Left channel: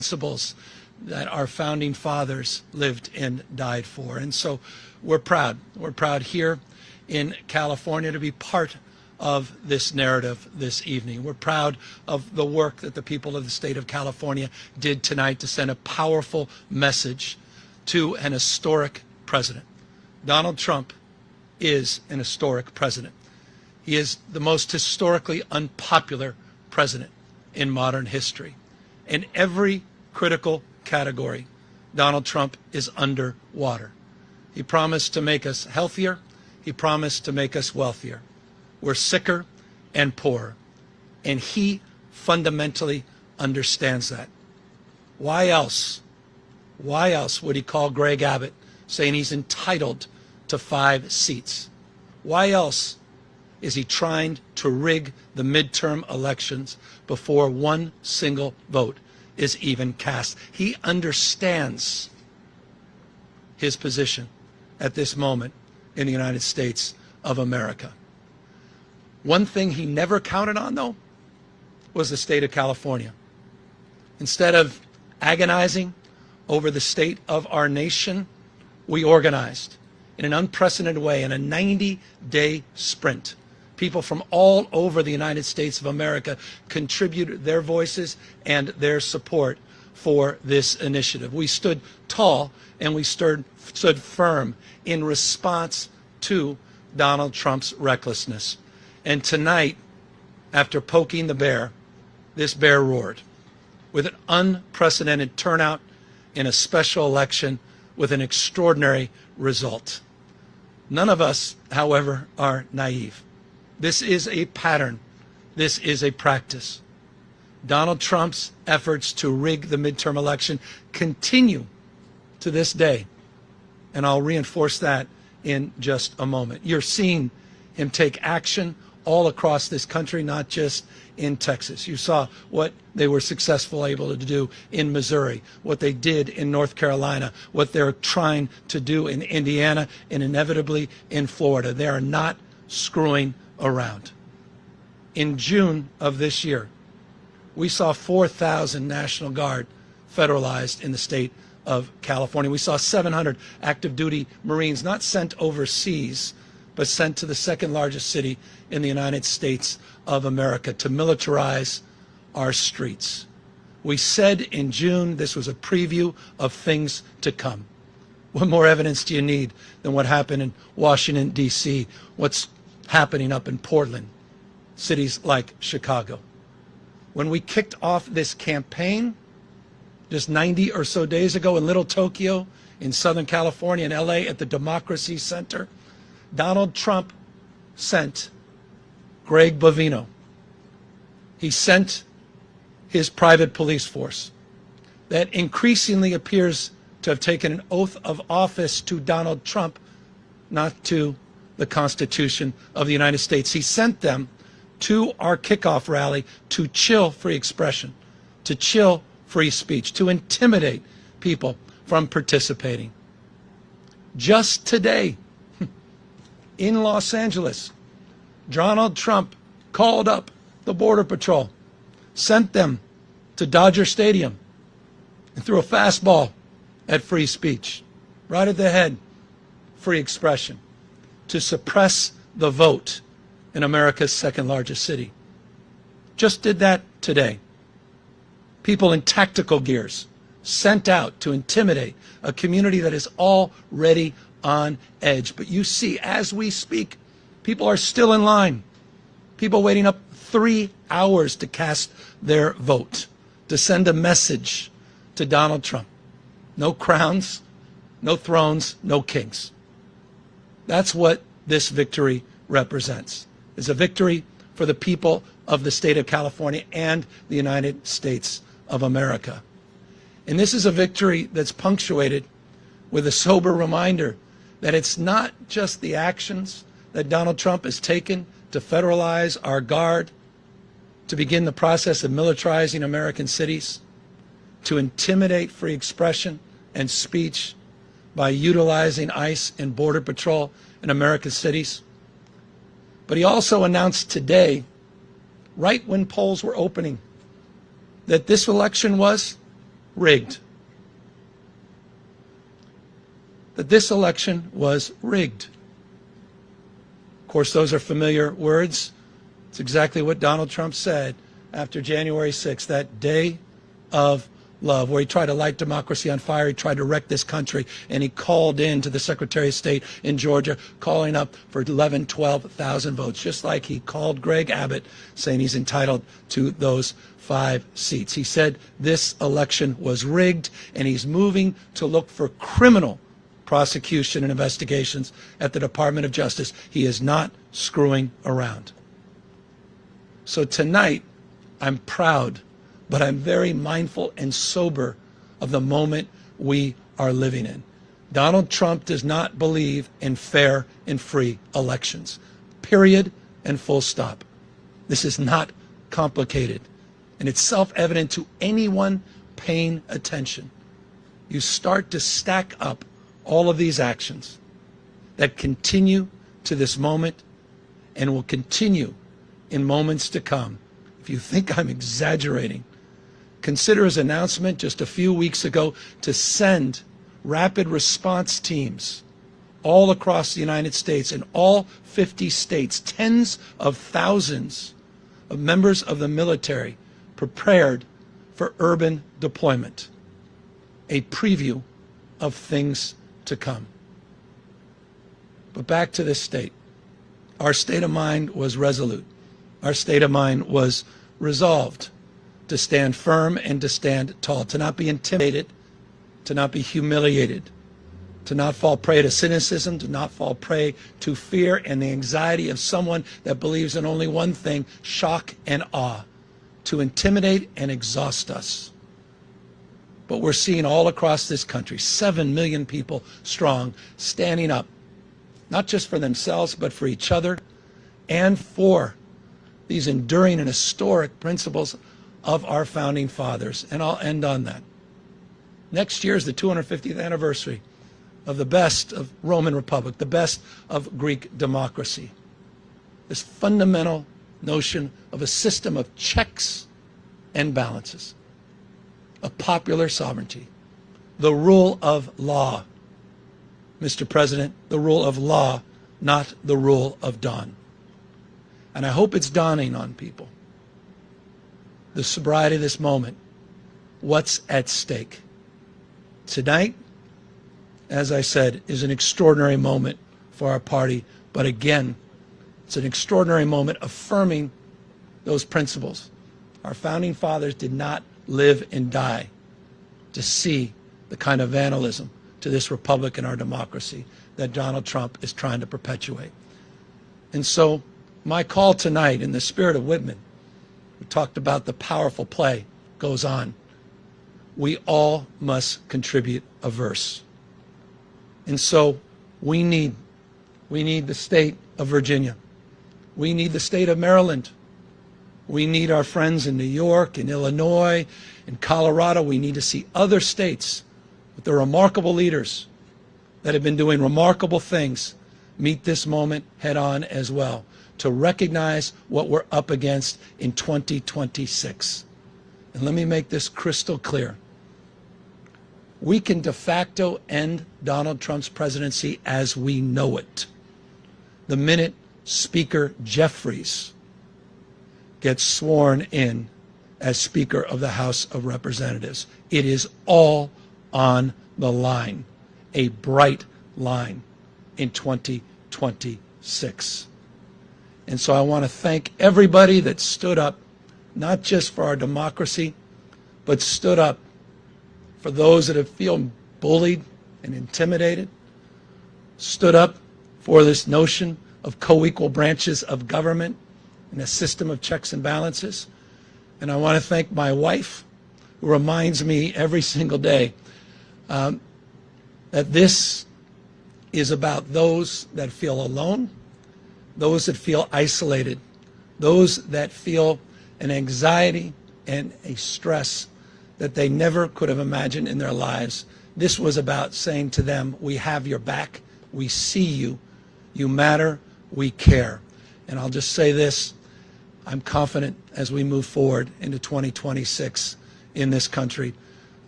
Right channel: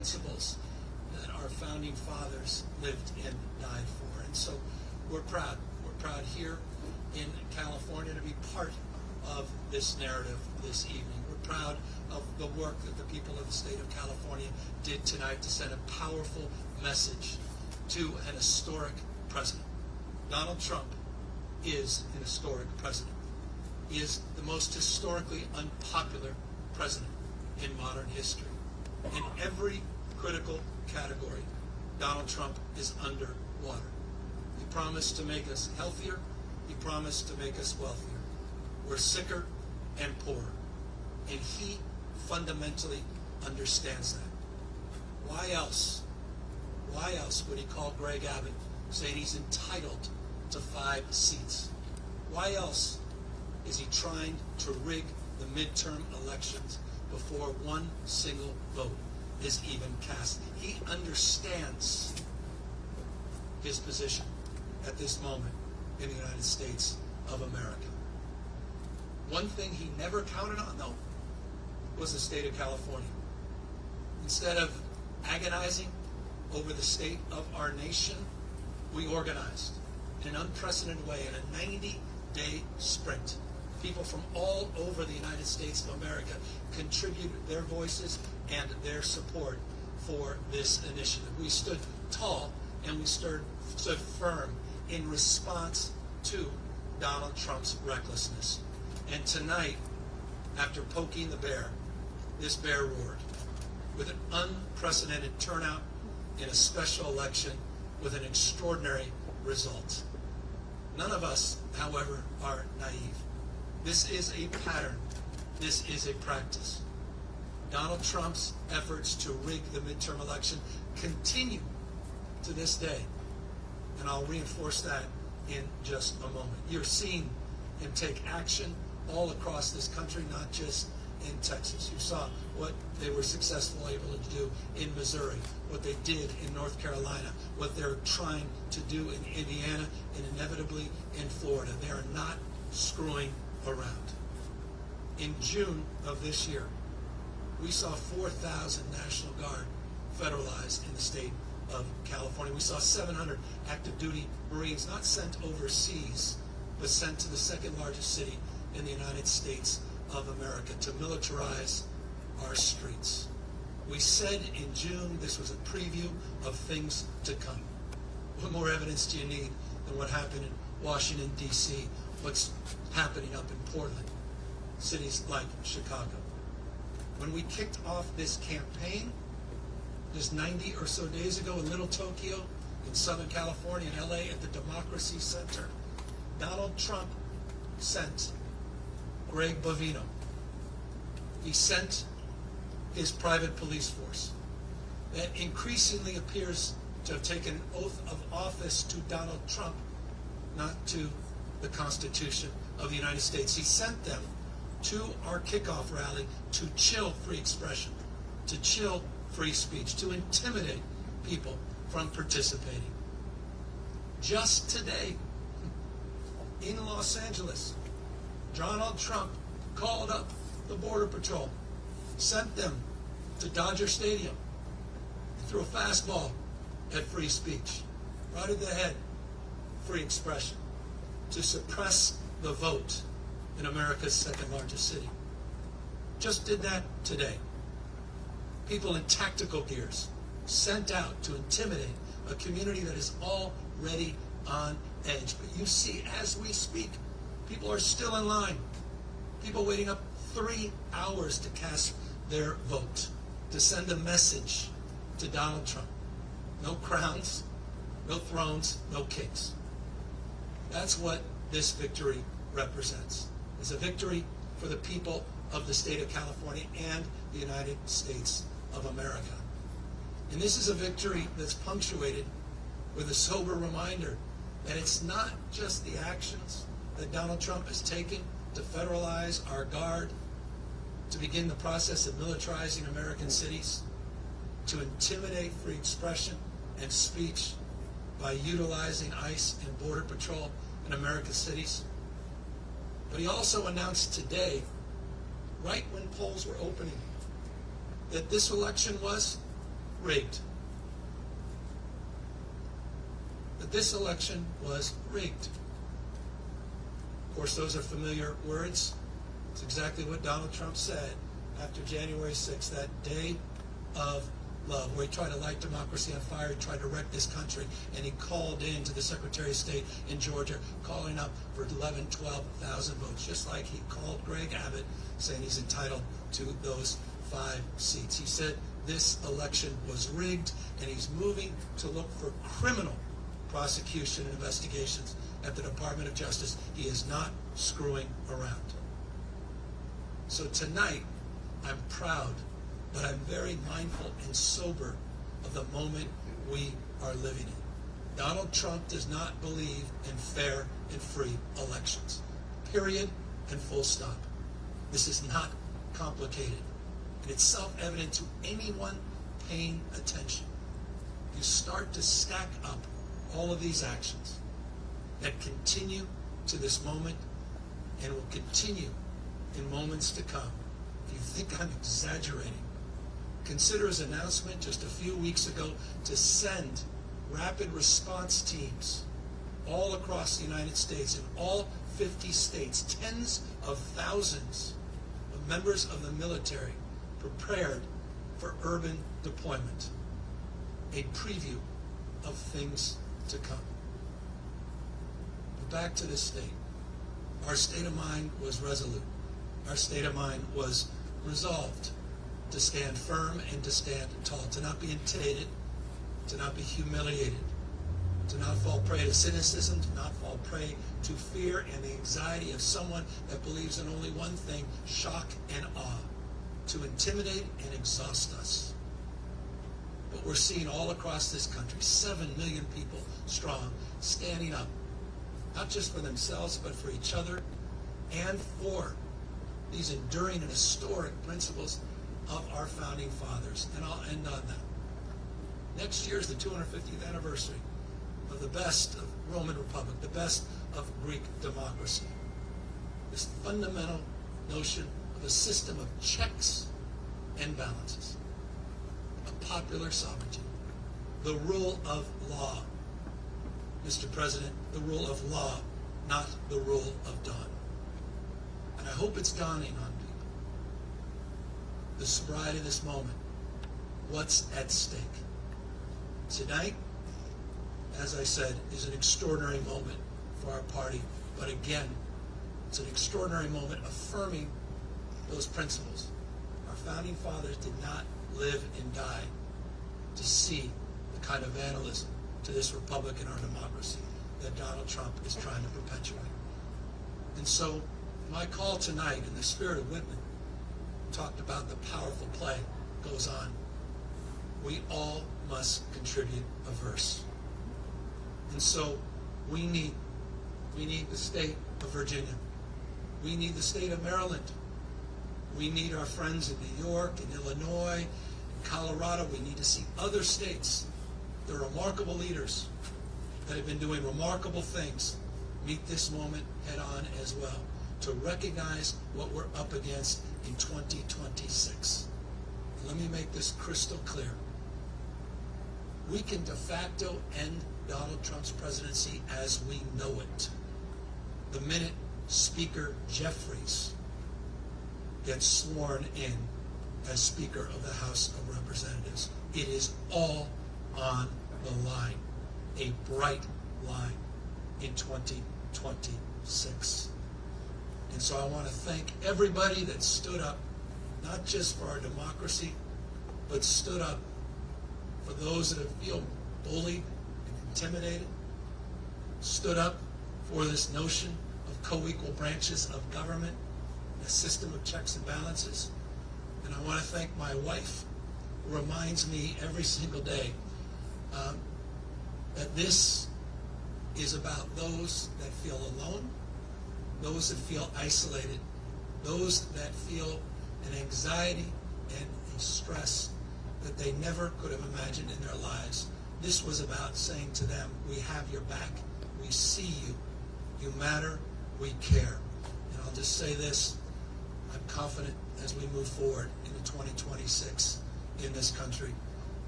principles that our founding fathers lived and died for. And so we're proud. We're proud here in California to be part of this narrative this evening. We're proud of the work that the people of the state of California did tonight to send a powerful message to an historic president. Donald Trump is an historic president. He is the most historically unpopular president in modern history. In every critical category, Donald Trump is underwater. He promised to make us healthier. He promised to make us wealthier. We're sicker and poorer. And he fundamentally understands that. Why else would he call Greg Abbott saying he's entitled to 5 seats? Why else is he trying to rig the midterm elections before one single vote is even cast? He understands his position at this moment in the United States of America. One thing he never counted on, though, was the state of California. Instead of agonizing over the state of our nation, we organized in an unprecedented way in a 90-day sprint. People from all over the United States of America contributed their voices and their support for this initiative. We stood tall and we stood firm in response to Donald Trump's recklessness. And tonight, after poking the bear, this bear roared with an unprecedented turnout in a special election with an extraordinary result. None of us, however, are naive. This is a pattern. This is a practice. Donald Trump's efforts to rig the midterm election continue to this day. And I'll reinforce that in just a moment. You're seeing him take action all across this country, not just in Texas. You saw what they were successful able to do in Missouri, what they did in North Carolina, what they're trying to do in Indiana, and inevitably in Florida. They are not screwing around. In June of this year, we saw 4,000 National Guard federalized in the state of California. We saw 700 active duty Marines not sent overseas, but sent to the second largest city in the United States of America to militarize our streets. We said in June this was a preview of things to come. What more evidence do you need than what happened in Washington, D.C., what's happening up in Portland, cities like Chicago? When we kicked off this campaign just 90 or so days ago in Little Tokyo, in Southern California, in LA, at the Democracy Center, Donald Trump sent Greg Bovino. He sent his private police force that increasingly appears to have taken an oath of office to Donald Trump, not to the Constitution of the United States. He sent them to our kickoff rally to chill free expression, to chill free speech, to intimidate people from participating. Just today, in Los Angeles, Donald Trump called up the Border Patrol, sent them to Dodger Stadium, and threw a fastball at free speech, right at the head, free expression, to suppress the vote in America's second largest city. Just did that today. People in tactical gears sent out to intimidate a community that is already on edge. But you see, as we speak, people are still in line. People waiting up 3 hours to cast their vote, to send a message to Donald Trump. No crowns, no thrones, no kings. That's what this victory represents. It's a victory for the people of the state of California and the United States of America. And this is a victory that's punctuated with a sober reminder that it's not just the actions that Donald Trump has taken to federalize our guard, to begin the process of militarizing American cities, to intimidate free expression and speech by utilizing ICE and Border Patrol in American cities. But he also announced today, right when polls were opening, that this election was rigged. That this election was rigged. Of course, those are familiar words. It's exactly what Donald Trump said after January 6th, that day of love, where he tried to light democracy on fire. He tried to wreck this country, and he called in to the Secretary of State in Georgia, calling up for 11, 12,000 votes, just like he called Greg Abbott, saying he's entitled to those 5 seats. He said this election was rigged, and he's moving to look for criminal prosecution and investigations at the Department of Justice. He is not screwing around. So tonight, I'm proud, but I'm very mindful and sober of the moment we are living in. Donald Trump does not believe in fair and free elections. Period and full stop. This is not complicated, and it's self-evident to anyone paying attention. You start to stack up all of these actions that continue to this moment and will continue in moments to come. If you think I'm exaggerating, consider his announcement just a few weeks ago to send rapid response teams all across the United States, in all 50 states, tens of thousands of members of the military prepared for urban deployment. A preview of things to come. But back to this state. Our state of mind was resolute. Our state of mind was resolved to stand firm and to stand tall, to not be intimidated, to not be humiliated, to not fall prey to cynicism, to not fall prey to fear and the anxiety of someone that believes in only one thing, shock and awe, to intimidate and exhaust us. But we're seeing all across this country, 7 million people strong, standing up, not just for themselves, but for each other and for these enduring and historic principles of our founding fathers. And I'll end on that. Next year is the 250th anniversary of the best of Roman Republic, the best of Greek democracy. This fundamental notion of a system of checks and balances, of popular sovereignty, the rule of law. Mr. President, the rule of law, not the rule of dawn. And I hope it's dawning on people, the sobriety of this moment, what's at stake. Tonight, as I said, is an extraordinary moment for our party, but again, it's an extraordinary moment affirming those principles. Our founding fathers did not live and die to see the kind of vandalism to this republic and our democracy that Donald Trump is trying to perpetuate. And so my call tonight, in the spirit of Whitman, we talked about the powerful play goes on. We all must contribute a verse. And so we need the state of Virginia. We need the state of Maryland. We need our friends in New York and Illinois and Colorado. We need to see other states with the remarkable leaders that have been doing remarkable things meet this moment head on as well, to recognize what we're up against in 2026. And let me make this crystal clear. We can de facto end Donald Trump's presidency as we know it the minute Speaker Jeffries gets sworn in as Speaker of the House of Representatives. It is all on the line, a bright line in 2026. And so I want to thank everybody that stood up, not just for our democracy, but stood up for those that have feel bullied and intimidated, stood up for this notion of co-equal branches of government and a system of checks and balances. And I want to thank my wife, who reminds me every single day that this is about those that feel alone, those that feel isolated, those that feel an anxiety and a stress that they never could have imagined in their lives. This was about saying to them, we have your back, we see you, you matter, we care. And I'll just say this, I'm confident as we move forward into 2026 in this country,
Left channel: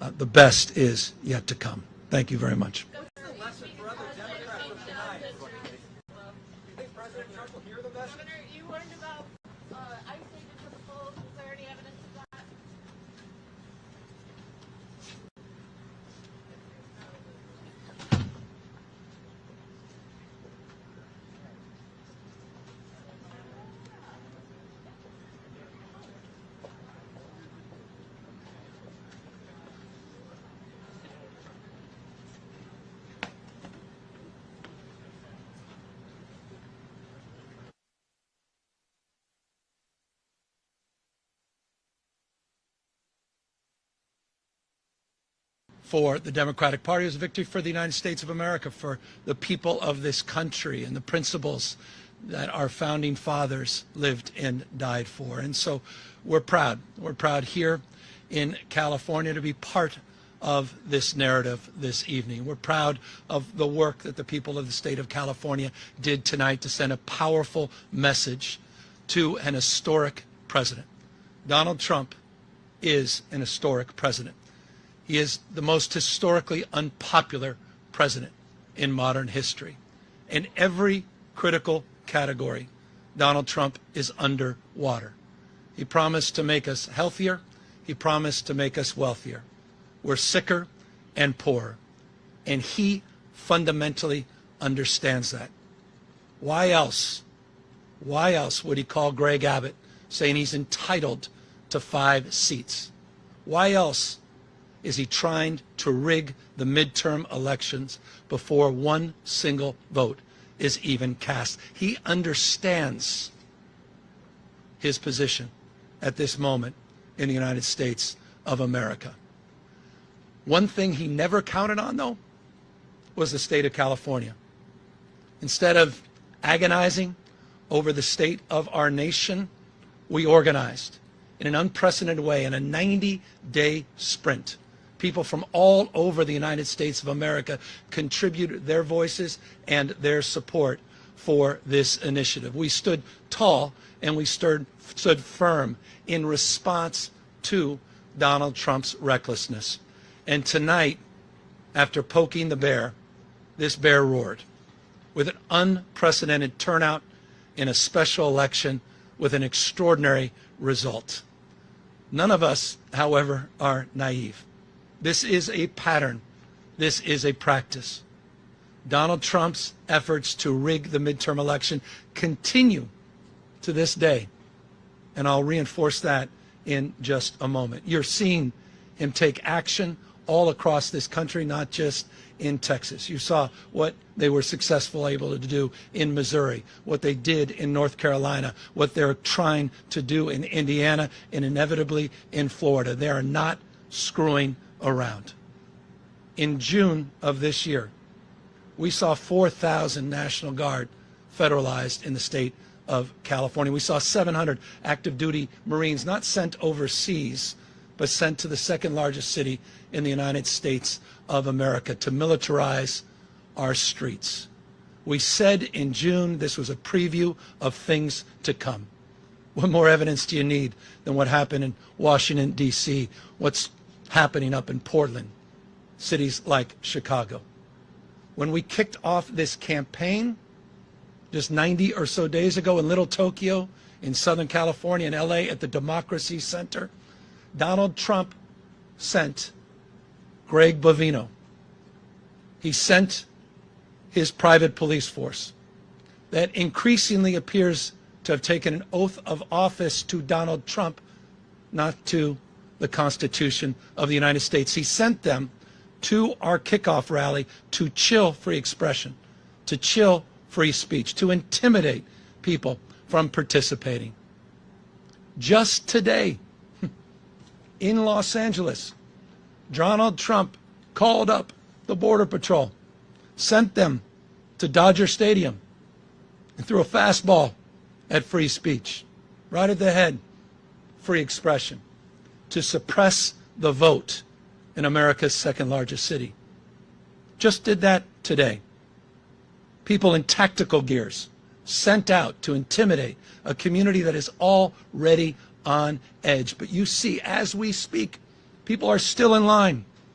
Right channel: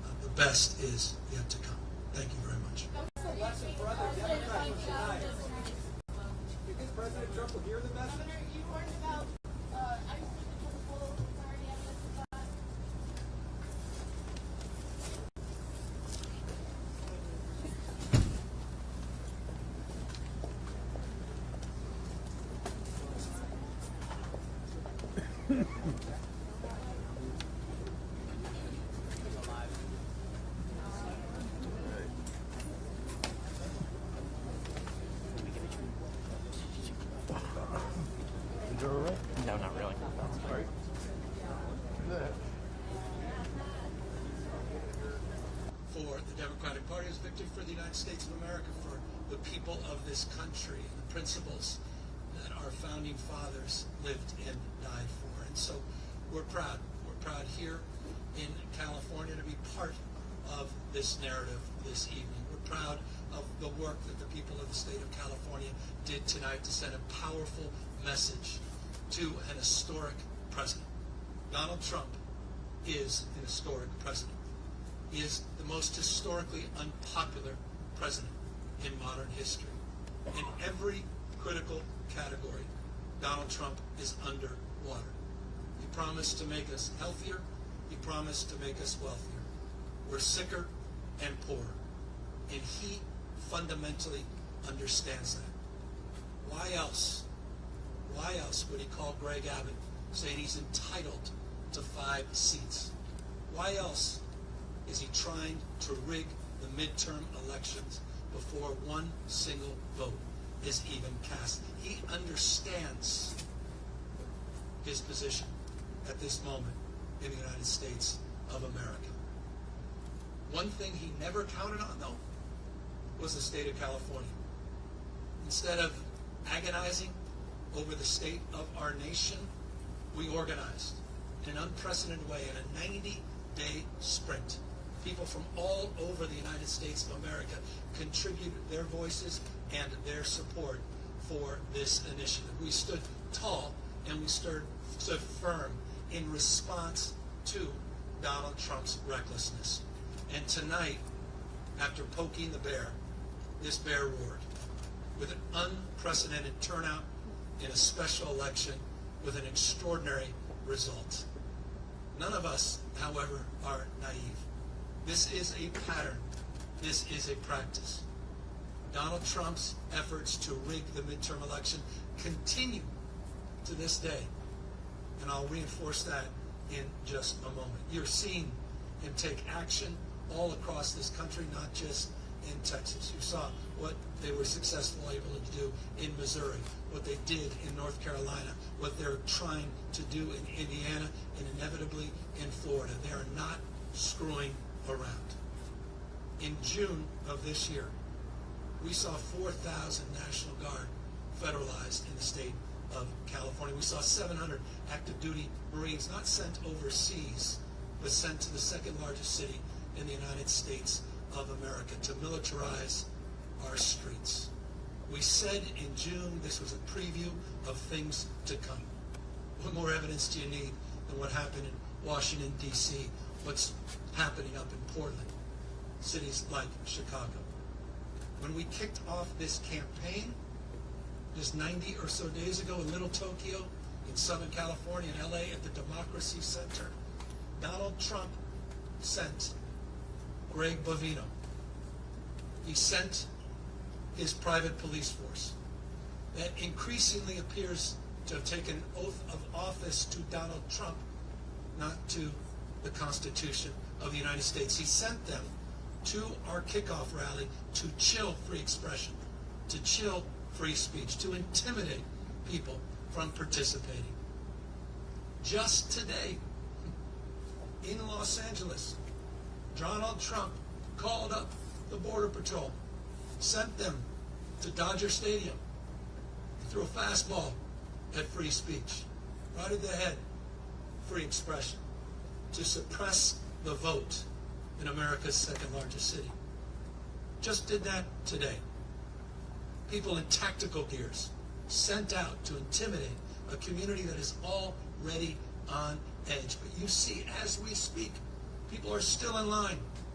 The best is yet to come. Thank you very much. What's the lesson for other Democrats from tonight? Do you think President Trump will hear the message? Governor, you learned about ICE tickets to the polls. Is there any evidence of that? No, not really. For the Democratic Party, it was a victory for the United States of America, for the people of this country and the principles that our founding fathers lived and died for. And so we're proud. We're proud here in California to be part of this narrative this evening. We're proud of the work that the people of the state of California did tonight to send a powerful message to an historic president. Donald Trump is an historic president. He is the most historically unpopular president in modern history. In every critical category, Donald Trump is underwater. He promised to make us healthier. He promised to make us wealthier. We're sicker and poorer. And he fundamentally understands that. Why else would he call Greg Abbott saying he's entitled to 5 seats? Why else is he trying to rig the midterm elections before one single vote is even cast? He understands his position at this moment in the United States of America. One thing he never counted on, though, was the state of California. Instead of agonizing over the state of our nation, we organized in an unprecedented way in a 90-day sprint. People from all over the United States of America contributed their voices and their support for this initiative. We stood tall and we stood firm in response to Donald Trump's recklessness. And tonight, after poking the bear, this bear roared with an unprecedented turnout in a special election with an extraordinary result. None of us, however, are naive. This is a pattern. This is a practice. Donald Trump's efforts to rig the midterm election continue to this day. And I'll reinforce that in just a moment. You're seeing him take action all across this country, not just in Texas. You saw what they were able to do in Missouri, what they did in North Carolina, what they're trying to do in Indiana, and inevitably in Florida. They are not screwing around. In June of this year, we saw 4,000 National Guard federalized in the state of California. We saw 700 active duty Marines not sent overseas, but sent to the second largest city in the United States of America to militarize our streets. We said in June this was a preview of things to come. What more evidence do you need than what happened in Washington, D.C., what's happening up in Portland, cities like Chicago? When we kicked off this campaign just 90 or so days ago in Little Tokyo, in Southern California, in LA, at the Democracy Center, Donald Trump sent Greg Bovino. He sent his private police force that increasingly appears to have taken an oath of office to Donald Trump, not to the Constitution of the United States. He sent them to our kickoff rally to chill free expression, to chill free speech, to intimidate people from participating. Just today, in Los Angeles, Donald Trump called up the Border Patrol, sent them to Dodger Stadium, and threw a fastball at free speech, right at the head, free expression, to suppress the vote in America's second largest city. Just did that today. People in tactical gears sent out to intimidate a community that is already on edge. But you see, as we speak, people are still in line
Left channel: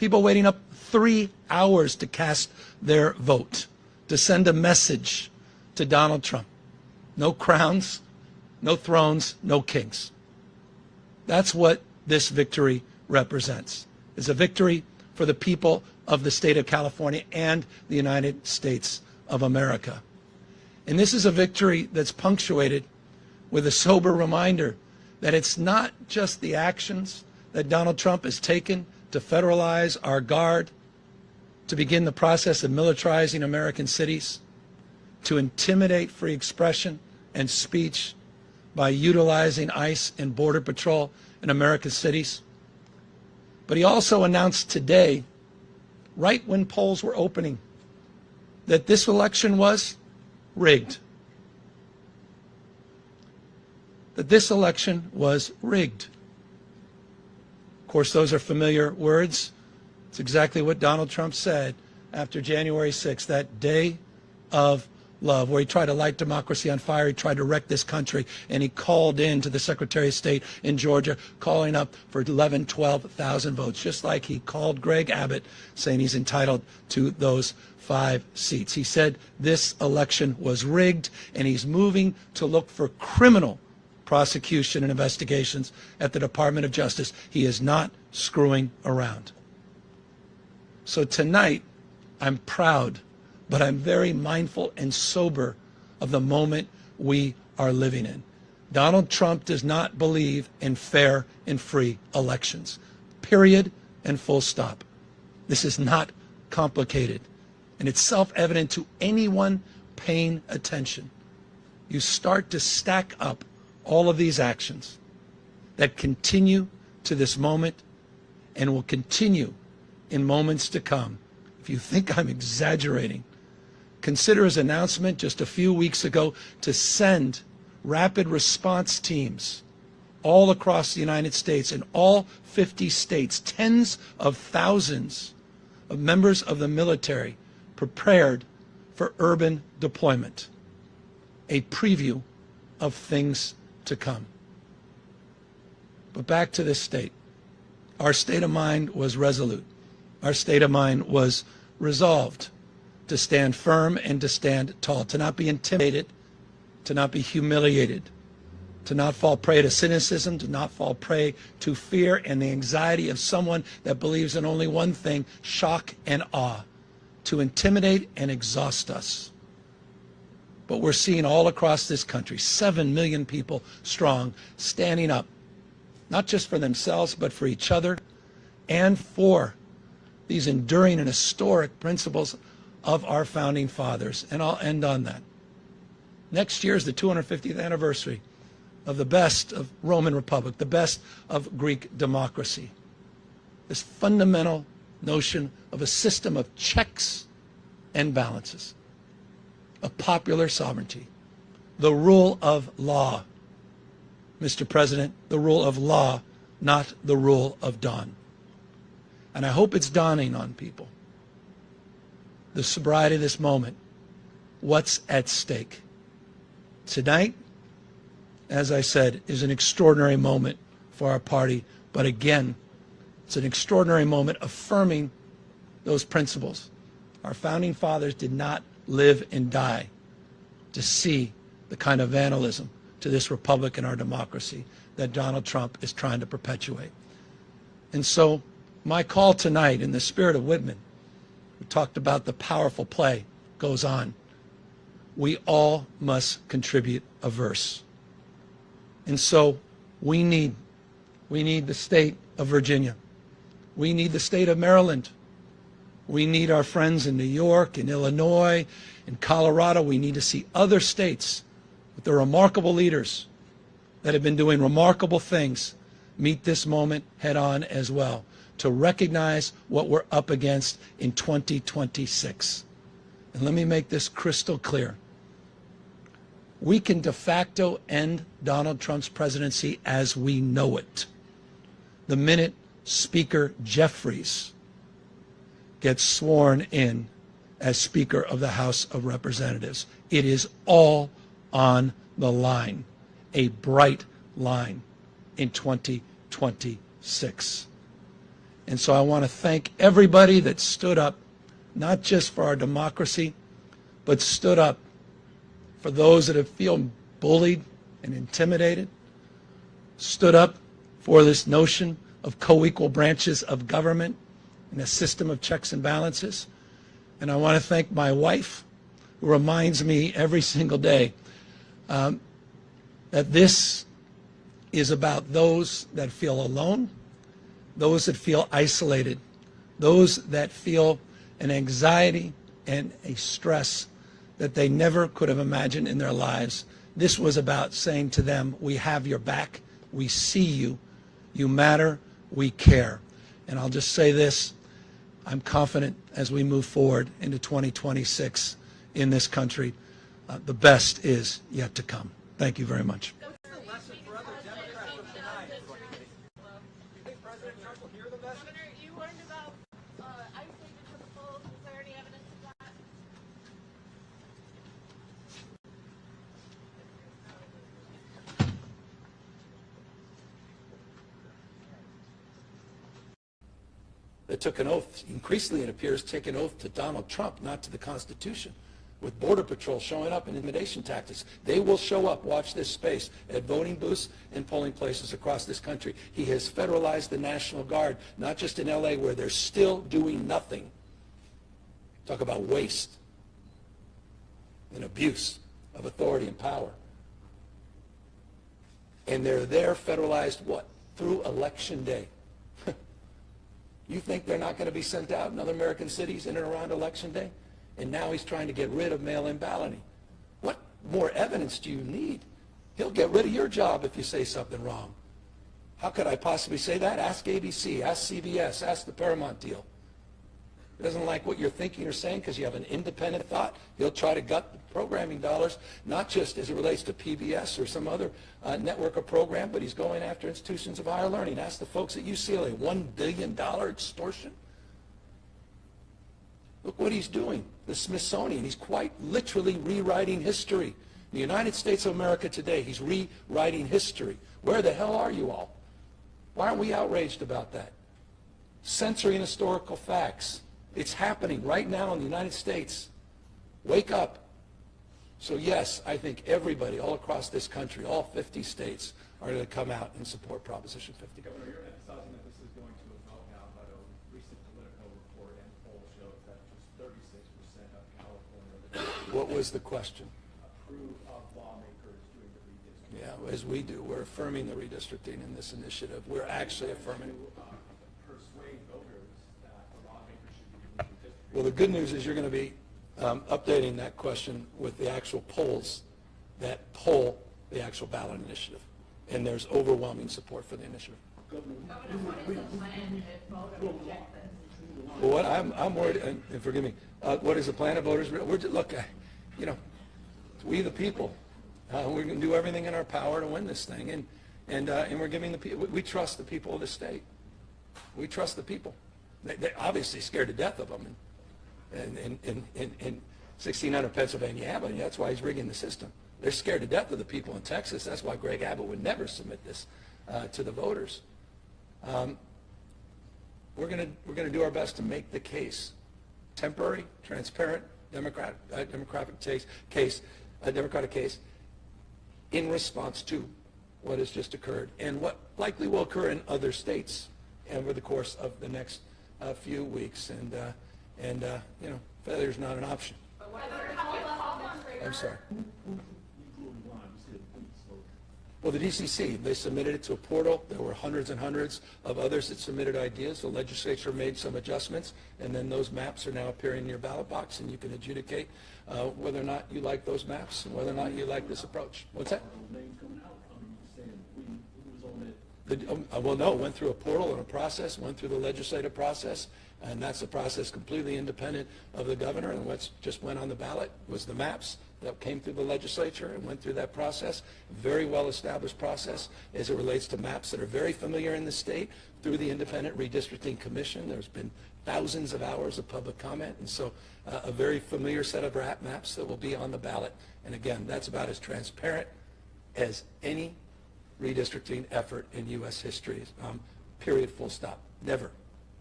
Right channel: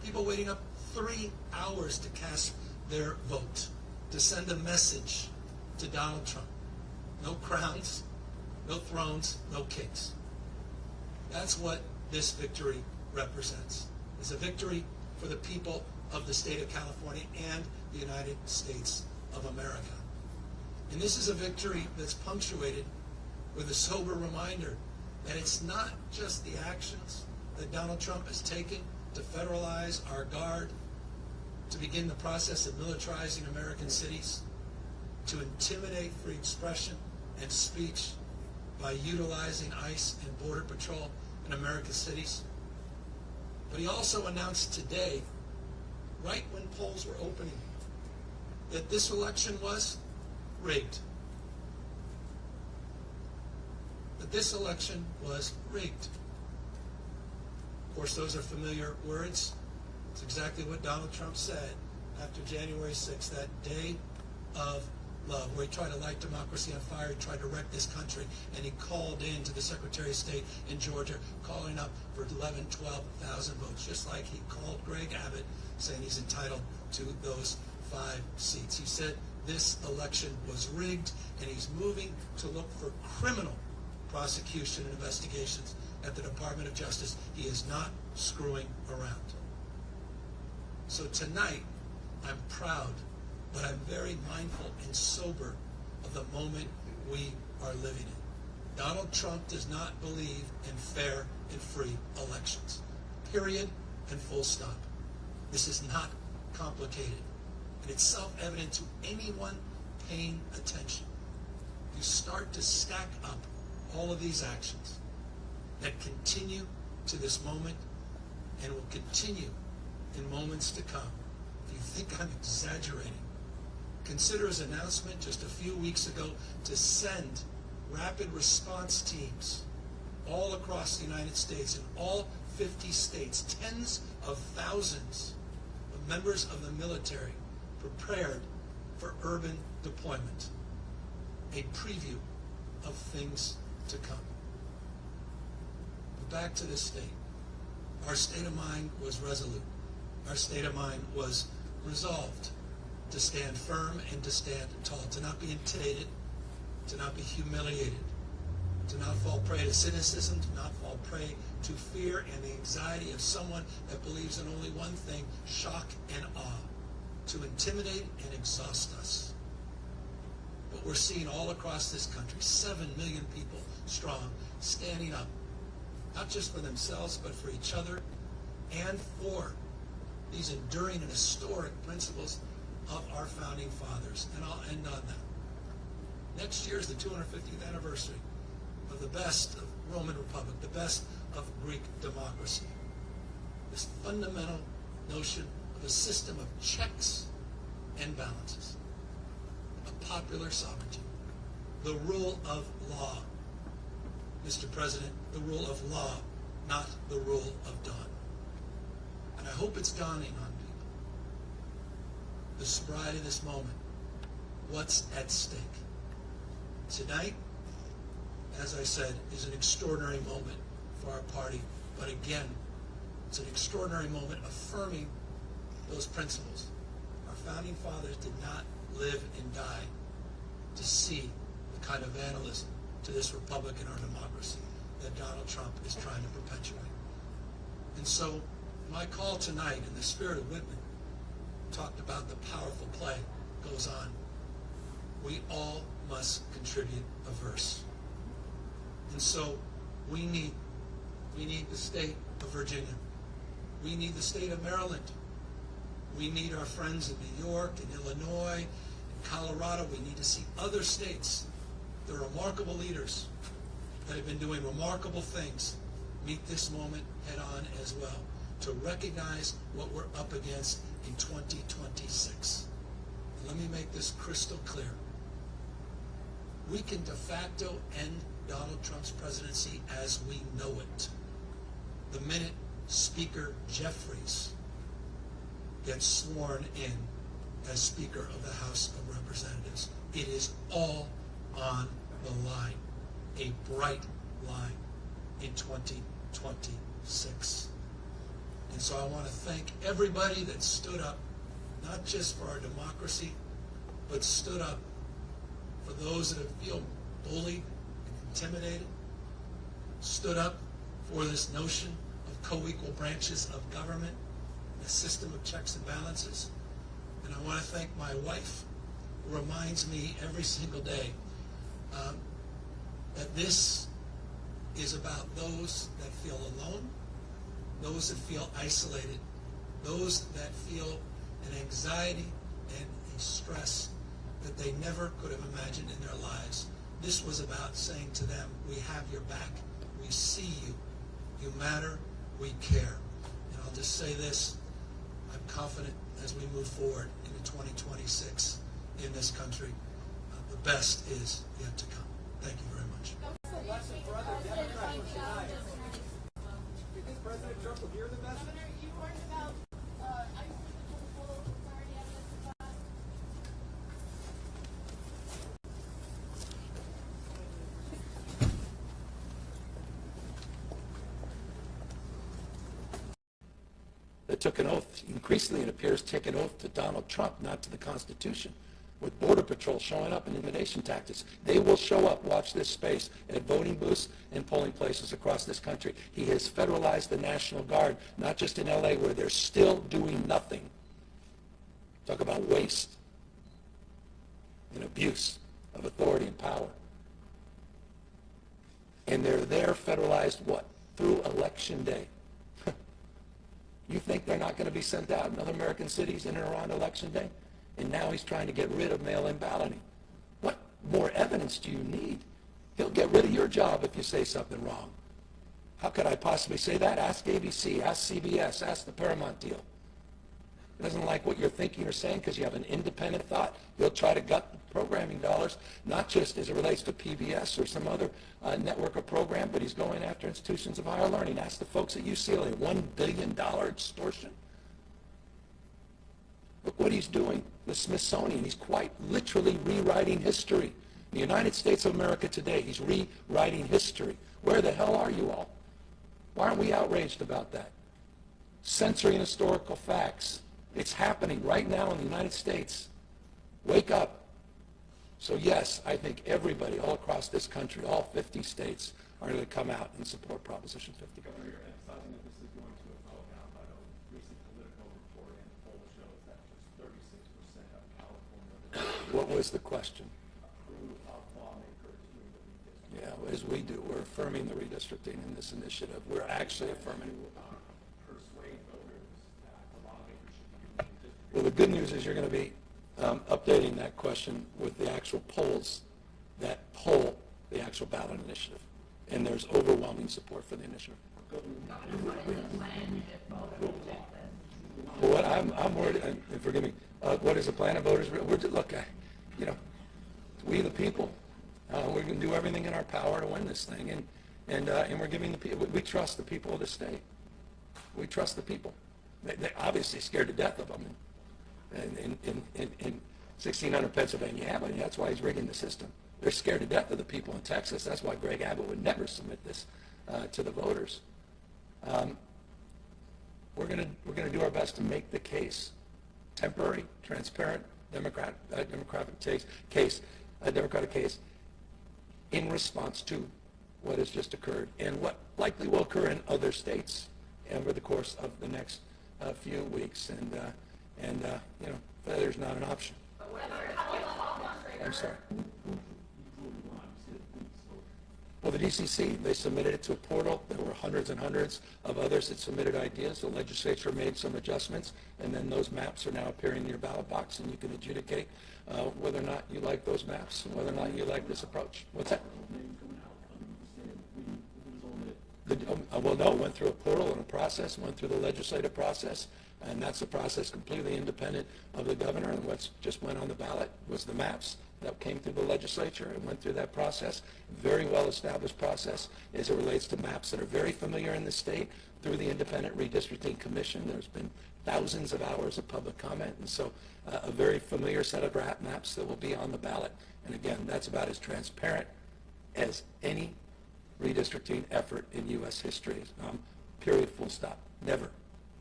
People waiting up 3 hours to cast their vote, to send a message to Donald Trump. No crowns, no thrones, no kings. That's what this victory represents. It's a victory for the people of the state of California and the United States of America. And this is a victory that's punctuated with a sober reminder that it's not just the actions that Donald Trump has taken to federalize our guard, to begin the process of militarizing American cities, to intimidate free expression and speech by utilizing ICE and Border Patrol in America's cities. But he also announced today, right when polls were opening, that this election was rigged. That this election was rigged. Of course, those are familiar words. It's exactly what Donald Trump said after January 6th, that day of love, where he tried to light democracy on fire. He tried to wreck this country, and he called in to the Secretary of State in Georgia, calling up for 11,000, 12,000 votes, just like he called Greg Abbott, saying he's entitled to those 5 seats. He said this election was rigged, and he's moving to look for criminal prosecution and investigations at the Department of Justice. He is not screwing around. So tonight, I'm proud, but I'm very mindful and sober of the moment we are living in. Donald Trump does not believe in fair and free elections. Period and full stop. This is not complicated. And it's self-evident to anyone paying attention. You start to stack up all of these actions that continue to this moment and will continue in moments to come. If you think I'm exaggerating, consider his announcement just a few weeks ago to send rapid response teams all across the United States, in all 50 states, tens of thousands of members of the military prepared for urban deployment. A preview of things to come. But back to this state. Our state of mind was resolute. Our state of mind was resolved to stand firm and to stand tall, to not be intimidated, to not be humiliated, to not fall prey to cynicism, to not fall prey to fear and the anxiety of someone that believes in only one thing, shock and awe, to intimidate and exhaust us. But we're seeing all across this country, 7 million people strong, standing up, not just for themselves, but for each other and for these enduring and historic principles of our founding fathers. And I'll end on that. Next year is the 250th anniversary of the best of Roman Republic, the best of Greek democracy. This fundamental notion of a system of checks and balances, of popular sovereignty, the rule of law. Mr. President, the rule of law, not the rule of dawn. And I hope it's dawning on people, the sobriety of this moment, what's at stake. Tonight, as I said, is an extraordinary moment for our party, but again, it's an extraordinary moment affirming those principles. Our founding fathers did not live and die to see the kind of vandalism to this republic and our democracy that Donald Trump is trying to perpetuate. And so my call tonight, in the spirit of Whitman, we talked about the powerful play, goes on. We all must contribute a verse. And so we need the state of Virginia. We need the state of Maryland. We need our friends in New York, in Illinois, in Colorado. We need to see other states with the remarkable leaders that have been doing remarkable things meet this moment head on as well, to recognize what we're up against in 2026. And let me make this crystal clear. We can de facto end Donald Trump's presidency as we know it the minute Speaker Jeffries gets sworn in as Speaker of the House of Representatives. It is all on the line, a bright line in 2026. And so I want to thank everybody that stood up, not just for our democracy, but stood up for those that have feel bullied and intimidated, stood up for this notion of co-equal branches of government and a system of checks and balances. And I want to thank my wife, who reminds me every single day that this is about those that feel alone, those that feel isolated, those that feel an anxiety and a stress that they never could have imagined in their lives. This was about saying to them, we have your back, we see you, you matter, we care. And I'll just say this, I'm confident as we move forward into 2026 in this country, the best is yet to come. Thank you very much. What's the lesson for other Democrats of tonight? Do you think President Trump will hear the message? Governor, you warned about isolated to the full. Is there any evidence of that? They took an oath, increasingly it appears, take an oath to Donald Trump, not to the Constitution. With Border Patrol showing up in intimidation tactics. They will show up, watch this space, at voting booths and polling places across this country. He has federalized the National Guard, not just in LA, where they're still doing nothing. Talk about waste and abuse of authority and power. And they're there federalized what? Through Election Day. You think they're not going to be sent out in other American cities in and around Election Day? And now he's trying to get rid of mail-in balloting. What more evidence do you need? He'll get rid of your job if you say something wrong. How could I possibly say that? Ask ABC, ask CBS, ask the Paramount deal. He doesn't like what you're thinking or saying because you have an independent thought. He'll try to gut programming dollars, not just as it relates to PBS or some other network or program, but he's going after institutions of higher learning. Ask the folks at UCLA, $1 billion extortion. Look what he's doing. The Smithsonian, he's quite literally rewriting history. In the United States of America today, he's rewriting history. Where the hell are you all? Why aren't we outraged about that? Censoring historical facts. It's happening right now in the United States. Wake up. So yes, I think everybody all across this country, all 50 states, are going to come out and support Proposition 50. What was the question? Yeah, as we do, we're affirming the redistricting in this initiative. We're actually affirming. Well, the good news is you're going to be updating that question with the actual polls that poll the actual ballot initiative. And there's overwhelming support for the initiative. What I'm worried, and forgive me, what is the plan of voters? Look, we the people, we're going to do everything in our power to win this thing, and we're giving the people. We trust the people of the state. We trust the people. They're obviously scared to death of them. And in 1600 Pennsylvania Avenue, that's why he's rigging the system. They're scared to death of the people in Texas. That's why Greg Abbott would never submit this to the voters. We're going to do our best to make the case temporary, transparent, democratic case in response to what has just occurred and what likely will occur in other states over the course of the next few weeks. And failure's not an option. I'm sorry. Well, the DCC, they submitted it to a portal. There were hundreds and hundreds of others that submitted ideas. The legislature made some adjustments, and then those maps are now appearing in your ballot box, and you can adjudicate whether or not you like those maps and whether or not you like this approach. What's that? Well, no, it went through a portal and a process, went through the legislative process, and that's a process completely independent of the governor. And what just went on the ballot was the maps that came through the legislature and went through that process. Very well-established process as it relates to maps that are very familiar in the state through the Independent Redistricting Commission. There's been thousands of hours of public comment, and so a very familiar set of maps that will be on the ballot. And again, that's about as transparent as any redistricting effort in U.S. history. Period, full stop. Never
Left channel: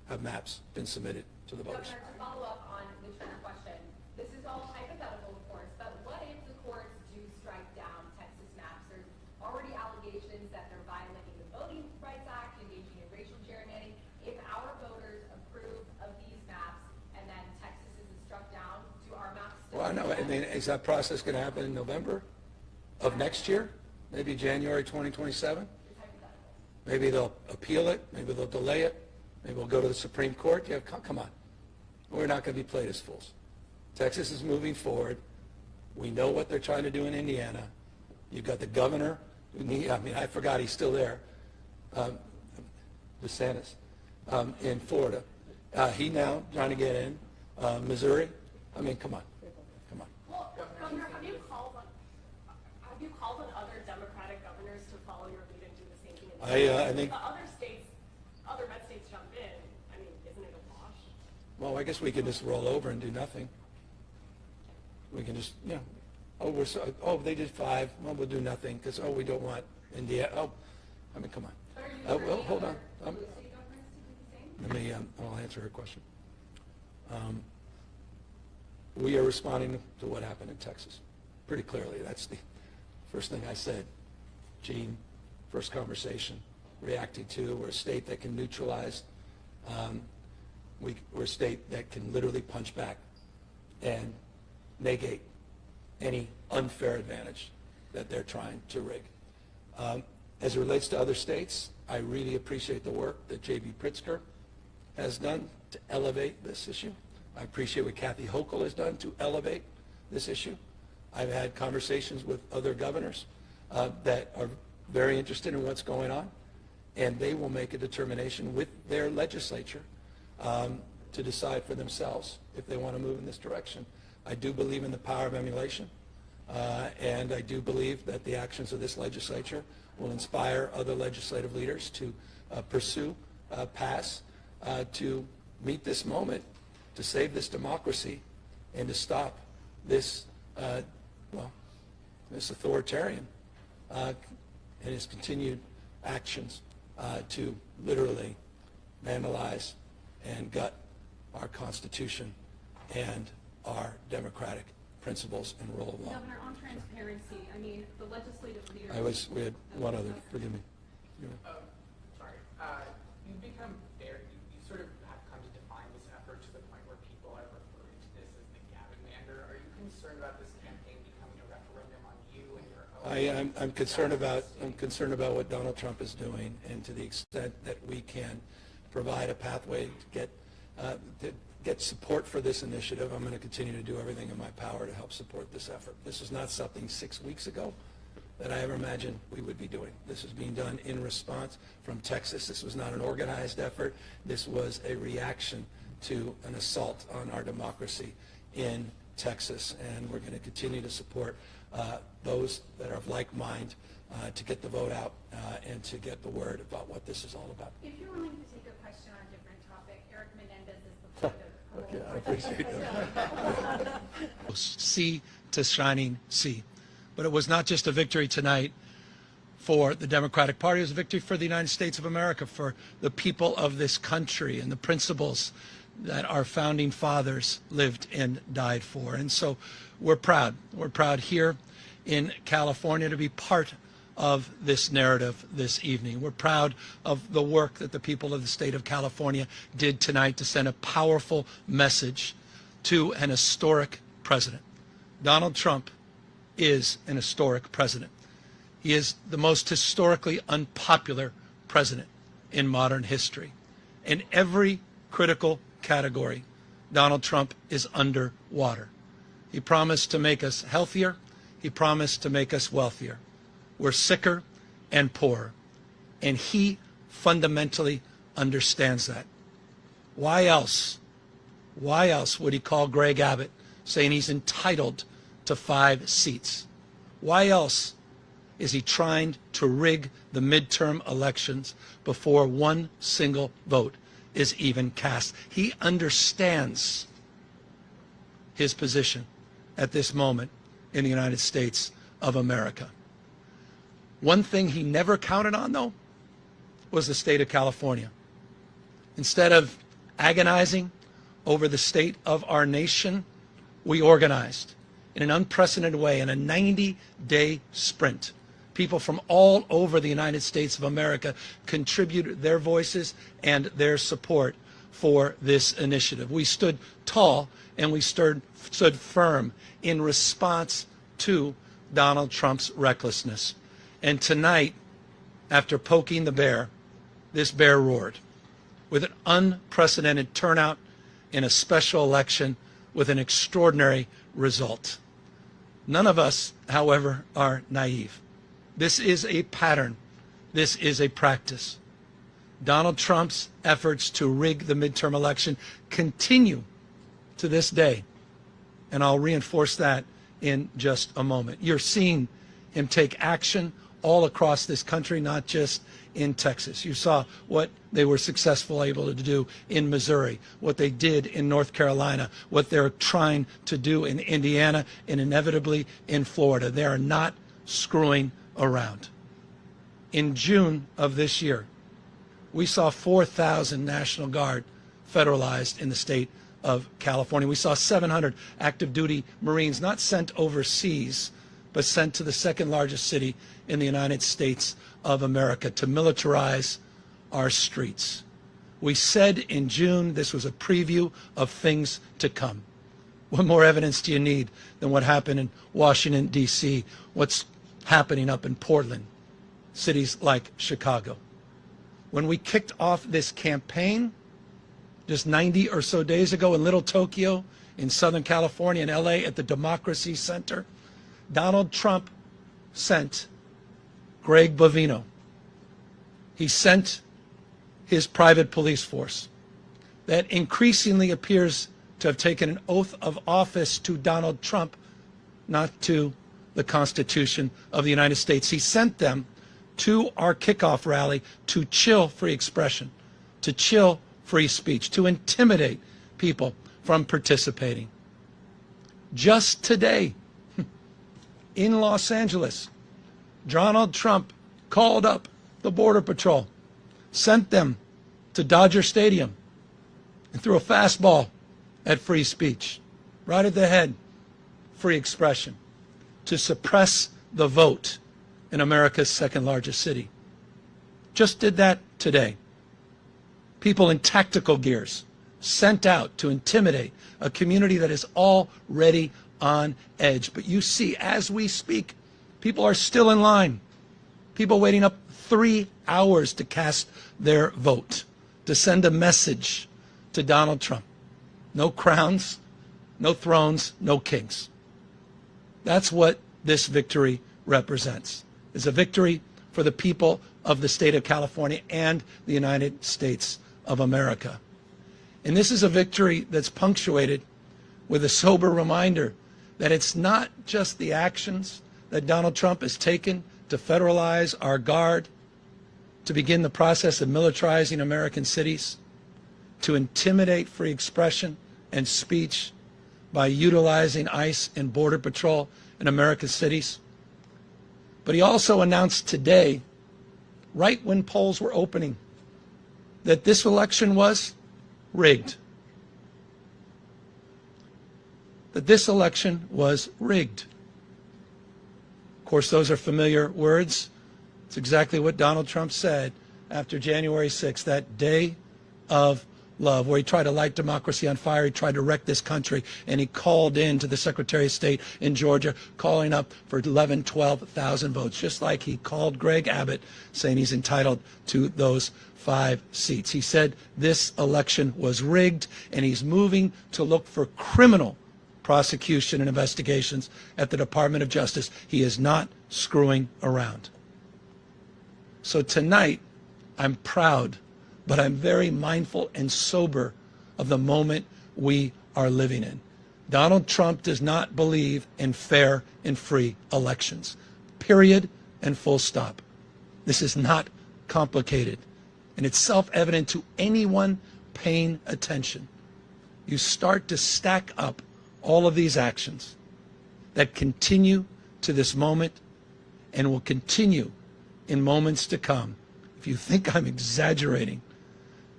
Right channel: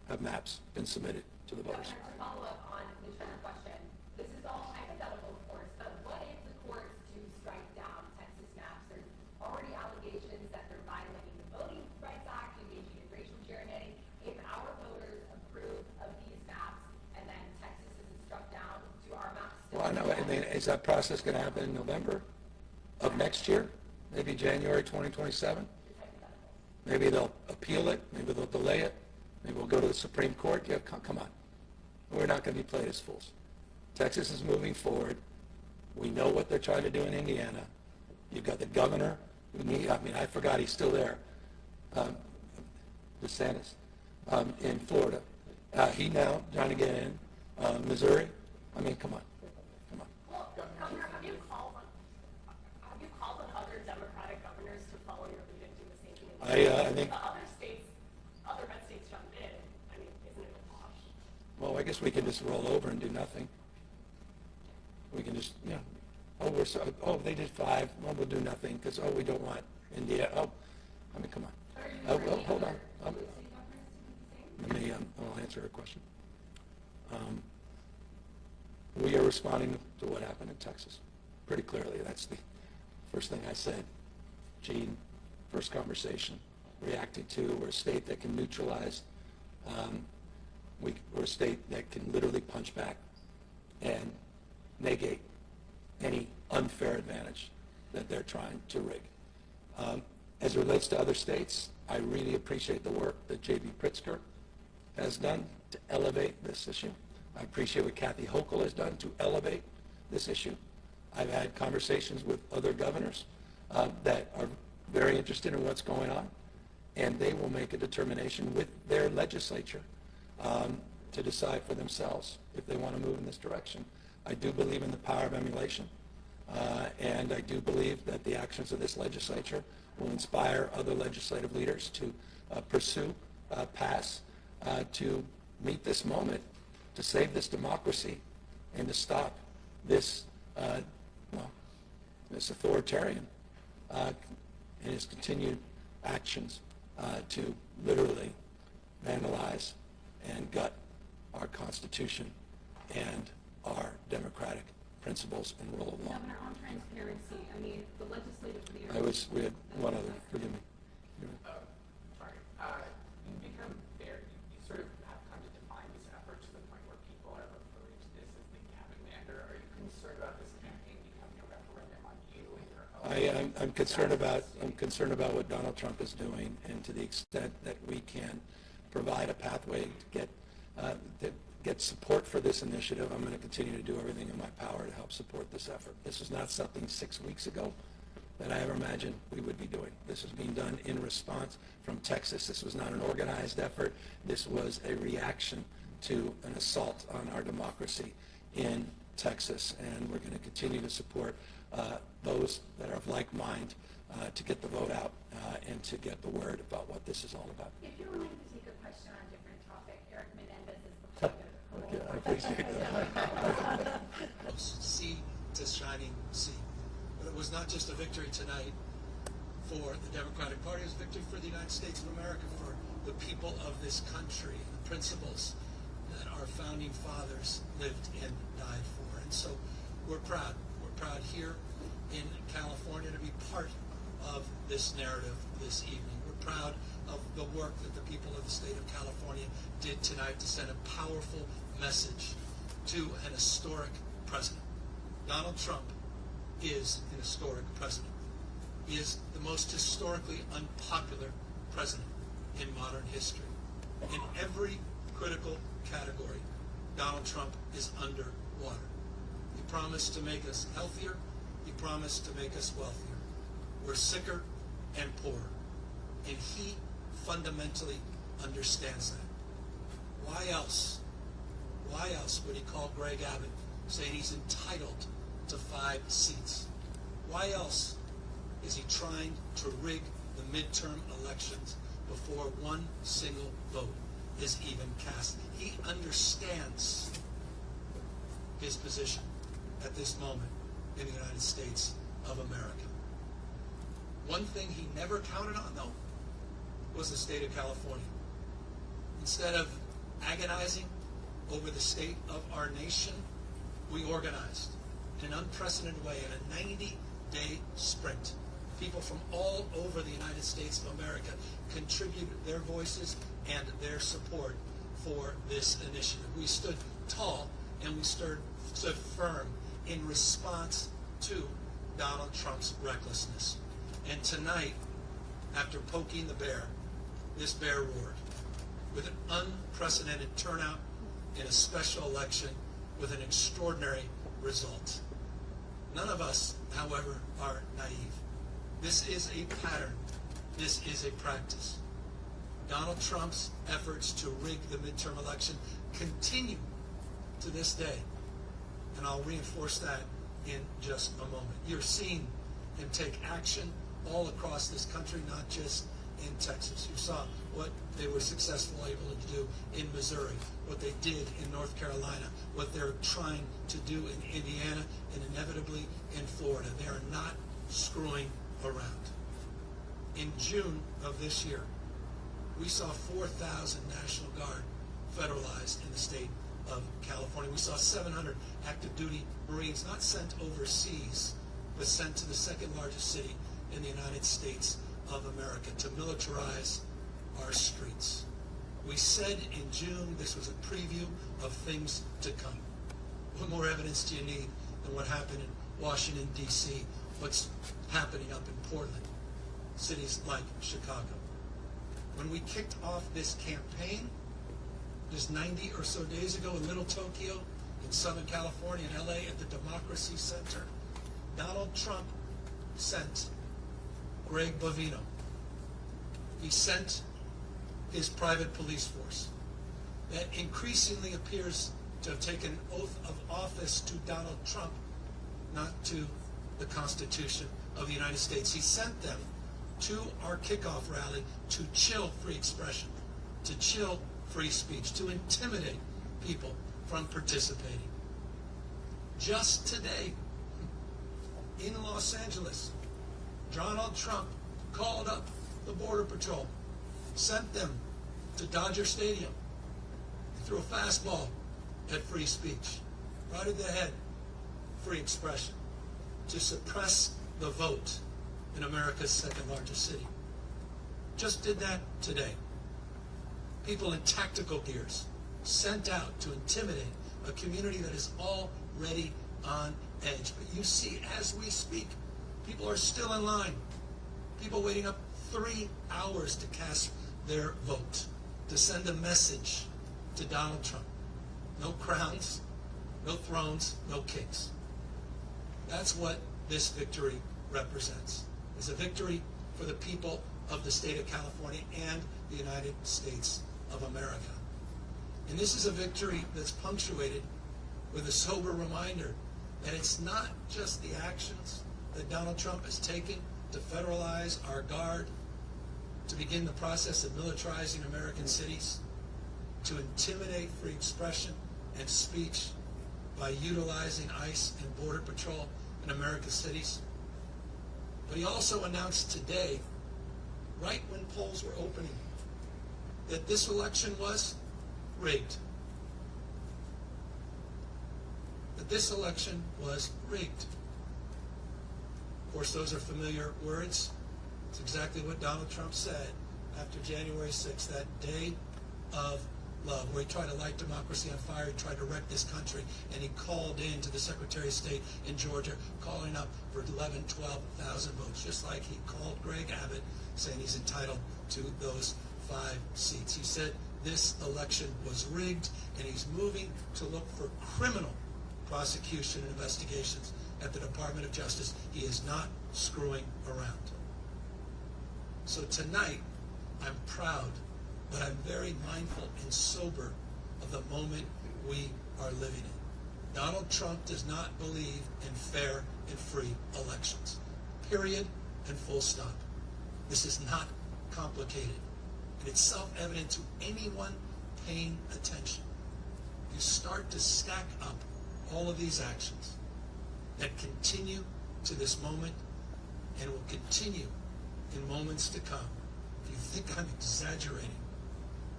have maps been submitted to the voters. Governor, to follow up on the Trump question, this is all hypothetical, of course, but what if the courts do strike down Texas maps? There's already allegations that they're violating the Voting Rights Act, engaging in racial gerrymandering. If our voters approve of these maps and then Texas is struck down, do our maps still? Well, no, I mean, is that process going to happen in November of next year? Maybe January 2027? Maybe they'll appeal it. Maybe they'll delay it. Maybe we'll go to the Supreme Court. Yeah, come on. We're not going to be played as fools. Texas is moving forward. We know what they're trying to do in Indiana. You've got the governor. I forgot he's still there. DeSantis in Florida. He now trying to get in. Missouri. I mean, come on. Well, Governor, have you called on other Democratic governors to follow your lead and do the same thing? I think. Other red states jumped in. I mean, isn't it a wash? Well, I guess we can just roll over and do nothing. We can just, they did 5. Well, we'll do nothing because, we don't want India. Come on. Hold on. I'll answer her question. We are responding to what happened in Texas pretty clearly. That's the first thing I said. Gene, first conversation, reacting to. We're a state that can neutralize. We're a state that can literally punch back and negate any unfair advantage that they're trying to rig. As it relates to other states, I really appreciate the work that J.B. Pritzker has done to elevate this issue. I appreciate what Kathy Hochul has done to elevate this issue. I've had conversations with other governors that are very interested in what's going on, and they will make a determination with their legislature to decide for themselves if they want to move in this direction. I do believe in the power of emulation, and I do believe that the actions of this legislature will inspire other legislative leaders to pursue, pass, to meet this moment, to save this democracy, and to stop this, this authoritarian and his continued actions to literally vandalize and gut our Constitution and our democratic principles and rule of law. Governor, on transparency, I mean, the legislative leaders. We had one other, forgive me. Sorry. You've become very, you sort of have come to define this effort to the point where people are referring to this as the Gavin Mander. Are you concerned about this campaign becoming a referendum on you and your own? I'm concerned about what Donald Trump is doing, and to the extent that we can provide a pathway to get support for this initiative, I'm going to continue to do everything in my power to help support this effort. This is not something 6 weeks ago that I ever imagined we would be doing. This is being done in response from Texas. This was not an organized effort. This was a reaction to an assault on our democracy in Texas, and we're going to continue to support those that are of like mind to get the vote out and to get the word about what this is all about. If you're willing to take a question on a different topic, Eric Menendez is the point of Okay, I appreciate that. Sea to shining sea. But it was not just a victory tonight for the Democratic Party. It was a victory for the United States of America, for the people of this country and the principles that our founding fathers lived and died for. And so we're proud. We're proud here in California to be part of this narrative this evening. We're proud of the work that the people of the state of California did tonight to send a powerful message to an historic president. Donald Trump is an historic president. He is the most historically unpopular president in modern history. In every critical category, Donald Trump is underwater. He promised to make us healthier. He promised to make us wealthier. We're sicker and poorer. And he fundamentally understands that. Why else would he call Greg Abbott saying he's entitled to 5 seats? Why else is he trying to rig the midterm elections before one single vote is even cast? He understands his position at this moment in the United States of America. One thing he never counted on, though, was the state of California. Instead of agonizing over the state of our nation, we organized in an unprecedented way in a 90-day sprint. People from all over the United States of America contributed their voices and their support for this initiative. We stood tall and we stood firm in response to Donald Trump's recklessness. And tonight, after poking the bear, this bear roared with an unprecedented turnout in a special election with an extraordinary result. None of us, however, are naive. This is a pattern. This is a practice. Donald Trump's efforts to rig the midterm election continue to this day, and I'll reinforce that in just a moment. You're seeing him take action all across this country, not just in Texas. You saw what they were successful able to do in Missouri, what they did in North Carolina, what they're trying to do in Indiana, and inevitably in Florida. They are not screwing around. In June of this year, we saw 4,000 National Guard federalized in the state of California. We saw 700 active duty Marines not sent overseas, but sent to the second largest city in the United States of America to militarize our streets. We said in June this was a preview of things to come. What more evidence do you need than what happened in Washington, D.C., what's happening up in Portland, cities like Chicago? When we kicked off this campaign just 90 or so days ago in Little Tokyo, in Southern California, in LA, at the Democracy Center, Donald Trump sent Greg Bovino. He sent his private police force that increasingly appears to have taken an oath of office to Donald Trump, not to the Constitution of the United States. He sent them to our kickoff rally to chill free expression, to chill free speech, to intimidate people from participating. Just today, in Los Angeles, Donald Trump called up the Border Patrol, sent them to Dodger Stadium, and threw a fastball at free speech, right at the head, free expression, to suppress the vote in America's second largest city. Just did that today. People in tactical gears sent out to intimidate a community that is already on edge. But you see, as we speak, people are still in line. People waiting up 3 hours to cast their vote, to send a message to Donald Trump. No crowns, no thrones, no kings. That's what this victory represents. It's a victory for the people of the state of California and the United States of America. And this is a victory that's punctuated with a sober reminder that it's not just the actions that Donald Trump has taken to federalize our guard, to begin the process of militarizing American cities, to intimidate free expression and speech by utilizing ICE and Border Patrol in America's cities. But he also announced today, right when polls were opening, that this election was rigged. That this election was rigged. Of course, those are familiar words. It's exactly what Donald Trump said after January 6th, that day of love, where he tried to light democracy on fire, he tried to wreck this country, and he called in to the Secretary of State in Georgia, calling up for 11,000, 12,000 votes, just like he called Greg Abbott, saying he's entitled to those 5 seats. He said this election was rigged, and he's moving to look for criminal prosecution and investigations at the Department of Justice. He is not screwing around. So tonight, I'm proud, but I'm very mindful and sober of the moment we are living in. Donald Trump does not believe in fair and free elections. Period and full stop. This is not complicated, and it's self-evident to anyone paying attention. You start to stack up all of these actions that continue to this moment and will continue in moments to come. If you think I'm exaggerating,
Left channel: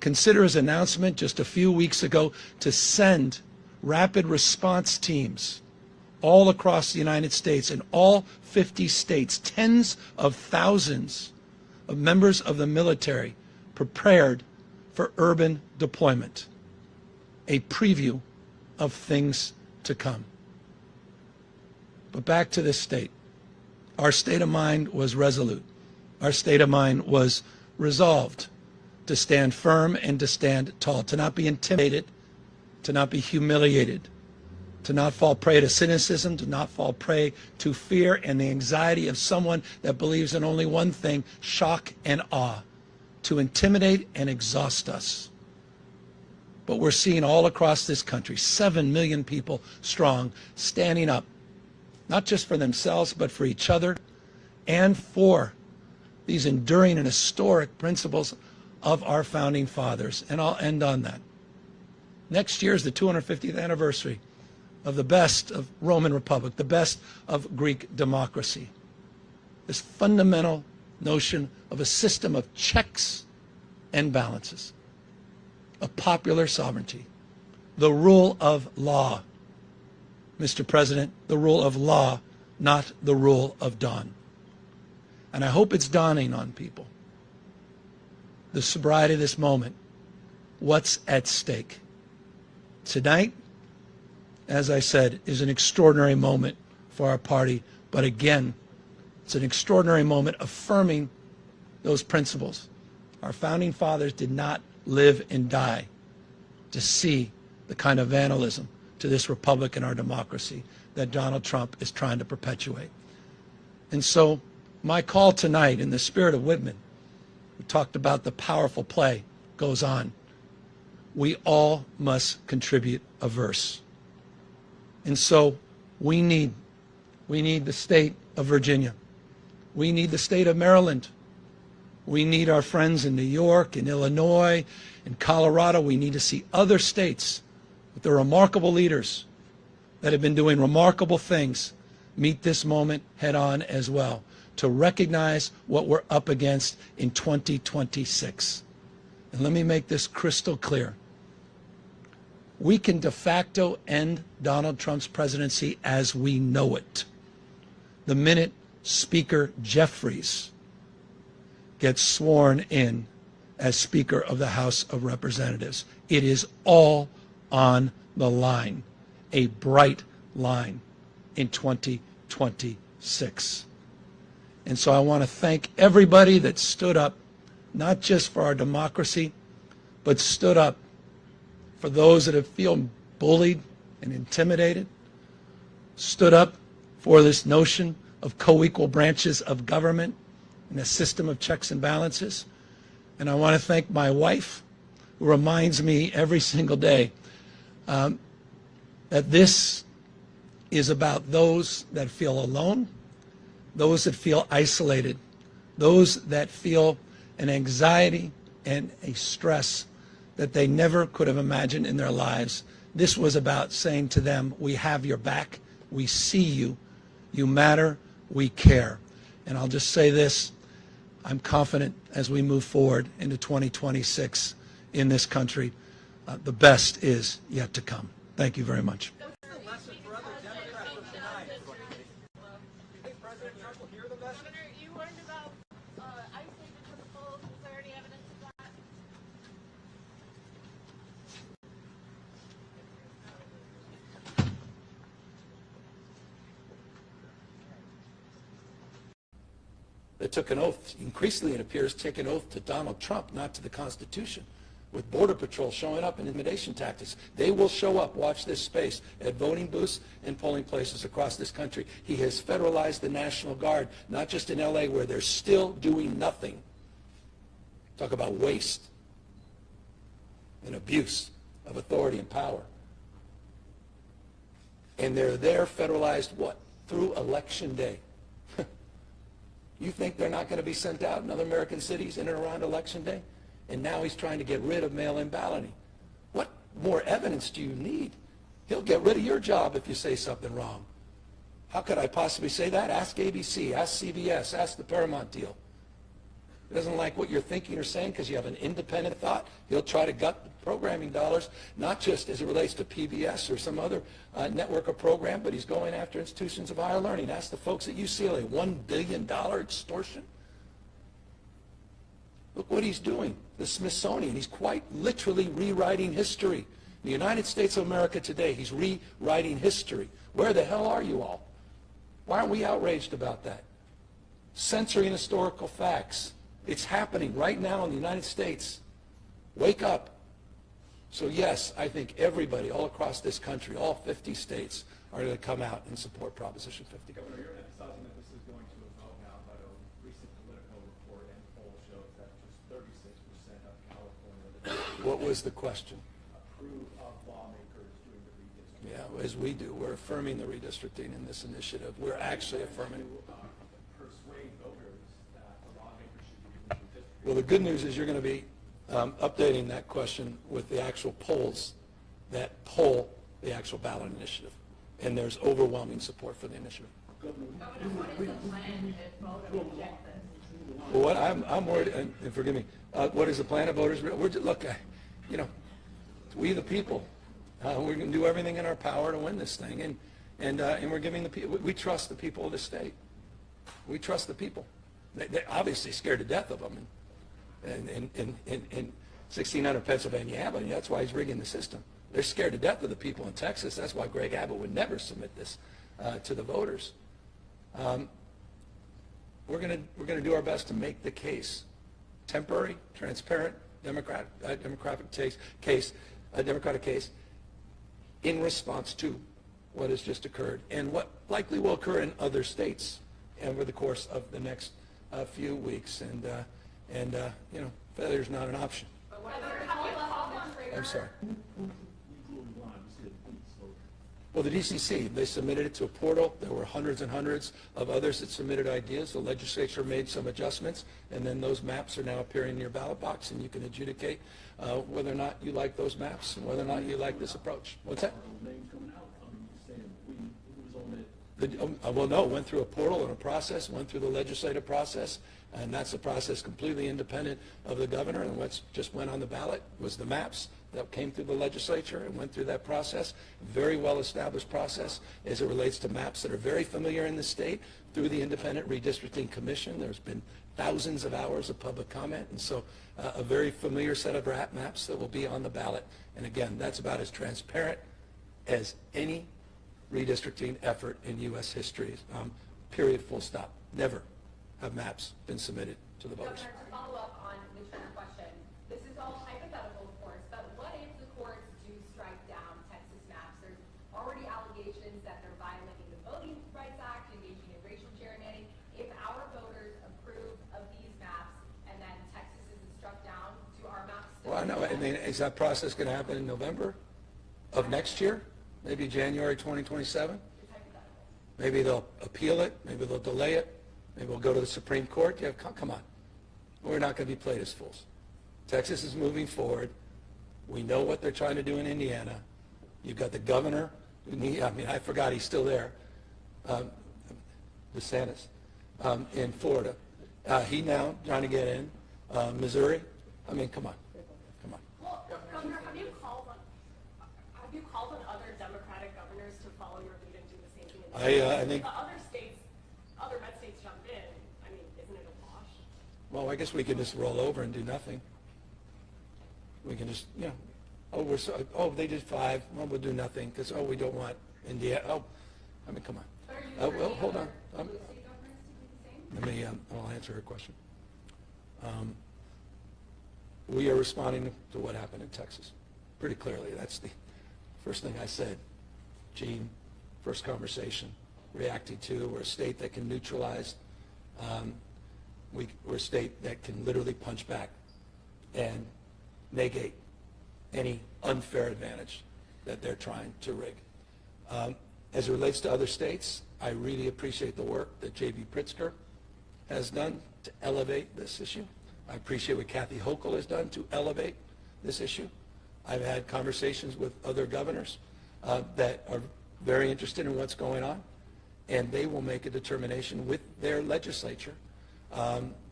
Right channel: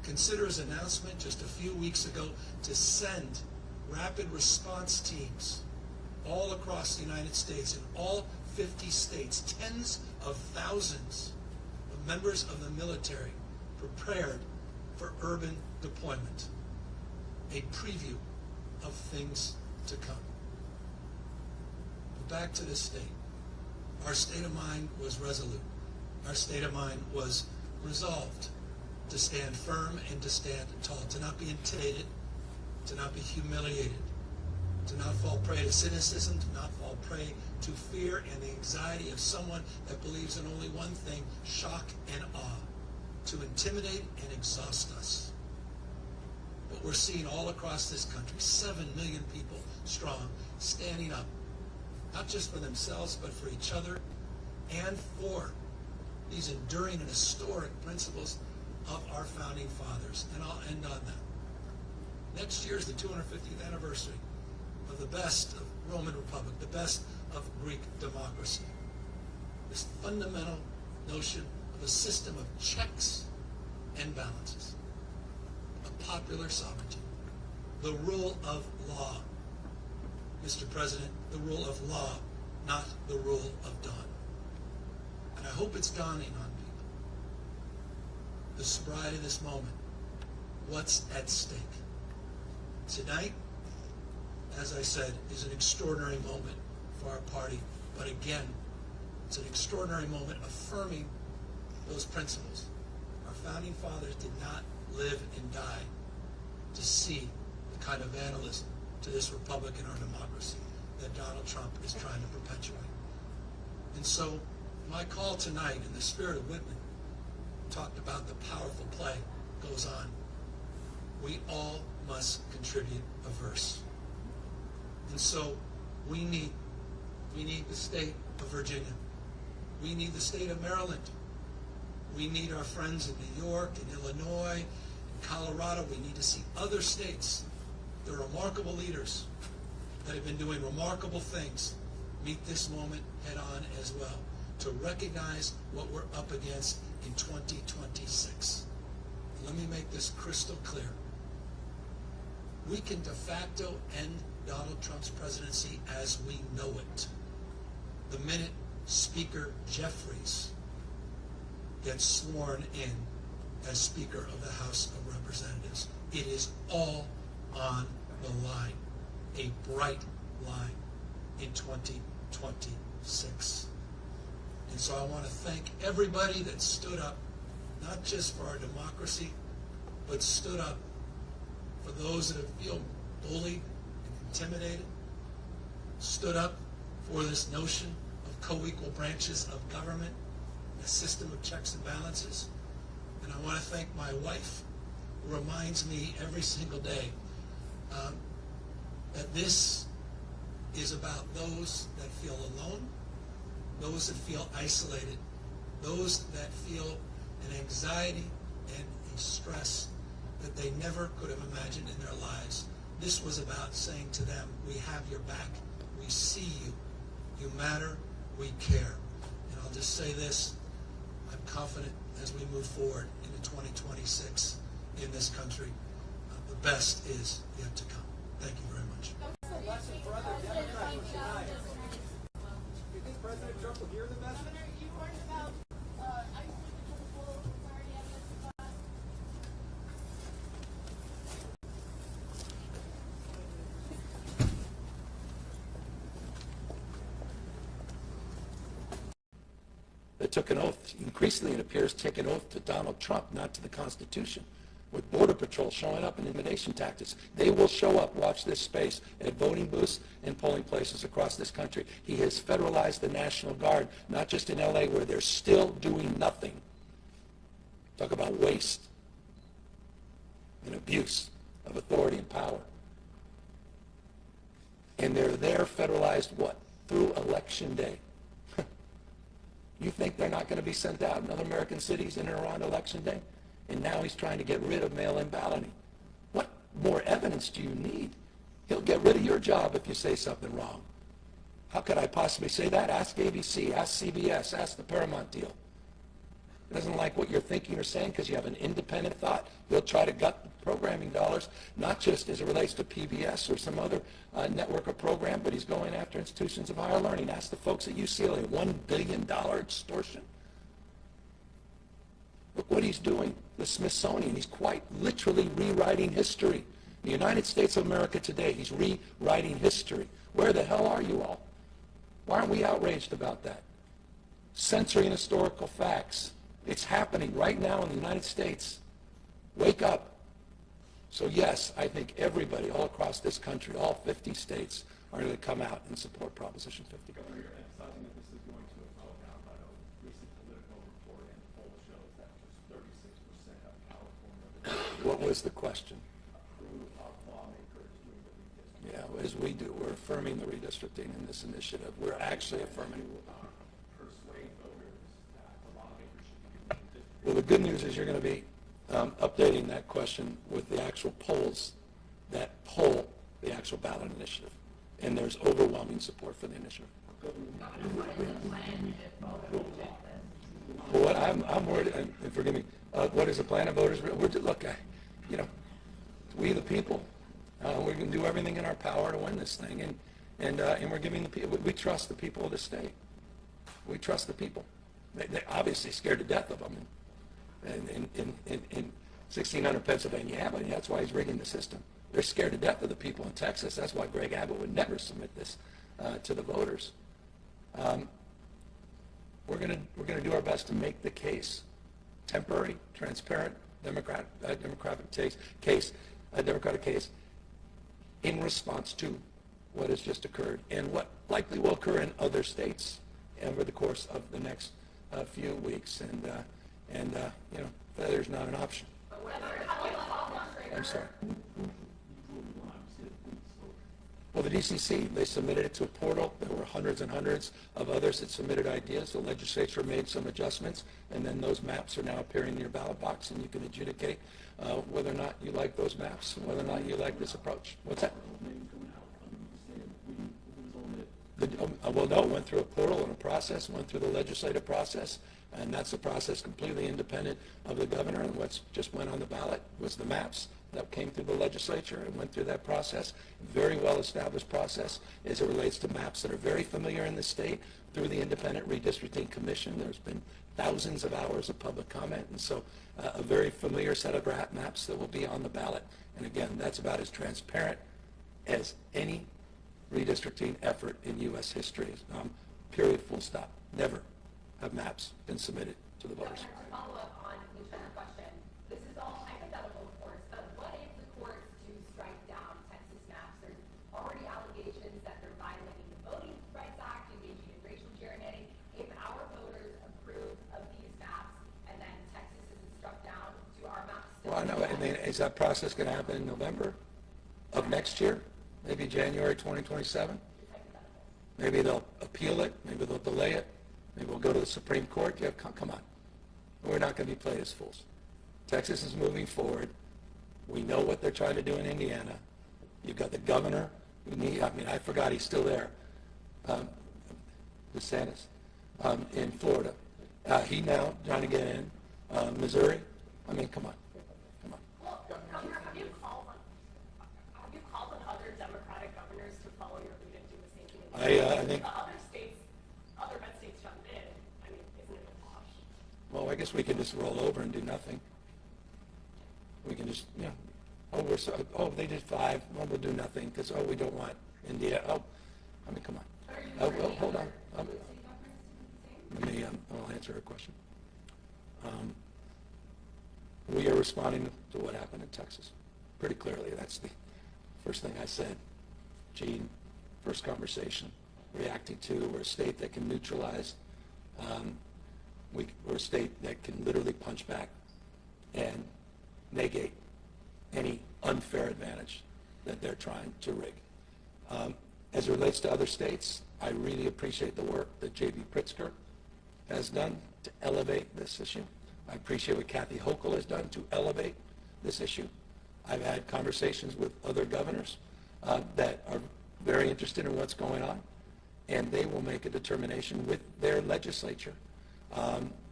Consider his announcement just a few weeks ago to send rapid response teams all across the United States, in all 50 states, tens of thousands of members of the military prepared for urban deployment. A preview of things to come. But back to this state. Our state of mind was resolute. Our state of mind was resolved to stand firm and to stand tall, to not be intimidated, to not be humiliated, to not fall prey to cynicism, to not fall prey to fear and the anxiety of someone that believes in only one thing, shock and awe, to intimidate and exhaust us. But we're seeing all across this country, 7 million people strong, standing up, not just for themselves, but for each other and for these enduring and historic principles of our founding fathers. And I'll end on that. Next year is the 250th anniversary of the best of Roman Republic, the best of Greek democracy. This fundamental notion of a system of checks and balances, of popular sovereignty, the rule of law. Mr. President, the rule of law, not the rule of dawn. And I hope it's dawning on people, the sobriety of this moment, what's at stake. Tonight, as I said, is an extraordinary moment for our party, but again, it's an extraordinary moment affirming those principles. Our founding fathers did not live and die to see the kind of vandalism to this republic and our democracy that Donald Trump is trying to perpetuate. And so my call tonight, in the spirit of Whitman, we talked about the powerful play, goes on. We all must contribute a verse. And so we need the state of Virginia. We need the state of Maryland. We need our friends in New York, in Illinois, in Colorado. We need to see other states with their remarkable leaders that have been doing remarkable things meet this moment head on as well, to recognize what we're up against in 2026. And let me make this crystal clear. We can de facto end Donald Trump's presidency as we know it the minute Speaker Jeffries gets sworn in as Speaker of the House of Representatives. It is all on the line, a bright line in 2026. And so I want to thank everybody that stood up, not just for our democracy, but stood up for those that have feel bullied and intimidated, stood up for this notion of co-equal branches of government and a system of checks and balances. And I want to thank my wife, who reminds me every single day that this is about those that feel alone, those that feel isolated, those that feel an anxiety and a stress that they never could have imagined in their lives. This was about saying to them, we have your back, we see you, you matter, we care. And I'll just say this, I'm confident as we move forward into 2026 in this country, the best is yet to come. Thank you very much. What's the lesson for other Democrats from tonight? Do you think President Trump will hear the message? Governor, you warned about ICE taking to the full. Is there any evidence of that? They took an oath, increasingly it appears, take an oath to Donald Trump, not to the Constitution, with Border Patrol showing up in intimidation tactics. They will show up, watch this space, at voting booths and polling places across this country. He has federalized the National Guard, not just in LA, where they're still doing nothing. Talk about waste and abuse of authority and power. And they're there federalized what? Through Election Day. You think they're not going to be sent out in other American cities in and around Election Day? And now he's trying to get rid of mail-in balloting. What more evidence do you need? He'll get rid of your job if you say something wrong. How could I possibly say that? Ask ABC, ask CBS, ask the Paramount deal. doesn't like what you're thinking or saying because you have an independent thought, he'll try to gut programming dollars, not just as it relates to PBS or some other network or program, but he's going after institutions of higher learning. Ask the folks at UCLA, $1 billion extortion. Look what he's doing. The Smithsonian, he's quite literally rewriting history. In the United States of America today, he's rewriting history. Where the hell are you all? Why aren't we outraged about that? Censoring historical facts. It's happening right now in the United States. Wake up. So yes, I think everybody all across this country, all 50 states, are going to come out and support Proposition 50. You're emphasizing that this is going to a vote now, but a recent political report and poll shows that just 36% of California What was the question? approve of lawmakers doing the redistricting. Yeah, as we do, we're affirming the redistricting in this initiative. We're actually affirming. Persuade voters that the lawmakers should be redistricting. Well, the good news is you're going to be updating that question with the actual polls that poll the actual ballot initiative. And there's overwhelming support for the initiative. What I'm worried, and forgive me, what is the plan of voters? Look, we the people, we're going to do everything in our power to win this thing, and we're giving the people. We trust the people of the state. We trust the people. They're obviously scared to death of them. In 1600 Pennsylvania Avenue, that's why he's rigging the system. They're scared to death of the people in Texas. That's why Greg Abbott would never submit this to the voters. We're going to do our best to make the case temporary, transparent, democratic case in response to what has just occurred and what likely will occur in other states over the course of the next few weeks. And failure's not an option. I'm sorry. Well, the DCC, they submitted it to a portal. There were hundreds and hundreds of others that submitted ideas. The legislature made some adjustments, and then those maps are now appearing in your ballot box, and you can adjudicate whether or not you like those maps and whether or not you like this approach. What's that? Well, no, it went through a portal and a process, went through the legislative process, and that's a process completely independent of the governor. And what just went on the ballot was the maps that came through the legislature and went through that process. Very well-established process as it relates to maps that are very familiar in the state through the Independent Redistricting Commission. There's been thousands of hours of public comment, and so a very familiar set of maps that will be on the ballot. And again, that's about as transparent as any redistricting effort in U.S. history. Period, full stop. Never have maps been submitted to the voters. To follow up on Lucian's question, this is all hypothetical, of course, but what if the courts do strike down Texas maps? There's already allegations that they're violating the Voting Rights Act, engaging in racial gerrymandering. If our voters approve of these maps and then Texas isn't struck down, do our maps still? Well, I know. I mean, is that process going to happen in November of next year? Maybe January 2027? Maybe they'll appeal it. Maybe they'll delay it. Maybe we'll go to the Supreme Court. Yeah, come on. We're not going to be played as fools. Texas is moving forward. We know what they're trying to do in Indiana. You've got the governor. I forgot he's still there. DeSantis in Florida. He now trying to get in. Missouri. I mean, come on. Come on. Well, Governor, have you called on other Democratic governors to follow your lead and do the same thing? I think. Other red states jumped in. I mean, isn't it a wash? Well, I guess we can just roll over and do nothing. We can just, they did 5. Well, we'll do nothing because, we don't want India. Come on. Well, hold on. I'll answer her question. We are responding to what happened in Texas pretty clearly. That's the first thing I said. Gene, first conversation, reacting to. We're a state that can neutralize. We're a state that can literally punch back and negate any unfair advantage that they're trying to rig. As it relates to other states, I really appreciate the work that J.B. Pritzker has done to elevate this issue. I appreciate what Kathy Hochul has done to elevate this issue. I've had conversations with other governors that are very interested in what's going on, and they will make a determination with their legislature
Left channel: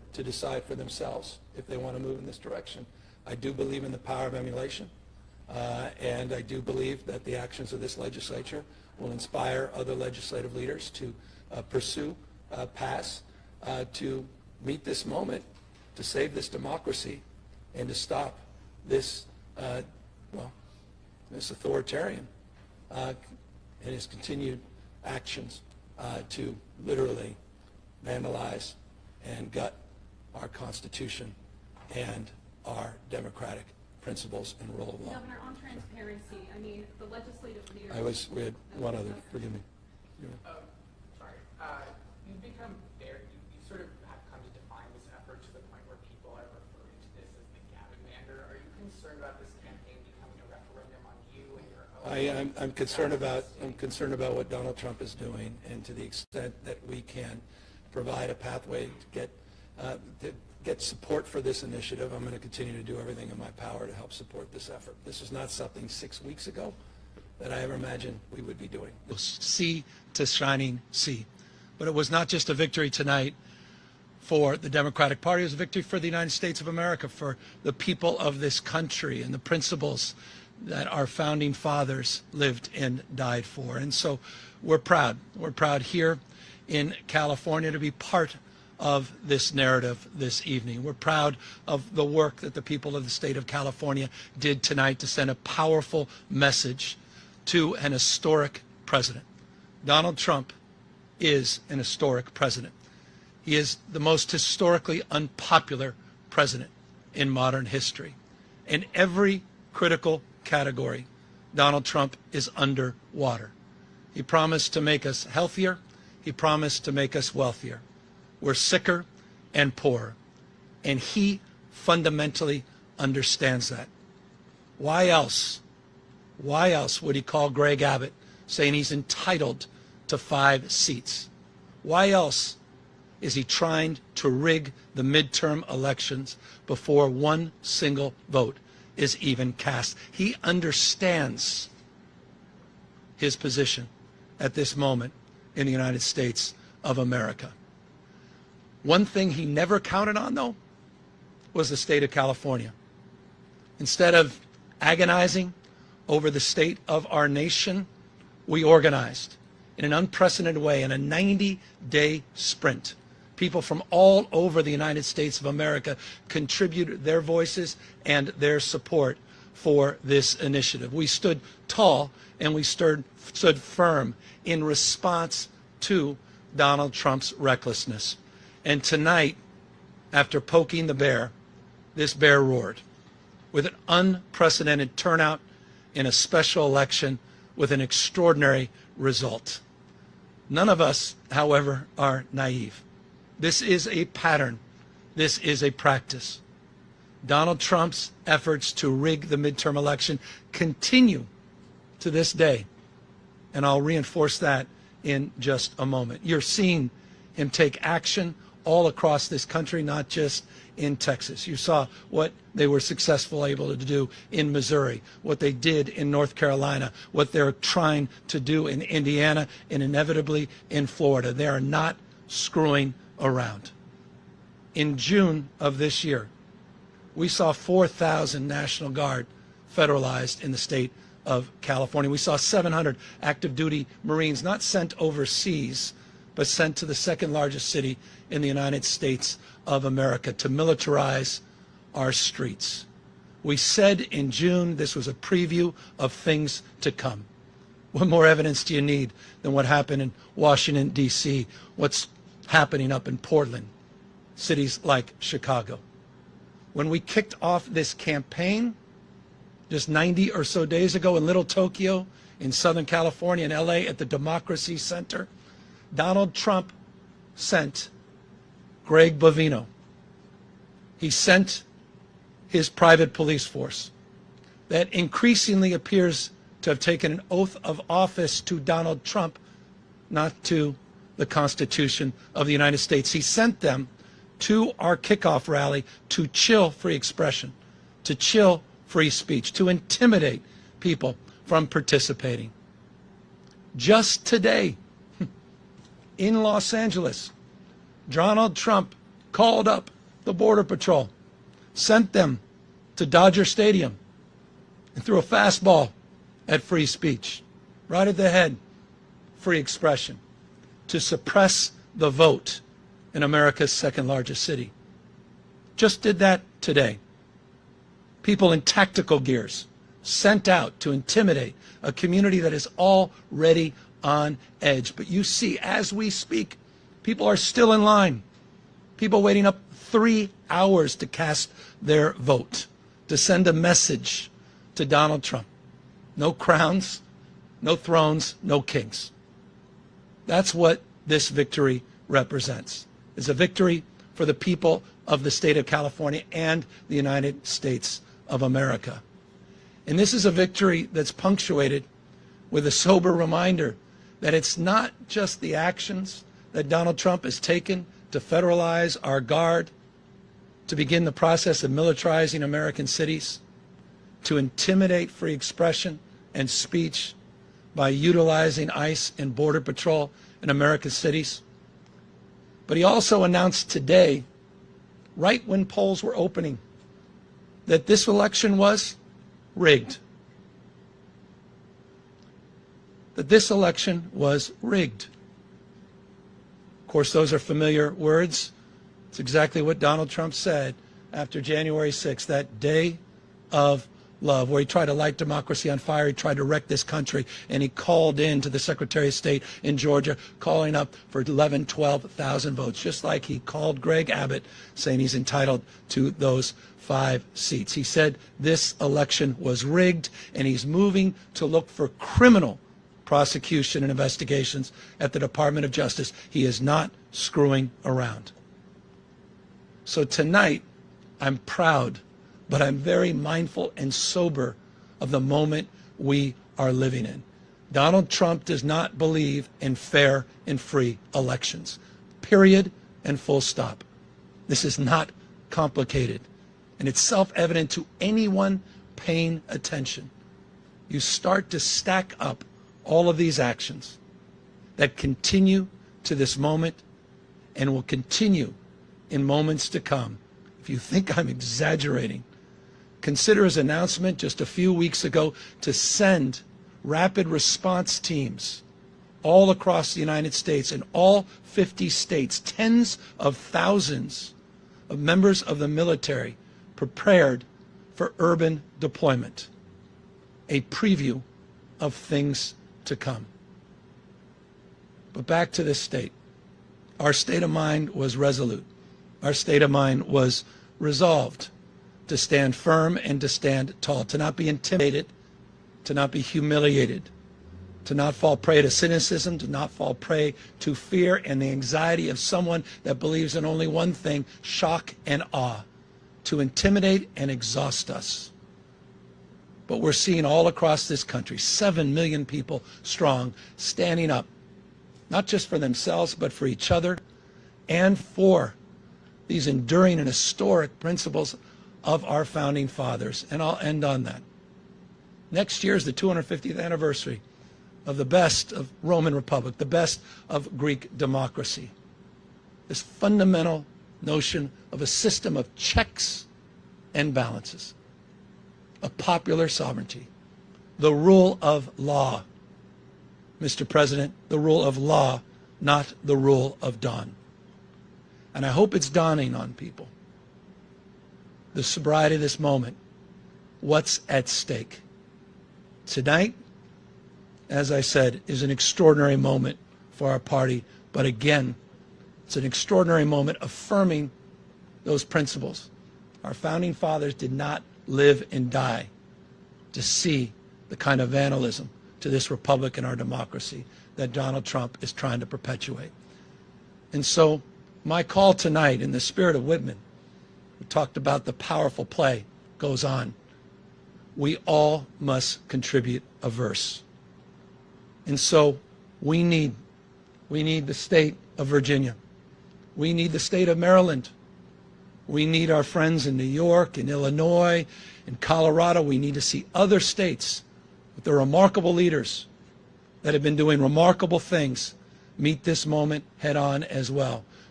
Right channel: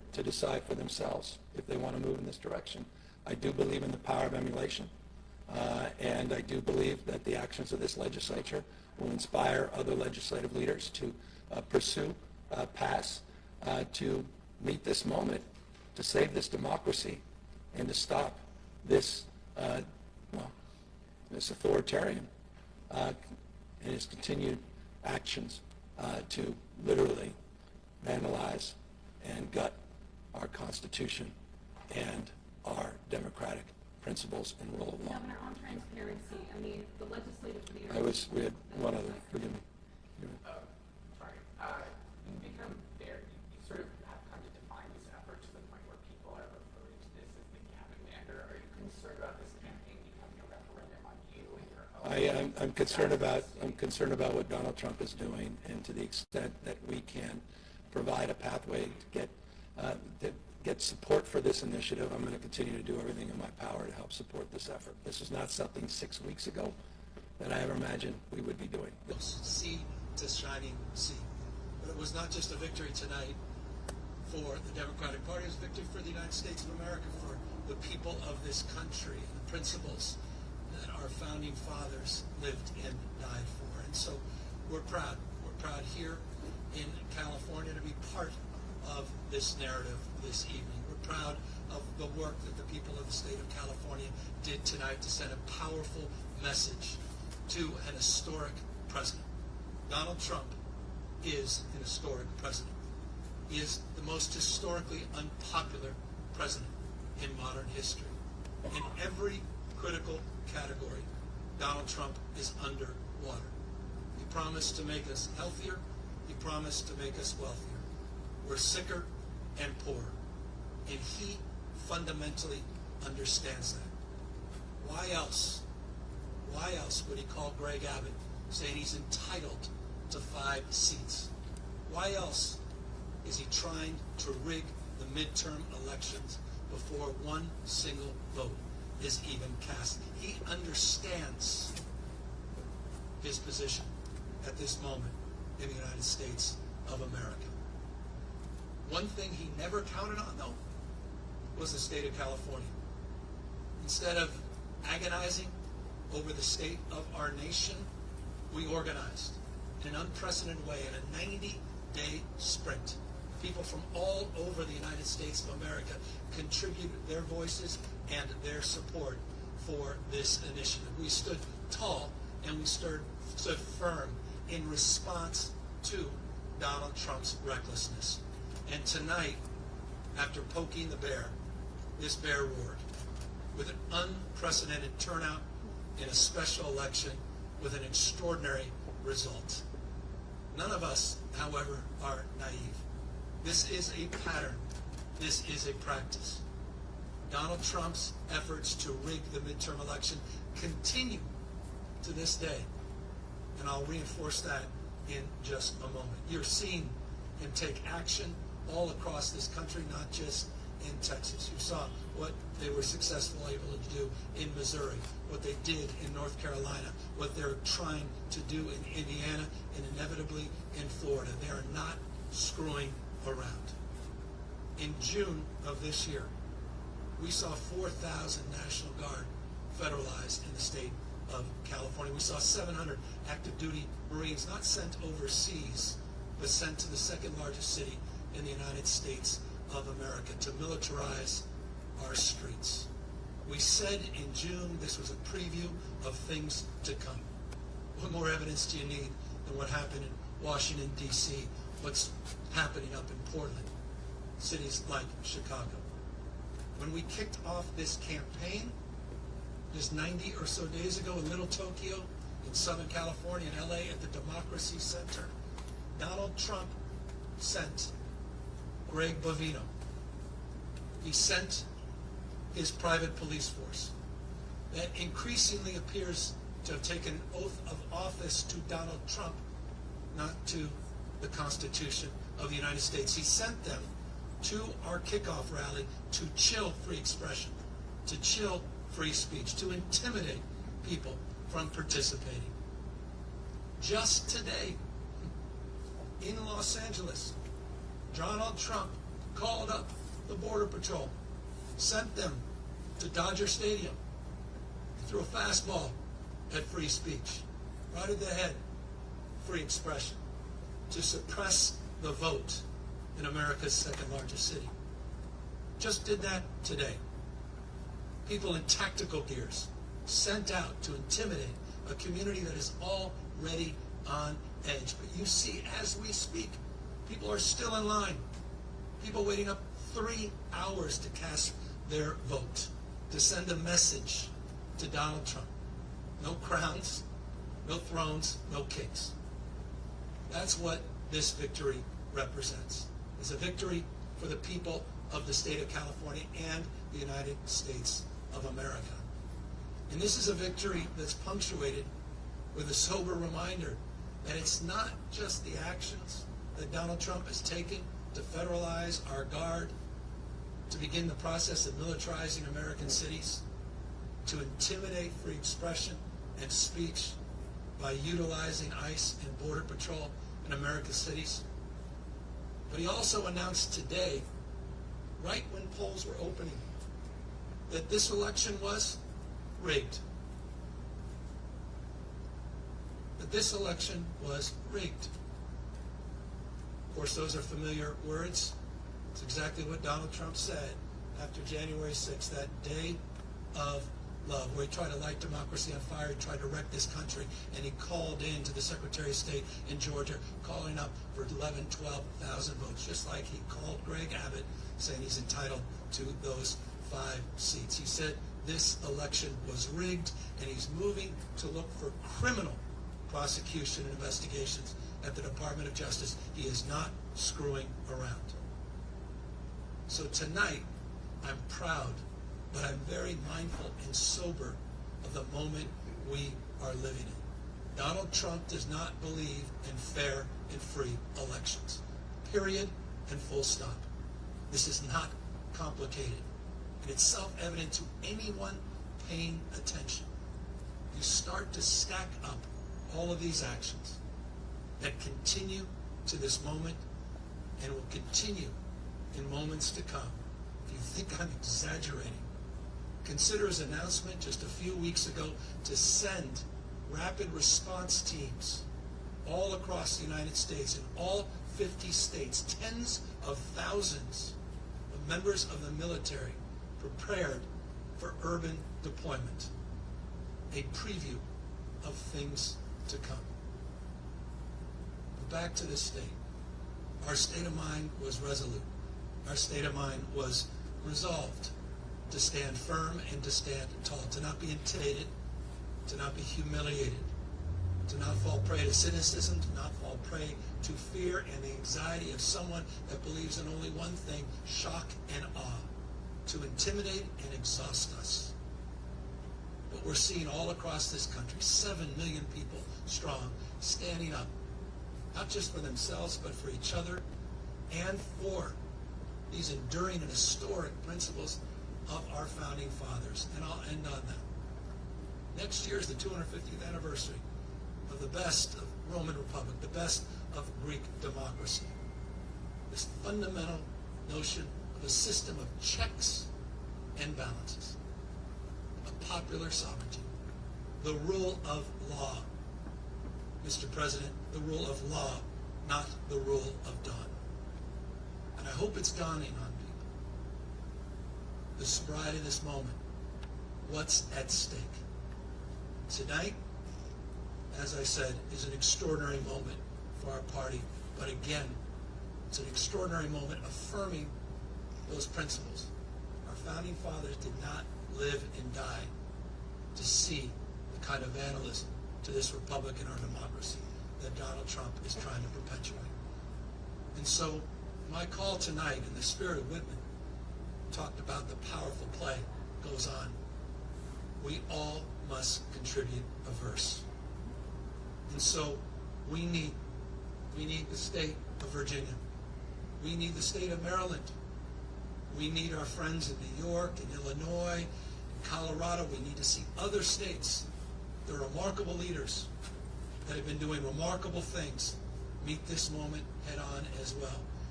to decide for themselves if they want to move in this direction. I do believe in the power of emulation, and I do believe that the actions of this legislature will inspire other legislative leaders to pursue, pass, to meet this moment, to save this democracy, and to stop this, this authoritarian and his continued actions to literally vandalize and gut our Constitution and our democratic principles and rule of law. Governor, on transparency, I mean, the legislative leaders. We had one other, forgive me. Sorry. You've become very, you sort of have come to define this effort to the point where people are referring to this as the Gavin Mander. Are you concerned about this campaign becoming a referendum on you and your own? I'm concerned about what Donald Trump is doing, and to the extent that we can provide a pathway to get support for this initiative, I'm going to continue to do everything in my power to help support this effort. This is not something 6 weeks ago that I ever imagined we would be doing. Sea to shining sea. But it was not just a victory tonight for the Democratic Party, it was a victory for the United States of America, for the people of this country and the principles that our founding fathers lived and died for. And so we're proud. We're proud here in California to be part of this narrative this evening. We're proud of the work that the people of the state of California did tonight to send a powerful message to an historic president. Donald Trump is an historic president. He is the most historically unpopular president in modern history. In every critical category, Donald Trump is underwater. He promised to make us healthier. He promised to make us wealthier. We're sicker and poorer. And he fundamentally understands that. Why else would he call Greg Abbott saying he's entitled to 5 seats? Why else is he trying to rig the midterm elections before one single vote is even cast? He understands his position at this moment in the United States of America. One thing he never counted on, though, was the state of California. Instead of agonizing over the state of our nation, we organized in an unprecedented way in a 90-day sprint. People from all over the United States of America contributed their voices and their support for this initiative. We stood tall and we stood firm in response to Donald Trump's recklessness. And tonight, after poking the bear, this bear roared with an unprecedented turnout in a special election with an extraordinary result. None of us, however, are naive. This is a pattern. This is a practice. Donald Trump's efforts to rig the midterm election continue to this day. And I'll reinforce that in just a moment. You're seeing him take action all across this country, not just in Texas. You saw what they were successful able to do in Missouri, what they did in North Carolina, what they're trying to do in Indiana, and inevitably in Florida. They are not screwing around. In June of this year, we saw 4,000 National Guard federalized in the state of California. We saw 700 active duty Marines not sent overseas, but sent to the second largest city in the United States of America to militarize our streets. We said in June this was a preview of things to come. What more evidence do you need than what happened in Washington, D.C., what's happening up in Portland, cities like Chicago? When we kicked off this campaign just 90 or so days ago in Little Tokyo, in Southern California, in LA, at the Democracy Center, Donald Trump sent Greg Bovino. He sent his private police force that increasingly appears to have taken an oath of office to Donald Trump, not to the Constitution of the United States. He sent them to our kickoff rally to chill free expression, to chill free speech, to intimidate people from participating. Just today, in Los Angeles, Donald Trump called up the Border Patrol, sent them to Dodger Stadium and threw a fastball at free speech, right at the head, free expression, to suppress the vote in America's second largest city. Just did that today. People in tactical gears sent out to intimidate a community that is already on edge. But you see, as we speak, people are still in line. People waiting up 3 hours to cast their vote, to send a message to Donald Trump. No crowns, no thrones, no kings. That's what this victory represents. It's a victory for the people of the state of California and the United States of America. And this is a victory that's punctuated with a sober reminder that it's not just the actions that Donald Trump has taken to federalize our guard, to begin the process of militarizing American cities, to intimidate free expression and speech by utilizing ICE and Border Patrol in America's cities. But he also announced today, right when polls were opening, that this election was rigged. That this election was rigged. Of course, those are familiar words. It's exactly what Donald Trump said after January 6th, that day of love, where he tried to light democracy on fire. He tried to wreck this country, and he called in to the Secretary of State in Georgia, calling up for 11, 12,000 votes, just like he called Greg Abbott, saying he's entitled to those 5 seats. He said this election was rigged, and he's moving to look for criminal prosecution and investigations at the Department of Justice. He is not screwing around. So tonight, I'm proud, but I'm very mindful and sober of the moment we are living in. Donald Trump does not believe in fair and free elections. Period and full stop. This is not complicated. And it's self-evident to anyone paying attention. You start to stack up all of these actions that continue to this moment and will continue in moments to come. If you think I'm exaggerating, consider his announcement just a few weeks ago to send rapid response teams all across the United States, in all 50 states, tens of thousands of members of the military prepared for urban deployment. A preview of things to come. But back to this state. Our state of mind was resolute. Our state of mind was resolved to stand firm and to stand tall, to not be intimidated, to not be humiliated, to not fall prey to cynicism, to not fall prey to fear and the anxiety of someone that believes in only one thing, shock and awe, to intimidate and exhaust us. But we're seeing all across this country, 7 million people strong, standing up, not just for themselves, but for each other and for these enduring and historic principles of our founding fathers. And I'll end on that. Next year is the 250th anniversary of the best of Roman Republic, the best of Greek democracy. This fundamental notion of a system of checks and balances, of popular sovereignty, the rule of law. Mr. President, the rule of law, not the rule of dawn. And I hope it's dawning on people, the sobriety of this moment, what's at stake. Tonight, as I said, is an extraordinary moment for our party, but again, it's an extraordinary moment affirming those principles. Our founding fathers did not live and die to see the kind of vandalism to this republic and our democracy that Donald Trump is trying to perpetuate. And so my call tonight, in the spirit of Whitman, we talked about the powerful play goes on. We all must contribute a verse. And so we need the state of Virginia. We need the state of Maryland. We need our friends in New York and Illinois and Colorado. We need to see other states with their remarkable leaders that have been doing remarkable things meet this moment head on as well.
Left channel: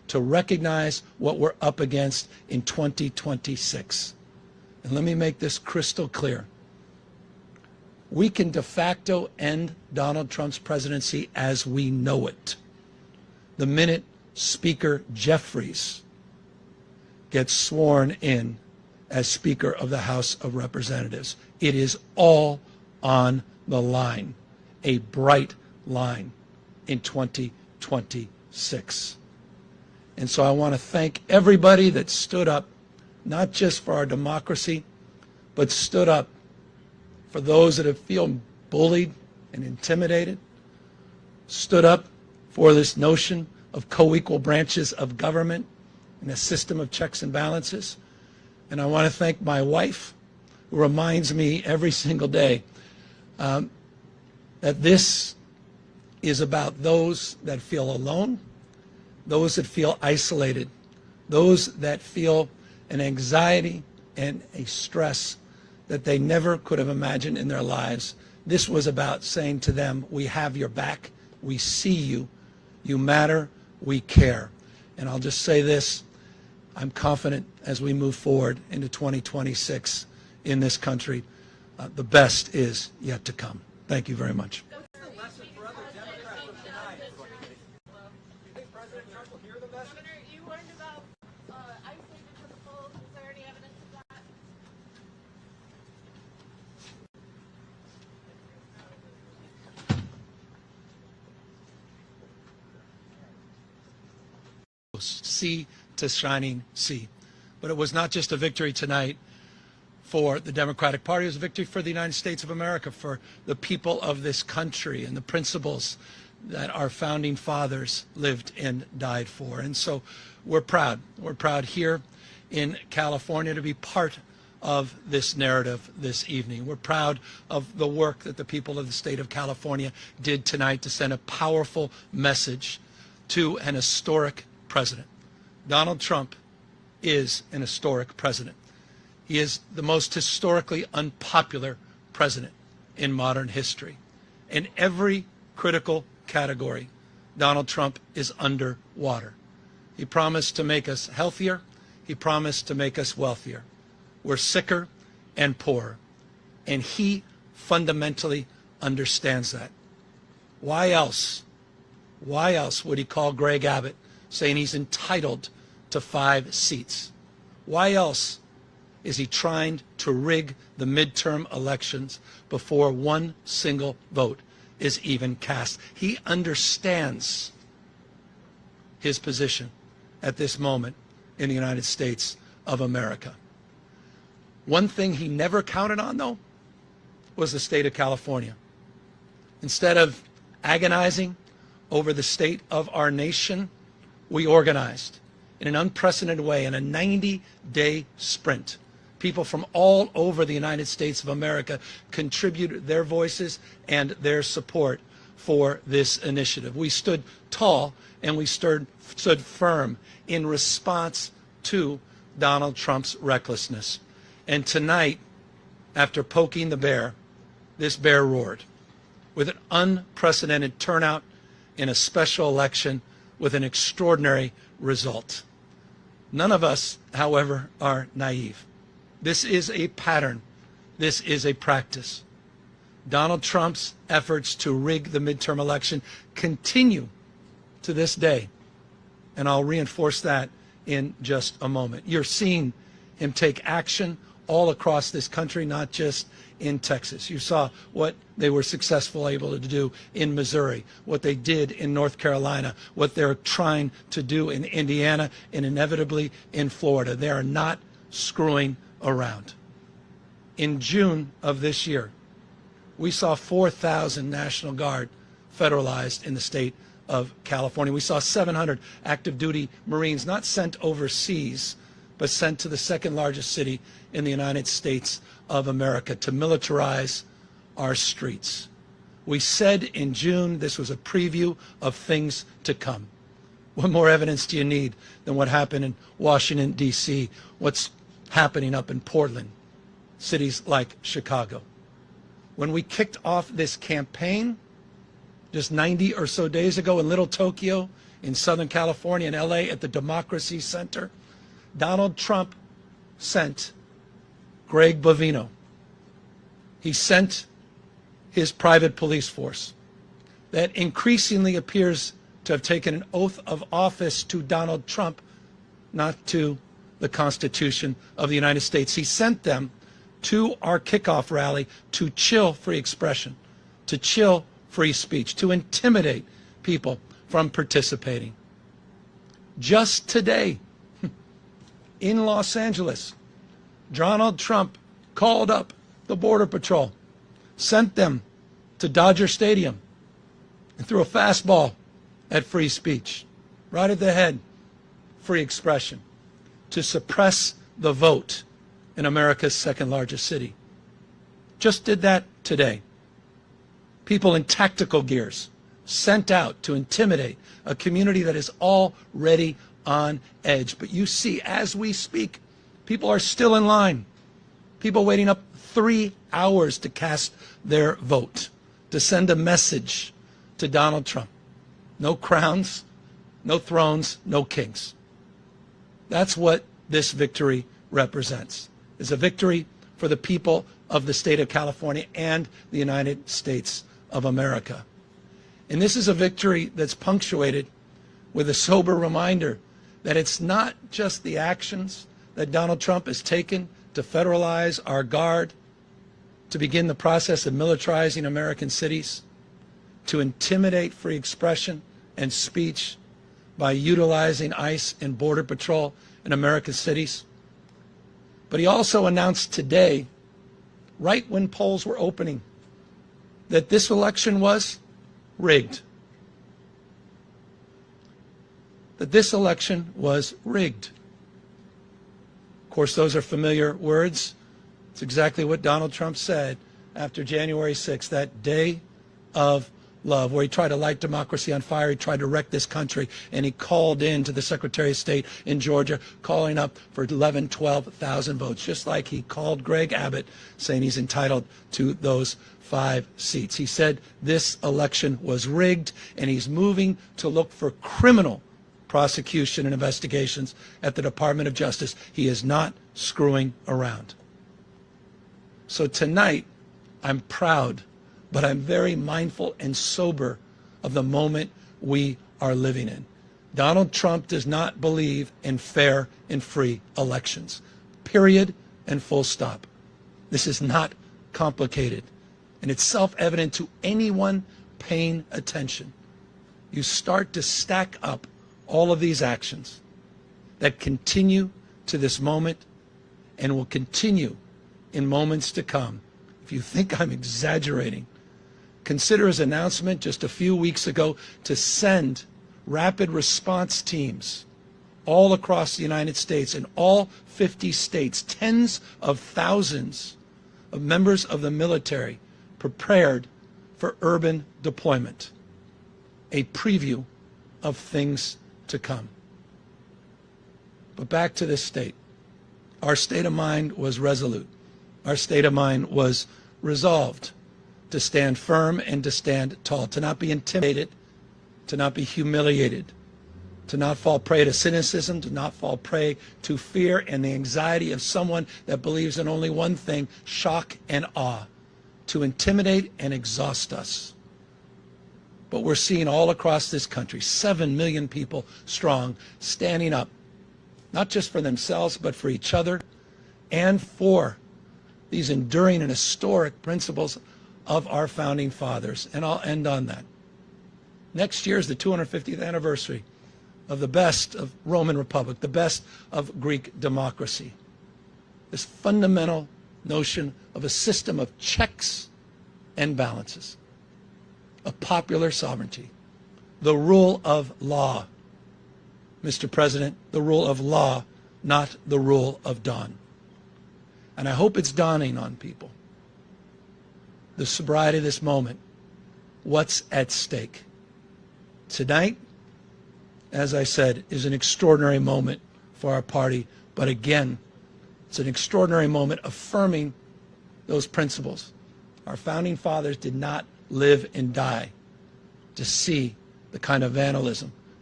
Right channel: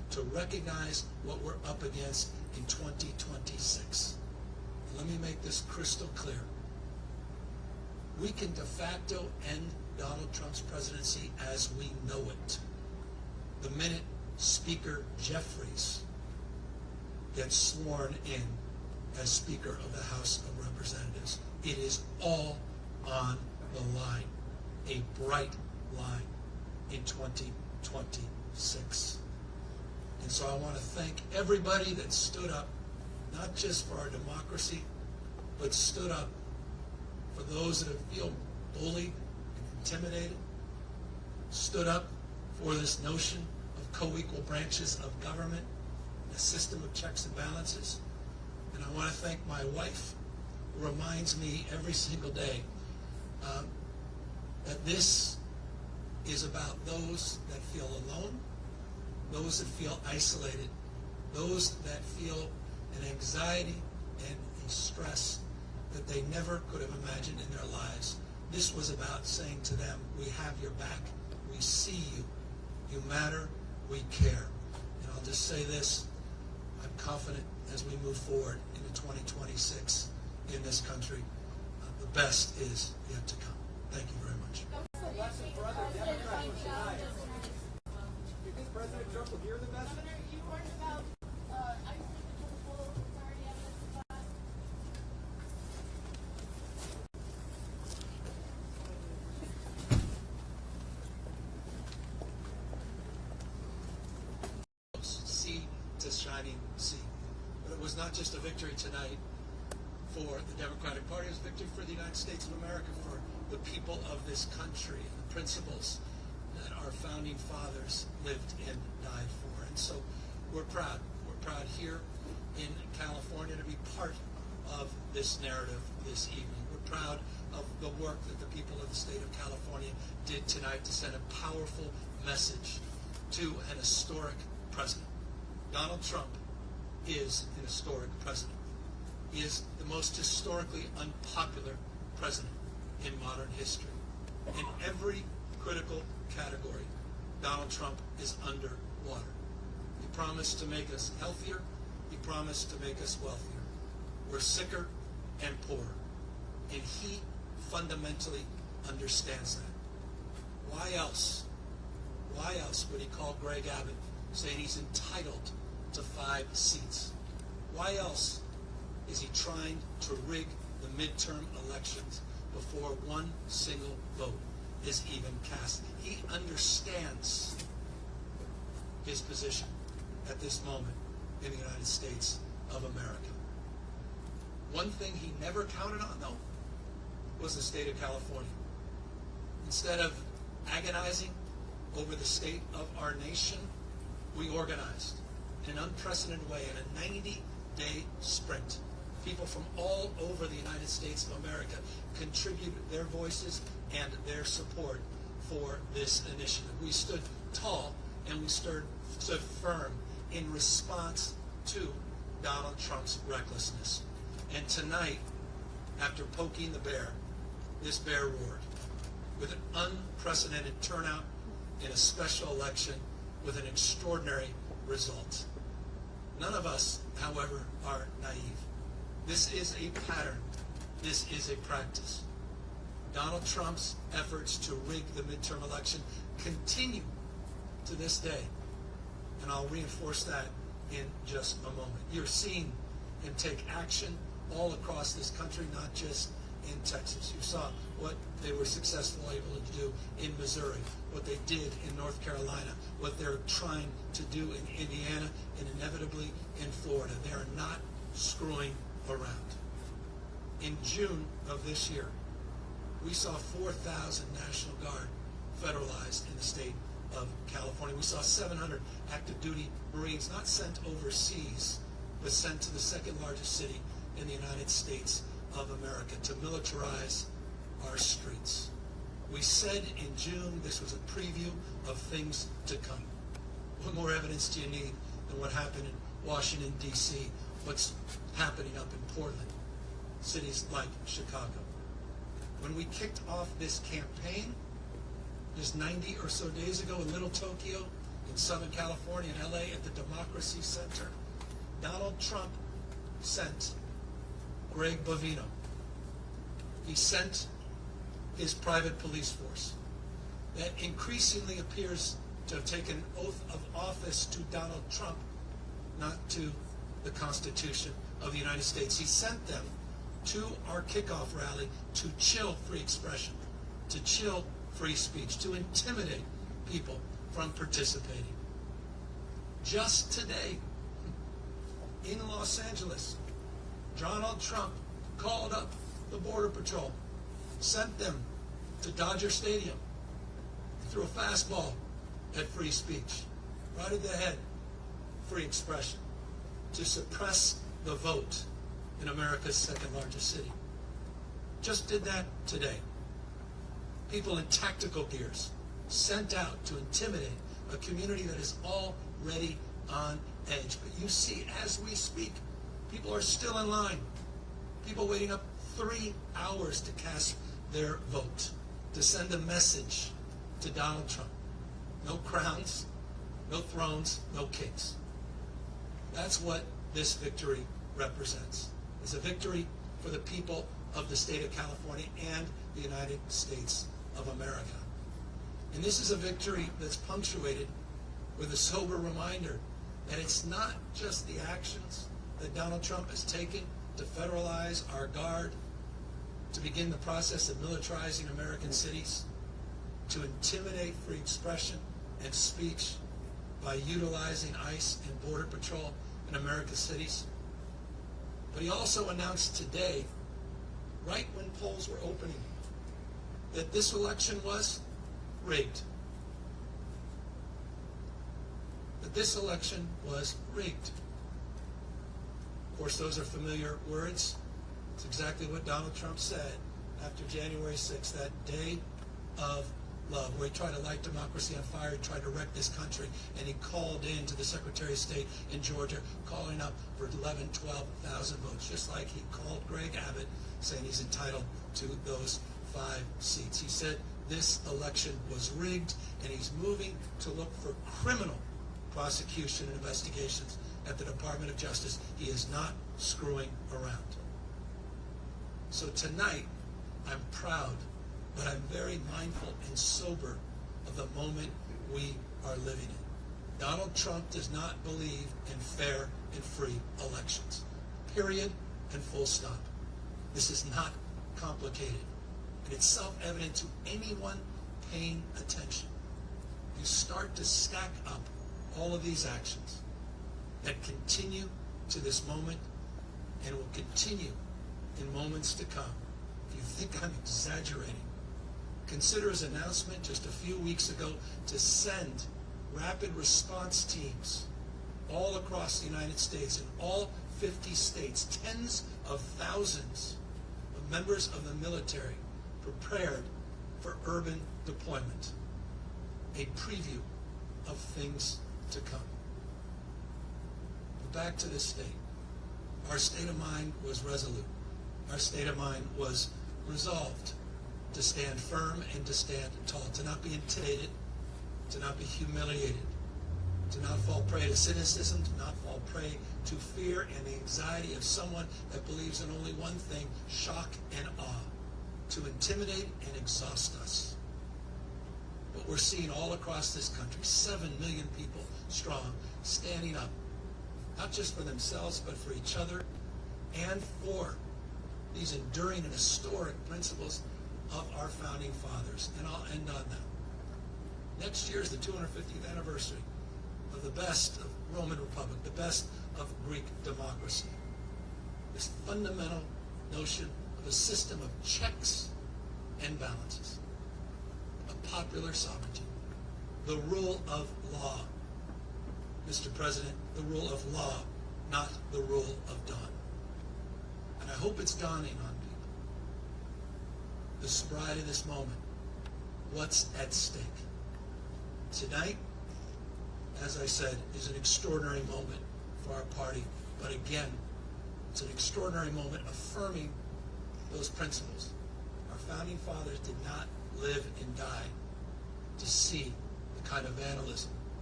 to recognize what we're up against in 2026. And let me make this crystal clear. We can de facto end Donald Trump's presidency as we know it the minute Speaker Jeffries gets sworn in as Speaker of the House of Representatives. It is all on the line, a bright line in 2026. And so I want to thank everybody that stood up, not just for our democracy, but stood up for those that have feel bullied and intimidated, stood up for this notion of co-equal branches of government and a system of checks and balances. And I want to thank my wife, who reminds me every single day that this is about those that feel alone, those that feel isolated, those that feel an anxiety and a stress that they never could have imagined in their lives. This was about saying to them, we have your back, we see you, you matter, we care. And I'll just say this, I'm confident as we move forward into 2026 in this country, the best is yet to come. Thank you very much. Governor, you learned about ICE because of polls. Is there any evidence of that? Sea to shining sea. But it was not just a victory tonight for the Democratic Party, it was a victory for the United States of America, for the people of this country and the principles that our founding fathers lived and died for. And so we're proud. We're proud here in California to be part of this narrative this evening. We're proud of the work that the people of the state of California did tonight to send a powerful message to an historic president. Donald Trump is an historic president. He is the most historically unpopular president in modern history. In every critical category, Donald Trump is underwater. He promised to make us healthier. He promised to make us wealthier. We're sicker and poorer. And he fundamentally understands that. Why else would he call Greg Abbott saying he's entitled to 5 seats? Why else is he trying to rig the midterm elections before one single vote is even cast? He understands his position at this moment in the United States of America. One thing he never counted on, though, was the state of California. Instead of agonizing over the state of our nation, we organized in an unprecedented way in a 90-day sprint. People from all over the United States of America contributed their voices and their support for this initiative. We stood tall and we stood firm in response to Donald Trump's recklessness. And tonight, after poking the bear, this bear roared with an unprecedented turnout in a special election with an extraordinary result. None of us, however, are naive. This is a pattern. This is a practice. Donald Trump's efforts to rig the midterm election continue to this day. And I'll reinforce that in just a moment. You're seeing him take action all across this country, not just in Texas. You saw what they were successful able to do in Missouri, what they did in North Carolina, what they're trying to do in Indiana, and inevitably in Florida. They are not screwing around. In June of this year, we saw 4,000 National Guard federalized in the state of California. We saw 700 active duty Marines not sent overseas, but sent to the second largest city in the United States of America to militarize our streets. We said in June this was a preview of things to come. What more evidence do you need than what happened in Washington, D.C., what's happening up in Portland, cities like Chicago? When we kicked off this campaign just 90 or so days ago in Little Tokyo in Southern California and LA at the Democracy Center, Donald Trump sent Greg Bovino. He sent his private police force that increasingly appears to have taken an oath of office to Donald Trump, not to the Constitution of the United States. He sent them to our kickoff rally to chill free expression, to chill free speech, to intimidate people from participating. Just today, in Los Angeles, Donald Trump called up the Border Patrol, sent them to Dodger Stadium, and threw a fastball at free speech, right at the head, free expression, to suppress the vote in America's second largest city. Just did that today. People in tactical gears sent out to intimidate a community that is already on edge. But you see, as we speak, people are still in line. People waiting up 3 hours to cast their vote, to send a message to Donald Trump. No crowns, no thrones, no kings. That's what this victory represents. It's a victory for the people of the state of California and the United States of America. And this is a victory that's punctuated with a sober reminder that it's not just the actions that Donald Trump has taken to federalize our guard, to begin the process of militarizing American cities, to intimidate free expression and speech by utilizing ICE and Border Patrol in American cities. But he also announced today, right when polls were opening, that this election was rigged. That this election was rigged. Of course, those are familiar words. It's exactly what Donald Trump said after January 6th, that day of love, where he tried to light democracy on fire. He tried to wreck this country, and he called in to the Secretary of State in Georgia, calling up for 11,000, 12,000 votes, just like he called Greg Abbott, saying he's entitled to those 5 seats. He said this election was rigged, and he's moving to look for criminal prosecution and investigations at the Department of Justice. He is not screwing around. So tonight, I'm proud, but I'm very mindful and sober of the moment we are living in. Donald Trump does not believe in fair and free elections. Period and full stop. This is not complicated, and it's self-evident to anyone paying attention. You start to stack up all of these actions that continue to this moment and will continue in moments to come. If you think I'm exaggerating, consider his announcement just a few weeks ago to send rapid response teams all across the United States, in all 50 states, tens of thousands of members of the military prepared for urban deployment. A preview of things to come. But back to this state. Our state of mind was resolute. Our state of mind was resolved to stand firm and to stand tall, to not be intimidated, to not be humiliated, to not fall prey to cynicism, to not fall prey to fear and the anxiety of someone that believes in only one thing, shock and awe, to intimidate and exhaust us. But we're seeing all across this country, 7 million people strong, standing up, not just for themselves, but for each other and for these enduring and historic principles of our founding fathers. And I'll end on that. Next year is the 250th anniversary of the best of Roman Republic, the best of Greek democracy. This fundamental notion of a system of checks and balances, of popular sovereignty, the rule of law. Mr. President, the rule of law, not the rule of dawn. And I hope it's dawning on people, the sobriety of this moment, what's at stake. Tonight, as I said, is an extraordinary moment for our party, but again, it's an extraordinary moment affirming those principles. Our founding fathers did not live and die to see the kind of vandalism, to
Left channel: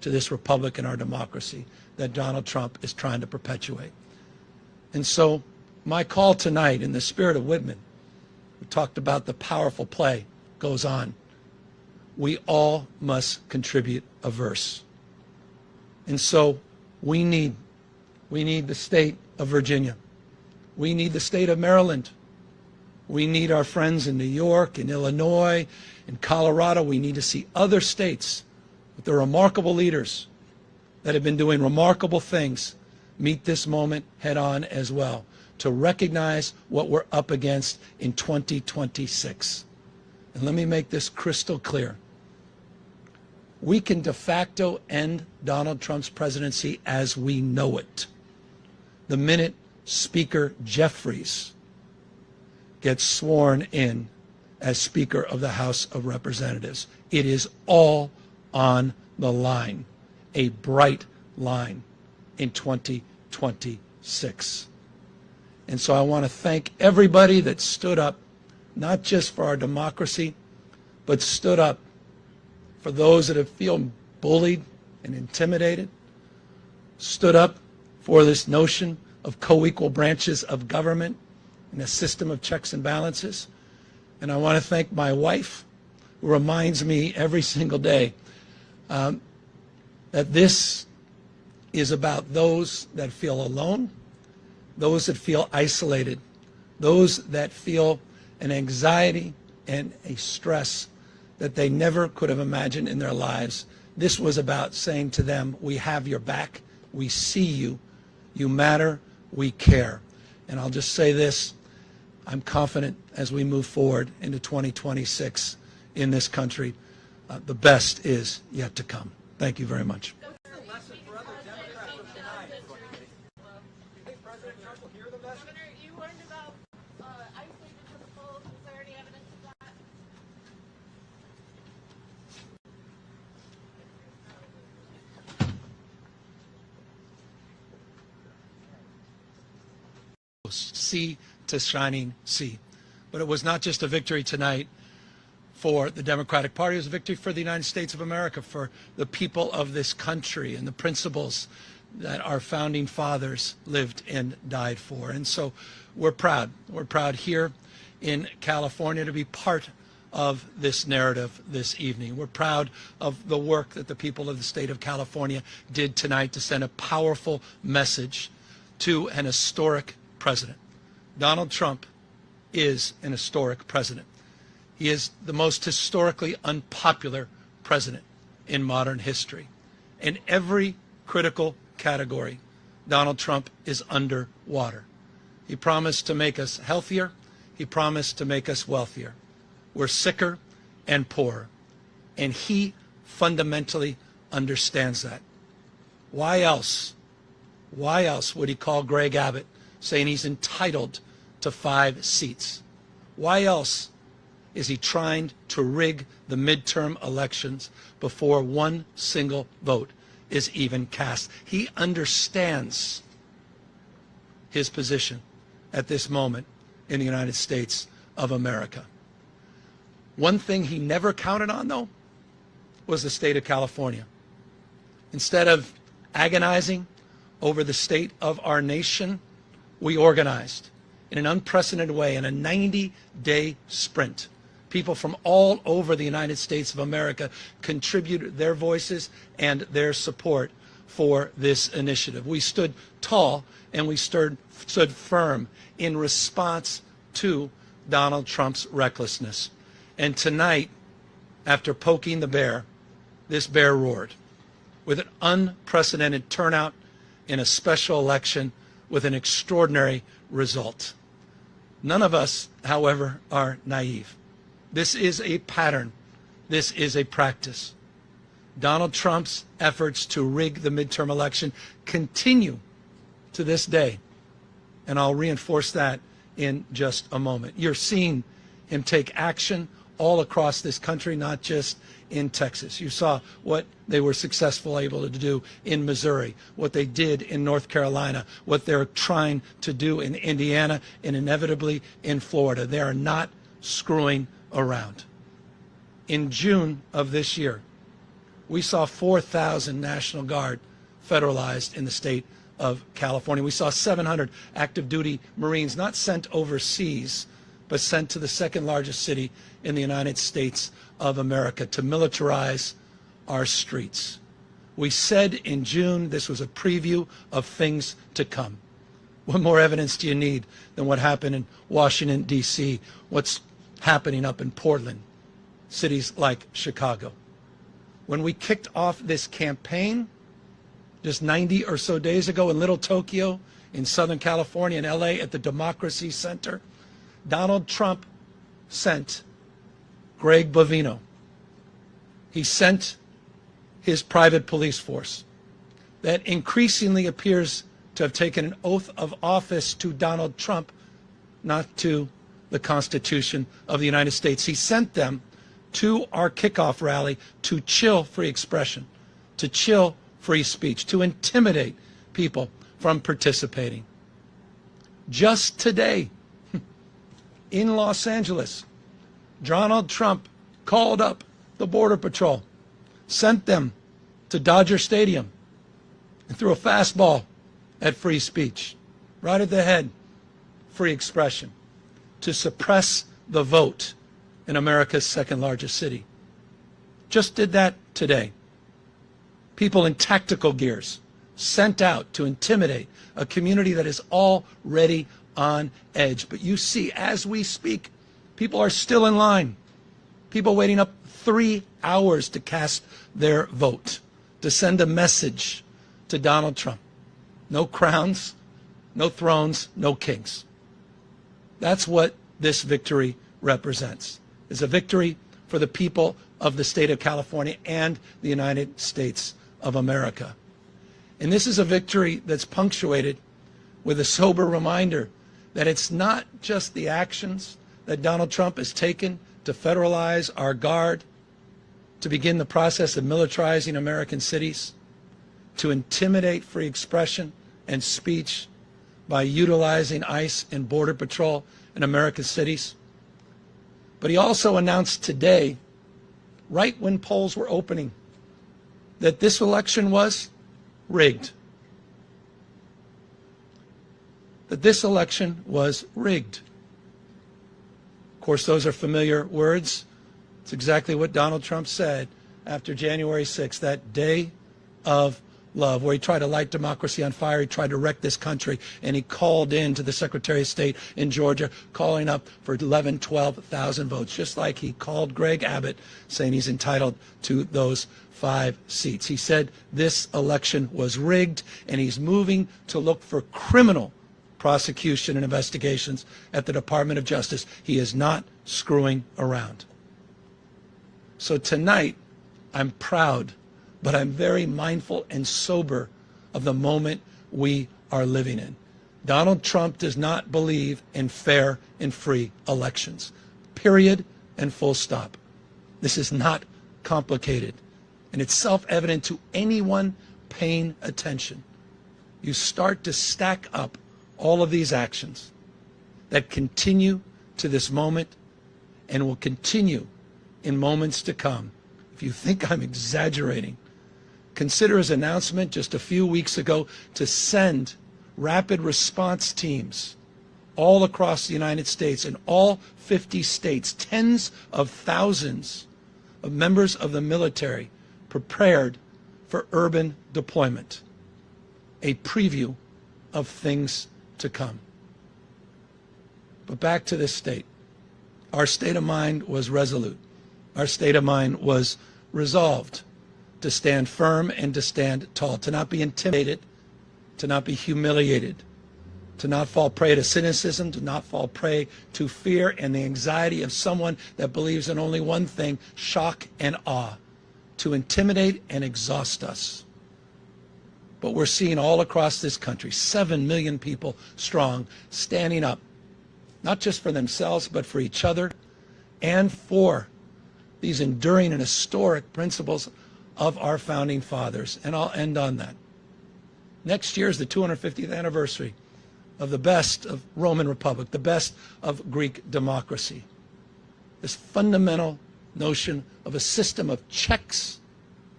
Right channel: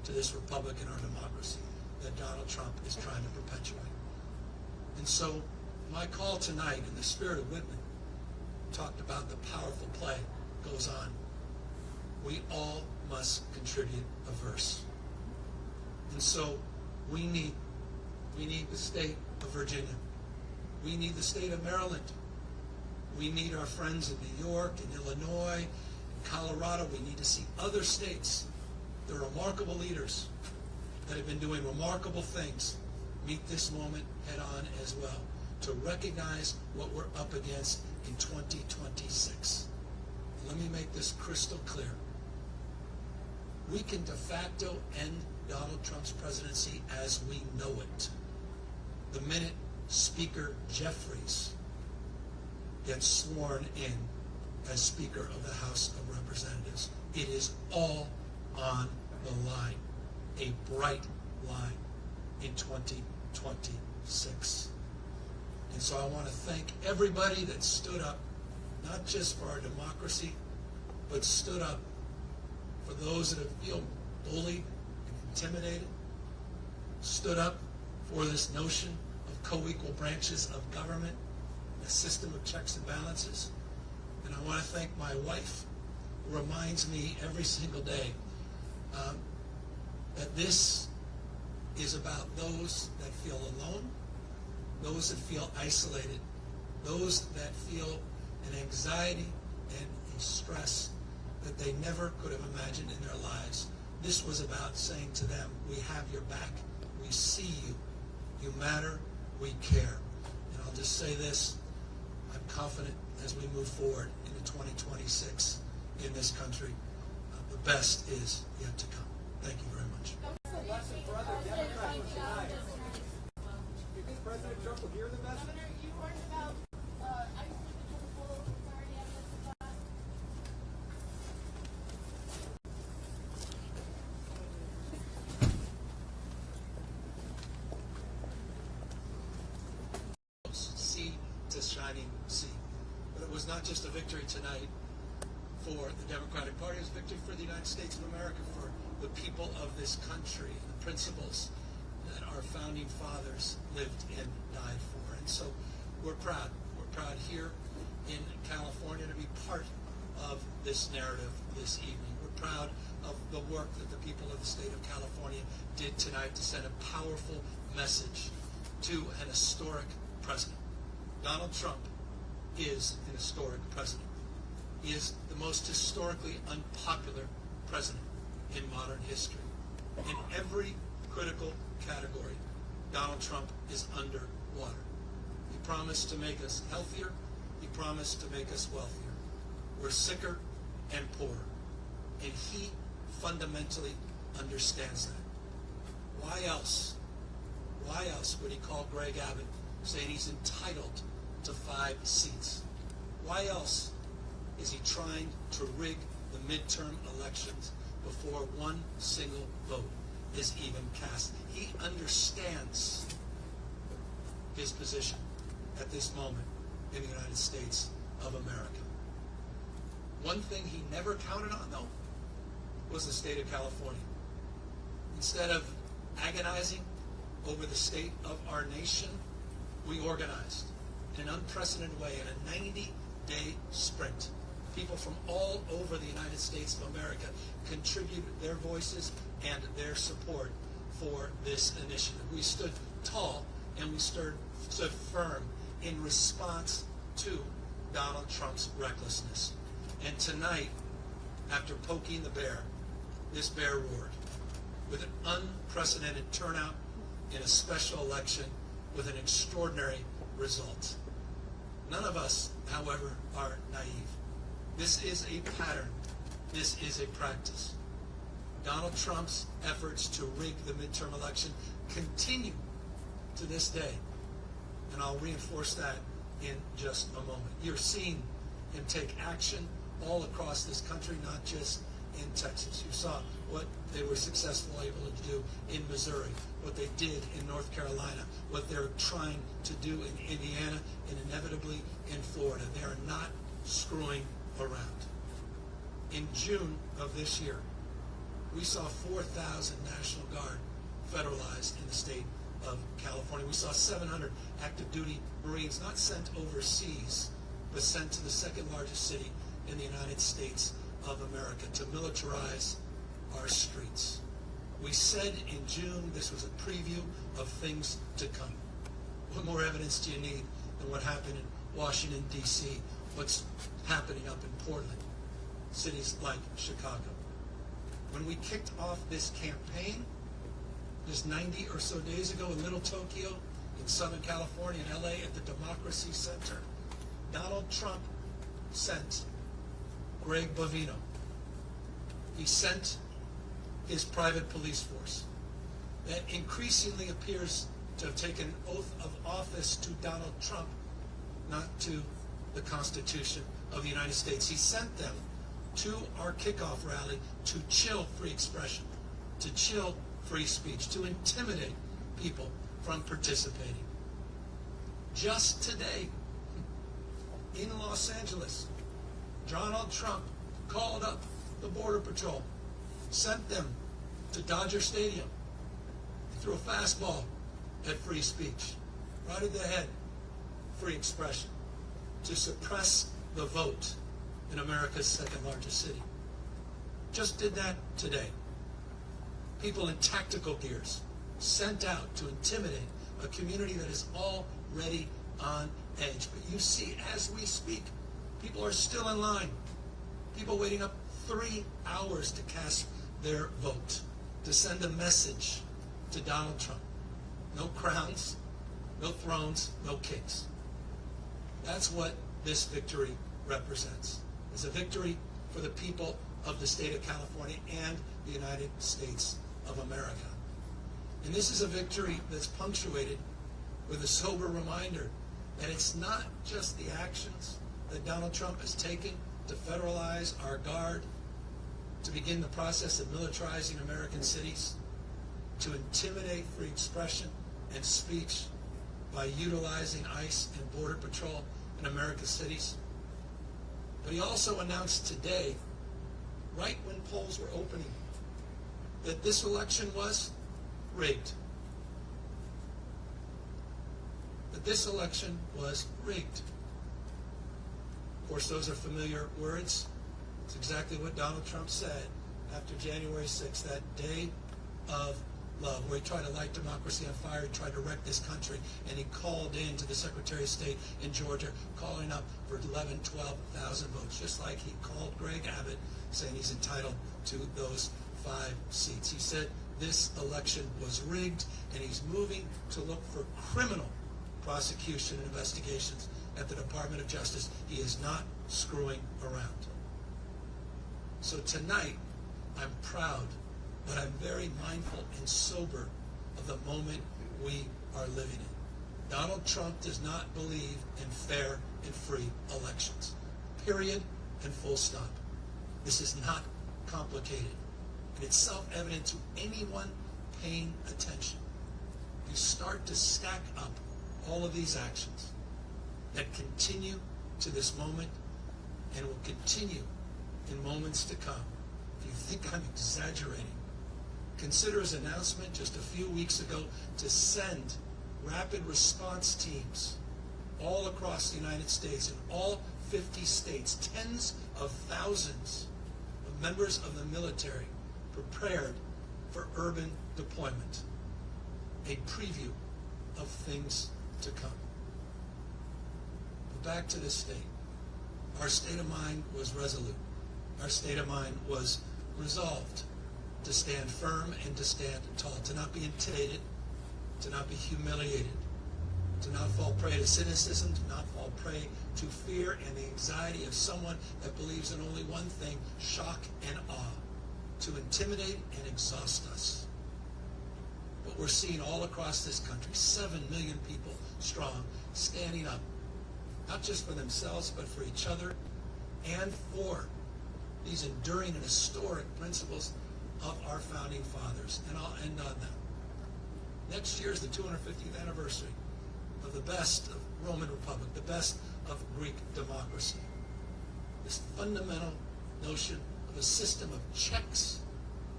to this republic and our democracy that Donald Trump is trying to perpetuate. And so my call tonight, in the spirit of Whitman, we talked about the powerful play, goes on. We all must contribute a verse. And so we need the state of Virginia. We need the state of Maryland. We need our friends in New York, in Illinois, in Colorado. We need to see other states with their remarkable leaders that have been doing remarkable things meet this moment head on as well, to recognize what we're up against in 2026. And let me make this crystal clear. We can de facto end Donald Trump's presidency as we know it the minute Speaker Jeffries gets sworn in as Speaker of the House of Representatives. It is all on the line, a bright line in 2026. And so I want to thank everybody that stood up, not just for our democracy, but stood up for those that have feel bullied and intimidated, stood up for this notion of co-equal branches of government and a system of checks and balances. And I want to thank my wife, who reminds me every single day that this is about those that feel alone, those that feel isolated, those that feel an anxiety and a stress that they never could have imagined in their lives. This was about saying to them, we have your back, we see you, you matter, we care. And I'll just say this, I'm confident as we move forward into 2026 in this country, the best is yet to come. Thank you very much. Governor, you learned about ICE because of full. Is there any evidence of that? Sea to shining sea. But it was not just a victory tonight for the Democratic Party, it was a victory for the United States of America, for the people of this country and the principles that our founding fathers lived and died for. And so we're proud. We're proud here in California to be part of this narrative this evening. We're proud of the work that the people of the state of California did tonight to send a powerful message to an historic president. Donald Trump is an historic president. He is the most historically unpopular president in modern history. In every critical category, Donald Trump is underwater. He promised to make us healthier. He promised to make us wealthier. We're sicker and poorer. And he fundamentally understands that. Why else would he call Greg Abbott saying he's entitled to 5 seats? Why else is he trying to rig the midterm elections before one single vote is even cast? He understands his position at this moment in the United States of America. One thing he never counted on, though, was the state of California. Instead of agonizing over the state of our nation, we organized in an unprecedented way in a 90-day sprint. People from all over the United States of America contributed their voices and their support for this initiative. We stood tall and we stood firm in response to Donald Trump's recklessness. And tonight, after poking the bear, this bear roared with an unprecedented turnout in a special election with an extraordinary result. None of us, however, are naive. This is a pattern. This is a practice. Donald Trump's efforts to rig the midterm election continue to this day. And I'll reinforce that in just a moment. You're seeing him take action all across this country, not just in Texas. You saw what they were successful able to do in Missouri, what they did in North Carolina, what they're trying to do in Indiana, and inevitably in Florida. They are not screwing around. In June of this year, We saw 4,000 National Guard federalized in the state of California. We saw 700 active duty Marines not sent overseas, but sent to the second largest city in the United States of America to militarize our streets. We said in June this was a preview of things to come. What more evidence do you need than what happened in Washington, D.C., what's happening up in Portland, cities like Chicago? When we kicked off this campaign just 90 or so days ago in Little Tokyo, in Southern California, in LA, at the Democracy Center, Donald Trump sent Greg Bovino. He sent his private police force that increasingly appears to have taken an oath of office to Donald Trump, not to the Constitution of the United States. He sent them to our kickoff rally to chill free expression, to chill free speech, to intimidate people from participating. Just today, in Los Angeles, Donald Trump called up the Border Patrol, sent them to Dodger Stadium, and threw a fastball at free speech, right at the head, free expression, to suppress the vote in America's second largest city. Just did that today. People in tactical gears sent out to intimidate a community that is already on edge. But you see, as we speak, people are still in line. People waiting up 3 hours to cast their vote, to send a message to Donald Trump. No crowns, no thrones, no kings. That's what this victory represents. It's a victory for the people of the state of California and the United States of America. And this is a victory that's punctuated with a sober reminder that it's not just the actions that Donald Trump has taken to federalize our guard, to begin the process of militarizing American cities, to intimidate free expression and speech by utilizing ICE and Border Patrol in American cities. But he also announced today, right when polls were opening, that this election was rigged. That this election was rigged. Of course, those are familiar words. It's exactly what Donald Trump said after January 6th, that day of love, where he tried to light democracy on fire. He tried to wreck this country, and he called in to the Secretary of State in Georgia, calling up for 11,000, 12,000 votes, just like he called Greg Abbott, saying he's entitled to those 5 seats. He said this election was rigged, and he's moving to look for criminal prosecution and investigations at the Department of Justice. He is not screwing around. So tonight, I'm proud, but I'm very mindful and sober of the moment we are living in. Donald Trump does not believe in fair and free elections. Period and full stop. This is not complicated, and it's self-evident to anyone paying attention. You start to stack up all of these actions that continue to this moment and will continue in moments to come. If you think I'm exaggerating, consider his announcement just a few weeks ago to send rapid response teams all across the United States, in all 50 states, tens of thousands of members of the military prepared for urban deployment. A preview of things to come. But back to this state. Our state of mind was resolute. Our state of mind was resolved to stand firm and to stand tall, to not be intimidated, to not be humiliated, to not fall prey to cynicism, to not fall prey to fear and the anxiety of someone that believes in only one thing, shock and awe, to intimidate and exhaust us. But we're seeing all across this country, 7 million people strong, standing up, not just for themselves, but for each other and for these enduring and historic principles of our founding fathers. And I'll end on that. Next year is the 250th anniversary of the best of Roman Republic, the best of Greek democracy. This fundamental notion of a system of checks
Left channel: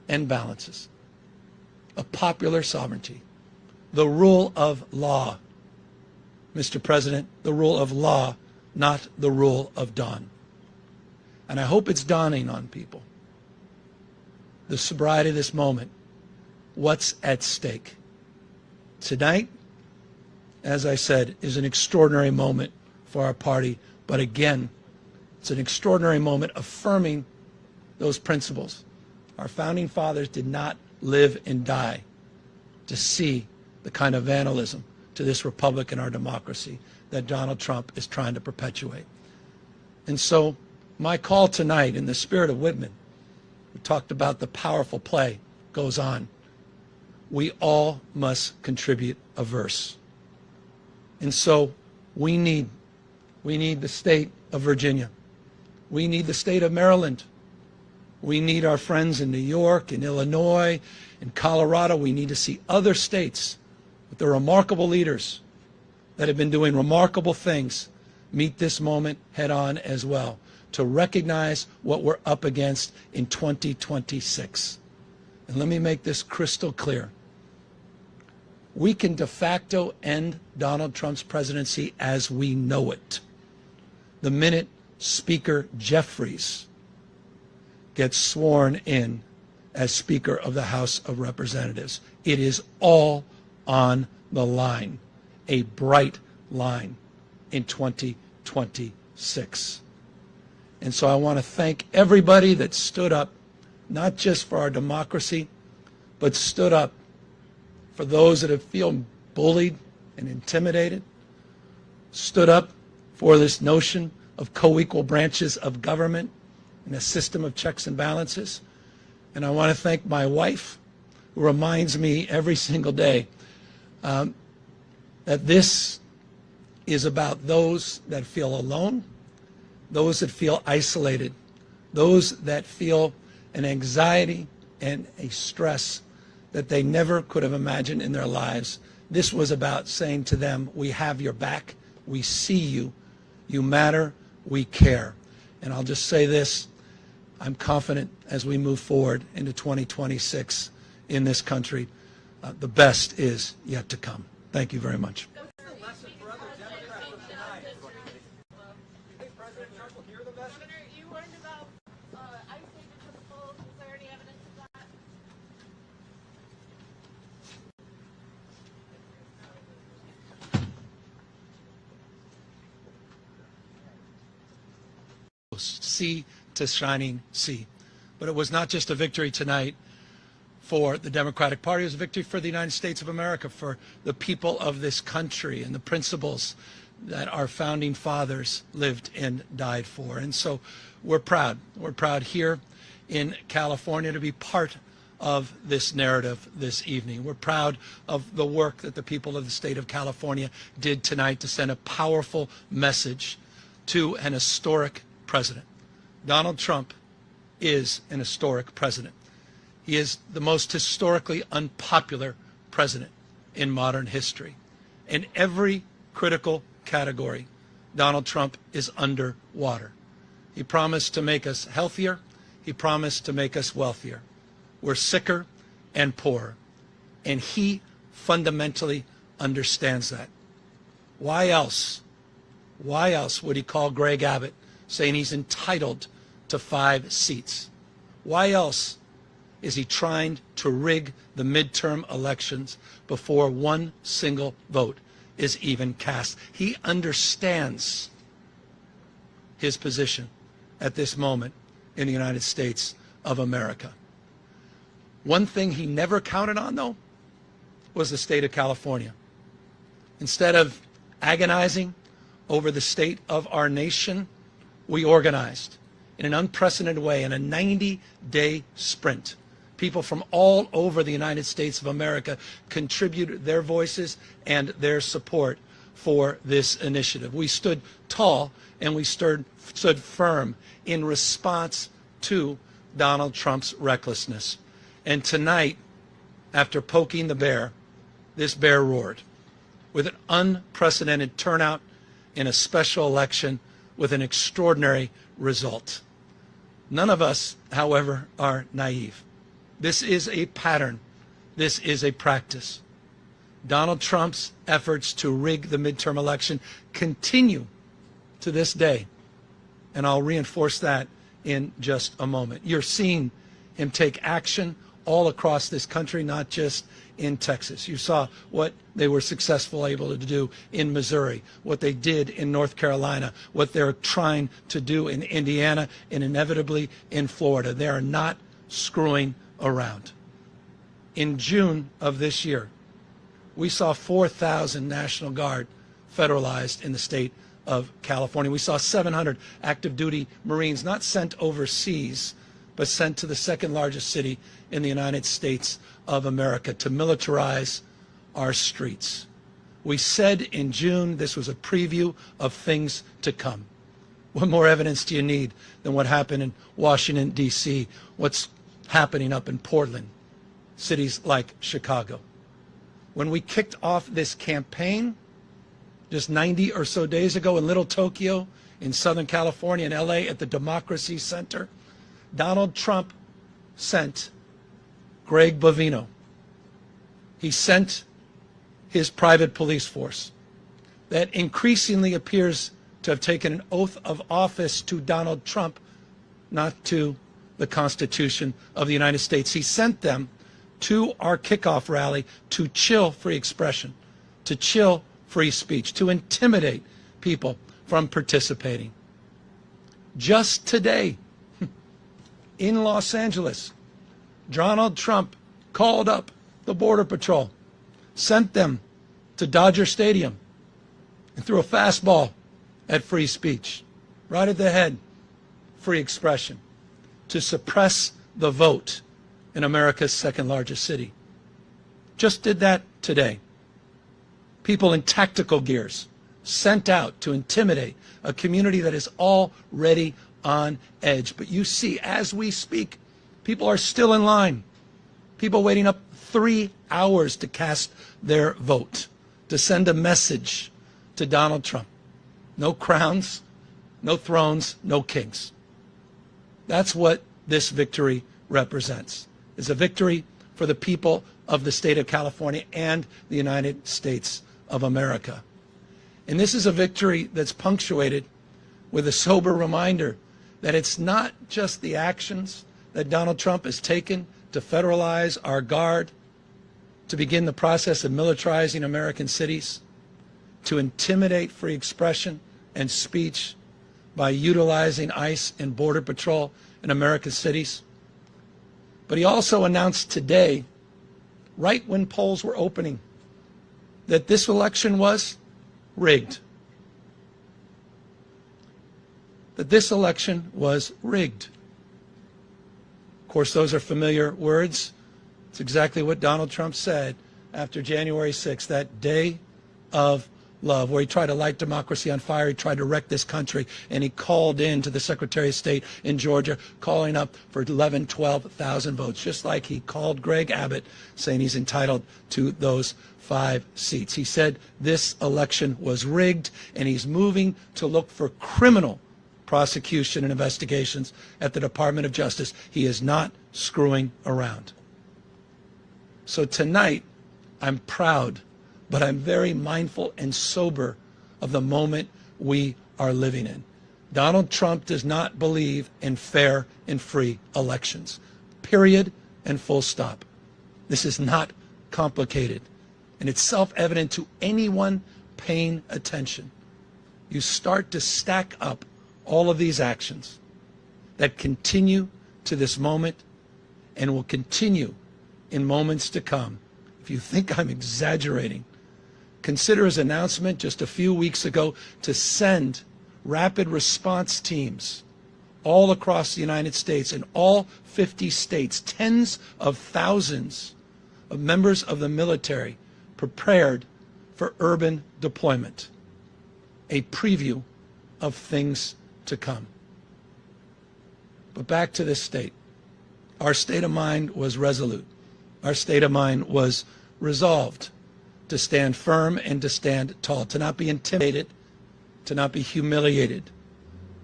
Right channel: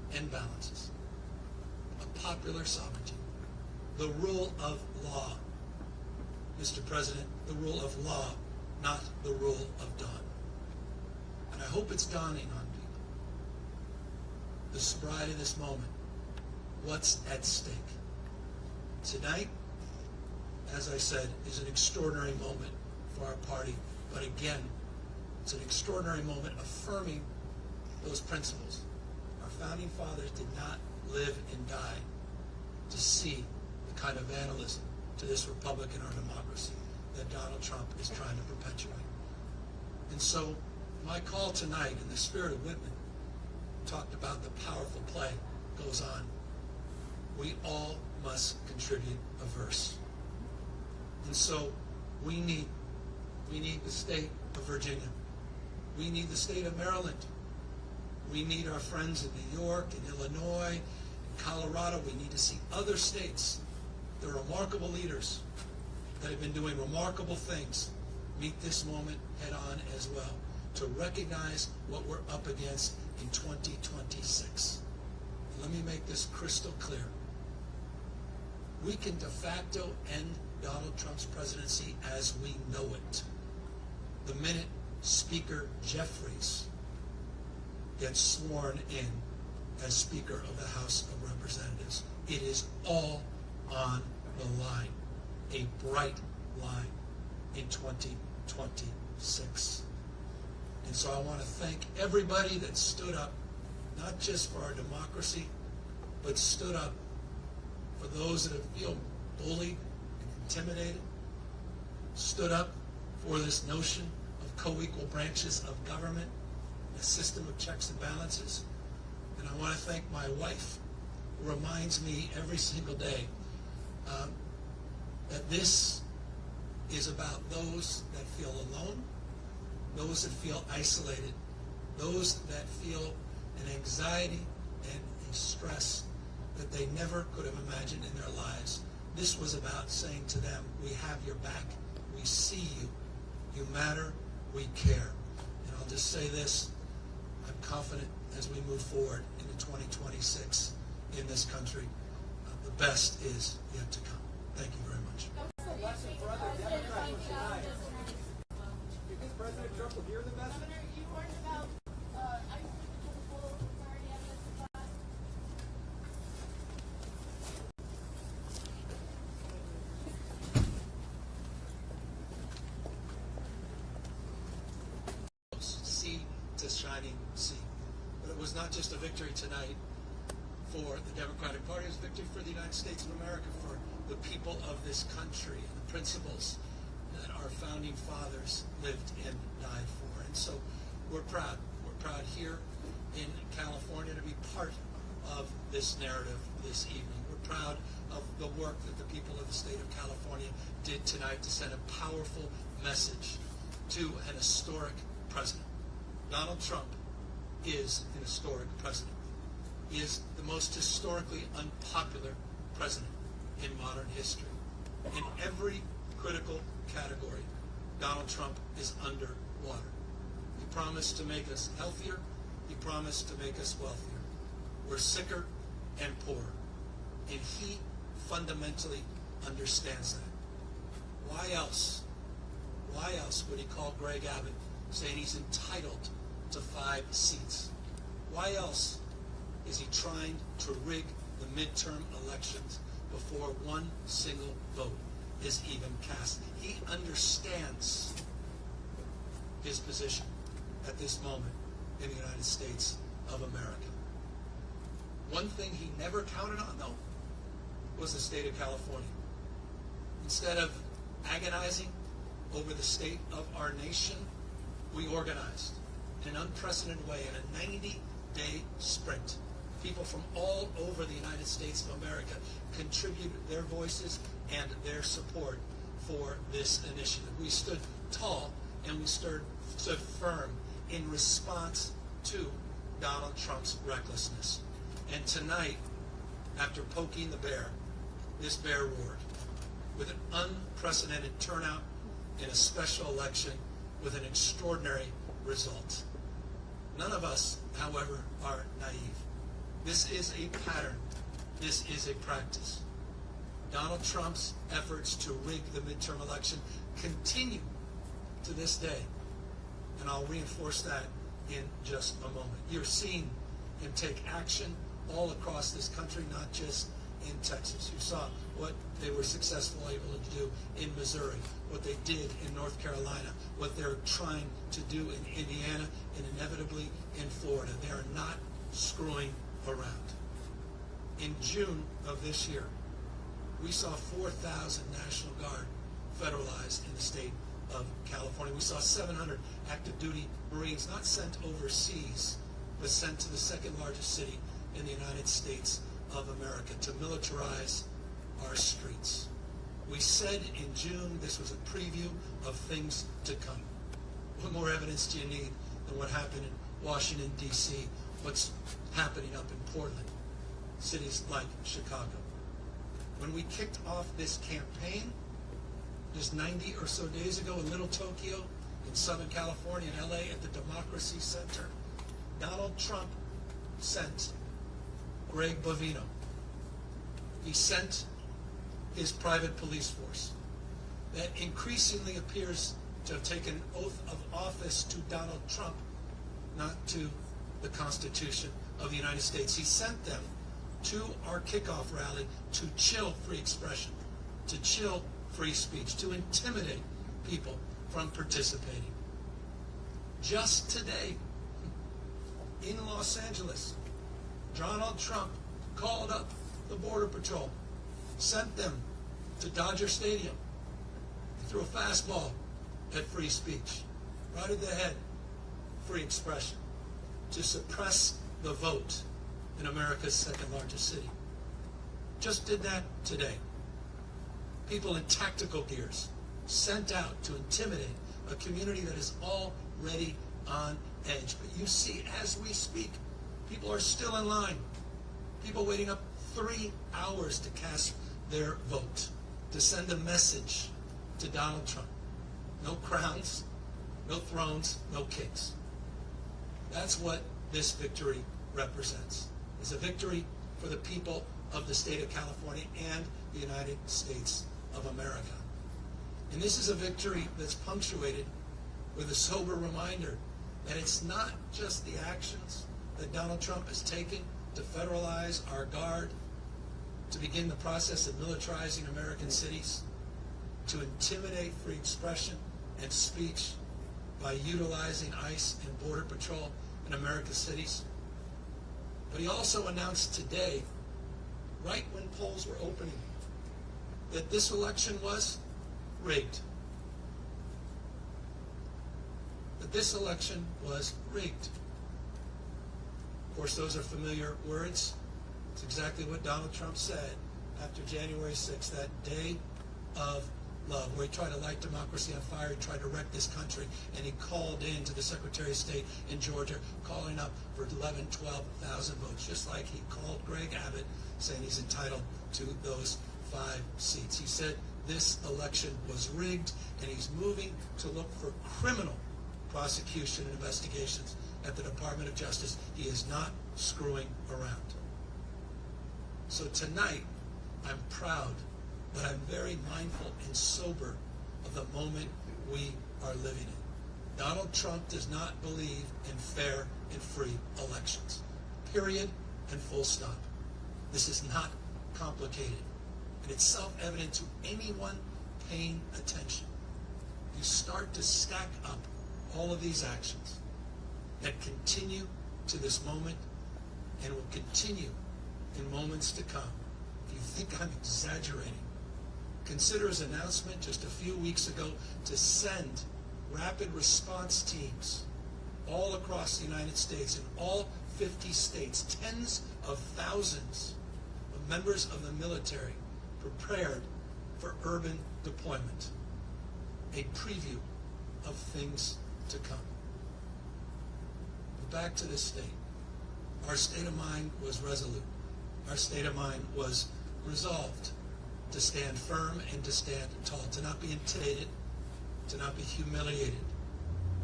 and balances, of popular sovereignty, the rule of law. Mr. President, the rule of law, not the rule of dawn. And I hope it's dawning on people, the sobriety of this moment, what's at stake. Tonight, as I said, is an extraordinary moment for our party, but again, it's an extraordinary moment affirming those principles. Our founding fathers did not live and die to see the kind of vandalism to this republic and our democracy that Donald Trump is trying to perpetuate. And so my call tonight, in the spirit of Whitman, we talked about the powerful play, goes on. We all must contribute a verse. And so we need the state of Virginia. We need the state of Maryland. We need our friends in New York, in Illinois, in Colorado. We need to see other states with their remarkable leaders that have been doing remarkable things meet this moment head on as well, to recognize what we're up against in 2026. And let me make this crystal clear. We can de facto end Donald Trump's presidency as we know it the minute Speaker Jeffries gets sworn in as Speaker of the House of Representatives. It is all on the line, a bright line in 2026. And so I want to thank everybody that stood up, not just for our democracy, but stood up for those that have feel bullied and intimidated, stood up for this notion of co-equal branches of government and a system of checks and balances. And I want to thank my wife, who reminds me every single day that this is about those that feel alone, those that feel isolated, those that feel an anxiety and a stress that they never could have imagined in their lives. This was about saying to them, we have your back, we see you, you matter, we care. And I'll just say this, I'm confident as we move forward into 2026 in this country, the best is yet to come. Thank you very much. Governor, you learned about ICE to the full. Is there any evidence of that? Sea to shining sea. But it was not just a victory tonight for the Democratic Party, it was a victory for the United States of America, for the people of this country and the principles that our founding fathers lived and died for. And so we're proud. We're proud here in California to be part of this narrative this evening. We're proud of the work that the people of the state of California did tonight to send a powerful message to an historic president. Donald Trump is an historic president. He is the most historically unpopular president in modern history. In every critical category, Donald Trump is underwater. He promised to make us healthier. He promised to make us wealthier. We're sicker and poorer. And he fundamentally understands that. Why else would he call Greg Abbott saying he's entitled to 5 seats? Why else is he trying to rig the midterm elections before one single vote is even cast? He understands his position at this moment in the United States of America. One thing he never counted on, though, was the state of California. Instead of agonizing over the state of our nation, we organized in an unprecedented way in a 90-day sprint. People from all over the United States of America contributed their voices and their support for this initiative. We stood tall and we stood firm in response to Donald Trump's recklessness. And tonight, after poking the bear, this bear roared with an unprecedented turnout in a special election with an extraordinary result. None of us, however, are naive. This is a pattern. This is a practice. Donald Trump's efforts to rig the midterm election continue to this day, and I'll reinforce that in just a moment. You're seeing him take action all across this country, not just in Texas. You saw what they were able to do in Missouri, what they did in North Carolina, what they're trying to do in Indiana, and inevitably in Florida. They are not screwing around. In June of this year, we saw 4,000 National Guard federalized in the state of California. We saw 700 active duty Marines not sent overseas, but sent to the second largest city in the United States of America to militarize our streets. We said in June this was a preview of things to come. What more evidence do you need than what happened in Washington, D.C., what's happening up in Portland, cities like Chicago? When we kicked off this campaign just 90 or so days ago in Little Tokyo, in Southern California, in LA, at the Democracy Center, Donald Trump sent Greg Bovino. He sent his private police force that increasingly appears to have taken an oath of office to Donald Trump, not to the Constitution of the United States. He sent them to our kickoff rally to chill free expression, to chill free speech, to intimidate people from participating. Just today, in Los Angeles, Donald Trump called up the Border Patrol, sent them to Dodger Stadium, and threw a fastball at free speech, right at the head, free expression, to suppress the vote in America's second largest city. Just did that today. People in tactical gears sent out to intimidate a community that is already on edge. But you see, as we speak, people are still in line. People waiting up 3 hours to cast their vote, to send a message to Donald Trump. No crowns, no thrones, no kings. That's what this victory represents. It's a victory for the people of the state of California and the United States of America. And this is a victory that's punctuated with a sober reminder that it's not just the actions that Donald Trump has taken to federalize our guard, to begin the process of militarizing American cities, to intimidate free expression and speech by utilizing ICE and Border Patrol in American cities. But he also announced today, right when polls were opening, that this election was rigged. That this election was rigged. Of course, those are familiar words. It's exactly what Donald Trump said after January 6th, that day of love, where he tried to light democracy on fire. He tried to wreck this country, and he called in to the Secretary of State in Georgia, calling up for 11, 12,000 votes, just like he called Greg Abbott, saying he's entitled to those 5 seats. He said this election was rigged, and he's moving to look for criminal prosecution and investigations at the Department of Justice. He is not screwing around. So tonight, I'm proud, but I'm very mindful and sober of the moment we are living in. Donald Trump does not believe in fair and free elections. Period and full stop. This is not complicated, and it's self-evident to anyone paying attention. You start to stack up all of these actions that continue to this moment and will continue in moments to come. If you think I'm exaggerating, consider his announcement just a few weeks ago to send rapid response teams all across the United States, in all 50 states, tens of thousands of members of the military prepared for urban deployment. A preview of things to come. But back to this state. Our state of mind was resolute. Our state of mind was resolved to stand firm and to stand tall, to not be intimidated, to not be humiliated,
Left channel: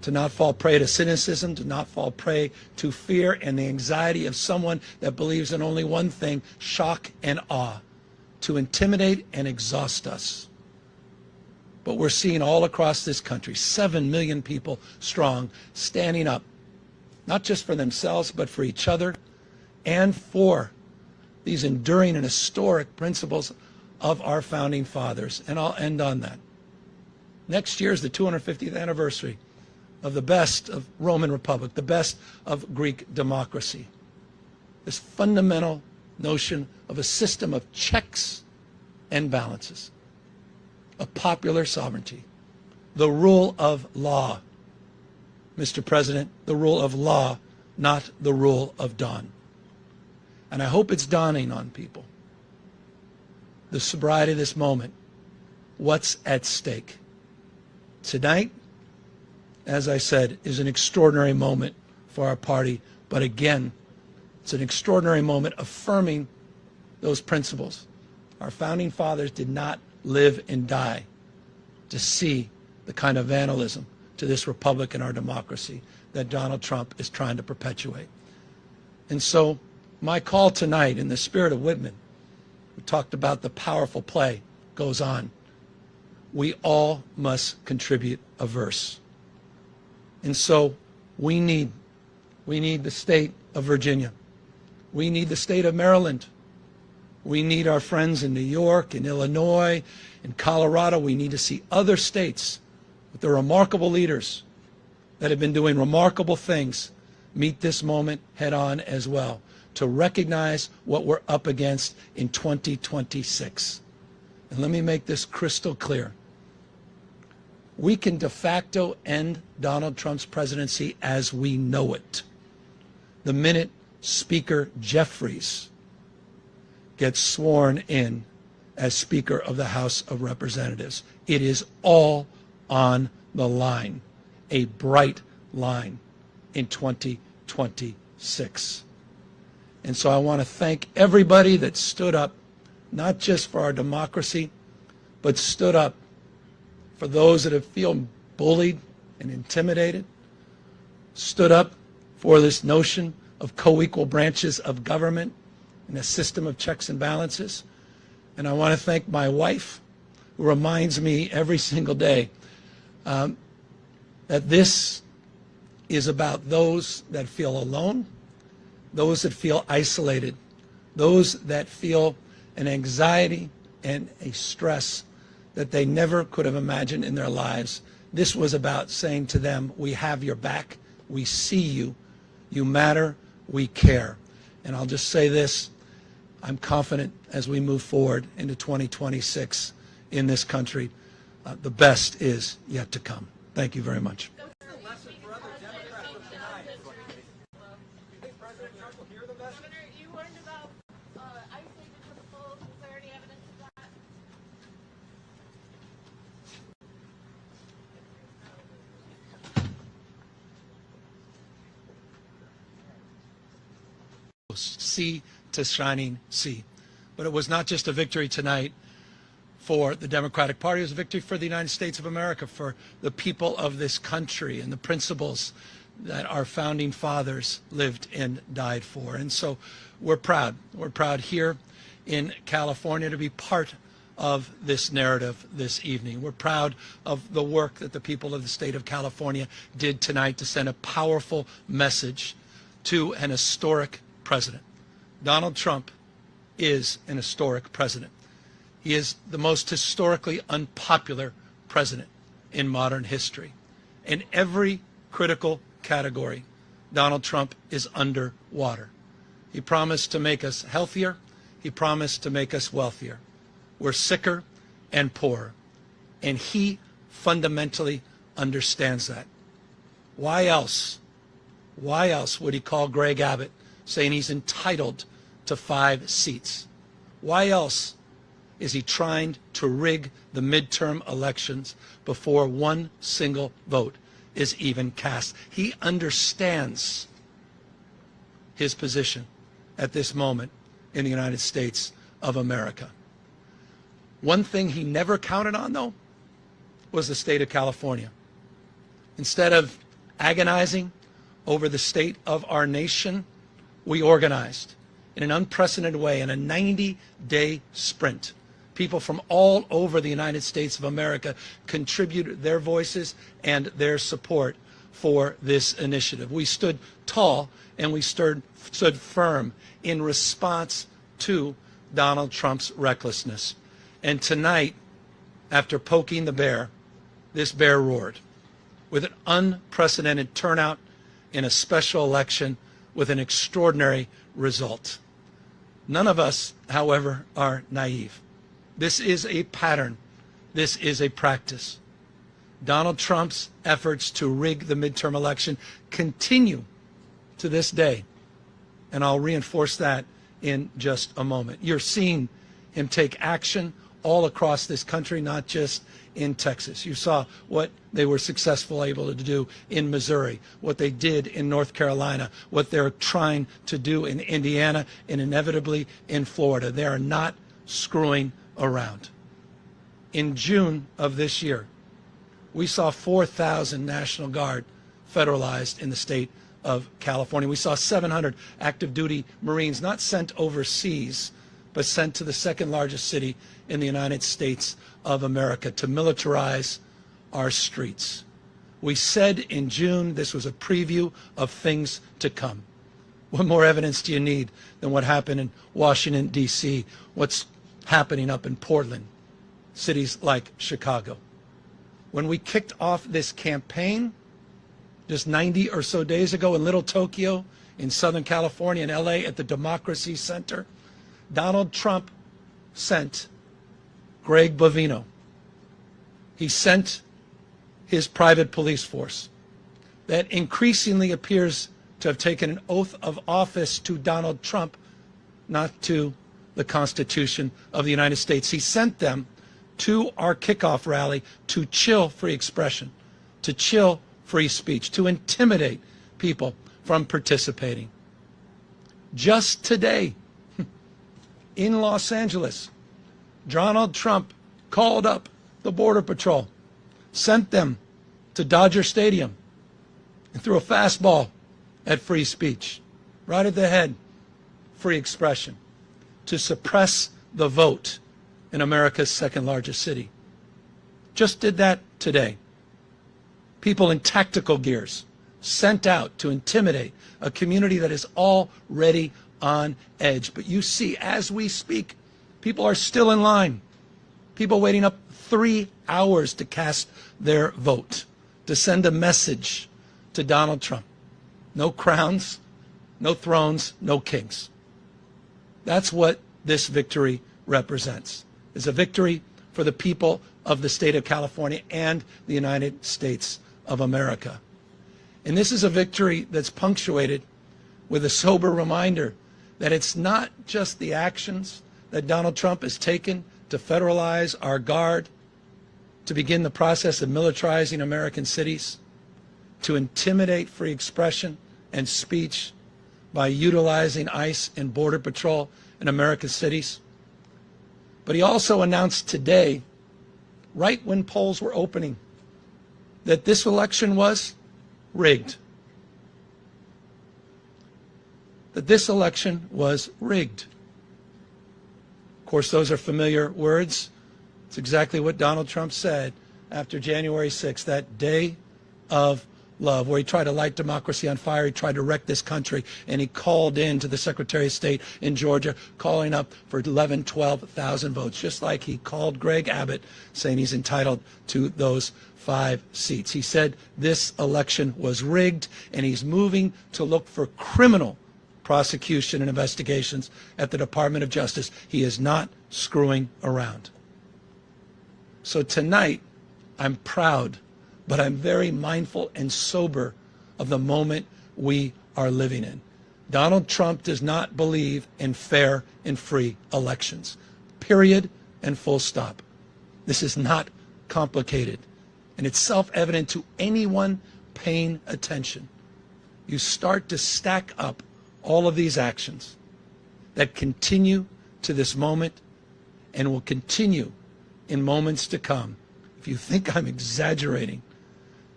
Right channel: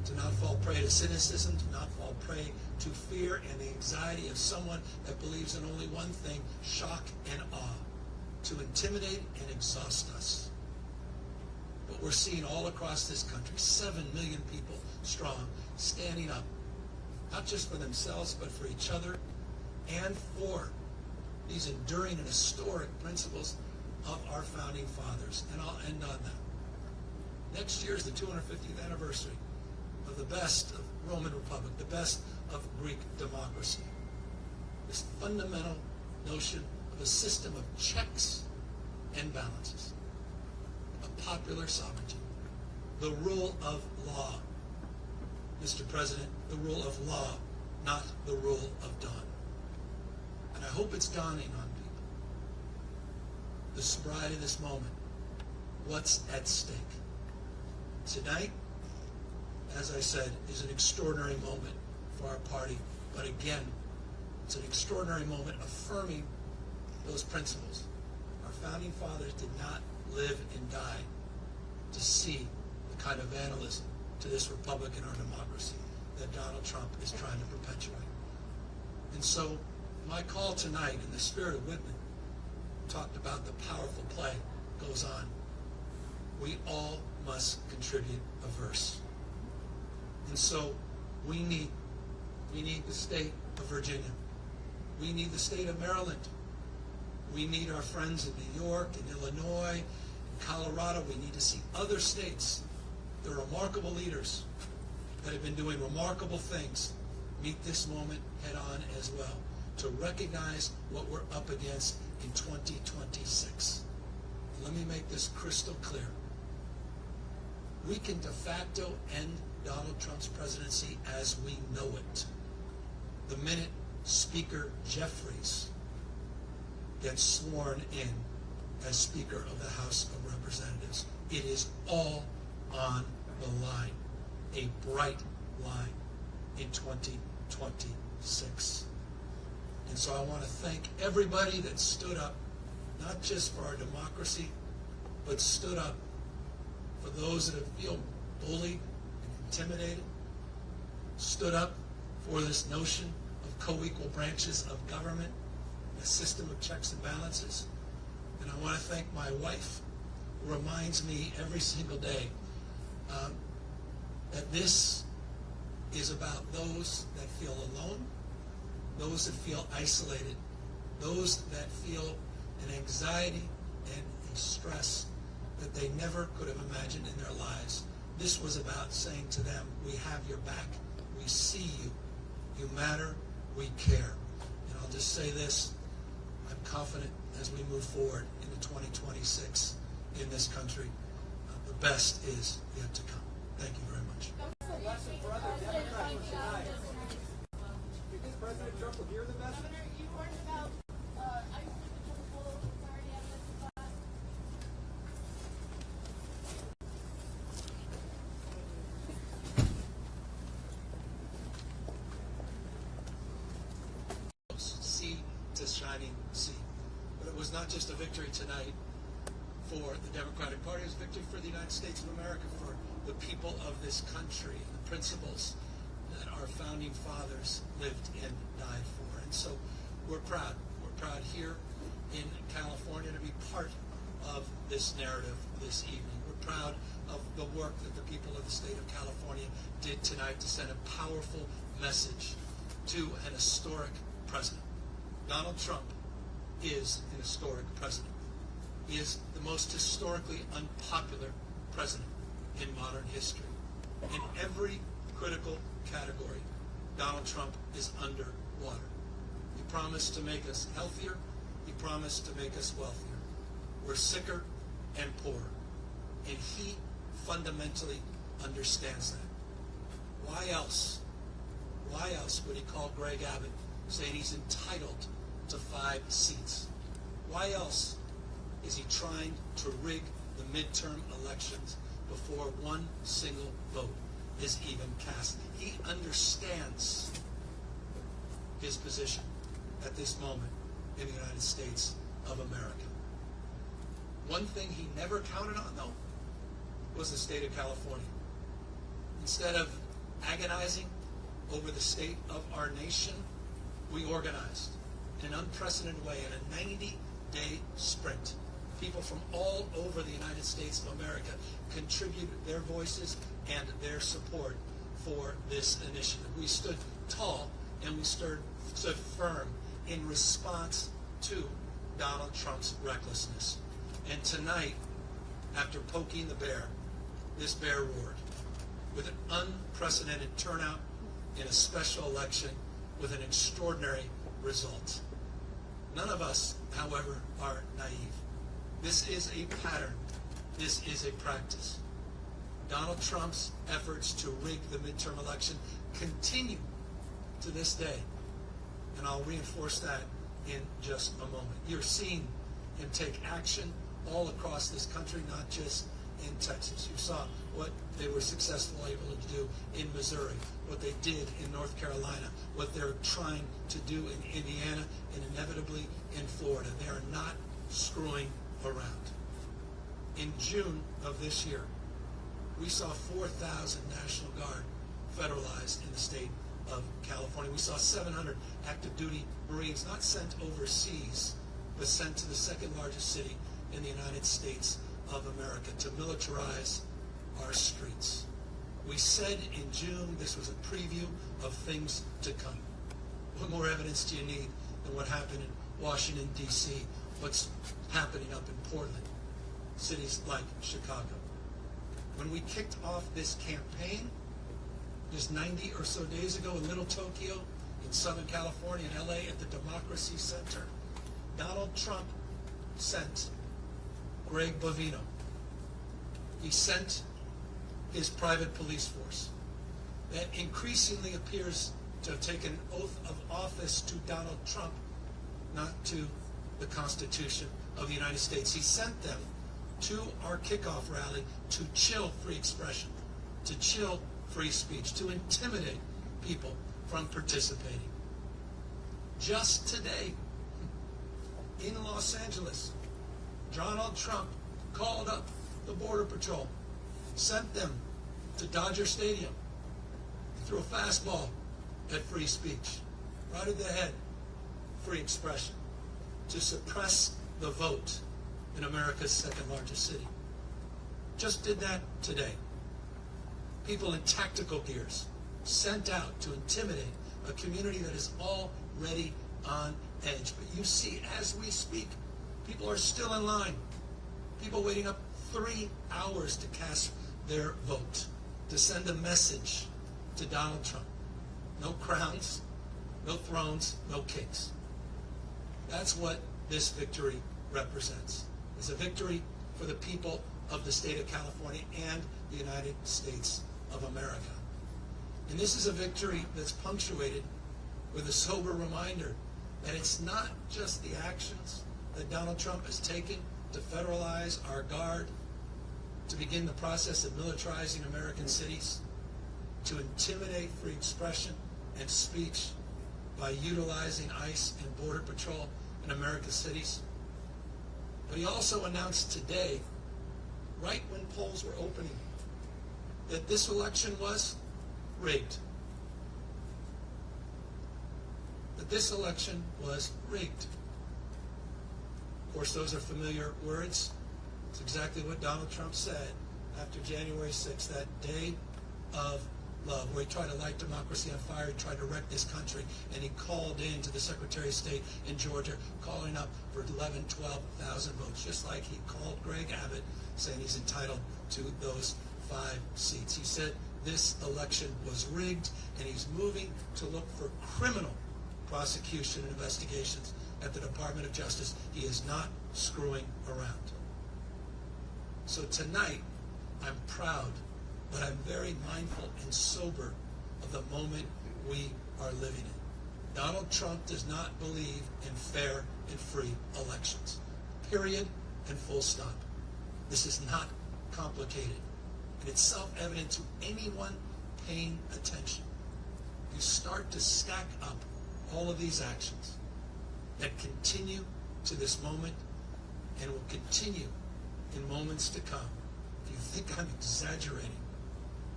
to not fall prey to cynicism, to not fall prey to fear and the anxiety of someone that believes in only one thing, shock and awe, to intimidate and exhaust us. But we're seeing all across this country, 7 million people strong, standing up, not just for themselves, but for each other and for these enduring and historic principles of our founding fathers. And I'll end on that. Next year is the 250th anniversary of the best of Roman Republic, the best of Greek democracy. This fundamental notion of a system of checks and balances, of popular sovereignty, the rule of law. Mr. President, the rule of law, not the rule of dawn. And I hope it's dawning on people, the sobriety of this moment, what's at stake. Tonight, as I said, is an extraordinary moment for our party, but again, it's an extraordinary moment affirming those principles. Our founding fathers did not live and die to see the kind of vandalism to this republic and our democracy that Donald Trump is trying to perpetuate. And so my call tonight, in the spirit of Whitman, we talked about the powerful play goes on. We all must contribute a verse. And so we need the state of Virginia. We need the state of Maryland. We need our friends in New York, in Illinois, in Colorado. We need to see other states with their remarkable leaders that have been doing remarkable things meet this moment head on as well, to recognize what we're up against in 2026. And let me make this crystal clear. We can de facto end Donald Trump's presidency as we know it the minute Speaker Jeffries gets sworn in as Speaker of the House of Representatives. It is all on the line, a bright line in 2026. And so I want to thank everybody that stood up, not just for our democracy, but stood up for those that have feel bullied and intimidated, stood up for this notion of co-equal branches of government and a system of checks and balances. And I want to thank my wife, who reminds me every single day that this is about those that feel alone, those that feel isolated, those that feel an anxiety and a stress that they never could have imagined in their lives. This was about saying to them, we have your back, we see you, you matter, we care. And I'll just say this, I'm confident as we move forward into 2026 in this country, the best is yet to come. Thank you very much. Governor, you learned about ICE because of full clarity evidence of that. Sea to shining sea. But it was not just a victory tonight for the Democratic Party, it was a victory for the United States of America, for the people of this country and the principles that our founding fathers lived and died for. And so we're proud. We're proud here in California to be part of this narrative this evening. We're proud of the work that the people of the state of California did tonight to send a powerful message to an historic president. Donald Trump is an historic president. He is the most historically unpopular president in modern history. In every critical category, Donald Trump is underwater. He promised to make us healthier. He promised to make us wealthier. We're sicker and poorer. And he fundamentally understands that. Why else would he call Greg Abbott saying he's entitled to 5 seats? Why else is he trying to rig the midterm elections before one single vote is even cast? He understands his position at this moment in the United States of America. One thing he never counted on, though, was the state of California. Instead of agonizing over the state of our nation, we organized in an unprecedented way in a 90-day sprint. People from all over the United States of America contributed their voices and their support for this initiative. We stood tall and we stood firm in response to Donald Trump's recklessness. And tonight, after poking the bear, this bear roared with an unprecedented turnout in a special election with an extraordinary result. None of us, however, are naive. This is a pattern. This is a practice. Donald Trump's efforts to rig the midterm election continue to this day, and I'll reinforce that in just a moment. You're seeing him take action all across this country, not just in Texas. You saw what they were successful able to do in Missouri, what they did in North Carolina, what they're trying to do in Indiana, and inevitably in Florida. They are not screwing around. In June of this year, we saw 4,000 National Guard federalized in the state of California. We saw 700 active duty Marines not sent overseas, but sent to the second largest city in the United States of America to militarize our streets. We said in June this was a preview of things to come. What more evidence do you need than what happened in Washington, D.C., what's happening up in Portland, cities like Chicago? When we kicked off this campaign just 90 or so days ago in Little Tokyo, in Southern California, in LA, at the Democracy Center, Donald Trump sent Greg Bovino. He sent his private police force that increasingly appears to have taken an oath of office to Donald Trump, not to the Constitution of the United States. He sent them to our kickoff rally to chill free expression, to chill free speech, to intimidate people from participating. Just today, in Los Angeles, Donald Trump called up the Border Patrol, sent them to Dodger Stadium, and threw a fastball at free speech, right at the head, free expression, to suppress the vote in America's second largest city. Just did that today. People in tactical gears sent out to intimidate a community that is already on edge. But you see, as we speak, people are still in line. People waiting up 3 hours to cast their vote, to send a message to Donald Trump. No crowns, no thrones, no kings. That's what this victory represents. It's a victory for the people of the state of California and the United States of America. And this is a victory that's punctuated with a sober reminder that it's not just the actions that Donald Trump has taken to federalize our guard, to begin the process of militarizing American cities, to intimidate free expression and speech by utilizing ICE and Border Patrol in American cities. But he also announced today, right when polls were opening, that this election was rigged. That this election was rigged. Of course, those are familiar words. It's exactly what Donald Trump said after January 6th, that day of love, where he tried to light democracy on fire. He tried to wreck this country, and he called in to the Secretary of State in Georgia, calling up for 11,000, 12,000 votes, just like he called Greg Abbott, saying he's entitled to those 5 seats. He said this election was rigged, and he's moving to look for criminal prosecution and investigations at the Department of Justice. He is not screwing around. So tonight, I'm proud, but I'm very mindful and sober of the moment we are living in. Donald Trump does not believe in fair and free elections. Period and full stop. This is not complicated, and it's self-evident to anyone paying attention. You start to stack up all of these actions that continue to this moment and will continue in moments to come. If you think I'm exaggerating,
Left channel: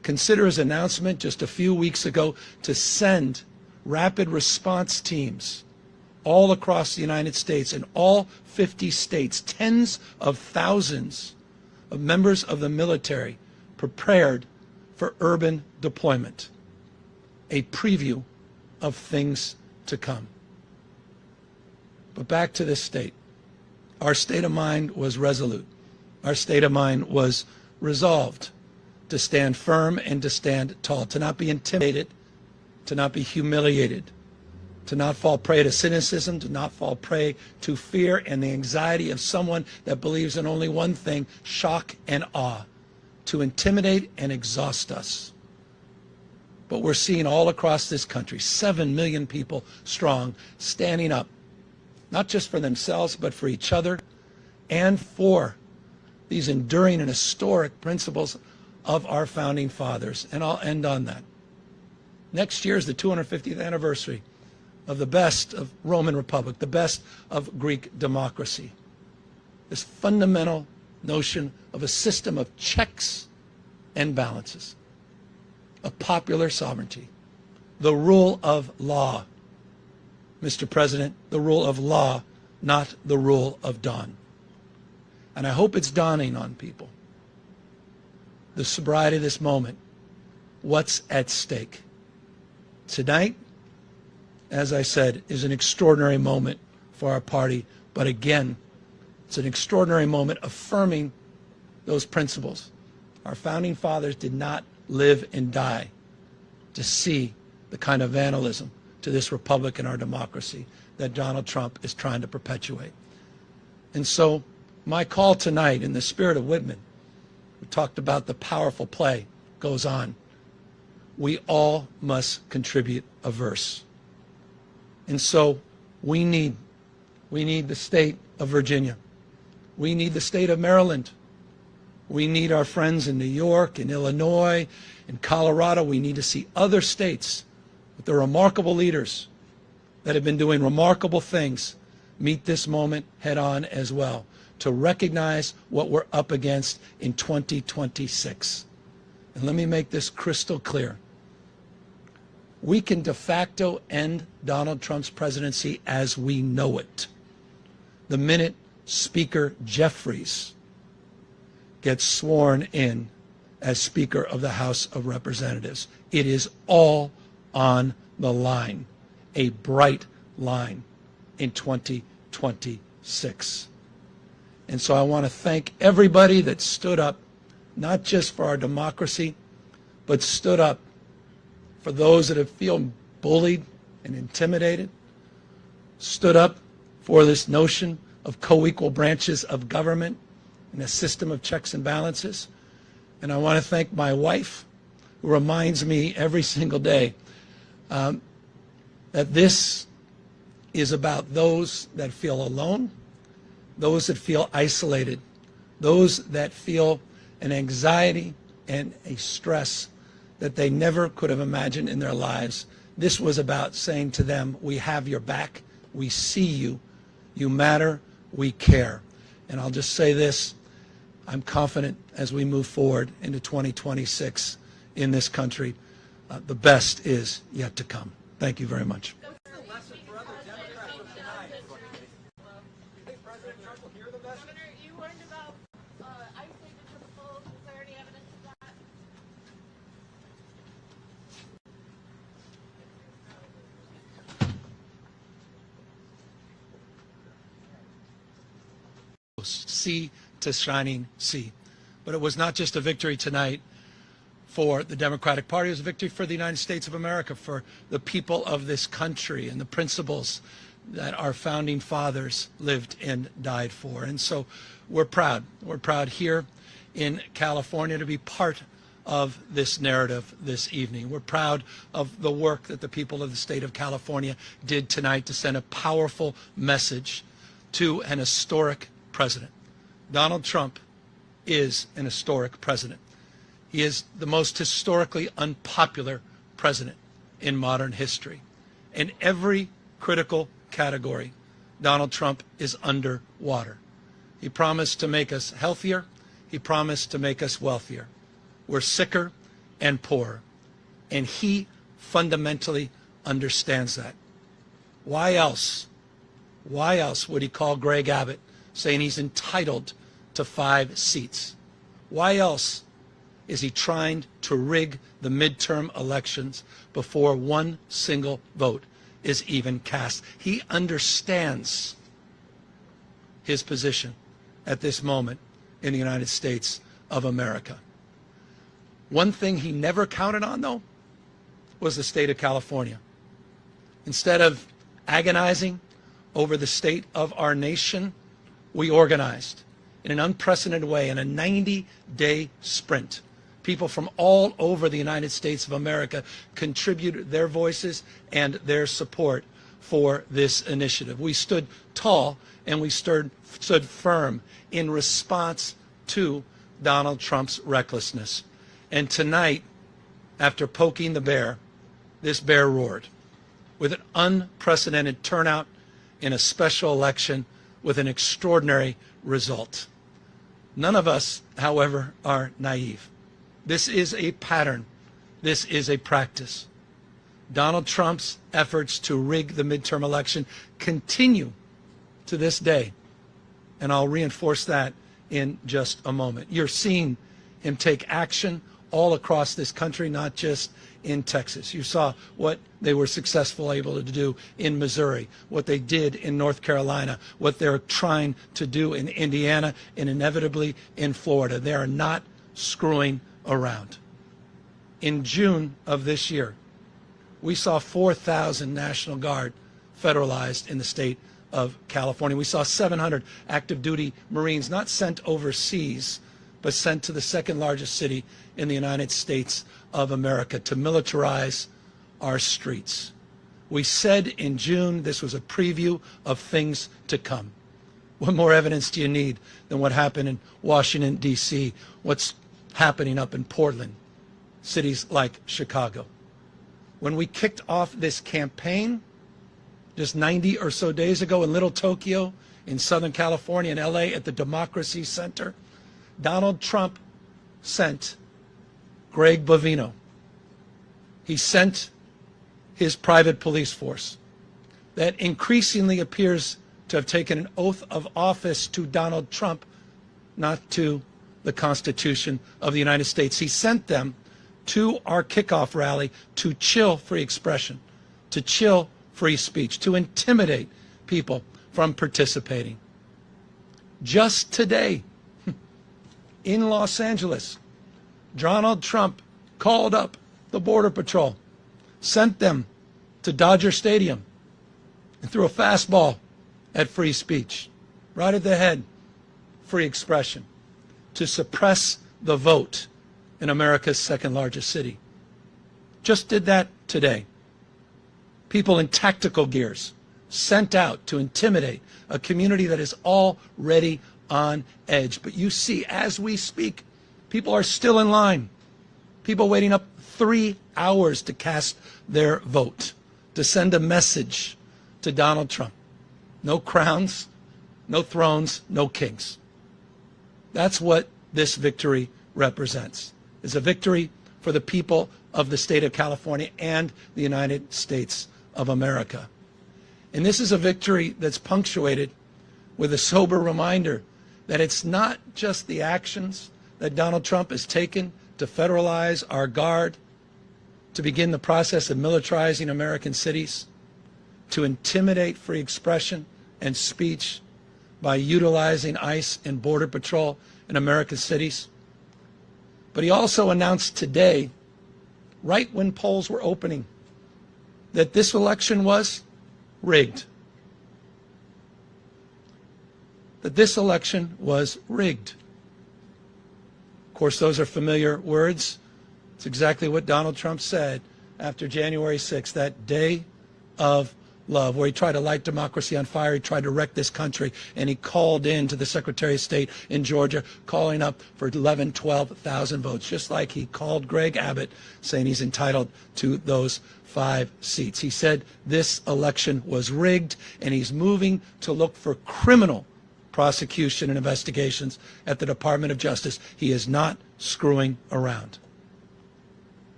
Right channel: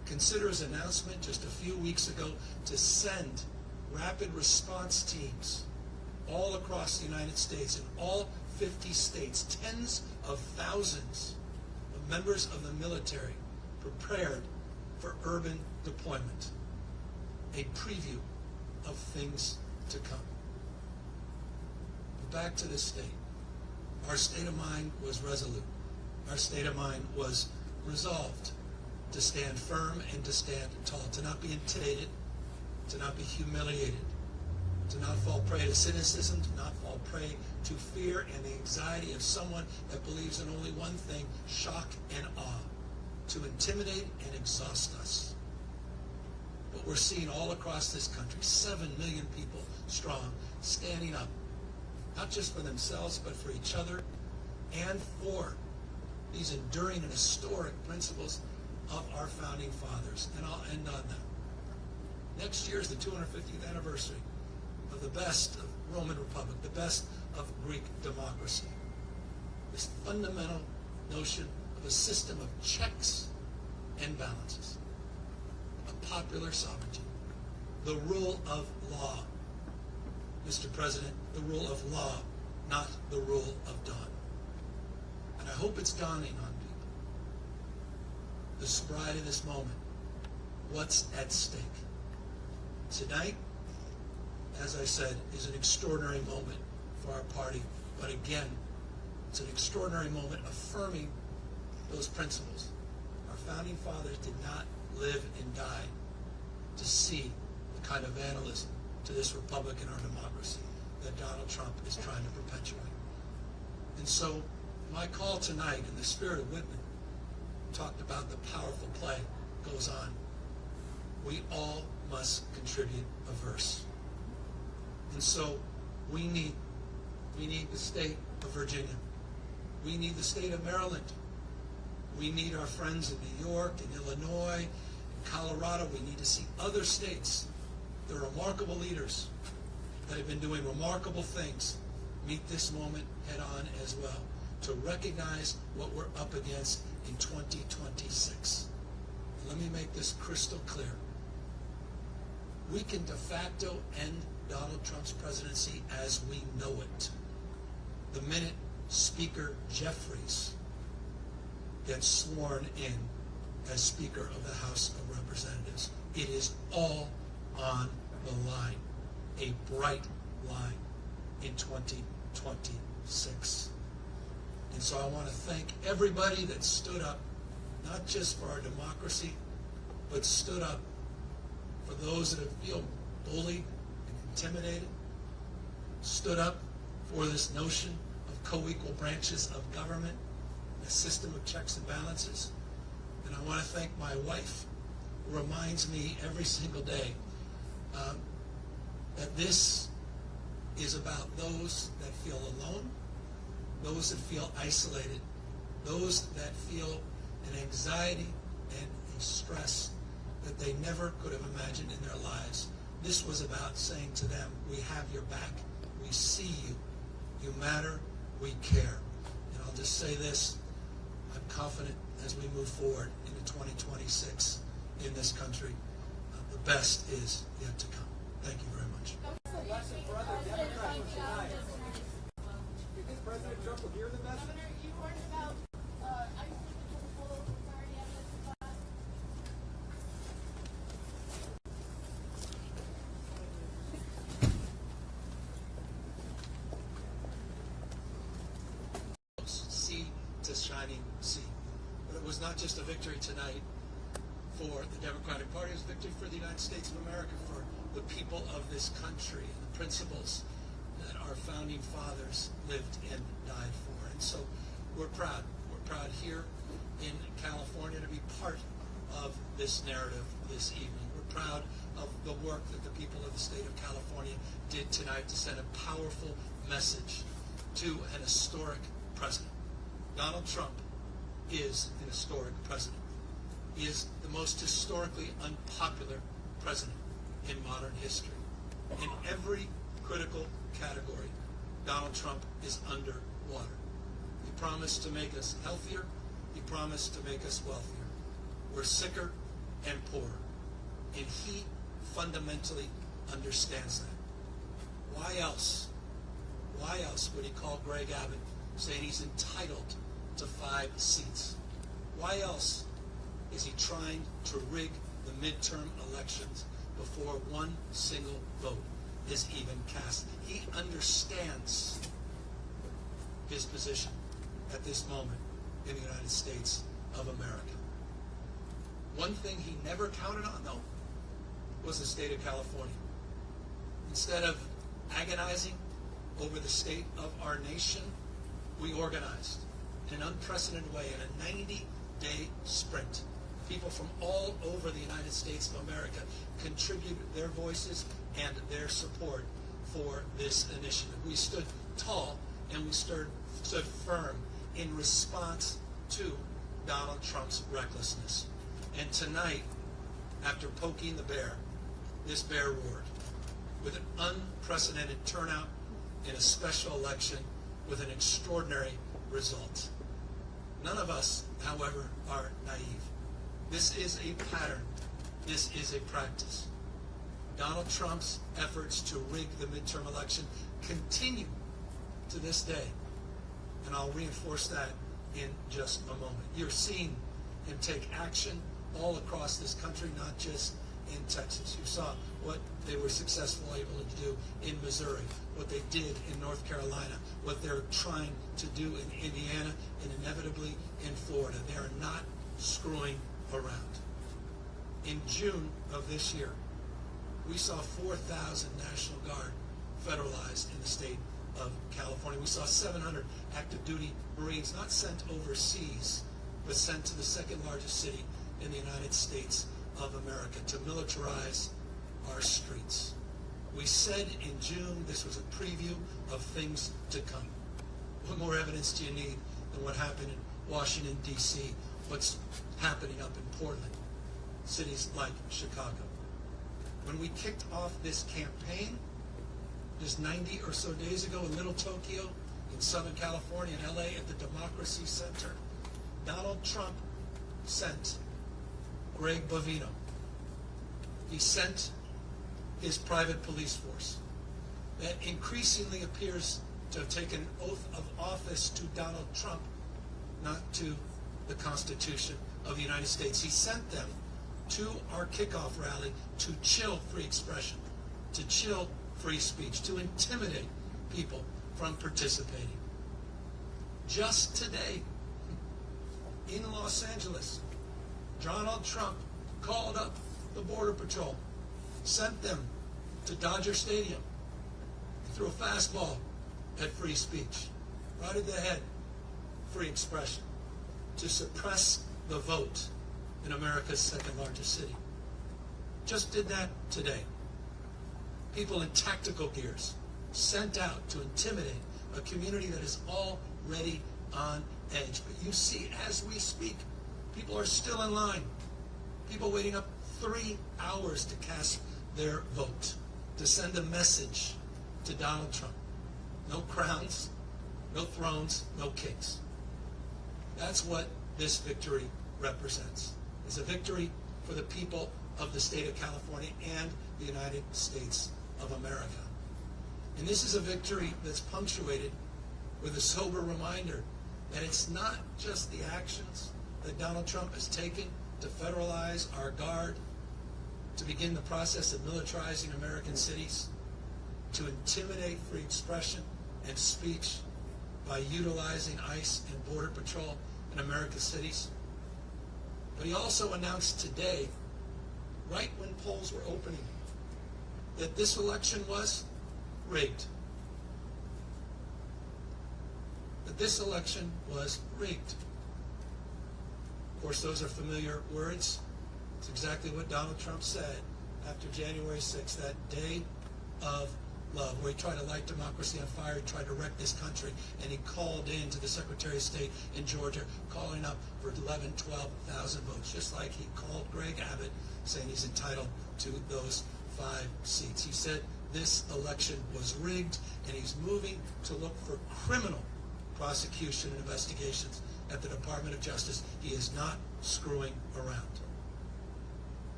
Consider his announcement just a few weeks ago to send rapid response teams all across the United States, in all 50 states, tens of thousands of members of the military prepared for urban deployment. A preview of things to come. But back to this state. Our state of mind was resolute. Our state of mind was resolved to stand firm and to stand tall, to not be intimidated, to not be humiliated, to not fall prey to cynicism, to not fall prey to fear and the anxiety of someone that believes in only one thing, shock and awe, to intimidate and exhaust us. But we're seeing all across this country, 7 million people strong, standing up, not just for themselves, but for each other and for these enduring and historic principles of our founding fathers. And I'll end on that. Next year is the 250th anniversary of the best of Roman Republic, the best of Greek democracy. This fundamental notion of a system of checks and balances, of popular sovereignty, the rule of law. Mr. President, the rule of law, not the rule of dawn. And I hope it's dawning on people. The sobriety of this moment, what's at stake. Tonight, as I said, is an extraordinary moment for our party, but again, it's an extraordinary moment affirming those principles. Our founding fathers did not live and die to see the kind of vandalism to this republic and our democracy that Donald Trump is trying to perpetuate. And so my call tonight, in the spirit of Whitman, we talked about the powerful play, goes on. We all must contribute a verse. And so we need the state of Virginia. We need the state of Maryland. We need our friends in New York, in Illinois, in Colorado. We need to see other states with their remarkable leaders that have been doing remarkable things meet this moment head on as well, to recognize what we're up against in 2026. And let me make this crystal clear. We can de facto end Donald Trump's presidency as we know it the minute Speaker Jeffries gets sworn in as Speaker of the House of Representatives. It is all on the line, a bright line in 2026. And so I want to thank everybody that stood up, not just for our democracy, but stood up for those that have feel bullied and intimidated, stood up for this notion of co-equal branches of government and a system of checks and balances. And I want to thank my wife, who reminds me every single day that this is about those that feel alone, those that feel isolated, those that feel an anxiety and a stress that they never could have imagined in their lives. This was about saying to them, we have your back, we see you, you matter, we care. And I'll just say this, I'm confident as we move forward into 2026 in this country, the best is yet to come. Thank you very much. Governor, you learned about ICE because of full. Is there any evidence of that? Sea to shining sea. But it was not just a victory tonight for the Democratic Party, it was a victory for the United States of America, for the people of this country and the principles that our founding fathers lived and died for. And so we're proud. We're proud here in California to be part of this narrative this evening. We're proud of the work that the people of the state of California did tonight to send a powerful message to an historic president. Donald Trump is an historic president. He is the most historically unpopular president in modern history. In every critical category, Donald Trump is underwater. He promised to make us healthier. He promised to make us wealthier. We're sicker and poorer. And he fundamentally understands that. Why else would he call Greg Abbott saying he's entitled to 5 seats? Why else is he trying to rig the midterm elections before one single vote is even cast? He understands his position at this moment in the United States of America. One thing he never counted on, though, was the state of California. Instead of agonizing over the state of our nation, we organized in an unprecedented way in a 90-day sprint. People from all over the United States of America contributed their voices and their support for this initiative. We stood tall and we stood firm in response to Donald Trump's recklessness. And tonight, after poking the bear, this bear roared with an unprecedented turnout in a special election with an extraordinary result. None of us, however, are naive. This is a pattern. This is a practice. Donald Trump's efforts to rig the midterm election continue to this day. And I'll reinforce that in just a moment. You're seeing him take action all across this country, not just in Texas. You saw what they were successful able to do in Missouri, what they did in North Carolina, what they're trying to do in Indiana, and inevitably in Florida. They are not screwing around. In June of this year, we saw 4,000 National Guard federalized in the state of California. We saw 700 active duty Marines not sent overseas, but sent to the second largest city in the United States of America to militarize our streets. We said in June this was a preview of things to come. What more evidence do you need than what happened in Washington, D.C., what's happening up in Portland, cities like Chicago? When we kicked off this campaign just 90 or so days ago in Little Tokyo, in Southern California, in LA, at the Democracy Center, Donald Trump sent Greg Bovino. He sent his private police force that increasingly appears to have taken an oath of office to Donald Trump, not to the Constitution of the United States. He sent them to our kickoff rally to chill free expression, to chill free speech, to intimidate people from participating. Just today, in Los Angeles, Donald Trump called up the Border Patrol, sent them to Dodger Stadium, and threw a fastball at free speech, right at the head, free expression, to suppress the vote in America's second largest city. Just did that today. People in tactical gears sent out to intimidate a community that is already on edge. But you see, as we speak, people are still in line. People waiting up 3 hours to cast their vote, to send a message to Donald Trump. No crowns, no thrones, no kings. That's what this victory represents. It's a victory for the people of the state of California and the United States of America. And this is a victory that's punctuated with a sober reminder that it's not just the actions that Donald Trump has taken to federalize our guard, to begin the process of militarizing American cities, to intimidate free expression and speech by utilizing ICE and Border Patrol in American cities. But he also announced today, right when polls were opening, that this election was rigged. That this election was rigged. Of course, those are familiar words. It's exactly what Donald Trump said after January 6th, that day of love, where he tried to light democracy on fire, he tried to wreck this country, and he called in to the Secretary of State in Georgia, calling up for 11,000, 12,000 votes, just like he called Greg Abbott, saying he's entitled to those 5 seats. He said this election was rigged, and he's moving to look for criminal prosecution and investigations at the Department of Justice. He is not screwing around.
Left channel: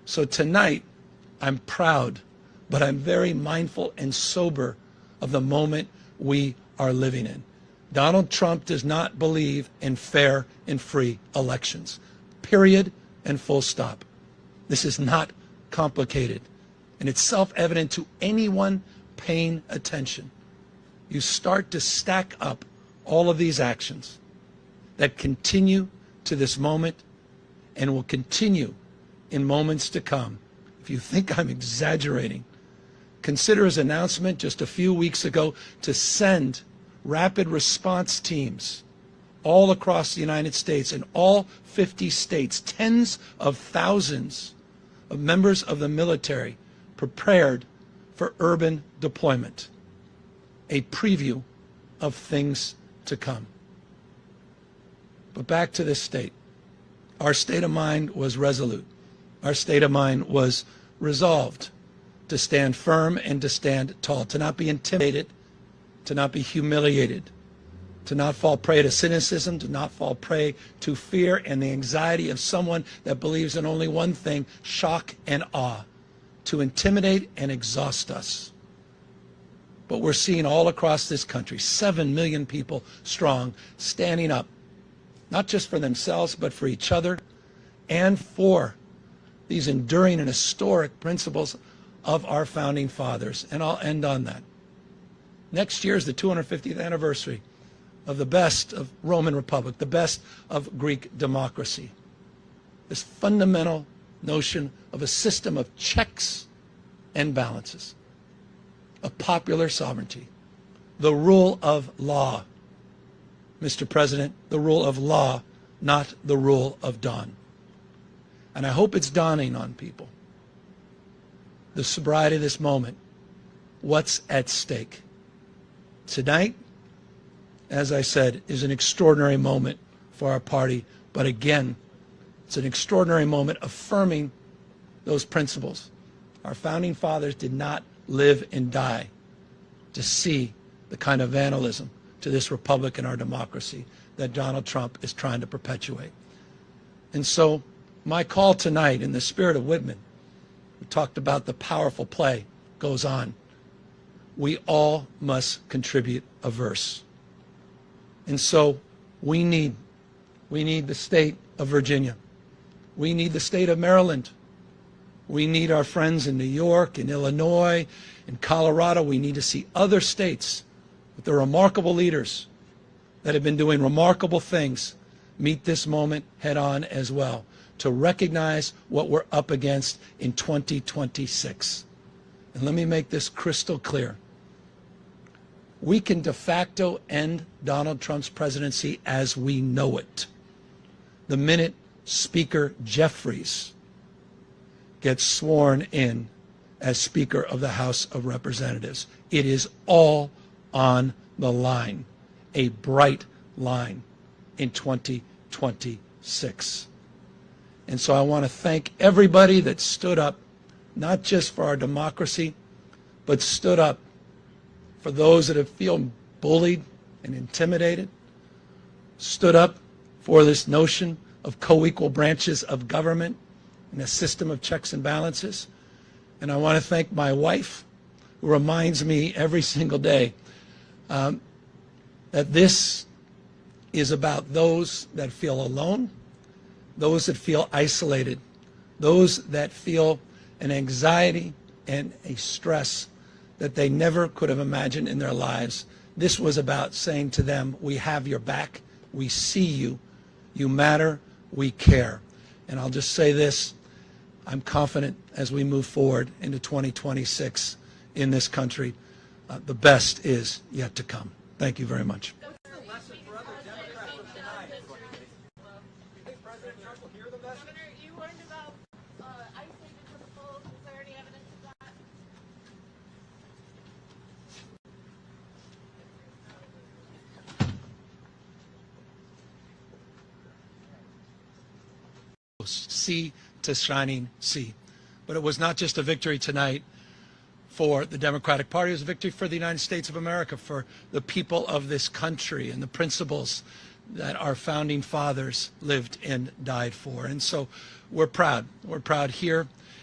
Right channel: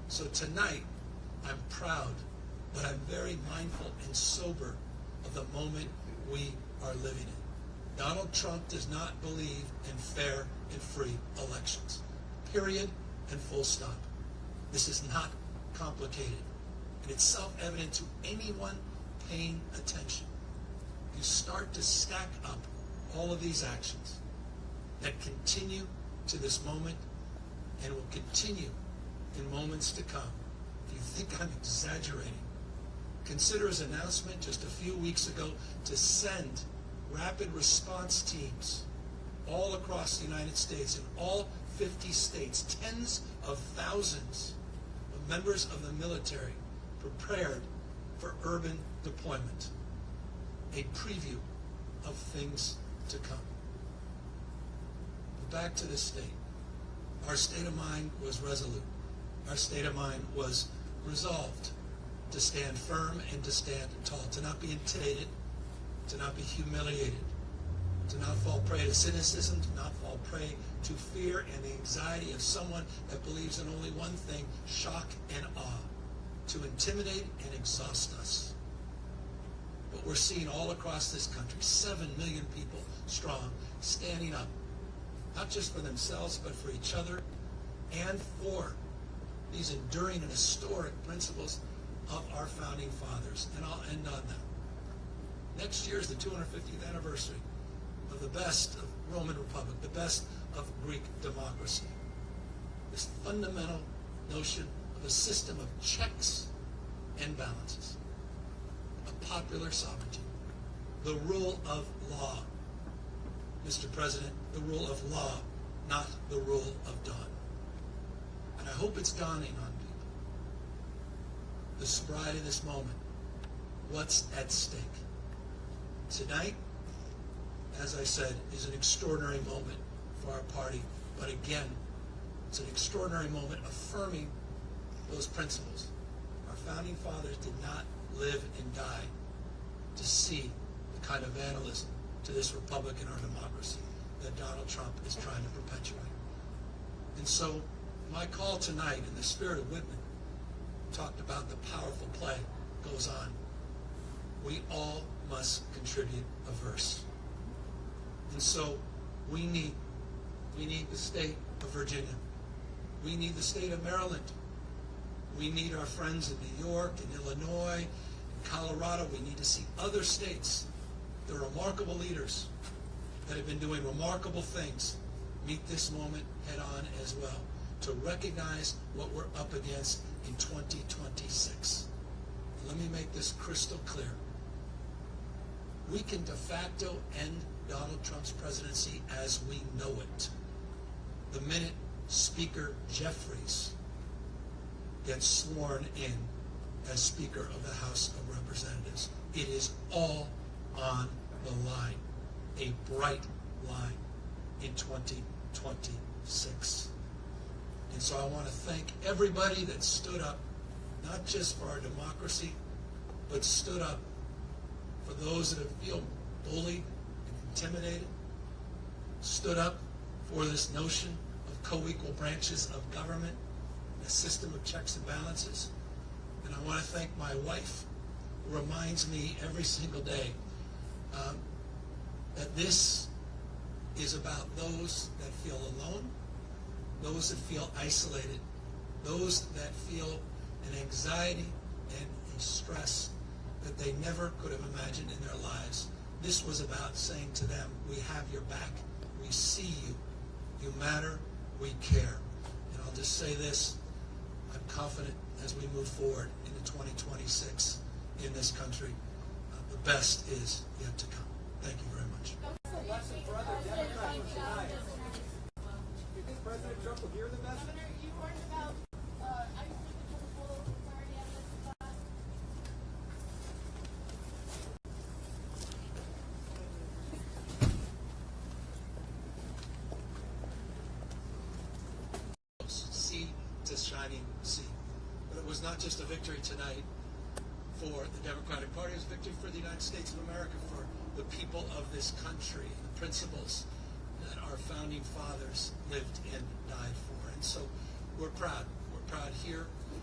So tonight, I'm proud, but I'm very mindful and sober of the moment we are living in. Donald Trump does not believe in fair and free elections. Period and full stop. This is not complicated, and it's self-evident to anyone paying attention. You start to stack up all of these actions that continue to this moment and will continue in moments to come. If you think I'm exaggerating, consider his announcement just a few weeks ago to send rapid response teams all across the United States, in all 50 states, tens of thousands of members of the military prepared for urban deployment. A preview of things to come. But back to this state. Our state of mind was resolute. Our state of mind was resolved to stand firm and to stand tall, to not be intimidated, to not be humiliated, to not fall prey to cynicism, to not fall prey to fear and the anxiety of someone that believes in only one thing, shock and awe, to intimidate and exhaust us. But we're seeing all across this country, 7 million people strong, standing up, not just for themselves, but for each other and for these enduring and historic principles of our founding fathers. And I'll end on that. Next year is the 250th anniversary of the best of Roman Republic, the best of Greek democracy. This fundamental notion of a system of checks and balances, of popular sovereignty, the rule of law. Mr. President, the rule of law, not the rule of dawn. And I hope it's dawning on people. The sobriety of this moment, what's at stake. Tonight, as I said, is an extraordinary moment for our party, but again, it's an extraordinary moment affirming those principles. Our founding fathers did not live and die to see the kind of vandalism to this republic and our democracy that Donald Trump is trying to perpetuate. And so my call tonight, in the spirit of Whitman, we talked about the powerful play, goes on. We all must contribute a verse. And so we need the state of Virginia. We need the state of Maryland. We need our friends in New York, in Illinois, in Colorado. We need to see other states with the remarkable leaders that have been doing remarkable things meet this moment head on as well, to recognize what we're up against in 2026. And let me make this crystal clear. We can de facto end Donald Trump's presidency as we know it the minute Speaker Jeffries gets sworn in as Speaker of the House of Representatives. It is all on the line, a bright line in 2026. And so I want to thank everybody that stood up, not just for our democracy, but stood up for those that have feel bullied and intimidated, stood up for this notion of co-equal branches of government and a system of checks and balances. And I want to thank my wife, who reminds me every single day that this is about those that feel alone, those that feel isolated, those that feel an anxiety and a stress that they never could have imagined in their lives. This was about saying to them, we have your back, we see you, you matter, we care. And I'll just say this, I'm confident as we move forward into 2026 in this country, the best is yet to come. Thank you very much. Governor, you warned about ICE taking control. Is there any evidence of that? Sea to shining sea. But it was not just a victory tonight for the Democratic Party, it was a victory for the United States of America, for the people of this country and the principles that our founding fathers lived and died for. And so we're proud. We're proud here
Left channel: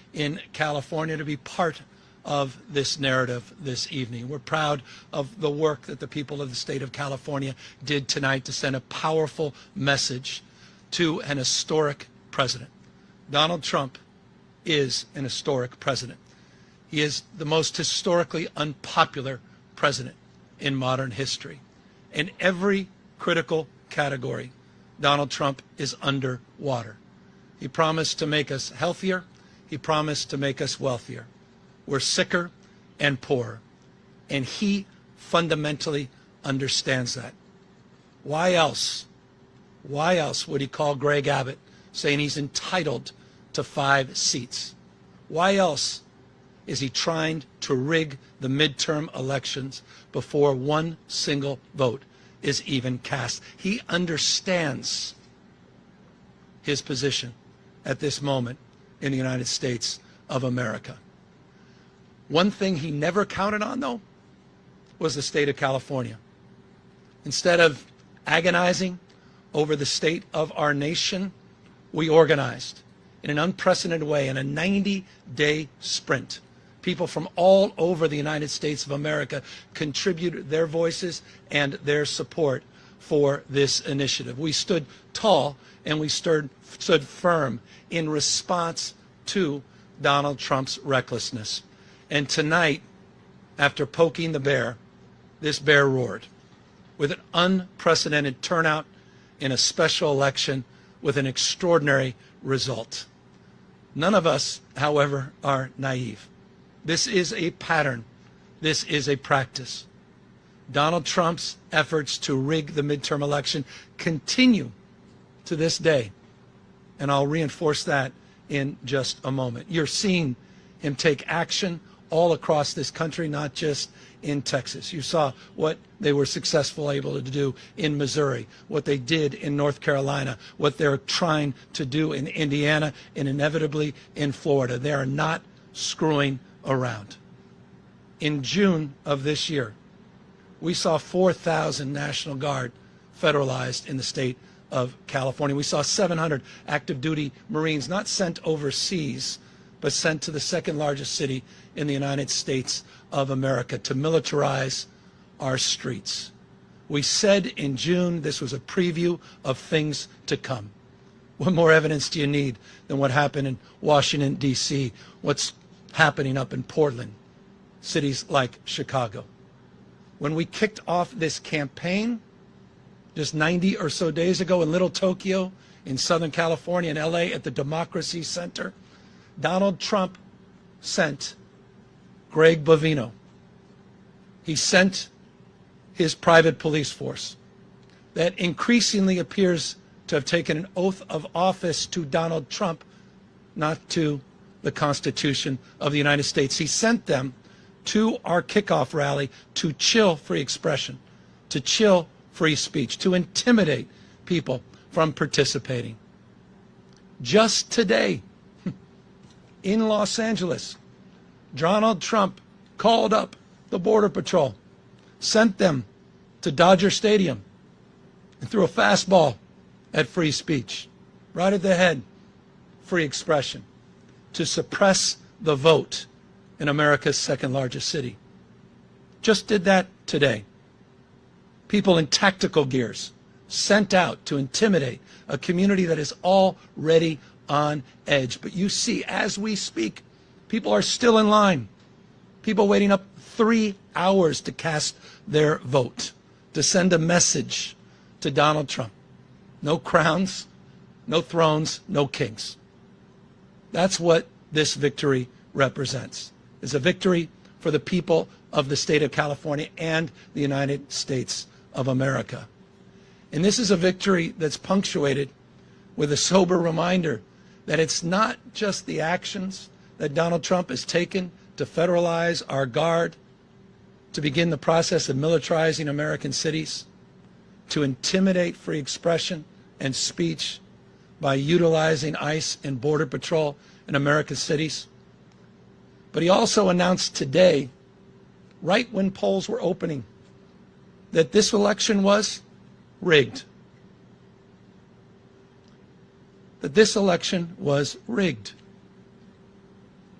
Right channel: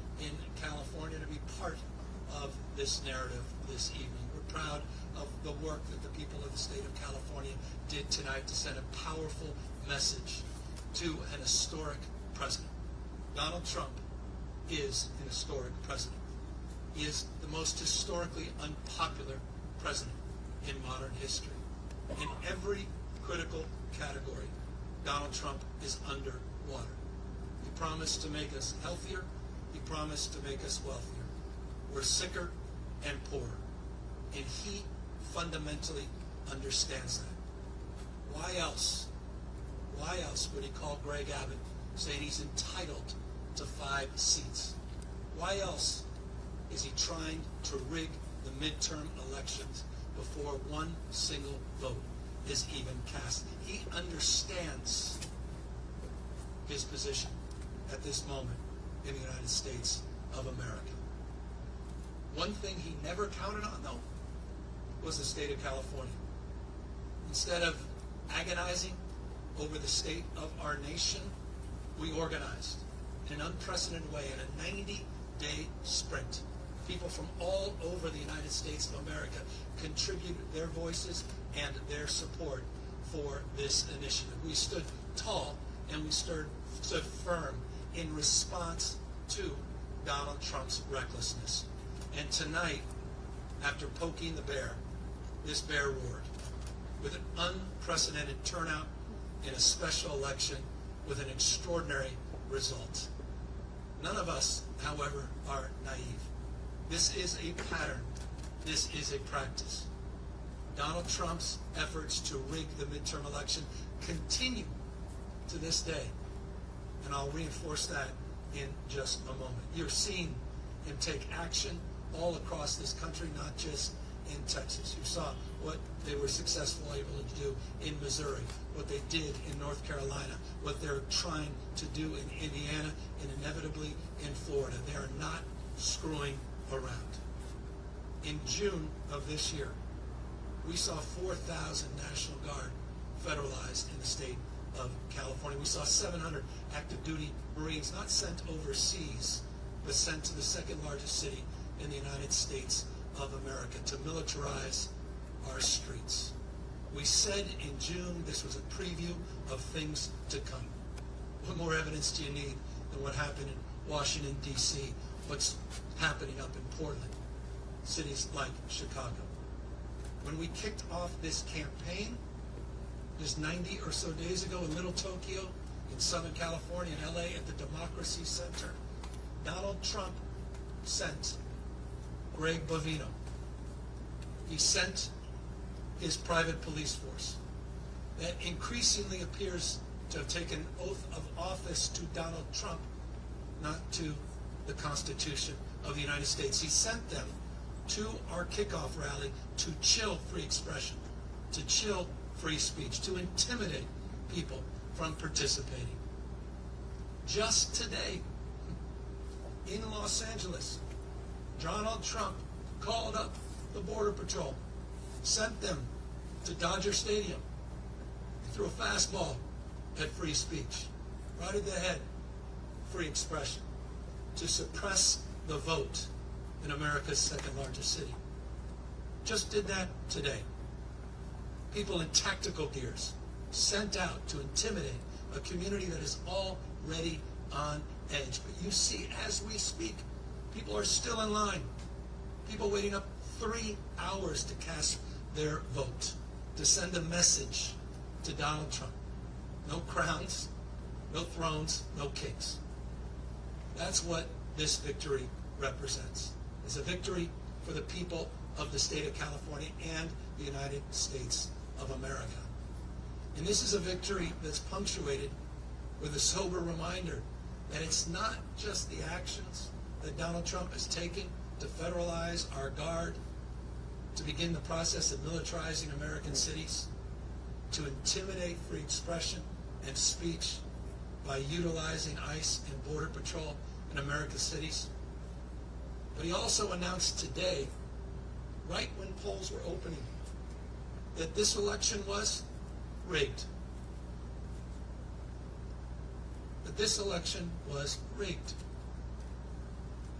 in California to be part of this narrative this evening. We're proud of the work that the people of the state of California did tonight to send a powerful message to an historic president. Donald Trump is an historic president. He is the most historically unpopular president in modern history. In every critical category, Donald Trump is underwater. He promised to make us healthier. He promised to make us wealthier. We're sicker and poorer. And he fundamentally understands that. Why else would he call Greg Abbott saying he's entitled to 5 seats? Why else is he trying to rig the midterm elections before one single vote is even cast? He understands his position at this moment in the United States of America. One thing he never counted on, though, was the state of California. Instead of agonizing over the state of our nation, we organized in an unprecedented way in a 90-day sprint. People from all over the United States of America contributed their voices and their support for this initiative. We stood tall and we stood firm in response to Donald Trump's recklessness. And tonight, after poking the bear, this bear roared with an unprecedented turnout in a special election with an extraordinary result. None of us, however, are naive. This is a pattern. This is a practice. Donald Trump's efforts to rig the midterm election continue to this day. And I'll reinforce that in just a moment. You're seeing him take action all across this country, not just in Texas. You saw what they were successful able to do in Missouri, what they did in North Carolina, what they're trying to do in Indiana, and inevitably in Florida. They are not screwing around. In June of this year, we saw 4,000 National Guard federalized in the state of California. We saw 700 active duty Marines not sent overseas, but sent to the second largest city in the United States of America to militarize our streets. We said in June this was a preview of things to come. What more evidence do you need than what happened in Washington, D.C., what's happening up in Portland, cities like Chicago? When we kicked off this campaign just 90 or so days ago in Little Tokyo, in Southern California, in LA, at the Democracy Center, Donald Trump sent Greg Bovino. He sent his private police force that increasingly appears to have taken an oath of office to Donald Trump, not to the Constitution of the United States. He sent them to our kickoff rally to chill free expression, to chill free speech, to intimidate people from participating. Just today, in Los Angeles, Donald Trump called up the Border Patrol, sent them to Dodger Stadium, and threw a fastball at free speech, right at the head, free expression, to suppress the vote in America's second largest city. Just did that today. People in tactical gears sent out to intimidate a community that is already on edge. But you see, as we speak, people are still in line. People waiting up 3 hours to cast their vote, to send a message to Donald Trump. No crowns, no thrones, no kings. That's what this victory represents. It's a victory for the people of the state of California and the United States of America. And this is a victory that's punctuated with a sober reminder that it's not just the actions that Donald Trump has taken to federalize our guard, to begin the process of militarizing American cities, to intimidate free expression and speech by utilizing ICE and Border Patrol in America's cities. But he also announced today, right when polls were opening, that this election was rigged. That this election was rigged.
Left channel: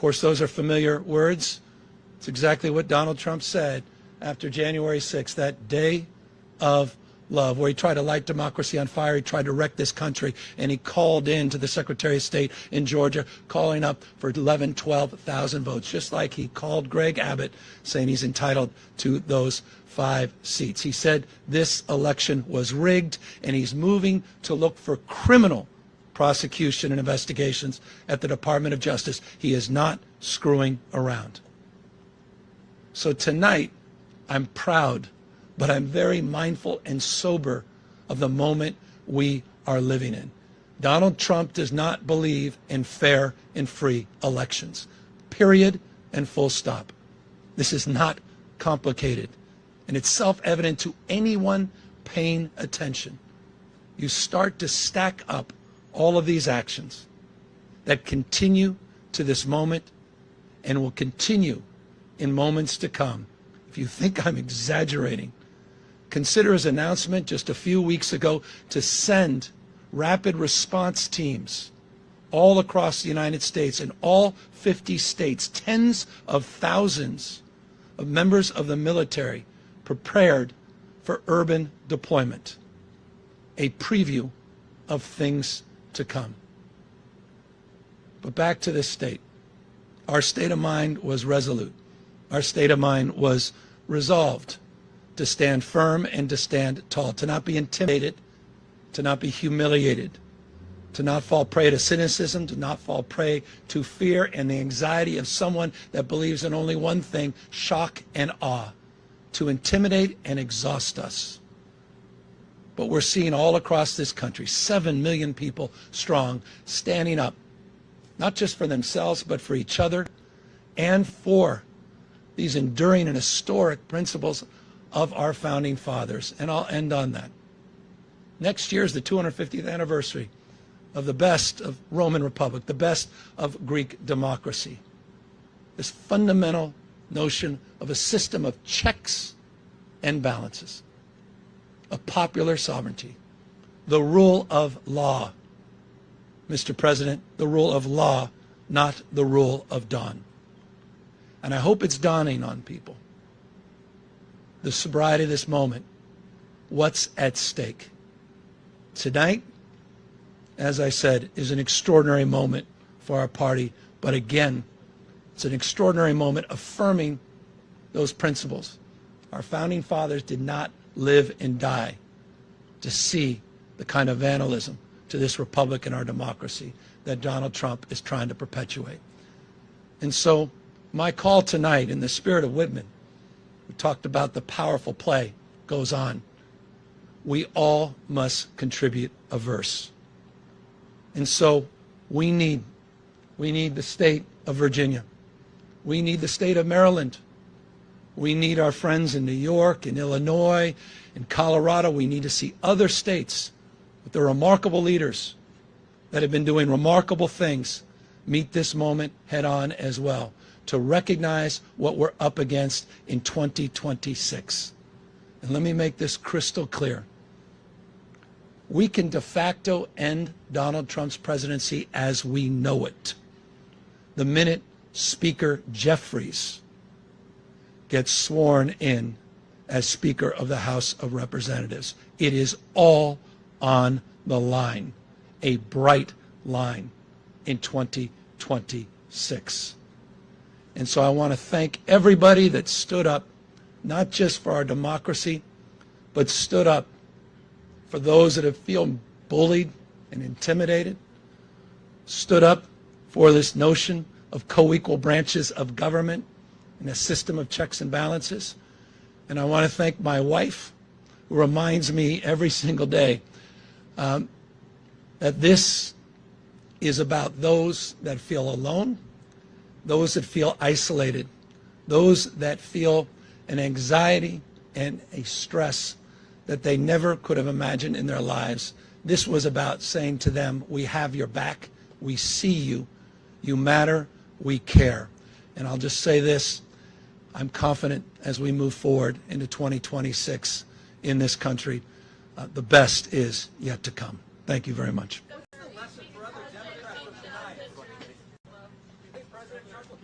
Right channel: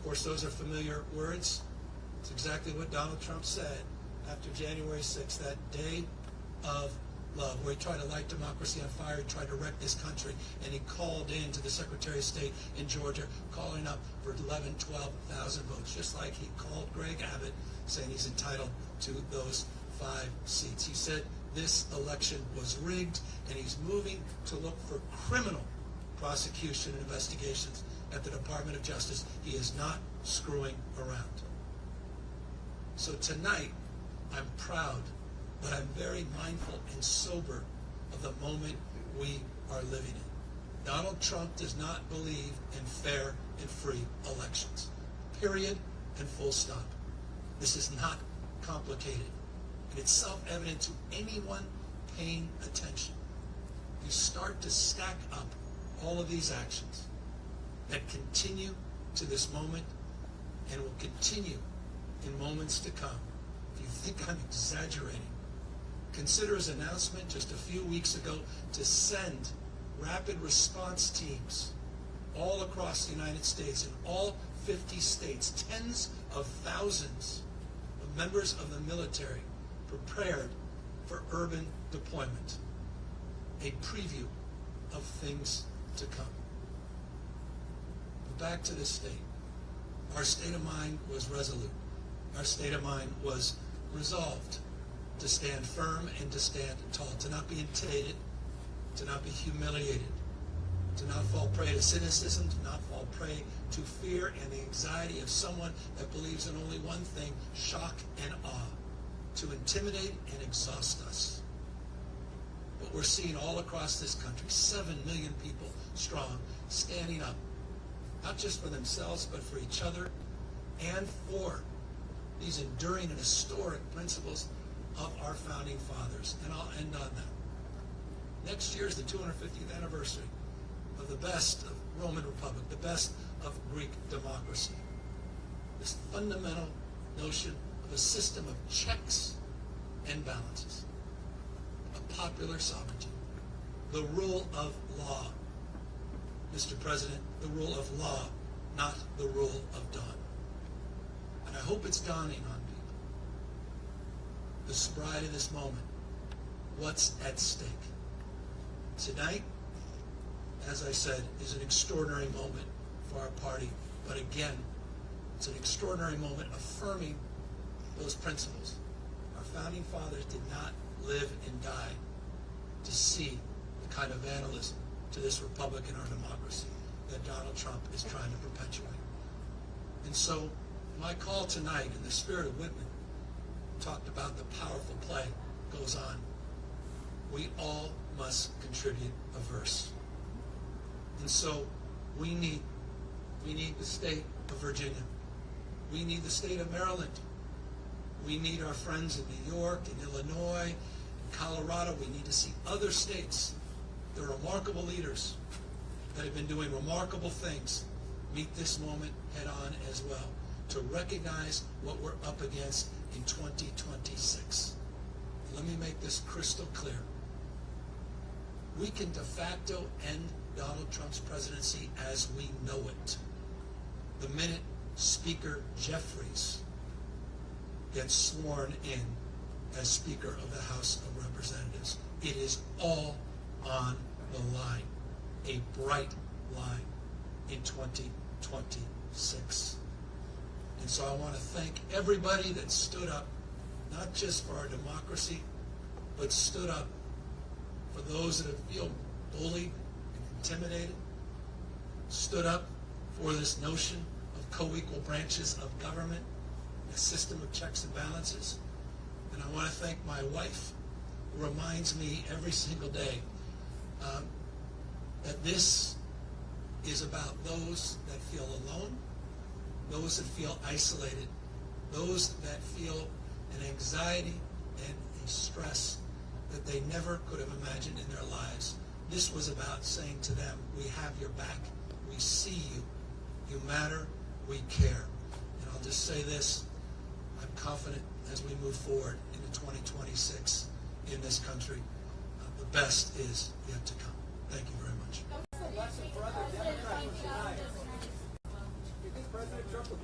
course, those are familiar words. It's exactly what Donald Trump said after January 6th, that day of love, where he tried to light democracy on fire. He tried to wreck this country, and he called in to the Secretary of State in Georgia, calling up for 11, 12,000 votes, just like he called Greg Abbott, saying he's entitled to those 5 seats. He said this election was rigged, and he's moving to look for criminal prosecution and investigations at the Department of Justice. He is not screwing around. So tonight, I'm proud, but I'm very mindful and sober of the moment we are living in. Donald Trump does not believe in fair and free elections. Period and full stop. This is not complicated, and it's self-evident to anyone paying attention. You start to stack up all of these actions that continue to this moment and will continue in moments to come. If you think I'm exaggerating, consider his announcement just a few weeks ago to send rapid response teams all across the United States, in all 50 states, tens of thousands of members of the military prepared for urban deployment. A preview of things to come. But back to this state. Our state of mind was resolute. Our state of mind was resolved to stand firm and to stand tall, to not be intimidated, to not be humiliated, to not fall prey to cynicism, to not fall prey to fear and the anxiety of someone that believes in only one thing, shock and awe, to intimidate and exhaust us. But we're seeing all across this country, 7 million people strong, standing up, not just for themselves, but for each other and for these enduring and historic principles of our founding fathers. And I'll end on that. Next year is the 250th anniversary of the best of Roman Republic, the best of Greek democracy. This fundamental notion of a system of checks and balances, of popular sovereignty, the rule of law. Mr. President, the rule of law, not the rule of dawn. And I hope it's dawning on people. The sobriety of this moment, what's at stake. Tonight, as I said, is an extraordinary moment for our party, but again, it's an extraordinary moment affirming those principles. Our founding fathers did not live and die to see the kind of vandalism to this republic and our democracy that Donald Trump is trying to perpetuate. And so my call tonight, in the spirit of Whitman, we talked about the powerful play, goes on. We all must contribute a verse. And so we need the state of Virginia. We need the state of Maryland. We need our friends in New York, in Illinois, in Colorado. We need to see other states with their remarkable leaders that have been doing remarkable things meet this moment head on as well, to recognize what we're up against in 2026. And let me make this crystal clear. We can de facto end Donald Trump's presidency as we know it the minute Speaker Jeffries gets sworn in as Speaker of the House of Representatives. It is all on the line, a bright line in 2026. And so I want to thank everybody that stood up, not just for our democracy, but stood up for those that have feel bullied and intimidated, stood up for this notion of co-equal branches of government and a system of checks and balances. And I want to thank my wife, who reminds me every single day that this is about those that feel alone, those that feel isolated, those that feel an anxiety and a stress that they never could have imagined in their lives. This was about saying to them, we have your back, we see you, you matter, we care. And I'll just say this, I'm confident as we move forward into 2026 in this country, the best is yet to come. Thank you very much. lesson for other Democrats of tonight. Do you think President Trump will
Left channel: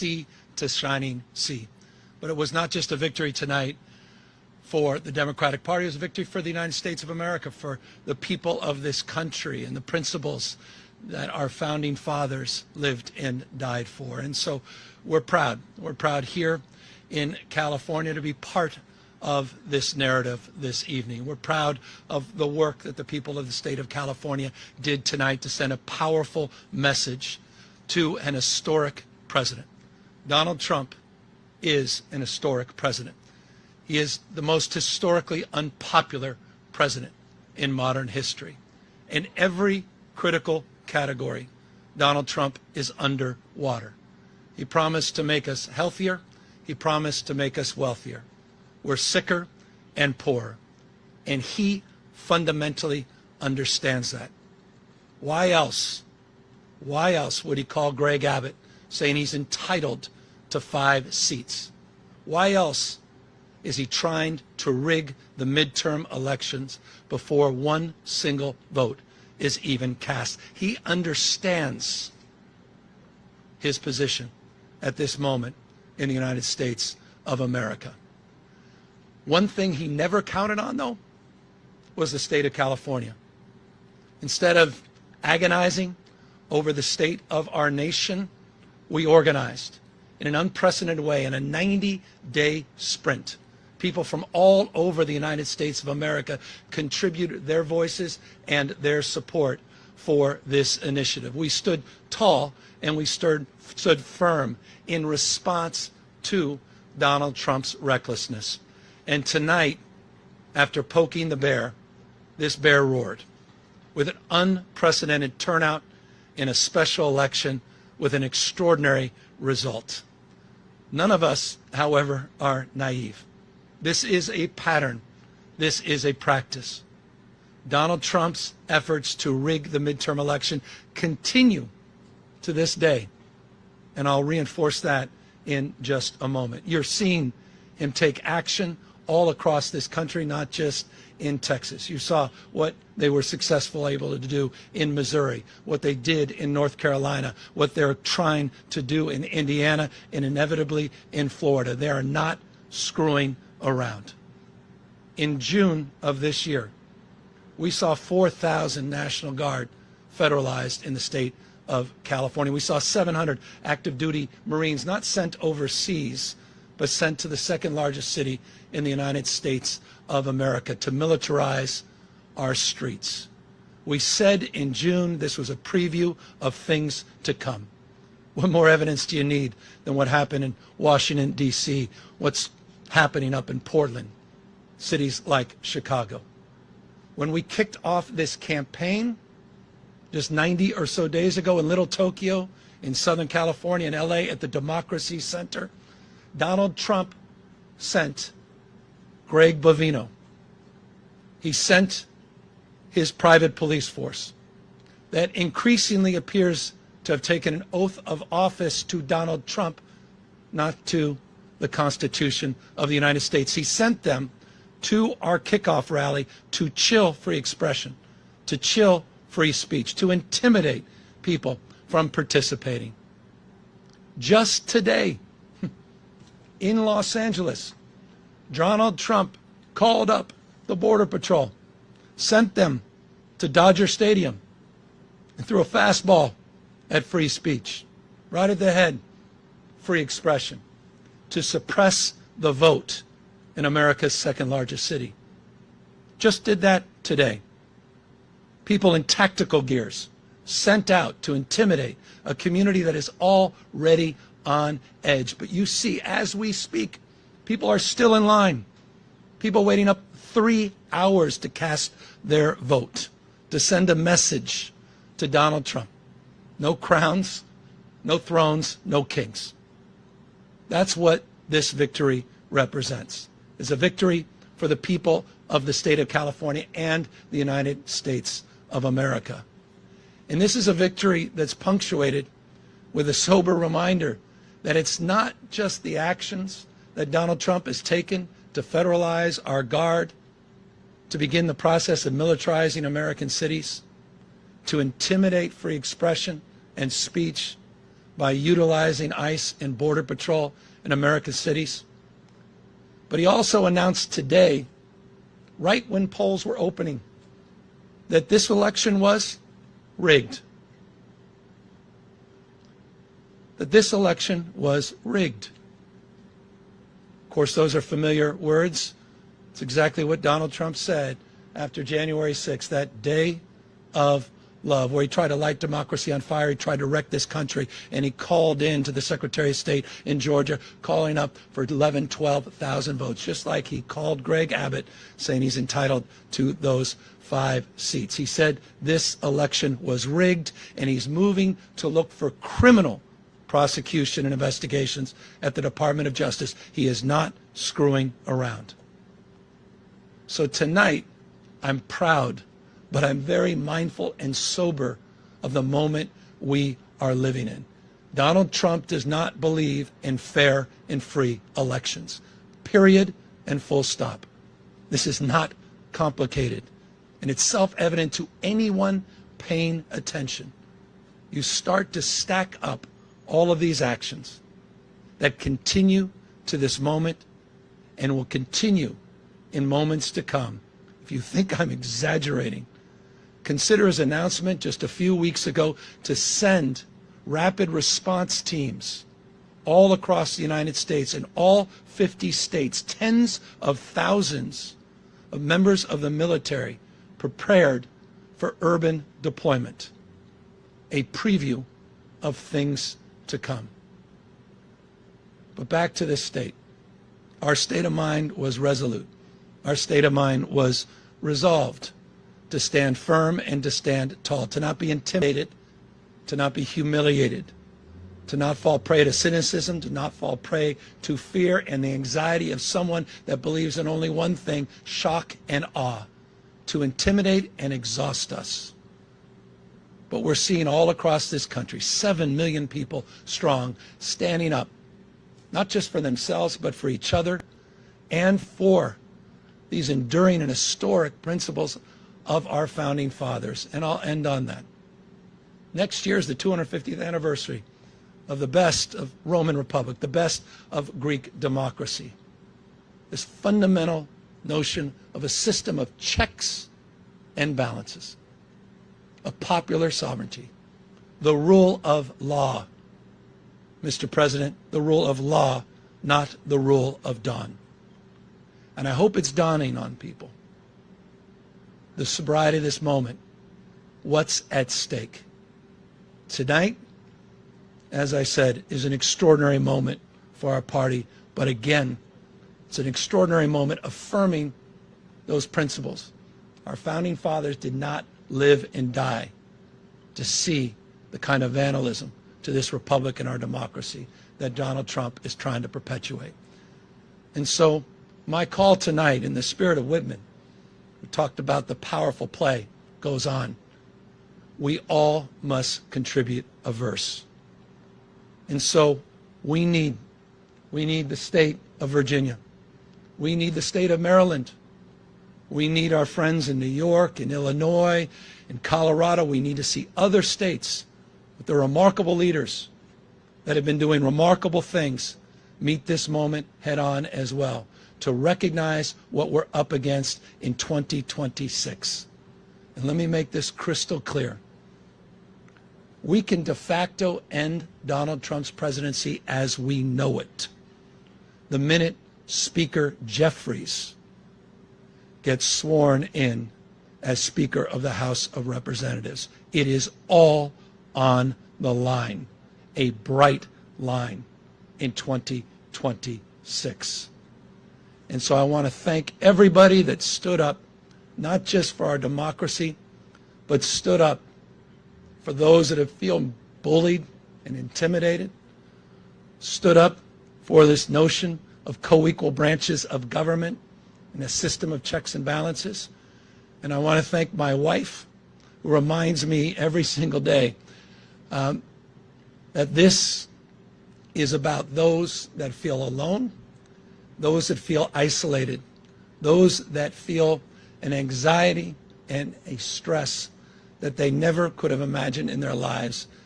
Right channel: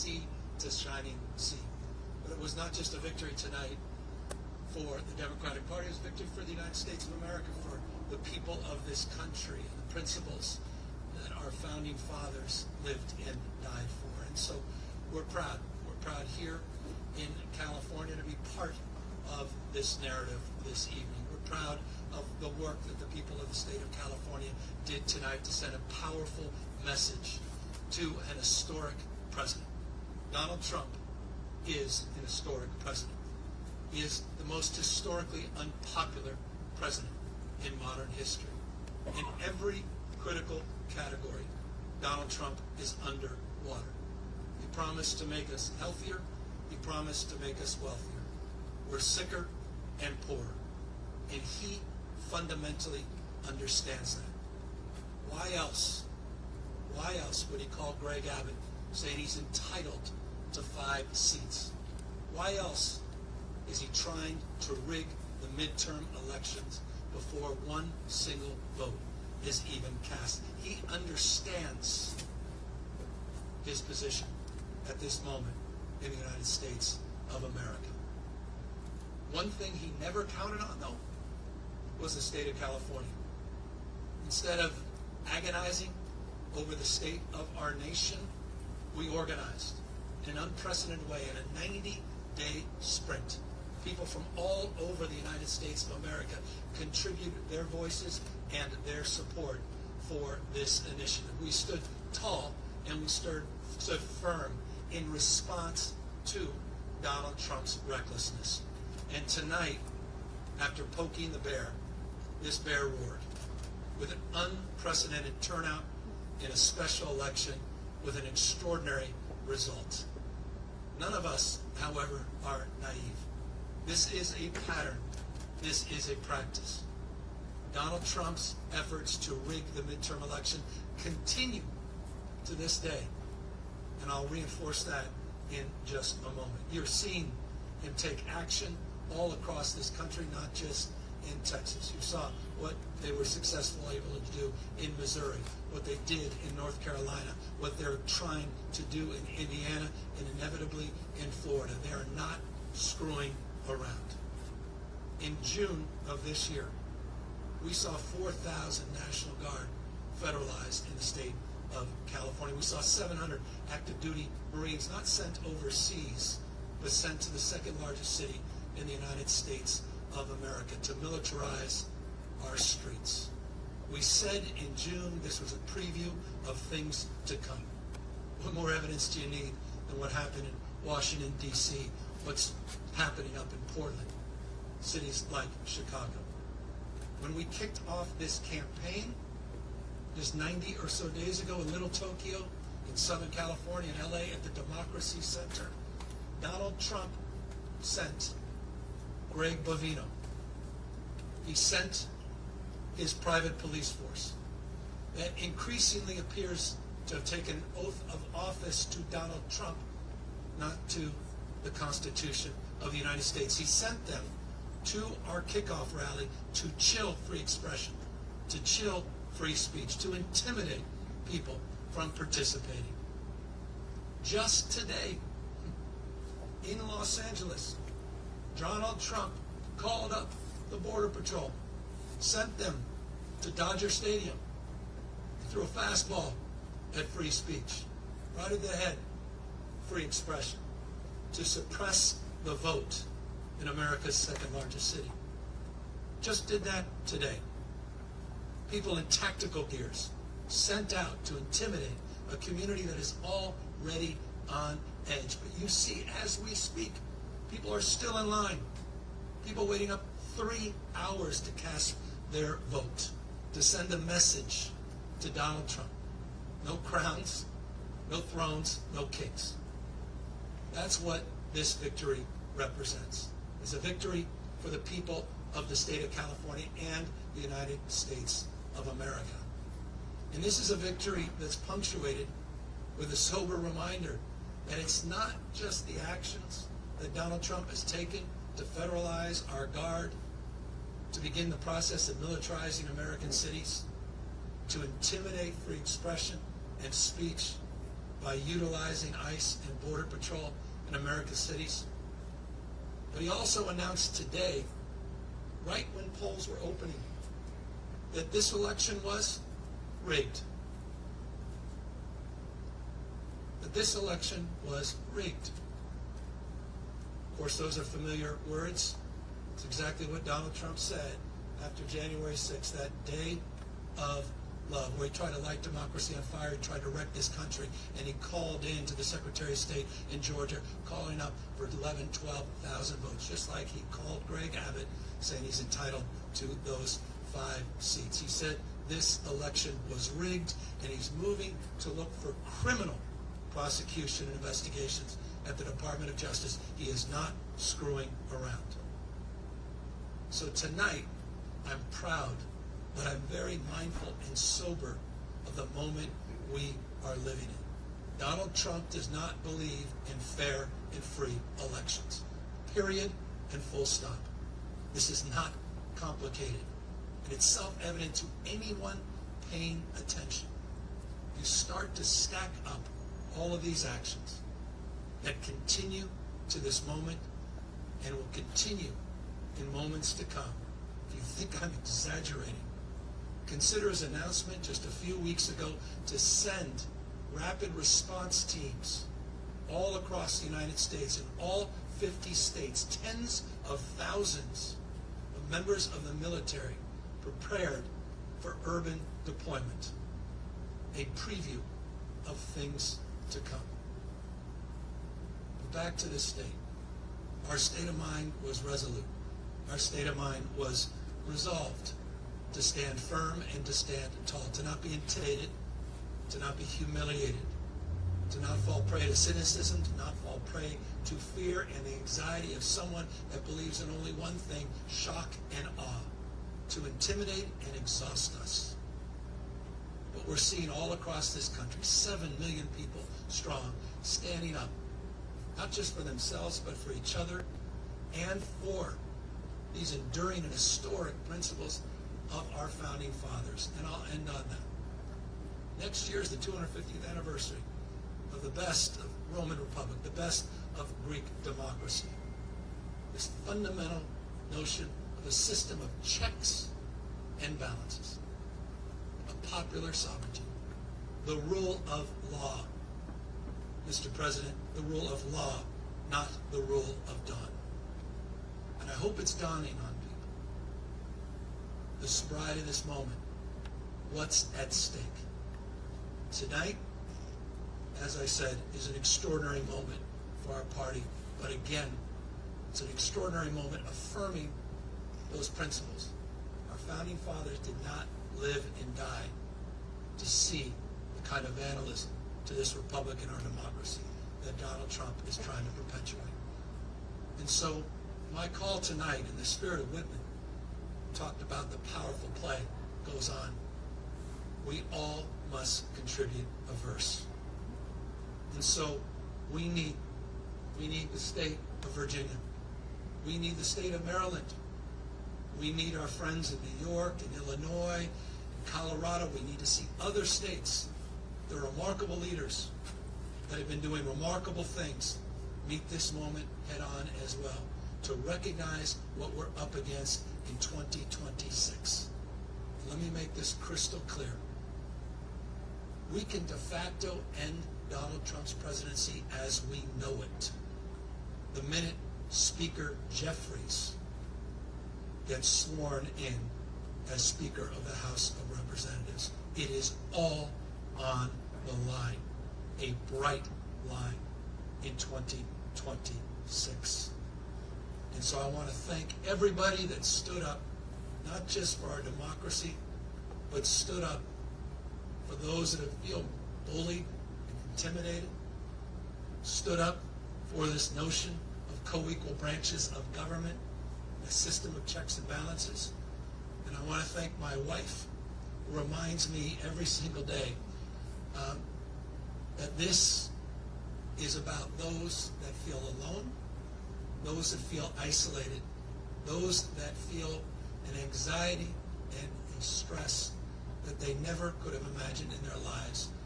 sea to shining sea. But it was not just a victory tonight for the Democratic Party. It was a victory for the United States of America, for the people of this country and the principles that our founding fathers lived and died for. And so we're proud. We're proud here in California to be part of this narrative this evening. We're proud of the work that the people of the state of California did tonight to send a powerful message to an historic president. Donald Trump is an historic president. He is the most historically unpopular president in modern history. In every critical category, Donald Trump is underwater. He promised to make us healthier. He promised to make us wealthier. We're sicker and poorer. And he fundamentally understands that. Why else would he call Greg Abbott saying he's entitled to 5 seats? Why else is he trying to rig the midterm elections before one single vote is even cast? He understands his position at this moment in the United States of America. One thing he never counted on, though, was the state of California. Instead of agonizing over the state of our nation, we organized in an unprecedented way in a 90-day sprint. People from all over the United States of America contributed their voices and their support for this initiative. We stood tall and we stood firm in response to Donald Trump's recklessness. And tonight, after poking the bear, this bear roared with an unprecedented turnout in a special election with an extraordinary result. None of us, however, are naive. This is a pattern. This is a practice. Donald Trump's efforts to rig the midterm election continue to this day. And I'll reinforce that in just a moment. You're seeing him take action all across this country, not just in Texas. You saw what they were successful able to do in Missouri, what they did in North Carolina, what they're trying to do in Indiana, and inevitably in Florida. They are not screwing around. In June of this year, we saw 4,000 National Guard federalized in the state of California. We saw 700 active duty Marines not sent overseas, but sent to the second largest city in the United States of America to militarize our streets. We said in June this was a preview of things to come. What more evidence do you need than what happened in Washington, D.C., what's happening up in Portland, cities like Chicago? When we kicked off this campaign just 90 or so days ago in Little Tokyo, in Southern California, in LA, at the Democracy Center, Donald Trump sent Greg Bovino. He sent his private police force that increasingly appears to have taken an oath of office to Donald Trump, not to the Constitution of the United States. He sent them to our kickoff rally to chill free expression, to chill free speech, to intimidate people from participating. Just today, in Los Angeles, Donald Trump called up the Border Patrol, sent them to Dodger Stadium, and threw a fastball at free speech, right at the head, free expression, to suppress the vote in America's second largest city. Just did that today. People in tactical gears sent out to intimidate a community that is already on edge. But you see, as we speak, people are still in line. People waiting up 3 hours to cast their vote, to send a message to Donald Trump. No crowns, no thrones, no kings. That's what this victory represents. It's a victory for the people of the state of California and the United States of America. And this is a victory that's punctuated with a sober reminder that it's not just the actions that Donald Trump has taken to federalize our guard, to begin the process of militarizing American cities, to intimidate free expression and speech, by utilizing ICE and Border Patrol in America's cities. But he also announced today, right when polls were opening, that this election was rigged. That this election was rigged. Of course, those are familiar words. It's exactly what Donald Trump said after January 6th, that day of love, where he tried to light democracy on fire. He tried to wreck this country, and he called in to the Secretary of State in Georgia, calling up for 11, 12,000 votes, just like he called Greg Abbott, saying he's entitled to those 5 seats. He said this election was rigged, and he's moving to look for criminal prosecution and investigations at the Department of Justice. He is not screwing around. So tonight, I'm proud, but I'm very mindful and sober of the moment we are living in. Donald Trump does not believe in fair and free elections. Period and full stop. This is not complicated, and it's self-evident to anyone paying attention. You start to stack up all of these actions that continue to this moment and will continue in moments to come. If you think I'm exaggerating, consider his announcement just a few weeks ago to send rapid response teams all across the United States, in all 50 states, tens of thousands of members of the military prepared for urban deployment. A preview of things to come. But back to this state. Our state of mind was resolute. Our state of mind was resolved to stand firm and to stand tall, to not be intimidated, to not be humiliated, to not fall prey to cynicism, to not fall prey to fear and the anxiety of someone that believes in only one thing, shock and awe, to intimidate and exhaust us. But we're seeing all across this country, 7 million people strong, standing up, not just for themselves, but for each other and for these enduring and historic principles of our founding fathers. And I'll end on that. Next year is the 250th anniversary of the best of Roman Republic, the best of Greek democracy. This fundamental notion of a system of checks and balances, of popular sovereignty, the rule of law. Mr. President, the rule of law, not the rule of dawn. And I hope it's dawning on people, the sobriety of this moment, what's at stake. Tonight, as I said, is an extraordinary moment for our party, but again, it's an extraordinary moment affirming those principles. Our founding fathers did not live and die to see the kind of vandalism to this republic and our democracy that Donald Trump is trying to perpetuate. And so my call tonight, in the spirit of Whitman, we talked about the powerful play goes on. We all must contribute a verse. And so we need the state of Virginia. We need the state of Maryland. We need our friends in New York, in Illinois, in Colorado. We need to see other states with their remarkable leaders that have been doing remarkable things meet this moment head on as well, to recognize what we're up against in 2026. And let me make this crystal clear. We can de facto end Donald Trump's presidency as we know it the minute Speaker Jeffries gets sworn in as Speaker of the House of Representatives. It is all on the line, a bright line in 2026. And so I want to thank everybody that stood up, not just for our democracy, but stood up for those that have feel bullied and intimidated, stood up for this notion of co-equal branches of government and a system of checks and balances. And I want to thank my wife, who reminds me every single day that this is about those that feel alone, those that feel isolated, those that feel an anxiety and a stress that they never could have imagined in their lives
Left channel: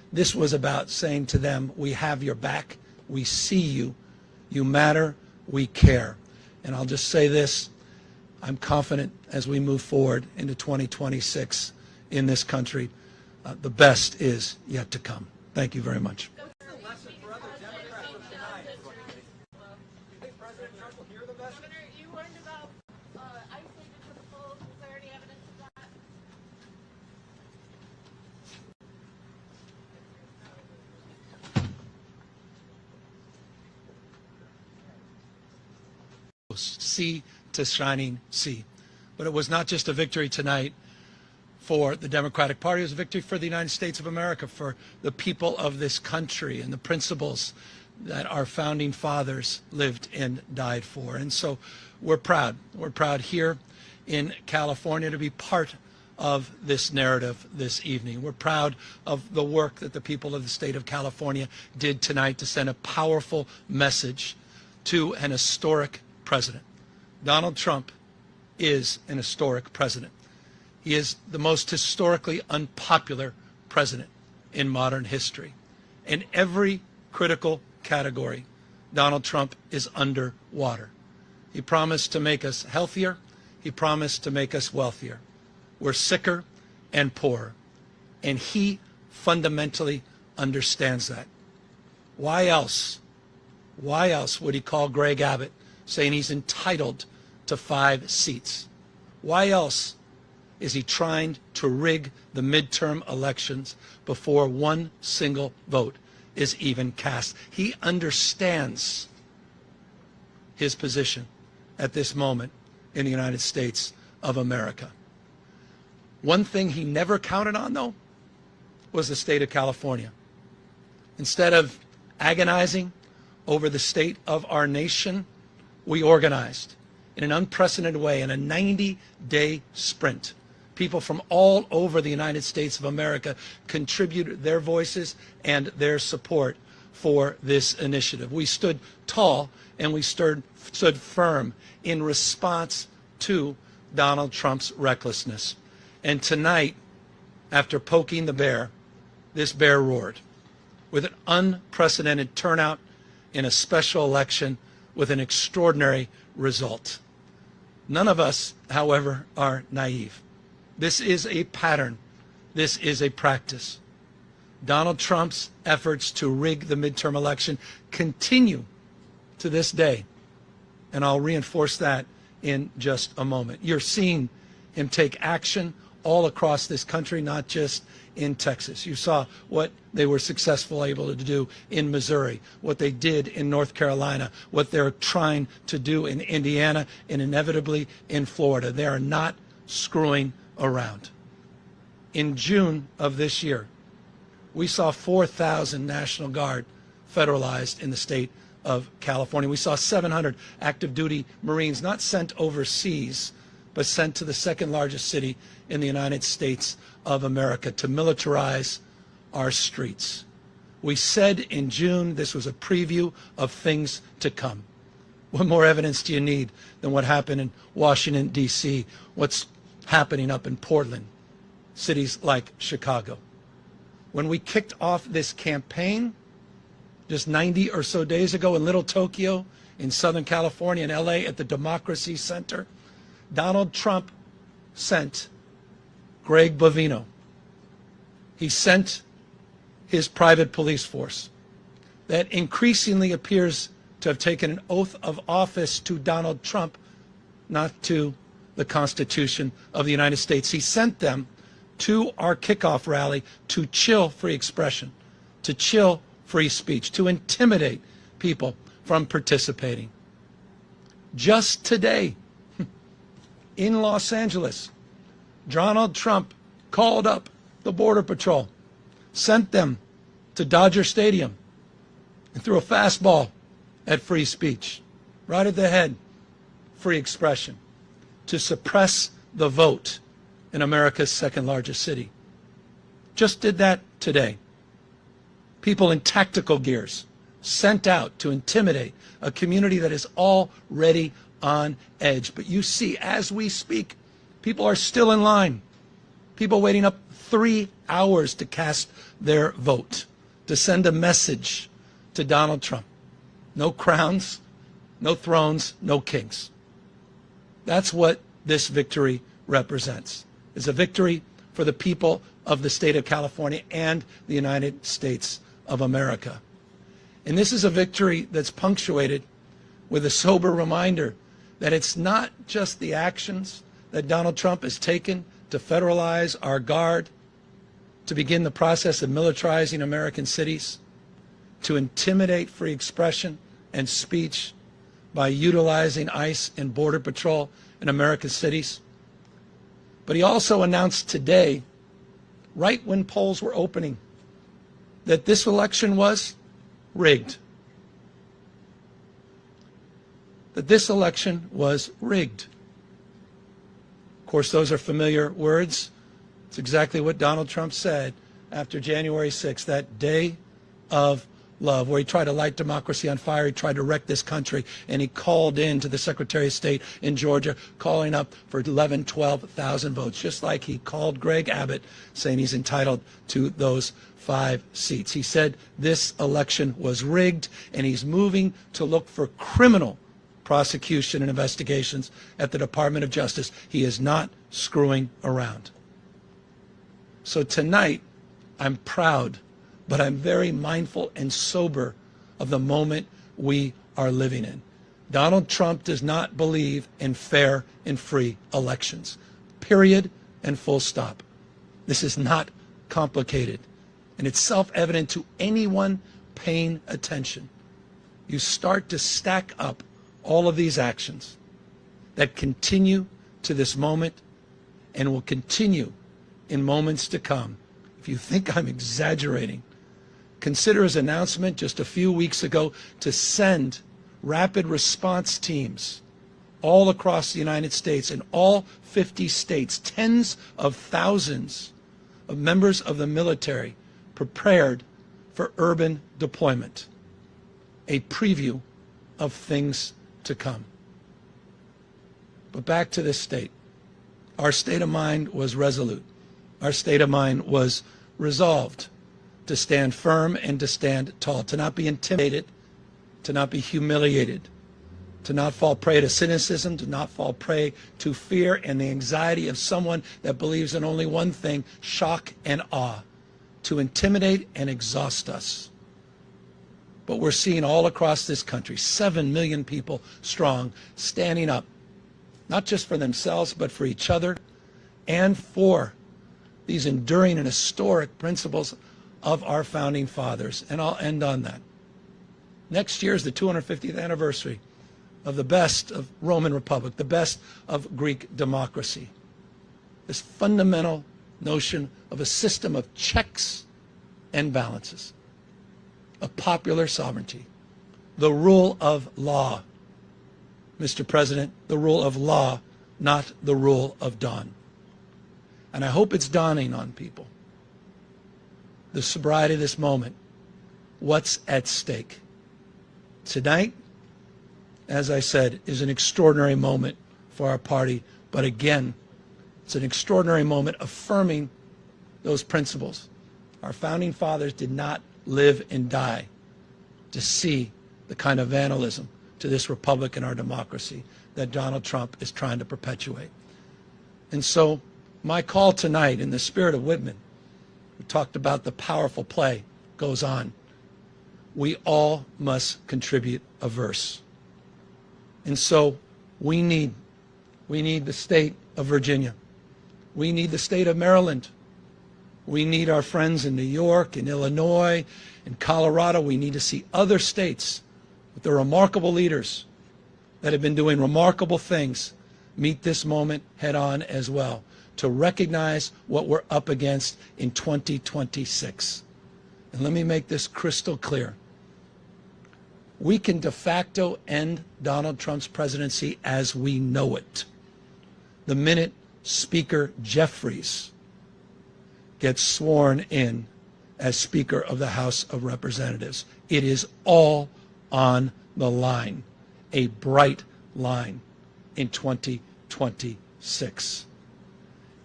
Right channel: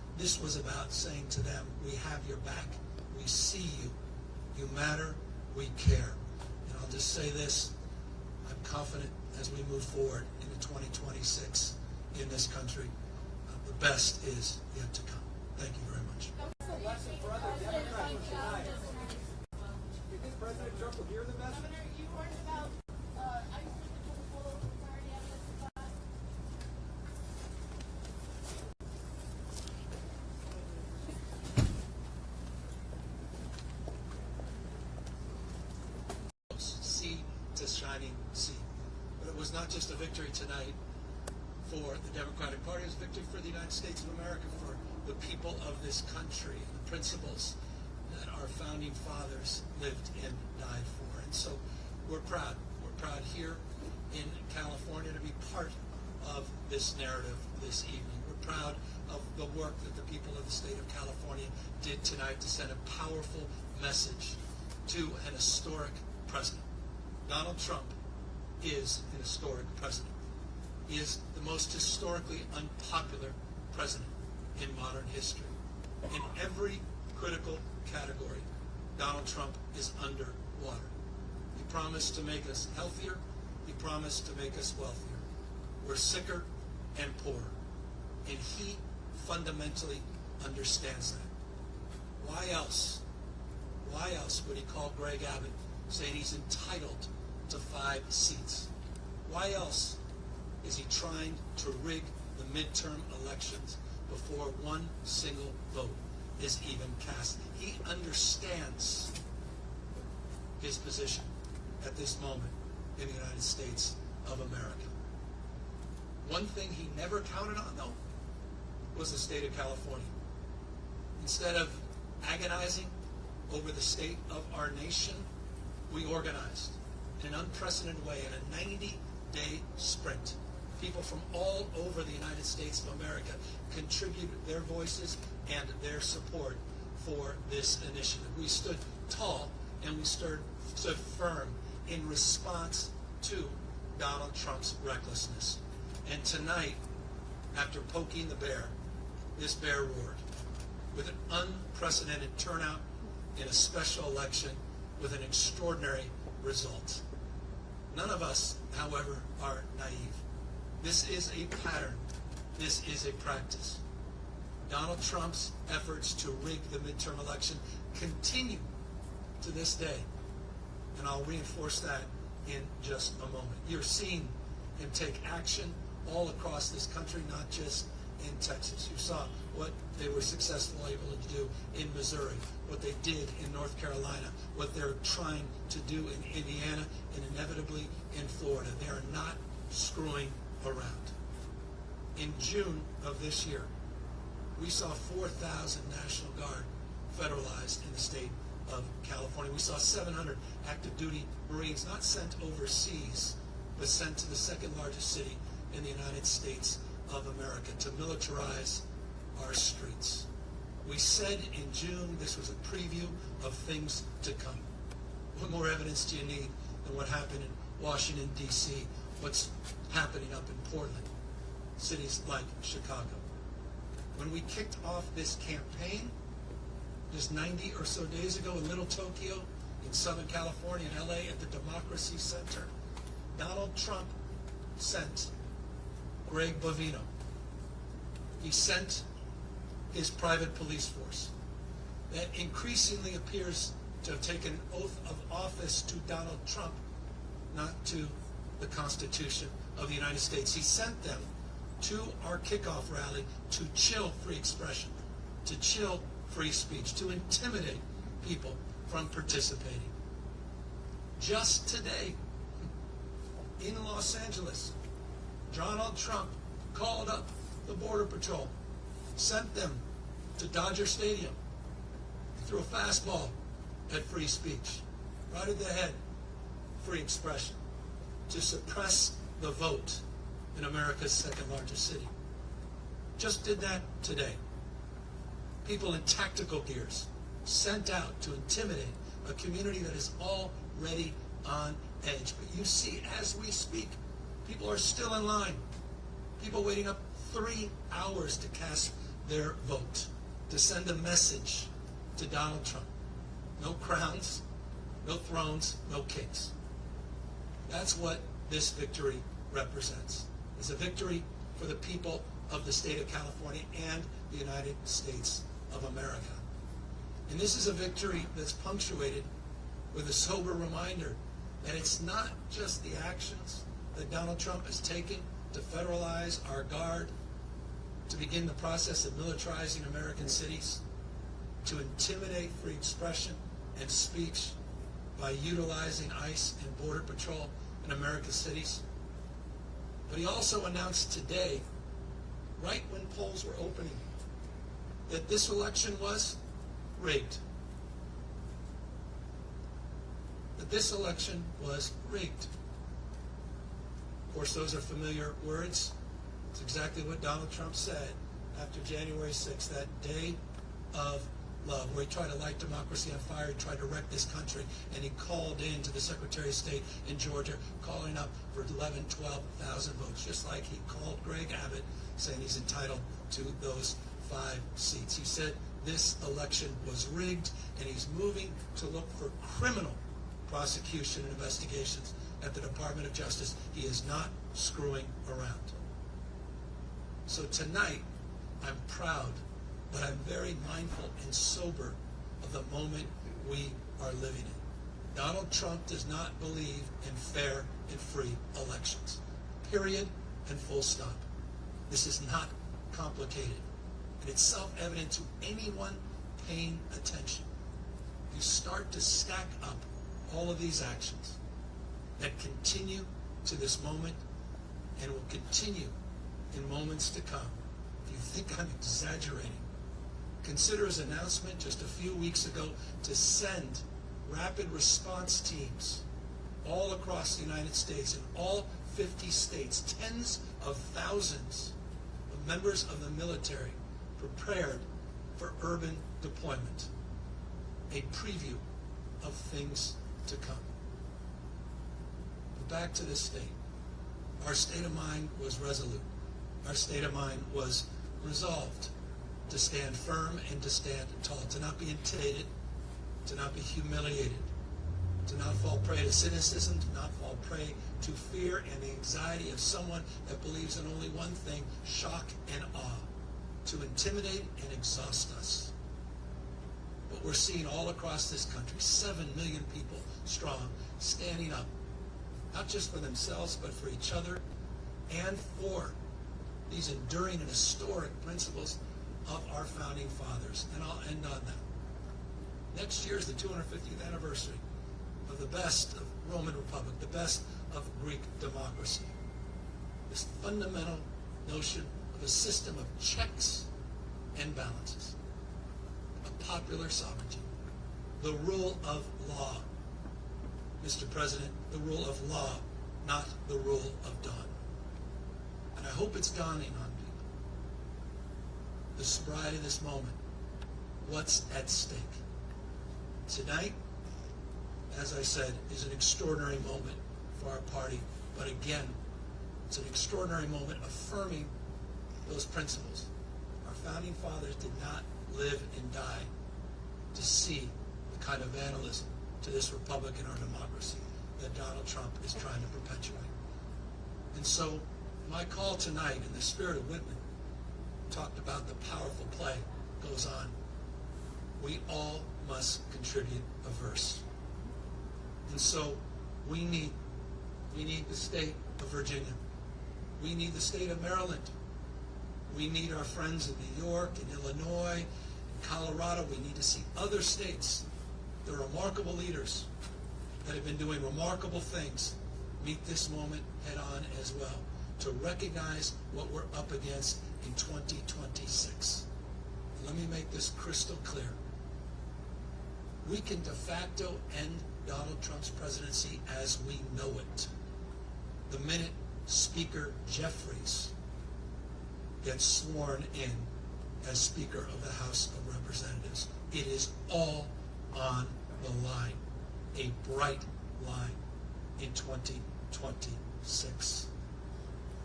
This was about saying to them, we have your back, we see you, you matter, we care. And I'll just say this, I'm confident as we move forward into 2026 in this country, the best is yet to come. Thank you very much. Governor, you learned about ICE because of full clarity evidence of that. Sea to shining sea. But it was not just a victory tonight for the Democratic Party, it was a victory for the United States of America, for the people of this country and the principles that our founding fathers lived and died for. And so we're proud. We're proud here in California to be part of this narrative this evening. We're proud of the work that the people of the state of California did tonight to send a powerful message to an historic president. Donald Trump is an historic president. He is the most historically unpopular president in modern history. In every critical category, Donald Trump is underwater. He promised to make us healthier. He promised to make us wealthier. We're sicker and poorer. And he fundamentally understands that. Why else would he call Greg Abbott saying he's entitled to 5 seats? Why else is he trying to rig the midterm elections before one single vote is even cast? He understands his position at this moment in the United States of America. One thing he never counted on, though, was the state of California. Instead of agonizing over the state of our nation, we organized in an unprecedented way in a 90-day sprint. People from all over the United States of America contributed their voices and their support for this initiative. We stood tall and we stood firm in response to Donald Trump's recklessness. And tonight, after poking the bear, this bear roared with an unprecedented turnout in a special election with an extraordinary result. None of us, however, are naive. This is a pattern. This is a practice. Donald Trump's efforts to rig the midterm election continue to this day. And I'll reinforce that in just a moment. You're seeing him take action all across this country, not just in Texas. You saw what they were successful able to do in Missouri, what they did in North Carolina, what they're trying to do in Indiana, and inevitably in Florida. They are not screwing around. In June of this year, we saw 4,000 National Guard federalized in the state of California. We saw 700 active duty Marines not sent overseas, but sent to the second largest city in the United States of America to militarize our streets. We said in June this was a preview of things to come. What more evidence do you need than what happened in Washington, D.C., what's happening up in Portland, cities like Chicago? When we kicked off this campaign just 90 or so days ago in Little Tokyo, in Southern California, in L.A. at the Democracy Center, Donald Trump sent Greg Bovino. He sent his private police force that increasingly appears to have taken an oath of office to Donald Trump, not to the Constitution of the United States. He sent them to our kickoff rally to chill free expression, to chill free speech, to intimidate people from participating. Just today, in Los Angeles, Donald Trump called up the Border Patrol, sent them to Dodger Stadium, and threw a fastball at free speech, right at the head, free expression, to suppress the vote in America's second largest city. Just did that today. People in tactical gears sent out to intimidate a community that is already on edge. But you see, as we speak, people are still in line. People waiting up 3 hours to cast their vote, to send a message to Donald Trump. No crowns, no thrones, no kings. That's what this victory represents. It's a victory for the people of the state of California and the United States of America. And this is a victory that's punctuated with a sober reminder that it's not just the actions that Donald Trump has taken to federalize our guard, to begin the process of militarizing American cities, to intimidate free expression and speech by utilizing ICE and Border Patrol in American cities. But he also announced today, right when polls were opening, that this election was rigged. That this election was rigged. Of course, those are familiar words. It's exactly what Donald Trump said after January 6th, that day of love, where he tried to light democracy on fire. He tried to wreck this country, and he called in to the Secretary of State in Georgia, calling up for 11,000, 12,000 votes, just like he called Greg Abbott, saying he's entitled to those 5 seats. He said this election was rigged, and he's moving to look for criminal prosecution and investigations at the Department of Justice. He is not screwing around. So tonight, I'm proud, but I'm very mindful and sober of the moment we are living in. Donald Trump does not believe in fair and free elections. Period and full stop. This is not complicated, and it's self-evident to anyone paying attention. You start to stack up all of these actions that continue to this moment and will continue in moments to come. If you think I'm exaggerating, consider his announcement just a few weeks ago to send rapid response teams all across the United States, in all 50 states, tens of thousands of members of the military prepared for urban deployment. A preview of things to come. But back to this state. Our state of mind was resolute. Our state of mind was resolved to stand firm and to stand tall, to not be intimidated, to not be humiliated, to not fall prey to cynicism, to not fall prey to fear and the anxiety of someone that believes in only one thing, shock and awe, to intimidate and exhaust us. But we're seeing all across this country, 7 million people strong, standing up, not just for themselves, but for each other and for these enduring and historic principles of our founding fathers. And I'll end on that. Next year is the 250th anniversary of the best of Roman Republic, the best of Greek democracy. This fundamental notion of a system of checks and balances, of popular sovereignty, the rule of law. Mr. President, the rule of law, not the rule of dawn. And I hope it's dawning on people, the sobriety of this moment, what's at stake. Tonight, as I said, is an extraordinary moment for our party, but again, it's an extraordinary moment affirming those principles. Our founding fathers did not live and die to see the kind of vandalism to this republic and our democracy that Donald Trump is trying to perpetuate. And so my call tonight, in the spirit of Whitman, we talked about the powerful play, goes on. We all must contribute a verse. And so we need the state of Virginia. We need the state of Maryland. We need our friends in New York, in Illinois, in Colorado. We need to see other states with their remarkable leaders that have been doing remarkable things meet this moment head on as well, to recognize what we're up against in 2026. And let me make this crystal clear. We can de facto end Donald Trump's presidency as we know it the minute Speaker Jeffries gets sworn in as Speaker of the House of Representatives. It is all on the line, a bright line in 2026.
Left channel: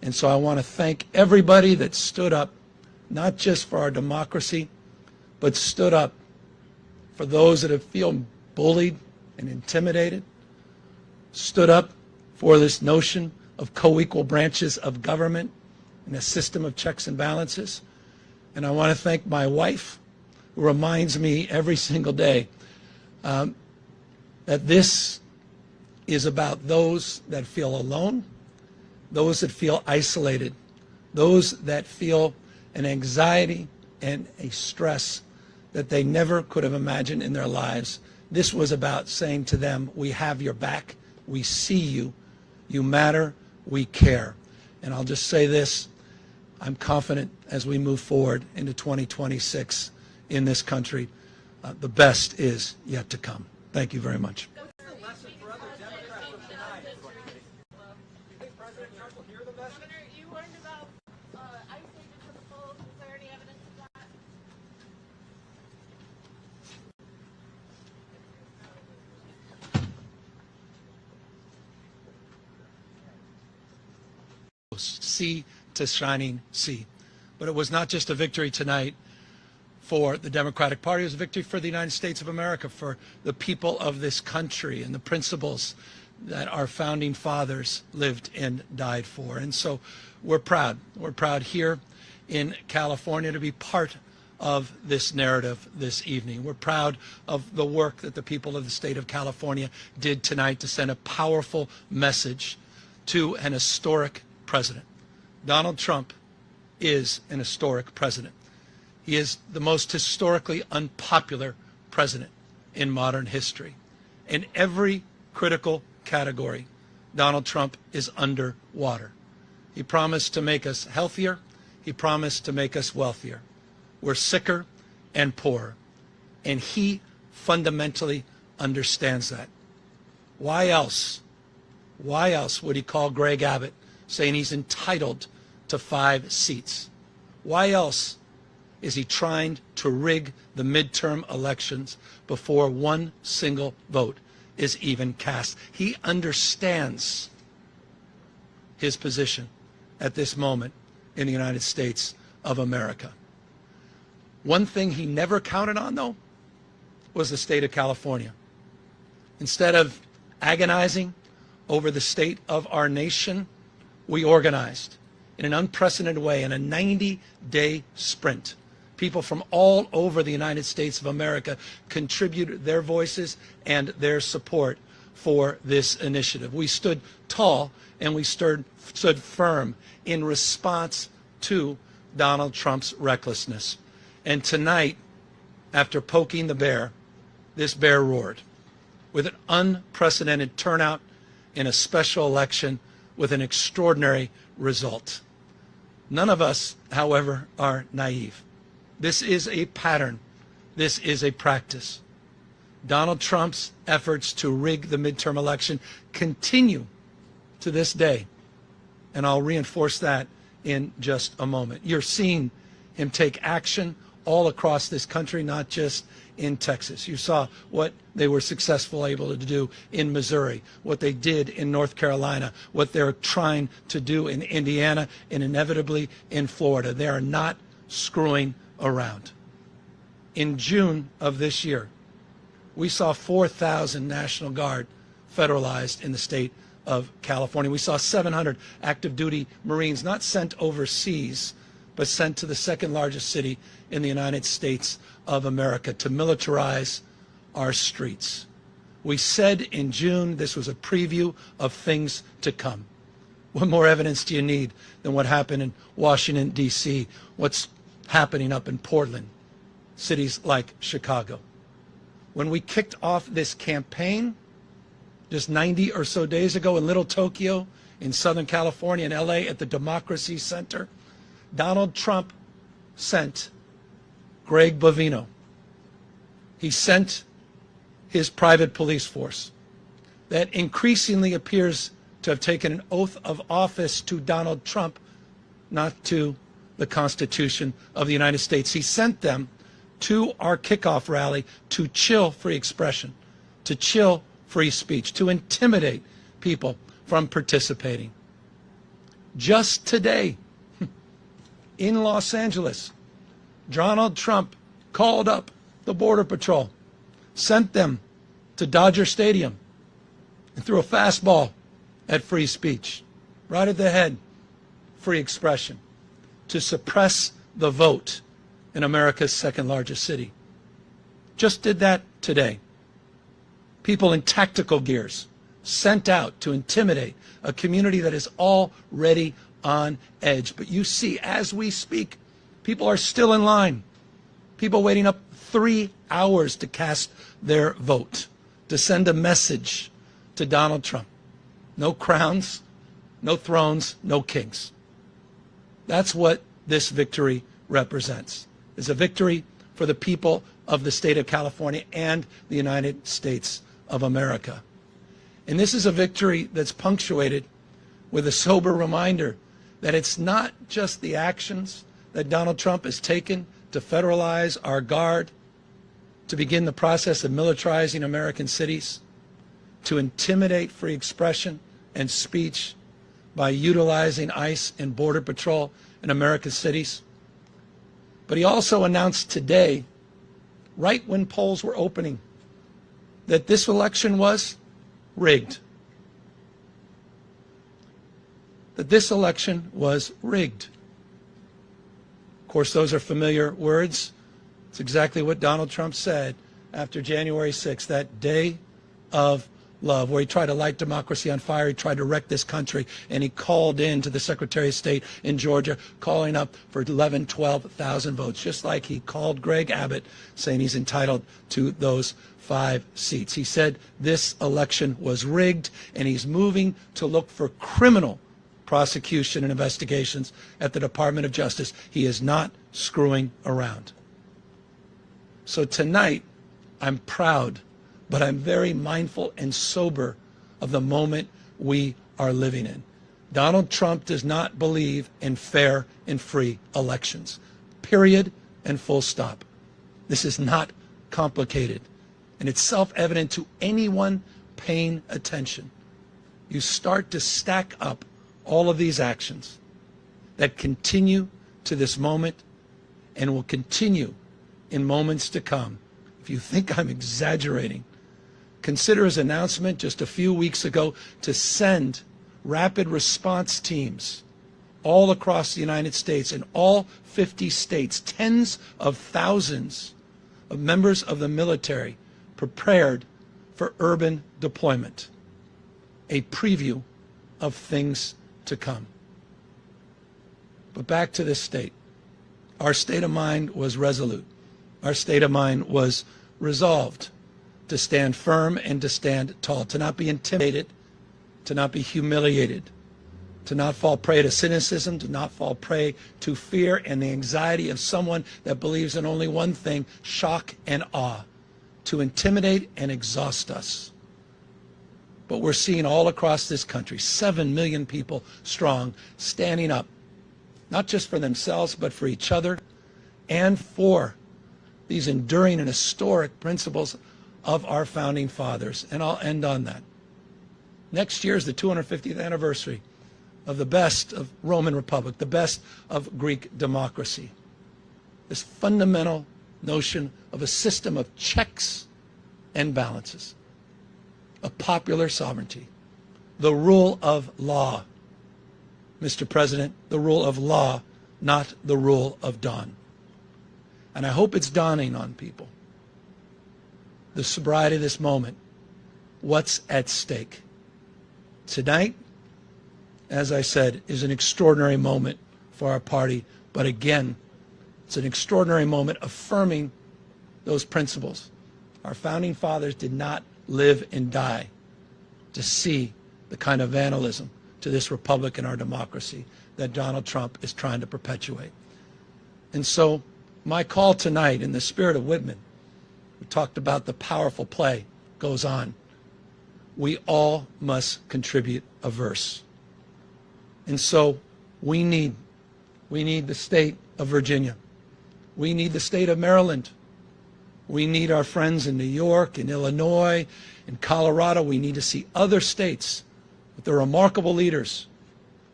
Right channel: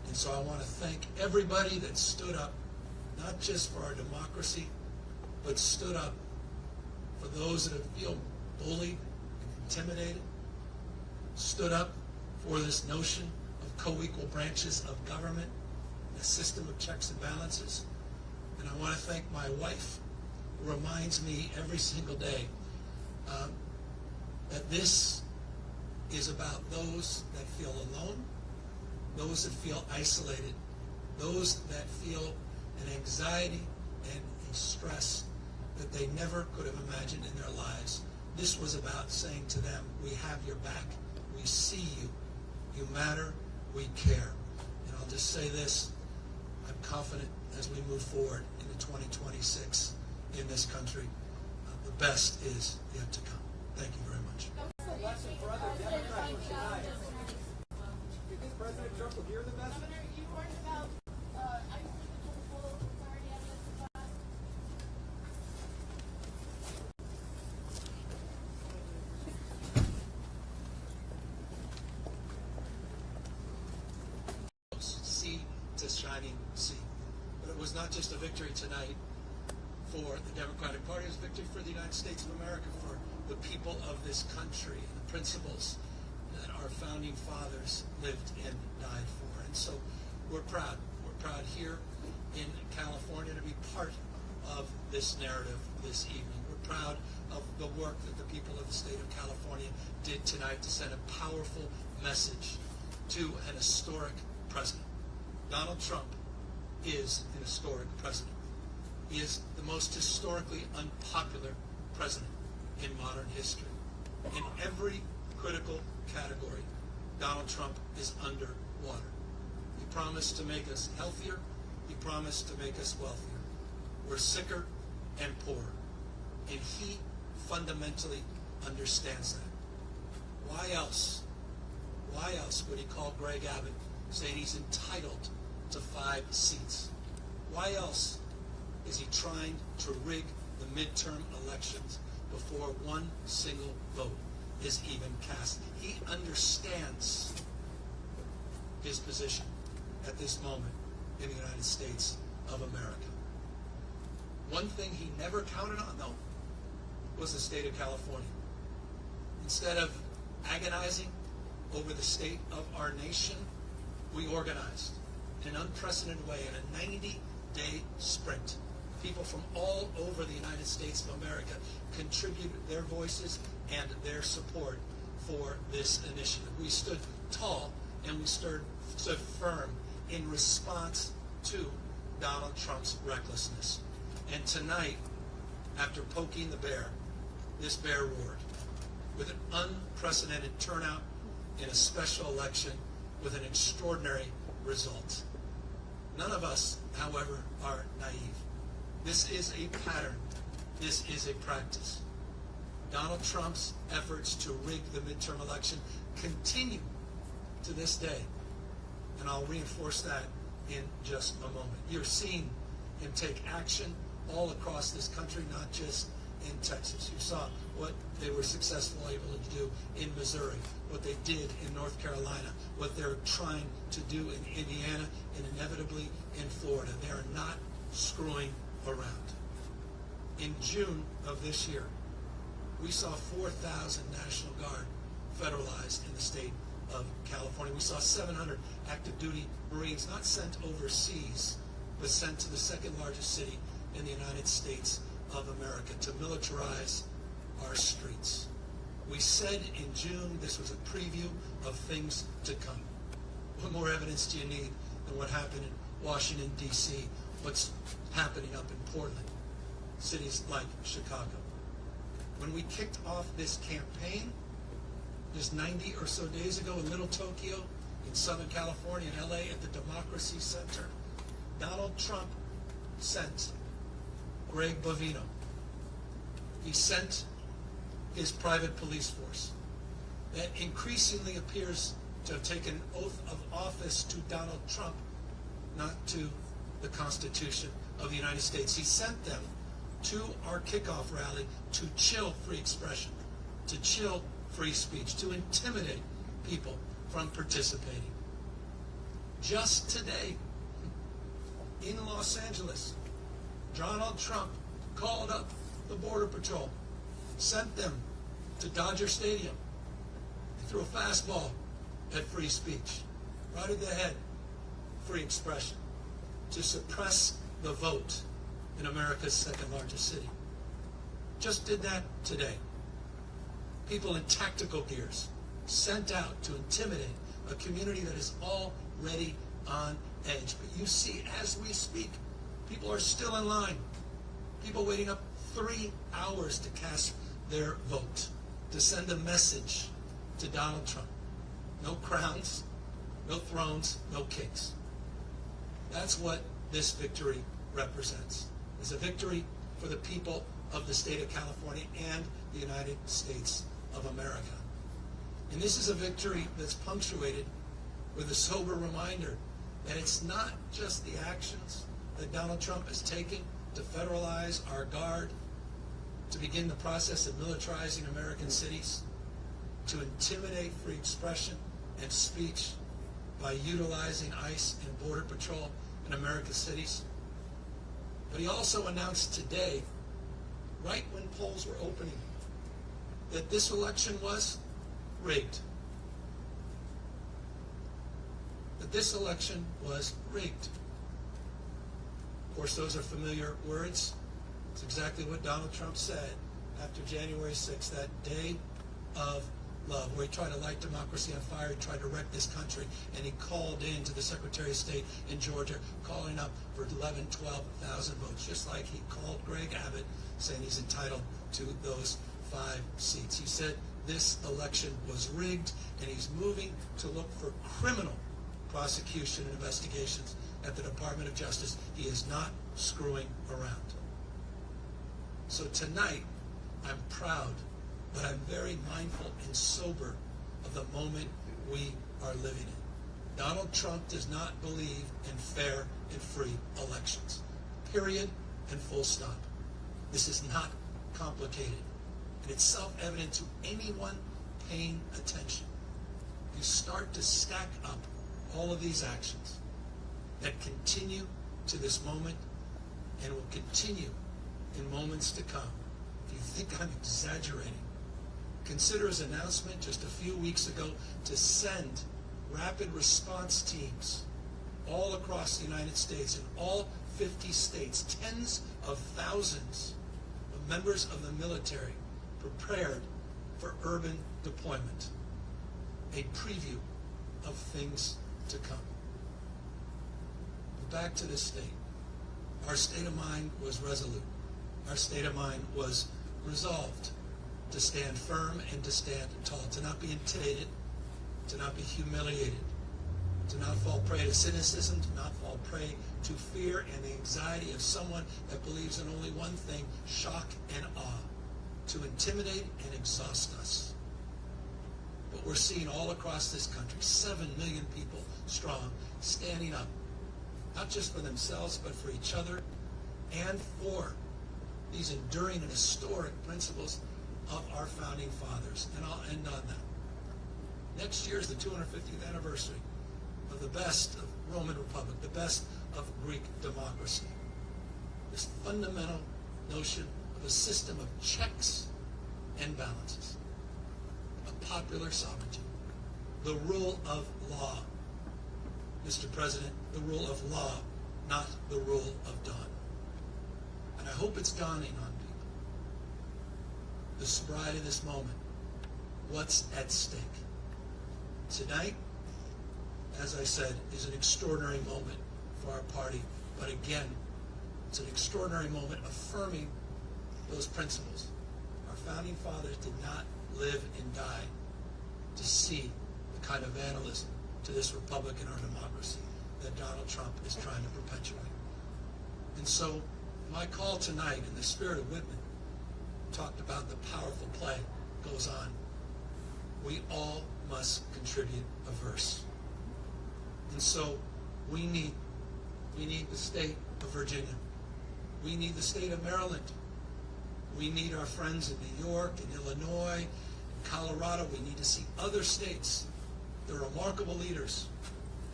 And so I want to thank everybody that stood up, not just for our democracy, but stood up for those that have feel bullied and intimidated, stood up for this notion of co-equal branches of government and a system of checks and balances. And I want to thank my wife, who reminds me every single day that this is about those that feel alone, those that feel isolated, those that feel an anxiety and a stress that they never could have imagined in their lives. This was about saying to them, we have your back, we see you, you matter, we care. And I'll just say this, I'm confident as we move forward into 2026 in this country, the best is yet to come. Thank you very much. Governor, you learned about ICE because of full. Is there any evidence of that? Sea to shining sea. But it was not just a victory tonight for the Democratic Party, it was a victory for the United States of America, for the people of this country and the principles that our founding fathers lived and died for. And so we're proud. We're proud here in California to be part of this narrative this evening. We're proud of the work that the people of the state of California did tonight to send a powerful message to an historic president. Donald Trump is an historic president. He is the most historically unpopular president in modern history. In every critical category, Donald Trump is underwater. He promised to make us healthier. He promised to make us wealthier. We're sicker and poorer. And he fundamentally understands that. Why else would he call Greg Abbott saying he's entitled to 5 seats? Why else is he trying to rig the midterm elections before one single vote is even cast? He understands his position at this moment in the United States of America. One thing he never counted on, though, was the state of California. Instead of agonizing over the state of our nation, we organized in an unprecedented way in a 90-day sprint. People from all over the United States of America contributed their voices and their support for this initiative. We stood tall and we stood firm in response to Donald Trump's recklessness. And tonight, after poking the bear, this bear roared with an unprecedented turnout in a special election with an extraordinary result. None of us, however, are naive. This is a pattern. This is a practice. Donald Trump's efforts to rig the midterm election continue to this day. And I'll reinforce that in just a moment. You're seeing him take action all across this country, not just in Texas. You saw what they were successful able to do in Missouri, what they did in North Carolina, what they're trying to do in Indiana, and inevitably in Florida. They are not screwing around. In June of this year, we saw 4,000 National Guard federalized in the state of California. We saw 700 active duty Marines not sent overseas, but sent to the second largest city in the United States of America to militarize our streets. We said in June this was a preview of things to come. What more evidence do you need than what happened in Washington, D.C., what's happening up in Portland, cities like Chicago? When we kicked off this campaign just 90 or so days ago in Little Tokyo, in Southern California, in LA, at the Democracy Center, Donald Trump sent Greg Bovino. He sent his private police force that increasingly appears to have taken an oath of office to Donald Trump, not to the Constitution of the United States. He sent them to our kickoff rally to chill free expression, to chill free speech, to intimidate people from participating. Just today, in Los Angeles, Donald Trump called up the Border Patrol, sent them to Dodger Stadium, and threw a fastball at free speech, right at the head, free expression, to suppress the vote in America's second largest city. Just did that today. People in tactical gears sent out to intimidate a community that is already on edge. But you see, as we speak, people are still in line. People waiting up 3 hours to cast their vote, to send a message to Donald Trump. No crowns, no thrones, no kings. That's what this victory represents. It's a victory for the people of the state of California and the United States of America. And this is a victory that's punctuated with a sober reminder that it's not just the actions that Donald Trump has taken to federalize our guard, to begin the process of militarizing American cities, to intimidate free expression and speech by utilizing ICE and Border Patrol in America's cities. But he also announced today, right when polls were opening, that this election was rigged. That this election was rigged. Of course, those are familiar words. It's exactly what Donald Trump said after January 6th, that day of love, where he tried to light democracy on fire. He tried to wreck this country, and he called in to the Secretary of State in Georgia, calling up for 11, 12,000 votes, just like he called Greg Abbott, saying he's entitled to those 5 seats. He said this election was rigged, and he's moving to look for criminal prosecution and investigations at the Department of Justice. He is not screwing around. So tonight, I'm proud, but I'm very mindful and sober of the moment we are living in. Donald Trump does not believe in fair and free elections. Period and full stop. This is not complicated. And it's self-evident to anyone paying attention. You start to stack up all of these actions that continue to this moment and will continue in moments to come. If you think I'm exaggerating, consider his announcement just a few weeks ago to send rapid response teams all across the United States, in all 50 states, tens of thousands of members of the military prepared for urban deployment. A preview of things to come. But back to this state. Our state of mind was resolute. Our state of mind was resolved to stand firm and to stand tall, to not be intimidated, to not be humiliated, to not fall prey to cynicism, to not fall prey to fear and the anxiety of someone that believes in only one thing, shock and awe, to intimidate and exhaust us. But we're seeing all across this country, 7 million people strong, standing up, not just for themselves, but for each other and for these enduring and historic principles of our founding fathers. And I'll end on that. Next year is the 250th anniversary of the best of Roman Republic, the best of Greek democracy. This fundamental notion of a system of checks and balances, of popular sovereignty, the rule of law. Mr. President, the rule of law, not the rule of dawn. And I hope it's dawning on people. The sobriety of this moment, what's at stake. Tonight, as I said, is an extraordinary moment for our party, but again, it's an extraordinary moment affirming those principles. Our founding fathers did not live and die to see the kind of vandalism to this republic and our democracy that Donald Trump is trying to perpetuate. And so my call tonight, in the spirit of Whitman, we talked about the powerful play goes on. We all must contribute a verse. And so we need the state of Virginia. We need the state of Maryland. We need our friends in New York, in Illinois, in Colorado. We need to see other states with their remarkable leaders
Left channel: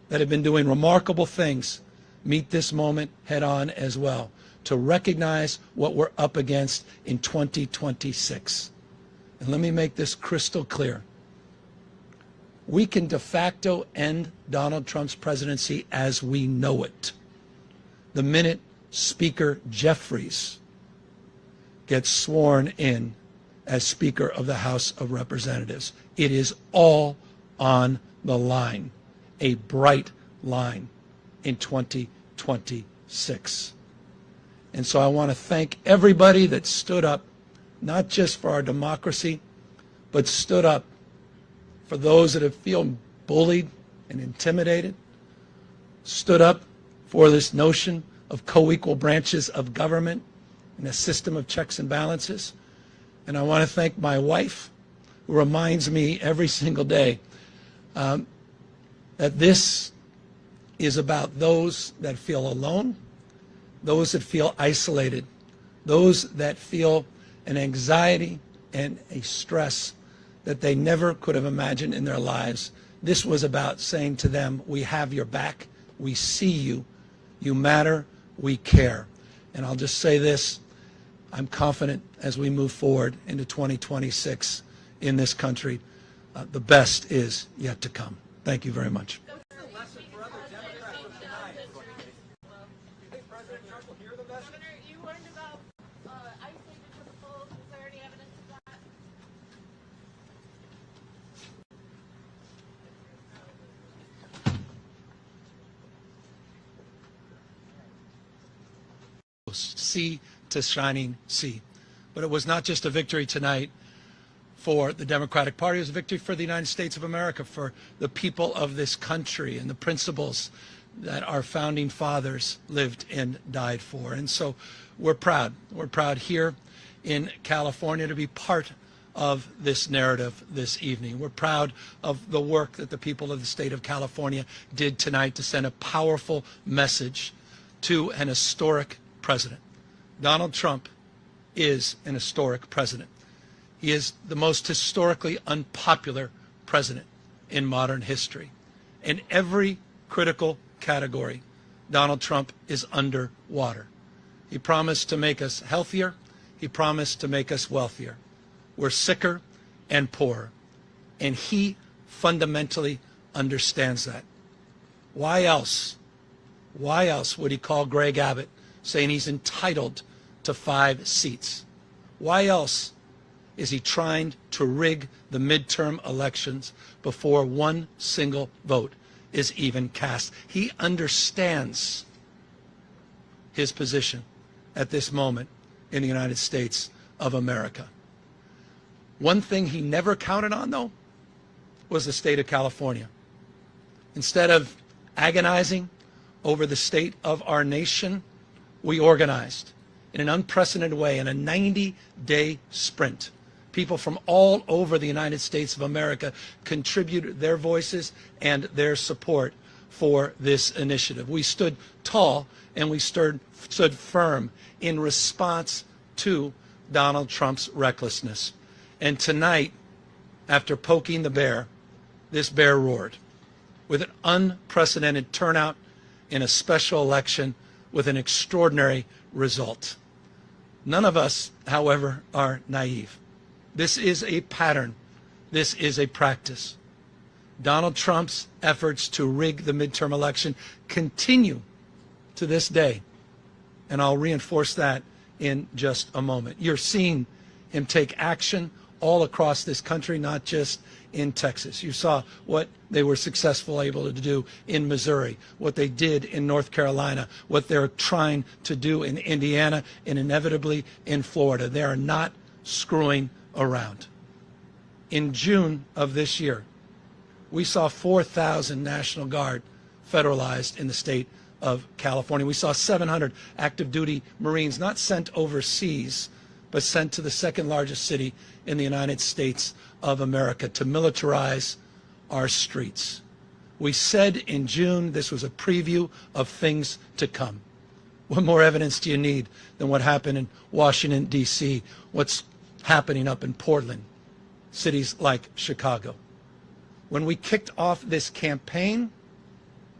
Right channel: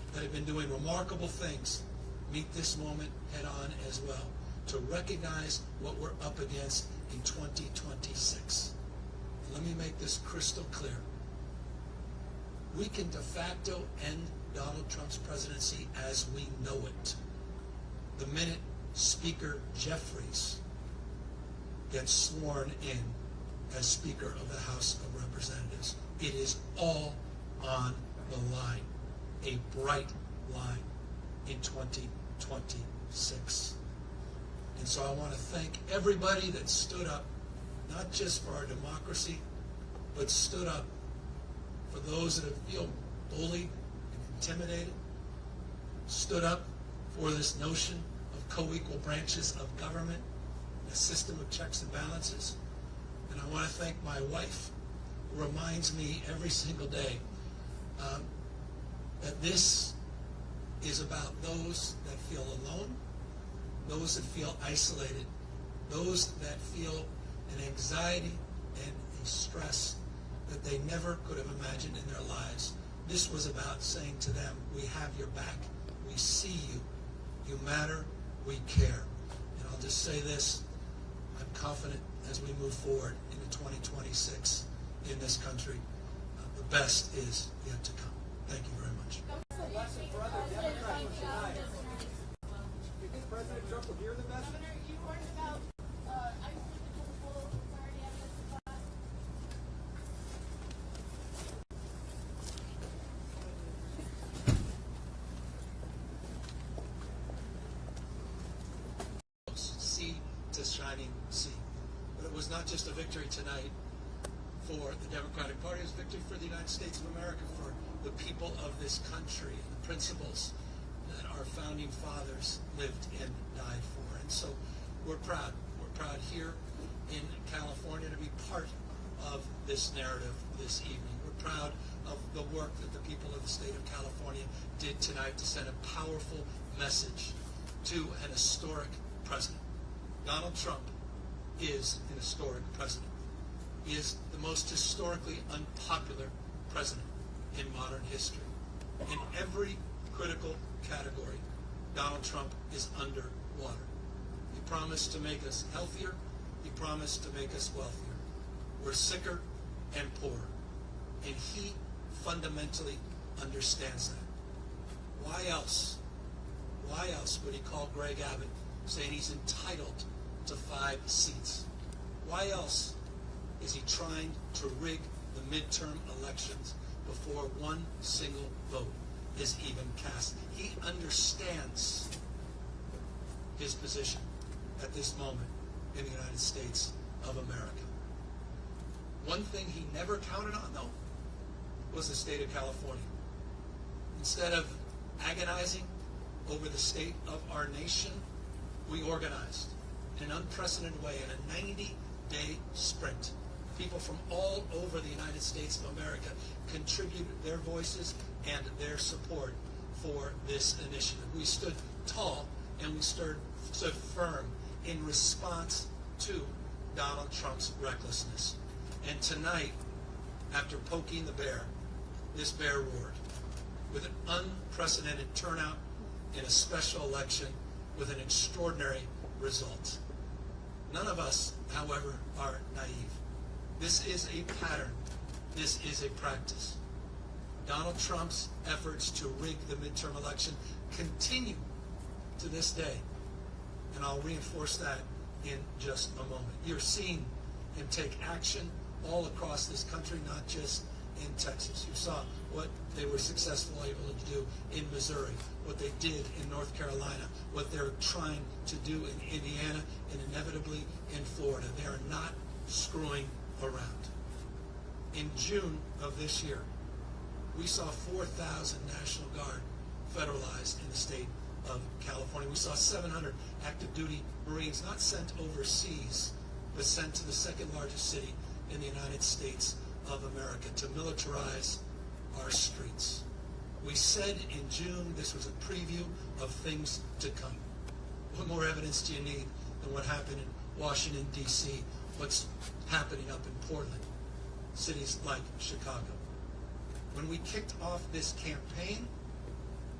that have been doing remarkable things meet this moment head on as well, to recognize what we're up against in 2026. And let me make this crystal clear. We can de facto end Donald Trump's presidency as we know it the minute Speaker Jeffries gets sworn in as Speaker of the House of Representatives. It is all on the line, a bright line in 2026. And so I want to thank everybody that stood up, not just for our democracy, but stood up for those that have feel bullied and intimidated, stood up for this notion of co-equal branches of government and a system of checks and balances. And I want to thank my wife, who reminds me every single day that this is about those that feel alone, those that feel isolated, those that feel an anxiety and a stress that they never could have imagined in their lives. This was about saying to them, we have your back, we see you, you matter, we care. And I'll just say this, I'm confident as we move forward into 2026 in this country, the best is yet to come. Thank you very much. Governor, you warned about ICE because of full. Is there any evidence of that? Sea to shining sea. But it was not just a victory tonight for the Democratic Party, it was a victory for the United States of America, for the people of this country and the principles that our founding fathers lived and died for. And so we're proud. We're proud here in California to be part of this narrative this evening. We're proud of the work that the people of the state of California did tonight to send a powerful message to an historic president. Donald Trump is an historic president. He is the most historically unpopular president in modern history. In every critical category, Donald Trump is underwater. He promised to make us healthier. He promised to make us wealthier. We're sicker and poorer. And he fundamentally understands that. Why else would he call Greg Abbott saying he's entitled to 5 seats? Why else is he trying to rig the midterm elections before one single vote is even cast? He understands his position at this moment in the United States of America. One thing he never counted on, though, was the state of California. Instead of agonizing over the state of our nation, we organized in an unprecedented way in a 90-day sprint. People from all over the United States of America contributed their voices and their support for this initiative. We stood tall and we stood firm in response to Donald Trump's recklessness. And tonight, after poking the bear, this bear roared with an unprecedented turnout in a special election with an extraordinary result. None of us, however, are naive. This is a pattern. This is a practice. Donald Trump's efforts to rig the midterm election continue to this day. And I'll reinforce that in just a moment. You're seeing him take action all across this country, not just in Texas. You saw what they were successful able to do in Missouri, what they did in North Carolina, what they're trying to do in Indiana, and inevitably in Florida. They are not screwing around. In June of this year, we saw 4,000 National Guard federalized in the state of California. We saw 700 active duty Marines not sent overseas, but sent to the second largest city in the United States of America to militarize our streets. We said in June this was a preview of things to come. What more evidence do you need than what happened in Washington, D.C., what's happening up in Portland, cities like Chicago? When we kicked off this campaign,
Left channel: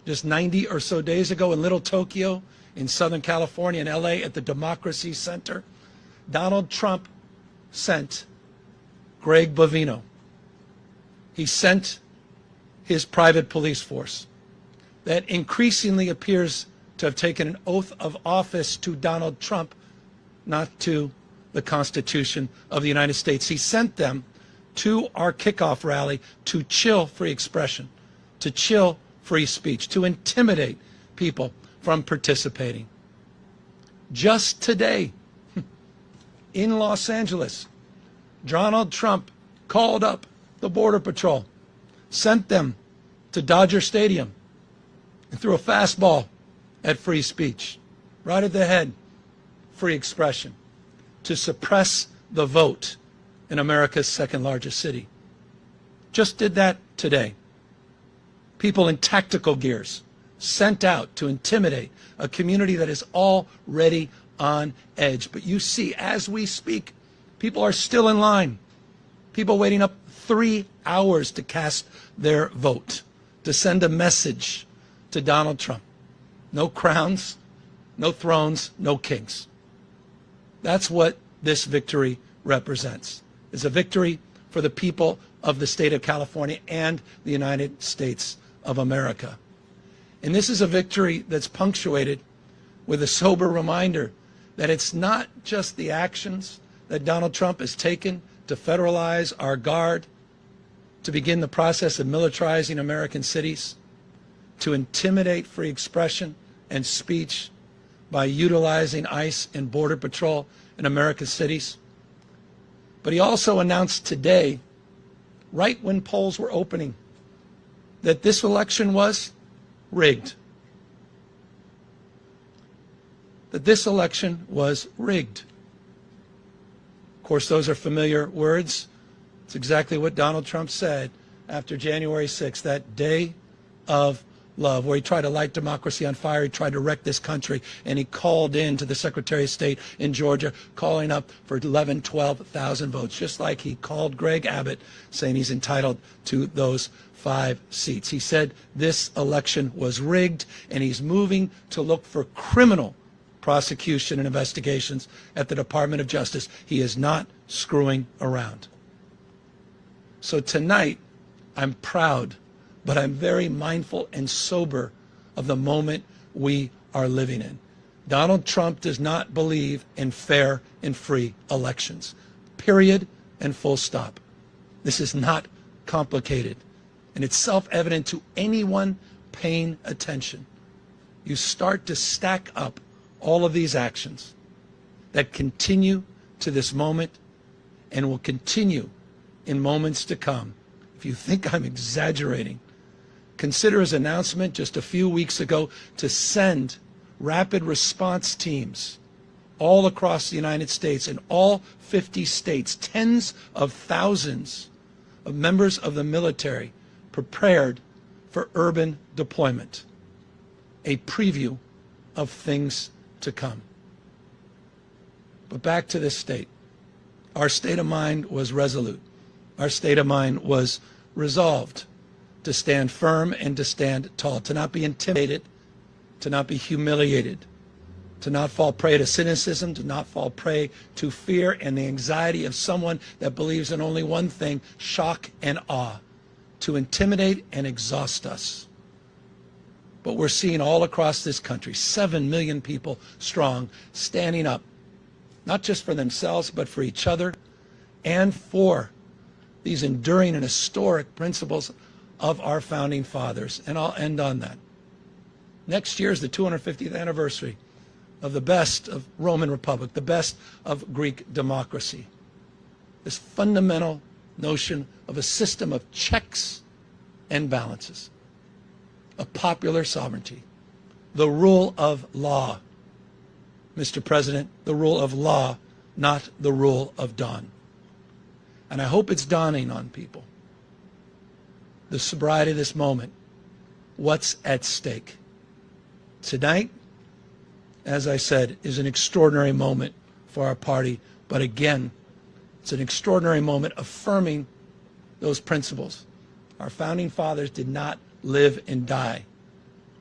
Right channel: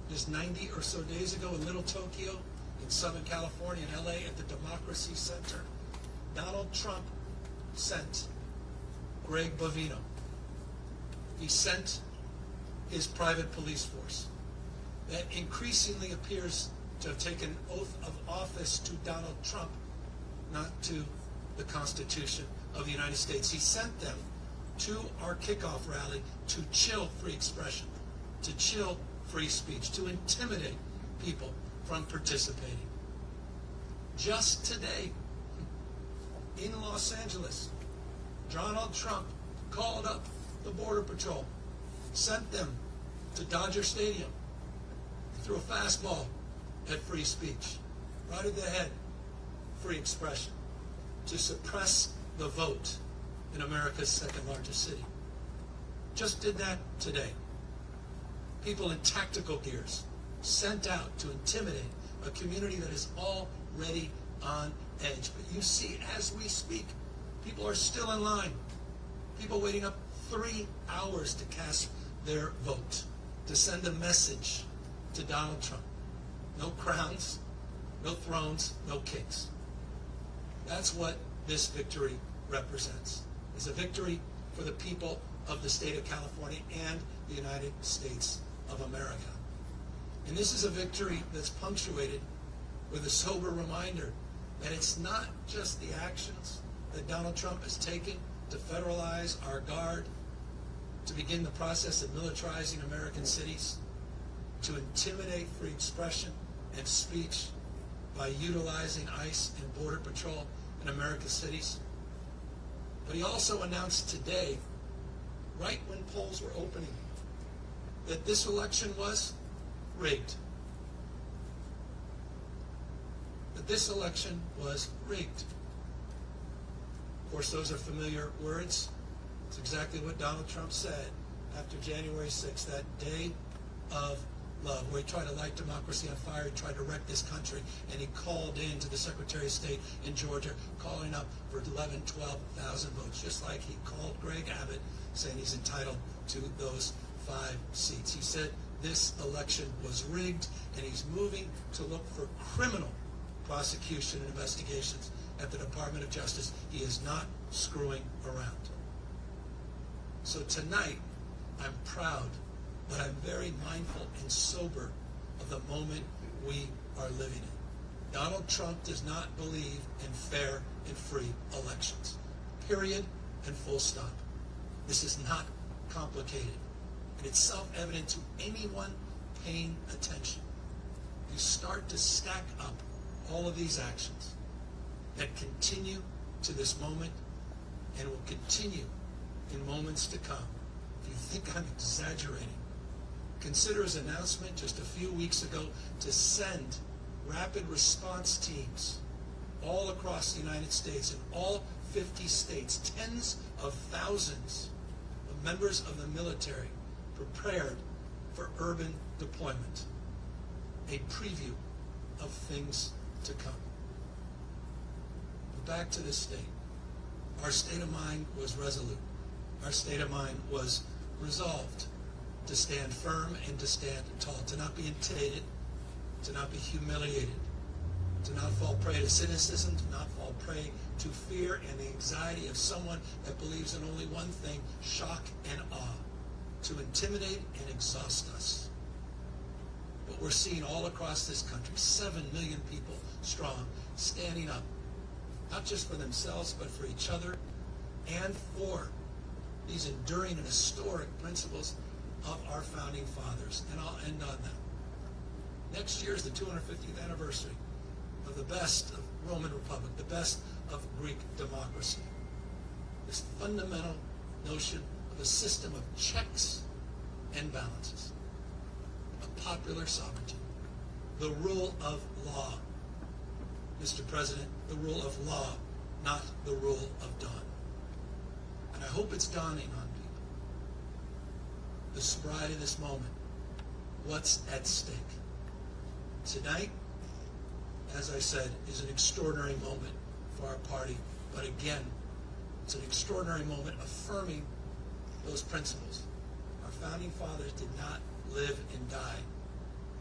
just 90 or so days ago in Little Tokyo, in Southern California, in LA, at the Democracy Center, Donald Trump sent Greg Bovino. He sent his private police force that increasingly appears to have taken an oath of office to Donald Trump, not to the Constitution of the United States. He sent them to our kickoff rally to chill free expression, to chill free speech, to intimidate people from participating. Just today, in Los Angeles, Donald Trump called up the Border Patrol, sent them to Dodger Stadium, and threw a fastball at free speech, right at the head, free expression, to suppress the vote in America's second largest city. Just did that today. People in tactical gears sent out to intimidate a community that is already on edge. But you see, as we speak, people are still in line. People waiting up 3 hours to cast their vote, to send a message to Donald Trump. No crowns, no thrones, no kings. That's what this victory represents. It's a victory for the people of the state of California and the United States of America. And this is a victory that's punctuated with a sober reminder that it's not just the actions that Donald Trump has taken to federalize our guard, to begin the process of militarizing American cities, to intimidate free expression and speech by utilizing ICE and Border Patrol in American cities. But he also announced today, right when polls were opening, that this election was rigged. That this election was rigged. Of course, those are familiar words. It's exactly what Donald Trump said after January 6th, that day of love, where he tried to light democracy on fire, he tried to wreck this country, and he called in to the Secretary of State in Georgia, calling up for 11,000, 12,000 votes, just like he called Greg Abbott, saying he's entitled to those 5 seats. He said this election was rigged, and he's moving to look for criminal prosecution and investigations at the Department of Justice. He is not screwing around. So tonight, I'm proud, but I'm very mindful and sober of the moment we are living in. Donald Trump does not believe in fair and free elections. Period and full stop. This is not complicated. And it's self-evident to anyone paying attention. You start to stack up all of these actions that continue to this moment and will continue in moments to come. If you think I'm exaggerating, consider his announcement just a few weeks ago to send rapid response teams all across the United States, in all 50 states, tens of thousands of members of the military prepared for urban deployment. A preview of things to come. But back to this state. Our state of mind was resolute. Our state of mind was resolved to stand firm and to stand tall, to not be intimidated, to not be humiliated, to not fall prey to cynicism, to not fall prey to fear and the anxiety of someone that believes in only one thing, shock and awe, to intimidate and exhaust us. But we're seeing all across this country, 7 million people strong, standing up, not just for themselves, but for each other and for these enduring and historic principles of our founding fathers. And I'll end on that. Next year is the 250th anniversary of the best of Roman Republic, the best of Greek democracy. This fundamental notion of a system of checks and balances, of popular sovereignty, the rule of law. Mr. President, the rule of law, not the rule of dawn. And I hope it's dawning on people, the sobriety of this moment, what's at stake. Tonight, as I said, is an extraordinary moment for our party, but again, it's an extraordinary moment affirming those principles. Our founding fathers did not live and die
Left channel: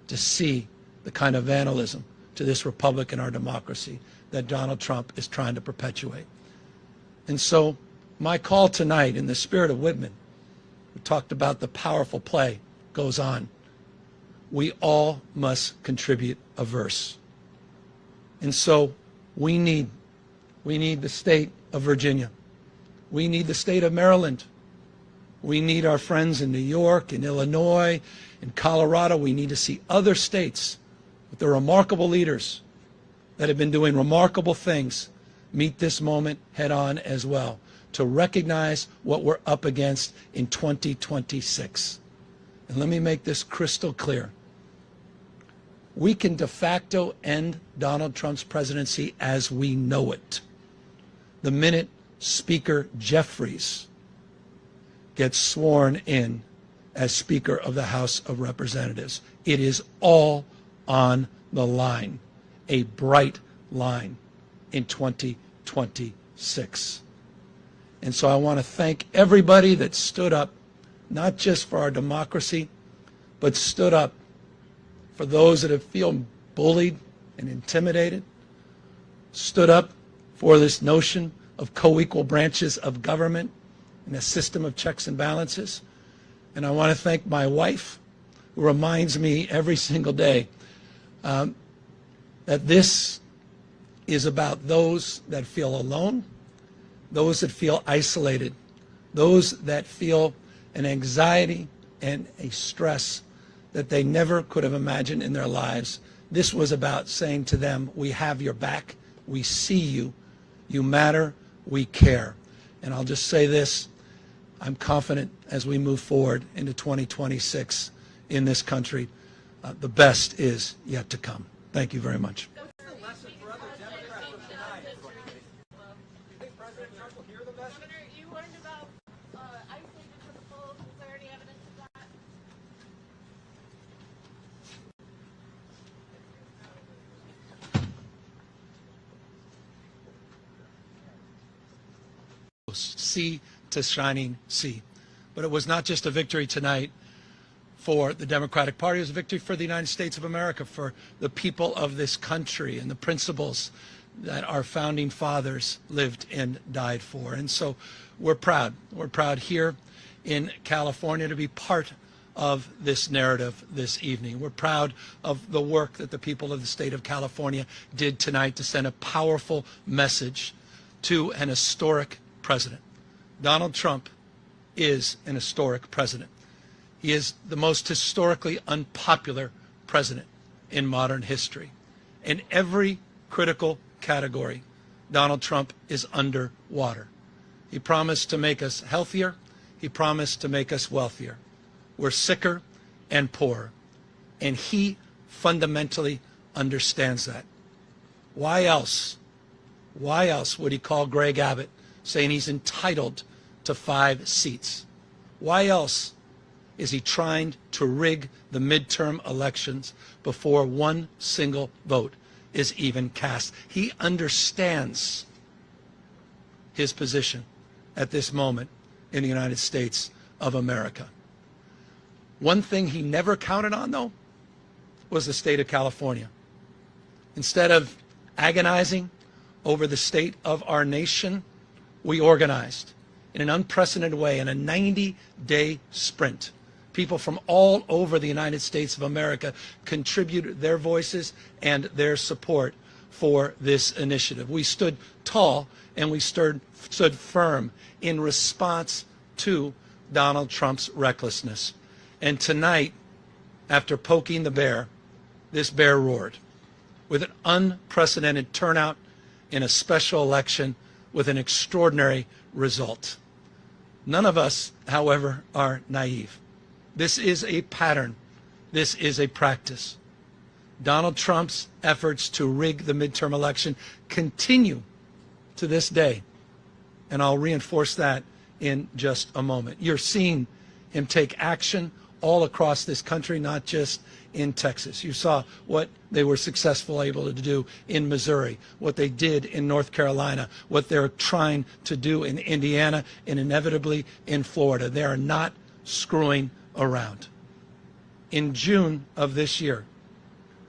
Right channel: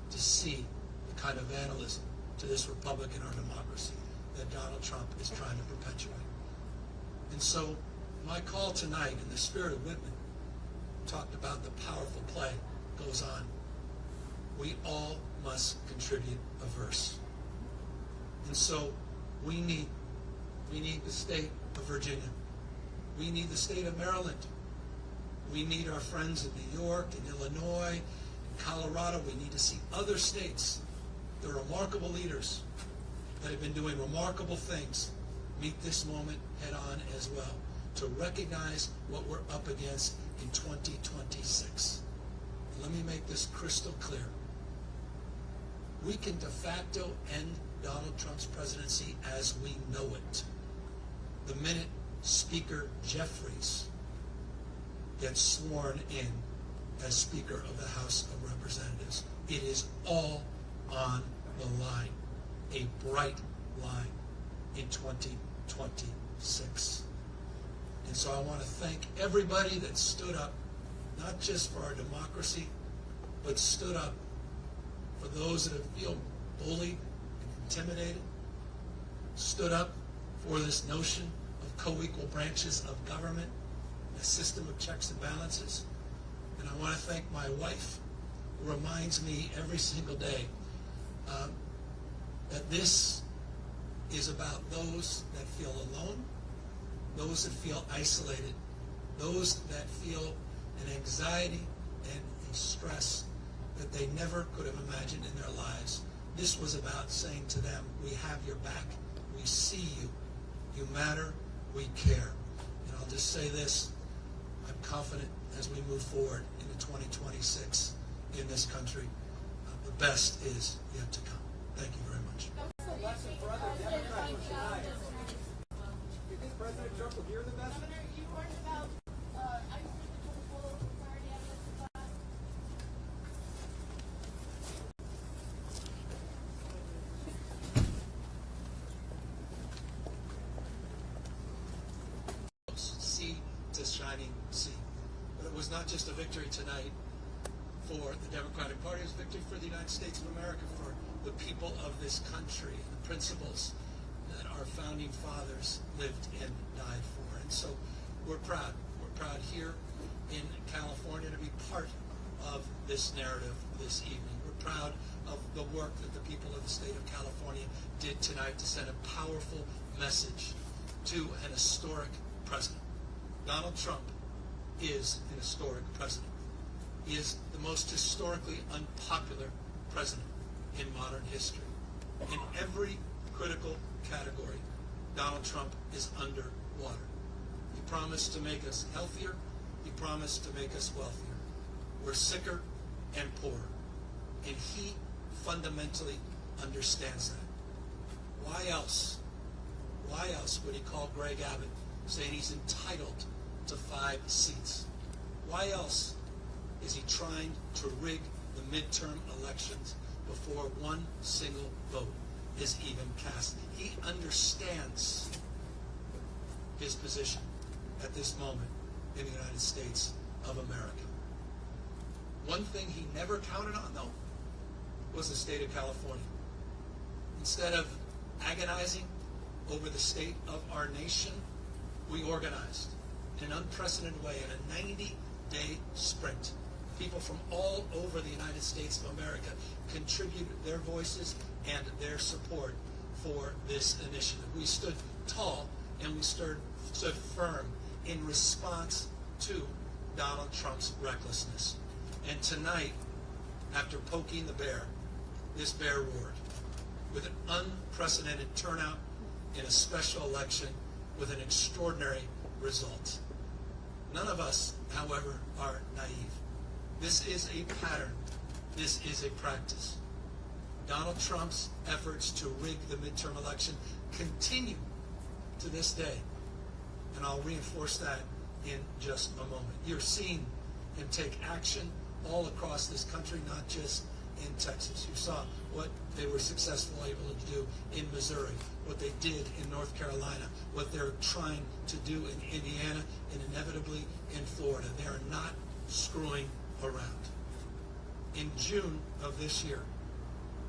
to see the kind of vandalism to this republic and our democracy that Donald Trump is trying to perpetuate. And so my call tonight, in the spirit of Whitman, who talked about the powerful play, goes on. We all must contribute a verse. And so we need the state of Virginia. We need the state of Maryland. We need our friends in New York, in Illinois, in Colorado. We need to see other states with their remarkable leaders that have been doing remarkable things meet this moment head on as well, to recognize what we're up against in 2026. And let me make this crystal clear. We can de facto end Donald Trump's presidency as we know it the minute Speaker Jeffries gets sworn in as Speaker of the House of Representatives. It is all on the line, a bright line in 2026. And so I want to thank everybody that stood up, not just for our democracy, but stood up for those that have feel bullied and intimidated, stood up for this notion of co-equal branches of government and a system of checks and balances. And I want to thank my wife, who reminds me every single day that this is about those that feel alone, those that feel isolated, those that feel an anxiety and a stress that they never could have imagined in their lives. This was about saying to them, we have your back, we see you, you matter, we care. And I'll just say this, I'm confident as we move forward into 2026 in this country, the best is yet to come. Thank you very much. Governor, you warned about ICE because of full clarity evidence of that. Sea to shining sea. But it was not just a victory tonight for the Democratic Party, it was a victory for the United States of America, for the people of this country and the principles that our founding fathers lived and died for. And so we're proud. We're proud here in California to be part of this narrative this evening. We're proud of the work that the people of the state of California did tonight to send a powerful message to an historic president. Donald Trump is an historic president. He is the most historically unpopular president in modern history. In every critical category, Donald Trump is underwater. He promised to make us healthier. He promised to make us wealthier. We're sicker and poorer. And he fundamentally understands that. Why else would he call Greg Abbott saying he's entitled to 5 seats? Why else is he trying to rig the midterm elections before one single vote is even cast? He understands his position at this moment in the United States of America. One thing he never counted on, though, was the state of California. Instead of agonizing over the state of our nation, we organized in an unprecedented way in a 90-day sprint. People from all over the United States of America contributed their voices and their support for this initiative. We stood tall and we stood firm in response to Donald Trump's recklessness. And tonight, after poking the bear, this bear roared with an unprecedented turnout in a special election with an extraordinary result. None of us, however, are naive. This is a pattern. This is a practice. Donald Trump's efforts to rig the midterm election continue to this day. And I'll reinforce that in just a moment. You're seeing him take action all across this country, not just in Texas. You saw what they were successfully able to do in Missouri, what they did in North Carolina, what they're trying to do in Indiana, and inevitably in Florida. They are not screwing around. In June of this year,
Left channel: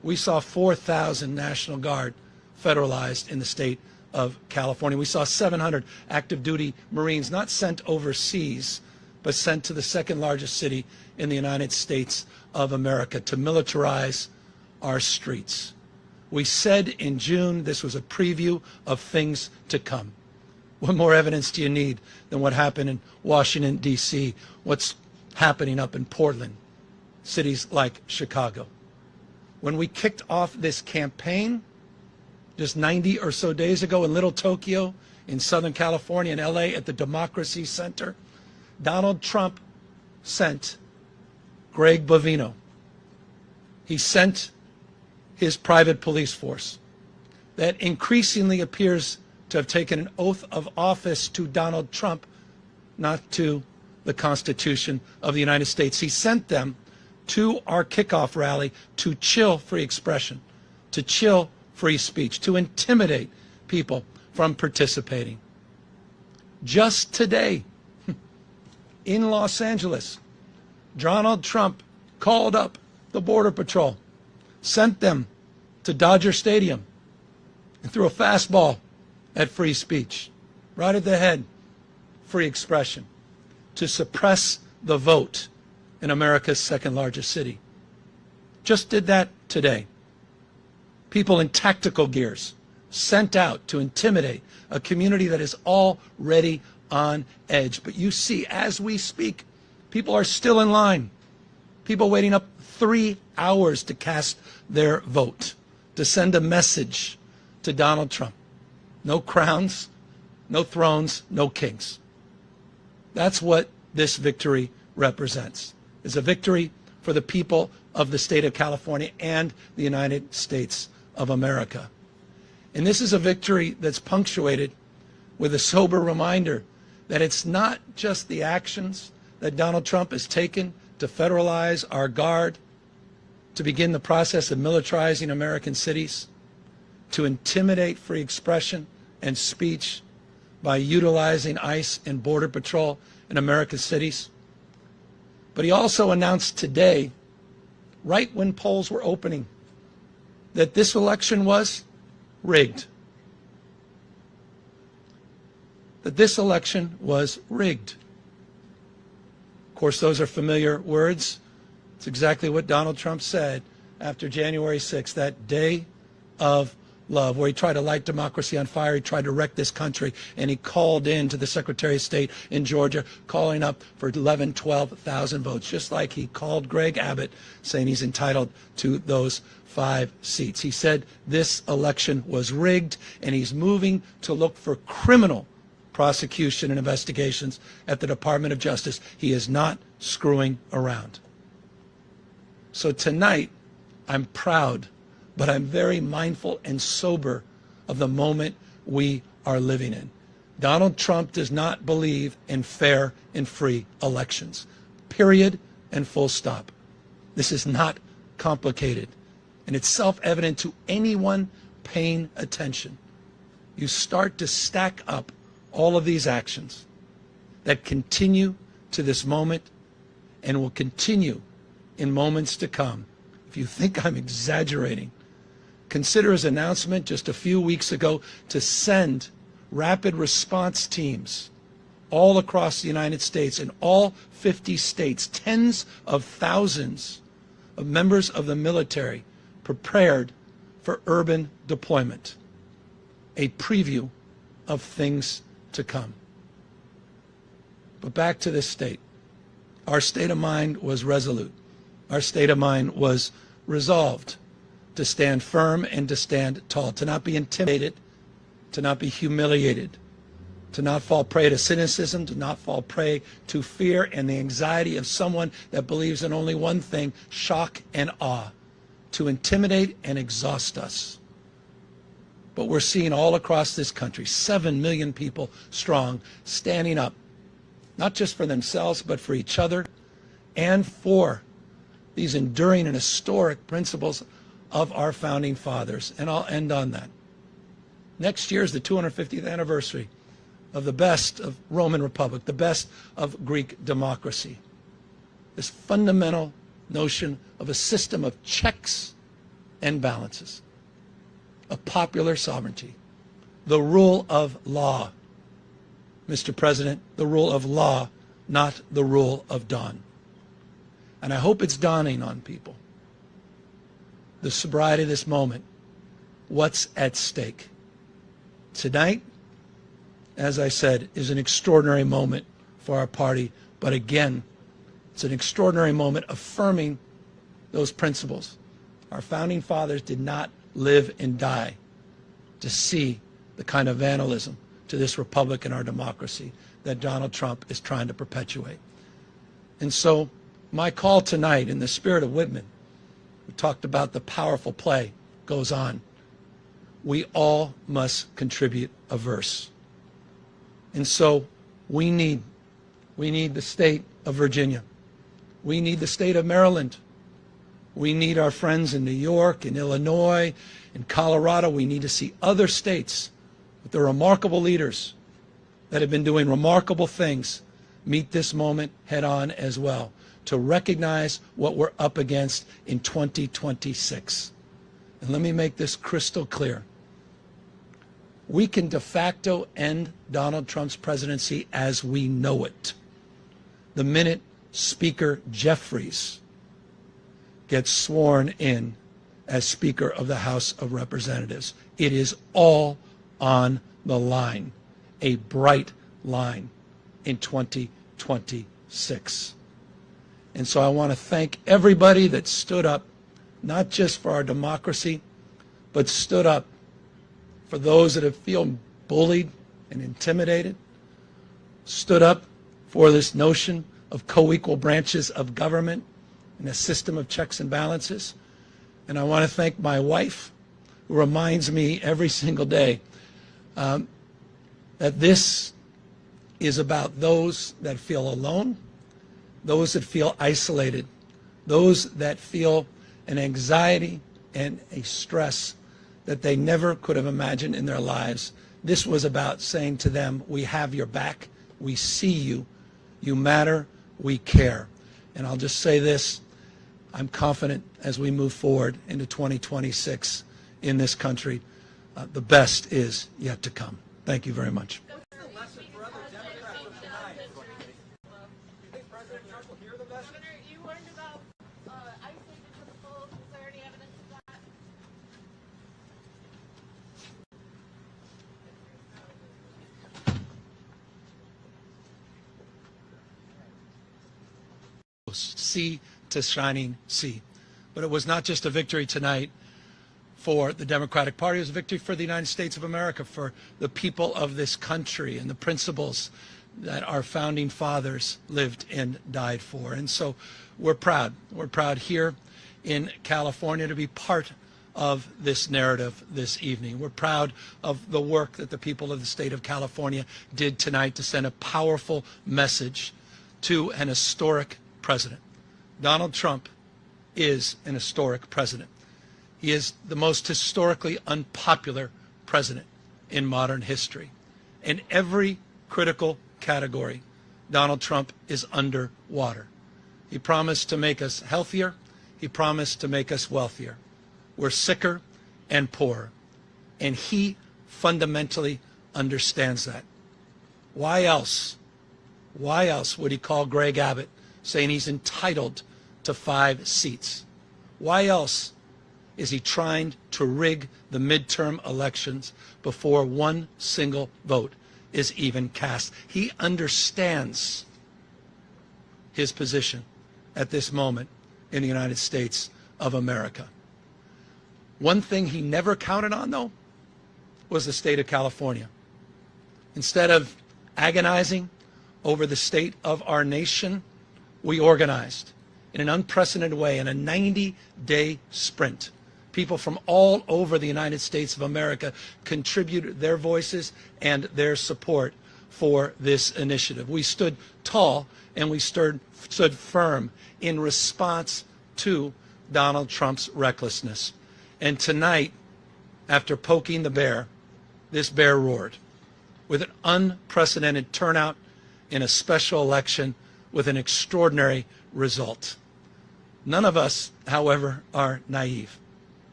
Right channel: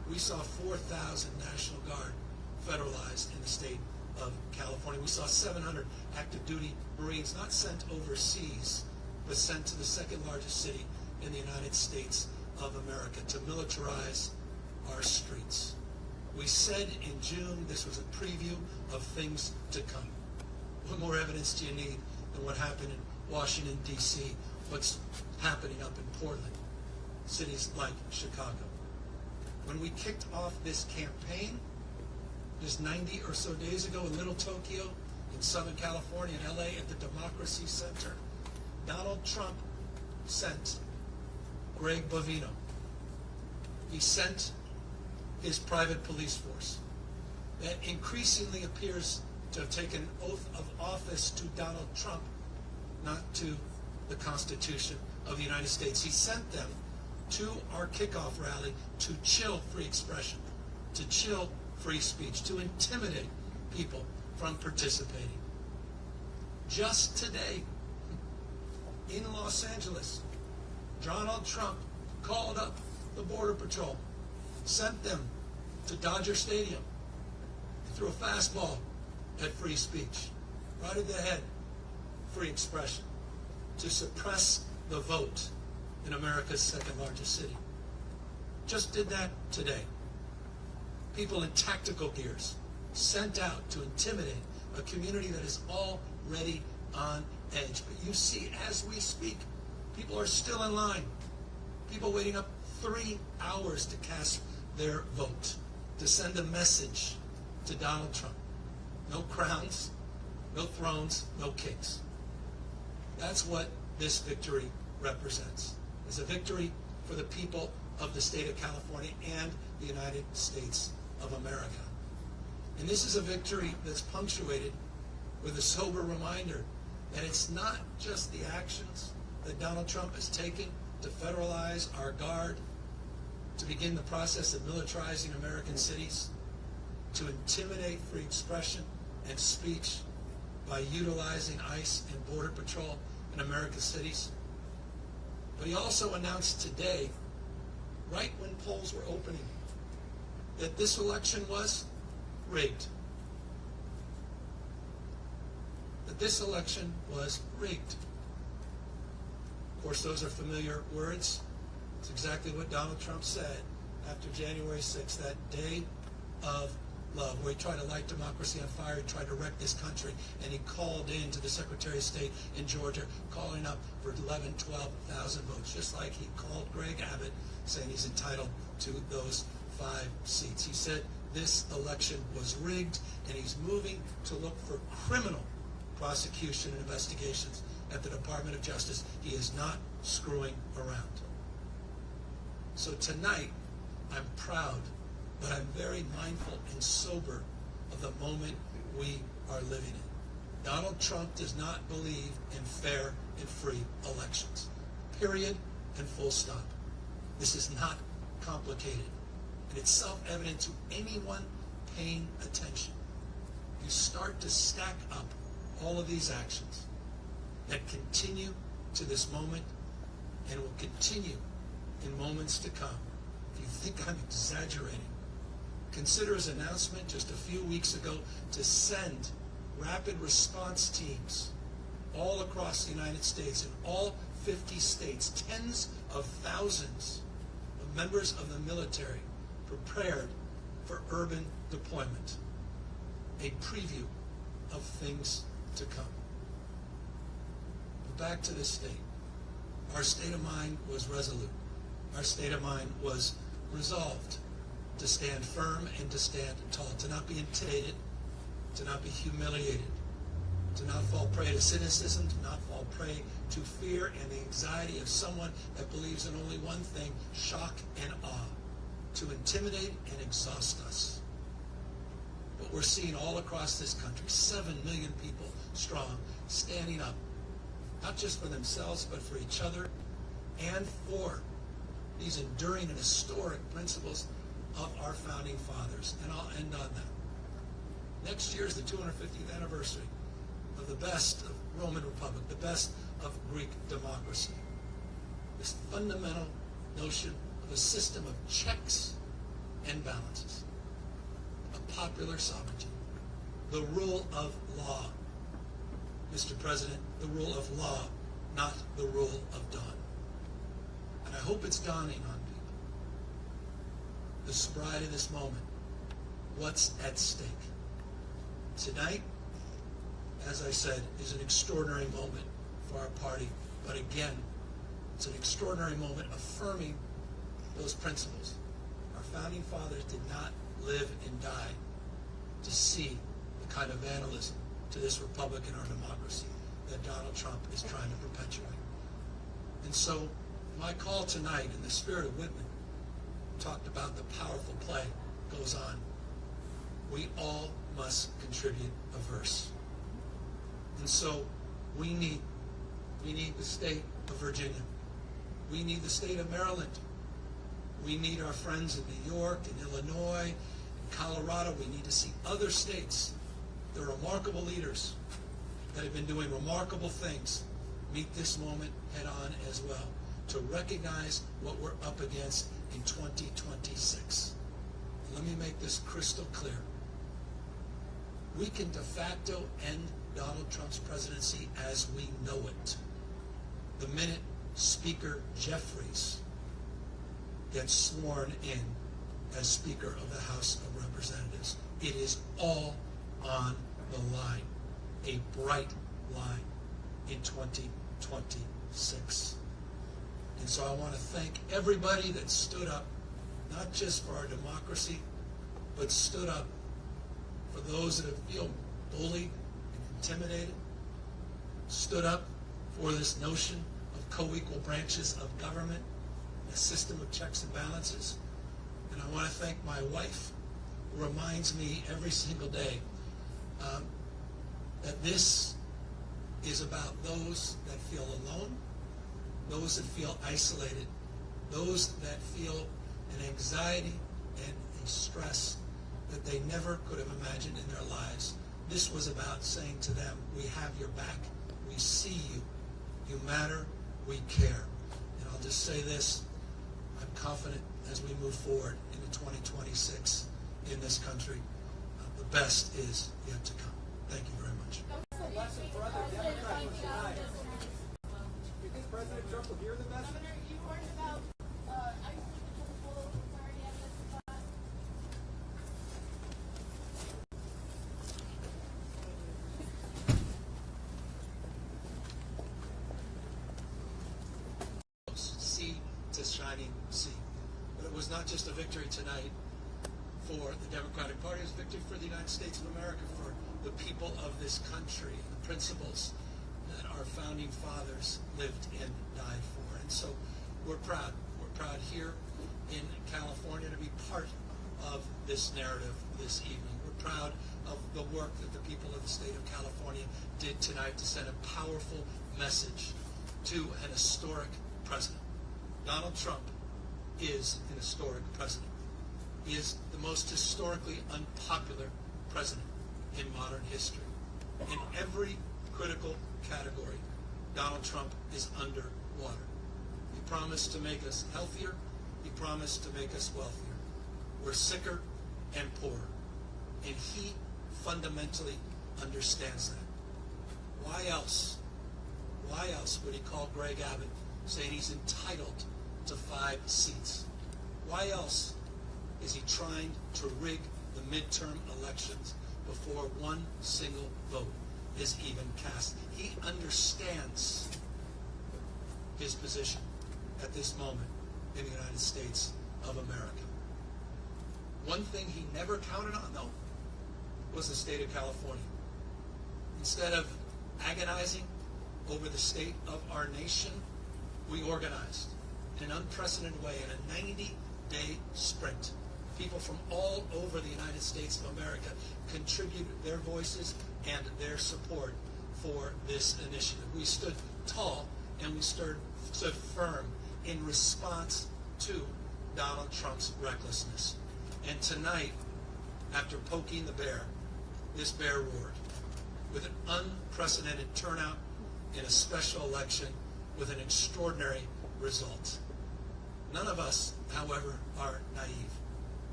We saw 4,000 National Guard federalized in the state of California. We saw 700 active duty Marines not sent overseas, but sent to the second largest city in the United States of America to militarize our streets. We said in June this was a preview of things to come. What more evidence do you need than what happened in Washington, D.C., what's happening up in Portland, cities like Chicago? When we kicked off this campaign just 90 or so days ago in Little Tokyo, in Southern California, in LA, at the Democracy Center, Donald Trump sent Greg Bovino. He sent his private police force that increasingly appears to have taken an oath of office to Donald Trump, not to the Constitution of the United States. He sent them to our kickoff rally to chill free expression, to chill free speech, to intimidate people from participating. Just today, in Los Angeles, Donald Trump called up the Border Patrol, sent them to Dodger Stadium, and threw a fastball at free speech, right at the head, free expression, to suppress the vote in America's second largest city. Just did that today. People in tactical gears sent out to intimidate a community that is already on edge. But you see, as we speak, people are still in line. People waiting up 3 hours to cast their vote, to send a message to Donald Trump. No crowns, no thrones, no kings. That's what this victory represents. It's a victory for the people of the state of California and the United States of America. And this is a victory that's punctuated with a sober reminder that it's not just the actions that Donald Trump has taken to federalize our guard, to begin the process of militarizing American cities, to intimidate free expression and speech by utilizing ICE and Border Patrol in America's cities. But he also announced today, right when polls were opening, that this election was rigged. That this election was rigged. Of course, those are familiar words. It's exactly what Donald Trump said after January 6th, that day of love, where he tried to light democracy on fire. He tried to wreck this country, and he called in to the Secretary of State in Georgia, calling up for 11, 12,000 votes, just like he called Greg Abbott, saying he's entitled to those 5 seats. He said this election was rigged, and he's moving to look for criminal prosecution and investigations at the Department of Justice. He is not screwing around. So tonight, I'm proud, but I'm very mindful and sober of the moment we are living in. Donald Trump does not believe in fair and free elections. Period and full stop. This is not complicated, and it's self-evident to anyone paying attention. You start to stack up all of these actions that continue to this moment and will continue in moments to come. If you think I'm exaggerating, consider his announcement just a few weeks ago to send rapid response teams all across the United States, in all 50 states, tens of thousands of members of the military prepared for urban deployment. A preview of things to come. But back to this state. Our state of mind was resolute. Our state of mind was resolved to stand firm and to stand tall, to not be intimidated, to not be humiliated, to not fall prey to cynicism, to not fall prey to fear and the anxiety of someone that believes in only one thing, shock and awe, to intimidate and exhaust us. But we're seeing all across this country, 7 million people strong, standing up, not just for themselves, but for each other and for these enduring and historic principles of our founding fathers. And I'll end on that. Next year is the 250th anniversary of the best of Roman Republic, the best of Greek democracy. This fundamental notion of a system of checks and balances, of popular sovereignty, the rule of law. Mr. President, the rule of law, not the rule of dawn. And I hope it's dawning on people, the sobriety of this moment, what's at stake. Tonight, as I said, is an extraordinary moment for our party, but again, it's an extraordinary moment affirming those principles. Our founding fathers did not live and die to see the kind of vandalism to this republic and our democracy that Donald Trump is trying to perpetuate. And so my call tonight, in the spirit of Whitman, we talked about the powerful play goes on. We all must contribute a verse. And so we need the state of Virginia. We need the state of Maryland. We need our friends in New York, in Illinois, in Colorado. We need to see other states with the remarkable leaders that have been doing remarkable things meet this moment head on as well, to recognize what we're up against in 2026. And let me make this crystal clear. We can de facto end Donald Trump's presidency as we know it the minute Speaker Jeffries gets sworn in as Speaker of the House of Representatives. It is all on the line, a bright line in 2026. And so I want to thank everybody that stood up, not just for our democracy, but stood up for those that have feel bullied and intimidated, stood up for this notion of co-equal branches of government and a system of checks and balances. And I want to thank my wife, who reminds me every single day that this is about those that feel alone, those that feel isolated, those that feel an anxiety and a stress that they never could have imagined in their lives. This was about saying to them, we have your back, we see you, you matter, we care. And I'll just say this, I'm confident as we move forward into 2026 in this country, the best is yet to come. Thank you very much. Governor, you warned about ICE because of full clarity evidence of that. Sea to shining sea. But it was not just a victory tonight for the Democratic Party, it was a victory for the United States of America, for the people of this country and the principles that our founding fathers lived and died for. And so we're proud. We're proud here in California to be part of this narrative this evening. We're proud of the work that the people of the state of California did tonight to send a powerful message to an historic president. Donald Trump is an historic president. He is the most historically unpopular president in modern history. In every critical category, Donald Trump is underwater. He promised to make us healthier. He promised to make us wealthier. We're sicker and poorer. And he fundamentally understands that. Why else would he call Greg Abbott saying he's entitled to 5 seats? Why else is he trying to rig the midterm elections before one single vote is even cast? He understands his position at this moment in the United States of America. One thing he never counted on, though, was the state of California. Instead of agonizing over the state of our nation, we organized in an unprecedented way in a 90-day sprint. People from all over the United States of America contributed their voices and their support for this initiative. We stood tall and we stood firm in response to Donald Trump's recklessness. And tonight, after poking the bear, this bear roared with an unprecedented turnout in a special election with an extraordinary result. None of us, however, are naive.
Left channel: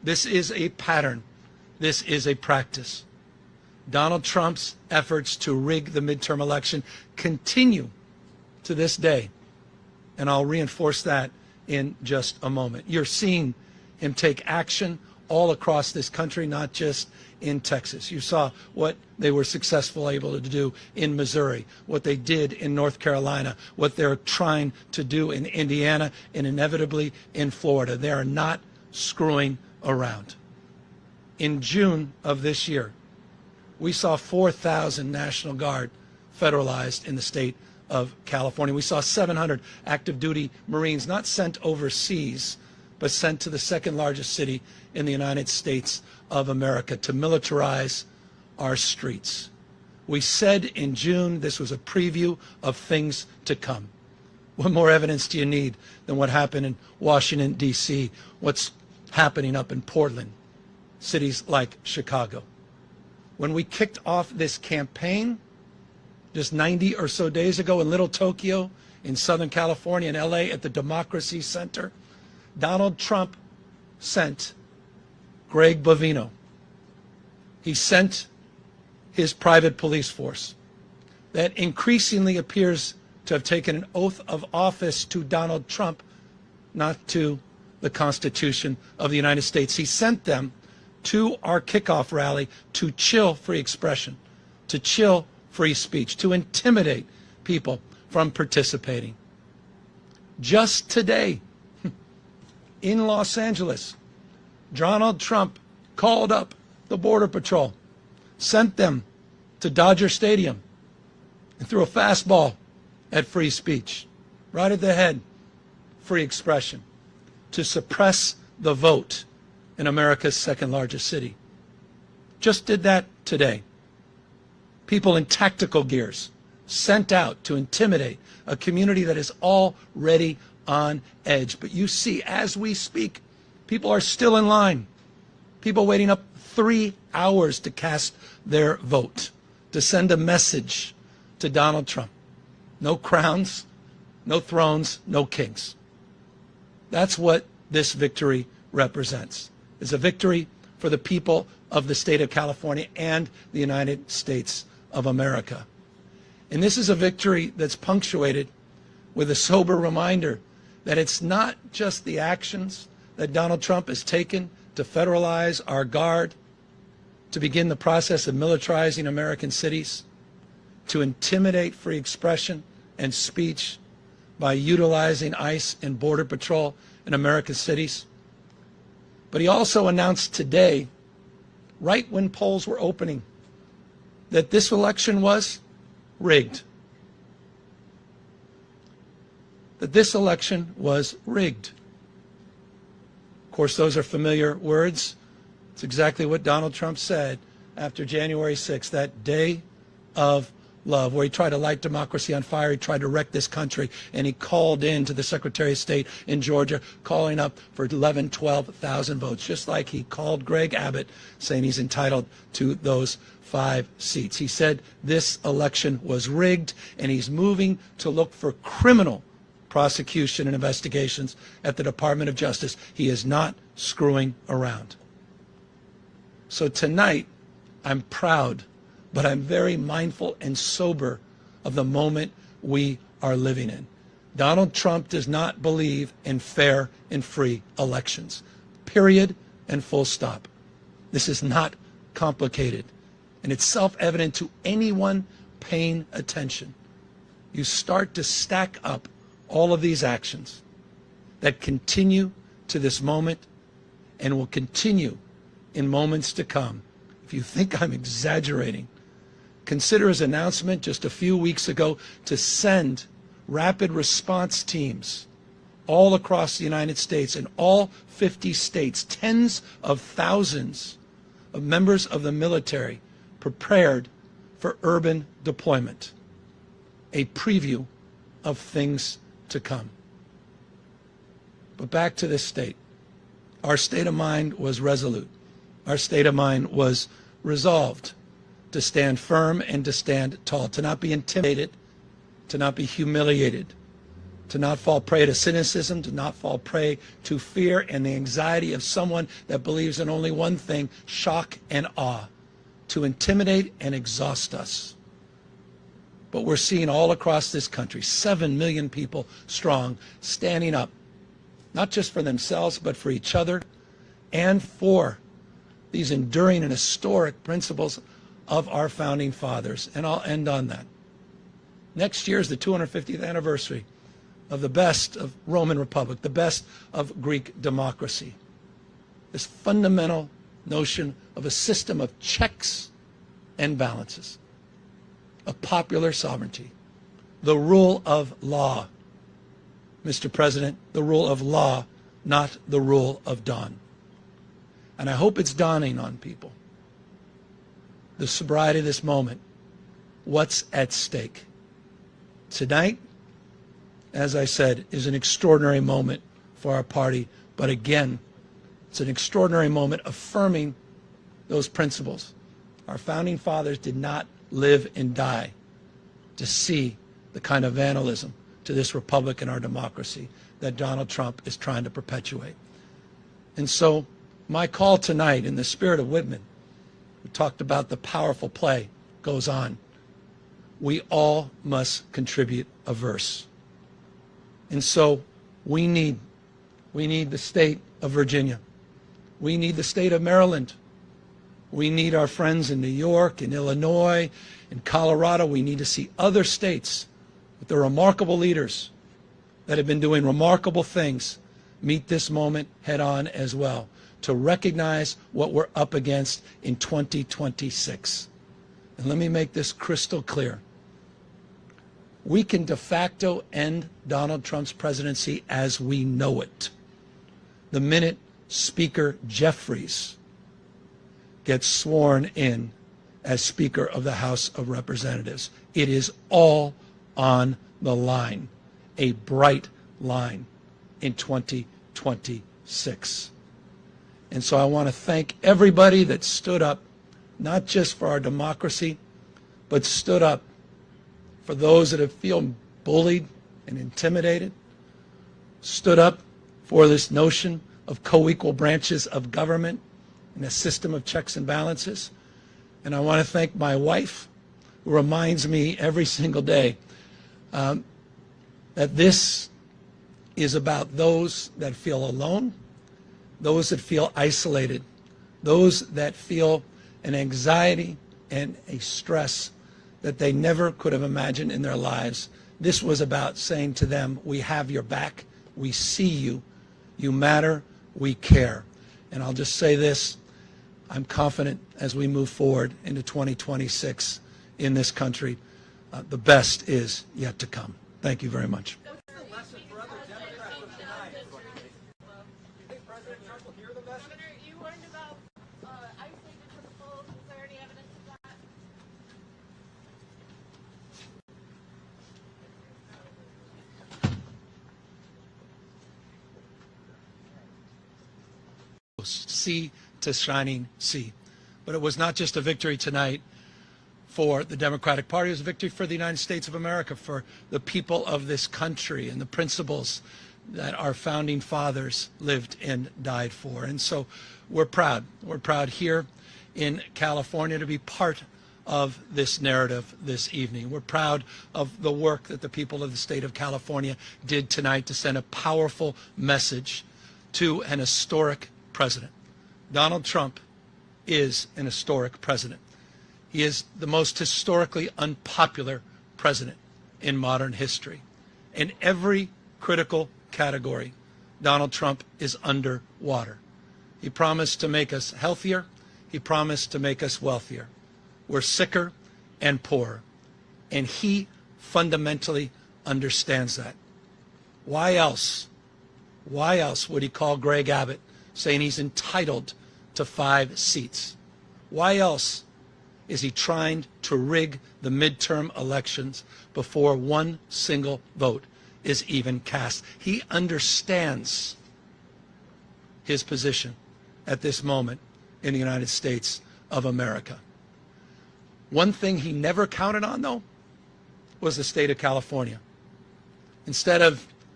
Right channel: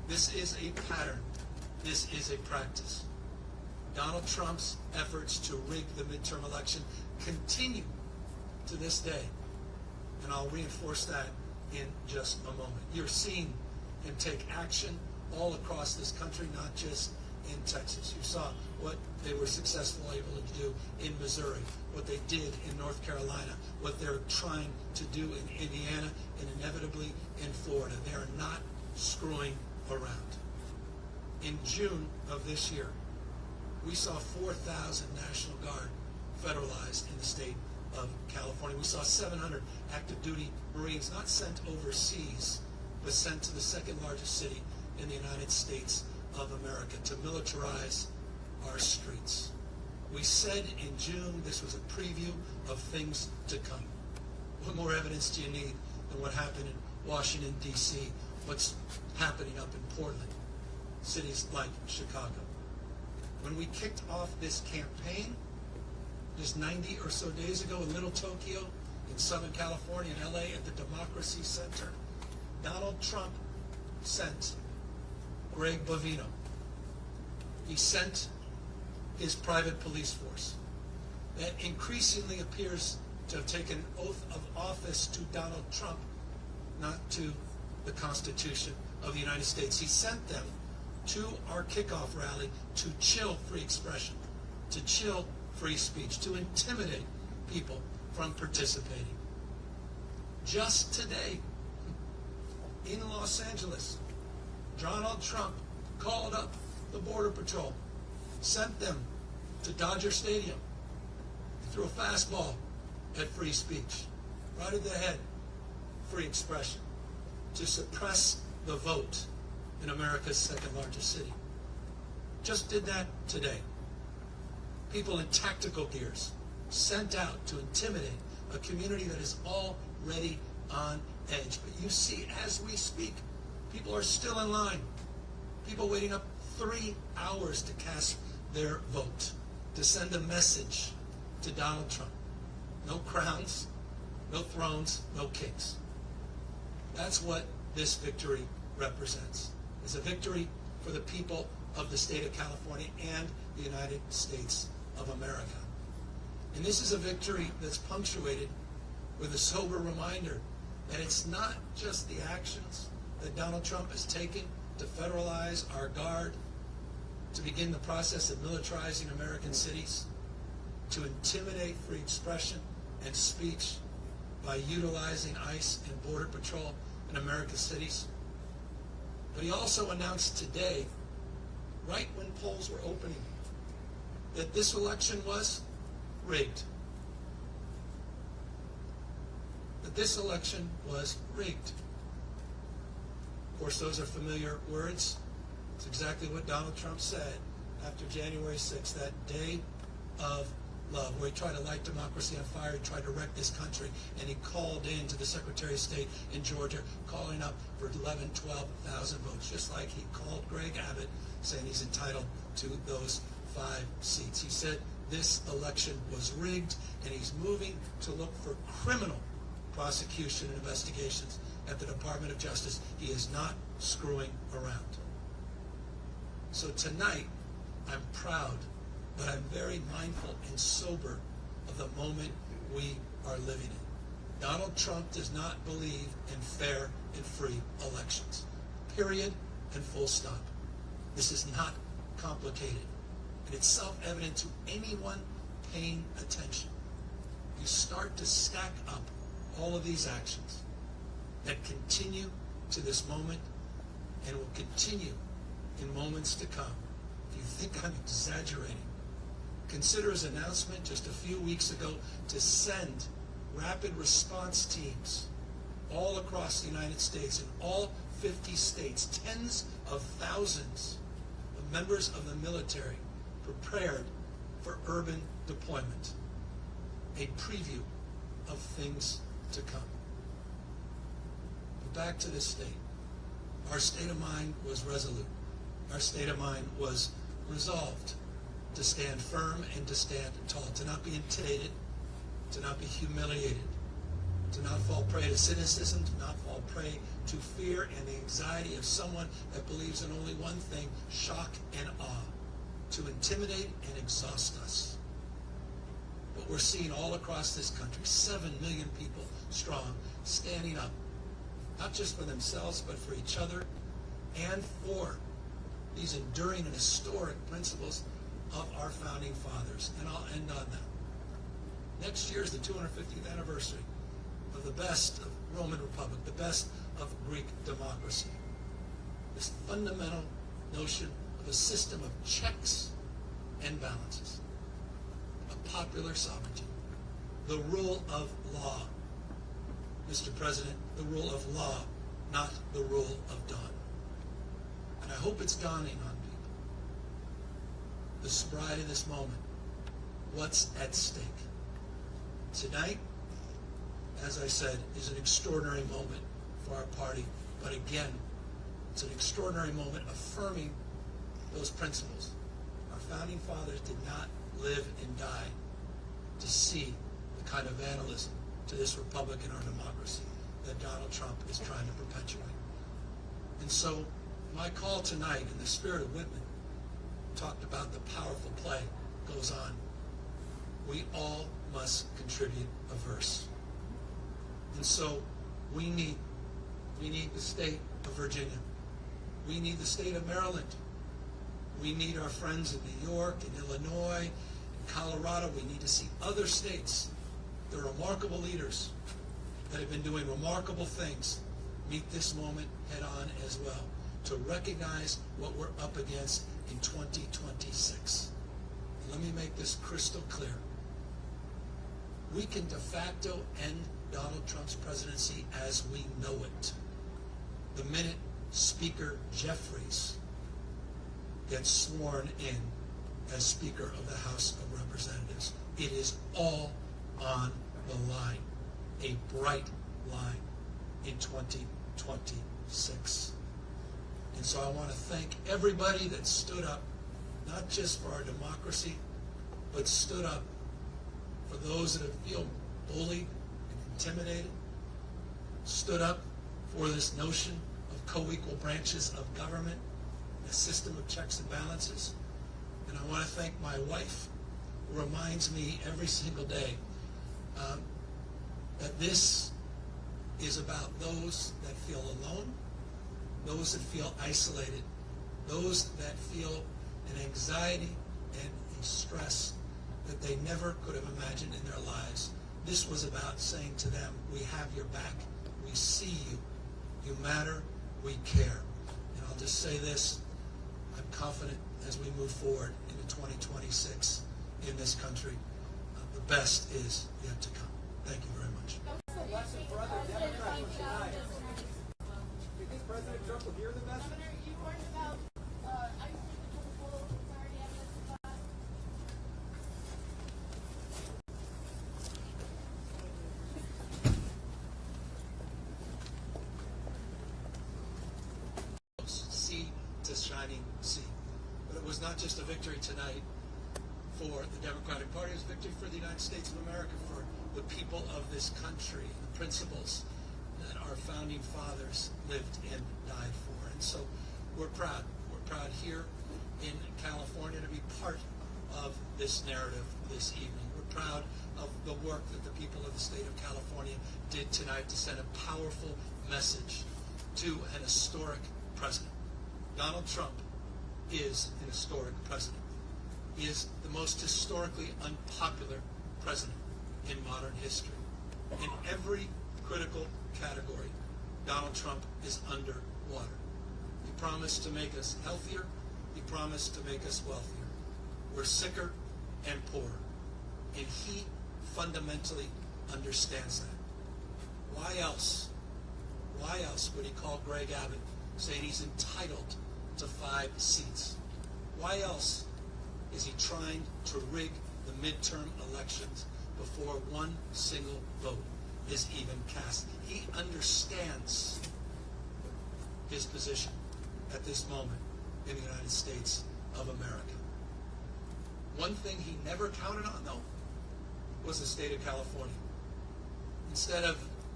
This is a pattern. This is a practice. Donald Trump's efforts to rig the midterm election continue to this day. And I'll reinforce that in just a moment. You're seeing him take action all across this country, not just in Texas. You saw what they were successful able to do in Missouri, what they did in North Carolina, what they're trying to do in Indiana, and inevitably in Florida. They are not screwing around. In June of this year, we saw 4,000 National Guard federalized in the state of California. We saw 700 active duty Marines not sent overseas, but sent to the second largest city in the United States of America to militarize our streets. We said in June this was a preview of things to come. What more evidence do you need than what happened in Washington, D.C., what's happening up in Portland, cities like Chicago? When we kicked off this campaign just 90 or so days ago in Little Tokyo, in Southern California, in LA, at the Democracy Center, Donald Trump sent Greg Bovino. He sent his private police force that increasingly appears to have taken an oath of office to Donald Trump, not to the Constitution of the United States. He sent them to our kickoff rally to chill free expression, to chill free speech, to intimidate people from participating. Just today, in Los Angeles, Donald Trump called up the Border Patrol, sent them to Dodger Stadium, and threw a fastball at free speech, right at the head, free expression, to suppress the vote in America's second largest city. Just did that today. People in tactical gears sent out to intimidate a community that is already on edge. But you see, as we speak, people are still in line. People waiting up 3 hours to cast their vote, to send a message to Donald Trump. No crowns, no thrones, no kings. That's what this victory represents. It's a victory for the people of the state of California and the United States of America. And this is a victory that's punctuated with a sober reminder that it's not just the actions that Donald Trump has taken to federalize our guard, to begin the process of militarizing American cities, to intimidate free expression and speech by utilizing ICE and Border Patrol in American cities. But he also announced today, right when polls were opening, that this election was rigged. That this election was rigged. Of course, those are familiar words. It's exactly what Donald Trump said after January 6th, that day of love, where he tried to light democracy on fire, he tried to wreck this country, and he called in to the Secretary of State in Georgia, calling up for 11,000, 12,000 votes, just like he called Greg Abbott, saying he's entitled to those 5 seats. He said this election was rigged, and he's moving to look for criminal prosecution and investigations at the Department of Justice. He is not screwing around. So tonight, I'm proud, but I'm very mindful and sober of the moment we are living in. Donald Trump does not believe in fair and free elections. Period and full stop. This is not complicated. And it's self-evident to anyone paying attention. You start to stack up all of these actions that continue to this moment and will continue in moments to come. If you think I'm exaggerating, consider his announcement just a few weeks ago to send rapid response teams all across the United States, in all 50 states, tens of thousands of members of the military prepared for urban deployment. A preview of things to come. But back to this state. Our state of mind was resolute. Our state of mind was resolved to stand firm and to stand tall, to not be intimidated, to not be humiliated, to not fall prey to cynicism, to not fall prey to fear and the anxiety of someone that believes in only one thing, shock and awe, to intimidate and exhaust us. But we're seeing all across this country, 7 million people strong, standing up, not just for themselves, but for each other and for these enduring and historic principles of our founding fathers. And I'll end on that. Next year is the 250th anniversary of the best of Roman Republic, the best of Greek democracy. This fundamental notion of a system of checks and balances, of popular sovereignty, the rule of law. Mr. President, the rule of law, not the rule of dawn. And I hope it's dawning on people, the sobriety of this moment, what's at stake. Tonight, as I said, is an extraordinary moment for our party, but again, it's an extraordinary moment affirming those principles. Our founding fathers did not live and die to see the kind of vandalism to this republic and our democracy that Donald Trump is trying to perpetuate. And so my call tonight, in the spirit of Whitman, who talked about the powerful play, goes on. We all must contribute a verse. And so we need the state of Virginia. We need the state of Maryland. We need our friends in New York, in Illinois, in Colorado. We need to see other states with the remarkable leaders that have been doing remarkable things meet this moment head on as well, to recognize what we're up against in 2026. And let me make this crystal clear. We can de facto end Donald Trump's presidency as we know it the minute Speaker Jeffries gets sworn in as Speaker of the House of Representatives. It is all on the line, a bright line in 2026. And so I want to thank everybody that stood up, not just for our democracy, but stood up for those that have feel bullied and intimidated, stood up for this notion of co-equal branches of government and a system of checks and balances. And I want to thank my wife, who reminds me every single day that this is about those that feel alone, those that feel isolated, those that feel an anxiety and a stress that they never could have imagined in their lives. This was about saying to them, we have your back, we see you, you matter, we care. And I'll just say this, I'm confident as we move forward into 2026 in this country, the best is yet to come. Thank you very much. What's the lesson for other Democrats from tonight? Do you think President Trump will hear the message? Governor, you warned about isolated principles. Is there any evidence of that? Sea to shining sea. But it was not just a victory tonight for the Democratic Party, it was a victory for the United States of America, for the people of this country and the principles that our founding fathers lived and died for. And so we're proud. We're proud here in California to be part of this narrative this evening. We're proud of the work that the people of the state of California did tonight to send a powerful message to an historic president. Donald Trump is an historic president. He is the most historically unpopular president in modern history. In every critical category, Donald Trump is underwater. He promised to make us healthier. He promised to make us wealthier. We're sicker and poorer. And he fundamentally understands that. Why else would he call Greg Abbott saying he's entitled to 5 seats? Why else is he trying to rig the midterm elections before one single vote is even cast? He understands his position at this moment in the United States of America. One thing he never counted on, though, was the state of California. Instead of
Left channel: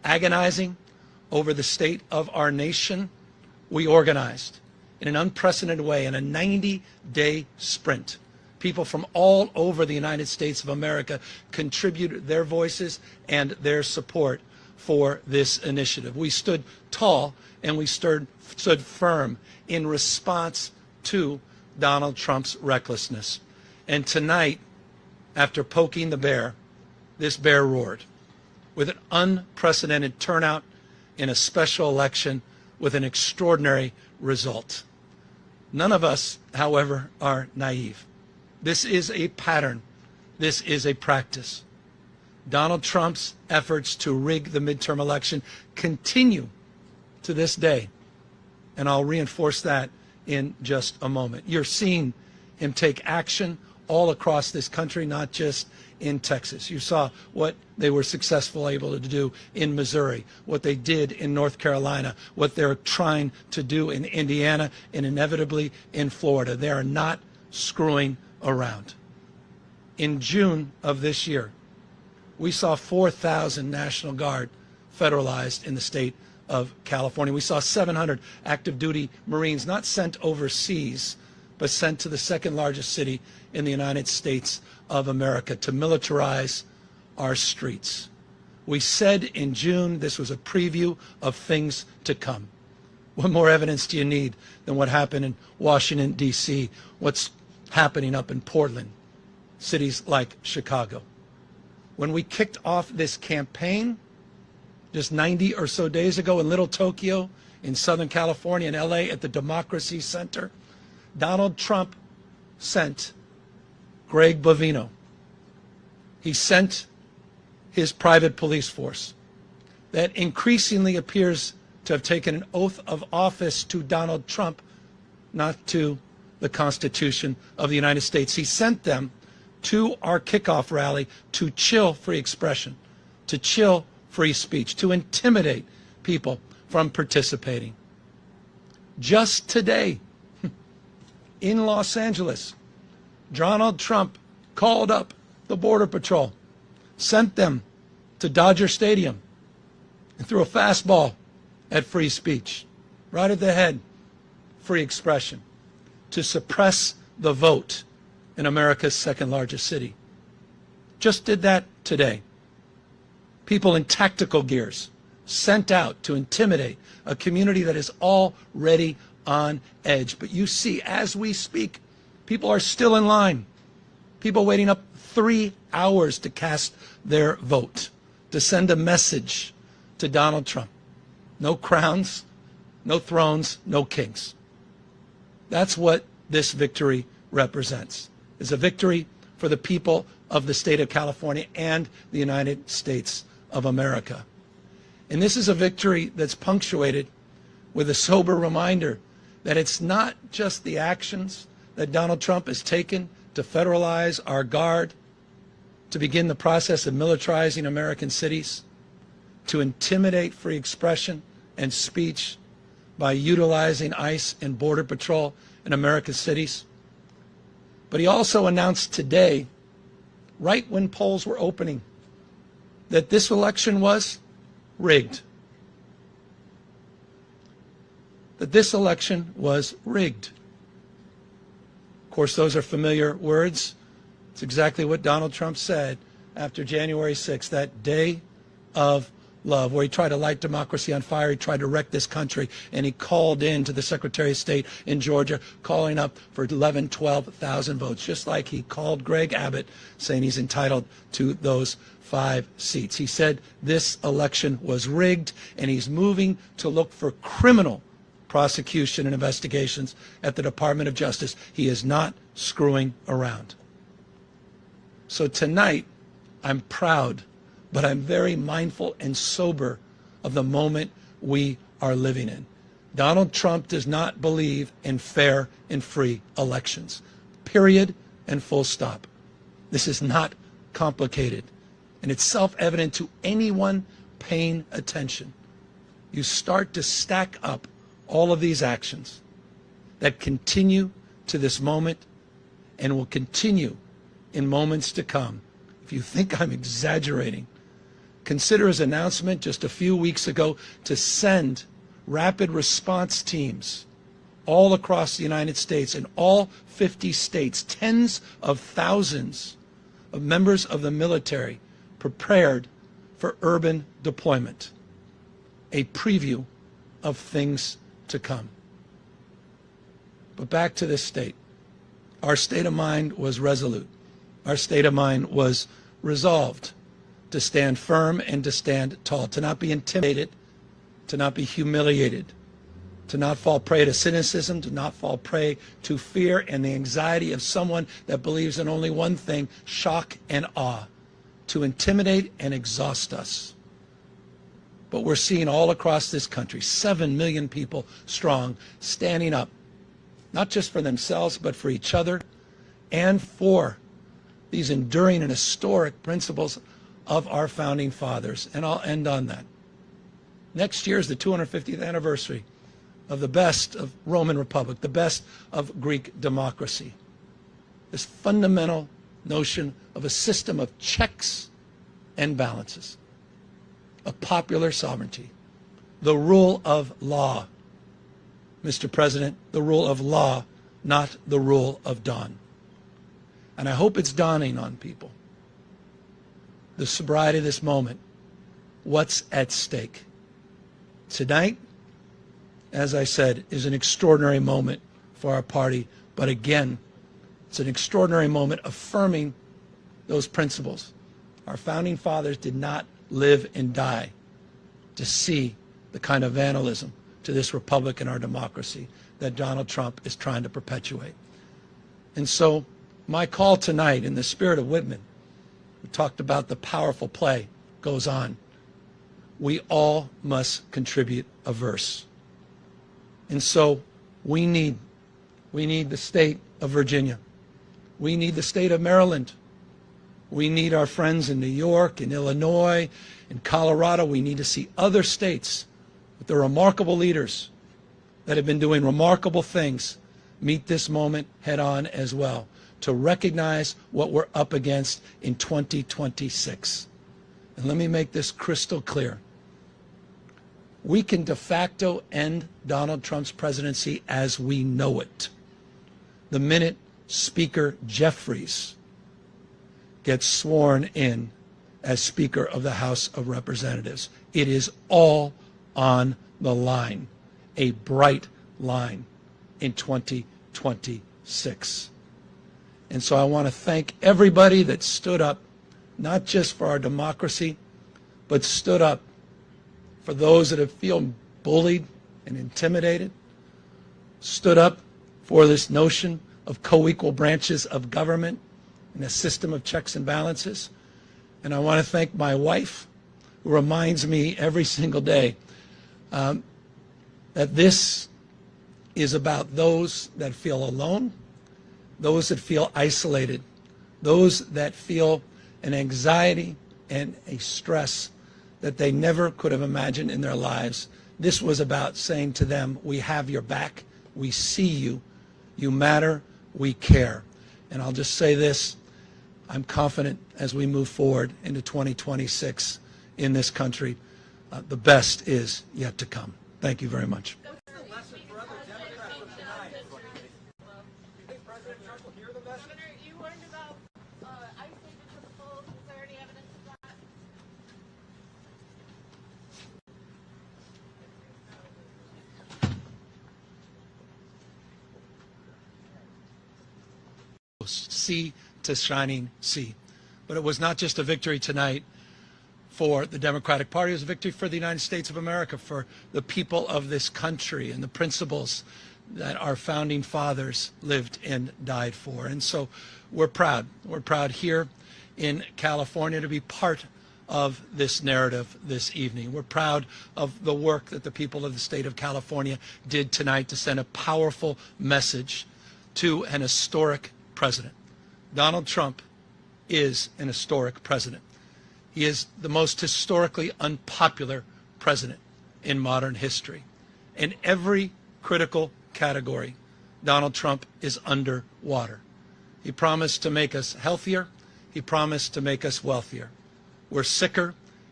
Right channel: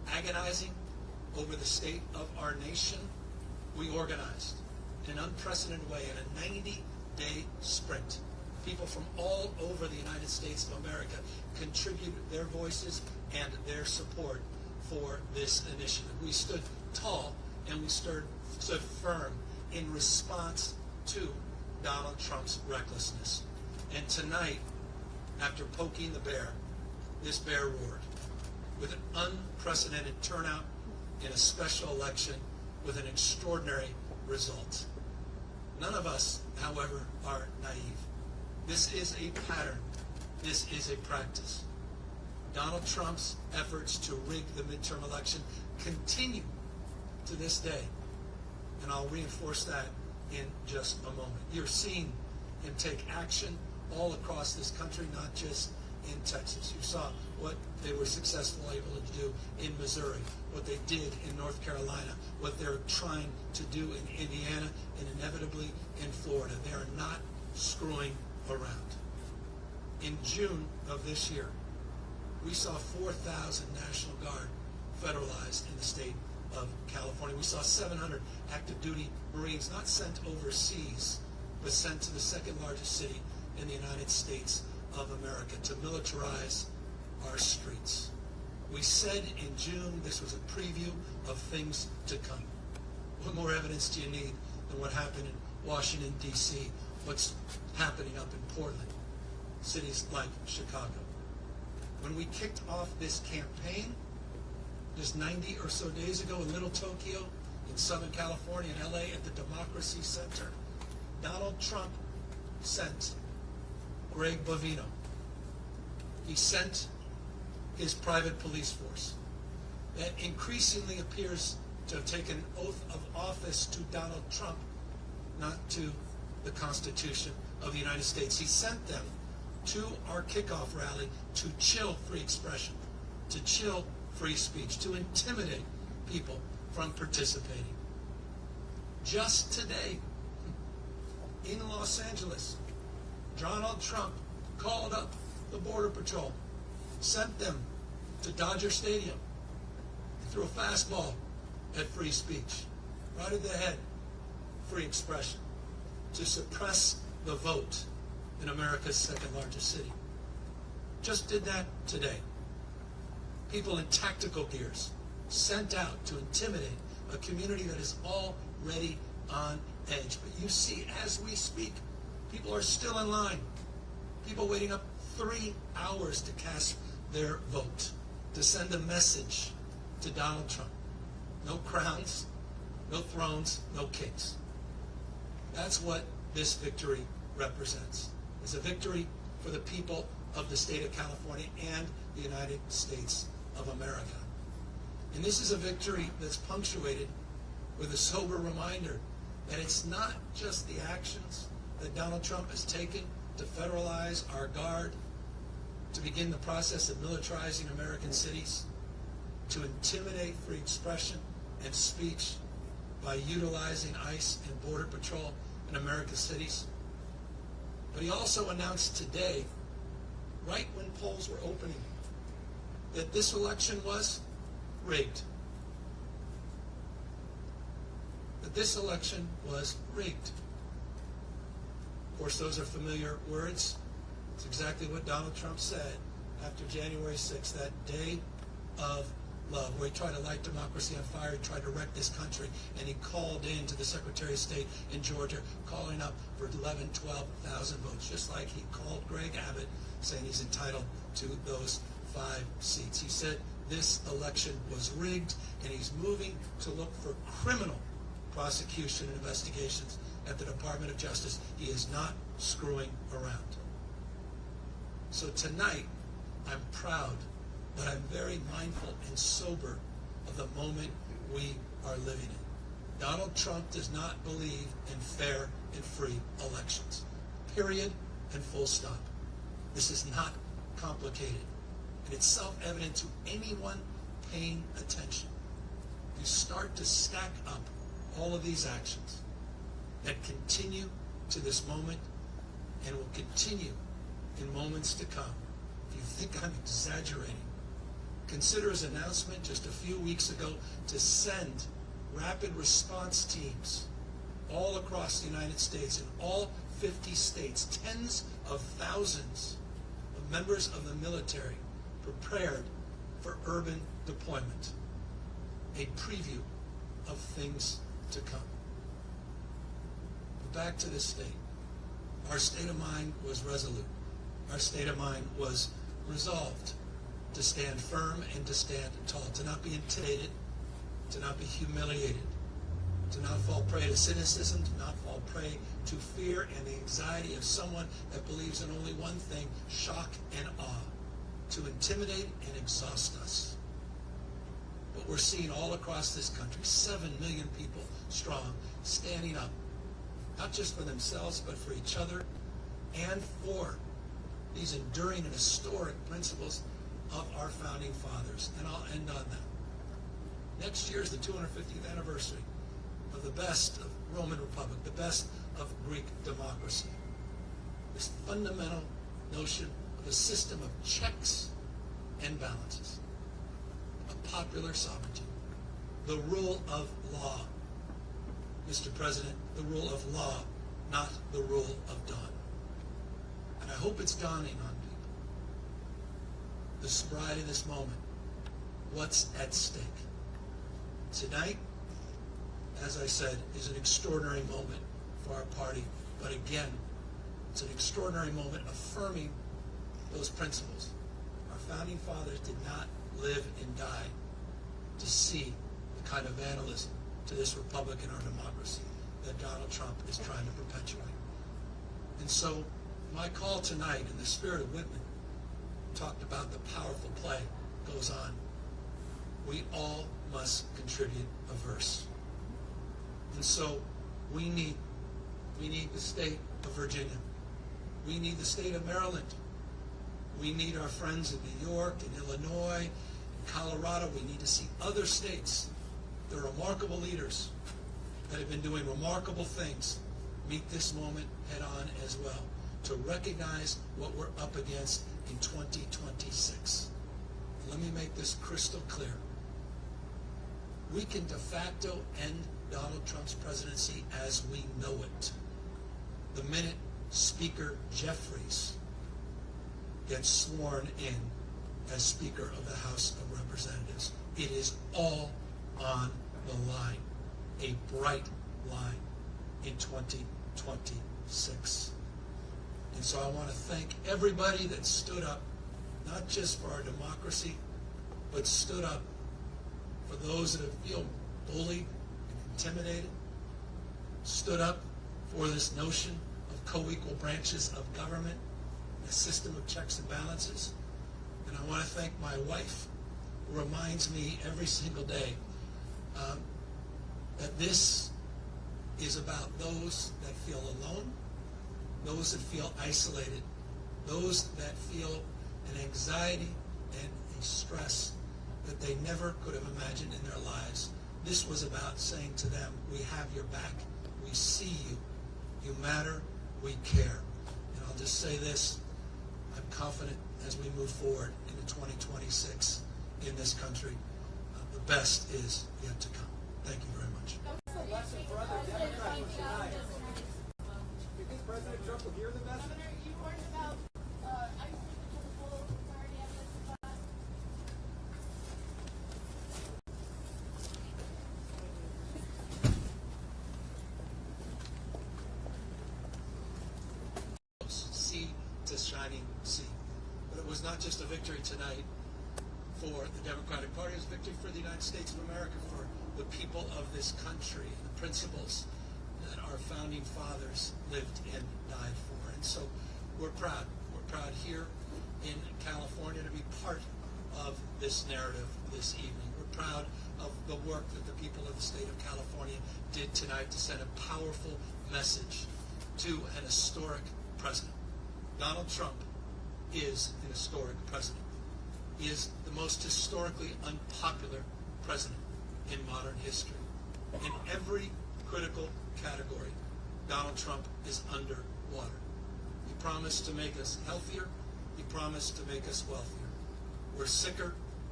agonizing over the state of our nation, we organized in an unprecedented way in a 90-day sprint. People from all over the United States of America contributed their voices and their support for this initiative. We stood tall and we stood firm in response to Donald Trump's recklessness. And tonight, after poking the bear, this bear roared with an unprecedented turnout in a special election with an extraordinary result. None of us, however, are naive. This is a pattern. This is a practice. Donald Trump's efforts to rig the midterm election continue to this day, and I'll reinforce that in just a moment. You're seeing him take action all across this country, not just in Texas. You saw what they were successfully able to do in Missouri, what they did in North Carolina, what they're trying to do in Indiana, and inevitably in Florida. They are not screwing around. In June of this year, we saw 4,000 National Guard federalized in the state of California. We saw 700 active duty Marines not sent overseas, but sent to the second largest city in the United States of America to militarize our streets. We said in June this was a preview of things to come. What more evidence do you need than what happened in Washington, D.C., what's happening up in Portland, cities like Chicago? When we kicked off this campaign just 90 or so days ago in Little Tokyo, in Southern California, in LA, at the Democracy Center, Donald Trump sent Greg Bovino. He sent his private police force that increasingly appears to have taken an oath of office to Donald Trump, not to the Constitution of the United States. He sent them to our kickoff rally to chill free expression, to chill free speech, to intimidate people from participating. Just today, in Los Angeles, Donald Trump called up the Border Patrol, sent them to Dodger Stadium, and threw a fastball at free speech, right at the head, free expression, to suppress the vote in America's second largest city. Just did that today. People in tactical gears sent out to intimidate a community that is already on edge. But you see, as we speak, people are still in line. People waiting up 3 hours to cast their vote, to send a message to Donald Trump. No crowns, no thrones, no kings. That's what this victory represents. It's a victory for the people of the state of California and the United States of America. And this is a victory that's punctuated with a sober reminder that it's not just the actions that Donald Trump has taken to federalize our guard, to begin the process of militarizing American cities, to intimidate free expression and speech by utilizing ICE and Border Patrol in America's cities. But he also announced today, right when polls were opening, that this election was rigged. That this election was rigged. Of course, those are familiar words. It's exactly what Donald Trump said after January 6th, that day of love, where he tried to light democracy on fire. He tried to wreck this country, and he called in to the Secretary of State in Georgia, calling up for 11, 12,000 votes, just like he called Greg Abbott, saying he's entitled to those 5 seats. He said this election was rigged, and he's moving to look for criminal prosecution and investigations at the Department of Justice. He is not screwing around. So tonight, I'm proud, but I'm very mindful and sober of the moment we are living in. Donald Trump does not believe in fair and free elections. Period and full stop. This is not complicated, and it's self-evident to anyone paying attention. You start to stack up all of these actions that continue to this moment and will continue in moments to come. If you think I'm exaggerating, Consider his announcement just a few weeks ago to send rapid response teams all across the United States, in all 50 states, tens of thousands of members of the military prepared for urban deployment. A preview of things to come. But back to this state. Our state of mind was resolute. Our state of mind was resolved to stand firm and to stand tall, to not be intimidated, to not be humiliated, to not fall prey to cynicism, to not fall prey to fear and the anxiety of someone that believes in only one thing, shock and awe, to intimidate and exhaust us. But we're seeing all across this country, 7 million people strong, standing up, not just for themselves, but for each other and for these enduring and historic principles of our founding fathers. And I'll end on that. Next year is the 250th anniversary of the best of Roman Republic, the best of Greek democracy. This fundamental notion of a system of checks and balances, of popular sovereignty, the rule of law. Mr. President, the rule of law, not the rule of dawn. And I hope it's dawning on people. The sobriety of this moment, what's at stake. Tonight, as I said, is an extraordinary moment for our party, but again, it's an extraordinary moment affirming those principles. Our founding fathers did not live and die to see the kind of vandalism to this republic and our democracy that Donald Trump is trying to perpetuate. And so my call tonight, in the spirit of Whitman, we talked about the powerful play goes on. We all must contribute a verse. And so we need the state of Virginia. We need the state of Maryland. We need our friends in New York, in Illinois, in Colorado. We need to see other states with their remarkable leaders that have been doing remarkable things meet this moment head on as well, to recognize what we're up against in 2026. And let me make this crystal clear. We can de facto end Donald Trump's presidency as we know it the minute Speaker Jeffries gets sworn in as Speaker of the House of Representatives. It is all on the line, a bright line in 2026. And so I want to thank everybody that stood up, not just for our democracy, but stood up for those that have feel bullied and intimidated, stood up for this notion of co-equal branches of government and a system of checks and balances. And I want to thank my wife, who reminds me every single day that this is about those that feel alone, those that feel isolated, those that feel an anxiety and a stress that they never could have imagined in their lives. This was about saying to them, we have your back, we see you, you matter, we care. And I'll just say this, I'm confident as we move forward into 2026 in this country, the best is yet to come. Thank you very much. What's the lesson for other Democrats from tonight? Do you think President Trump will hear the message? Governor, you learned about ICE taking the full 30 evidence of that. Sea to shining sea. But it was not just a victory tonight for the Democratic Party, it was a victory for the United States of America, for the people of this country and the principles that our founding fathers lived and died for. And so we're proud. We're proud here in California to be part of this narrative this evening. We're proud of the work that the people of the state of California did tonight to send a powerful message to an historic president. Donald Trump is an historic president. He is the most historically unpopular president in modern history. In every critical category, Donald Trump is underwater. He promised to make us healthier. He promised to make us wealthier. We're sicker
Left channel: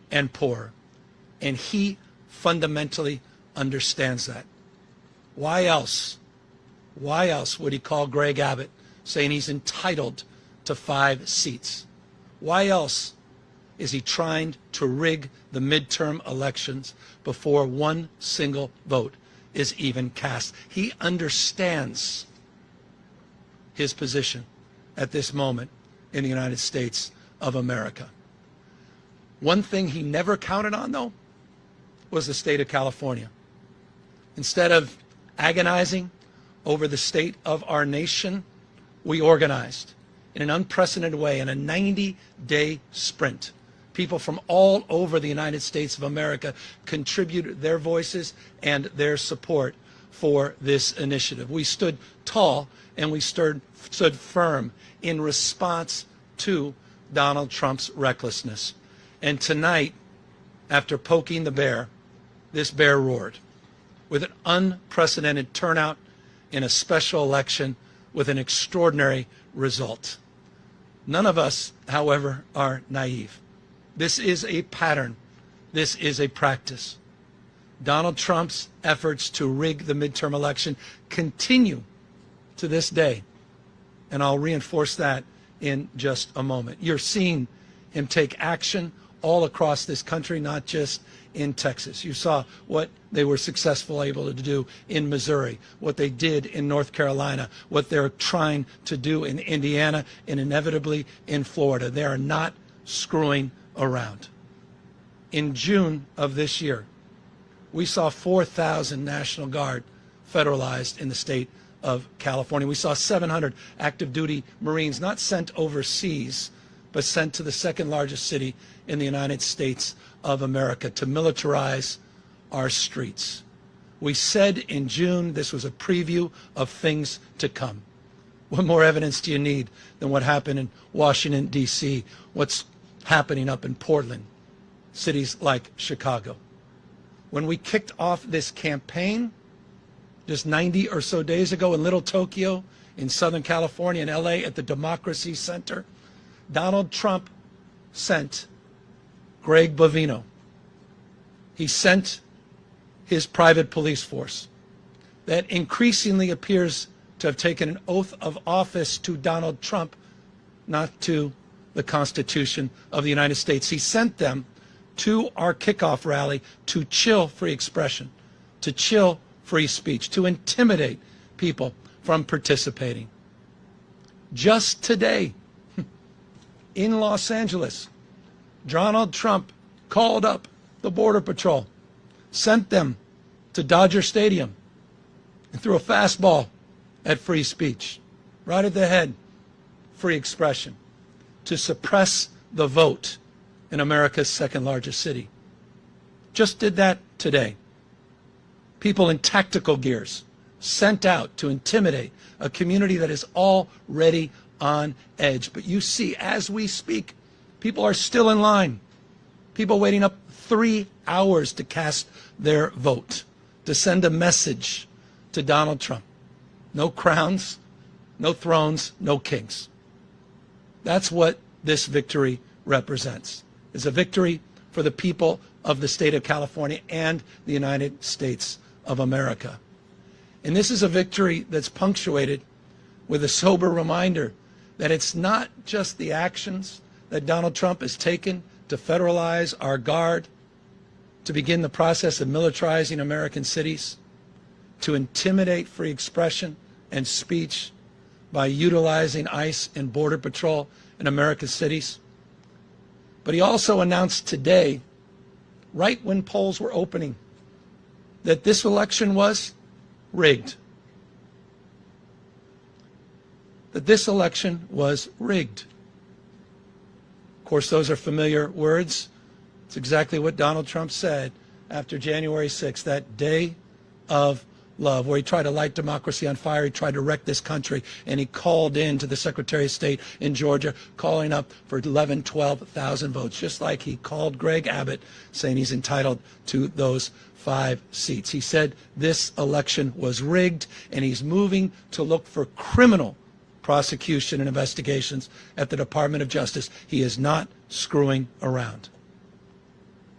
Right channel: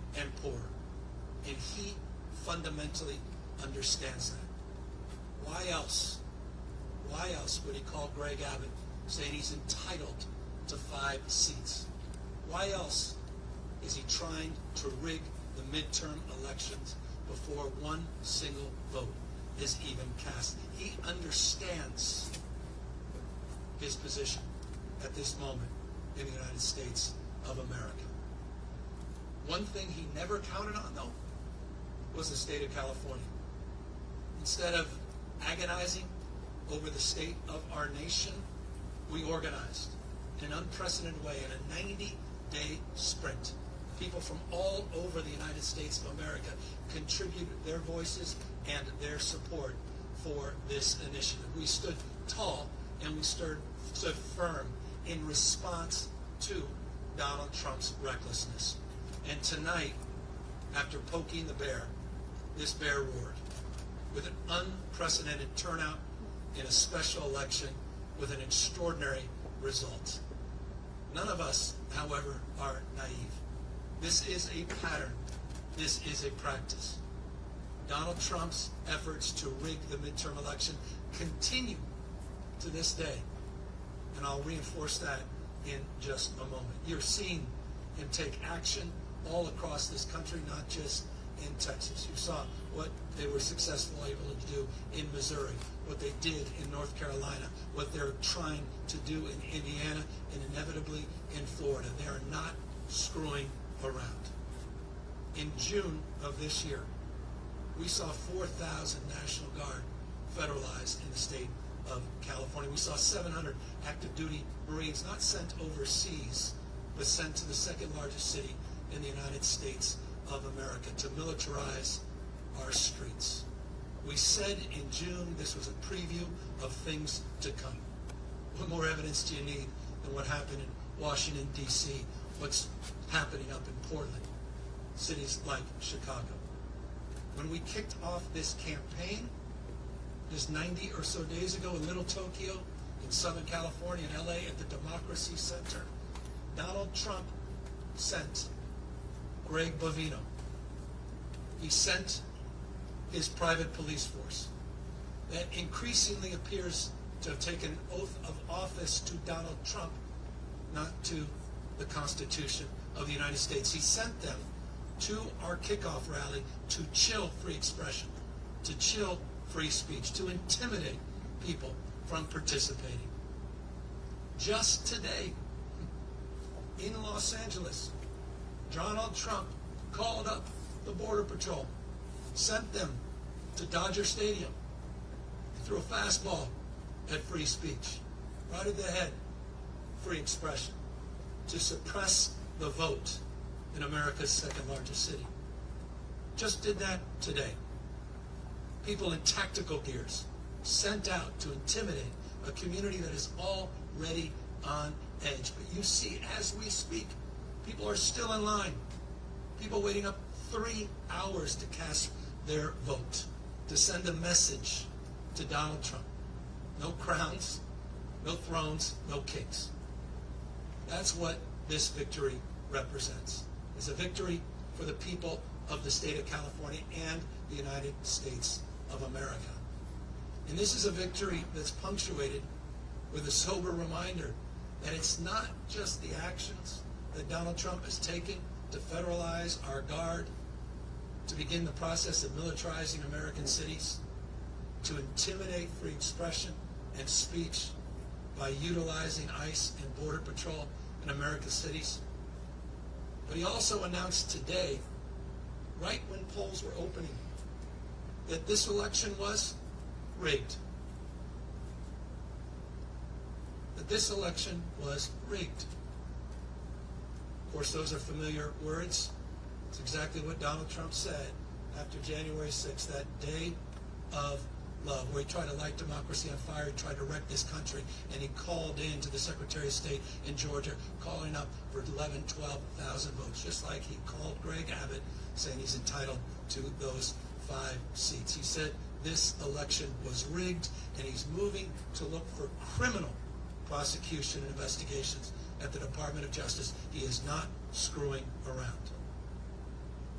and poorer. And he fundamentally understands that. Why else? Why else would he call Greg Abbott saying he's entitled to 5 seats? Why else is he trying to rig the midterm elections before one single vote is even cast? He understands his position at this moment in the United States of America. One thing he never counted on, though, was the state of California. Instead of agonizing over the state of our nation, we organized in an unprecedented way in a 90-day sprint. People from all over the United States of America contributed their voices and their support for this initiative. We stood tall and we stood firm in response to Donald Trump's recklessness. And tonight, after poking the bear, this bear roared with an unprecedented turnout in a special election with an extraordinary result. None of us, however, are naive. This is a pattern. This is a practice. Donald Trump's efforts to rig the midterm election continue to this day. And I'll reinforce that in just a moment. You're seeing him take action all across this country, not just in Texas. You saw what they were successful able to do in Missouri, what they did in North Carolina, what they're trying to do in Indiana, and inevitably in Florida. They are not screwing around. In June of this year, we saw 4,000 National Guard federalized in the state of California. We saw 700 active duty Marines not sent overseas, but sent to the second largest city in the United States of America to militarize our streets. We said in June this was a preview of things to come. What more evidence do you need than what happened in Washington, D.C., what's happening up in Portland, cities like Chicago? When we kicked off this campaign just 90 or so days ago in Little Tokyo, in Southern California, in LA, at the Democracy Center, Donald Trump sent Greg Bovino. He sent his private police force that increasingly appears to have taken an oath of office to Donald Trump, not to the Constitution of the United States. He sent them to our kickoff rally to chill free expression, to chill free speech, to intimidate people from participating. Just today, in Los Angeles, Donald Trump called up the Border Patrol, sent them to Dodger Stadium, and threw a fastball at free speech, right at the head, free expression, to suppress the vote in America's second largest city. Just did that today. People in tactical gears sent out to intimidate a community that is already on edge. But you see, as we speak, people are still in line. People waiting up 3 hours to cast their vote, to send a message to Donald Trump. No crowns, no thrones, no kings. That's what this victory represents. It's a victory for the people of the state of California and the United States of America. And this is a victory that's punctuated with a sober reminder that it's not just the actions that Donald Trump has taken to federalize our guard, to begin the process of militarizing American cities, to intimidate free expression and speech by utilizing ICE and Border Patrol in America's cities. But he also announced today, right when polls were opening, that this election was rigged. That this election was rigged. Of course, those are familiar words. It's exactly what Donald Trump said after January 6th, that day of love, where he tried to light democracy on fire, he tried to wreck this country, and he called in to the Secretary of State in Georgia, calling up for 11,000, 12,000 votes, just like he called Greg Abbott, saying he's entitled to those 5 seats. He said this election was rigged, and he's moving to look for criminal prosecution and investigations at the Department of Justice. He is not screwing around.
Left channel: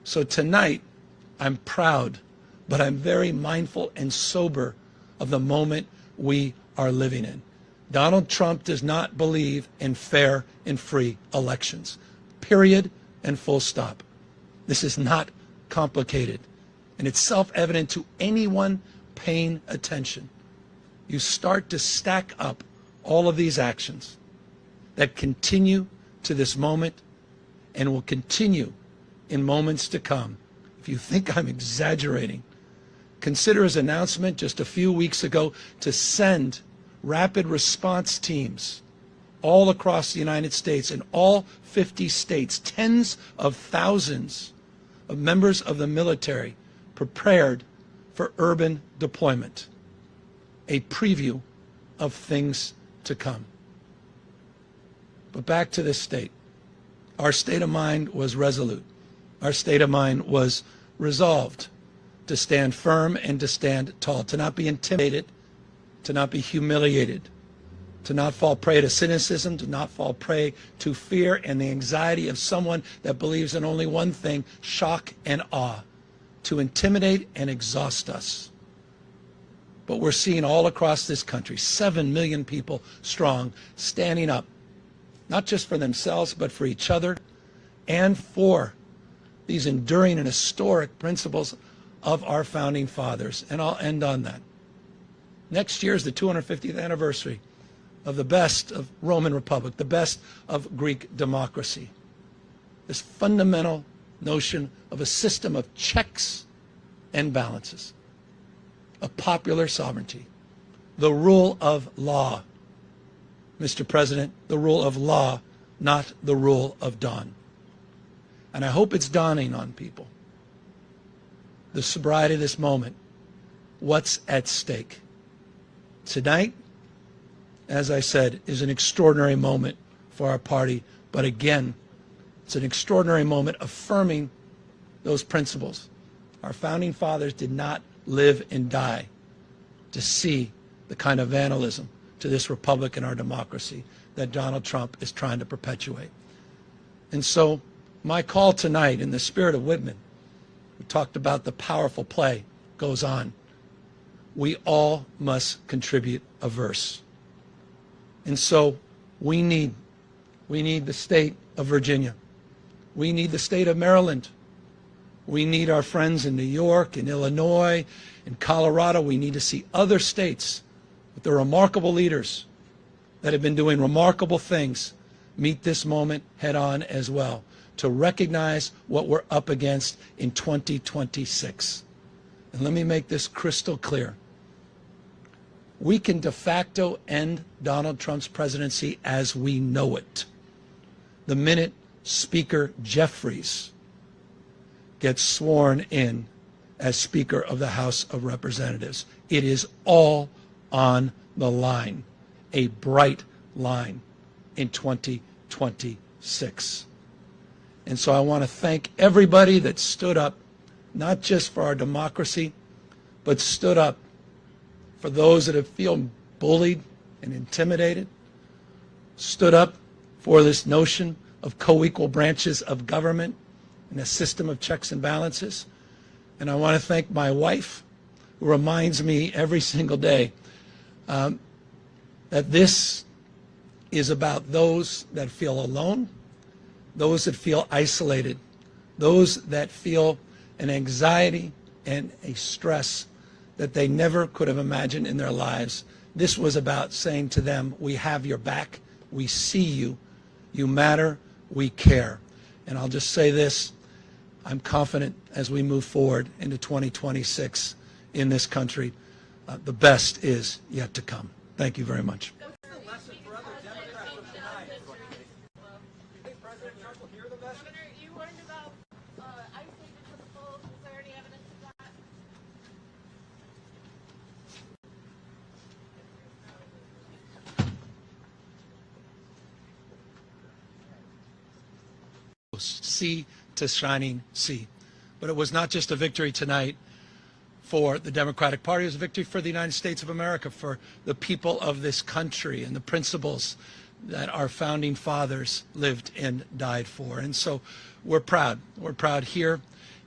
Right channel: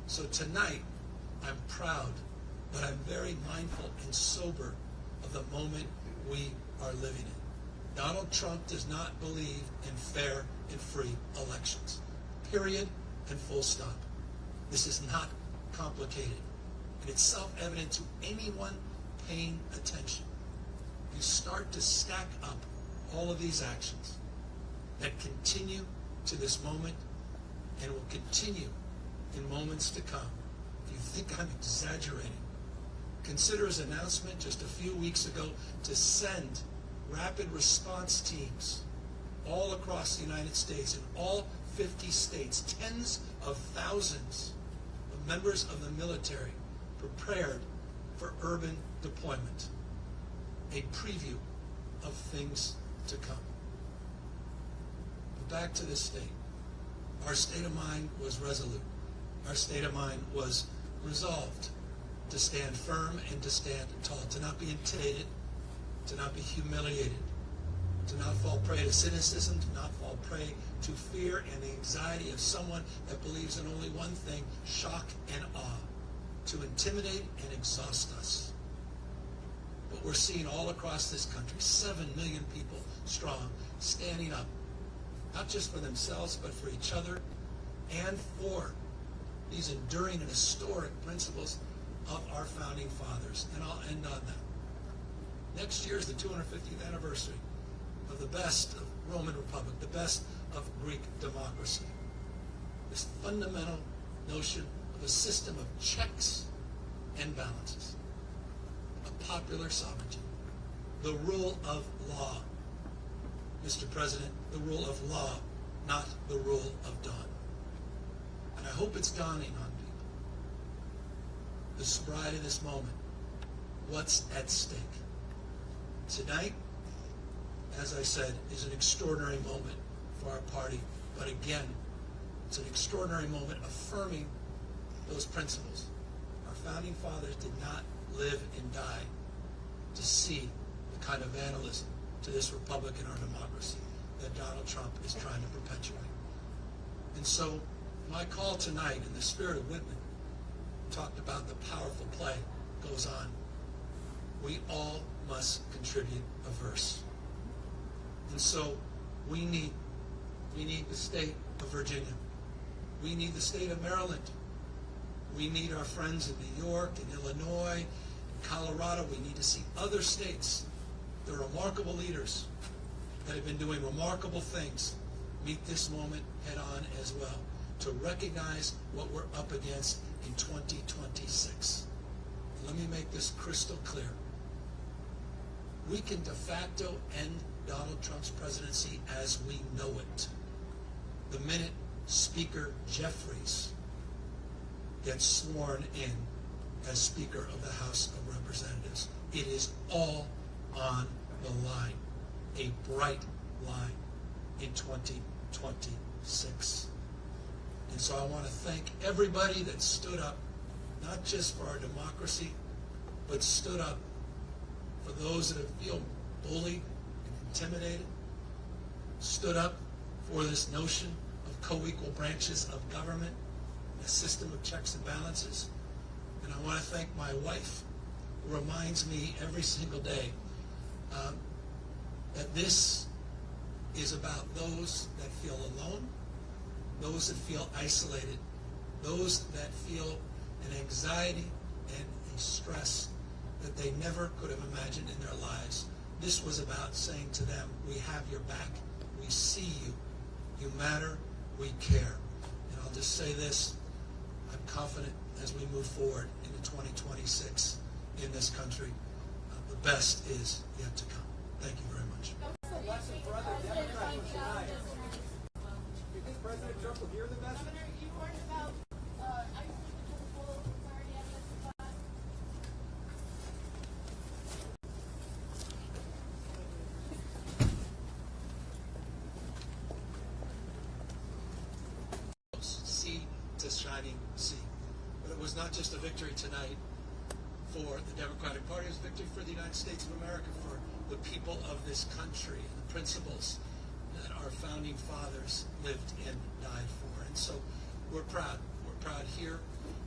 So tonight, I'm proud, but I'm very mindful and sober of the moment we are living in. Donald Trump does not believe in fair and free elections. Period and full stop. This is not complicated, and it's self-evident to anyone paying attention. You start to stack up all of these actions that continue to this moment and will continue in moments to come. If you think I'm exaggerating, consider his announcement just a few weeks ago to send rapid response teams all across the United States, in all 50 states, tens of thousands of members of the military prepared for urban deployment. A preview of things to come. But back to this state. Our state of mind was resolute. Our state of mind was resolved to stand firm and to stand tall, to not be intimidated, to not be humiliated, to not fall prey to cynicism, to not fall prey to fear and the anxiety of someone that believes in only one thing, shock and awe, to intimidate and exhaust us. But we're seeing all across this country, 7 million people strong, standing up, not just for themselves, but for each other and for these enduring and historic principles of our founding fathers. And I'll end on that. Next year is the 250th anniversary of the best of Roman Republic, the best of Greek democracy. This fundamental notion of a system of checks and balances, of popular sovereignty, the rule of law. Mr. President, the rule of law, not the rule of dawn. And I hope it's dawning on people. The sobriety of this moment, what's at stake. Tonight, as I said, is an extraordinary moment for our party, but again, it's an extraordinary moment affirming those principles. Our founding fathers did not live and die to see the kind of vandalism to this republic and our democracy that Donald Trump is trying to perpetuate. And so my call tonight, in the spirit of Whitman, we talked about the powerful play, goes on. We all must contribute a verse. And so we need the state of Virginia. We need the state of Maryland. We need our friends in New York, in Illinois, in Colorado. We need to see other states with the remarkable leaders that have been doing remarkable things meet this moment head on as well, to recognize what we're up against in 2026. And let me make this crystal clear. We can de facto end Donald Trump's presidency as we know it the minute Speaker Jeffries gets sworn in as Speaker of the House of Representatives. It is all on the line, a bright line in 2026. And so I want to thank everybody that stood up, not just for our democracy, but stood up for those that have feel bullied and intimidated, stood up for this notion of co-equal branches of government and a system of checks and balances. And I want to thank my wife, who reminds me every single day that this is about those that feel alone, those that feel isolated, those that feel an anxiety and a stress that they never could have imagined in their lives. This was about saying to them, we have your back, we see you, you matter, we care. And I'll just say this, I'm confident as we move forward into 2026 in this country, the best is yet to come. Thank you very much. What's the lesson for other Democrats from tonight? Do you think President Trump will hear the message? Governor, you warned about isolated principles. Is there any evidence of that? Sea to shining sea. But it was not just a victory tonight for the Democratic Party, it was a victory for the United States of America, for the people of this country and the principles that our founding fathers lived and died for. And so we're proud. We're proud here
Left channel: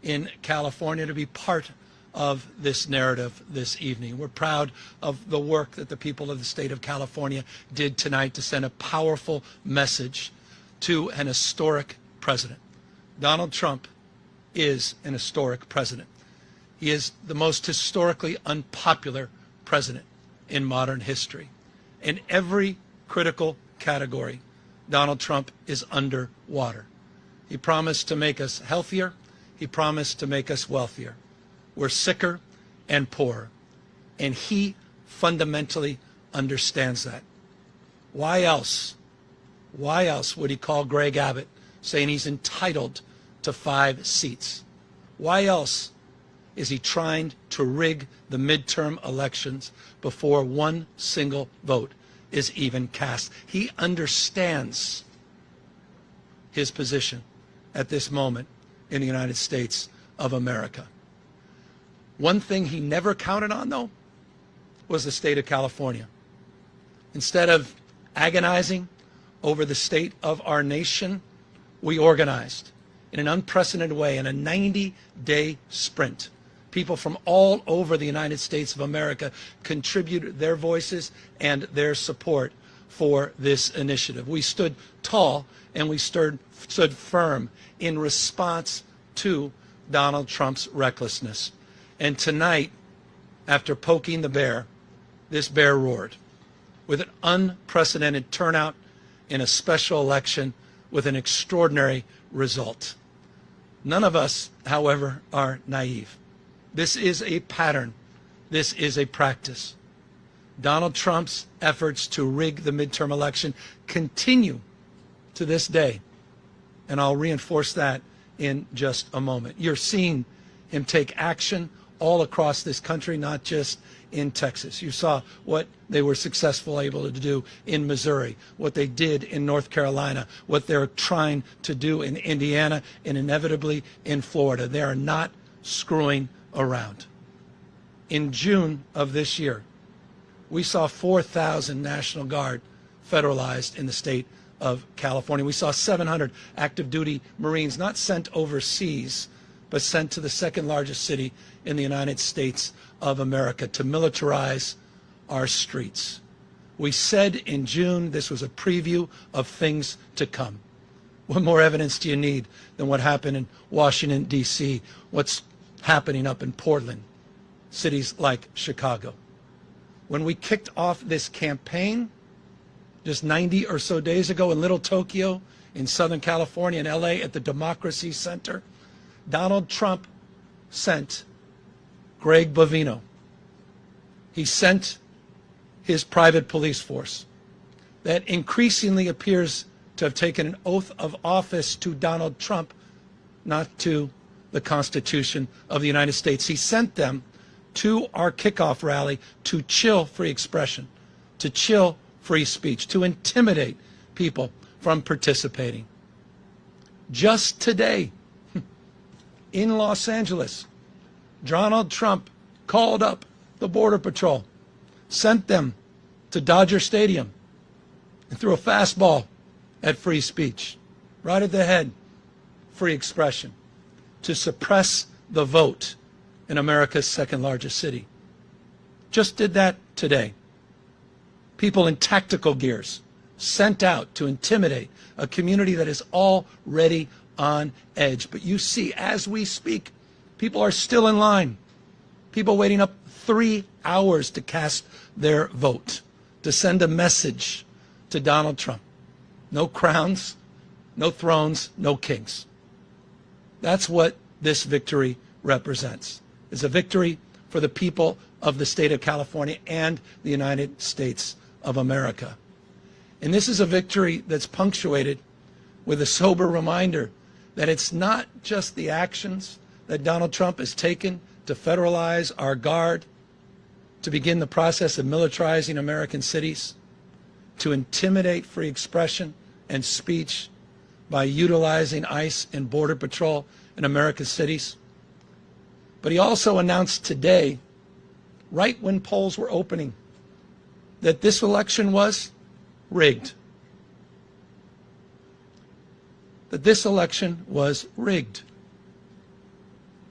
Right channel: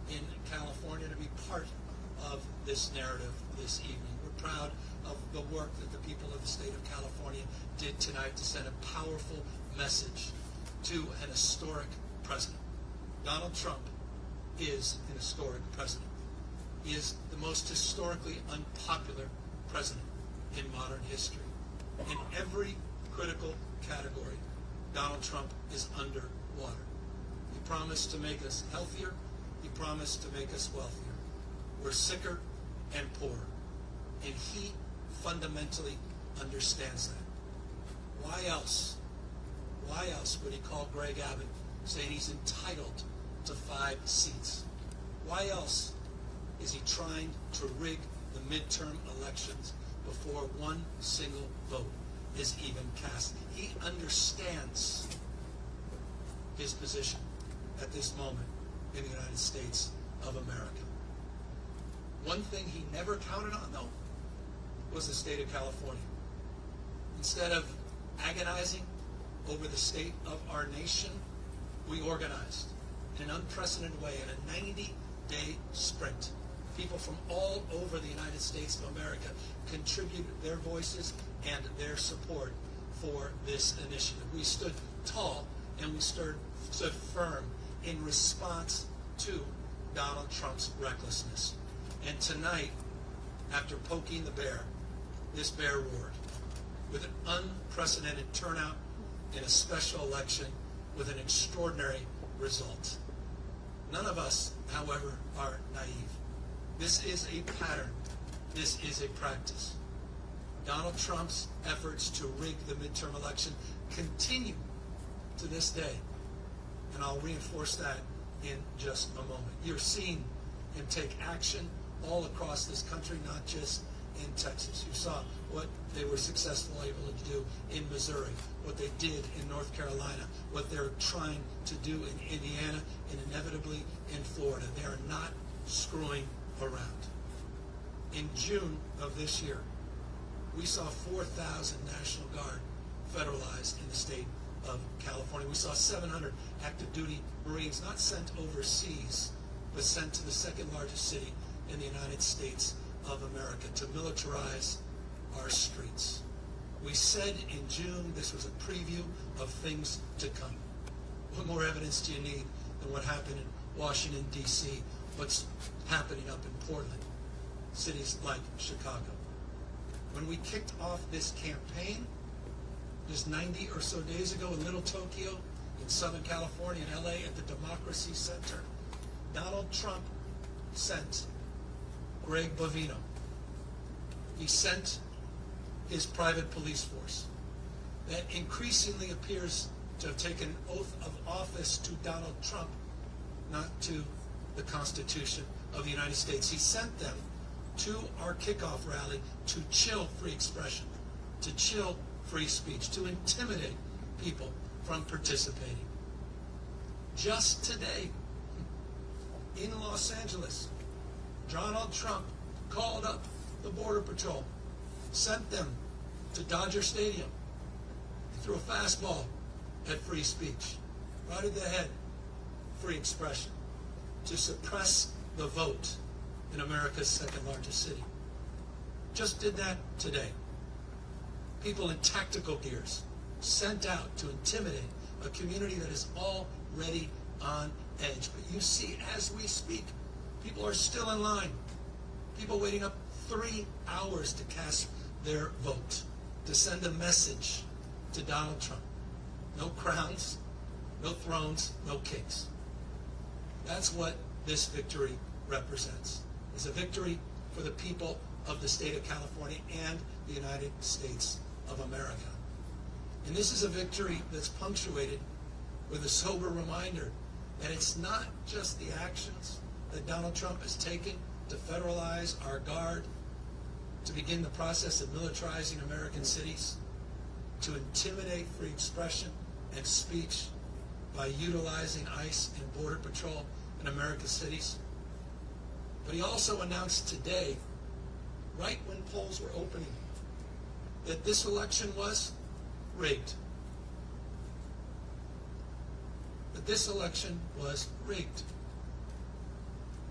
in California to be part of this narrative this evening. We're proud of the work that the people of the state of California did tonight to send a powerful message to an historic president. Donald Trump is an historic president. He is the most historically unpopular president in modern history. In every critical category, Donald Trump is underwater. He promised to make us healthier. He promised to make us wealthier. We're sicker and poorer. And he fundamentally understands that. Why else would he call Greg Abbott saying he's entitled to 5 seats? Why else is he trying to rig the midterm elections before one single vote is even cast? He understands his position at this moment in the United States of America. One thing he never counted on, though, was the state of California. Instead of agonizing over the state of our nation, we organized in an unprecedented way in a 90-day sprint. People from all over the United States of America contributed their voices and their support for this initiative. We stood tall and we stood firm in response to Donald Trump's recklessness. And tonight, after poking the bear, this bear roared with an unprecedented turnout in a special election with an extraordinary result. None of us, however, are naive. This is a pattern. This is a practice. Donald Trump's efforts to rig the midterm election continue to this day. And I'll reinforce that in just a moment. You're seeing him take action all across this country, not just in Texas. You saw what they were able to do in Missouri, what they did in North Carolina, what they're trying to do in Indiana, and inevitably in Florida. They are not screwing around. In June of this year, we saw 4,000 National Guard federalized in the state of California. We saw 700 active duty Marines not sent overseas, but sent to the second largest city in the United States of America to militarize our streets. We said in June this was a preview of things to come. What more evidence do you need than what happened in Washington, D.C., what's happening up in Portland, cities like Chicago? When we kicked off this campaign just 90 or so days ago in Little Tokyo, in Southern California, in LA, at the Democracy Center, Donald Trump sent Greg Bovino. He sent his private police force that increasingly appears to have taken an oath of office to Donald Trump, not to the Constitution of the United States. He sent them to our kickoff rally to chill free expression, to chill free speech, to intimidate people from participating. Just today, in Los Angeles, Donald Trump called up the Border Patrol, sent them to Dodger Stadium, and threw a fastball at free speech, right at the head, free expression, to suppress the vote in America's second largest city. Just did that today. People in tactical gears sent out to intimidate a community that is already on edge. But you see, as we speak, people are still in line. People waiting up 3 hours to cast their vote, to send a message to Donald Trump. No crowns, no thrones, no kings. That's what this victory represents. It's a victory for the people of the state of California and the United States of America. And this is a victory that's punctuated with a sober reminder that it's not just the actions that Donald Trump has taken to federalize our guard, to begin the process of militarizing American cities, to intimidate free expression and speech by utilizing ICE and Border Patrol in America's cities. But he also announced today, right when polls were opening, that this election was rigged. That this election was rigged.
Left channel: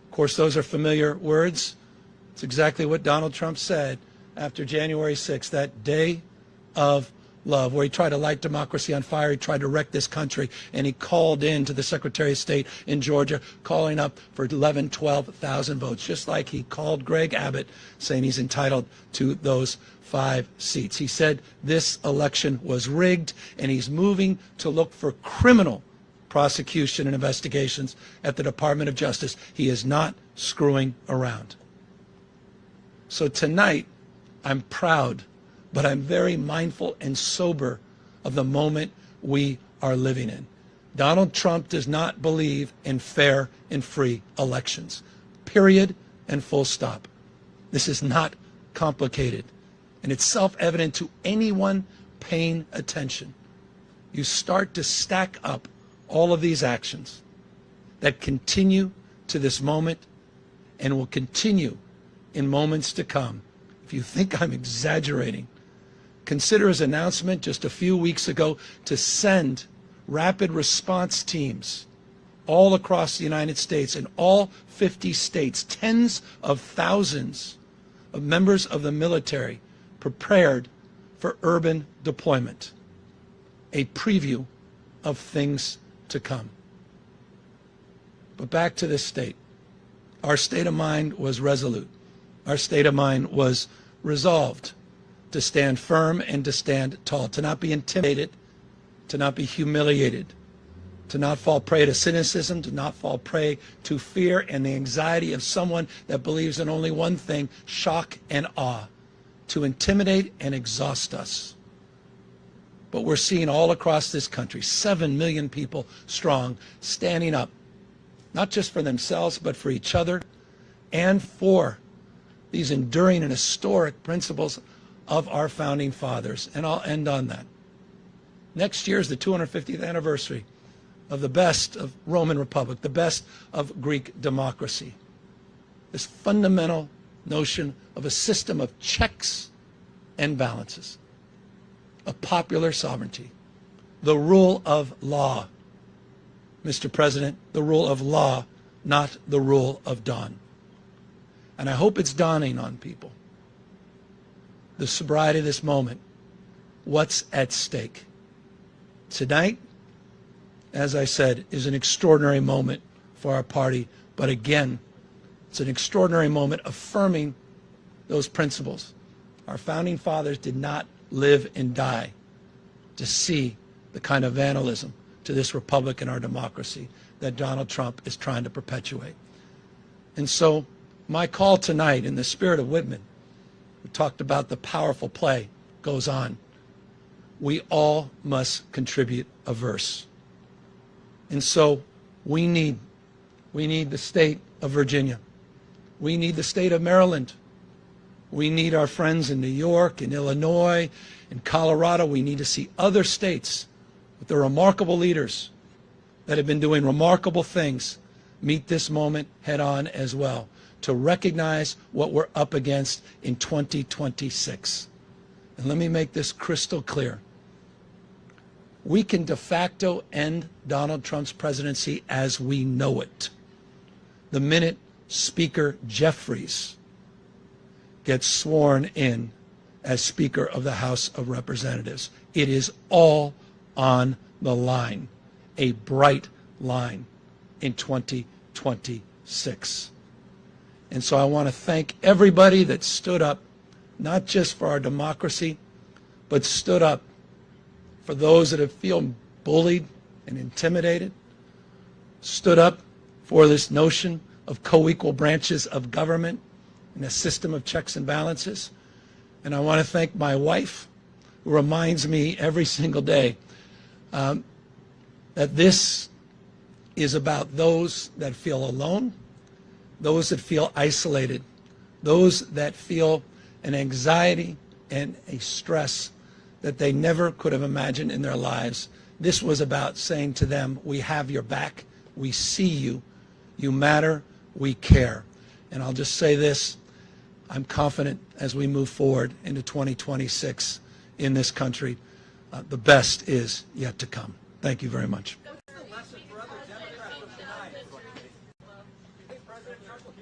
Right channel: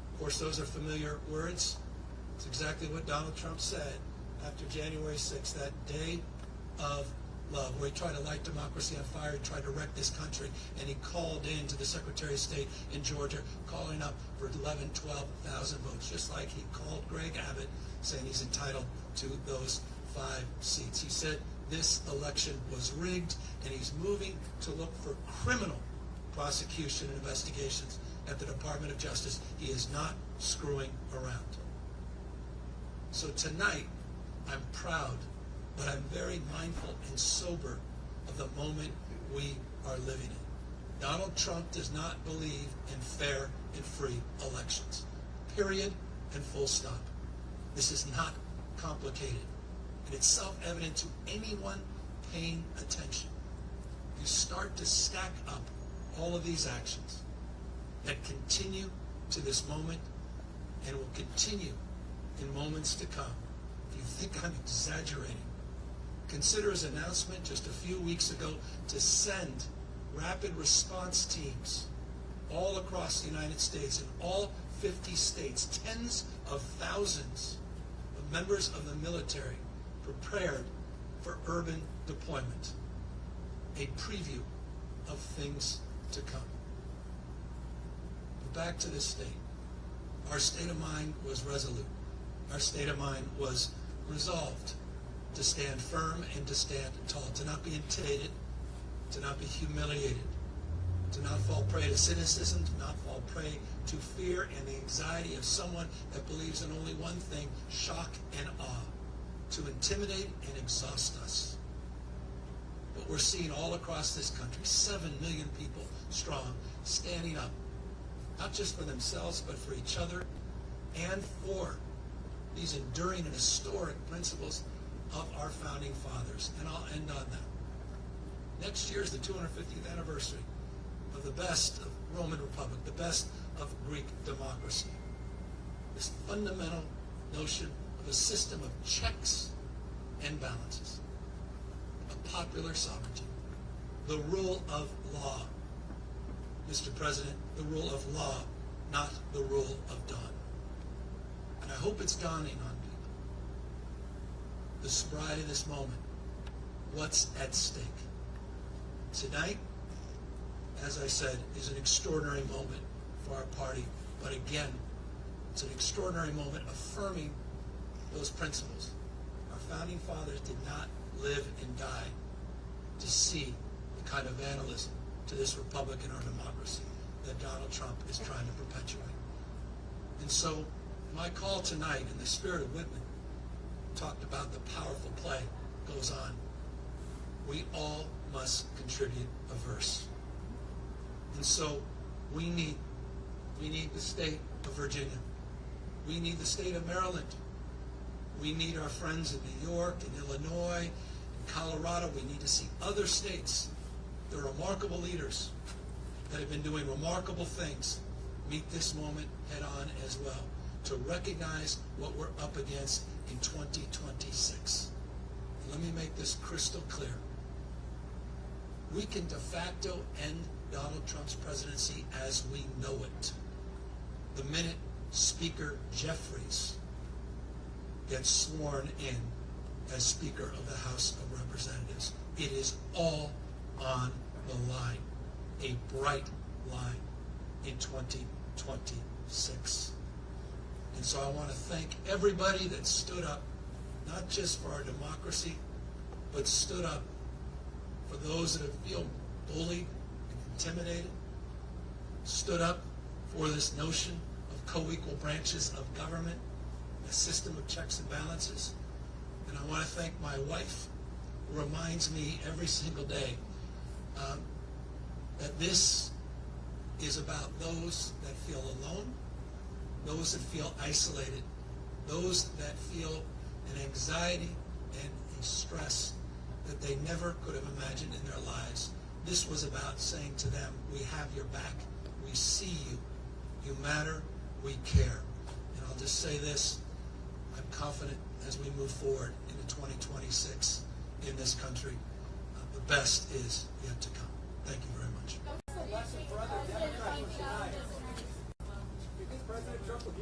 course, those are familiar words. It's exactly what Donald Trump said after January 6th, that day of love, where he tried to light democracy on fire. He tried to wreck this country, and he called in to the Secretary of State in Georgia, calling up for 11, 12,000 votes, just like he called Greg Abbott, saying he's entitled to those 5 seats. He said this election was rigged, and he's moving to look for criminal prosecution and investigations at the Department of Justice. He is not screwing around. So tonight, I'm proud, but I'm very mindful and sober of the moment we are living in. Donald Trump does not believe in fair and free elections. Period and full stop. This is not complicated, and it's self-evident to anyone paying attention. You start to stack up all of these actions that continue to this moment and will continue in moments to come. If you think I'm exaggerating, consider his announcement just a few weeks ago to send rapid response teams all across the United States, in all 50 states, tens of thousands of members of the military prepared for urban deployment. A preview of things to come. But back to this state. Our state of mind was resolute. Our state of mind was resolved to stand firm and to stand tall, to not be intimidated, to not be humiliated, to not fall prey to cynicism, to not fall prey to fear and the anxiety of someone that believes in only one thing, shock and awe, to intimidate and exhaust us. But we're seeing all across this country, 7 million people strong, standing up, not just for themselves, but for each other and for these enduring and historic principles of our founding fathers. And I'll end on that. Next year is the 250th anniversary of the best of Roman Republic, the best of Greek democracy. This fundamental notion of a system of checks and balances, of popular sovereignty, the rule of law. Mr. President, the rule of law, not the rule of dawn. And I hope it's dawning on people, the sobriety of this moment, what's at stake. Tonight, as I said, is an extraordinary moment for our party, but again, it's an extraordinary moment affirming those principles. Our founding fathers did not live and die to see the kind of vandalism to this republic and our democracy that Donald Trump is trying to perpetuate. And so my call tonight, in the spirit of Whitman, we talked about the powerful play goes on. We all must contribute a verse. And so we need the state of Virginia. We need the state of Maryland. We need our friends in New York and Illinois and Colorado. We need to see other states with their remarkable leaders that have been doing remarkable things meet this moment head on as well, to recognize what we're up against in 2026. And let me make this crystal clear. We can de facto end Donald Trump's presidency as we know it the minute Speaker Jeffries gets sworn in as Speaker of the House of Representatives. It is all on the line, a bright line in 2026. And so I want to thank everybody that stood up, not just for our democracy, but stood up for those that have feel bullied and intimidated, stood up for this notion of co-equal branches of government and a system of checks and balances. And I want to thank my wife, who reminds me every single day that this is about those that feel alone, those that feel isolated, those that feel an anxiety and a stress that they never could have imagined in their lives. This was about saying to them, we have your back, we see you, you matter, we care. And I'll just say this, I'm confident as we move forward into 2026 in this country, the best is yet to come. Thank you very much. What's the lesson for other Democrats of tonight? Do you think President Trump will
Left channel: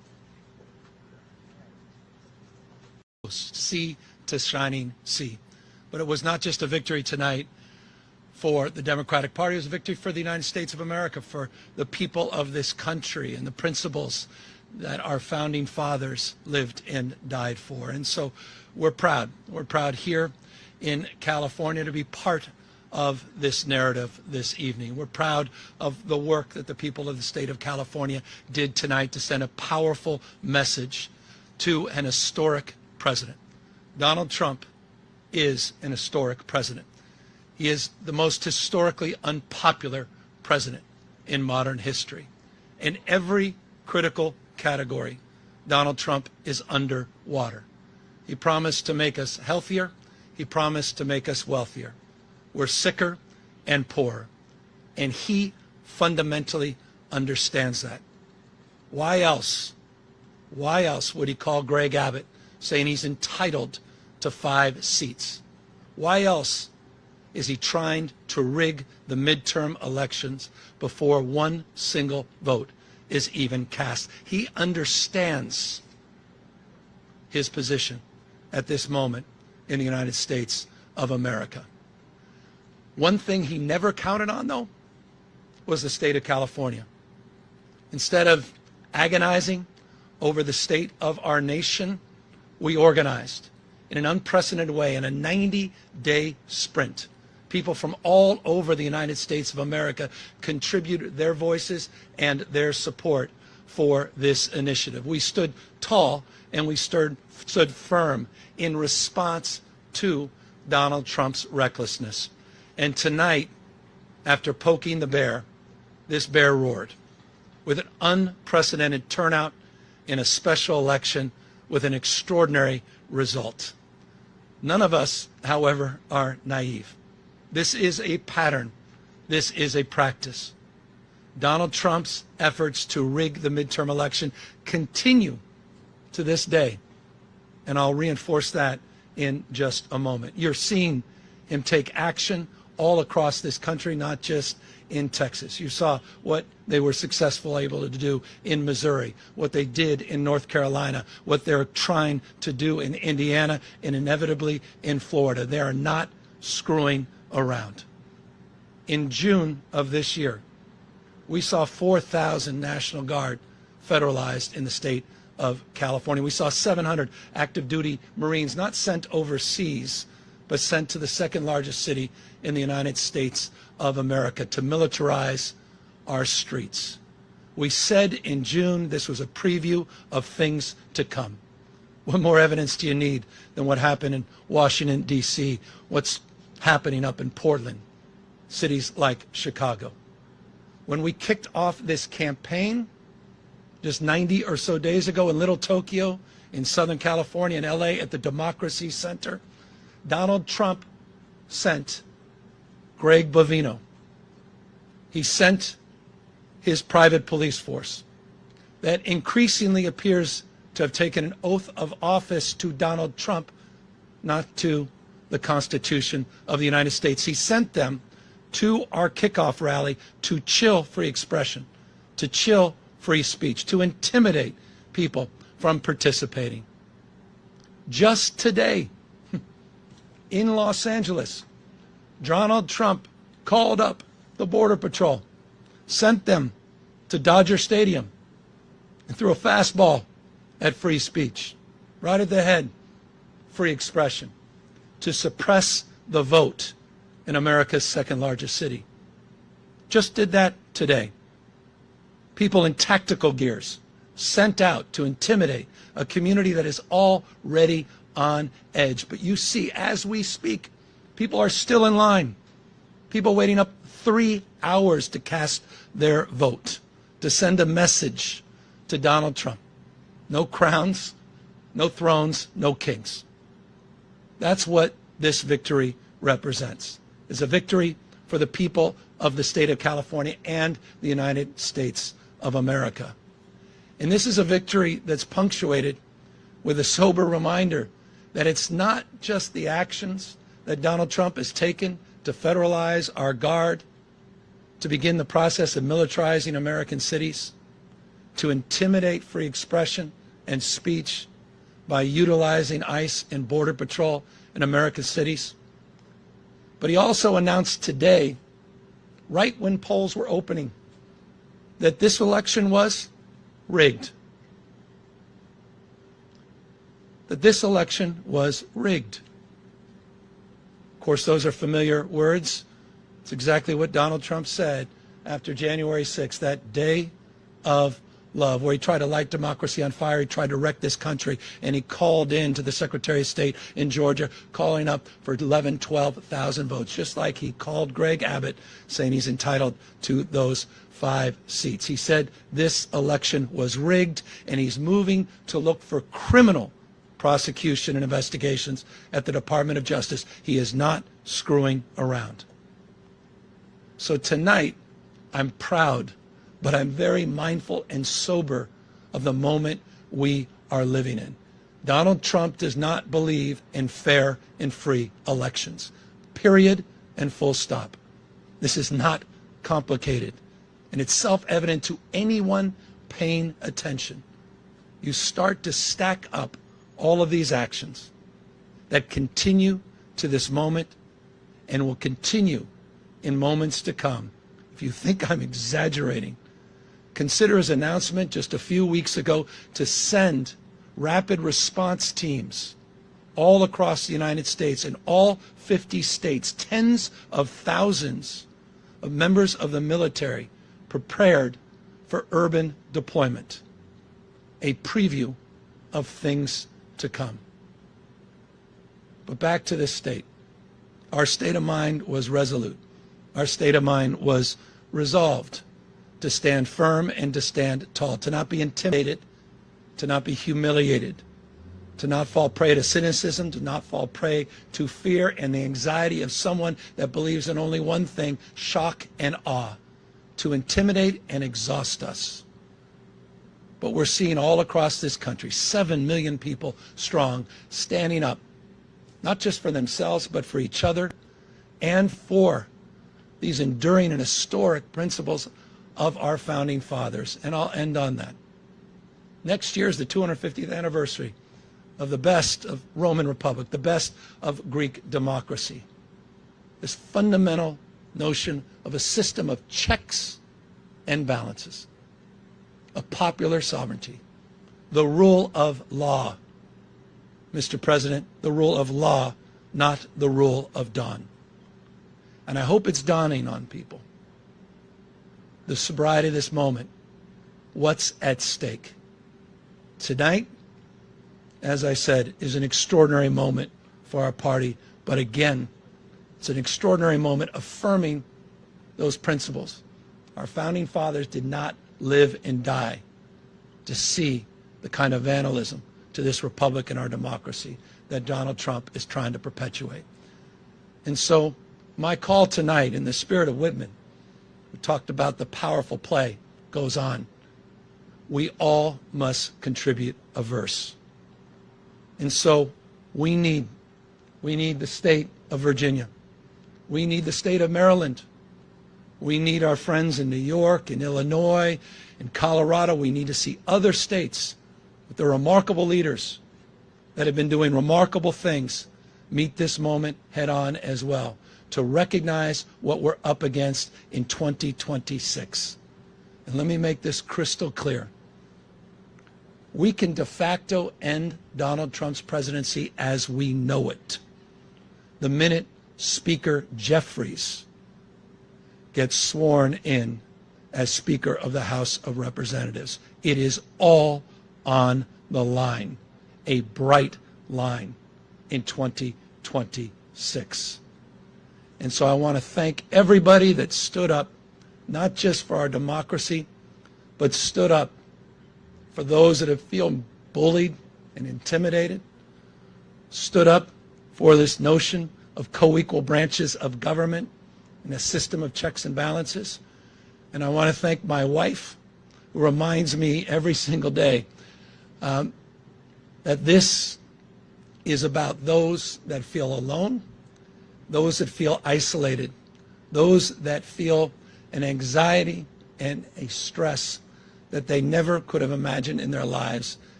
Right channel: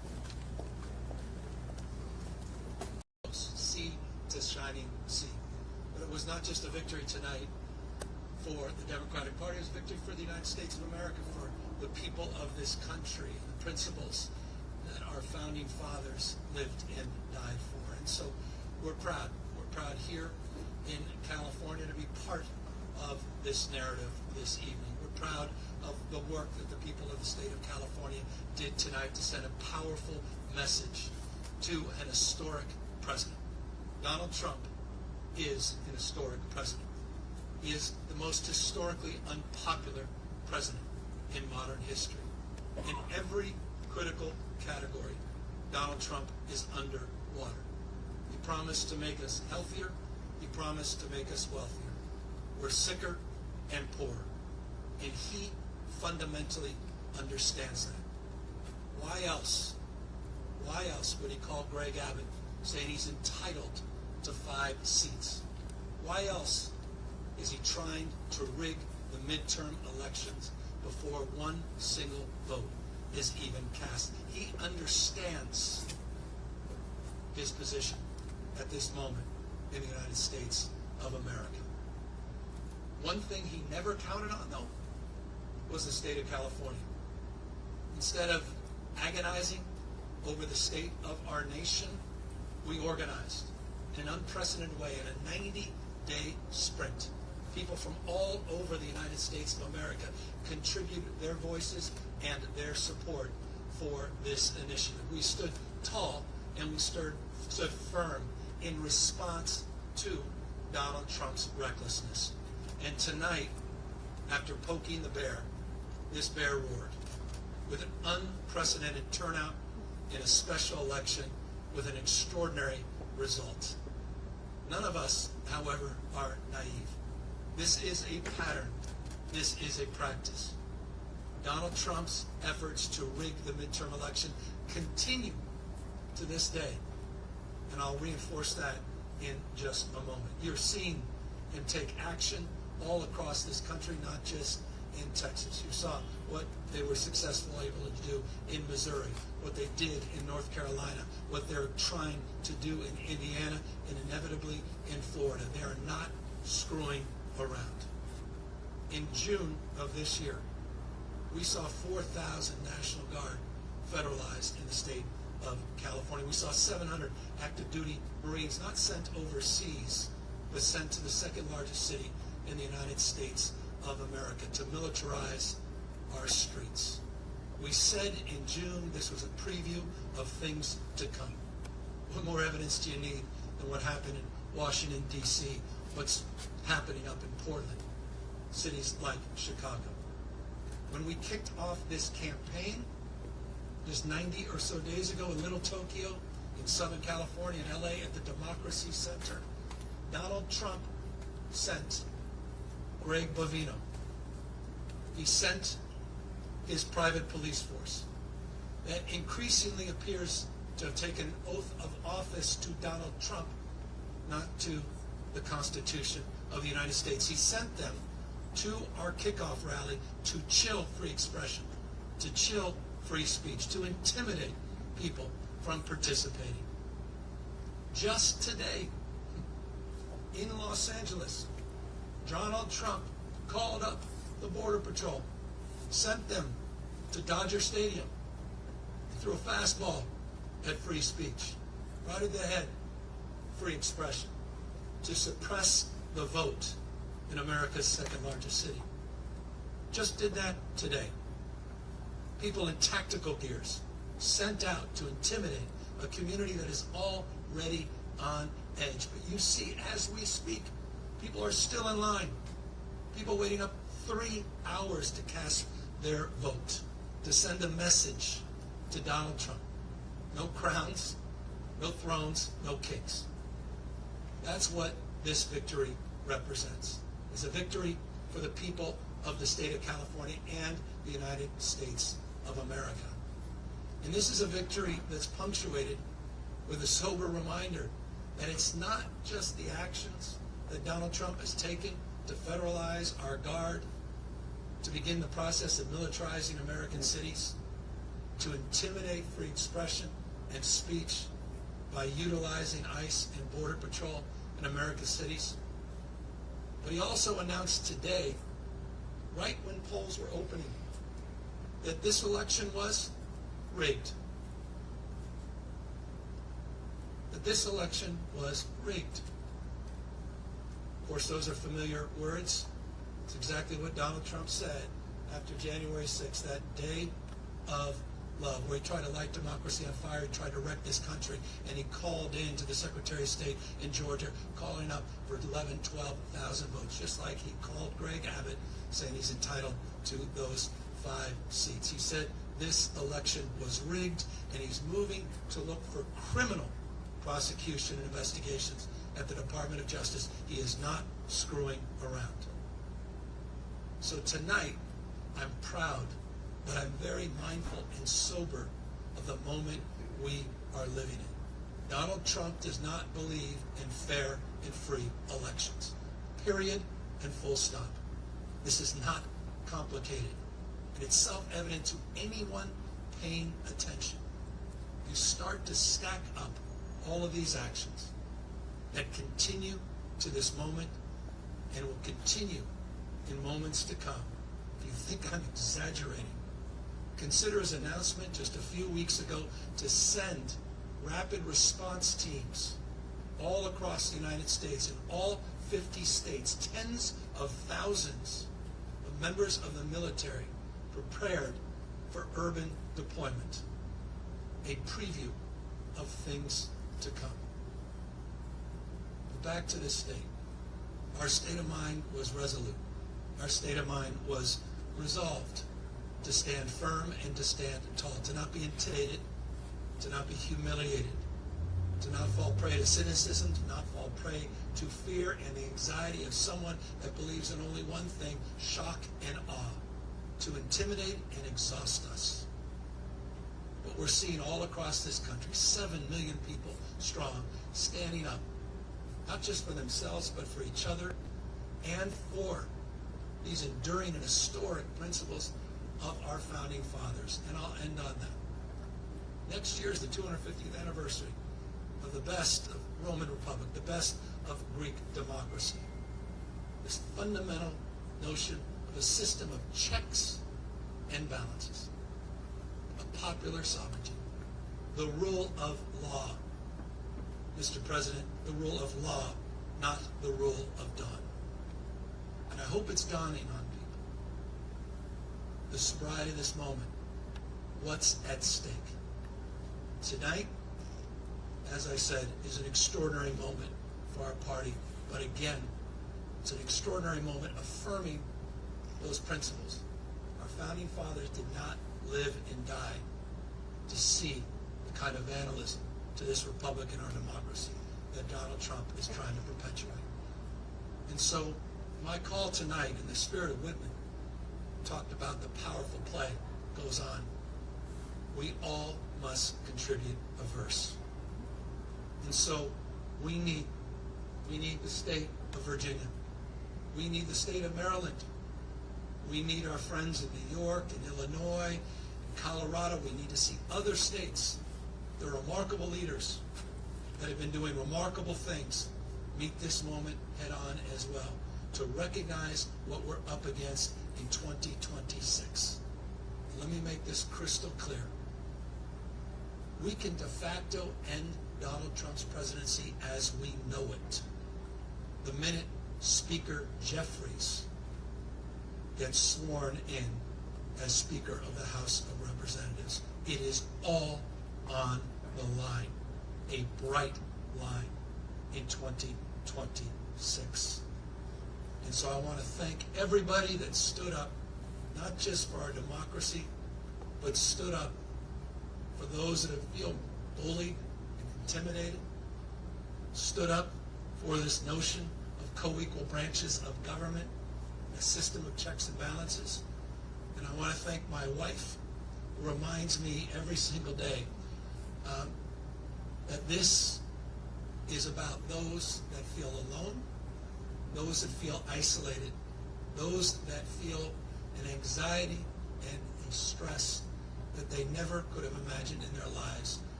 sea to shining sea. But it was not just a victory tonight for the Democratic Party, it was a victory for the United States of America, for the people of this country and the principles that our founding fathers lived and died for. And so we're proud. We're proud here in California to be part of this narrative this evening. We're proud of the work that the people of the state of California did tonight to send a powerful message to an historic president. Donald Trump is an historic president. He is the most historically unpopular president in modern history. In every critical category, Donald Trump is underwater. He promised to make us healthier. He promised to make us wealthier. We're sicker and poorer. And he fundamentally understands that. Why else would he call Greg Abbott saying he's entitled to 5 seats? Why else is he trying to rig the midterm elections before one single vote is even cast? He understands his position at this moment in the United States of America. One thing he never counted on, though, was the state of California. Instead of agonizing over the state of our nation, we organized in an unprecedented way in a 90-day sprint. People from all over the United States of America contributed their voices and their support for this initiative. We stood tall and we stood firm in response to Donald Trump's recklessness. And tonight, after poking the bear, this bear roared with an unprecedented turnout in a special election with an extraordinary result. None of us, however, are naive. This is a pattern. This is a practice. Donald Trump's efforts to rig the midterm election continue to this day. And I'll reinforce that in just a moment. You're seeing him take action all across this country, not just in Texas. You saw what they were successful able to do in Missouri, what they did in North Carolina, what they're trying to do in Indiana, and inevitably in Florida. They are not screwing around. In June of this year, we saw 4,000 National Guard federalized in the state of California. We saw 700 active duty Marines not sent overseas, but sent to the second largest city in the United States of America to militarize our streets. We said in June this was a preview of things to come. What more evidence do you need than what happened in Washington, D.C., what's happening up in Portland, cities like Chicago? When we kicked off this campaign just 90 or so days ago in Little Tokyo, in Southern California, in L.A. at the Democracy Center, Donald Trump sent Greg Bovino. He sent his private police force that increasingly appears to have taken an oath of office to Donald Trump, not to the Constitution of the United States. He sent them to our kickoff rally to chill free expression, to chill free speech, to intimidate people from participating. Just today, in Los Angeles, Donald Trump called up the Border Patrol, sent them to Dodger Stadium, and threw a fastball at free speech, right at the head, free expression, to suppress the vote in America's second largest city. Just did that today. People in tactical gears sent out to intimidate a community that is already on edge. But you see, as we speak, people are still in line. People waiting up 3 hours to cast their vote, to send a message to Donald Trump. No crowns, no thrones, no kings. That's what this victory represents. It's a victory for the people of the state of California and the United States of America. And this is a victory that's punctuated with a sober reminder that it's not just the actions that Donald Trump has taken to federalize our guard, to begin the process of militarizing American cities, to intimidate free expression and speech, by utilizing ICE and Border Patrol in America's cities. But he also announced today, right when polls were opening, that this election was rigged. That this election was rigged. Of course, those are familiar words. It's exactly what Donald Trump said after January 6th, that day of love, where he tried to light democracy on fire. He tried to wreck this country, and he called in to the Secretary of State in Georgia, calling up for 11, 12,000 votes, just like he called Greg Abbott, saying he's entitled to those 5 seats. He said this election was rigged, and he's moving to look for criminal prosecution and investigations at the Department of Justice. He is not screwing around. So tonight, I'm proud, but I'm very mindful and sober of the moment we are living in. Donald Trump does not believe in fair and free elections. Period and full stop. This is not complicated, and it's self-evident to anyone paying attention. You start to stack up all of these actions that continue to this moment and will continue in moments to come. If you think I'm exaggerating, consider his announcement just a few weeks ago to send rapid response teams all across the United States, in all 50 states, tens of thousands of members of the military prepared for urban deployment. A preview of things to come. But back to this state. Our state of mind was resolute. Our state of mind was resolved to stand firm and to stand tall, to not be intimidated, to not be humiliated, to not fall prey to cynicism, to not fall prey to fear and the anxiety of someone that believes in only one thing, shock and awe, to intimidate and exhaust us. But we're seeing all across this country, 7 million people strong, standing up, not just for themselves, but for each other and for these enduring and historic principles of our founding fathers. And I'll end on that. Next year is the 250th anniversary of the best of Roman Republic, the best of Greek democracy. This fundamental notion of a system of checks and balances, of popular sovereignty, the rule of law. Mr. President, the rule of law, not the rule of dawn. And I hope it's dawning on people, the sobriety of this moment, what's at stake. Tonight, as I said, is an extraordinary moment for our party, but again, it's an extraordinary moment affirming those principles. Our founding fathers did not live and die to see the kind of vandalism to this republic and our democracy that Donald Trump is trying to perpetuate. And so my call tonight, in the spirit of Whitman, we talked about the powerful play, goes on. We all must contribute a verse. And so we need the state of Virginia. We need the state of Maryland. We need our friends in New York and Illinois and Colorado. We need to see other states with their remarkable leaders that have been doing remarkable things meet this moment head on as well, to recognize what we're up against in 2026. And let me make this crystal clear. We can de facto end Donald Trump's presidency as we know it the minute Speaker Jeffries gets sworn in as Speaker of the House of Representatives. It is all on the line, a bright line in 2026. And so I want to thank everybody that stood up, not just for our democracy, but stood up for those that have feel bullied and intimidated, stood up for this notion of co-equal branches of government and a system of checks and balances. And I want to thank my wife, who reminds me every single day that this is about those that feel alone, those that feel isolated, those that feel an anxiety and a stress that they never could have imagined in their lives,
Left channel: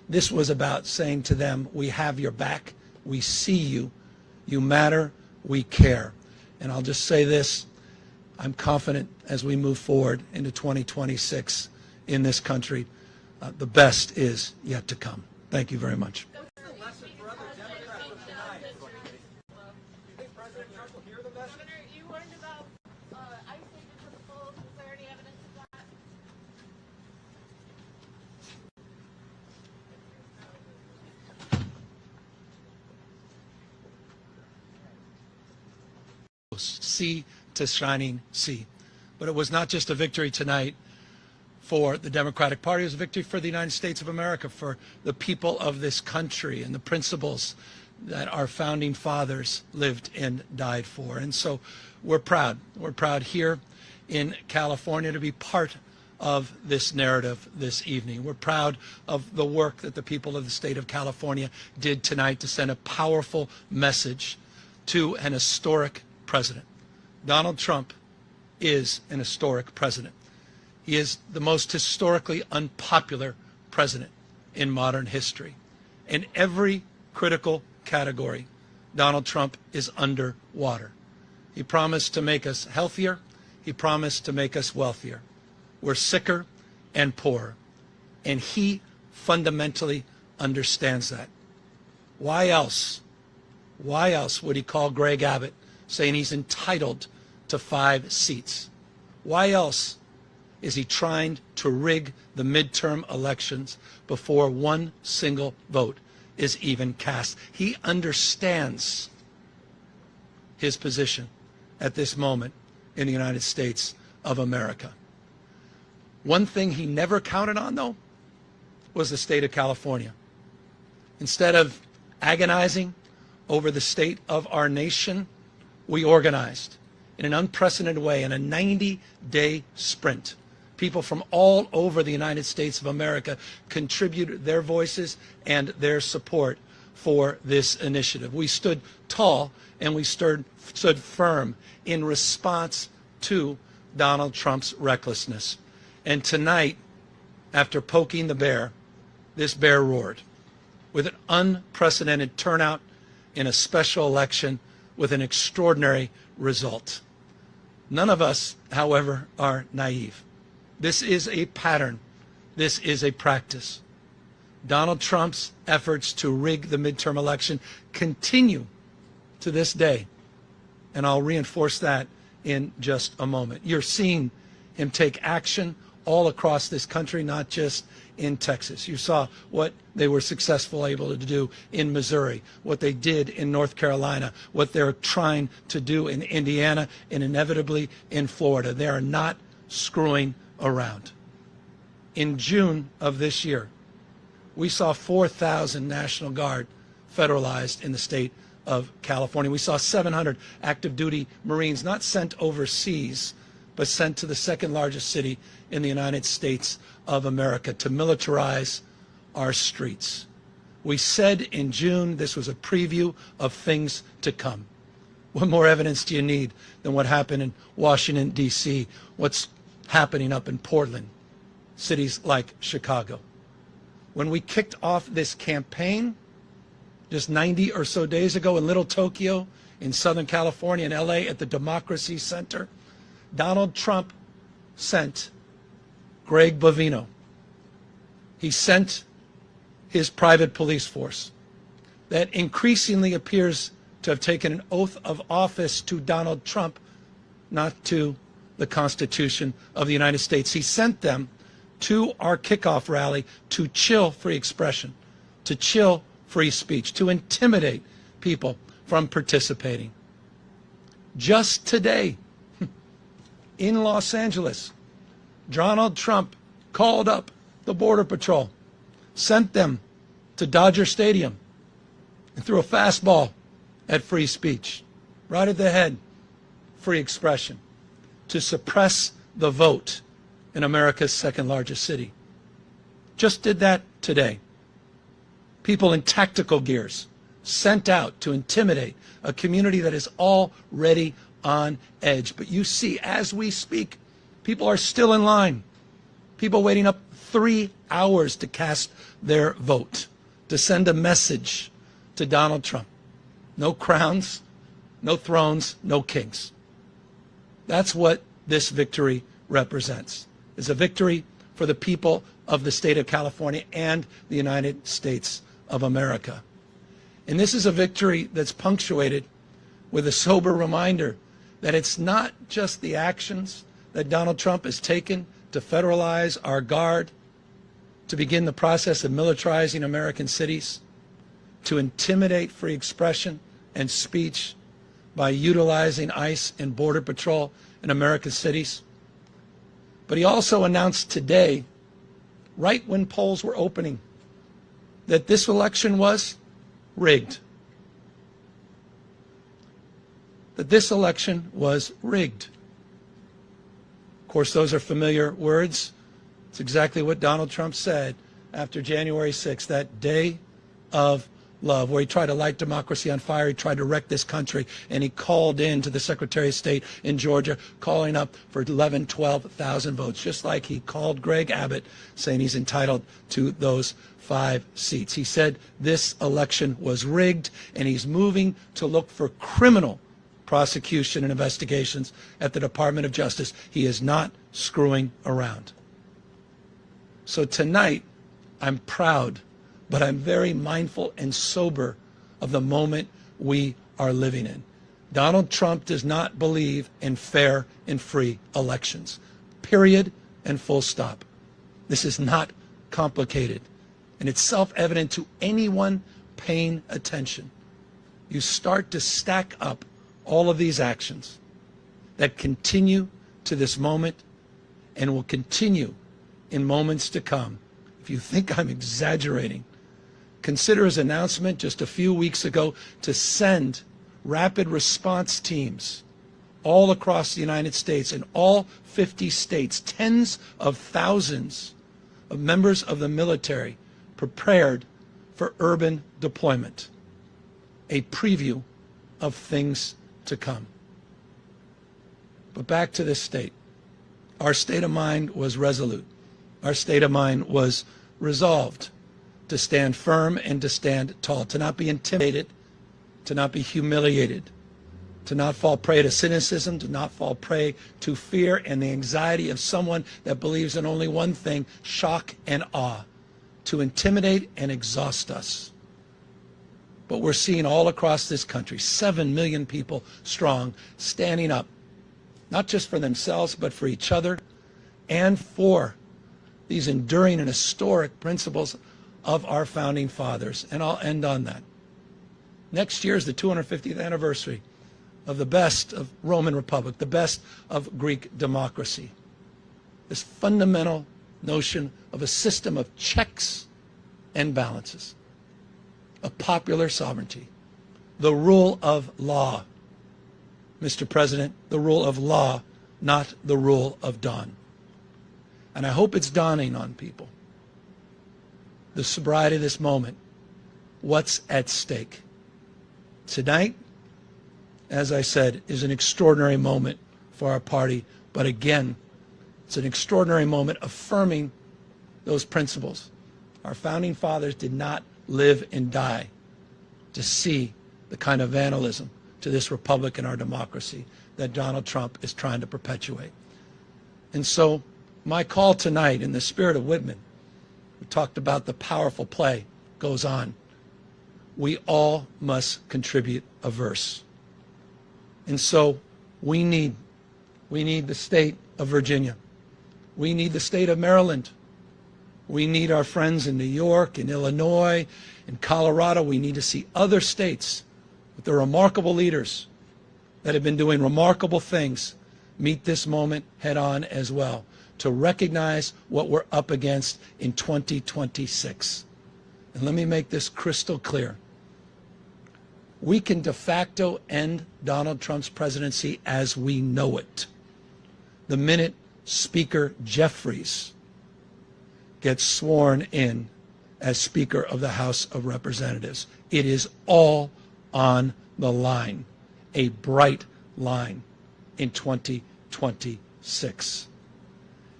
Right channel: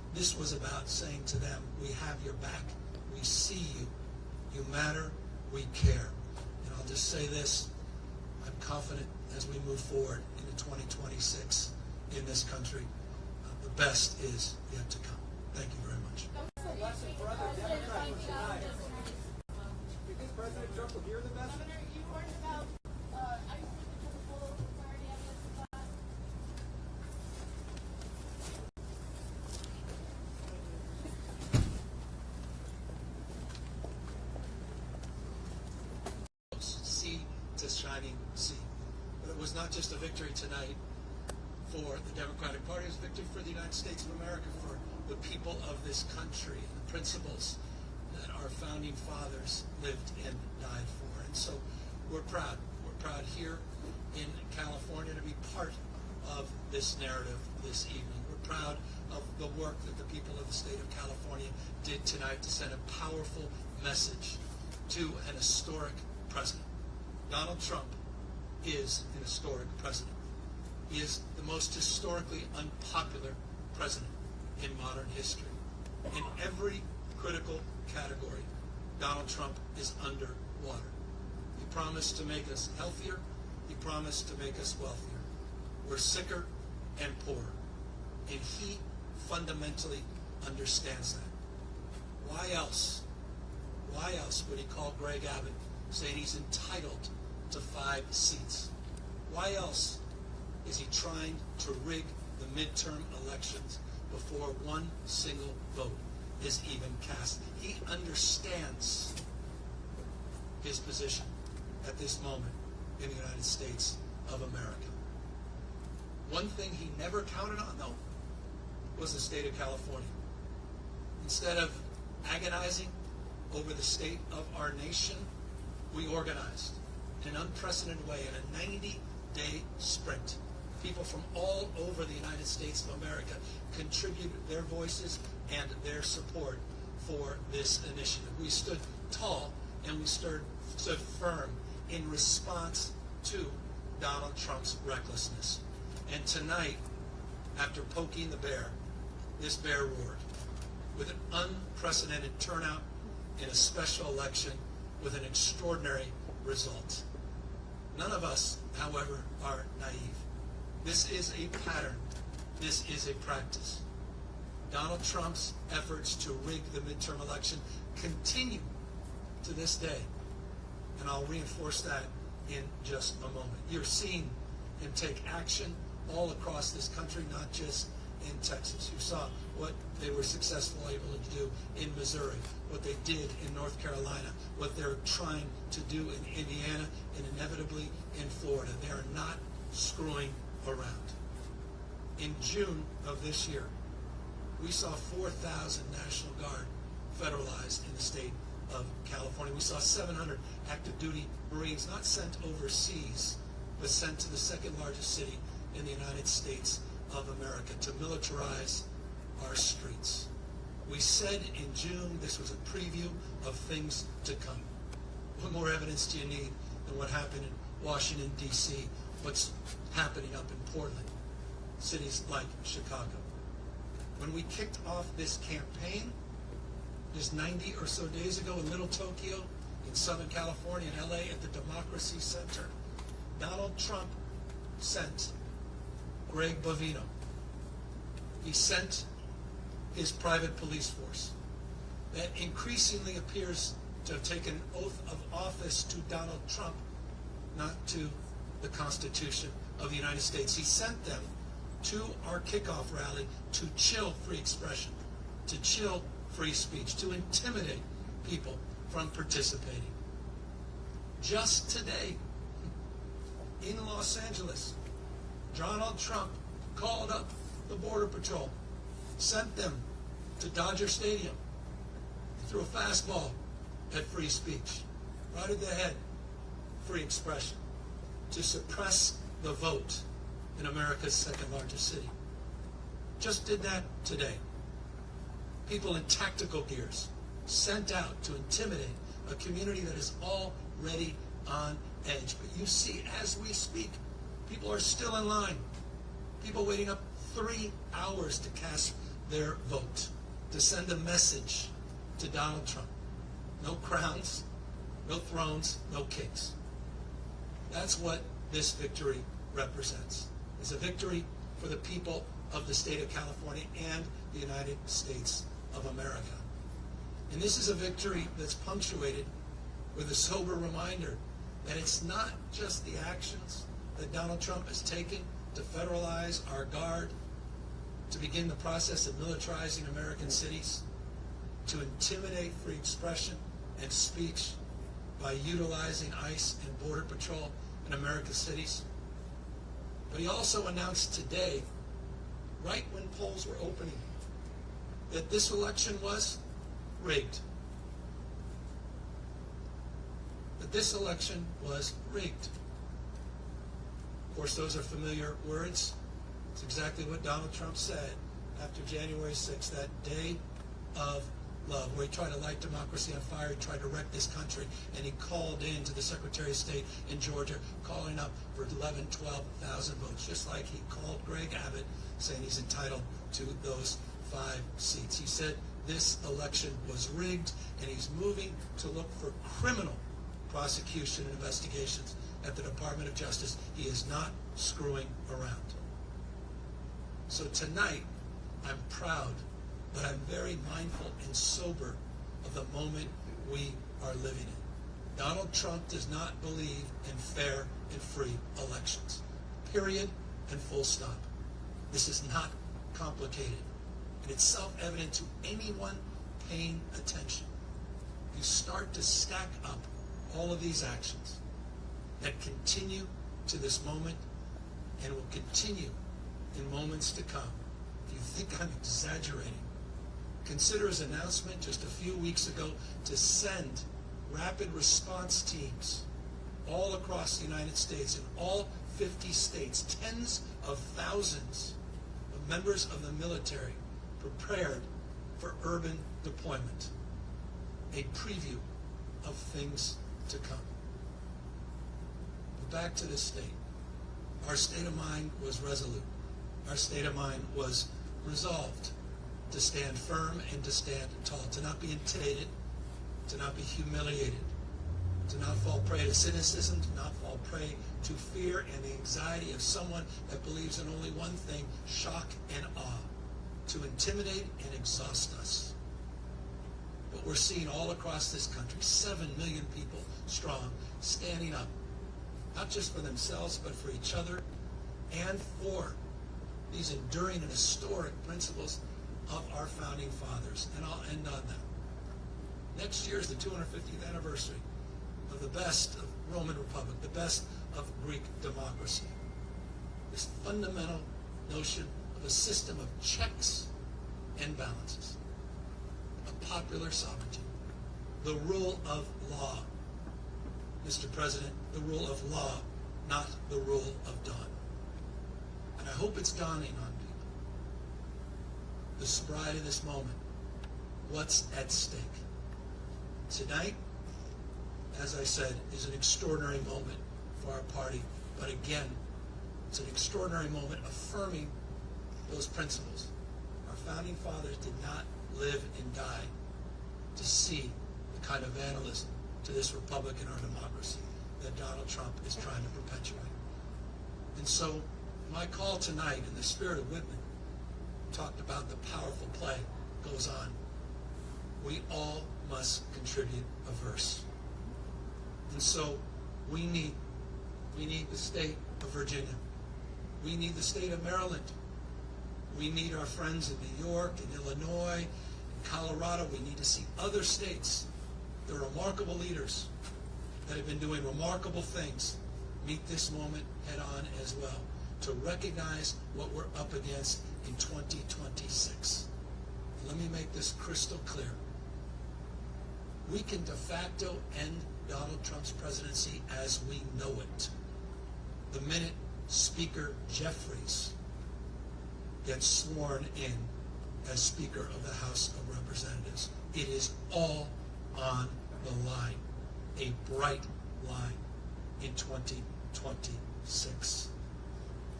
This was about saying to them, we have your back, we see you, you matter, we care. And I'll just say this, I'm confident as we move forward into 2026 in this country, the best is yet to come. Thank you very much. What's the lesson for other Democrats from tonight? Do you think President Trump will hear the message? Governor, you warned about ICE taking to the polls. Is there any evidence of that? Sea to shining sea. But it was not just a victory tonight for the Democratic Party, it was a victory for the United States of America, for the people of this country and the principles that our founding fathers lived and died for. And so we're proud. We're proud here in California to be part of this narrative this evening. We're proud of the work that the people of the state of California did tonight to send a powerful message to an historic president. Donald Trump is an historic president. He is the most historically unpopular president in modern history. In every critical category, Donald Trump is underwater. He promised to make us healthier. He promised to make us wealthier. We're sicker and poorer. And he fundamentally understands that. Why else would he call Greg Abbott saying he's entitled to 5 seats? Why else is he trying to rig the midterm elections before one single vote is even cast? He understands his position at this moment in the United States of America. One thing he never counted on, though, was the state of California. Instead of agonizing over the state of our nation, we organized in an unprecedented way in a 90-day sprint. People from all over the United States of America contributed their voices and their support for this initiative. We stood tall and we stood firm in response to Donald Trump's recklessness. And tonight, after poking the bear, this bear roared with an unprecedented turnout in a special election with an extraordinary result. None of us, however, are naive. This is a pattern. This is a practice. Donald Trump's efforts to rig the midterm election continue to this day. And I'll reinforce that in just a moment. You're seeing him take action all across this country, not just in Texas. You saw what they were successful able to do in Missouri, what they did in North Carolina, what they're trying to do in Indiana, and inevitably in Florida. They are not screwing around. In June of this year, we saw 4,000 National Guard federalized in the state of California. We saw 700 active duty Marines not sent overseas, but sent to the second largest city in the United States of America to militarize our streets. We said in June this was a preview of things to come. What more evidence do you need than what happened in Washington, D.C., what's happening up in Portland, cities like Chicago? When we kicked off this campaign just 90 or so days ago in Little Tokyo, in Southern California, in LA at the Democracy Center, Donald Trump sent Greg Bovino. He sent his private police force that increasingly appears to have taken an oath of office to Donald Trump, not to the Constitution of the United States. He sent them to our kickoff rally to chill free expression, to chill free speech, to intimidate people from participating. Just today, in Los Angeles, Donald Trump called up the Border Patrol, sent them to Dodger Stadium, and threw a fastball at free speech, right at the head, free expression, to suppress the vote in America's second largest city. Just did that today. People in tactical gears sent out to intimidate a community that is already on edge. But you see, as we speak, people are still in line. People waiting up 3 hours to cast their vote, to send a message to Donald Trump. No crowns, no thrones, no kings. That's what this victory represents. It's a victory for the people of the state of California and the United States of America. And this is a victory that's punctuated with a sober reminder that it's not just the actions that Donald Trump has taken to federalize our guard, to begin the process of militarizing American cities, to intimidate free expression and speech by utilizing ICE and Border Patrol in American cities. But he also announced today, right when polls were opening, that this election was rigged. That this election was rigged. Of course, those are familiar words. It's exactly what Donald Trump said after January 6th, that day of love, where he tried to light democracy on fire. He tried to wreck this country, and he called in to the Secretary of State in Georgia, calling up for 11, 12,000 votes, just like he called Greg Abbott, saying he's entitled to those 5 seats. He said this election was rigged, and he's moving to look for criminal prosecution and investigations at the Department of Justice. He is not screwing around. So tonight, I'm proud, but I'm very mindful and sober of the moment we are living in. Donald Trump does not believe in fair and free elections. Period and full stop. This is not complicated, and it's self-evident to anyone paying attention. You start to stack up all of these actions that continue to this moment and will continue in moments to come. If you think I'm exaggerating, consider his announcement just a few weeks ago to send rapid response teams all across the United States, in all 50 states, tens of thousands of members of the military prepared for urban deployment. A preview of things to come. But back to this state. Our state of mind was resolute. Our state of mind was resolved to stand firm and to stand tall, to not be intimidated, to not be humiliated, to not fall prey to cynicism, to not fall prey to fear and the anxiety of someone that believes in only one thing, shock and awe, to intimidate and exhaust us. But we're seeing all across this country, 7 million people strong, standing up, not just for themselves, but for each other and for these enduring and historic principles of our founding fathers. And I'll end on that. Next year is the 250th anniversary of the best of Roman Republic, the best of Greek democracy. This fundamental notion of a system of checks and balances, of popular sovereignty, the rule of law. Mr. President, the rule of law, not the rule of dawn. And I hope it's dawning on people. The sobriety of this moment, what's at stake. Tonight, as I said, is an extraordinary moment for our party, but again, it's an extraordinary moment affirming those principles. Our founding fathers did not live and die to see the kind of vandalism to this republic and our democracy that Donald Trump is trying to perpetuate. And so my call tonight, in the spirit of Whitman, we talked about the powerful play goes on. We all must contribute a verse. And so we need the state of Virginia. We need the state of Maryland. We need our friends in New York, in Illinois, in Colorado. We need to see other states with their remarkable leaders that have been doing remarkable things meet this moment head on as well, to recognize what we're up against in 2026. And let me make this crystal clear. We can de facto end Donald Trump's presidency as we know it the minute Speaker Jeffries gets sworn in as Speaker of the House of Representatives. It is all on the line, a bright line in 2026.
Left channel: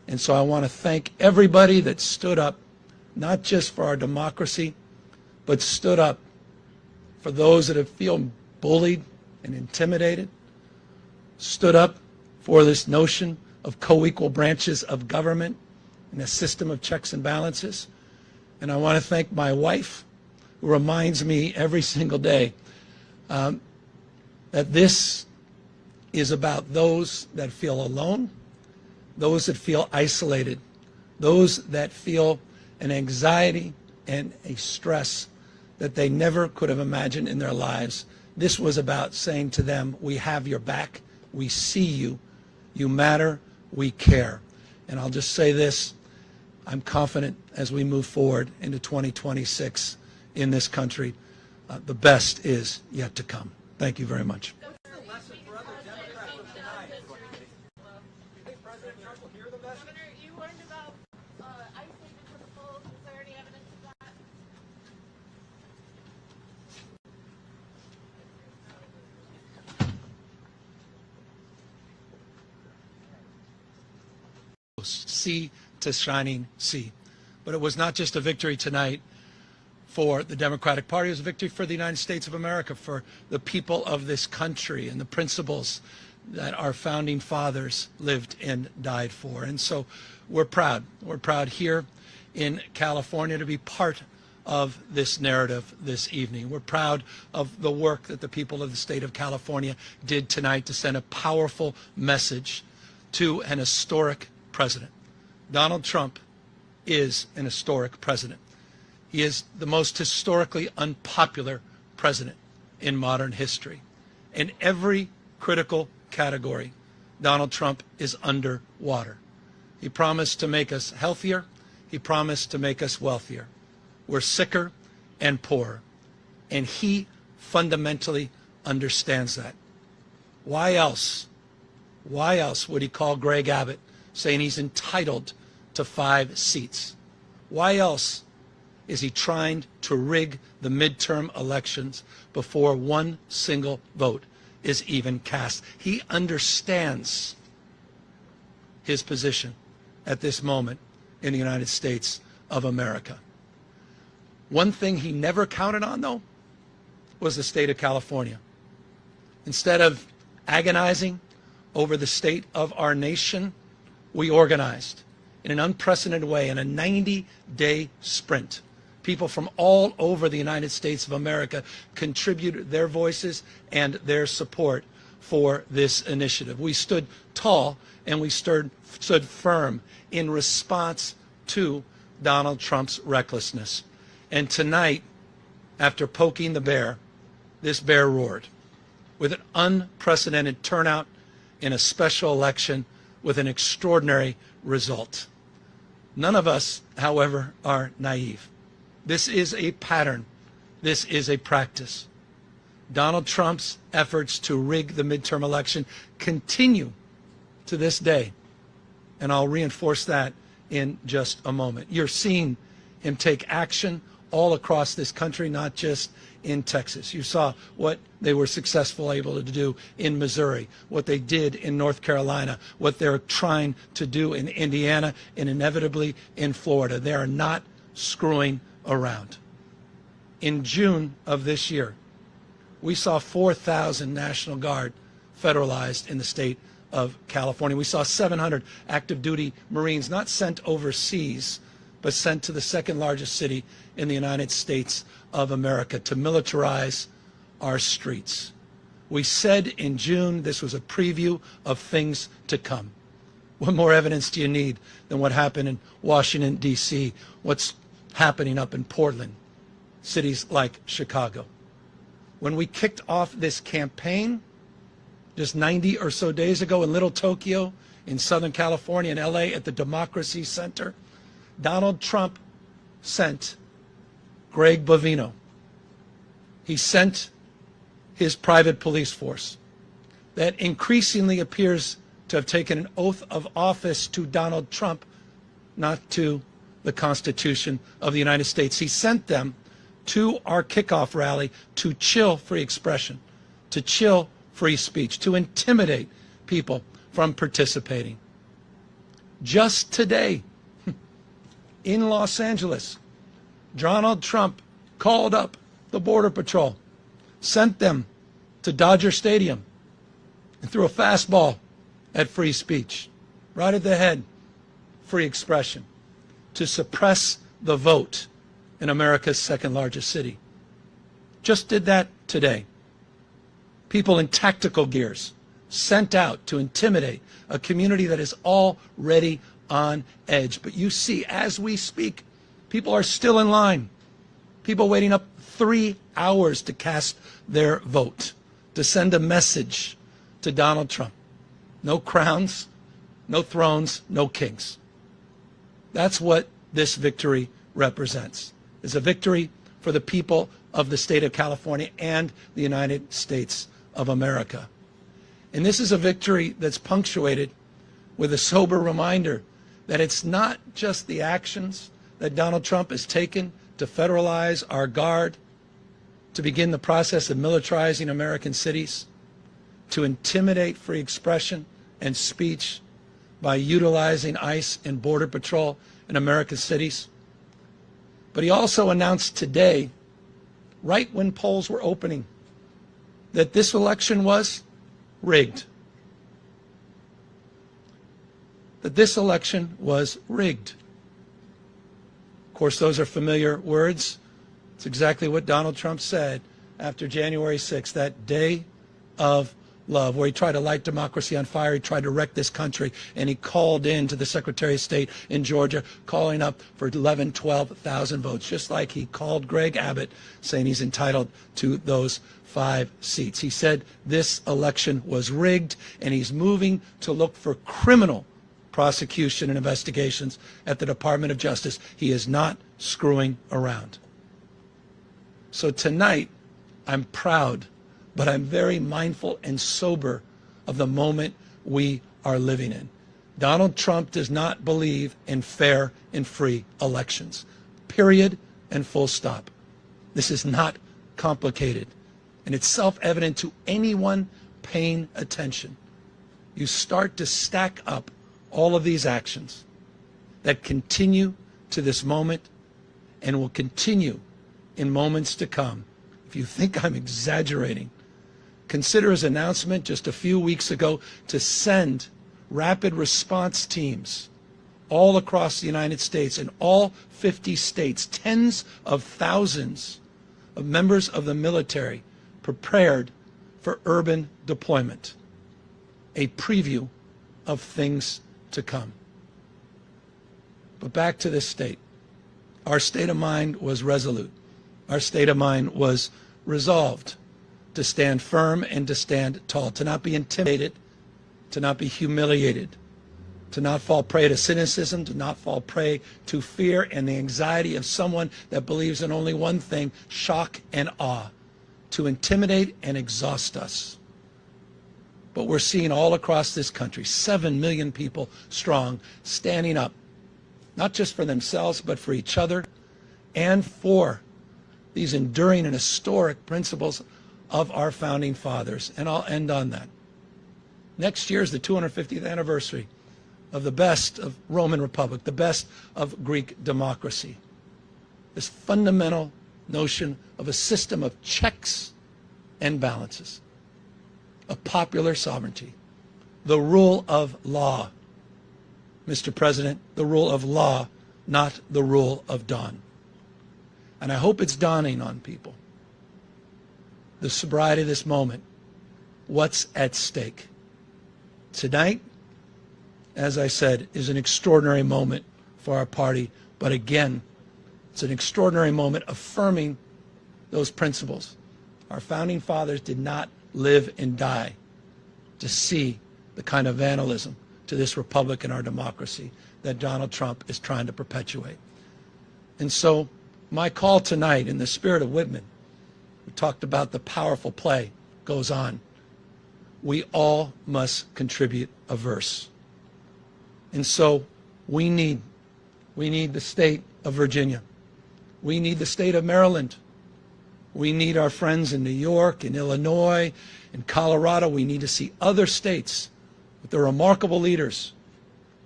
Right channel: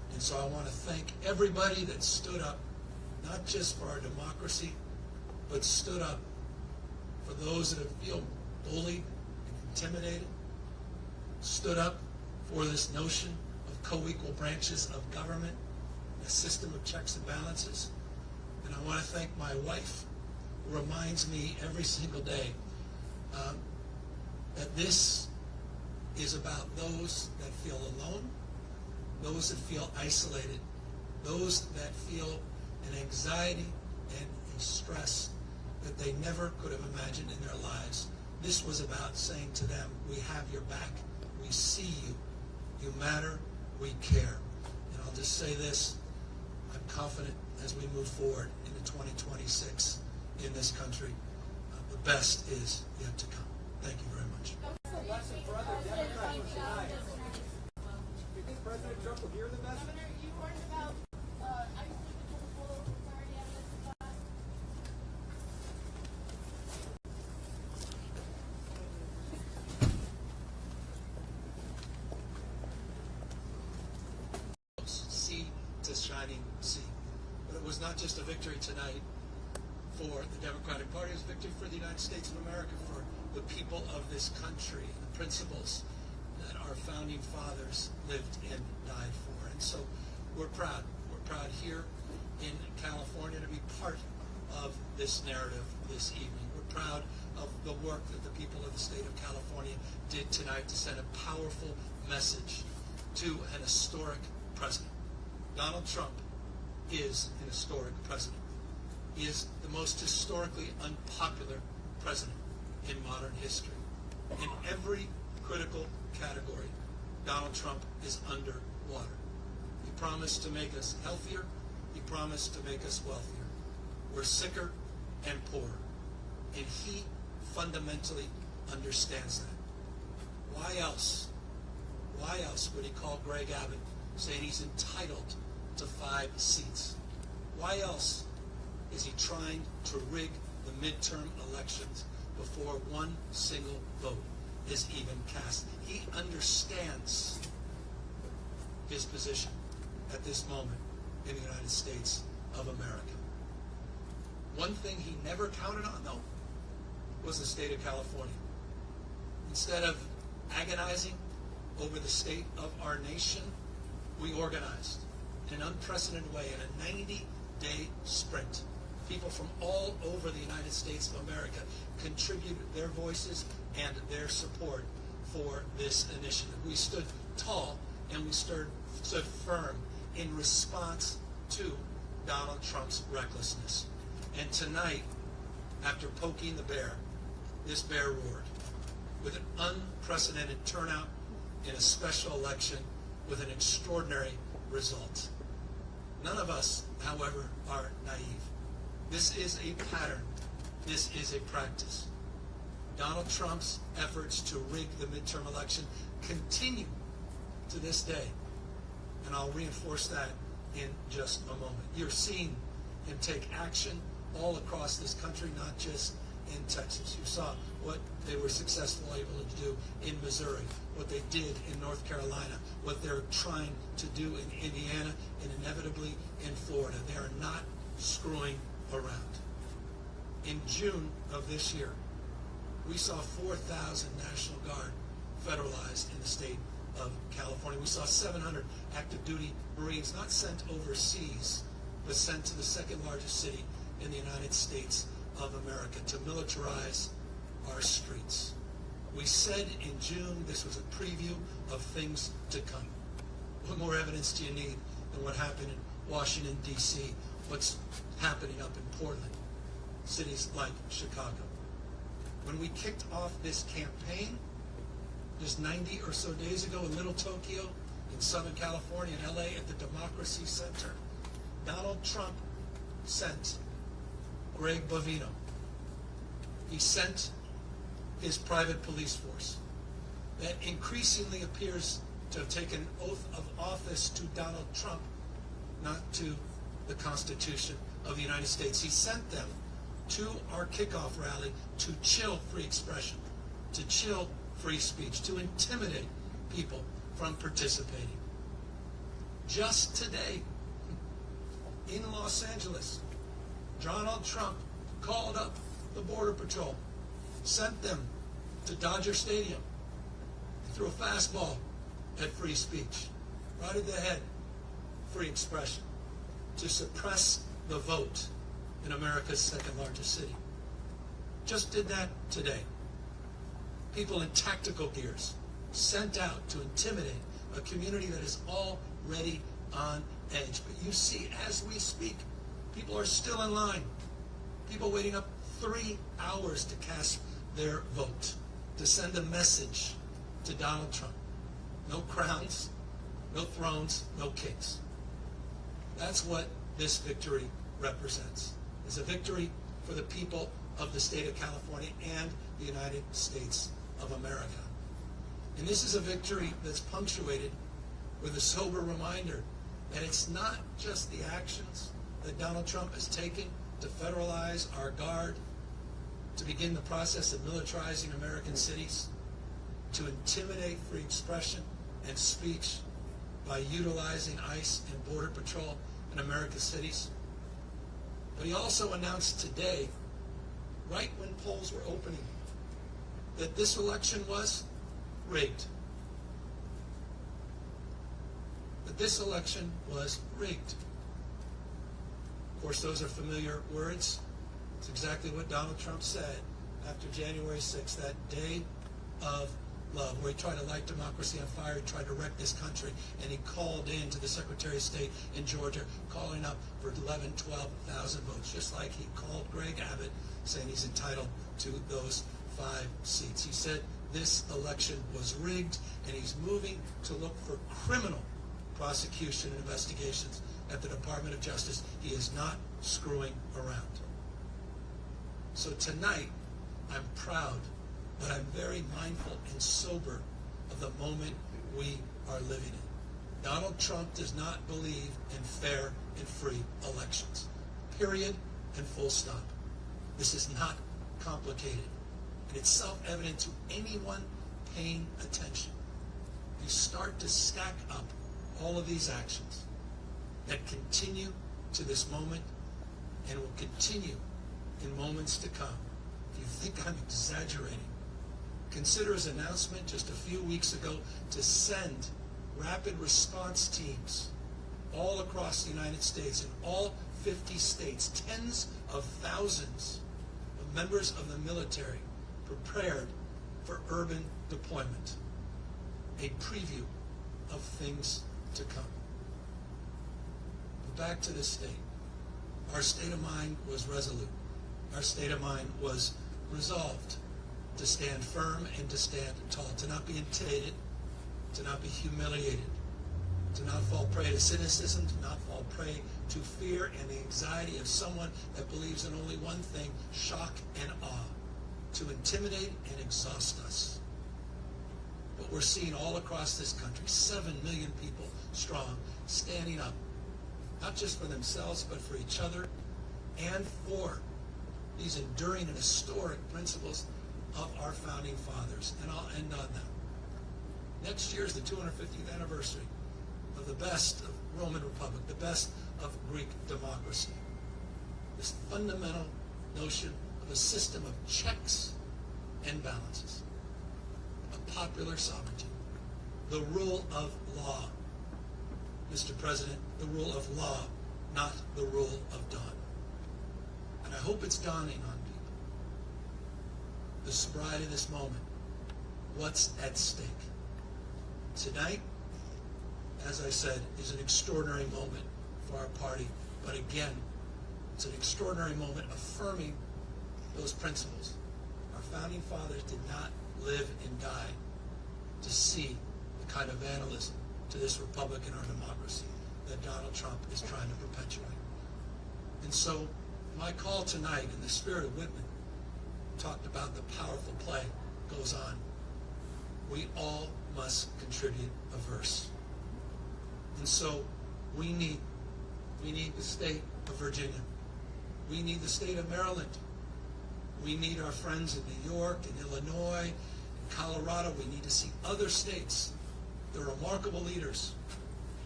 And so I want to thank everybody that stood up, not just for our democracy, but stood up for those that have feel bullied and intimidated, stood up for this notion of co-equal branches of government and a system of checks and balances. And I want to thank my wife, who reminds me every single day that this is about those that feel alone, those that feel isolated, those that feel an anxiety and a stress that they never could have imagined in their lives. This was about saying to them, we have your back, we see you, you matter, we care. And I'll just say this, I'm confident as we move forward into 2026 in this country, the best is yet to come. Thank you very much. What's the lesson for other Democrats of tonight? Do you think President Trump will hear the message? Governor, you learned about ICE taking physical. Is there any evidence of that? Sea to shining sea. But it was not just a victory tonight for the Democratic Party, it was a victory for the United States of America, for the people of this country and the principles that our founding fathers lived and died for. And so we're proud. We're proud here in California to be part of this narrative this evening. We're proud of the work that the people of the state of California did tonight to send a powerful message to an historic president. Donald Trump is an historic president. He is the most historically unpopular president in modern history. In every critical category, Donald Trump is underwater. He promised to make us healthier. He promised to make us wealthier. We're sicker and poorer. And he fundamentally understands that. Why else would he call Greg Abbott saying he's entitled to 5 seats? Why else is he trying to rig the midterm elections before one single vote is even cast? He understands his position at this moment in the United States of America. One thing he never counted on, though, was the state of California. Instead of agonizing over the state of our nation, we organized in an unprecedented way in a 90-day sprint. People from all over the United States of America contributed their voices and their support for this initiative. We stood tall and we stood firm in response to Donald Trump's recklessness. And tonight, after poking the bear, this bear roared with an unprecedented turnout in a special election with an extraordinary result. None of us, however, are naive. This is a pattern. This is a practice. Donald Trump's efforts to rig the midterm election continue to this day. And I'll reinforce that in just a moment. You're seeing him take action all across this country, not just in Texas. You saw what they were successful able to do in Missouri, what they did in North Carolina, what they're trying to do in Indiana, and inevitably in Florida. They are not screwing around. In June of this year, we saw 4,000 National Guard federalized in the state of California. We saw 700 active duty Marines not sent overseas, but sent to the second largest city in the United States of America to militarize our streets. We said in June this was a preview of things to come. What more evidence do you need than what happened in Washington, D.C., what's happening up in Portland, cities like Chicago? When we kicked off this campaign just 90 or so days ago in Little Tokyo, in Southern California, in LA, at the Democracy Center, Donald Trump sent Greg Bovino. He sent his private police force that increasingly appears to have taken an oath of office to Donald Trump, not to the Constitution of the United States. He sent them to our kickoff rally to chill free expression, to chill free speech, to intimidate people from participating. Just today, in Los Angeles, Donald Trump called up the Border Patrol, sent them to Dodger Stadium, and threw a fastball at free speech, right at the head, free expression, to suppress the vote in America's second largest city. Just did that today. People in tactical gears sent out to intimidate a community that is already on edge. But you see, as we speak, people are still in line. People waiting up 3 hours to cast their vote, to send a message to Donald Trump. No crowns, no thrones, no kings. That's what this victory represents. It's a victory for the people of the state of California and the United States of America. And this is a victory that's punctuated with a sober reminder that it's not just the actions that Donald Trump has taken to federalize our guard, to begin the process of militarizing American cities, to intimidate free expression and speech by utilizing ICE and Border Patrol in American cities. But he also announced today, right when polls were opening, that this election was rigged. That this election was rigged. Of course, those are familiar words. It's exactly what Donald Trump said after January 6th, that day of love, where he tried to light democracy on fire. He tried to wreck this country, and he called in to the Secretary of State in Georgia, calling up for 11, 12,000 votes, just like he called Greg Abbott, saying he's entitled to those 5 seats. He said this election was rigged, and he's moving to look for criminal prosecution and investigations at the Department of Justice. He is not screwing around. So tonight, I'm proud, but I'm very mindful and sober of the moment we are living in. Donald Trump does not believe in fair and free elections. Period and full stop. This is not complicated. And it's self-evident to anyone paying attention. You start to stack up all of these actions that continue to this moment and will continue in moments to come. If you think I'm exaggerating, consider his announcement just a few weeks ago to send rapid response teams all across the United States, in all 50 states, tens of thousands of members of the military prepared for urban deployment. A preview of things to come. But back to this state. Our state of mind was resolute. Our state of mind was resolved to stand firm and to stand tall, to not be intimidated, to not be humiliated, to not fall prey to cynicism, to not fall prey to fear and the anxiety of someone that believes in only one thing, shock and awe, to intimidate and exhaust us. But we're seeing all across this country, 7 million people strong, standing up, not just for themselves, but for each other and for these enduring and historic principles of our founding fathers. And I'll end on that. Next year is the 250th anniversary of the best of Roman Republic, the best of Greek democracy. This fundamental notion of a system of checks and balances, of popular sovereignty, the rule of law. Mr. President, the rule of law, not the rule of dawn. And I hope it's dawning on people. The sobriety of this moment, what's at stake. Tonight, as I said, is an extraordinary moment for our party, but again, it's an extraordinary moment affirming those principles. Our founding fathers did not live and die to see the kind of vandalism to this republic and our democracy that Donald Trump is trying to perpetuate. And so my call tonight, in the spirit of Whitman, we talked about the powerful play goes on. We all must contribute a verse. And so we need the state of Virginia. We need the state of Maryland. We need our friends in New York, in Illinois, in Colorado. We need to see other states with their remarkable leaders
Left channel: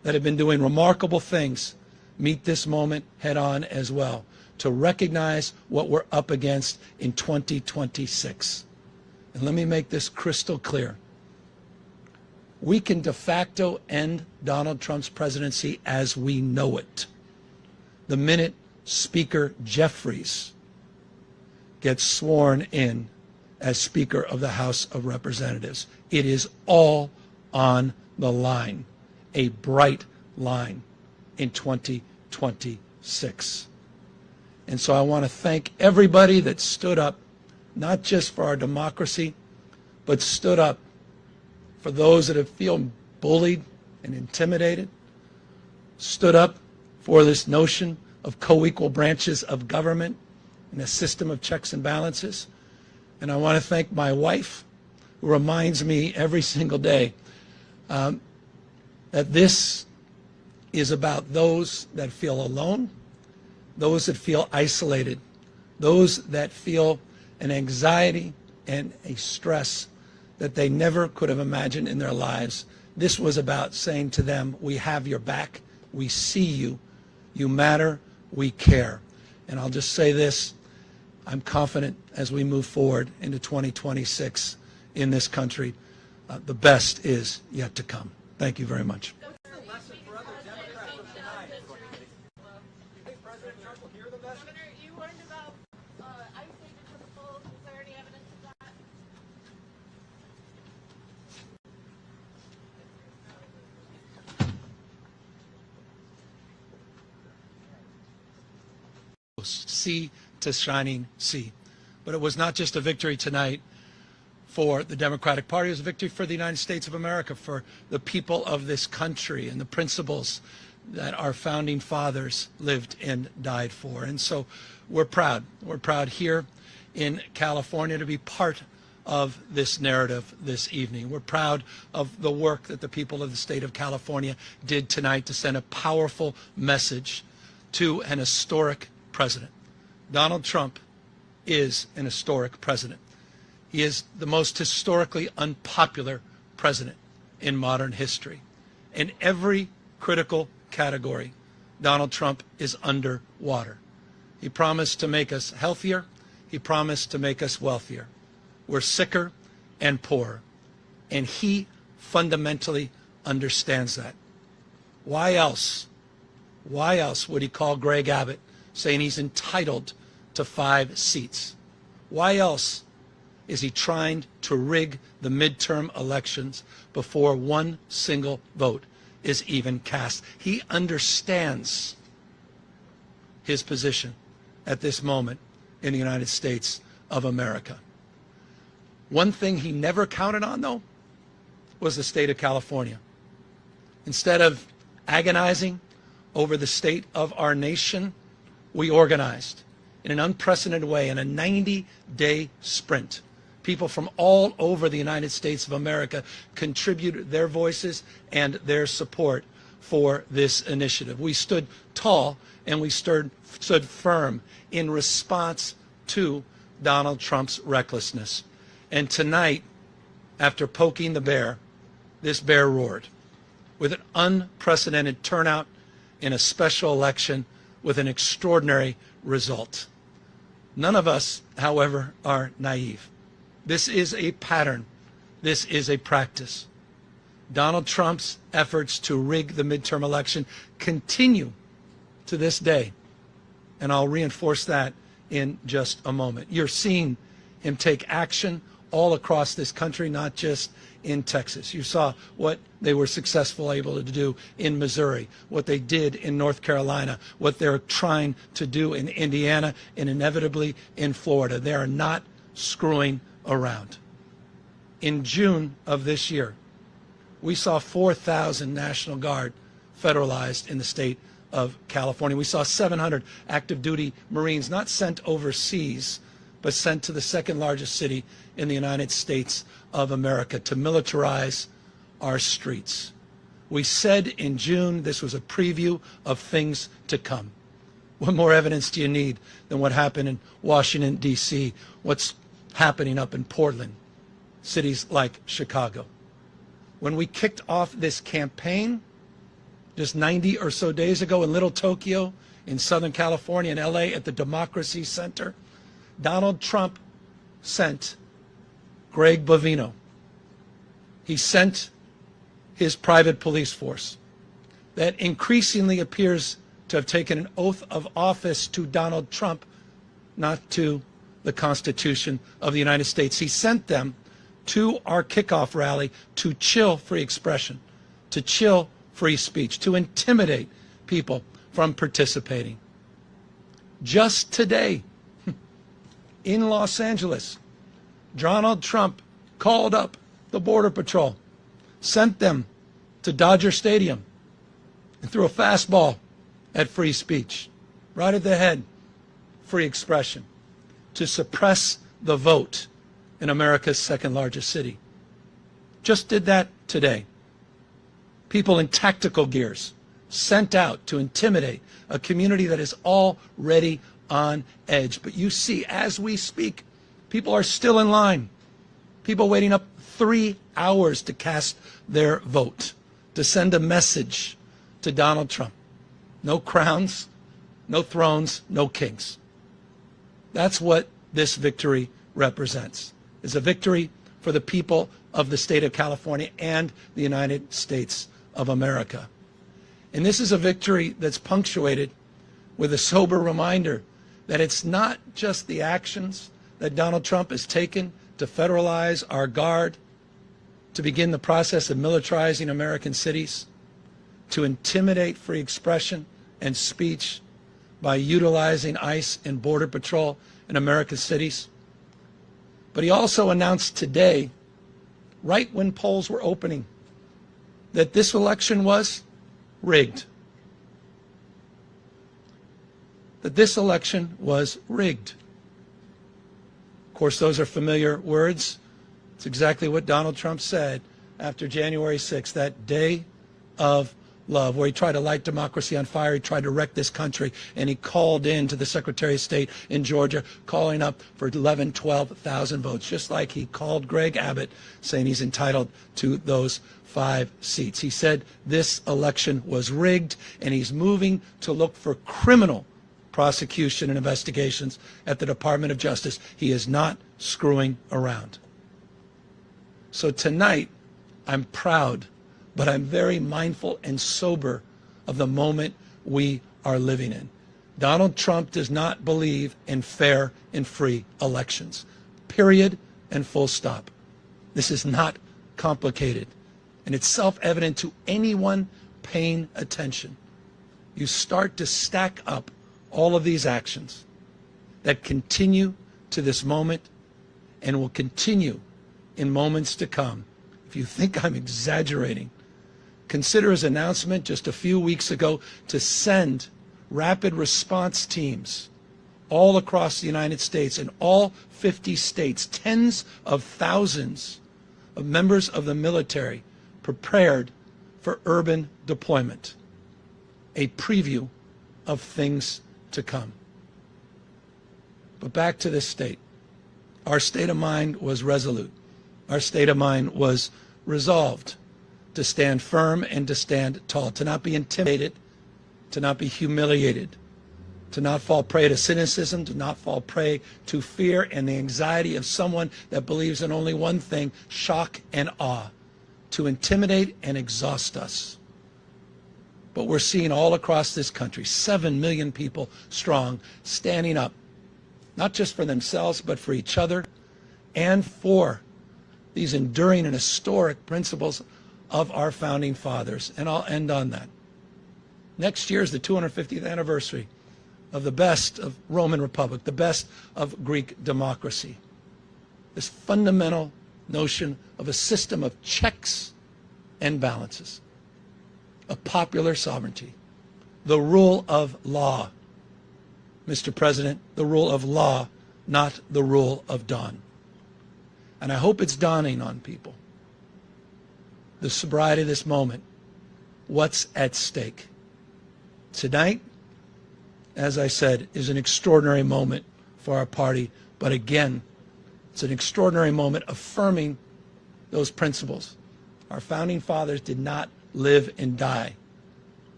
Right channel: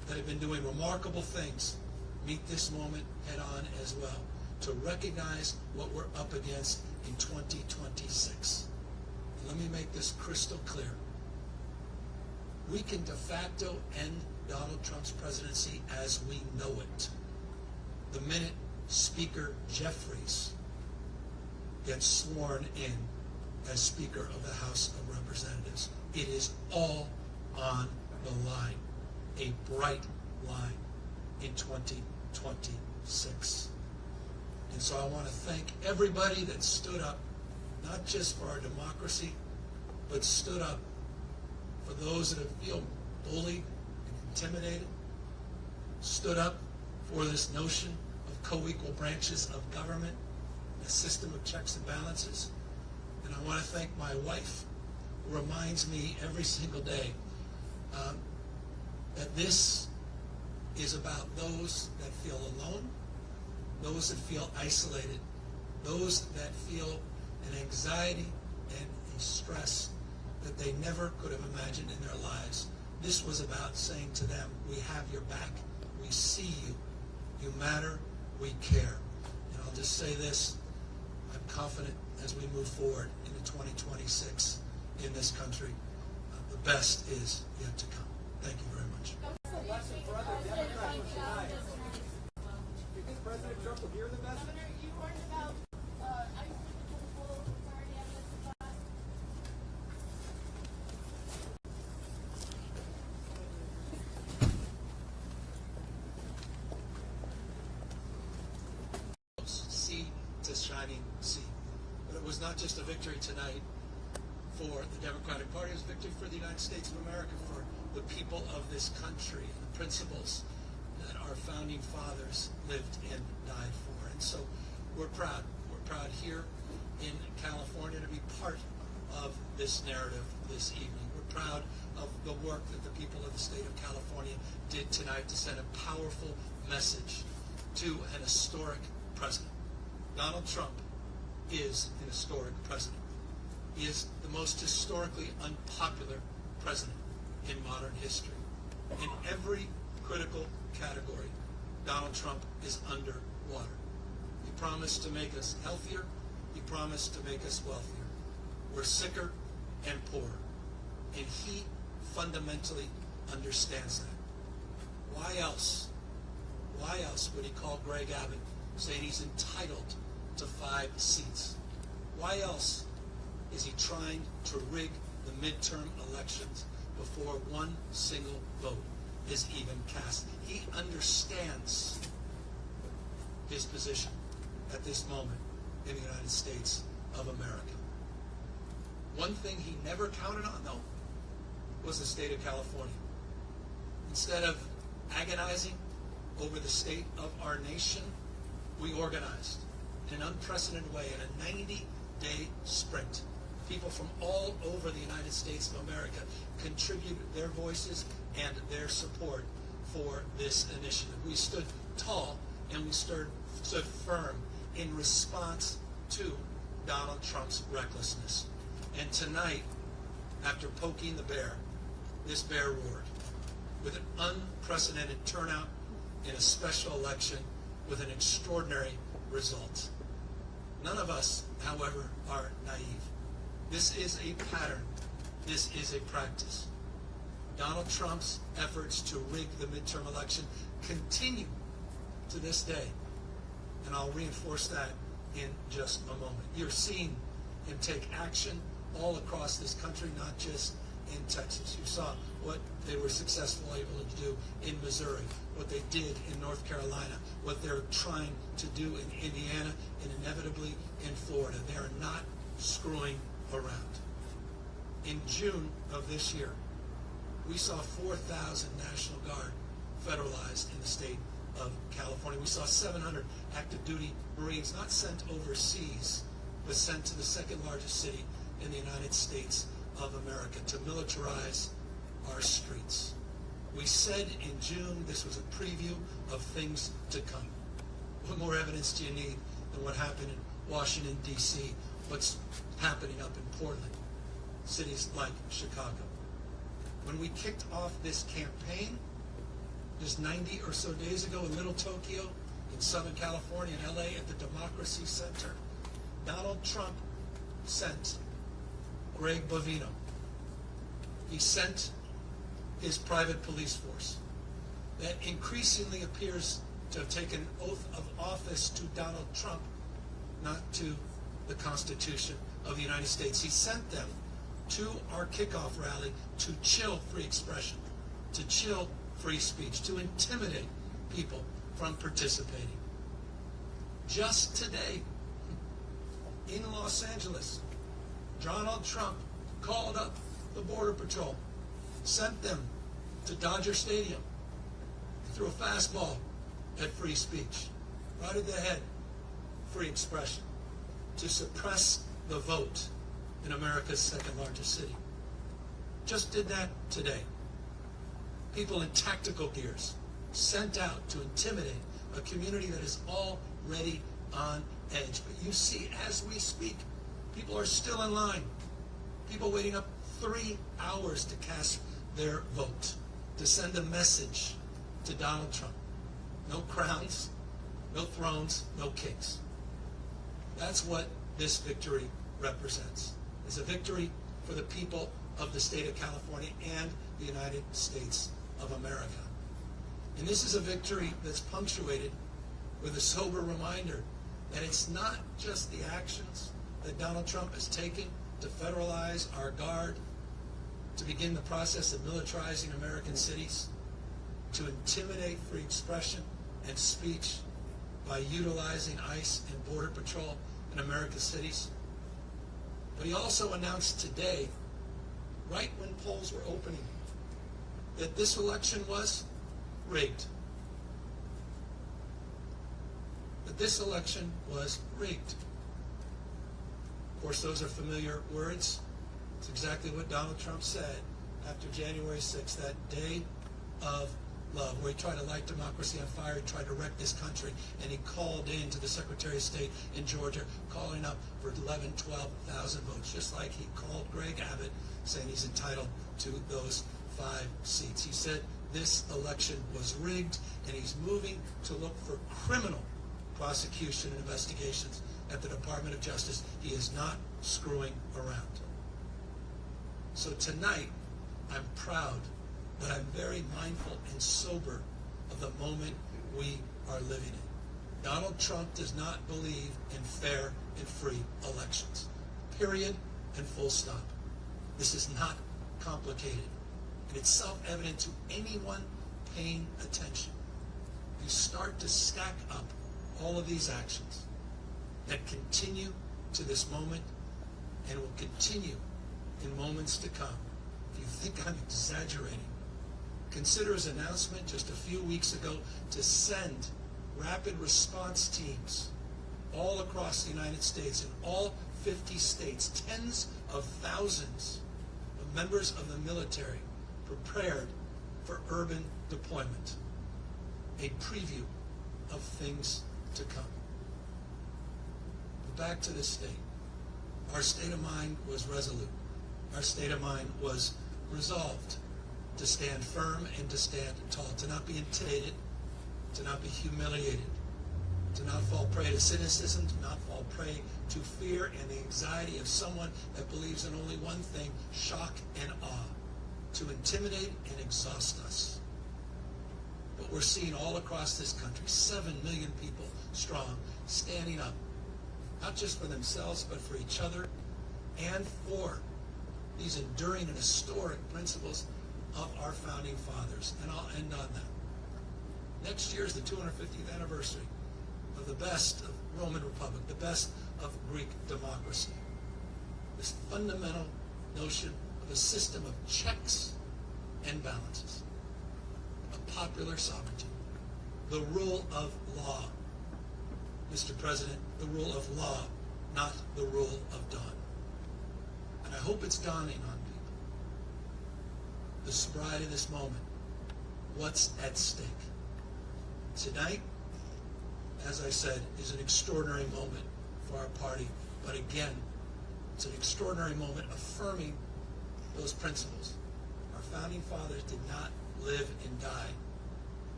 that have been doing remarkable things meet this moment head on as well, to recognize what we're up against in 2026. And let me make this crystal clear. We can de facto end Donald Trump's presidency as we know it the minute Speaker Jeffries gets sworn in as Speaker of the House of Representatives. It is all on the line, a bright line in 2026. And so I want to thank everybody that stood up, not just for our democracy, but stood up for those that have feel bullied and intimidated, stood up for this notion of co-equal branches of government and a system of checks and balances. And I want to thank my wife, who reminds me every single day that this is about those that feel alone, those that feel isolated, those that feel an anxiety and a stress that they never could have imagined in their lives. This was about saying to them, we have your back, we see you, you matter, we care. And I'll just say this, I'm confident as we move forward into 2026 in this country, the best is yet to come. Thank you very much. What's the lesson for other Democrats from tonight? Do you think President Trump will hear the message? Governor, you warned about ICE taking to the polls. Is there any evidence of that? Sea to shining sea. But it was not just a victory tonight for the Democratic Party, it was a victory for the United States of America, for the people of this country and the principles that our founding fathers lived and died for. And so we're proud. We're proud here in California to be part of this narrative this evening. We're proud of the work that the people of the state of California did tonight to send a powerful message to an historic president. Donald Trump is an historic president. He is the most historically unpopular president in modern history. In every critical category, Donald Trump is underwater. He promised to make us healthier. He promised to make us wealthier. We're sicker and poorer. And he fundamentally understands that. Why else would he call Greg Abbott saying he's entitled to 5 seats? Why else is he trying to rig the midterm elections before one single vote is even cast? He understands his position at this moment in the United States of America. One thing he never counted on, though, was the state of California. Instead of agonizing over the state of our nation, we organized in an unprecedented way in a 90-day sprint. People from all over the United States of America contributed their voices and their support for this initiative. We stood tall and we stood firm in response to Donald Trump's recklessness. And tonight, after poking the bear, this bear roared with an unprecedented turnout in a special election with an extraordinary result. None of us, however, are naive. This is a pattern. This is a practice. Donald Trump's efforts to rig the midterm election continue to this day. And I'll reinforce that in just a moment. You're seeing him take action all across this country, not just in Texas. You saw what they were successful able to do in Missouri, what they did in North Carolina, what they're trying to do in Indiana, and inevitably in Florida. They are not screwing around. In June of this year, we saw 4,000 National Guard federalized in the state of California. We saw 700 active duty Marines not sent overseas, but sent to the second largest city in the United States of America to militarize our streets. We said in June this was a preview of things to come. What more evidence do you need than what happened in Washington, D.C., what's happening up in Portland, cities like Chicago? When we kicked off this campaign, just 90 or so days ago in Little Tokyo, in Southern California, in LA, at the Democracy Center, Donald Trump sent Greg Bovino. He sent his private police force that increasingly appears to have taken an oath of office to Donald Trump, not to the Constitution of the United States. He sent them to our kickoff rally to chill free expression, to chill free speech, to intimidate people from participating. Just today, in Los Angeles, Donald Trump called up the Border Patrol, sent them to Dodger Stadium, and threw a fastball at free speech, right at the head, free expression, to suppress the vote in America's second largest city. Just did that today. People in tactical gears sent out to intimidate a community that is already on edge. But you see, as we speak, people are still in line. People waiting up 3 hours to cast their vote, to send a message to Donald Trump. No crowns, no thrones, no kings. That's what this victory represents. It's a victory for the people of the state of California and the United States of America. And this is a victory that's punctuated with a sober reminder that it's not just the actions that Donald Trump has taken to federalize our guard, to begin the process of militarizing American cities, to intimidate free expression and speech by utilizing ICE and Border Patrol in America's cities. But he also announced today, right when polls were opening, that this election was rigged. That this election was rigged. Of course, those are familiar words. It's exactly what Donald Trump said after January 6th, that day of love, where he tried to light democracy on fire. He tried to wreck this country, and he called in to the Secretary of State in Georgia, calling up for 11,000, 12,000 votes, just like he called Greg Abbott, saying he's entitled to those 5 seats. He said this election was rigged, and he's moving to look for criminal prosecution and investigations at the Department of Justice. He is not screwing around. So tonight, I'm proud, but I'm very mindful and sober of the moment we are living in. Donald Trump does not believe in fair and free elections. Period and full stop. This is not complicated, and it's self-evident to anyone paying attention. You start to stack up all of these actions that continue to this moment and will continue in moments to come. If you think I'm exaggerating, consider his announcement just a few weeks ago to send rapid response teams all across the United States, in all 50 states, tens of thousands of members of the military prepared for urban deployment. A preview of things to come. But back to this state. Our state of mind was resolute. Our state of mind was resolved to stand firm and to stand tall, to not be intimidated, to not be humiliated, to not fall prey to cynicism, to not fall prey to fear and the anxiety of someone that believes in only one thing, shock and awe, to intimidate and exhaust us. But we're seeing all across this country, 7 million people strong, standing up, not just for themselves, but for each other and for these enduring and historic principles of our founding fathers. And I'll end on that. Next year is the 250th anniversary of the best of Roman Republic, the best of Greek democracy. This fundamental notion of a system of checks and balances, of popular sovereignty, the rule of law. Mr. President, the rule of law, not the rule of dawn. And I hope it's dawning on people, the sobriety of this moment, what's at stake. Tonight, as I said, is an extraordinary moment for our party, but again, it's an extraordinary moment affirming those principles. Our founding fathers did not live and die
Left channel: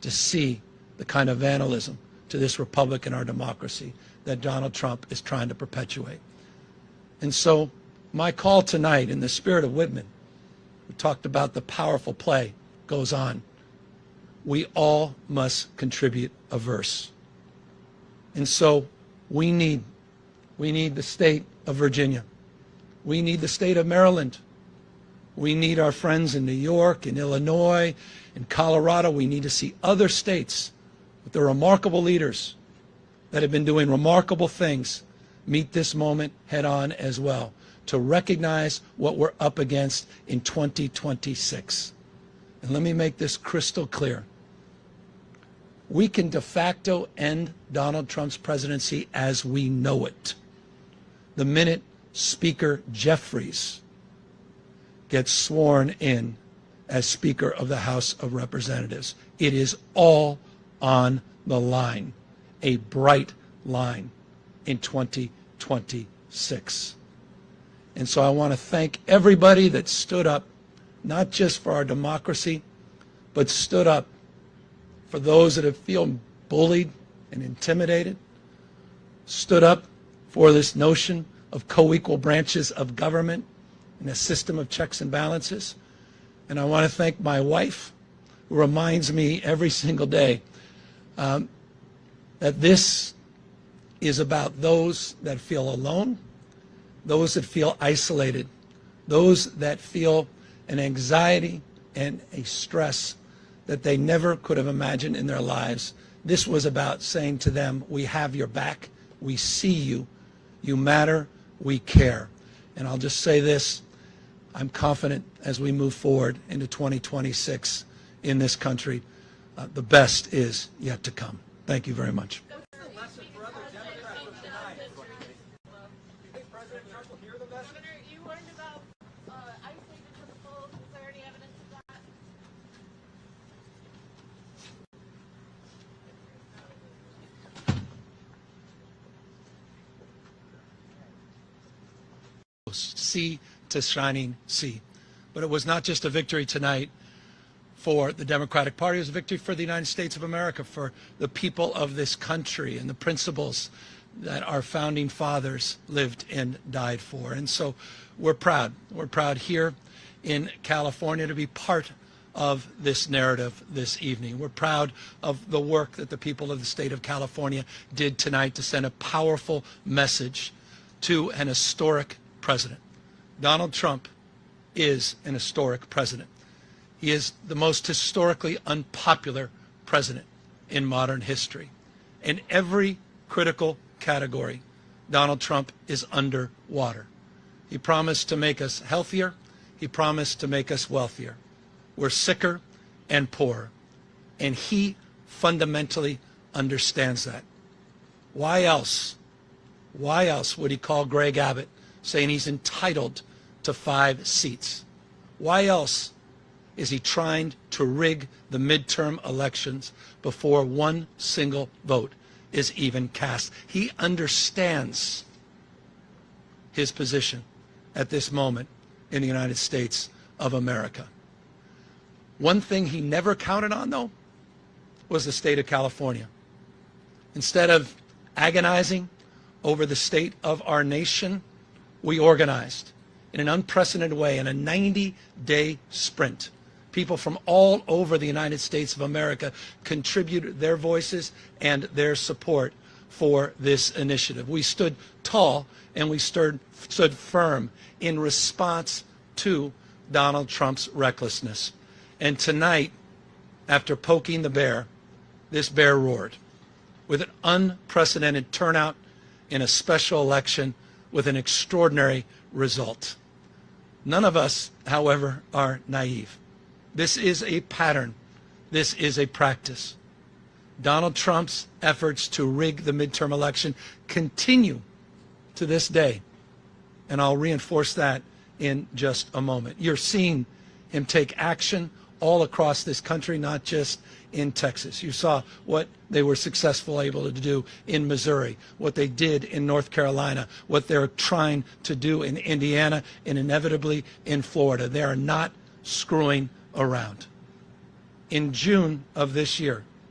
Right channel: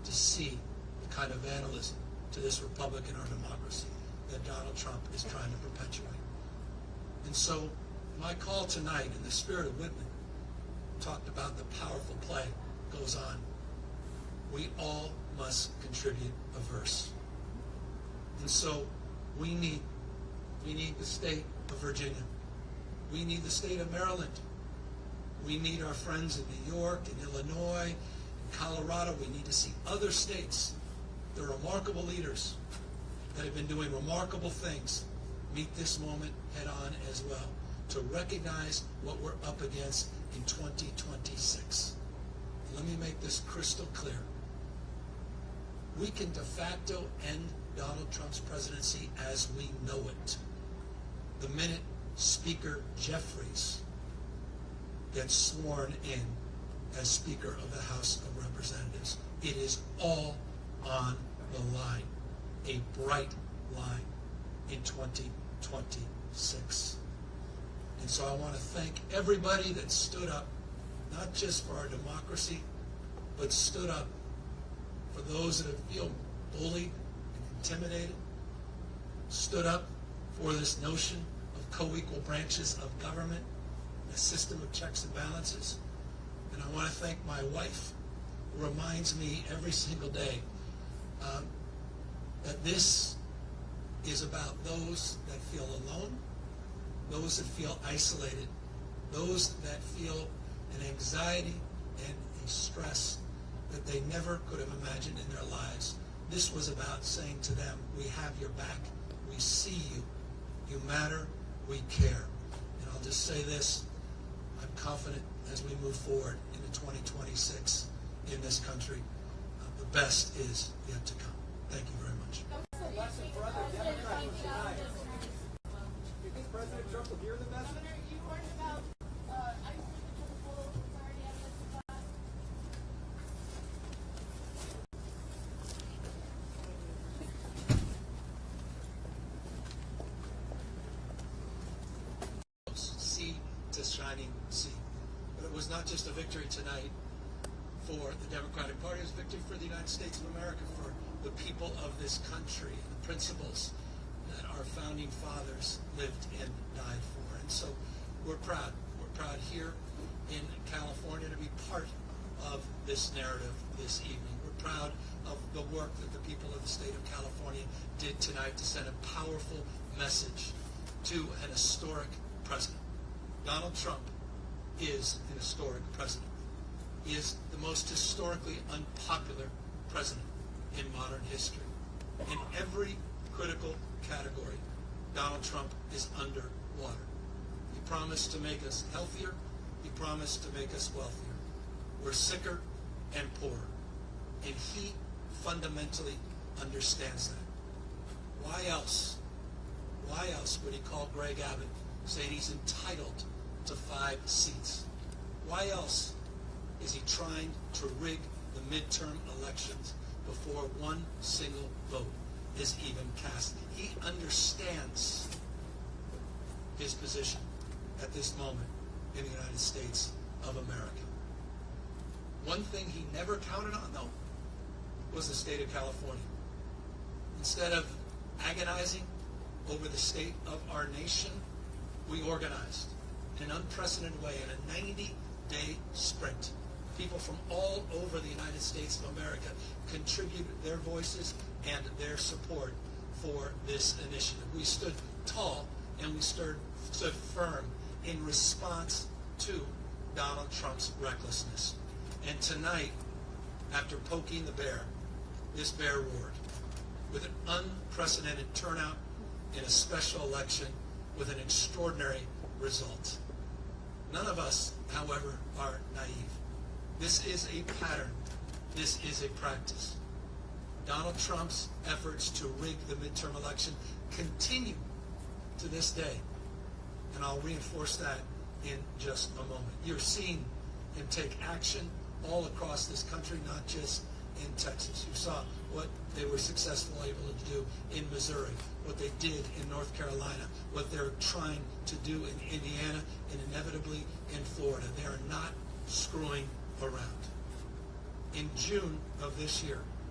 to see the kind of vandalism to this republic and our democracy that Donald Trump is trying to perpetuate. And so my call tonight, in the spirit of Whitman, we talked about the powerful play goes on. We all must contribute a verse. And so we need the state of Virginia. We need the state of Maryland. We need our friends in New York, in Illinois, in Colorado. We need to see other states with their remarkable leaders that have been doing remarkable things meet this moment head on as well, to recognize what we're up against in 2026. And let me make this crystal clear. We can de facto end Donald Trump's presidency as we know it the minute Speaker Jeffries gets sworn in as Speaker of the House of Representatives. It is all on the line, a bright line in 2026. And so I want to thank everybody that stood up, not just for our democracy, but stood up for those that have feel bullied and intimidated, stood up for this notion of co-equal branches of government and a system of checks and balances. And I want to thank my wife, who reminds me every single day that this is about those that feel alone, those that feel isolated, those that feel an anxiety and a stress that they never could have imagined in their lives. This was about saying to them, we have your back, we see you, you matter, we care. And I'll just say this, I'm confident as we move forward into 2026 in this country, the best is yet to come. Thank you very much. What's the lesson for other Democrats from tonight? Do you think President Trump will hear the message? Governor, you learned about ICE taking to the polls. Is there any evidence of that? Sea to shining sea. But it was not just a victory tonight for the Democratic Party, it was a victory for the United States of America, for the people of this country and the principles that our founding fathers lived and died for. And so we're proud. We're proud here in California to be part of this narrative this evening. We're proud of the work that the people of the state of California did tonight to send a powerful message to an historic president. Donald Trump is an historic president. He is the most historically unpopular president in modern history. In every critical category, Donald Trump is underwater. He promised to make us healthier. He promised to make us wealthier. We're sicker and poorer. And he fundamentally understands that. Why else would he call Greg Abbott saying he's entitled to 5 seats? Why else is he trying to rig the midterm elections before one single vote is even cast? He understands his position at this moment in the United States of America. One thing he never counted on, though, was the state of California. Instead of agonizing over the state of our nation, we organized in an unprecedented way in a 90-day sprint. People from all over the United States of America contributed their voices and their support for this initiative. We stood tall and we stood firm in response to Donald Trump's recklessness. And tonight, after poking the bear, this bear roared with an unprecedented turnout in a special election with an extraordinary result. None of us, however, are naive. This is a pattern. This is a practice. Donald Trump's efforts to rig the midterm election continue to this day. And I'll reinforce that in just a moment. You're seeing him take action all across this country, not just in Texas. You saw what they were successfully able to do in Missouri, what they did in North Carolina, what they're trying to do in Indiana, and inevitably in Florida. They are not screwing around. In June of this year,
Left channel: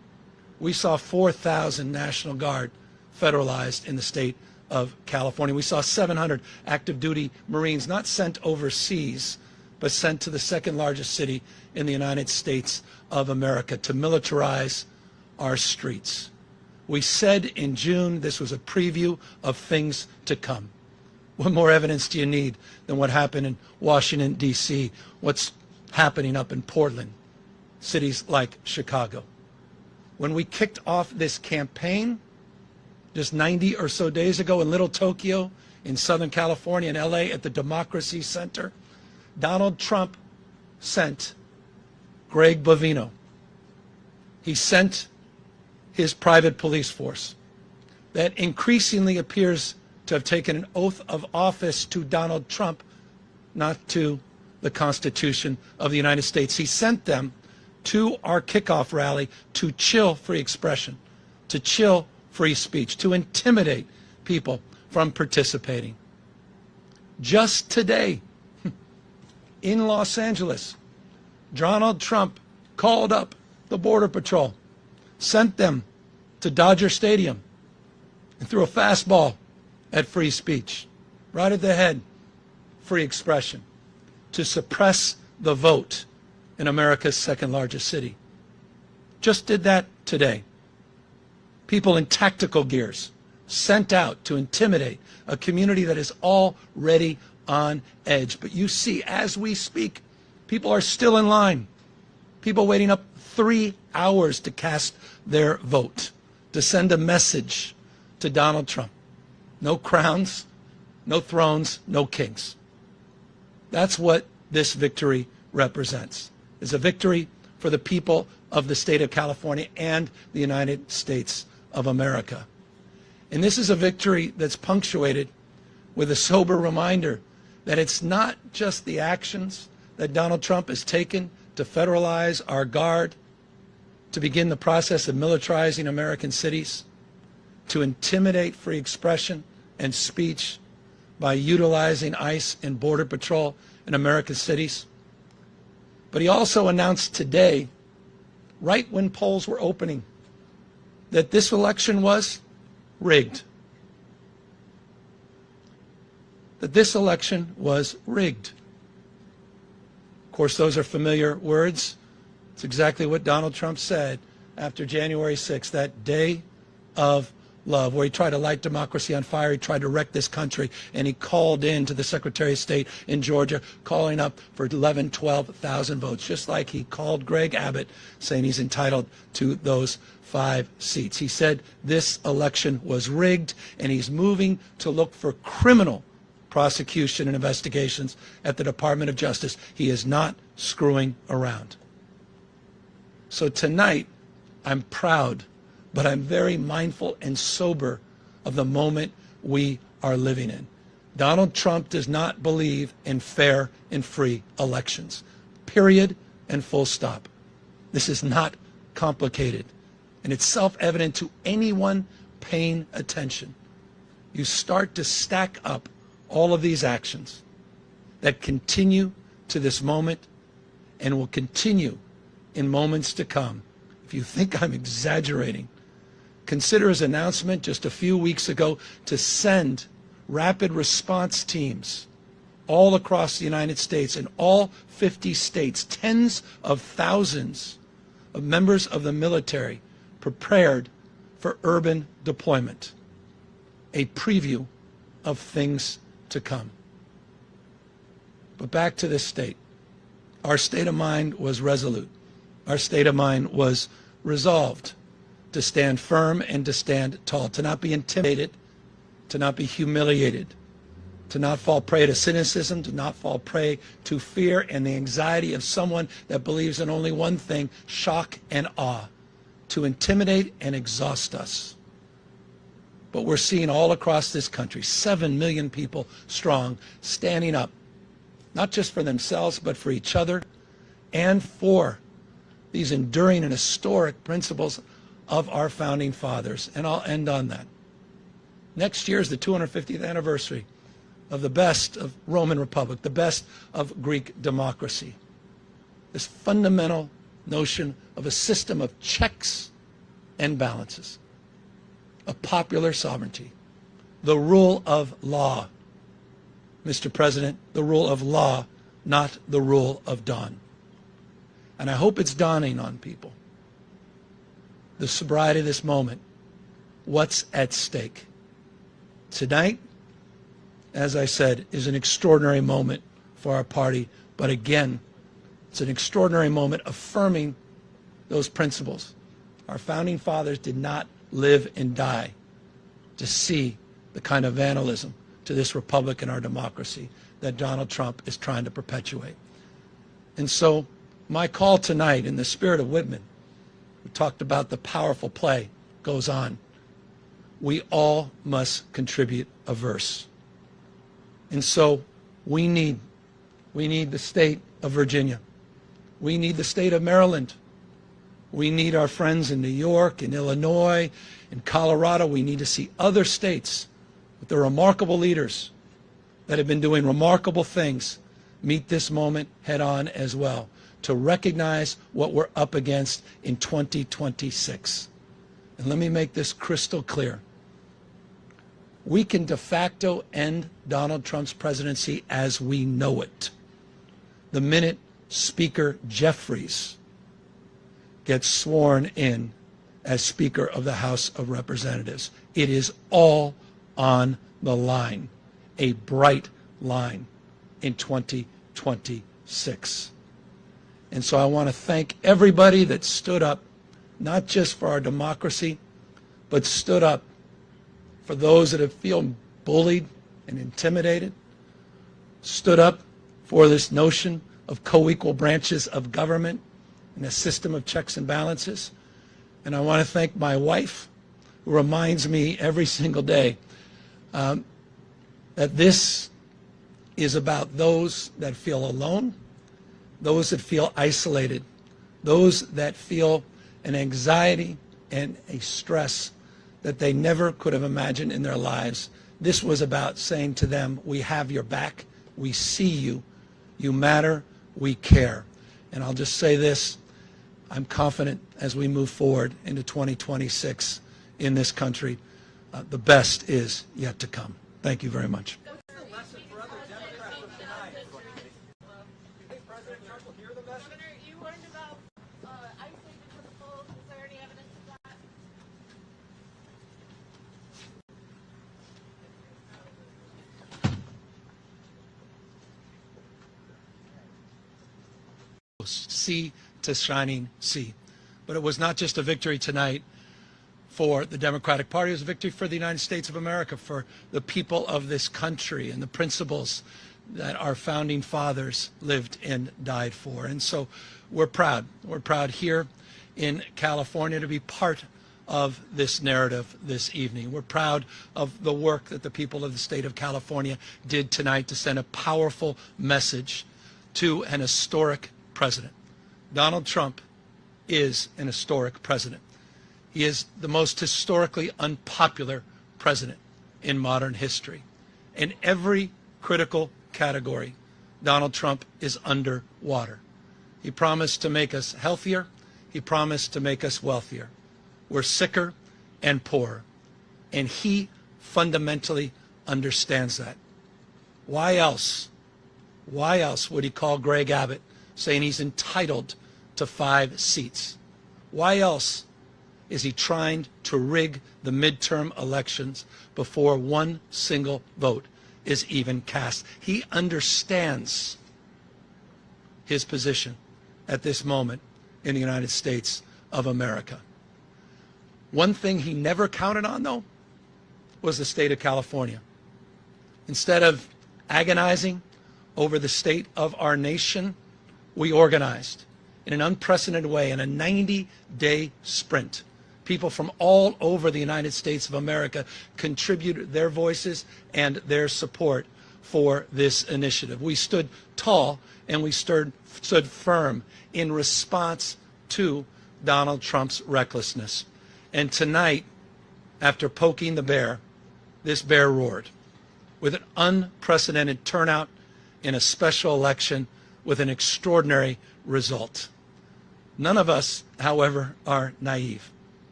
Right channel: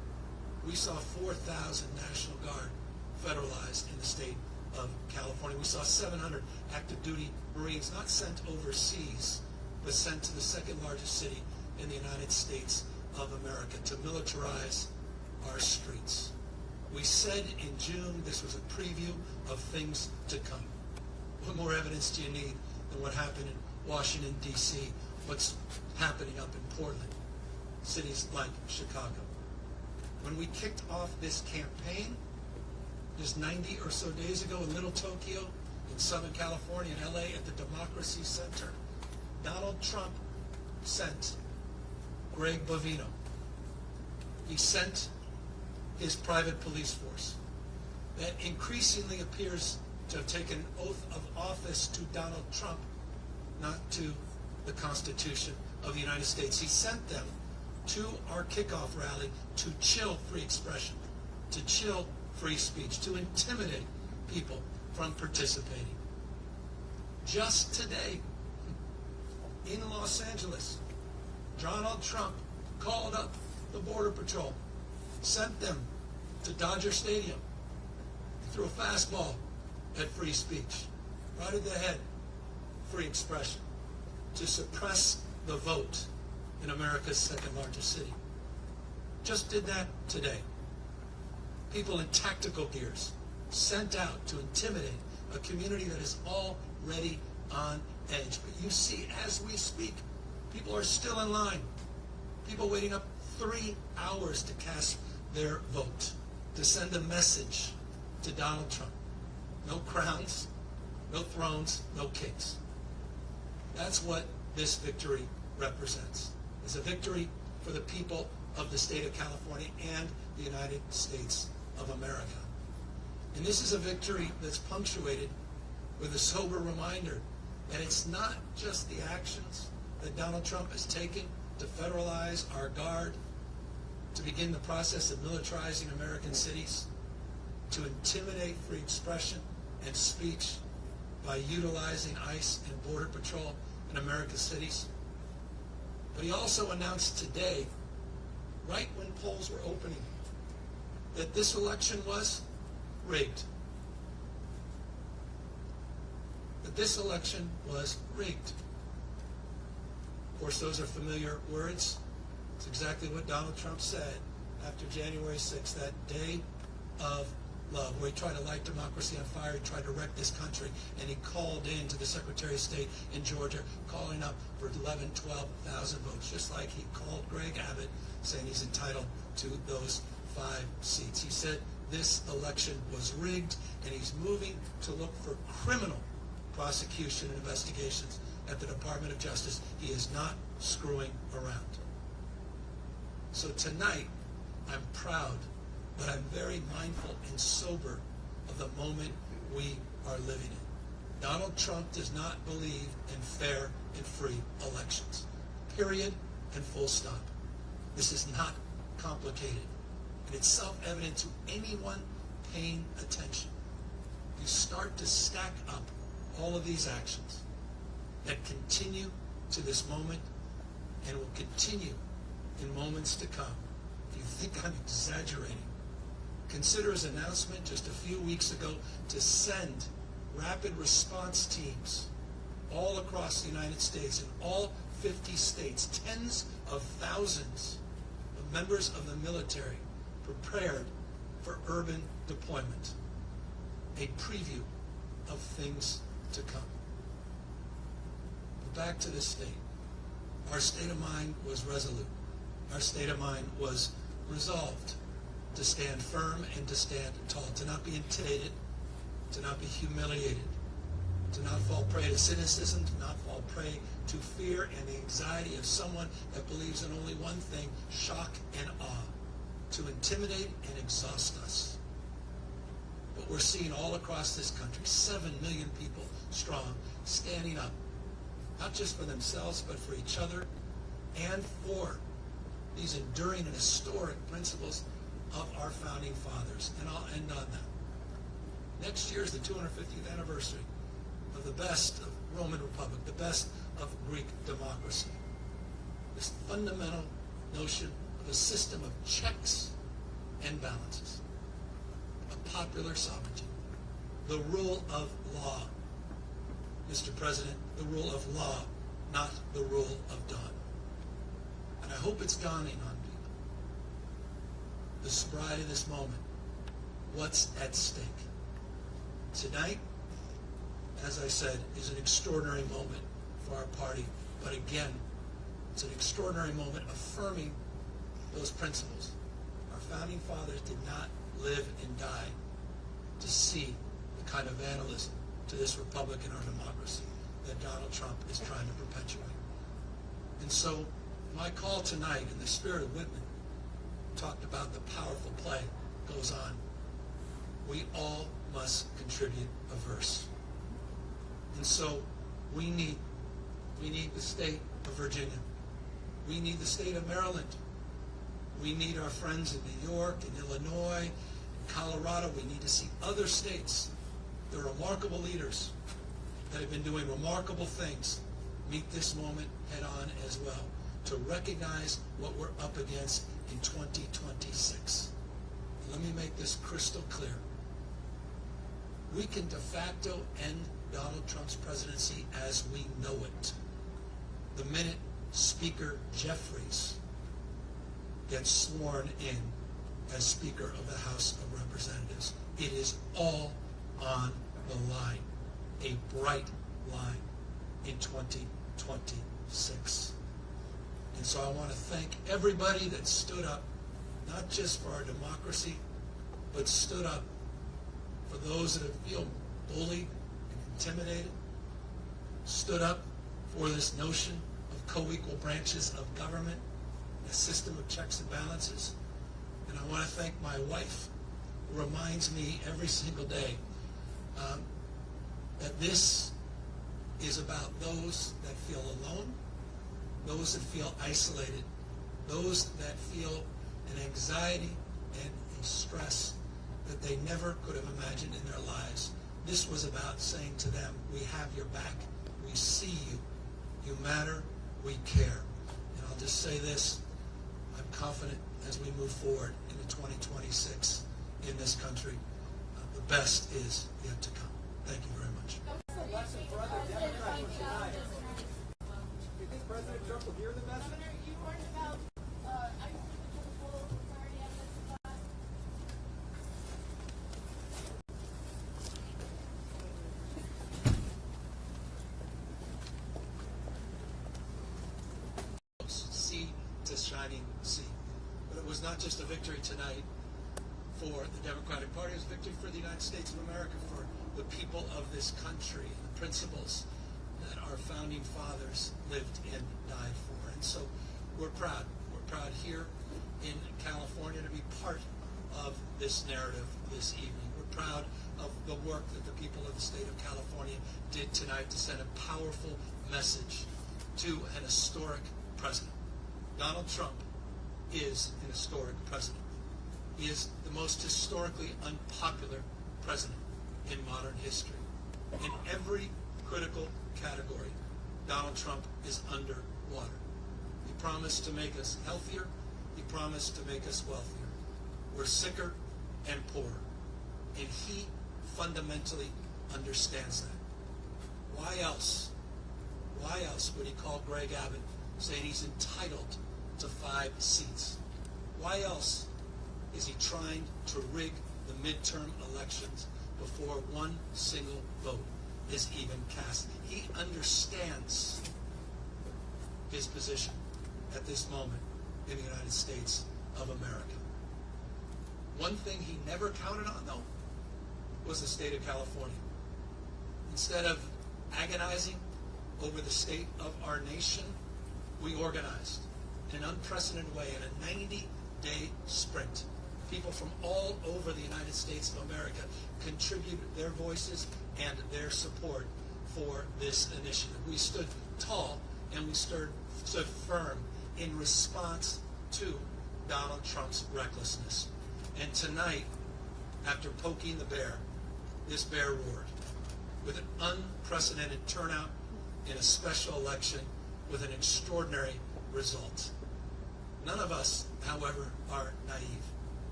We saw 4,000 National Guard federalized in the state of California. We saw 700 active duty Marines not sent overseas, but sent to the second largest city in the United States of America to militarize our streets. We said in June this was a preview of things to come. What more evidence do you need than what happened in Washington, D.C., what's happening up in Portland, cities like Chicago? When we kicked off this campaign just 90 or so days ago in Little Tokyo, in Southern California, in LA, at the Democracy Center, Donald Trump sent Greg Bovino. He sent his private police force that increasingly appears to have taken an oath of office to Donald Trump, not to the Constitution of the United States. He sent them to our kickoff rally to chill free expression, to chill free speech, to intimidate people from participating. Just today, in Los Angeles, Donald Trump called up the Border Patrol, sent them to Dodger Stadium, and threw a fastball at free speech, right at the head, free expression, to suppress the vote in America's second largest city. Just did that today. People in tactical gears sent out to intimidate a community that is already on edge. But you see, as we speak, people are still in line. People waiting up 3 hours to cast their vote, to send a message to Donald Trump. No crowns, no thrones, no kings. That's what this victory represents. It's a victory for the people of the state of California and the United States of America. And this is a victory that's punctuated with a sober reminder that it's not just the actions that Donald Trump has taken to federalize our guard, to begin the process of militarizing American cities, to intimidate free expression and speech by utilizing ICE and Border Patrol in American cities. But he also announced today, right when polls were opening, that this election was rigged. That this election was rigged. Of course, those are familiar words. It's exactly what Donald Trump said after January 6th, that day of love, where he tried to light democracy on fire. He tried to wreck this country, and he called in to the Secretary of State in Georgia, calling up for 11, 12,000 votes, just like he called Greg Abbott, saying he's entitled to those 5 seats. He said this election was rigged, and he's moving to look for criminal prosecution and investigations at the Department of Justice. He is not screwing around. So tonight, I'm proud, but I'm very mindful and sober of the moment we are living in. Donald Trump does not believe in fair and free elections. Period and full stop. This is not complicated. And it's self-evident to anyone paying attention. You start to stack up all of these actions that continue to this moment and will continue in moments to come. If you think I'm exaggerating, consider his announcement just a few weeks ago to send rapid response teams all across the United States, in all 50 states, tens of thousands of members of the military prepared for urban deployment. A preview of things to come. But back to this state. Our state of mind was resolute. Our state of mind was resolved to stand firm and to stand tall, to not be intimidated, to not be humiliated, to not fall prey to cynicism, to not fall prey to fear and the anxiety of someone that believes in only one thing, shock and awe, to intimidate and exhaust us. But we're seeing all across this country, 7 million people strong, standing up, not just for themselves, but for each other and for these enduring and historic principles of our founding fathers. And I'll end on that. Next year is the 250th anniversary of the best of Roman Republic, the best of Greek democracy. This fundamental notion of a system of checks and balances of popular sovereignty, the rule of law, Mr. President, the rule of law, not the rule of dawn. And I hope it's dawning on people, the sobriety of this moment, what's at stake. Tonight, as I said, is an extraordinary moment for our party, but again, it's an extraordinary moment affirming those principles. Our founding fathers did not live and die to see the kind of vandalism to this republic and our democracy that Donald Trump is trying to perpetuate. And so my call tonight, in the spirit of Whitman, we talked about the powerful play, goes on. We all must contribute a verse. And so we need the state of Virginia. We need the state of Maryland. We need our friends in New York, in Illinois, in Colorado. We need to see other states with their remarkable leaders that have been doing remarkable things meet this moment head on as well, to recognize what we're up against in 2026. And let me make this crystal clear. We can de facto end Donald Trump's presidency as we know it the minute Speaker Jeffries gets sworn in as Speaker of the House of Representatives. It is all on the line, a bright line in 2026. And so I want to thank everybody that stood up, not just for our democracy, but stood up for those that have feel bullied and intimidated, stood up for this notion of co-equal branches of government and a system of checks and balances. And I want to thank my wife, who reminds me every single day that this is about those that feel alone, those that feel isolated, those that feel an anxiety and a stress that they never could have imagined in their lives. This was about saying to them, we have your back, we see you, you matter, we care. And I'll just say this, I'm confident as we move forward into 2026 in this country, the best is yet to come. Thank you very much. What's the lesson for other Democrats from tonight? Do you think President Trump will hear the message? Governor, you learned about ISIS because of full. Is there any evidence of that? Sea to shining sea. But it was not just a victory tonight for the Democratic Party, it was a victory for the United States of America, for the people of this country and the principles that our founding fathers lived and died for. And so we're proud. We're proud here in California to be part of this narrative this evening. We're proud of the work that the people of the state of California did tonight to send a powerful message to an historic president. Donald Trump is an historic president. He is the most historically unpopular president in modern history. In every critical category, Donald Trump is underwater. He promised to make us healthier. He promised to make us wealthier. We're sicker and poorer. And he fundamentally understands that. Why else would he call Greg Abbott saying he's entitled to 5 seats? Why else is he trying to rig the midterm elections before one single vote is even cast? He understands his position at this moment in the United States of America. One thing he never counted on, though, was the state of California. Instead of agonizing over the state of our nation, we organized in an unprecedented way in a 90-day sprint. People from all over the United States of America contributed their voices and their support for this initiative. We stood tall and we stood firm in response to Donald Trump's recklessness. And tonight, after poking the bear, this bear roared with an unprecedented turnout in a special election with an extraordinary result. None of us, however, are naive.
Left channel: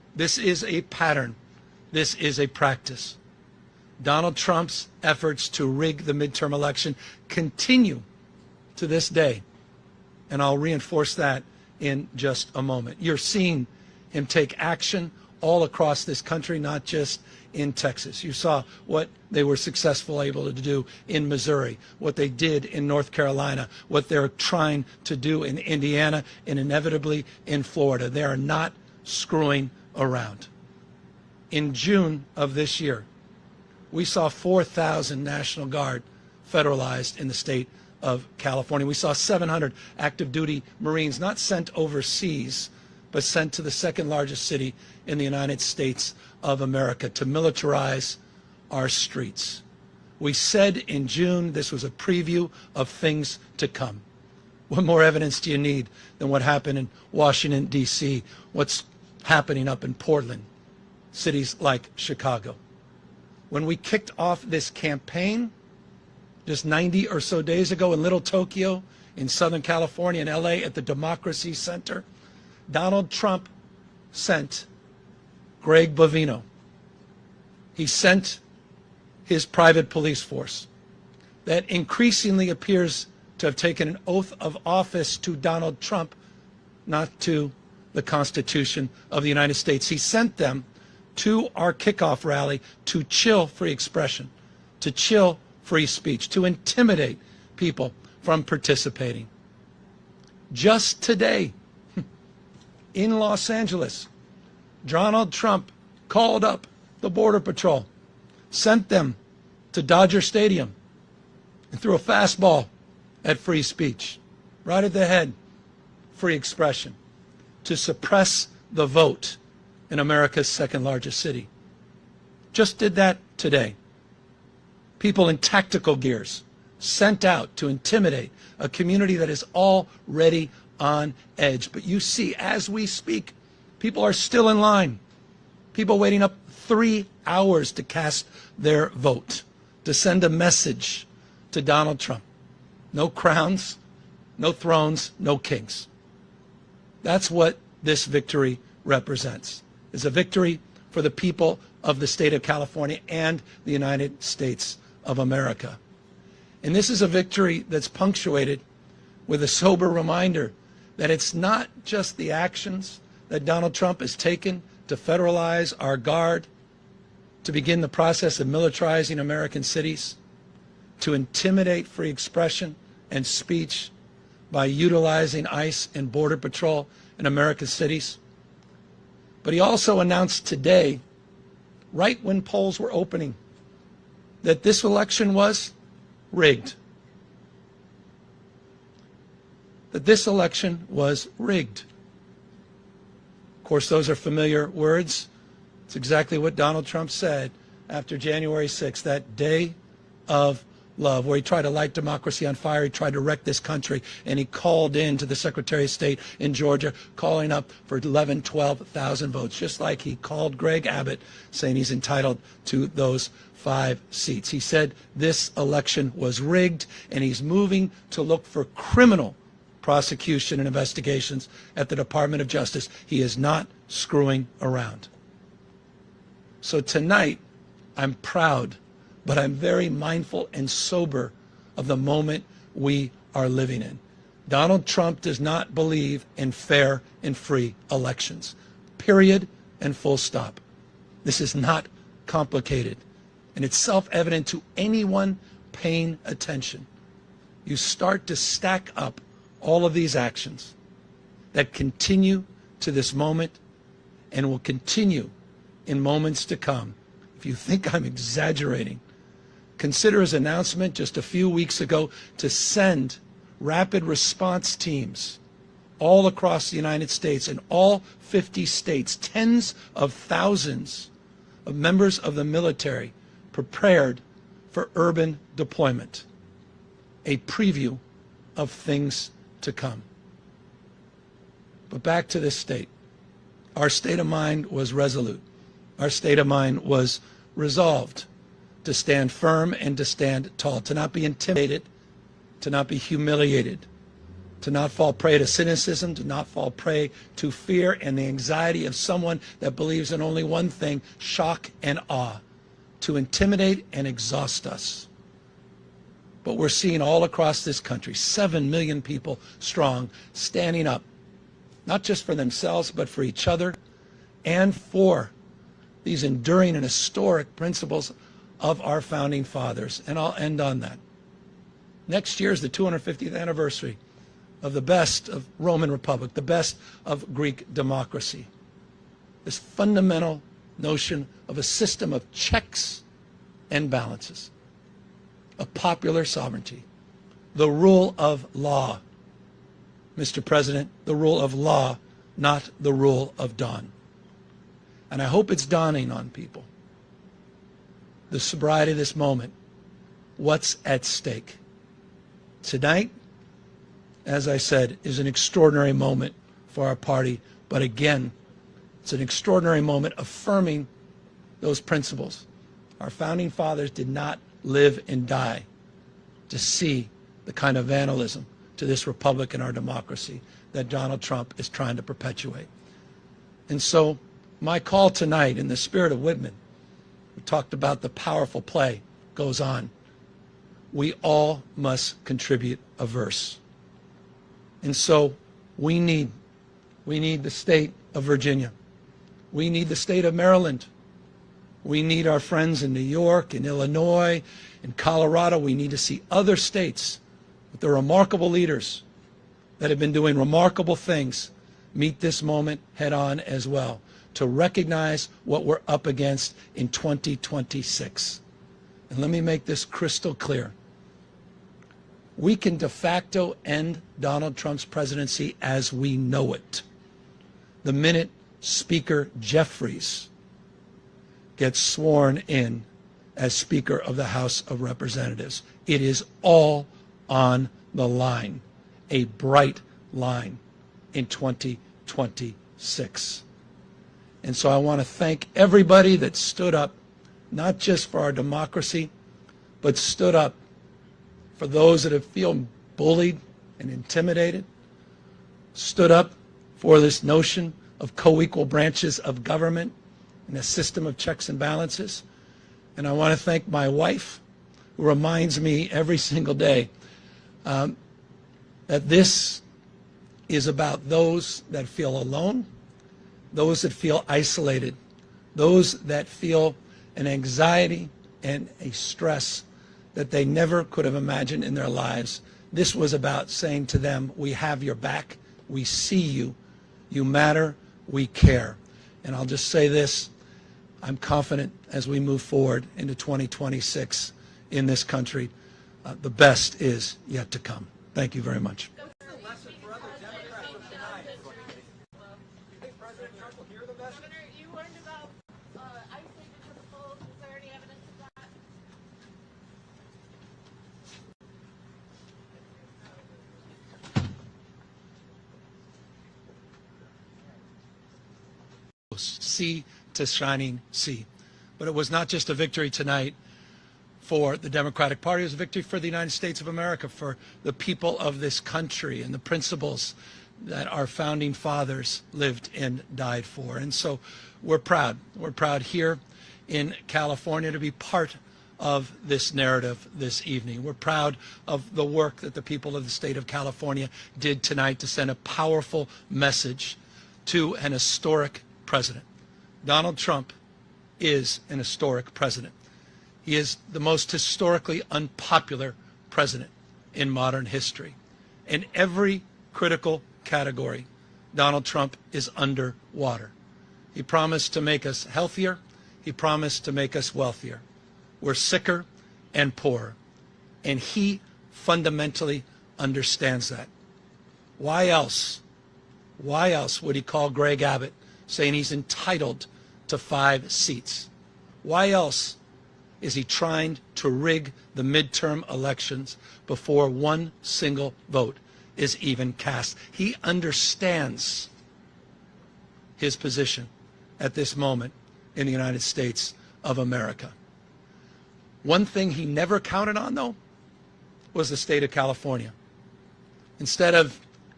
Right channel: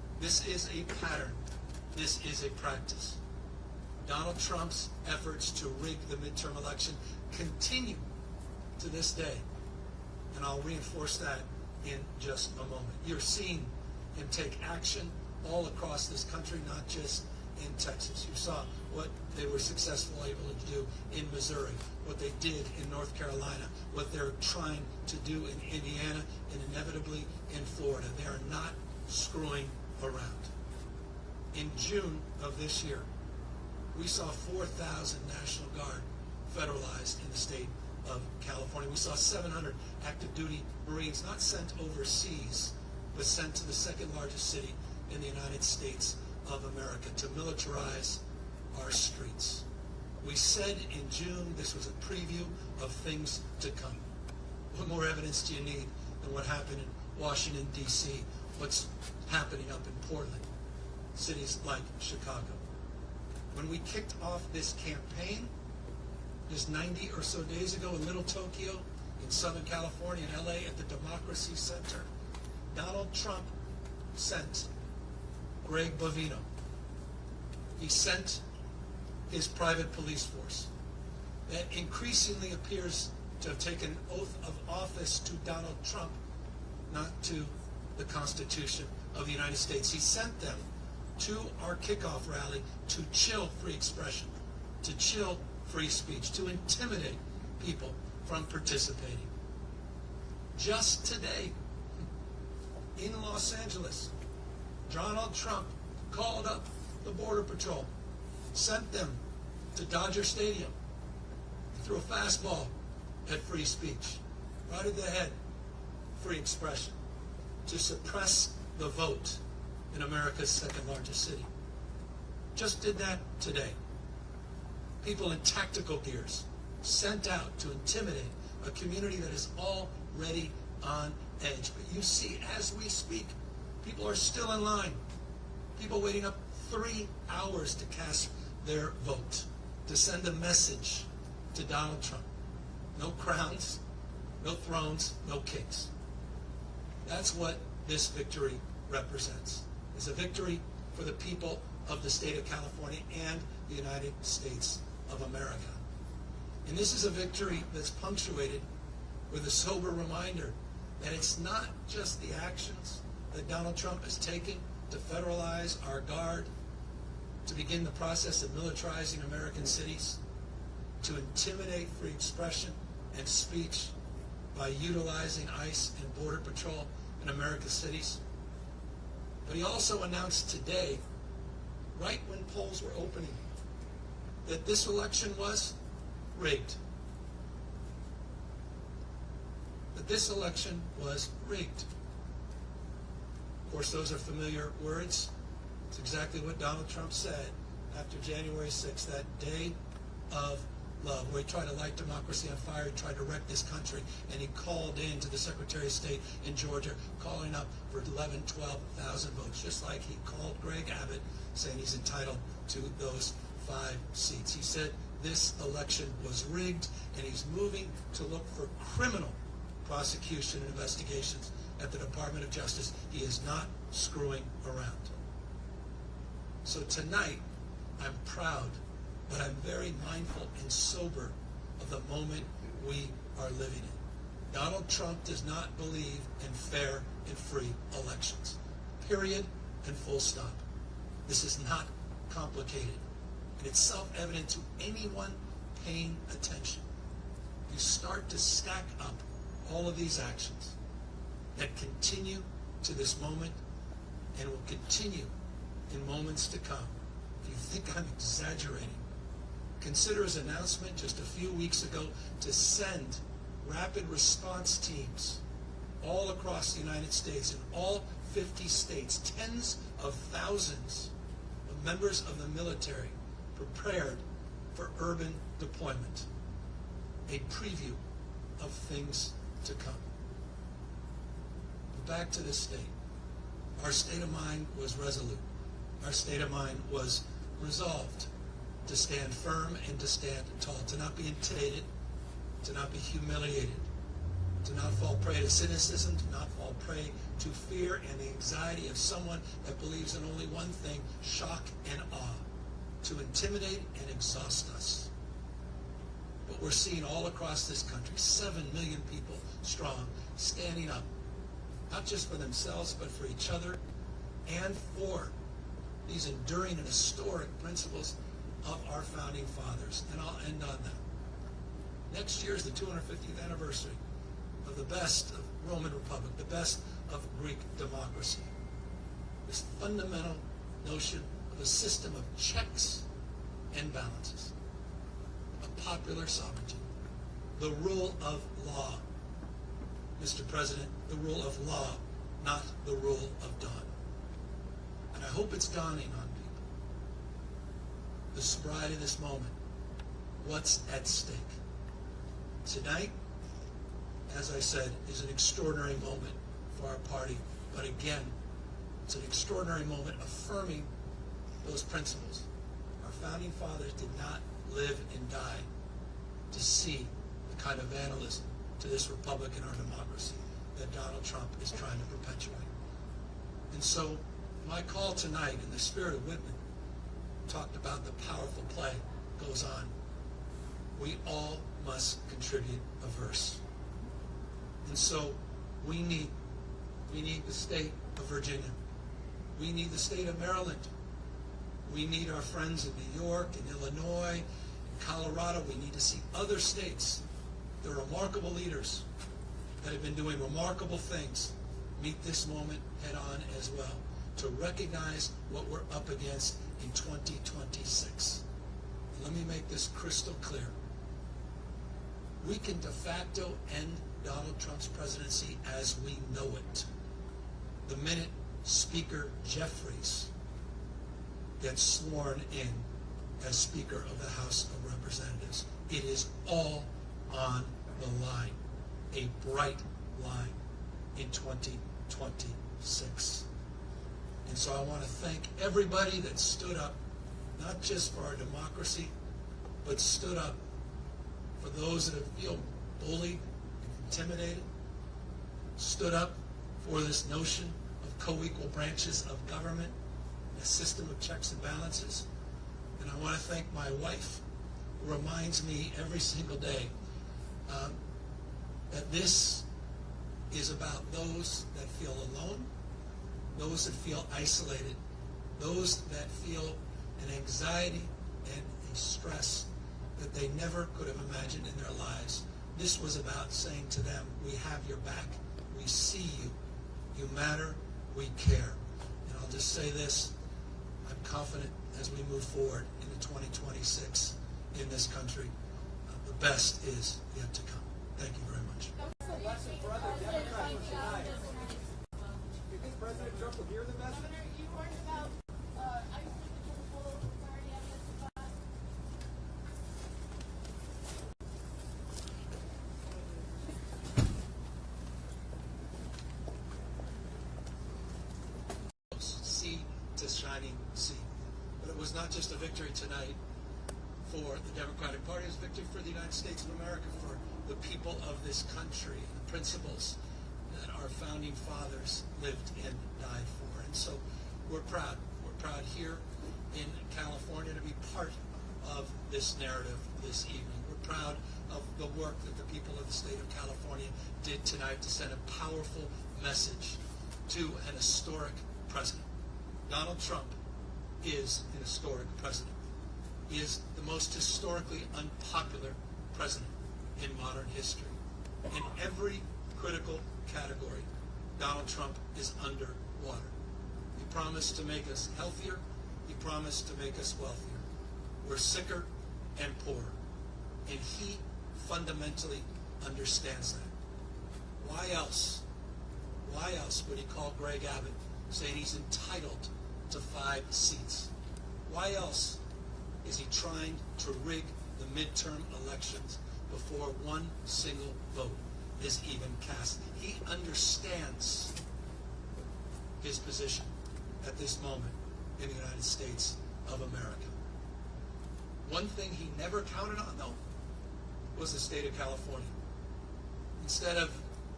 This is a pattern. This is a practice. Donald Trump's efforts to rig the midterm election continue to this day, and I'll reinforce that in just a moment. You're seeing him take action all across this country, not just in Texas. You saw what they were successful able to do in Missouri, what they did in North Carolina, what they're trying to do in Indiana, and inevitably in Florida. They are not screwing around. In June of this year, we saw 4,000 National Guard federalized in the state of California. We saw 700 active duty Marines not sent overseas, but sent to the second largest city in the United States of America to militarize our streets. We said in June this was a preview of things to come. What more evidence do you need than what happened in Washington, D.C., what's happening up in Portland, cities like Chicago? When we kicked off this campaign just 90 or so days ago in Little Tokyo, in Southern California, in LA, at the Democracy Center, Donald Trump sent Greg Bovino. He sent his private police force that increasingly appears to have taken an oath of office to Donald Trump, not to the Constitution of the United States. He sent them to our kickoff rally to chill free expression, to chill free speech, to intimidate people from participating. Just today, in Los Angeles, Donald Trump called up the Border Patrol, sent them to Dodger Stadium, and threw a fastball at free speech, right at the head, free expression, to suppress the vote in America's second largest city. Just did that today. People in tactical gears sent out to intimidate a community that is already on edge. But you see, as we speak, people are still in line. People waiting up 3 hours to cast their vote, to send a message to Donald Trump. No crowns, no thrones, no kings. That's what this victory represents. It's a victory for the people of the state of California and the United States of America. And this is a victory that's punctuated with a sober reminder that it's not just the actions that Donald Trump has taken to federalize our guard, to begin the process of militarizing American cities, to intimidate free expression and speech by utilizing ICE and Border Patrol in American cities. But he also announced today, right when polls were opening, that this election was rigged. That this election was rigged. Of course, those are familiar words. It's exactly what Donald Trump said after January 6th, that day of love, where he tried to light democracy on fire. He tried to wreck this country, and he called in to the Secretary of State in Georgia, calling up for 11,000, 12,000 votes, just like he called Greg Abbott, saying he's entitled to those 5 seats. He said this election was rigged, and he's moving to look for criminal prosecution and investigations at the Department of Justice. He is not screwing around. So tonight, I'm proud, but I'm very mindful and sober of the moment we are living in. Donald Trump does not believe in fair and free elections. Period and full stop. This is not complicated, and it's self-evident to anyone paying attention. You start to stack up all of these actions that continue to this moment and will continue in moments to come. If you think I'm exaggerating, consider his announcement just a few weeks ago to send rapid response teams all across the United States, in all 50 states, tens of thousands of members of the military prepared for urban deployment. A preview of things to come. But back to this state. Our state of mind was resolute. Our state of mind was resolved to stand firm and to stand tall, to not be intimidated, to not be humiliated, to not fall prey to cynicism, to not fall prey to fear and the anxiety of someone that believes in only one thing, shock and awe, to intimidate and exhaust us. But we're seeing all across this country, 7 million people strong, standing up, not just for themselves, but for each other and for these enduring and historic principles of our founding fathers. And I'll end on that. Next year is the 250th anniversary of the best of Roman Republic, the best of Greek democracy. This fundamental notion of a system of checks and balances, of popular sovereignty, the rule of law. Mr. President, the rule of law, not the rule of dawn. And I hope it's dawning on people, the sobriety of this moment, what's at stake. Tonight, as I said, is an extraordinary moment for our party, but again, it's an extraordinary moment affirming those principles. Our founding fathers did not live and die to see the kind of vandalism to this republic and our democracy that Donald Trump is trying to perpetuate. And so my call tonight, in the spirit of Whitman, we talked about the powerful play, goes on. We all must contribute a verse. And so we need the state of Virginia. We need the state of Maryland. We need our friends in New York, in Illinois, in Colorado. We need to see other states with their remarkable leaders that have been doing remarkable things meet this moment head on as well, to recognize what we're up against in 2026. And let me make this crystal clear. We can de facto end Donald Trump's presidency as we know it the minute Speaker Jeffries gets sworn in as Speaker of the House of Representatives. It is all on the line, a bright line in 2026. And so I want to thank everybody that stood up, not just for our democracy, but stood up for those that have feel bullied and intimidated, stood up for this notion of co-equal branches of government and a system of checks and balances. And I want to thank my wife, who reminds me every single day that this is about those that feel alone, those that feel isolated, those that feel an anxiety and a stress that they never could have imagined in their lives. This was about saying to them, we have your back, we see you, you matter, we care. And I'll just say this, I'm confident as we move forward into 2026 in this country, the best is yet to come. Thank you very much. What's the lesson for other Democrats from tonight? Do you think President Trump will hear the message? Governor, you warned about isolated principles. Is there any evidence of that? Sea to shining sea. But it was not just a victory tonight for the Democratic Party, it was a victory for the United States of America, for the people of this country and the principles that our founding fathers lived and died for. And so we're proud. We're proud here in California to be part of this narrative this evening. We're proud of the work that the people of the state of California did tonight to send a powerful message to an historic president. Donald Trump is an historic president. He is the most historically unpopular president in modern history. In every critical category, Donald Trump is underwater. He promised to make us healthier. He promised to make us wealthier. We're sicker and poorer. And he fundamentally understands that. Why else would he call Greg Abbott saying he's entitled to 5 seats? Why else is he trying to rig the midterm elections before one single vote is even cast? He understands his position at this moment in the United States of America. One thing he never counted on, though, was the state of California. Instead of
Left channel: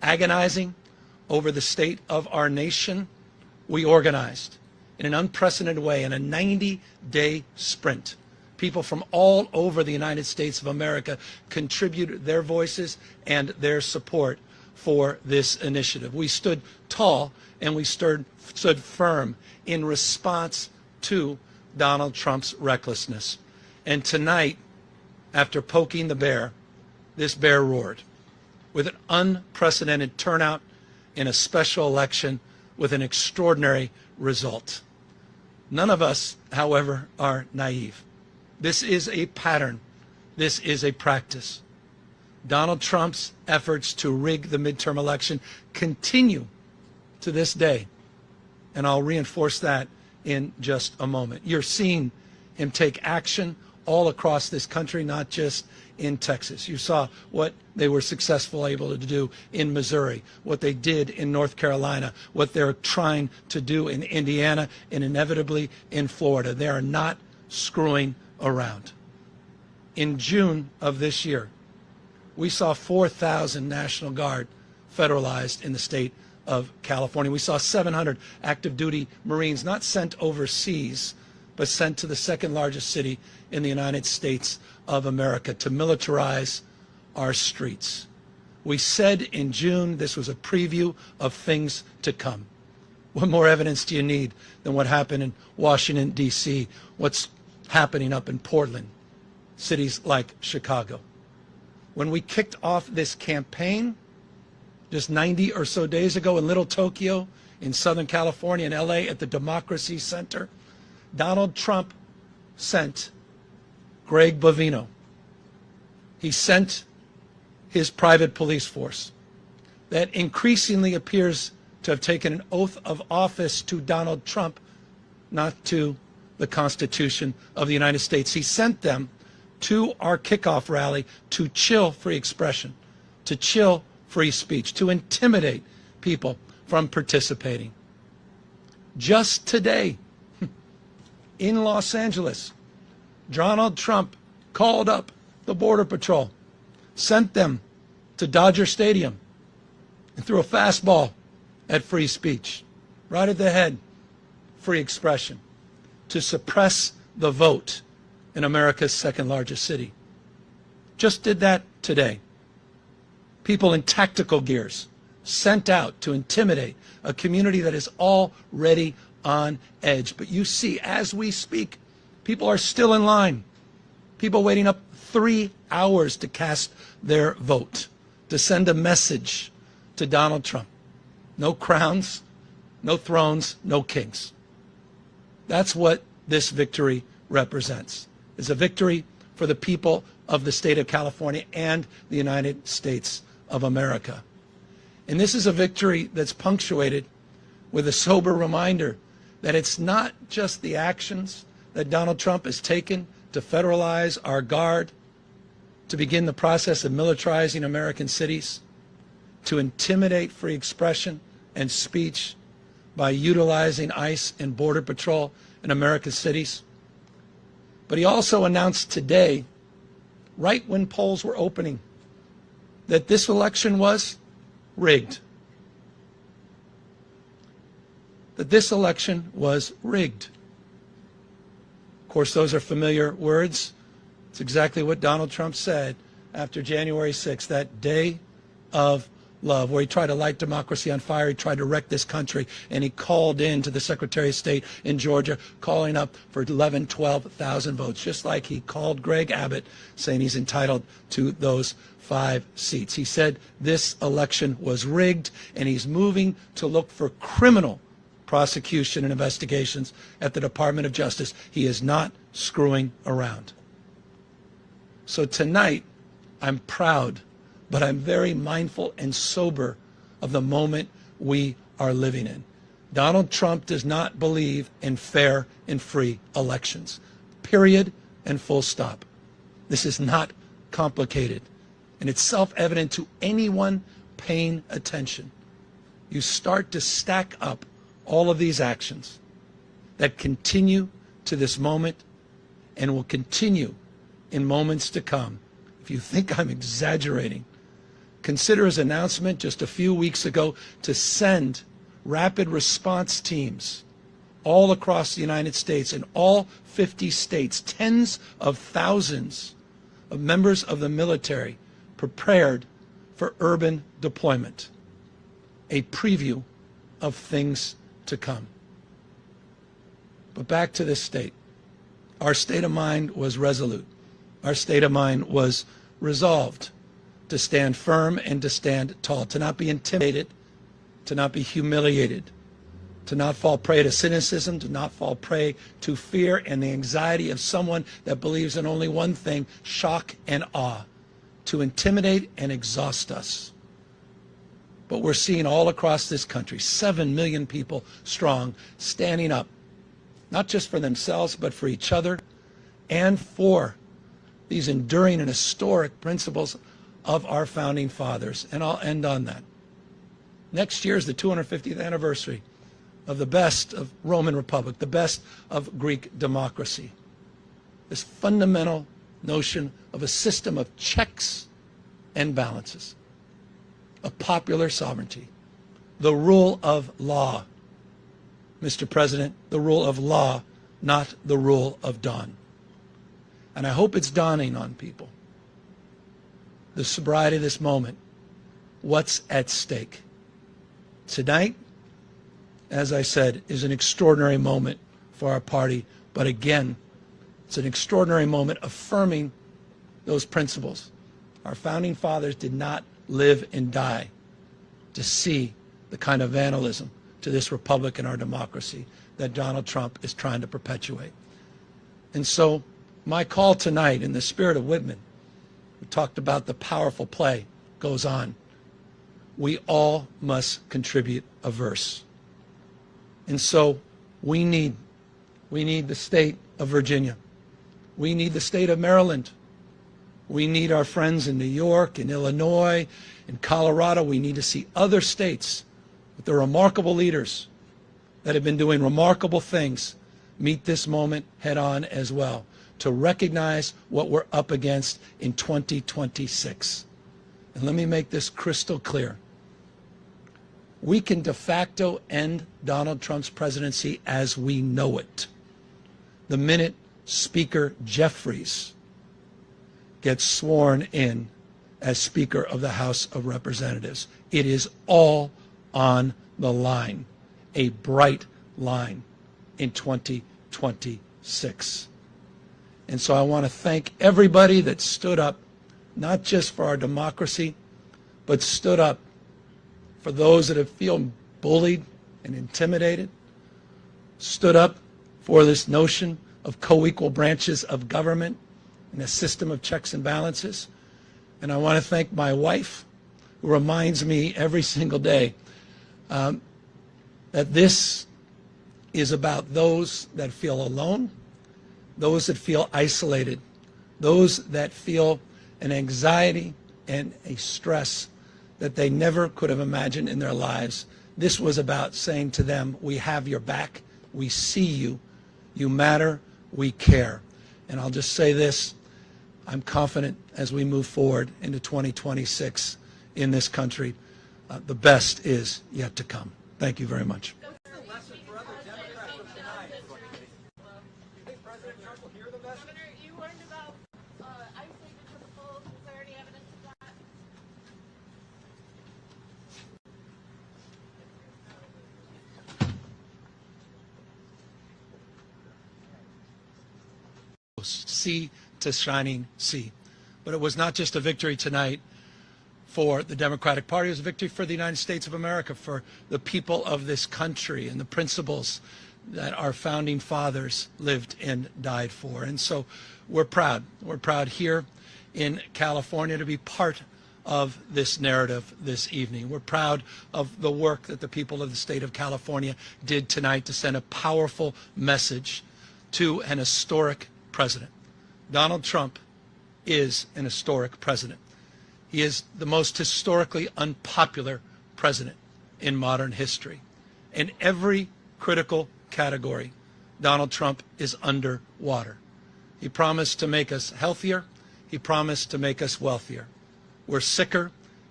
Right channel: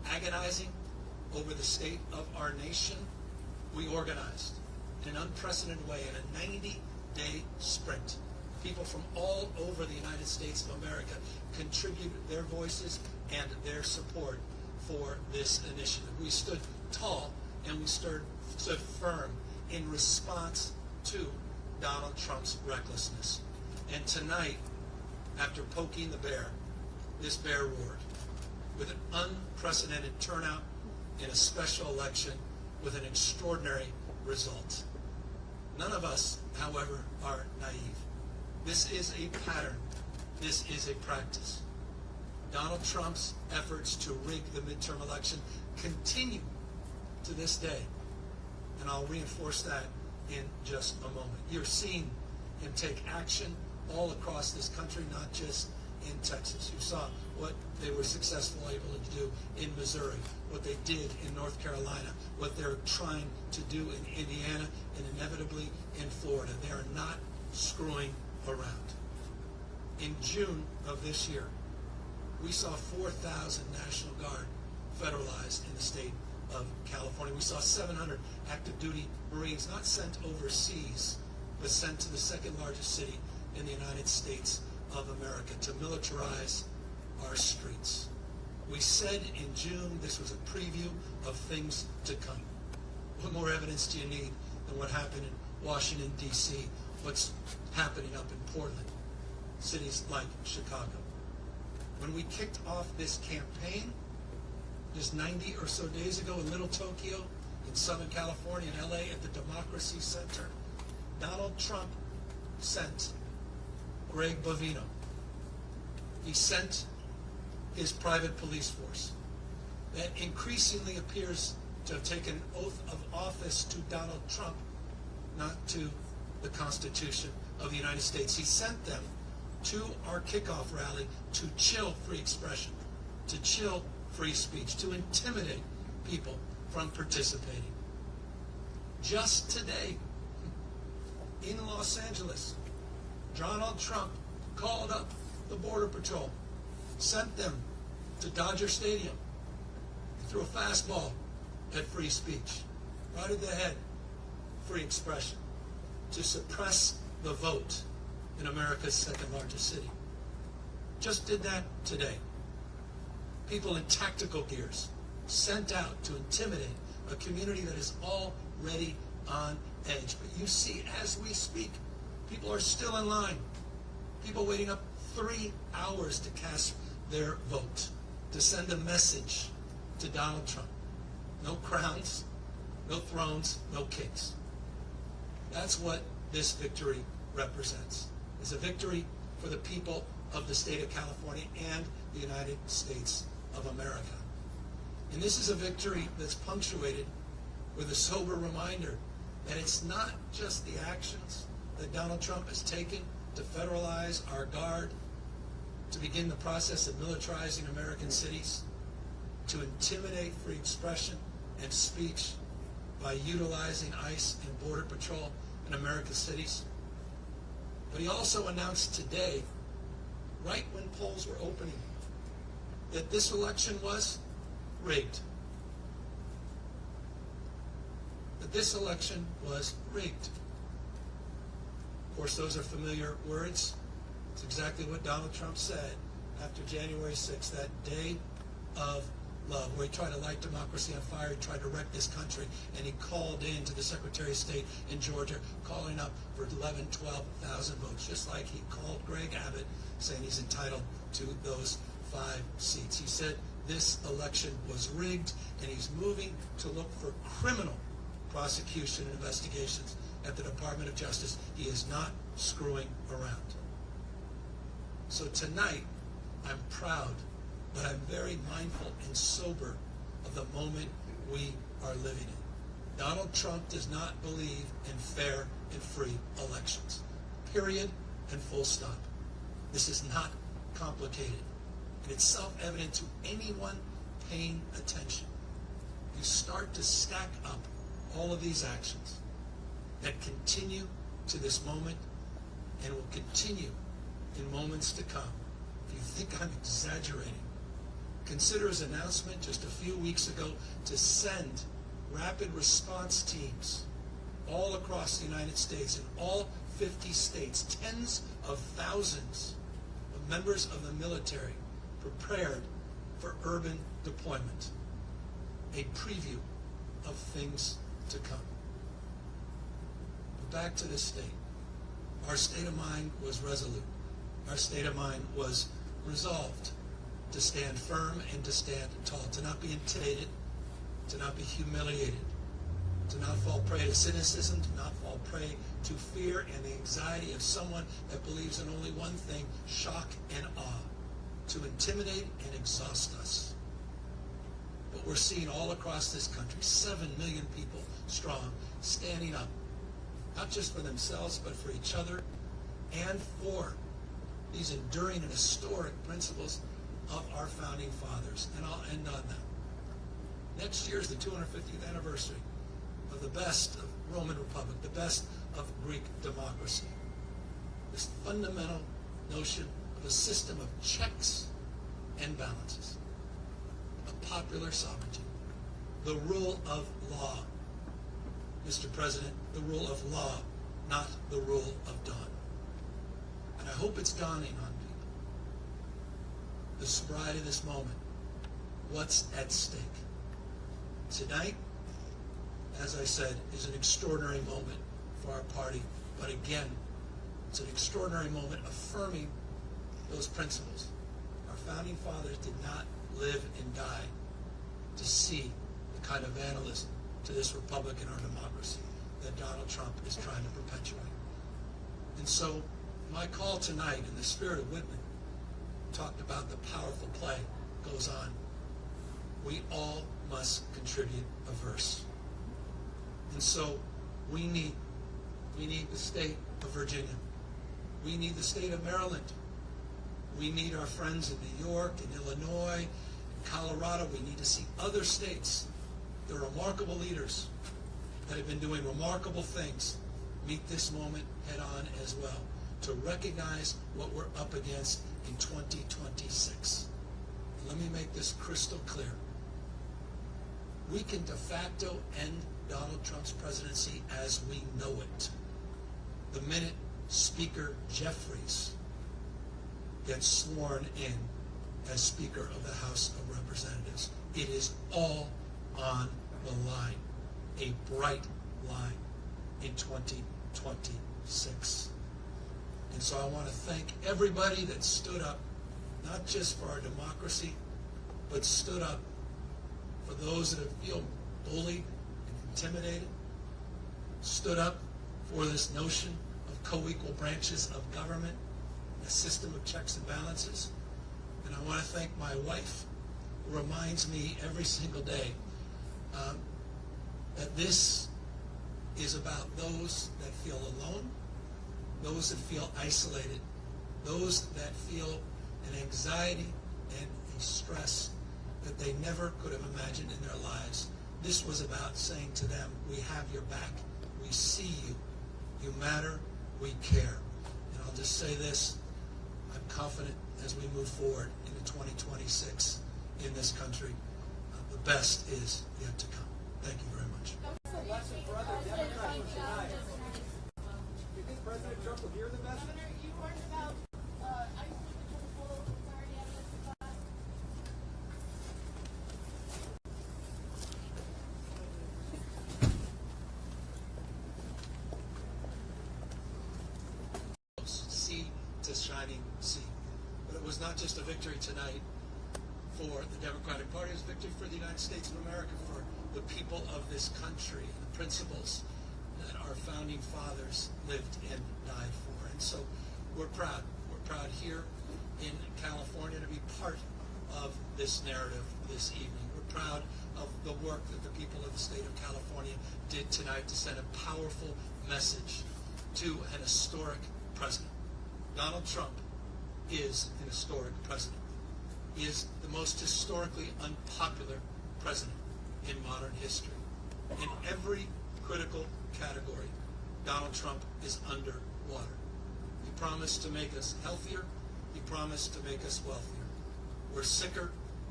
agonizing over the state of our nation, we organized in an unprecedented way in a 90-day sprint. People from all over the United States of America contributed their voices and their support for this initiative. We stood tall and we stood firm in response to Donald Trump's recklessness. And tonight, after poking the bear, this bear roared with an unprecedented turnout in a special election with an extraordinary result. None of us, however, are naive. This is a pattern. This is a practice. Donald Trump's efforts to rig the midterm election continue to this day, and I'll reinforce that in just a moment. You're seeing him take action all across this country, not just in Texas. You saw what they were successful able to do in Missouri, what they did in North Carolina, what they're trying to do in Indiana, and inevitably in Florida. They are not screwing around. In June of this year, we saw 4,000 National Guard federalized in the state of California. We saw 700 active duty Marines not sent overseas, but sent to the second largest city in the United States of America to militarize our streets. We said in June this was a preview of things to come. What more evidence do you need than what happened in Washington, D.C., what's happening up in Portland, cities like Chicago? When we kicked off this campaign just 90 or so days ago in Little Tokyo, in Southern California, in LA, at the Democracy Center, Donald Trump sent Greg Bovino. He sent his private police force that increasingly appears to have taken an oath of office to Donald Trump, not to the Constitution of the United States. He sent them to our kickoff rally to chill free expression, to chill free speech, to intimidate people from participating. Just today, in Los Angeles, Donald Trump called up the Border Patrol, sent them to Dodger Stadium, and threw a fastball at free speech, right at the head, free expression, to suppress the vote in America's second largest city. Just did that today. People in tactical gears sent out to intimidate a community that is already on edge. But you see, as we speak, people are still in line. People waiting up 3 hours to cast their vote, to send a message to Donald Trump. No crowns, no thrones, no kings. That's what this victory represents. It's a victory for the people of the state of California and the United States of America. And this is a victory that's punctuated with a sober reminder that it's not just the actions that Donald Trump has taken to federalize our guard, to begin the process of militarizing American cities, to intimidate free expression and speech by utilizing ICE and Border Patrol in America's cities. But he also announced today, right when polls were opening, that this election was rigged. That this election was rigged. Of course, those are familiar words. It's exactly what Donald Trump said after January 6th, that day of love, where he tried to light democracy on fire. He tried to wreck this country, and he called in to the Secretary of State in Georgia, calling up for 11, 12,000 votes, just like he called Greg Abbott, saying he's entitled to those 5 seats. He said this election was rigged, and he's moving to look for criminal prosecution and investigations at the Department of Justice. He is not screwing around. So tonight, I'm proud, but I'm very mindful and sober of the moment we are living in. Donald Trump does not believe in fair and free elections. Period and full stop. This is not complicated, and it's self-evident to anyone paying attention. You start to stack up all of these actions that continue to this moment and will continue in moments to come. If you think I'm exaggerating, Consider his announcement just a few weeks ago to send rapid response teams all across the United States, in all 50 states, tens of thousands of members of the military prepared for urban deployment. A preview of things to come. But back to this state. Our state of mind was resolute. Our state of mind was resolved to stand firm and to stand tall, to not be intimidated, to not be humiliated, to not fall prey to cynicism, to not fall prey to fear and the anxiety of someone that believes in only one thing, shock and awe, to intimidate and exhaust us. But we're seeing all across this country, 7 million people strong, standing up, not just for themselves, but for each other and for these enduring and historic principles of our founding fathers. And I'll end on that. Next year is the 250th anniversary of the best of Roman Republic, the best of Greek democracy. This fundamental notion of a system of checks and balances, of popular sovereignty, the rule of law. Mr. President, the rule of law, not the rule of dawn. And I hope it's dawning on people, the sobriety of this moment, what's at stake. Tonight, as I said, is an extraordinary moment for our party, but again, it's an extraordinary moment affirming those principles. Our founding fathers did not live and die to see the kind of vandalism to this republic and our democracy that Donald Trump is trying to perpetuate. And so my call tonight, in the spirit of Whitman, we talked about the powerful play goes on. We all must contribute a verse. And so we need the state of Virginia. We need the state of Maryland. We need our friends in New York, in Illinois, in Colorado. We need to see other states with the remarkable leaders that have been doing remarkable things meet this moment head on as well, to recognize what we're up against in 2026. And let me make this crystal clear. We can de facto end Donald Trump's presidency as we know it the minute Speaker Jeffries gets sworn in as Speaker of the House of Representatives. It is all on the line, a bright line in 2026. And so I want to thank everybody that stood up, not just for our democracy, but stood up for those that have feel bullied and intimidated, stood up for this notion of co-equal branches of government and a system of checks and balances. And I want to thank my wife, who reminds me every single day that this is about those that feel alone, those that feel isolated, those that feel an anxiety and a stress that they never could have imagined in their lives. This was about saying to them, we have your back, we see you, you matter, we care. And I'll just say this, I'm confident as we move forward into 2026 in this country, the best is yet to come. Thank you very much. What's the lesson for other Democrats from tonight? Do you think President Trump will hear the message? Governor, you learned about isolated principles. Is there any evidence of that? Sea to shining sea. But it was not just a victory tonight for the Democratic Party, it was a victory for the United States of America, for the people of this country and the principles that our founding fathers lived and died for. And so we're proud. We're proud here in California to be part of this narrative this evening. We're proud of the work that the people of the state of California did tonight to send a powerful message to an historic president. Donald Trump is an historic president. He is the most historically unpopular president in modern history. In every critical category, Donald Trump is underwater. He promised to make us healthier. He promised to make us wealthier. We're sicker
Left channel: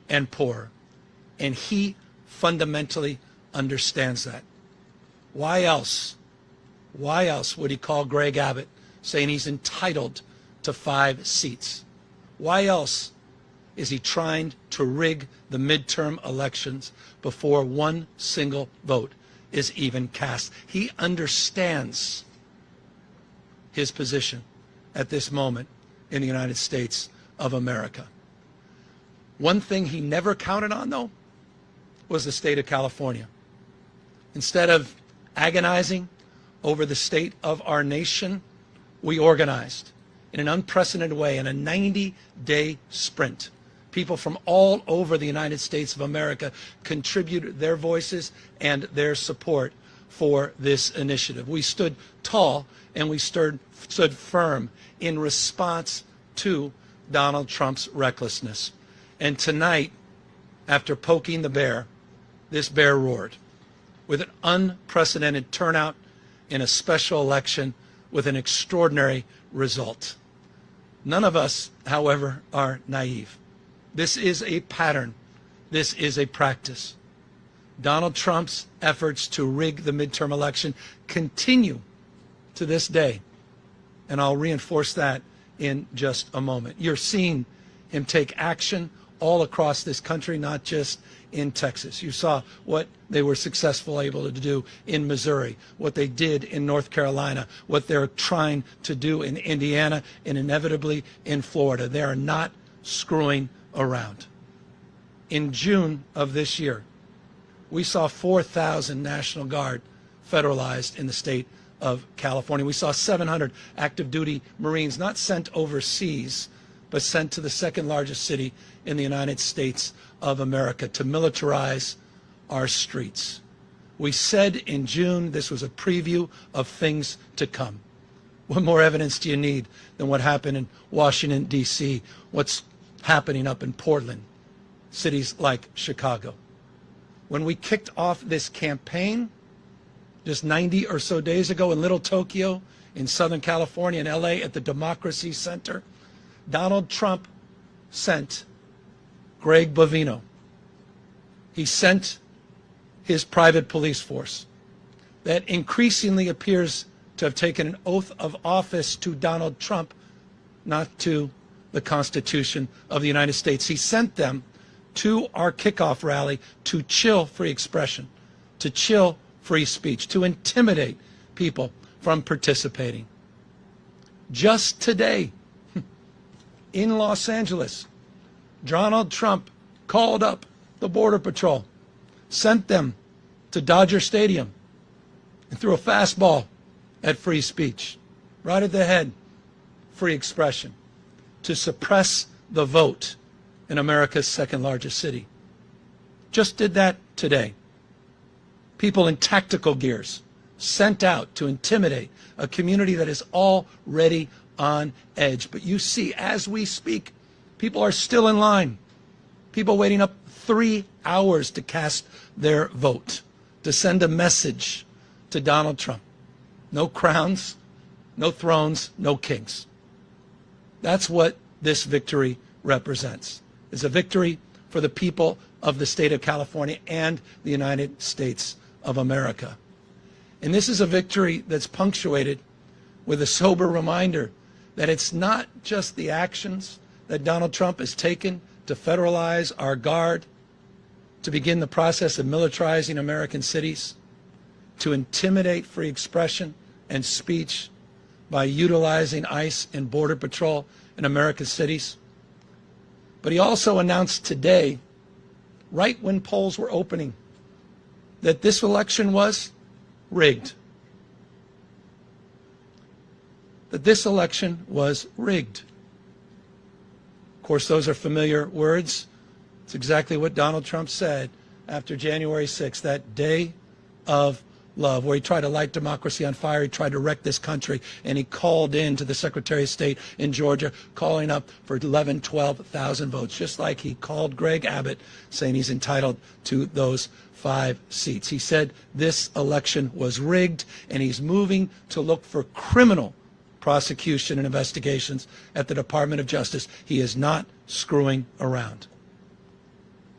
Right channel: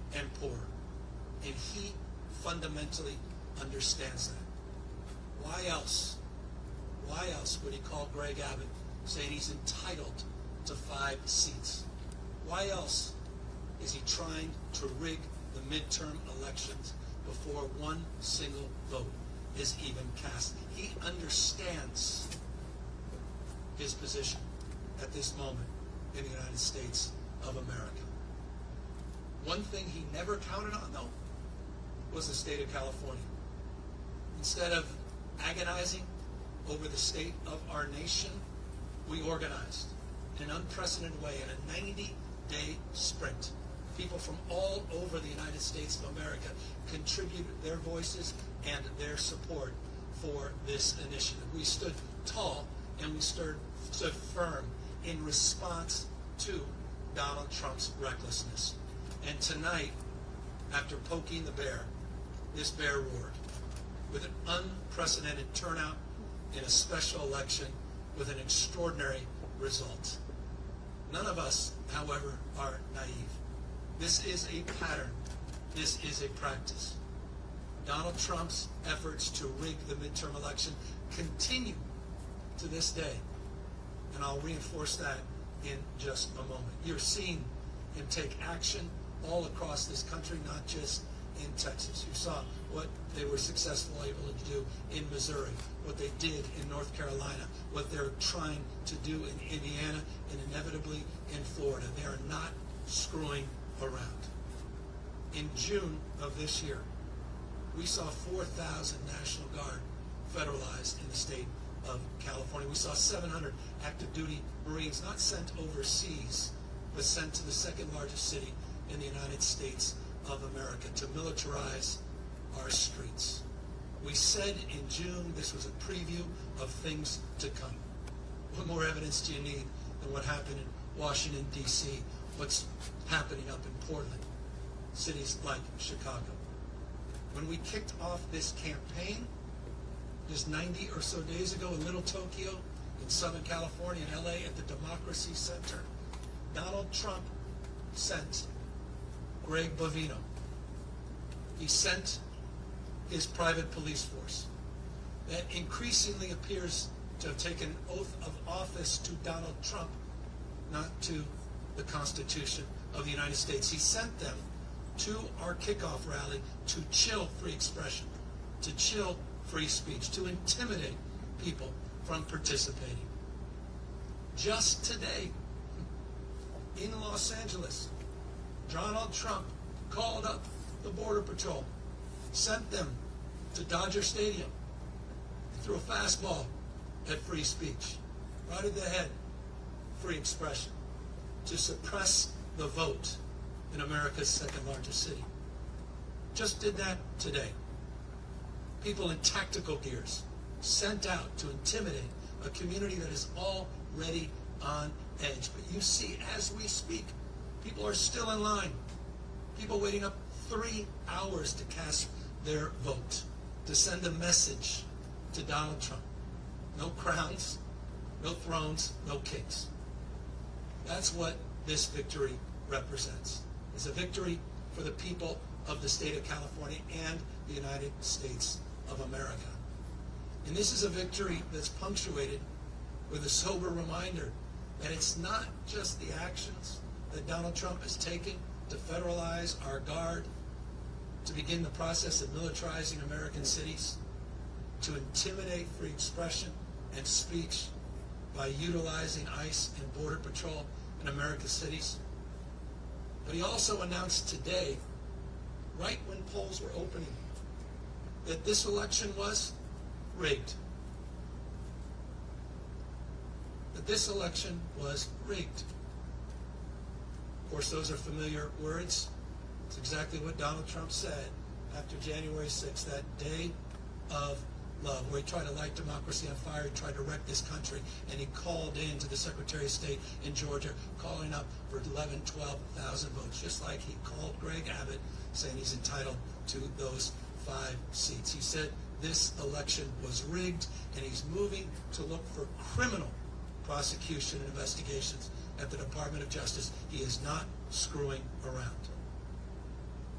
and poorer. And he fundamentally understands that. Why else would he call Greg Abbott saying he's entitled to 5 seats? Why else is he trying to rig the midterm elections before one single vote is even cast? He understands his position at this moment in the United States of America. One thing he never counted on, though, was the state of California. Instead of agonizing over the state of our nation, we organized in an unprecedented way in a 90-day sprint. People from all over the United States of America contributed their voices and their support for this initiative. We stood tall and we stood firm in response to Donald Trump's recklessness. And tonight, after poking the bear, this bear roared with an unprecedented turnout in a special election with an extraordinary result. None of us, however, are naive. This is a pattern. This is a practice. Donald Trump's efforts to rig the midterm election continue to this day, and I'll reinforce that in just a moment. You're seeing him take action all across this country, not just in Texas. You saw what they were successful able to do in Missouri, what they did in North Carolina, what they're trying to do in Indiana, and inevitably in Florida. They are not screwing around. In June of this year, we saw 4,000 National Guard federalized in the state of California. We saw 700 active duty Marines not sent overseas, but sent to the second largest city in the United States of America to militarize our streets. We said in June this was a preview of things to come. What more evidence do you need than what happened in Washington, D.C., what's happening up in Portland, cities like Chicago? When we kicked off this campaign just 90 or so days ago in Little Tokyo, in Southern California, in L.A., at the Democracy Center, Donald Trump sent Greg Bovino. He sent his private police force that increasingly appears to have taken an oath of office to Donald Trump, not to the Constitution of the United States. He sent them to our kickoff rally to chill free expression, to chill free speech, to intimidate people from participating. Just today, in Los Angeles, Donald Trump called up the Border Patrol, sent them to Dodger Stadium, and threw a fastball at free speech, right at the head, free expression, to suppress the vote in America's second largest city. Just did that today. People in tactical gears sent out to intimidate a community that is already on edge. But you see, as we speak, people are still in line. People waiting up 3 hours to cast their vote, to send a message to Donald Trump. No crowns, no thrones, no kings. That's what this victory represents. It's a victory for the people of the state of California and the United States of America. And this is a victory that's punctuated with a sober reminder that it's not just the actions that Donald Trump has taken to federalize our guard, to begin the process of militarizing American cities, to intimidate free expression and speech by utilizing ICE and Border Patrol in American cities. But he also announced today, right when polls were opening, that this election was rigged. That this election was rigged. Of course, those are familiar words. It's exactly what Donald Trump said after January 6th, that day of love, where he tried to light democracy on fire. He tried to wreck this country, and he called in to the Secretary of State in Georgia, calling up for 11,000, 12,000 votes, just like he called Greg Abbott, saying he's entitled to those 5 seats. He said this election was rigged, and he's moving to look for criminal prosecution and investigations at the Department of Justice. He is not screwing around.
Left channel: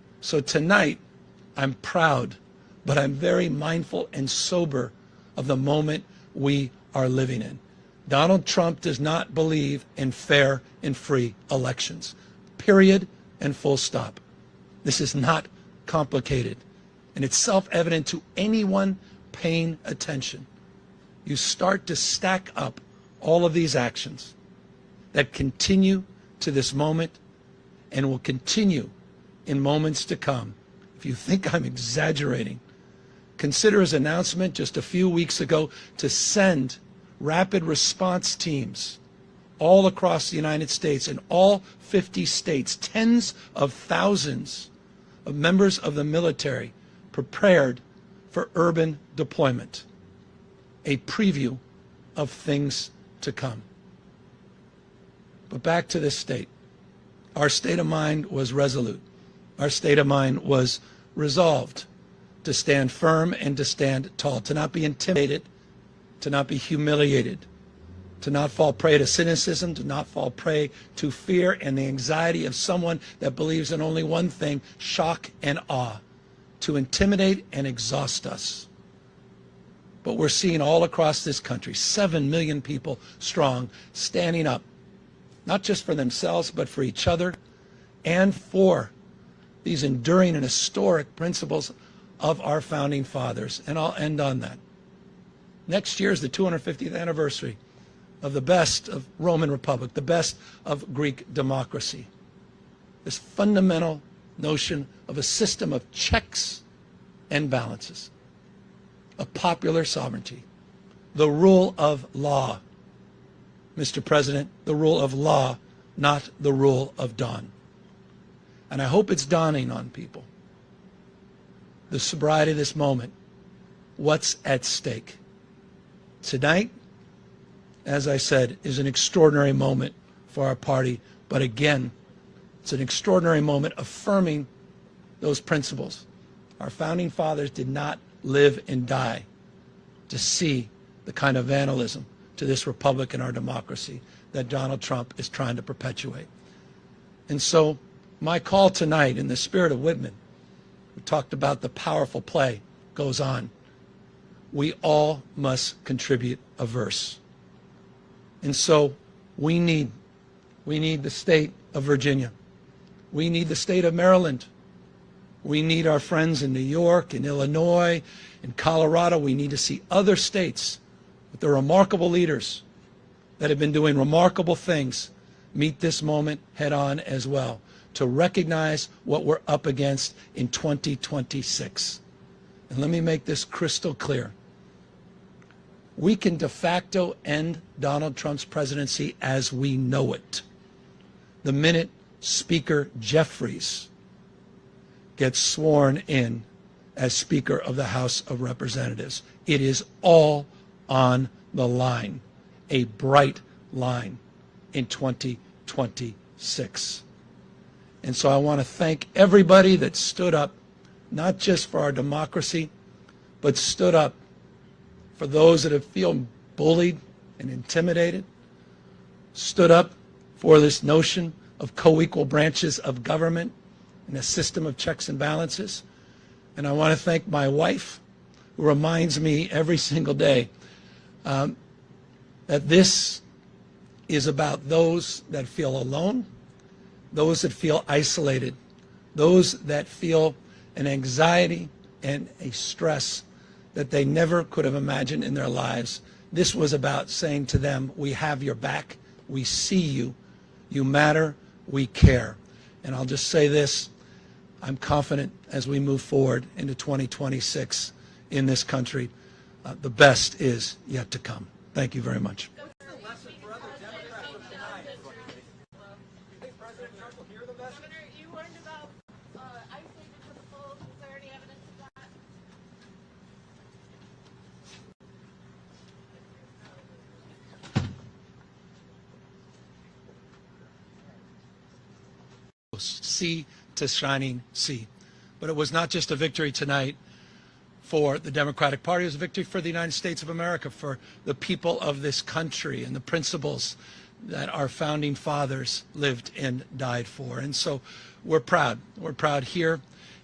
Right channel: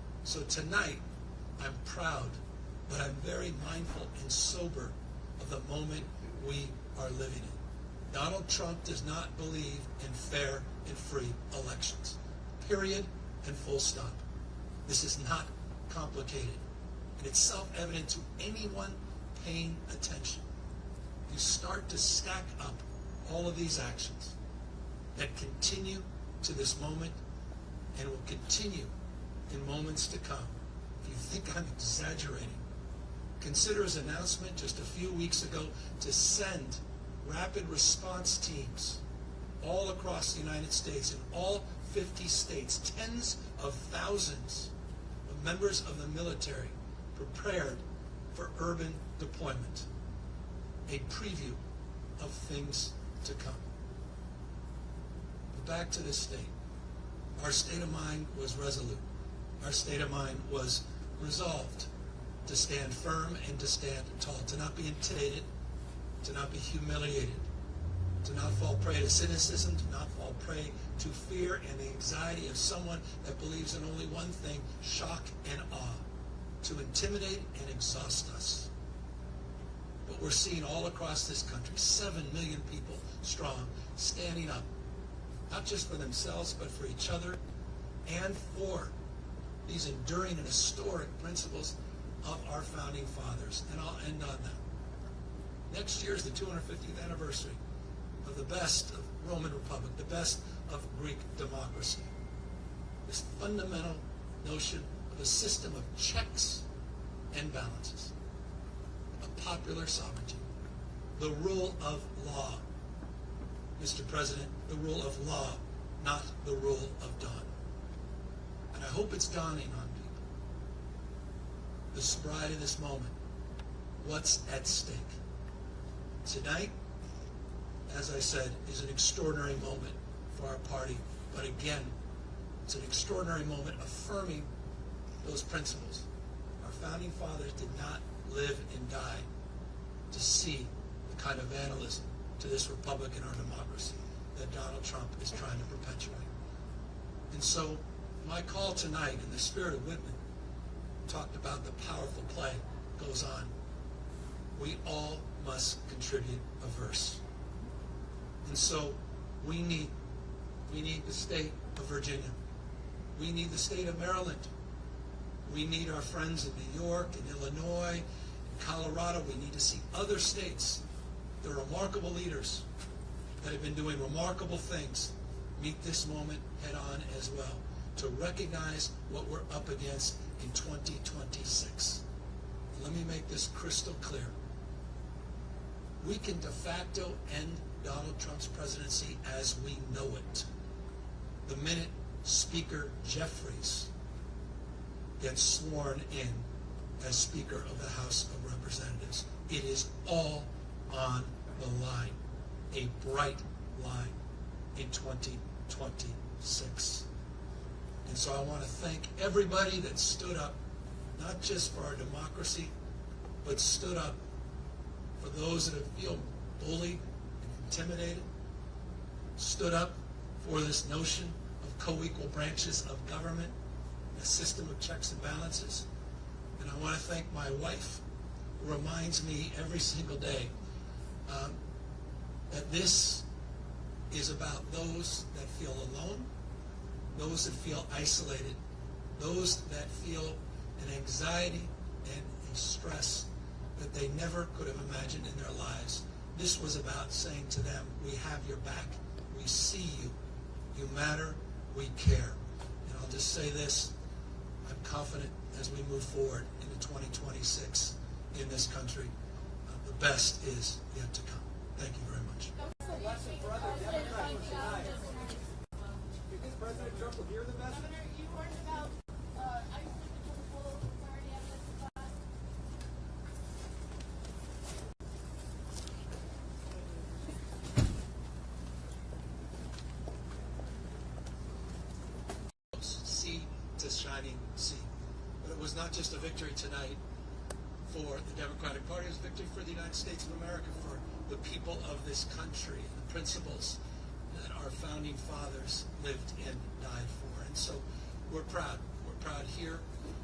So tonight, I'm proud, but I'm very mindful and sober of the moment we are living in. Donald Trump does not believe in fair and free elections. Period and full stop. This is not complicated, and it's self-evident to anyone paying attention. You start to stack up all of these actions that continue to this moment and will continue in moments to come. If you think I'm exaggerating, consider his announcement just a few weeks ago to send rapid response teams all across the United States, in all 50 states, tens of thousands of members of the military prepared for urban deployment. A preview of things to come. But back to this state. Our state of mind was resolute. Our state of mind was resolved to stand firm and to stand tall, to not be intimidated, to not be humiliated, to not fall prey to cynicism, to not fall prey to fear and the anxiety of someone that believes in only one thing, shock and awe, to intimidate and exhaust us. But we're seeing all across this country, 7 million people strong, standing up, not just for themselves, but for each other and for these enduring and historic principles of our founding fathers. And I'll end on that. Next year is the 250th anniversary of the best of Roman Republic, the best of Greek democracy. This fundamental notion of a system of checks and balances, of popular sovereignty, the rule of law. Mr. President, the rule of law, not the rule of dawn. And I hope it's dawning on people. The sobriety of this moment, what's at stake. Tonight, as I said, is an extraordinary moment for our party, but again, it's an extraordinary moment affirming those principles. Our founding fathers did not live and die to see the kind of vandalism to this republic and our democracy that Donald Trump is trying to perpetuate. And so my call tonight, in the spirit of Whitman, we talked about the powerful play, goes on. We all must contribute a verse. And so we need the state of Virginia. We need the state of Maryland. We need our friends in New York, in Illinois, in Colorado. We need to see other states with their remarkable leaders that have been doing remarkable things meet this moment head on as well, to recognize what we're up against in 2026. And let me make this crystal clear. We can de facto end Donald Trump's presidency as we know it the minute Speaker Jeffries gets sworn in as Speaker of the House of Representatives. It is all on the line, a bright line in 2026. And so I want to thank everybody that stood up, not just for our democracy, but stood up for those that have feel bullied and intimidated, stood up for this notion of co-equal branches of government and a system of checks and balances. And I want to thank my wife, who reminds me every single day that this is about those that feel alone, those that feel isolated, those that feel an anxiety and a stress that they never could have imagined in their lives. This was about saying to them, we have your back, we see you, you matter, we care. And I'll just say this, I'm confident as we move forward into 2026 in this country, the best is yet to come. Thank you very much. What's the lesson for other Democrats from tonight? Do you think President Trump will hear the message? Governor, you warned about isolated principles. Is there any evidence of that? Sea to shining sea. But it was not just a victory tonight for the Democratic Party, it was a victory for the United States of America, for the people of this country and the principles that our founding fathers lived and died for. And so we're proud. We're proud here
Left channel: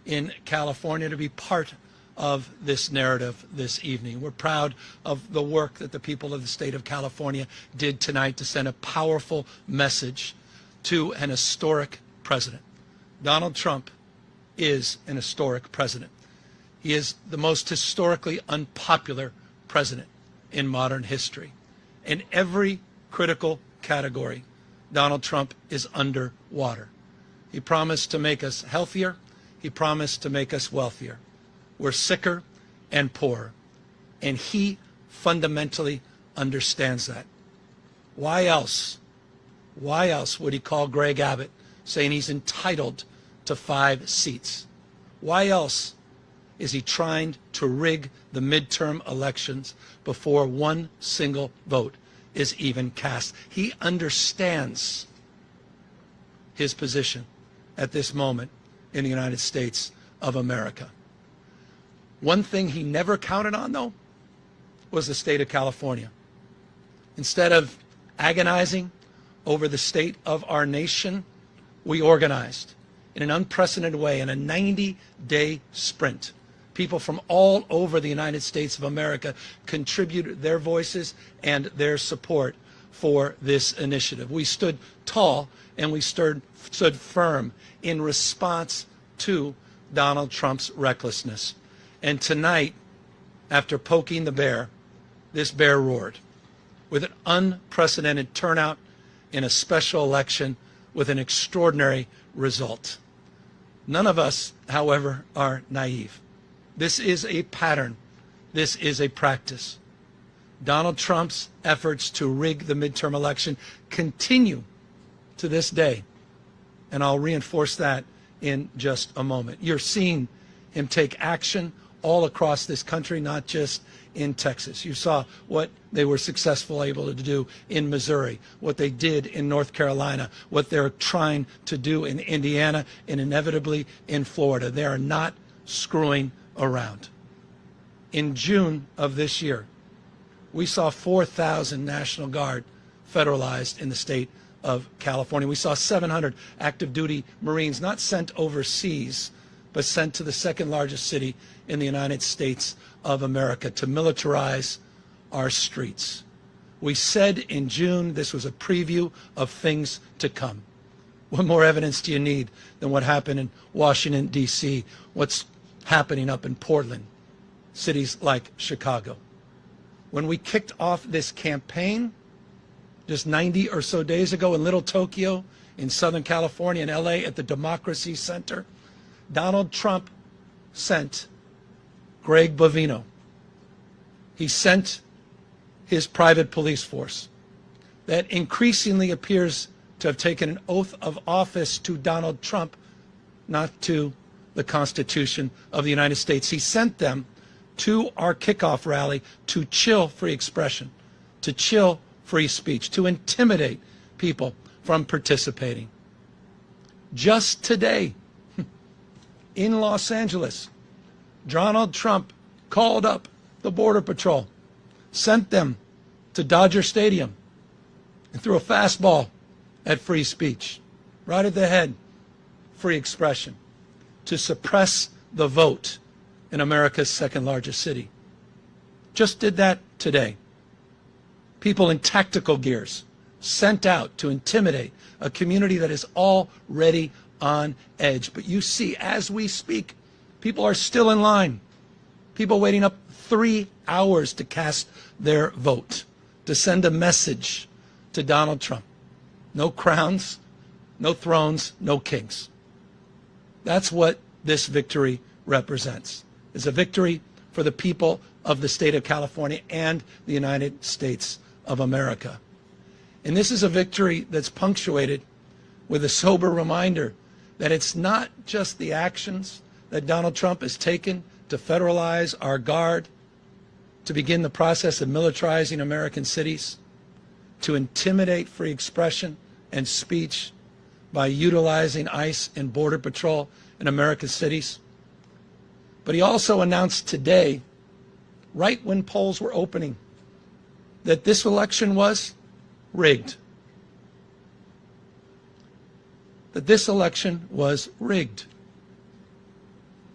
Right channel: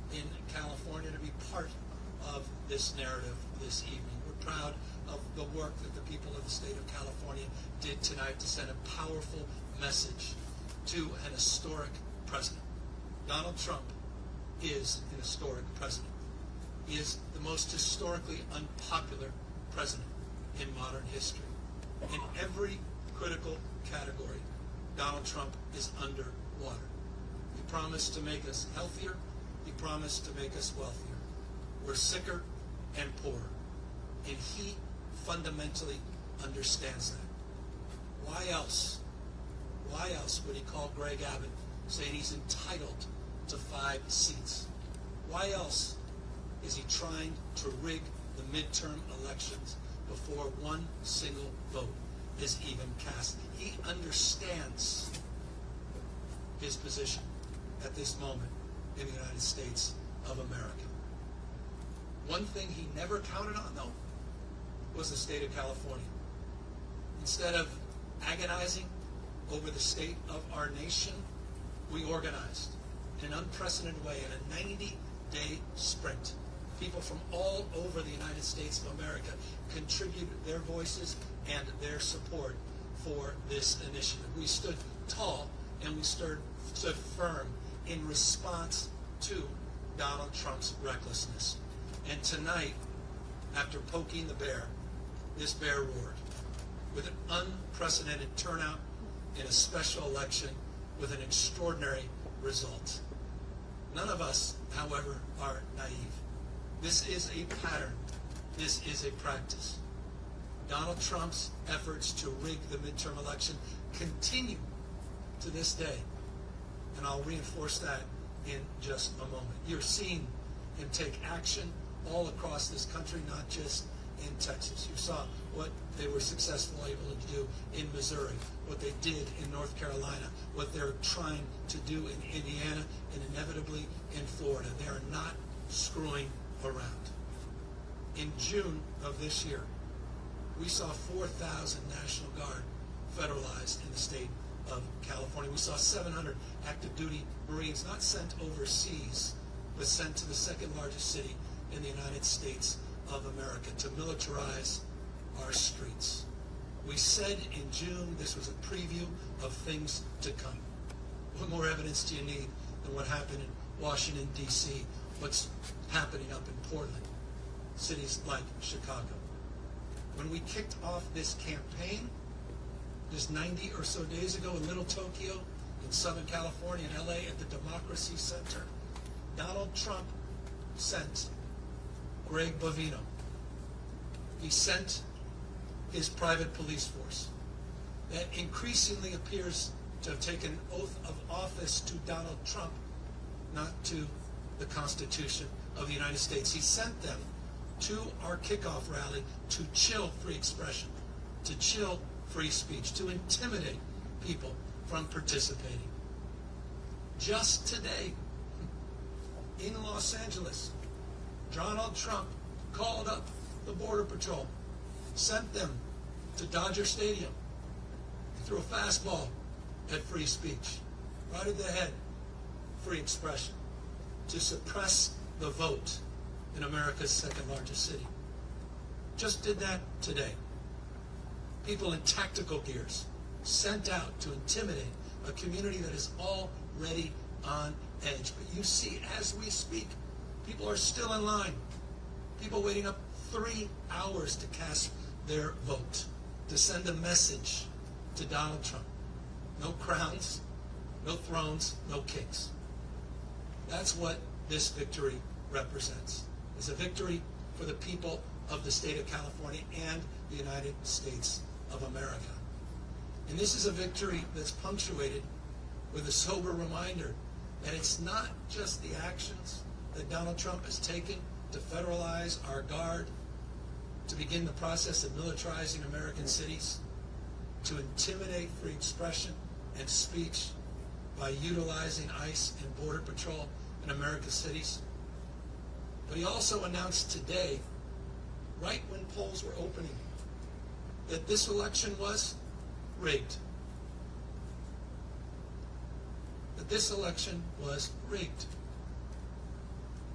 in California to be part of this narrative this evening. We're proud of the work that the people of the state of California did tonight to send a powerful message to an historic president. Donald Trump is an historic president. He is the most historically unpopular president in modern history. In every critical category, Donald Trump is underwater. He promised to make us healthier. He promised to make us wealthier. We're sicker and poorer. And he fundamentally understands that. Why else would he call Greg Abbott saying he's entitled to 5 seats? Why else is he trying to rig the midterm elections before one single vote is even cast? He understands his position at this moment in the United States of America. One thing he never counted on, though, was the state of California. Instead of agonizing over the state of our nation, we organized in an unprecedented way in a 90-day sprint. People from all over the United States of America contributed their voices and their support for this initiative. We stood tall and we stood firm in response to Donald Trump's recklessness. And tonight, after poking the bear, this bear roared with an unprecedented turnout in a special election with an extraordinary result. None of us, however, are naive. This is a pattern. This is a practice. Donald Trump's efforts to rig the midterm election continue to this day. And I'll reinforce that in just a moment. You're seeing him take action all across this country, not just in Texas. You saw what they were able to do in Missouri, what they did in North Carolina, what they're trying to do in Indiana, and inevitably in Florida. They are not screwing around. In June of this year, we saw 4,000 National Guard federalized in the state of California. We saw 700 active duty Marines not sent overseas, but sent to the second largest city in the United States of America to militarize our streets. We said in June this was a preview of things to come. What more evidence do you need than what happened in Washington, D.C., what's happening up in Portland, cities like Chicago? When we kicked off this campaign just 90 or so days ago in Little Tokyo, in Southern California, in LA, at the Democracy Center, Donald Trump sent Greg Bovino. He sent his private police force that increasingly appears to have taken an oath of office to Donald Trump, not to the Constitution of the United States. He sent them to our kickoff rally to chill free expression, to chill free speech, to intimidate people from participating. Just today, in Los Angeles, Donald Trump called up the Border Patrol, sent them to Dodger Stadium, and threw a fastball at free speech, right at the head, free expression, to suppress the vote in America's second largest city. Just did that today. People in tactical gears sent out to intimidate a community that is already on edge. But you see, as we speak, people are still in line. People waiting up 3 hours to cast their vote, to send a message to Donald Trump. No crowns, no thrones, no kings. That's what this victory represents. It's a victory for the people of the state of California and the United States of America. And this is a victory that's punctuated with a sober reminder that it's not just the actions that Donald Trump has taken to federalize our guard, to begin the process of militarizing American cities, to intimidate free expression and speech by utilizing ICE and Border Patrol in American cities. But he also announced today, right when polls were opening, that this election was rigged. That this election was rigged.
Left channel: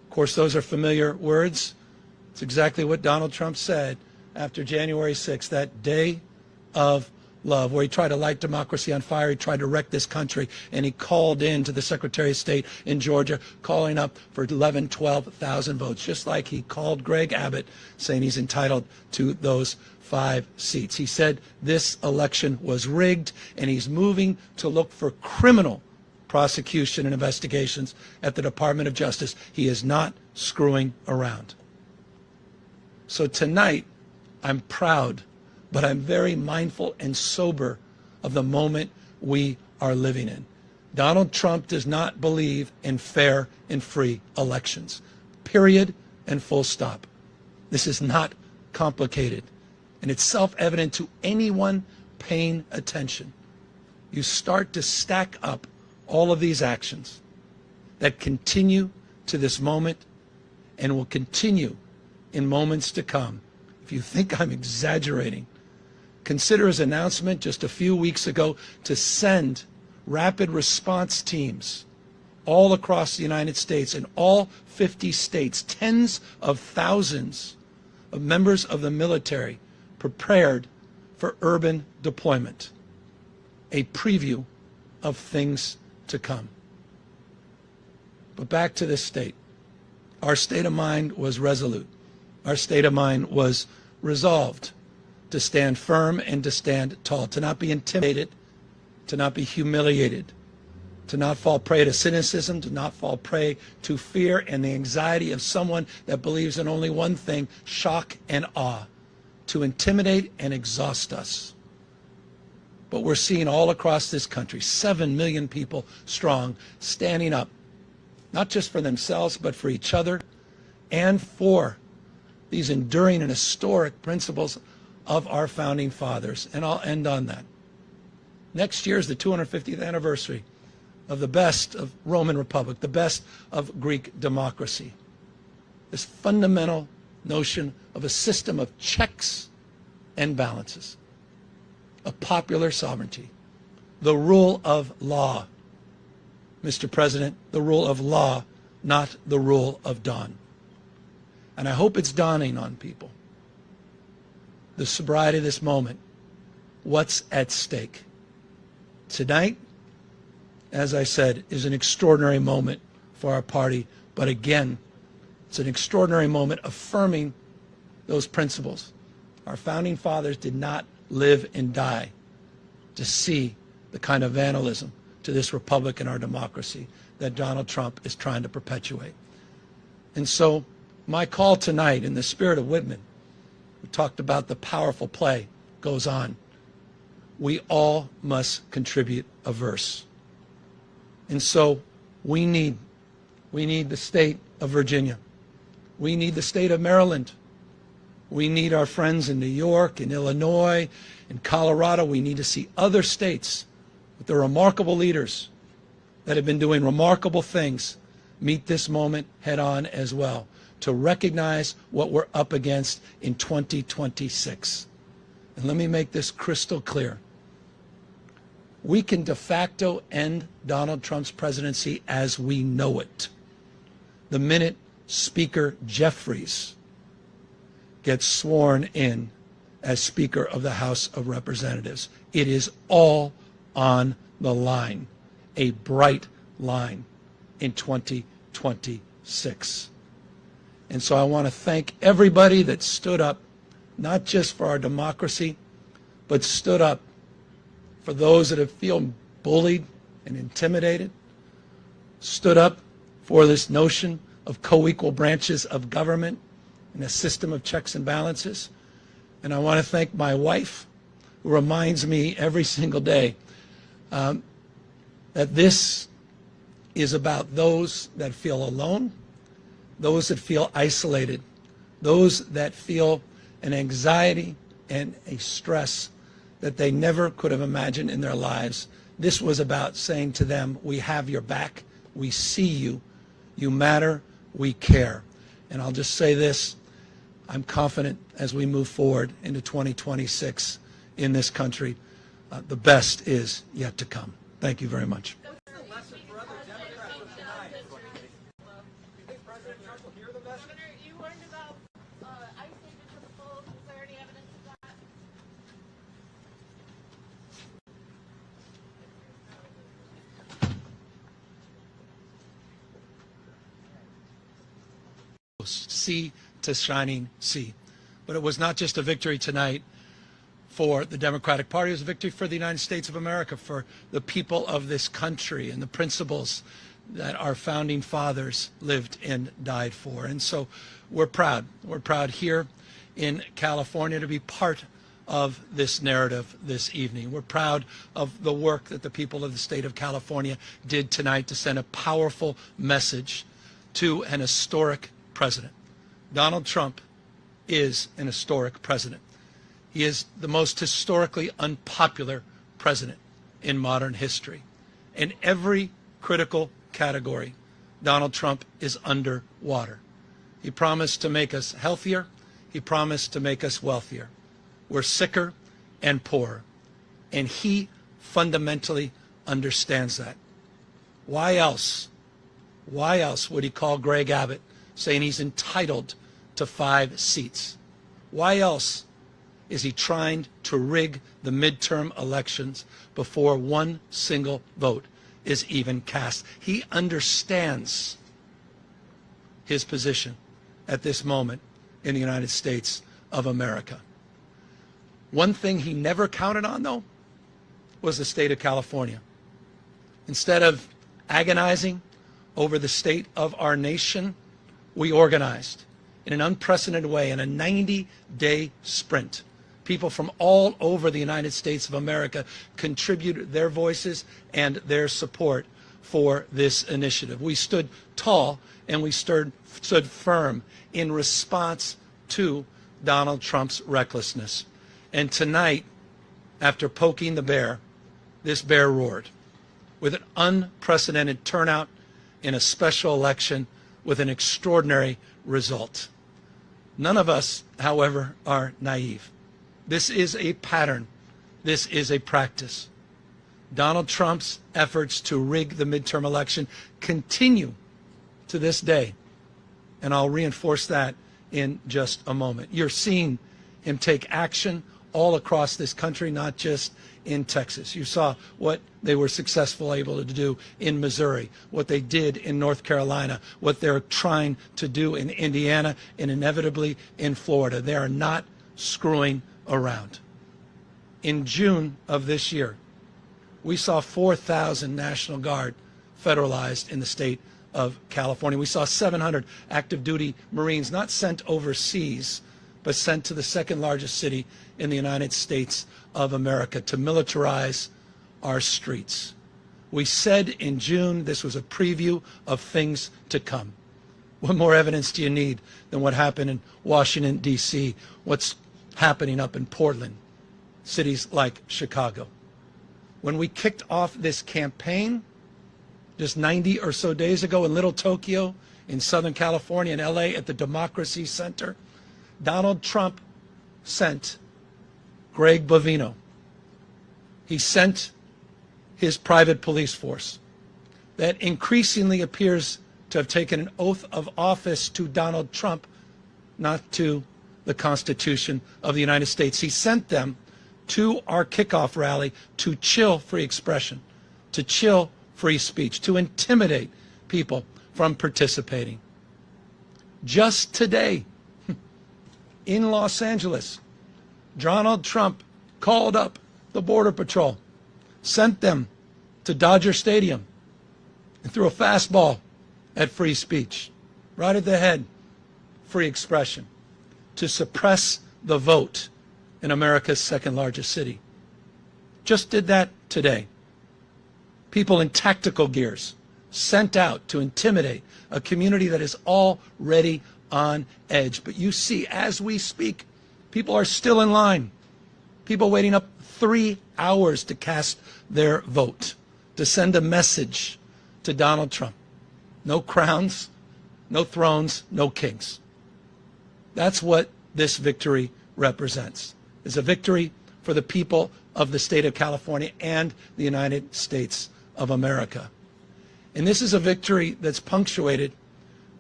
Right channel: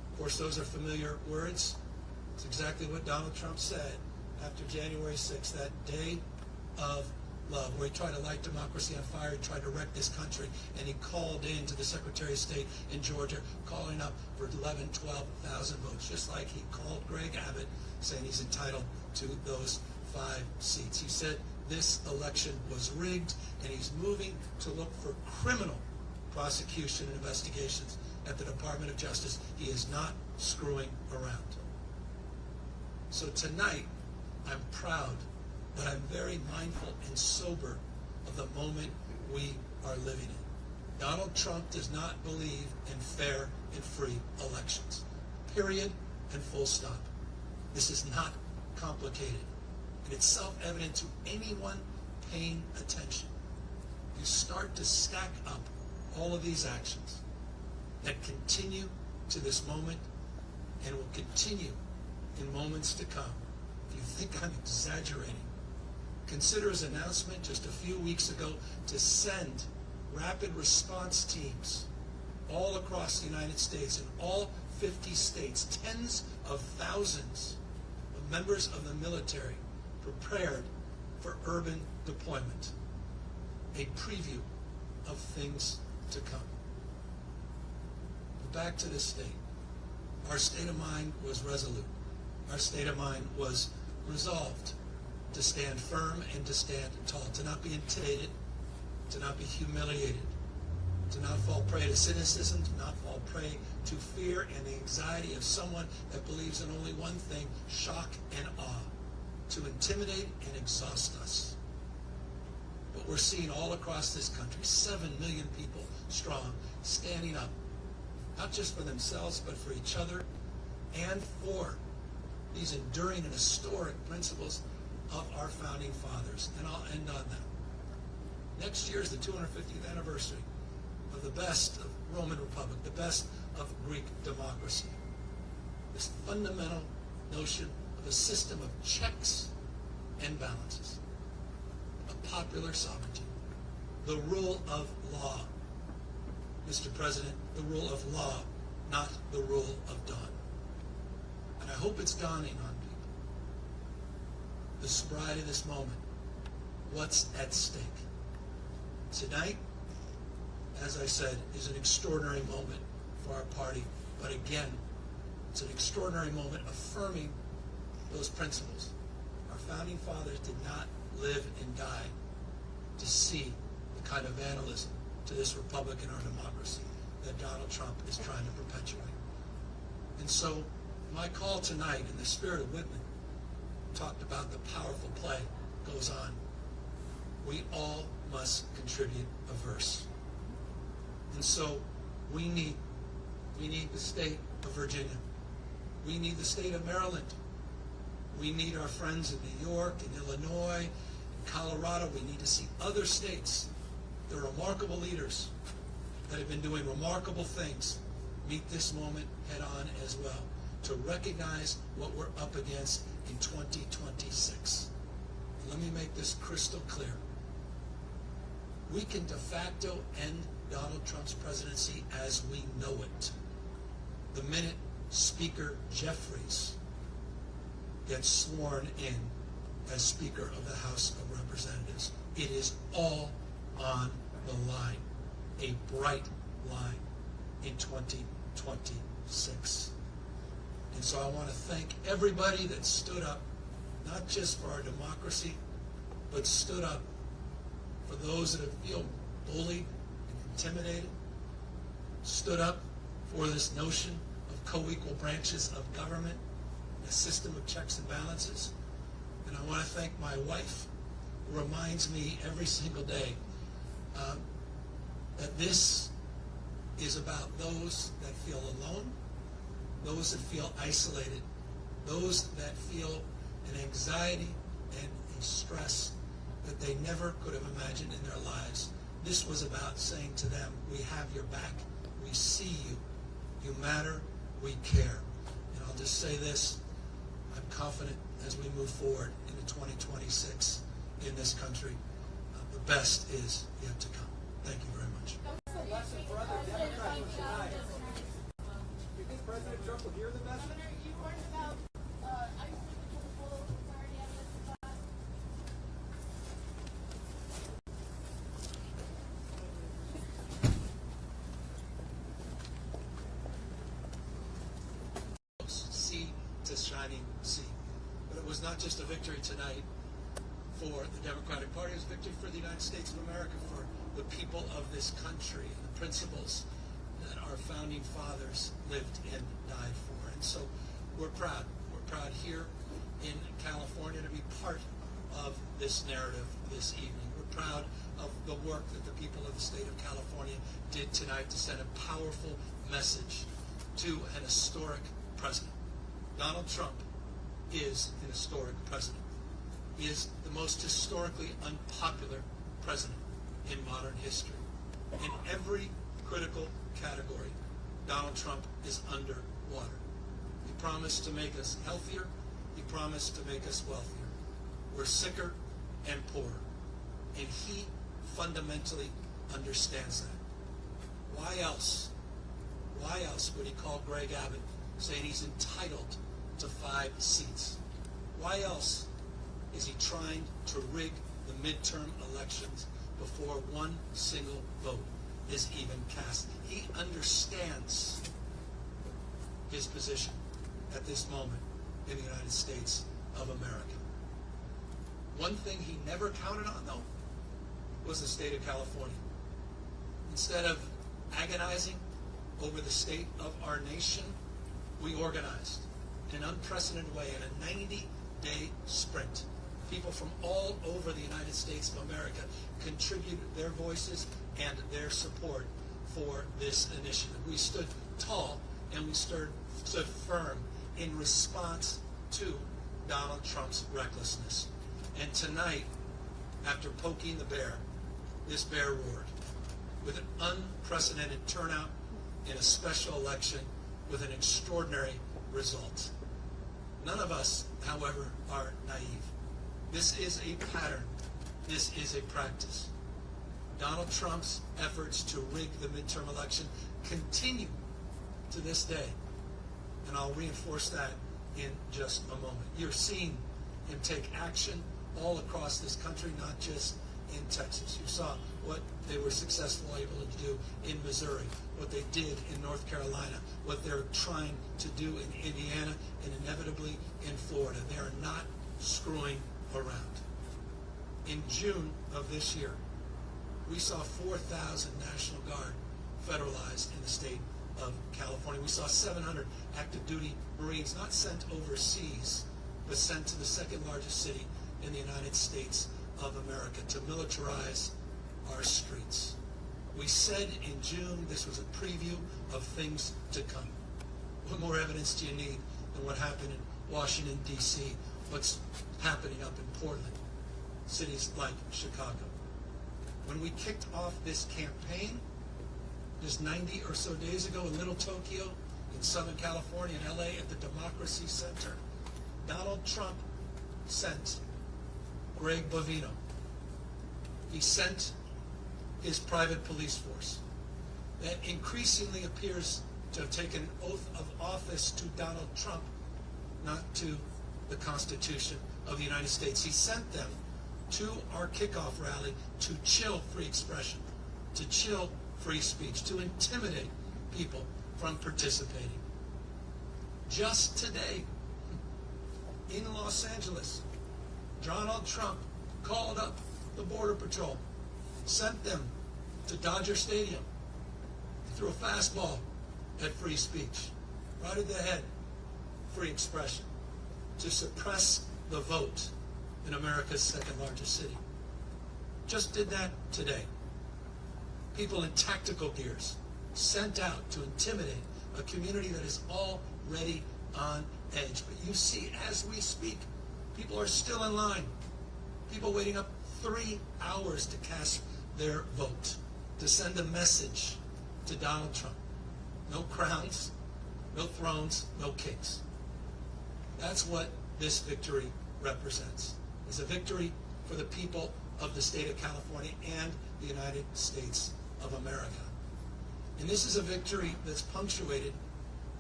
course, those are familiar words. It's exactly what Donald Trump said after January 6th, that day of love, where he tried to light democracy on fire. He tried to wreck this country, and he called in to the Secretary of State in Georgia, calling up for 11, 12,000 votes, just like he called Greg Abbott, saying he's entitled to those 5 seats. He said this election was rigged, and he's moving to look for criminal prosecution and investigations at the Department of Justice. He is not screwing around. So tonight, I'm proud, but I'm very mindful and sober of the moment we are living in. Donald Trump does not believe in fair and free elections. Period and full stop. This is not complicated, and it's self-evident to anyone paying attention. You start to stack up all of these actions that continue to this moment and will continue in moments to come. If you think I'm exaggerating, consider his announcement just a few weeks ago to send rapid response teams all across the United States, in all 50 states, tens of thousands of members of the military prepared for urban deployment. A preview of things to come. But back to this state. Our state of mind was resolute. Our state of mind was resolved to stand firm and to stand tall, to not be intimidated, to not be humiliated, to not fall prey to cynicism, to not fall prey to fear and the anxiety of someone that believes in only one thing, shock and awe, to intimidate and exhaust us. But we're seeing all across this country, 7 million people strong, standing up, not just for themselves, but for each other and for these enduring and historic principles of our founding fathers. And I'll end on that. Next year is the 250th anniversary of the best of Roman Republic, the best of Greek democracy. This fundamental notion of a system of checks and balances, of popular sovereignty, the rule of law. Mr. President, the rule of law, not the rule of dawn. And I hope it's dawning on people, the sobriety of this moment, what's at stake. Tonight, as I said, is an extraordinary moment for our party, but again, it's an extraordinary moment affirming those principles. Our founding fathers did not live and die to see the kind of vandalism to this republic and our democracy that Donald Trump is trying to perpetuate. And so my call tonight, in the spirit of Whitman, we talked about the powerful play goes on. We all must contribute a verse. And so we need the state of Virginia. We need the state of Maryland. We need our friends in New York and Illinois and Colorado. We need to see other states with their remarkable leaders that have been doing remarkable things meet this moment head on as well, to recognize what we're up against in 2026. And let me make this crystal clear. We can de facto end Donald Trump's presidency as we know it the minute Speaker Jeffries gets sworn in as Speaker of the House of Representatives. It is all on the line, a bright line in 2026. And so I want to thank everybody that stood up, not just for our democracy, but stood up for those that have feel bullied and intimidated, stood up for this notion of co-equal branches of government and a system of checks and balances. And I want to thank my wife, who reminds me every single day that this is about those that feel alone, those that feel isolated, those that feel an anxiety and a stress that they never could have imagined in their lives. This was about saying to them, we have your back, we see you, you matter, we care. And I'll just say this, I'm confident as we move forward into 2026 in this country, the best is yet to come. Thank you very much. What's the lesson for other Democrats of tonight? Do you think President Trump Trump will hear the message? Governor, you warned about ICE taking to the polls. Is there any evidence of that? Sea to shining sea. But it was not just a victory tonight for the Democratic Party, it was a victory for the United States of America, for the people of this country and the principles that our founding fathers lived and died for. And so we're proud. We're proud here in California to be part of this narrative this evening. We're proud of the work that the people of the state of California did tonight to send a powerful message to an historic president. Donald Trump is an historic president. He is the most historically unpopular president in modern history. In every critical category, Donald Trump is underwater. He promised to make us healthier. He promised to make us wealthier. We're sicker and poorer. And he fundamentally understands that. Why else would he call Greg Abbott saying he's entitled to 5 seats? Why else is he trying to rig the midterm elections before one single vote is even cast? He understands his position at this moment in the United States of America. One thing he never counted on, though, was the state of California. Instead of agonizing over the state of our nation, we organized in an unprecedented way in a 90-day sprint. People from all over the United States of America contributed their voices and their support for this initiative. We stood tall and we stood firm in response to Donald Trump's recklessness. And tonight, after poking the bear, this bear roared with an unprecedented turnout in a special election with an extraordinary result. None of us, however, are naive. This is a pattern. This is a practice. Donald Trump's efforts to rig the midterm election continue to this day. And I'll reinforce that in just a moment. You're seeing him take action all across this country, not just in Texas. You saw what they were successful able to do in Missouri, what they did in North Carolina, what they're trying to do in Indiana, and inevitably in Florida. They are not screwing around. In June of this year, we saw 4,000 National Guard federalized in the state of California. We saw 700 active duty Marines not sent overseas, but sent to the second largest city in the United States of America to militarize our streets. We said in June this was a preview of things to come. What more evidence do you need than what happened in Washington, D.C., what's happening up in Portland, cities like Chicago? When we kicked off this campaign just 90 or so days ago in Little Tokyo, in Southern California, in L.A. at the Democracy Center, Donald Trump sent Greg Bovino. He sent his private police force that increasingly appears to have taken an oath of office to Donald Trump, not to the Constitution of the United States. He sent them to our kickoff rally to chill free expression, to chill free speech, to intimidate people from participating. Just today, in Los Angeles, Donald Trump called up the Border Patrol, sent them to Dodger Stadium, and threw a fastball at free speech, right at the head, free expression, to suppress the vote in America's second largest city. Just did that today. People in tactical gears sent out to intimidate a community that is already on edge. But you see, as we speak, people are still in line. People waiting up 3 hours to cast their vote, to send a message to Donald Trump. No crowns, no thrones, no kings. That's what this victory represents. It's a victory for the people of the state of California and the United States of America. And this is a victory that's punctuated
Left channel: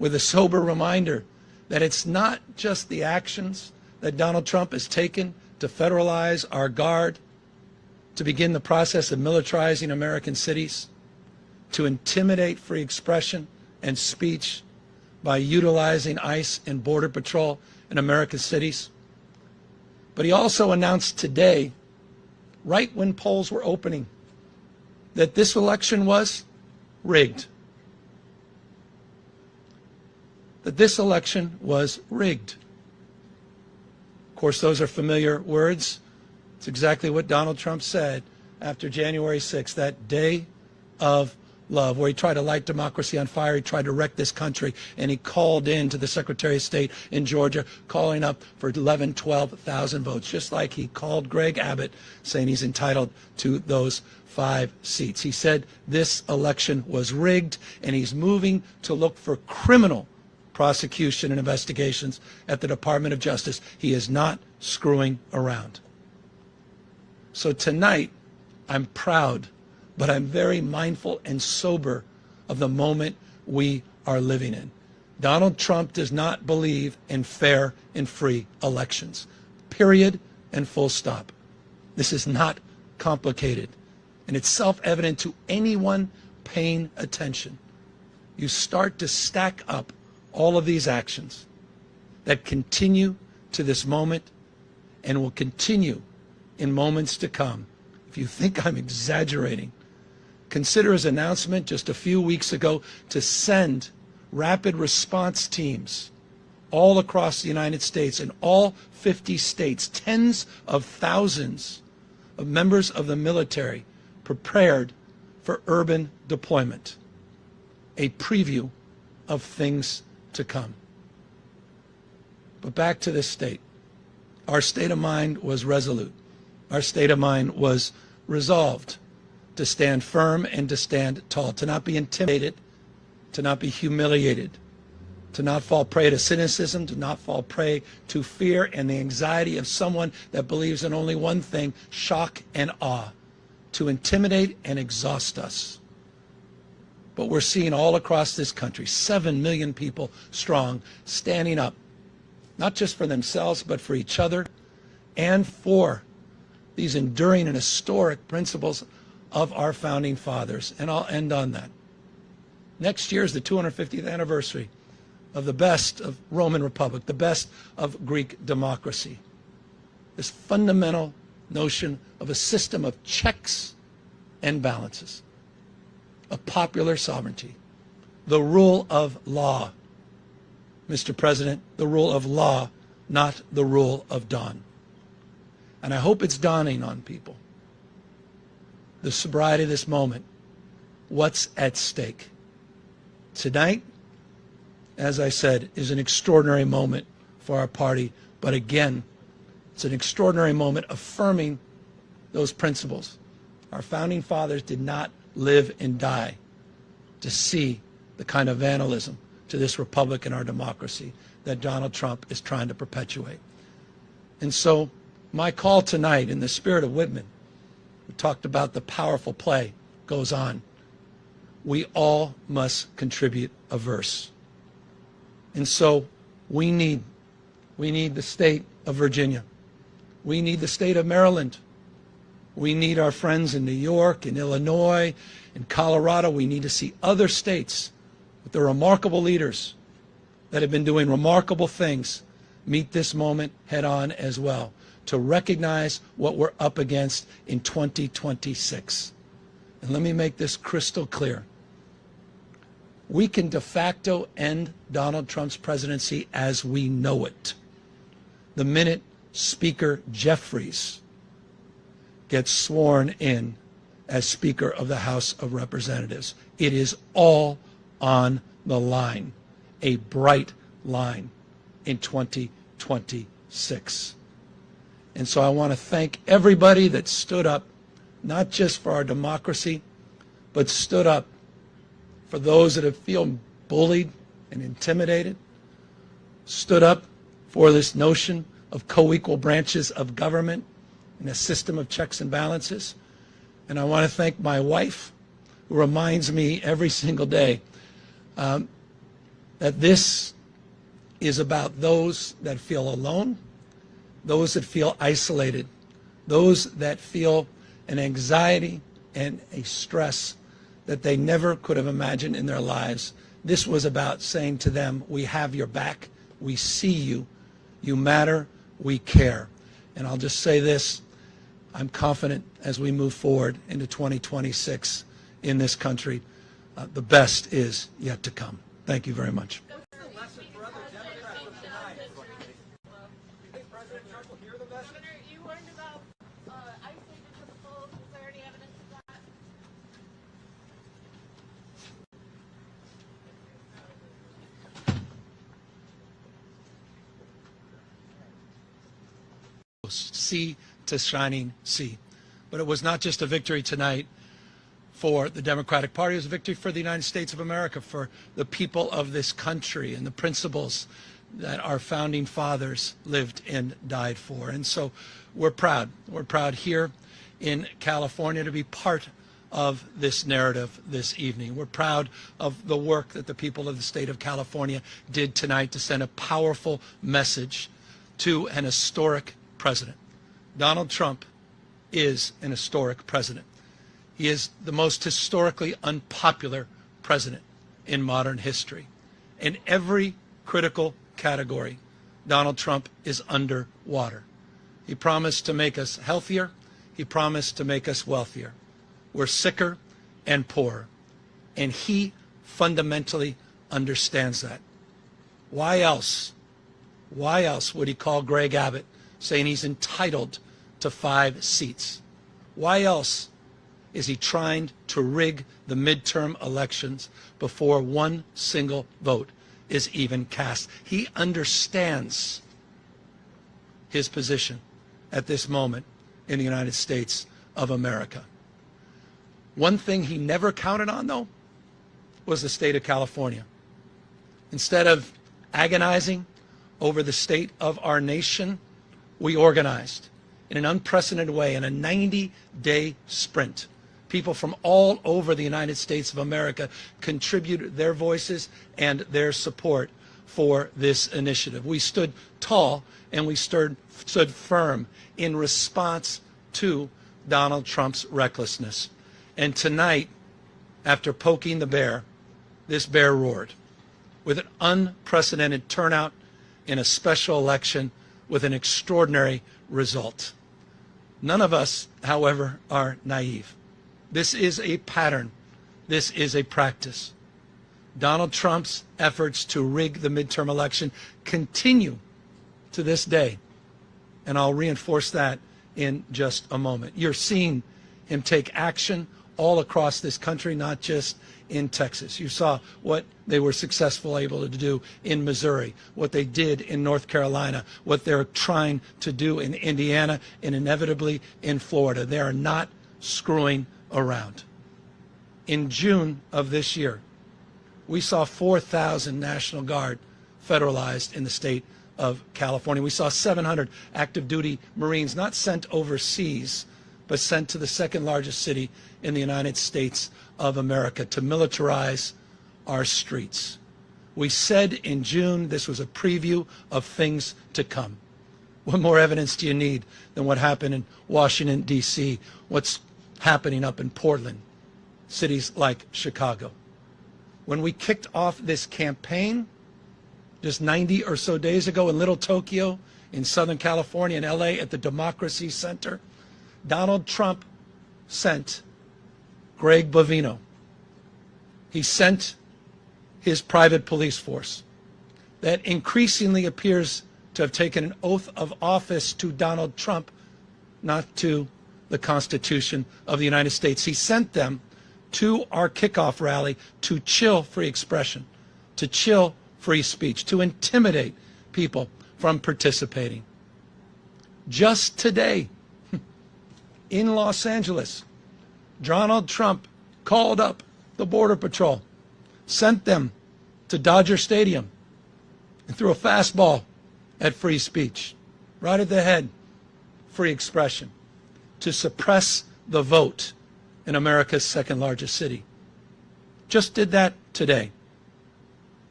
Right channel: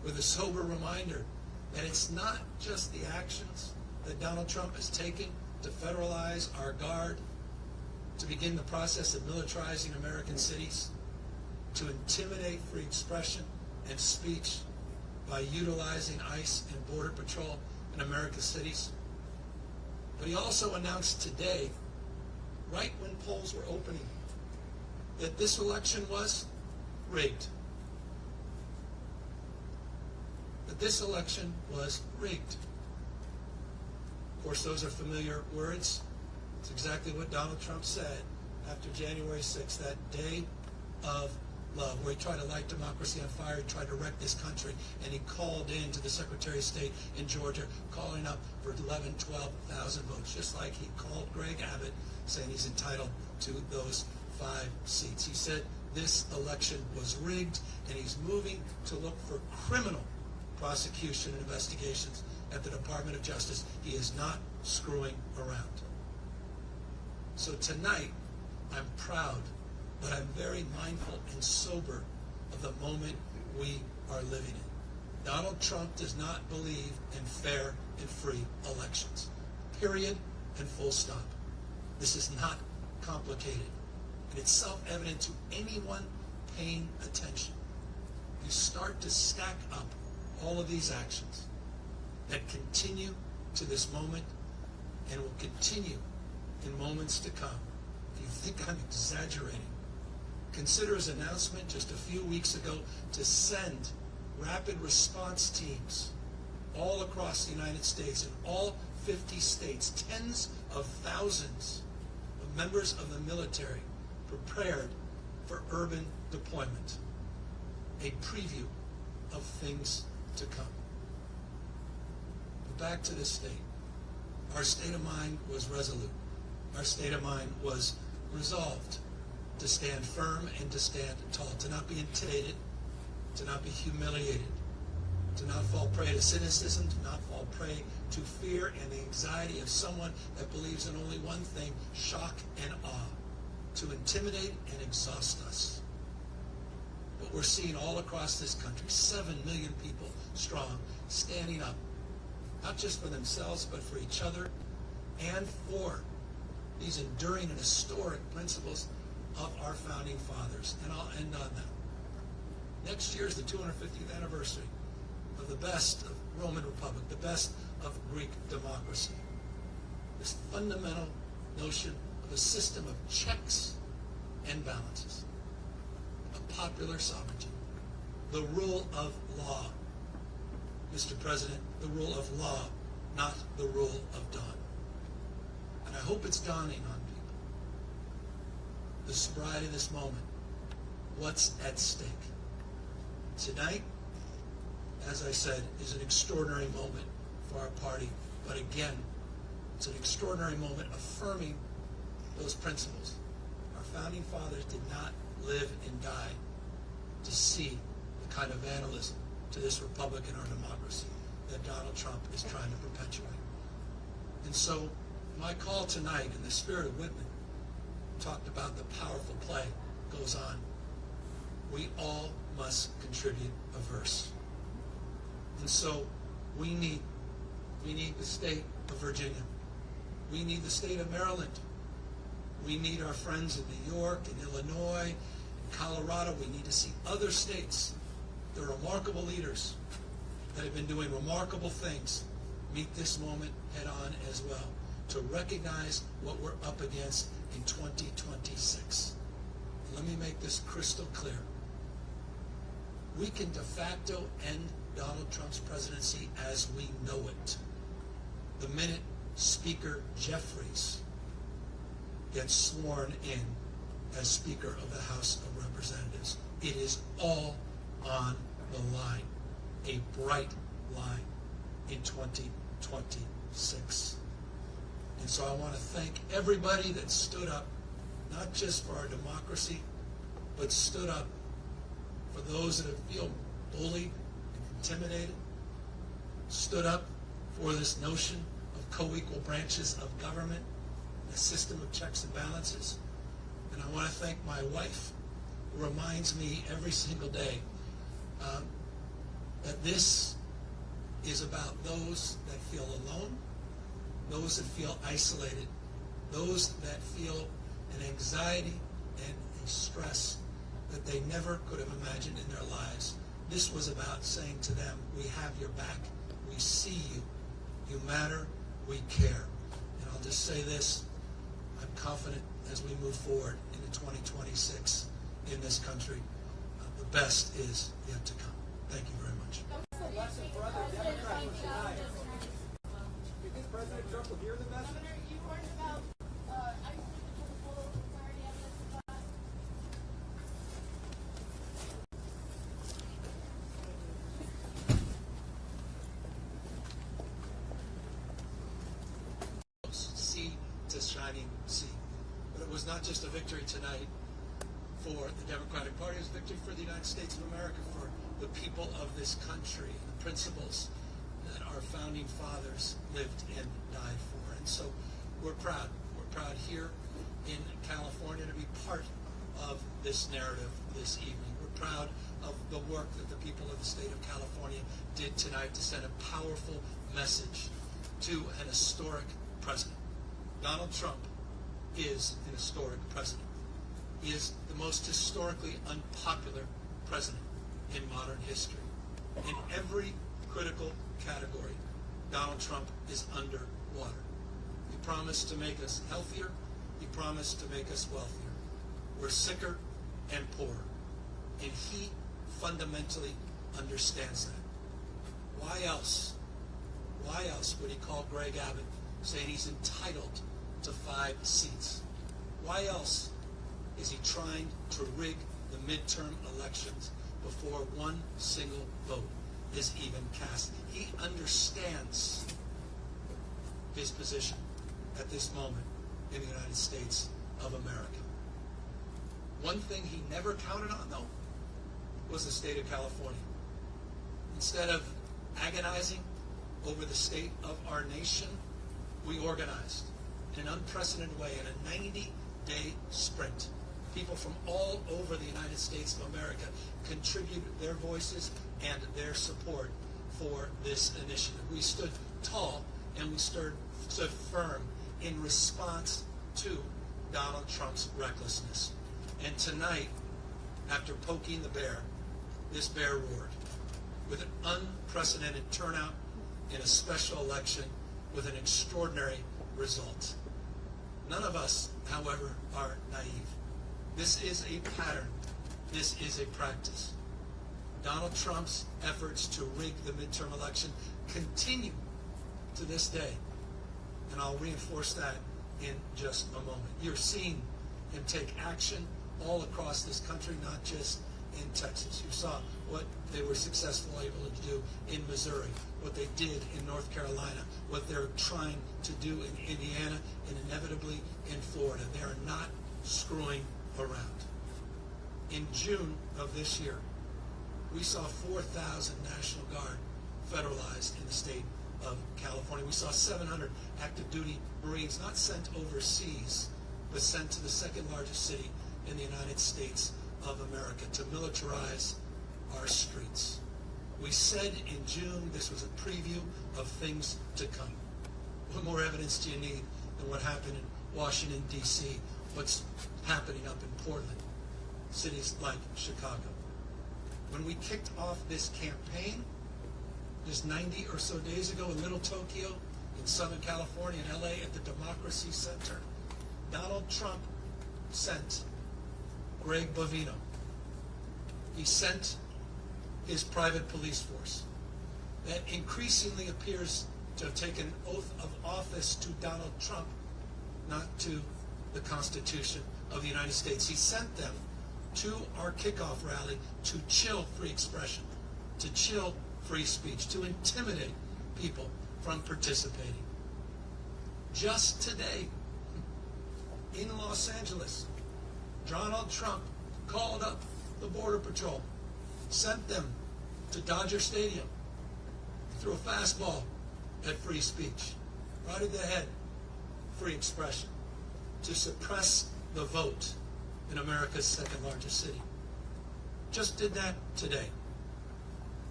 with a sober reminder that it's not just the actions that Donald Trump has taken to federalize our guard, to begin the process of militarizing American cities, to intimidate free expression and speech by utilizing ICE and Border Patrol in American cities. But he also announced today, right when polls were opening, that this election was rigged. That this election was rigged. Of course, those are familiar words. It's exactly what Donald Trump said after January 6th, that day of love, where he tried to light democracy on fire. He tried to wreck this country, and he called in to the Secretary of State in Georgia, calling up for 11, 12,000 votes, just like he called Greg Abbott, saying he's entitled to those 5 seats. He said this election was rigged, and he's moving to look for criminal prosecution and investigations at the Department of Justice. He is not screwing around. So tonight, I'm proud, but I'm very mindful and sober of the moment we are living in. Donald Trump does not believe in fair and free elections. Period and full stop. This is not complicated, and it's self-evident to anyone paying attention. You start to stack up all of these actions that continue to this moment and will continue in moments to come. If you think I'm exaggerating, consider his announcement just a few weeks ago to send rapid response teams all across the United States, in all 50 states, tens of thousands of members of the military prepared for urban deployment. A preview of things to come. But back to this state. Our state of mind was resolute. Our state of mind was resolved to stand firm and to stand tall, to not be intimidated, to not be humiliated, to not fall prey to cynicism, to not fall prey to fear and the anxiety of someone that believes in only one thing, shock and awe, to intimidate and exhaust us. But we're seeing all across this country, 7 million people strong, standing up, not just for themselves, but for each other and for these enduring and historic principles of our founding fathers. And I'll end on that. Next year is the 250th anniversary of the best of Roman Republic, the best of Greek democracy. This fundamental notion of a system of checks and balances, of popular sovereignty, the rule of law. Mr. President, the rule of law, not the rule of dawn. And I hope it's dawning on people, the sobriety of this moment, what's at stake. Tonight, as I said, is an extraordinary moment for our party, but again, it's an extraordinary moment affirming those principles. Our founding fathers did not live and die to see the kind of vandalism to this republic and our democracy that Donald Trump is trying to perpetuate. And so my call tonight, in the spirit of Whitman, we talked about the powerful play, goes on. We all must contribute a verse. And so we need the state of Virginia. We need the state of Maryland. We need our friends in New York and Illinois and Colorado. We need to see other states with their remarkable leaders that have been doing remarkable things meet this moment head on as well, to recognize what we're up against in 2026. And let me make this crystal clear. We can de facto end Donald Trump's presidency as we know it the minute Speaker Jeffries gets sworn in as Speaker of the House of Representatives. It is all on the line, a bright line in 2026. And so I want to thank everybody that stood up, not just for our democracy, but stood up for those that have feel bullied and intimidated, stood up for this notion of co-equal branches of government and a system of checks and balances. And I want to thank my wife, who reminds me every single day that that this is about those that feel alone, those that feel isolated, those that feel an anxiety and a stress that they never could have imagined in their lives. This was about saying to them, we have your back, we see you, you matter, we care. And I'll just say this, I'm confident as we move forward into 2026 in this country, the best is yet to come. Thank you very much. What's the lesson for other Democrats from tonight? Do you think President Trump will hear the message? Governor, you warned about isolated principles. Is there any evidence of that? Sea to shining sea. But it was not just a victory tonight for the Democratic Party, it was a victory for the United States of America, for the people of this country and the principles that our founding fathers lived and died for. And so we're proud. We're proud here in California to be part of this narrative this evening. We're proud of the work that the people of the state of California did tonight to send a powerful message to an historic president. Donald Trump is an historic president. He is the most historically unpopular president in modern history. In every critical category, Donald Trump is underwater. He promised to make us healthier. He promised to make us wealthier. We're sicker and poorer. And he fundamentally understands that. Why else would he call Greg Abbott saying he's entitled to 5 seats? Why else is he trying to rig the midterm elections before one single vote is even cast? He understands his position at this moment in the United States of America. One thing he never counted on, though, was the state of California. Instead of agonizing over the state of our nation, we organized in an unprecedented way in a 90-day sprint. People from all over the United States of America contributed their voices and their support for this initiative. We stood tall and we stood firm in response to Donald Trump's recklessness. And tonight, after poking the bear, this bear roared with an unprecedented turnout in a special election with an extraordinary result. None of us, however, are naive. This is a pattern. This is a practice. Donald Trump's efforts to rig the midterm election continue to this day. And I'll reinforce that in just a moment. You're seeing him take action all across this country, not just in Texas. You saw what they were successful able to do in Missouri, what they did in North Carolina, what they're trying to do in Indiana, and inevitably in Florida. They are not screwing around. In June of this year, we saw 4,000 National Guard federalized in the state of California. We saw 700 active duty Marines not sent overseas, but sent to the second largest city in the United States of America to militarize our streets. We said in June this was a preview of things to come. What more evidence do you need than what happened in Washington, D.C., what's happening up in Portland, cities like Chicago? When we kicked off this campaign just 90 or so days ago in Little Tokyo, in Southern California, in LA, at the Democracy Center, Donald Trump sent Greg Bovino. He sent his private police force that increasingly appears to have taken an oath of office to Donald Trump, not to the Constitution of the United States. He sent them to our kickoff rally to chill free expression, to chill free speech, to intimidate people from participating. Just today, in Los Angeles, Donald Trump called up the Border Patrol, sent them to Dodger Stadium, and threw a fastball at free speech, right at the head, free expression, to suppress the vote in America's second largest city. Just did that today.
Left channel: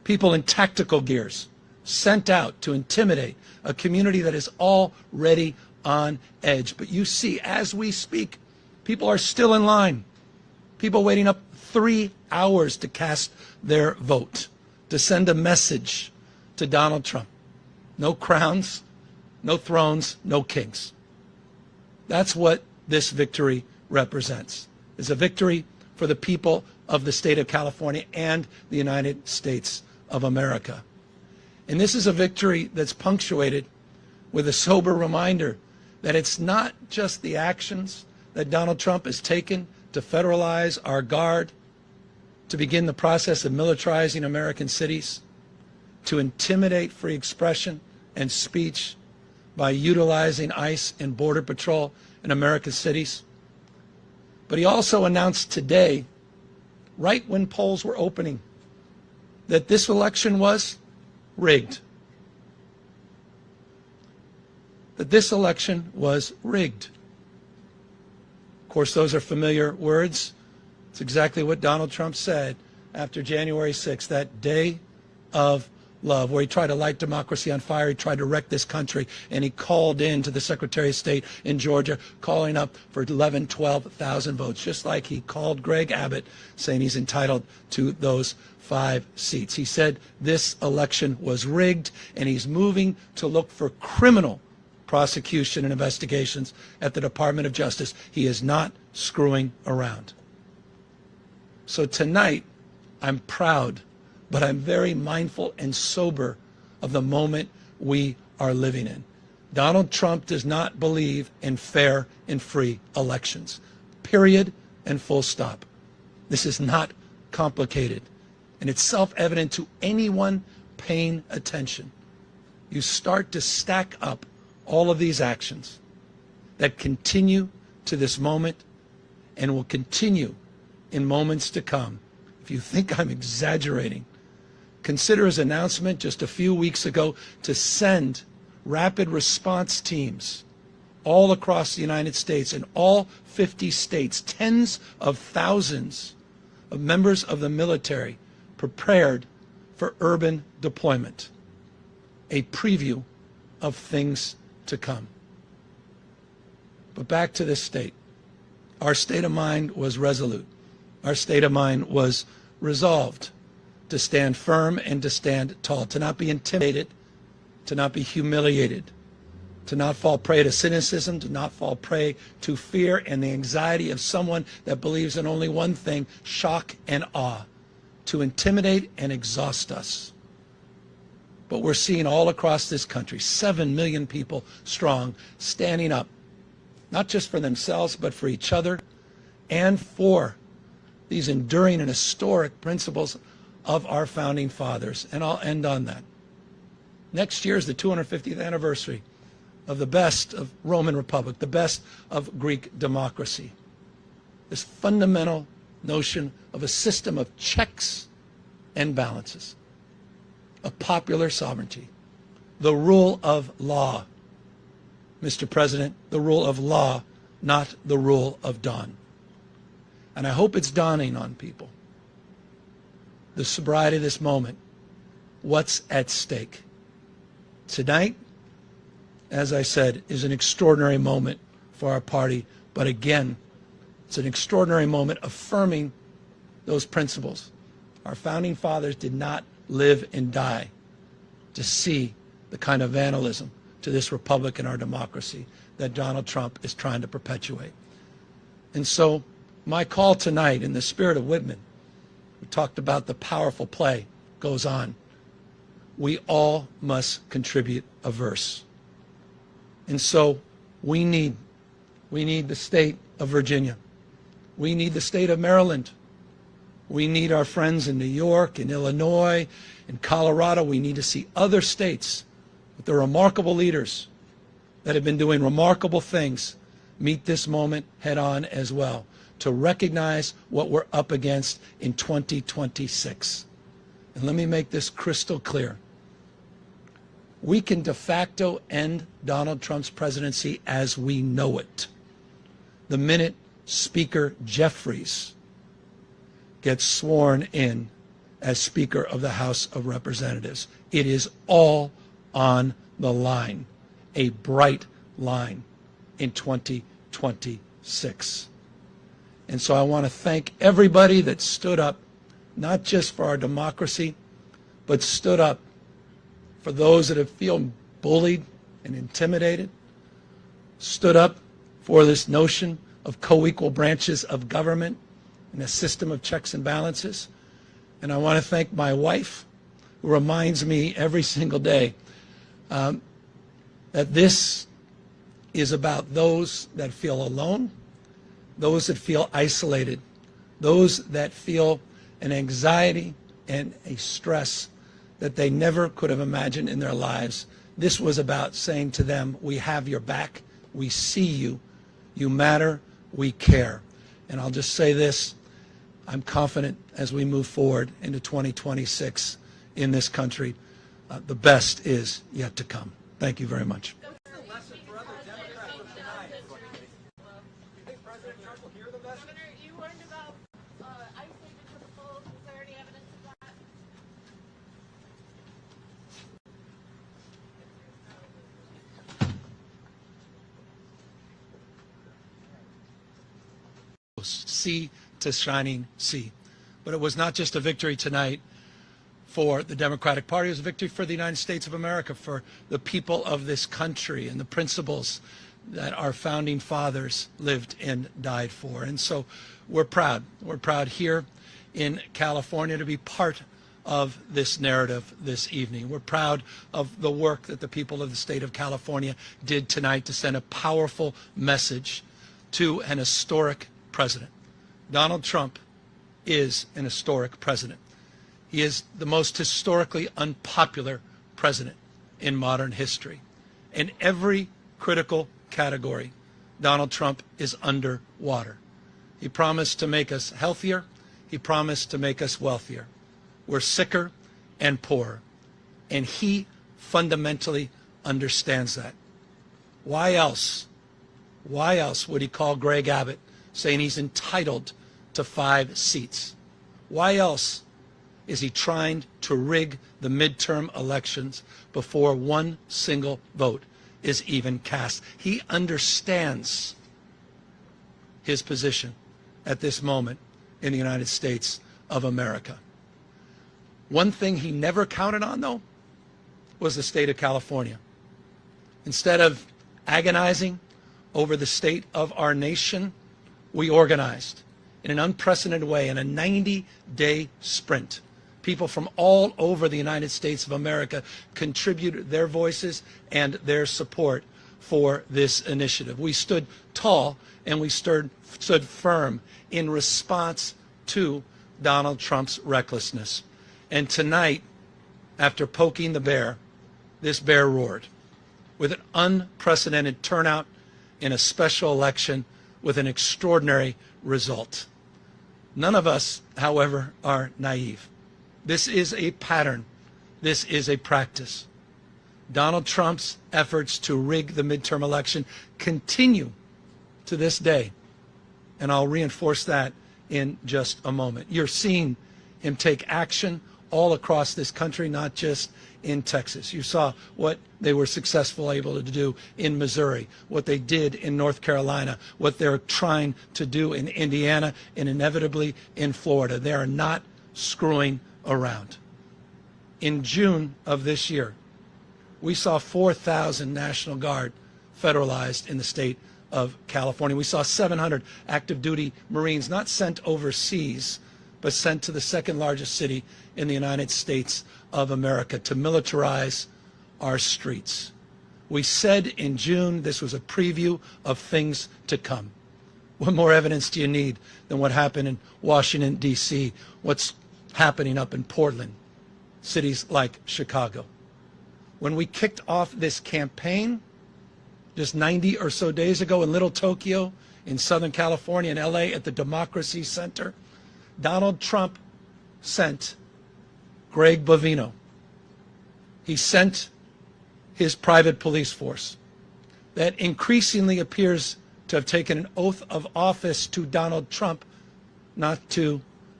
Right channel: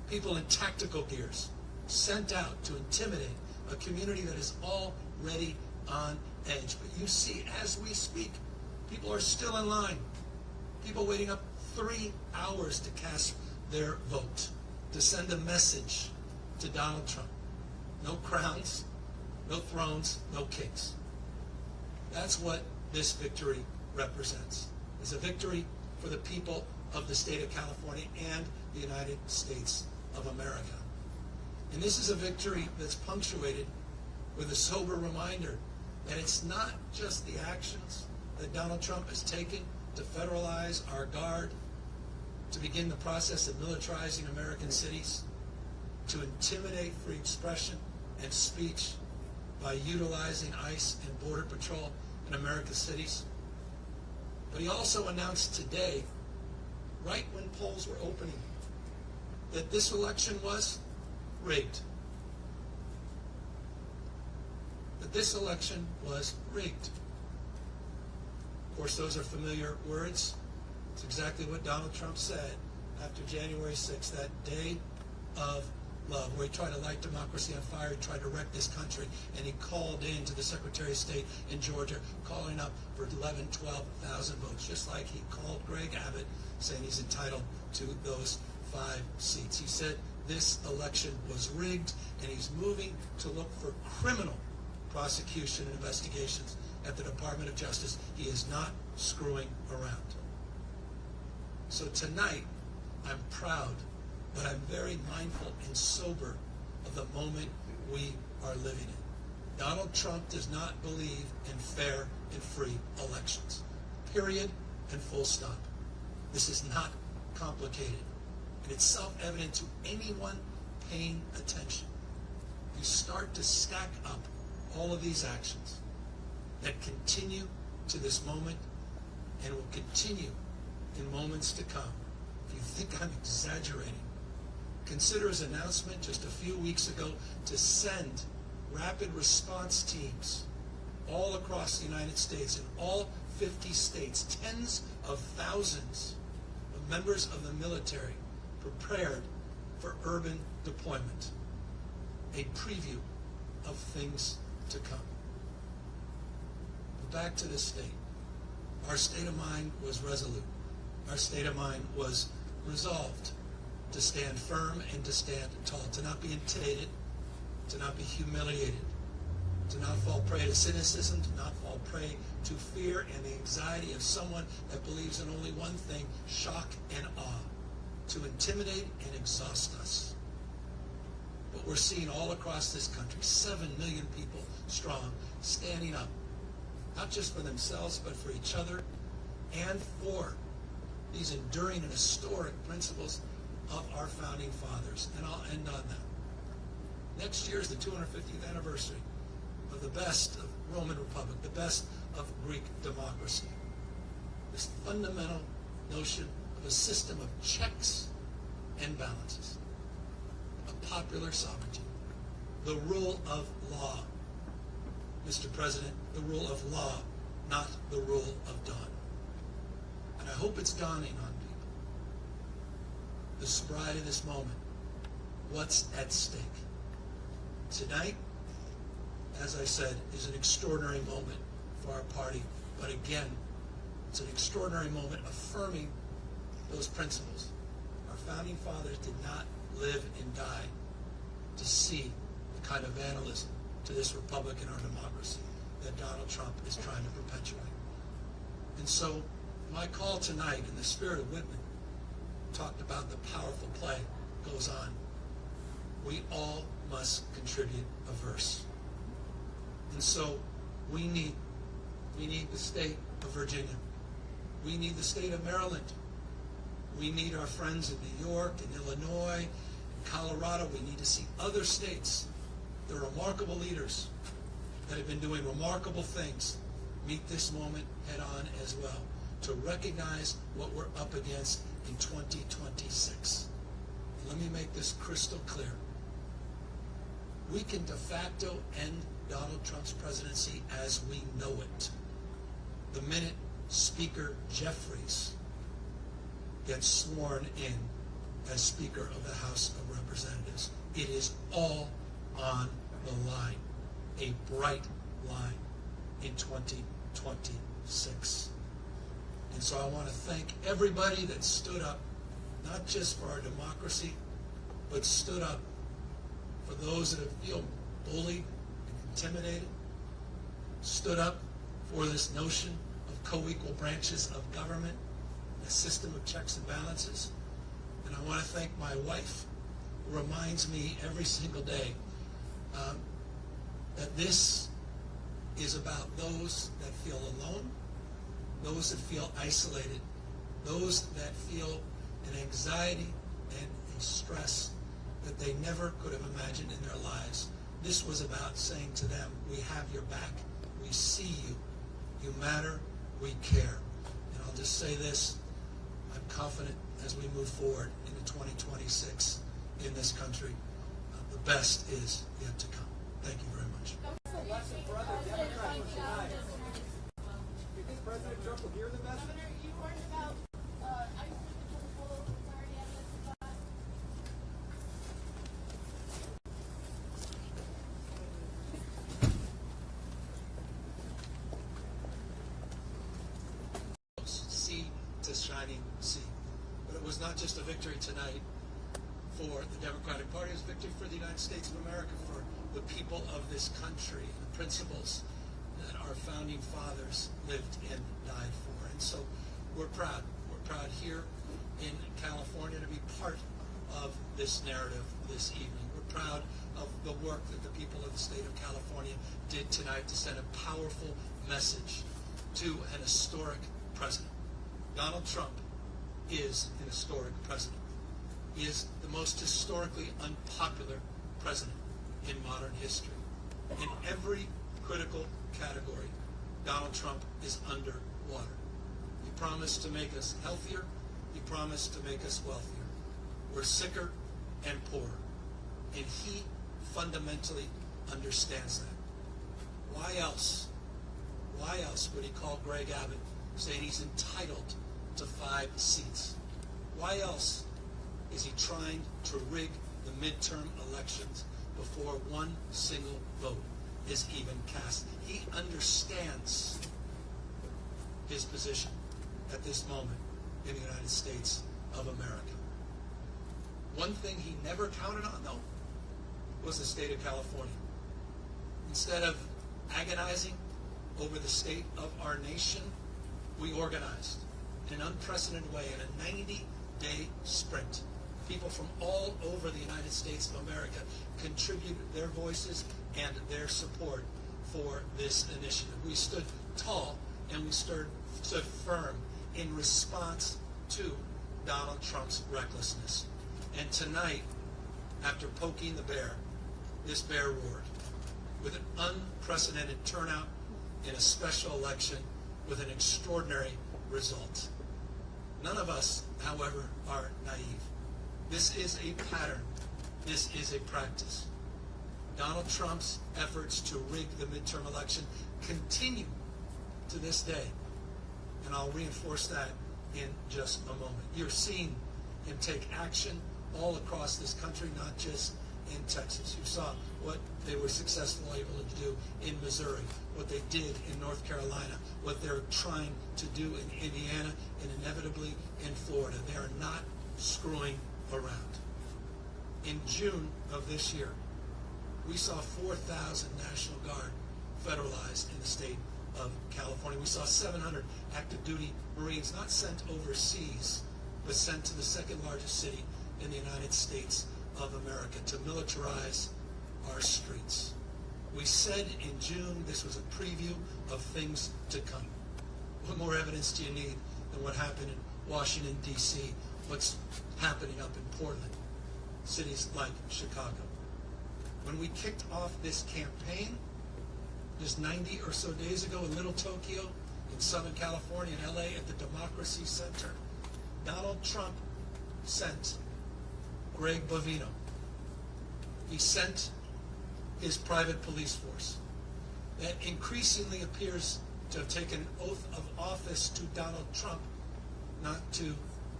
people in tactical gears sent out to intimidate a community that is already on edge. But you see, as we speak, people are still in line. People waiting up 3 hours to cast their vote, to send a message to Donald Trump. No crowns, no thrones, no kings. That's what this victory represents. It's a victory for the people of the state of California and the United States of America. And this is a victory that's punctuated with a sober reminder that it's not just the actions that Donald Trump has taken to federalize our guard, to begin the process of militarizing American cities, to intimidate free expression and speech by utilizing ICE and Border Patrol in American cities. But he also announced today, right when polls were opening, that this election was rigged. That this election was rigged. Of course, those are familiar words. It's exactly what Donald Trump said after January 6th, that day of love, where he tried to light democracy on fire. He tried to wreck this country, and he called in to the Secretary of State in Georgia, calling up for 11, 12,000 votes, just like he called Greg Abbott, saying he's entitled to those 5 seats. He said this election was rigged, and he's moving to look for criminal prosecution and investigations at the Department of Justice. He is not screwing around. So tonight, I'm proud, but I'm very mindful and sober of the moment we are living in. Donald Trump does not believe in fair and free elections. Period and full stop. This is not complicated. And it's self-evident to anyone paying attention. You start to stack up all of these actions that continue to this moment and will continue in moments to come. If you think I'm exaggerating, consider his announcement just a few weeks ago to send rapid response teams all across the United States, in all 50 states, tens of thousands of members of the military prepared for urban deployment. A preview of things to come. But back to this state. Our state of mind was resolute. Our state of mind was resolved to stand firm and to stand tall, to not be intimidated, to not be humiliated, to not fall prey to cynicism, to not fall prey to fear and the anxiety of someone that believes in only one thing, shock and awe, to intimidate and exhaust us. But we're seeing all across this country, 7 million people strong, standing up, not just for themselves, but for each other and for these enduring and historic principles of our founding fathers. And I'll end on that. Next year is the 250th anniversary of the best of Roman Republic, the best of Greek democracy. This fundamental notion of a system of checks and balances, of popular sovereignty, the rule of law. Mr. President, the rule of law, not the rule of dawn. And I hope it's dawning on people, the sobriety of this moment, what's at stake. Tonight, as I said, is an extraordinary moment for our party, but again, it's an extraordinary moment affirming those principles. Our founding fathers did not live and die to see the kind of vandalism to this republic and our democracy that Donald Trump is trying to perpetuate. And so my call tonight, in the spirit of Whitman, we talked about the powerful play goes on. We all must contribute a verse. And so we need the state of Virginia. We need the state of Maryland. We need our friends in New York, in Illinois, in Colorado. We need to see other states with the remarkable leaders that have been doing remarkable things meet this moment head on as well, to recognize what we're up against in 2026. And let me make this crystal clear. We can de facto end Donald Trump's presidency as we know it the minute Speaker Jeffries gets sworn in as Speaker of the House of Representatives. It is all on the line, a bright line in 2026. And so I want to thank everybody that stood up, not just for our democracy, but stood up for those that have feel bullied and intimidated, stood up for this notion of co-equal branches of government and a system of checks and balances. And I want to thank my wife, who reminds me every single day that this is about those that feel alone, those that feel isolated, those that feel an anxiety and a stress that they never could have imagined in their lives. This was about saying to them, we have your back, we see you, you matter, we care. And I'll just say this, I'm confident as we move forward into 2026 in this country, the best is yet to come. Thank you very much. What's the lesson for other Democrats from tonight? Do you think President Trump will hear the message? Governor, you warned about ICE taking to the polls. Is there any evidence of that? Sea to shining sea. But it was not just a victory tonight for the Democratic Party, it was a victory for the United States of America, for the people of this country and the principles that our founding fathers lived and died for. And so we're proud. We're proud here in California to be part of this narrative this evening. We're proud of the work that the people of the state of California did tonight to send a powerful message to an historic president. Donald Trump is an historic president. He is the most historically unpopular president in modern history. In every critical category, Donald Trump is underwater. He promised to make us healthier. He promised to make us wealthier. We're sicker and poorer. And he fundamentally understands that. Why else would he call Greg Abbott saying he's entitled to 5 seats? Why else is he trying to rig the midterm elections before one single vote is even cast? He understands his position at this moment in the United States of America. One thing he never counted on, though, was the state of California. Instead of agonizing over the state of our nation, we organized in an unprecedented way in a 90-day sprint. People from all over the United States of America contributed their voices and their support for this initiative. We stood tall and we stood firm in response to Donald Trump's recklessness. And tonight, after poking the bear, this bear roared with an unprecedented turnout in a special election with an extraordinary result. None of us, however, are naive. This is a pattern. This is a practice. Donald Trump's efforts to rig the midterm election continue to this day. And I'll reinforce that in just a moment. You're seeing him take action all across this country, not just in Texas. You saw what they were successful able to do in Missouri, what they did in North Carolina, what they're trying to do in Indiana, and inevitably in Florida. They are not screwing around. In June of this year, we saw 4,000 National Guard federalized in the state of California. We saw 700 active duty Marines not sent overseas, but sent to the second largest city in the United States of America to militarize our streets. We said in June this was a preview of things to come. What more evidence do you need than what happened in Washington, D.C., what's happening up in Portland, cities like Chicago? When we kicked off this campaign just 90 or so days ago in Little Tokyo, in Southern California, in L.A., at the Democracy Center, Donald Trump sent Greg Bovino. He sent his private police force that increasingly appears to have taken an oath of office to Donald Trump, not to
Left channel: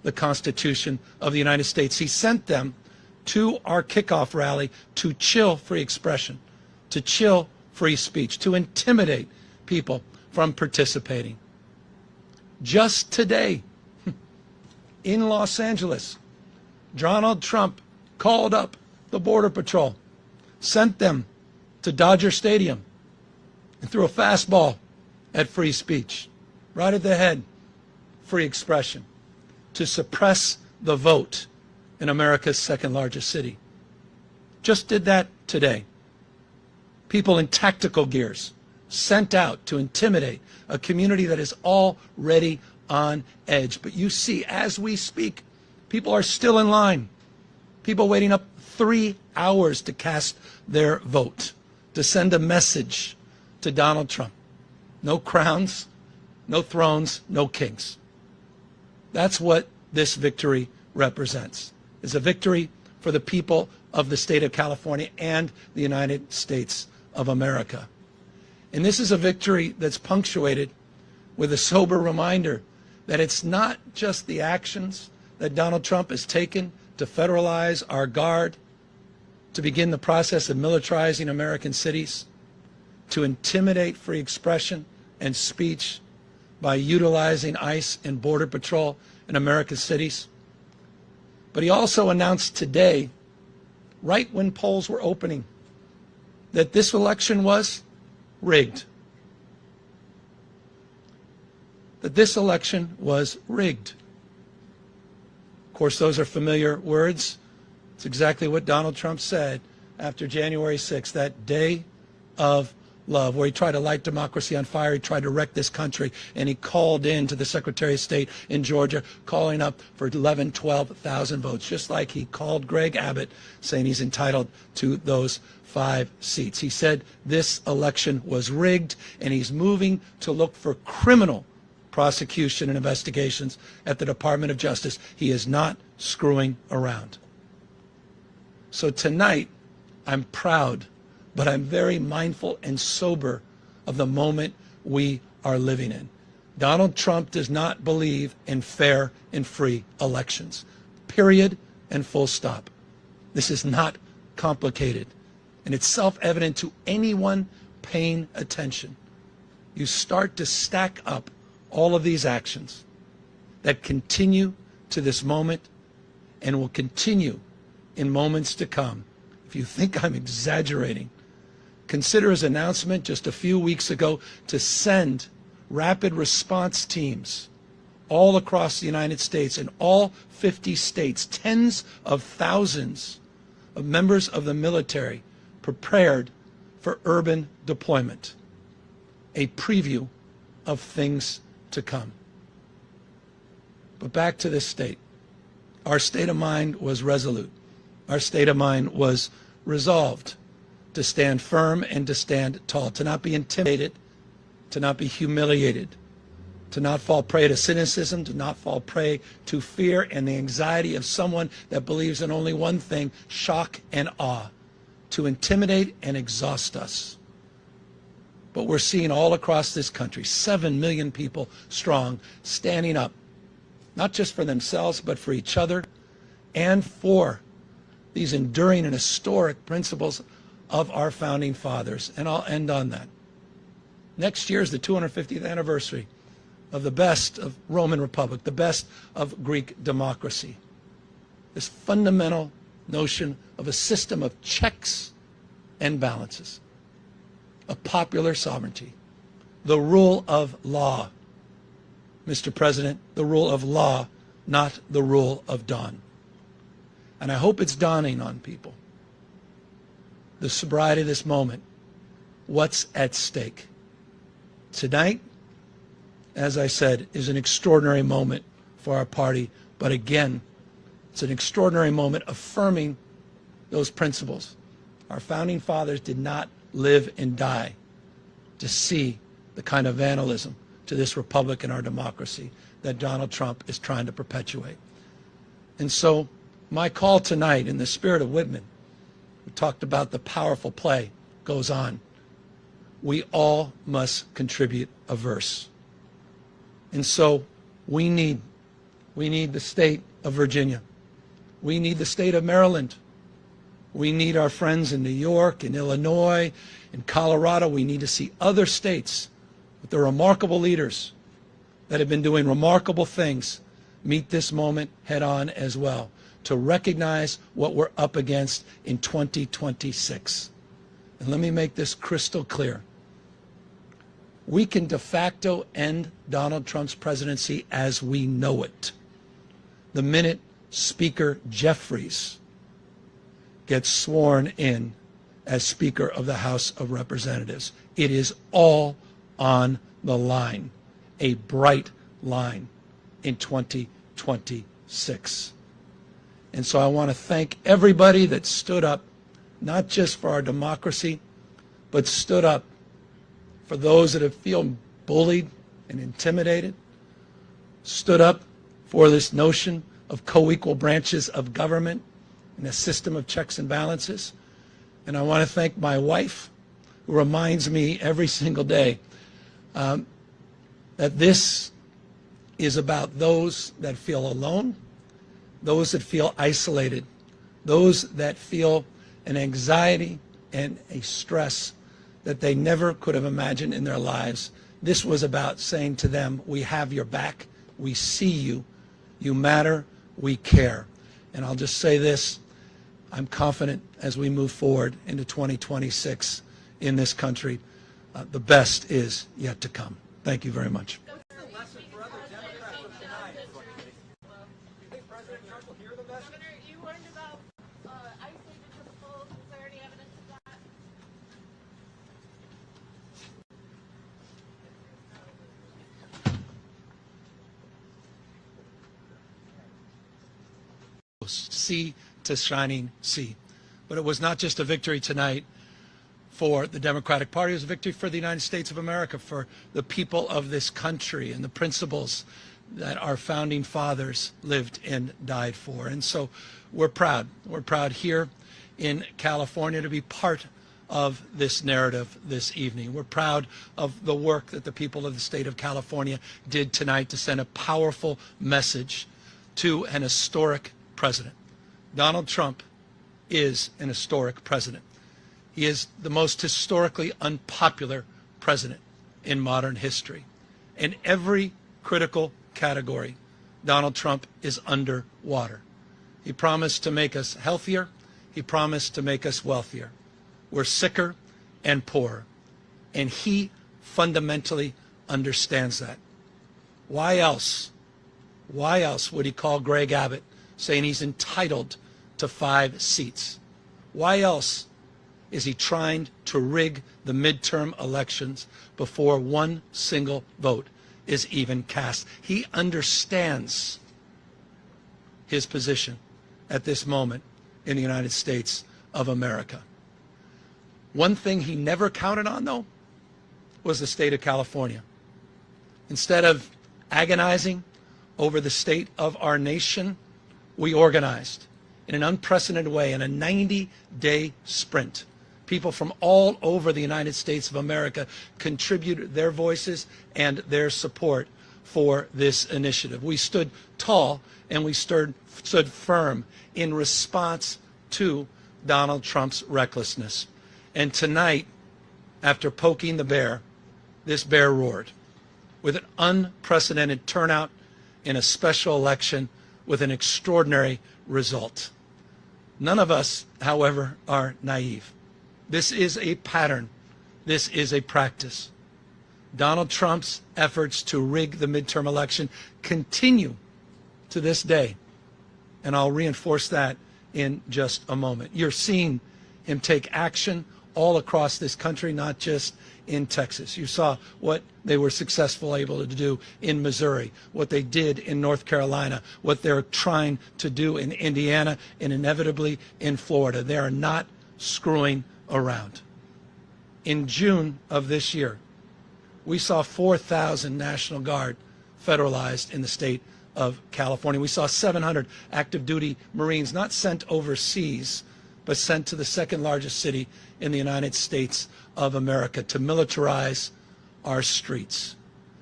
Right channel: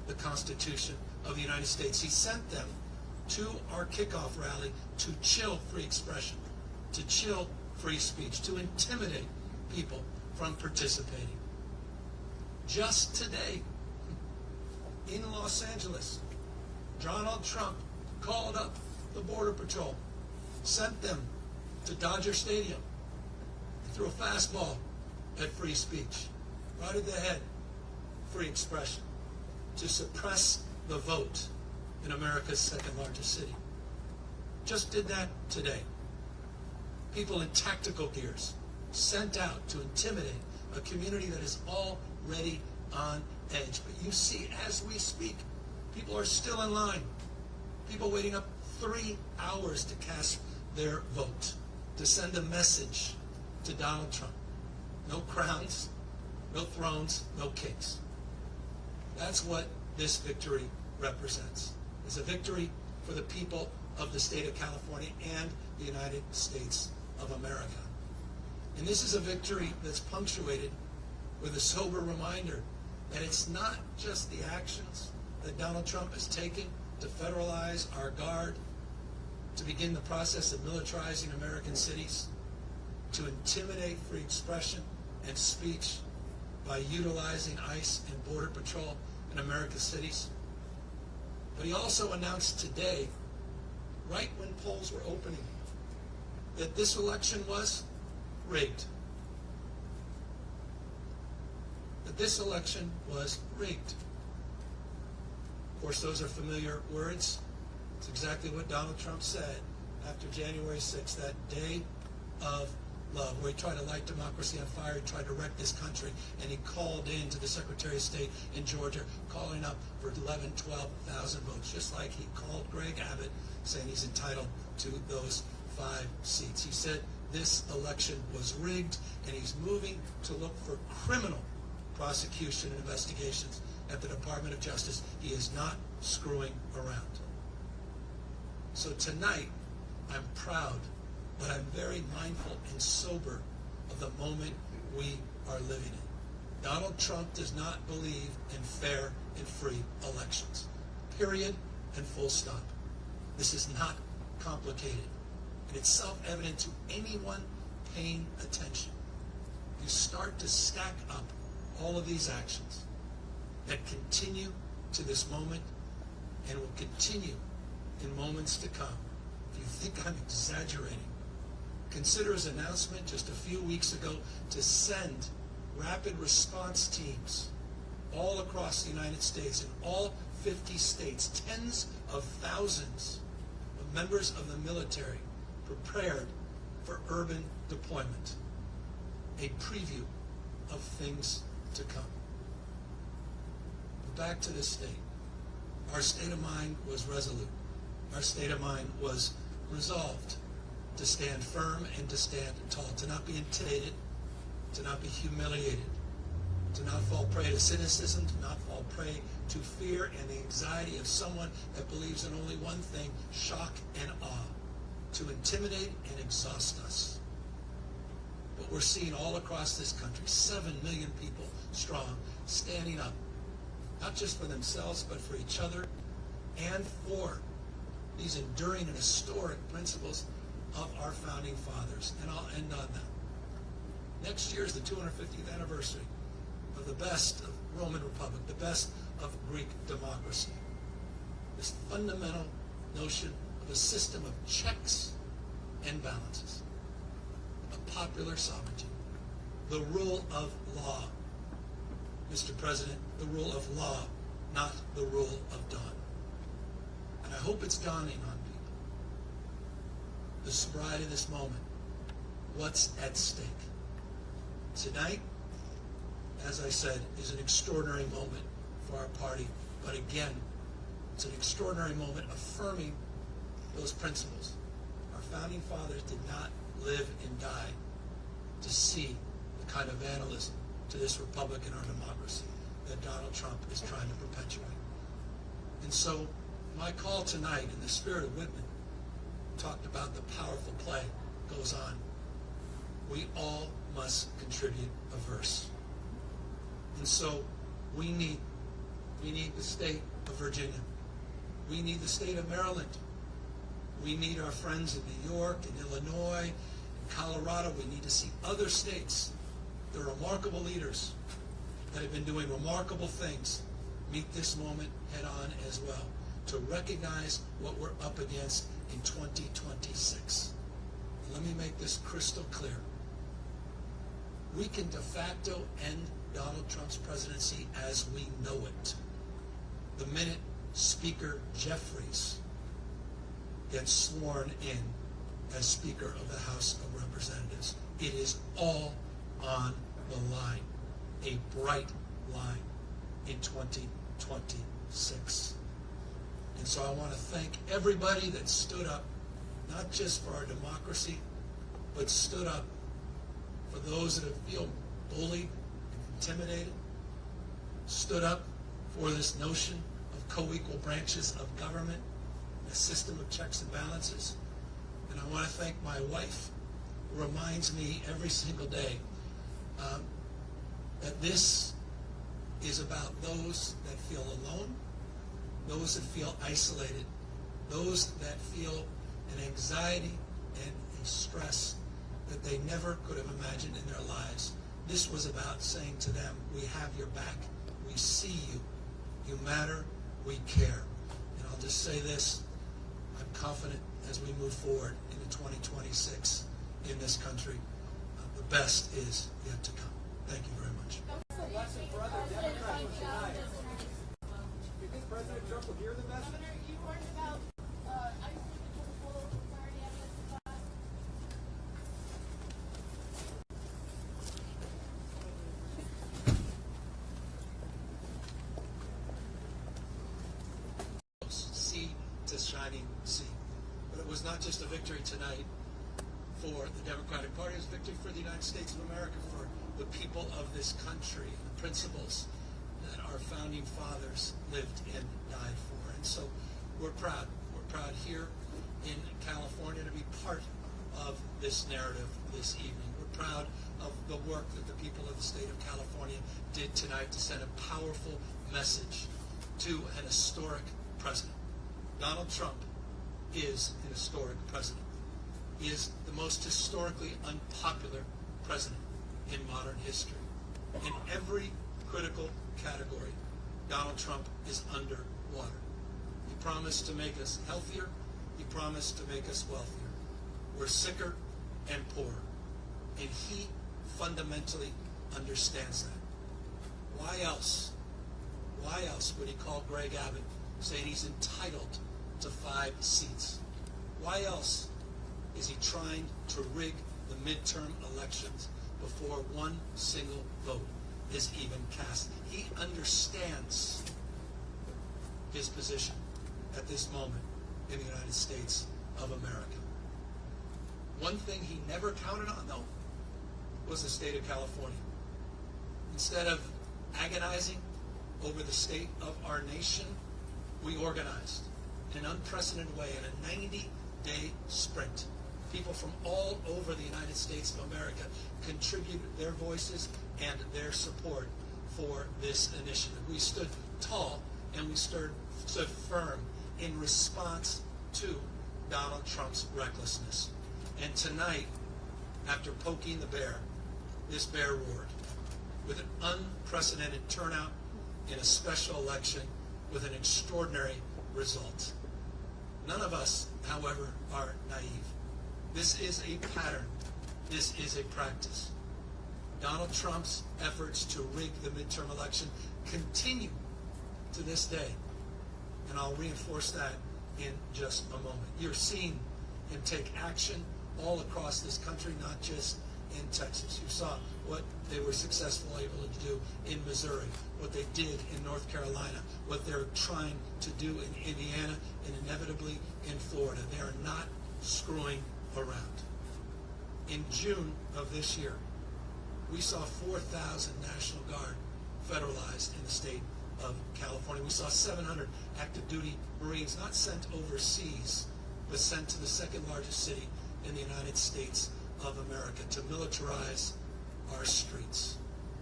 the Constitution of the United States. He sent them to our kickoff rally to chill free expression, to chill free speech, to intimidate people from participating. Just today, in Los Angeles, Donald Trump called up the Border Patrol, sent them to Dodger Stadium, and threw a fastball at free speech, right at the head, free expression, to suppress the vote in America's second largest city. Just did that today. People in tactical gears sent out to intimidate a community that is already on edge. But you see, as we speak, people are still in line. People waiting up 3 hours to cast their vote, to send a message to Donald Trump. No crowns, no thrones, no kings. That's what this victory represents. It's a victory for the people of the state of California and the United States of America. And this is a victory that's punctuated with a sober reminder that it's not just the actions that Donald Trump has taken to federalize our guard, to begin the process of militarizing American cities, to intimidate free expression and speech by utilizing ICE and Border Patrol in American cities. But he also announced today, right when polls were opening, that this election was rigged. That this election was rigged. Of course, those are familiar words. It's exactly what Donald Trump said after January 6th, that day of love, where he tried to light democracy on fire. He tried to wreck this country, and he called in to the Secretary of State in Georgia, calling up for 11,000, 12,000 votes, just like he called Greg Abbott, saying he's entitled to those 5 seats. He said this election was rigged, and he's moving to look for criminal prosecution and investigations at the Department of Justice. He is not screwing around. So tonight, I'm proud, but I'm very mindful and sober of the moment we are living in. Donald Trump does not believe in fair and free elections. Period and full stop. This is not complicated, and it's self-evident to anyone paying attention. You start to stack up all of these actions that continue to this moment and will continue in moments to come. If you think I'm exaggerating, consider his announcement just a few weeks ago to send rapid response teams all across the United States, in all 50 states, tens of thousands of members of the military prepared for urban deployment. A preview of things to come. But back to this state. Our state of mind was resolute. Our state of mind was resolved to stand firm and to stand tall, to not be intimidated, to not be humiliated, to not fall prey to cynicism, to not fall prey to fear and the anxiety of someone that believes in only one thing, shock and awe, to intimidate and exhaust us. But we're seeing all across this country, 7 million people strong, standing up, not just for themselves, but for each other and for these enduring and historic principles of our founding fathers. And I'll end on that. Next year is the 250th anniversary of the best of Roman Republic, the best of Greek democracy. This fundamental notion of a system of checks and balances, of popular sovereignty, the rule of law. Mr. President, the rule of law, not the rule of dawn. And I hope it's dawning on people, the sobriety of this moment, what's at stake. Tonight, as I said, is an extraordinary moment for our party, but again, it's an extraordinary moment affirming those principles. Our founding fathers did not live and die to see the kind of vandalism to this republic and our democracy that Donald Trump is trying to perpetuate. And so my call tonight, in the spirit of Whitman, we talked about the powerful play goes on. We all must contribute a verse. And so we need We need the state of Virginia. We need the state of Maryland. We need our friends in New York, in Illinois, in Colorado. We need to see other states with their remarkable leaders that have been doing remarkable things meet this moment head on as well, to recognize what we're up against in 2026. And let me make this crystal clear. We can de facto end Donald Trump's presidency as we know it the minute Speaker Jeffries gets sworn in as Speaker of the House of Representatives. It is all on the line, a bright line in 2026. And so I want to thank everybody that stood up, not just for our democracy, but stood up for those that have feel bullied and intimidated, stood up for this notion of co-equal branches of government and a system of checks and balances. And I want to thank my wife, who reminds me every single day that this is about those that feel alone, those that feel isolated, those that feel an anxiety and a stress that they never could have imagined in their lives. This was about saying to them, we have your back, we see you, you matter, we care. And I'll just say this, I'm confident as we move forward into 2026 in this country, the best is yet to come. Thank you very much. What's the lesson for other Democrats from tonight? Do you think President Trump will hear the message? Governor, you warned about isolated chemical. Is there any evidence of that? Sea to shining sea. But it was not just a victory tonight for the Democratic Party, it was a victory for the United States of America, for the people of this country and the principles that our founding fathers lived and died for. And so we're proud. We're proud here in California to be part of this narrative this evening. We're proud of the work that the people of the state of California did tonight to send a powerful message to an historic president. Donald Trump is an historic president. He is the most historically unpopular president in modern history. In every critical category, Donald Trump is underwater. He promised to make us healthier. He promised to make us wealthier. We're sicker and poorer. And he fundamentally understands that. Why else would he call Greg Abbott saying he's entitled to 5 seats? Why else is he trying to rig the midterm elections before one single vote is even cast? He understands his position at this moment in the United States of America. One thing he never counted on, though, was the state of California. Instead of agonizing over the state of our nation, we organized in an unprecedented way in a 90-day sprint. People from all over the United States of America contributed their voices and their support for this initiative. We stood tall and we stood firm in response to Donald Trump's recklessness. And tonight, after poking the bear, this bear roared with an unprecedented turnout in a special election with an extraordinary result. None of us, however, are naive. This is a pattern. This is a practice. Donald Trump's efforts to rig the midterm election continue to this day. And I'll reinforce that in just a moment. You're seeing him take action all across this country, not just in Texas. You saw what they were successful able to do in Missouri, what they did in North Carolina, what they're trying to do in Indiana, and inevitably in Florida. They are not screwing around. In June of this year, we saw 4,000 National Guard federalized in the state of California. We saw 700 active duty Marines not sent overseas, but sent to the second largest city in the United States of America to militarize our streets.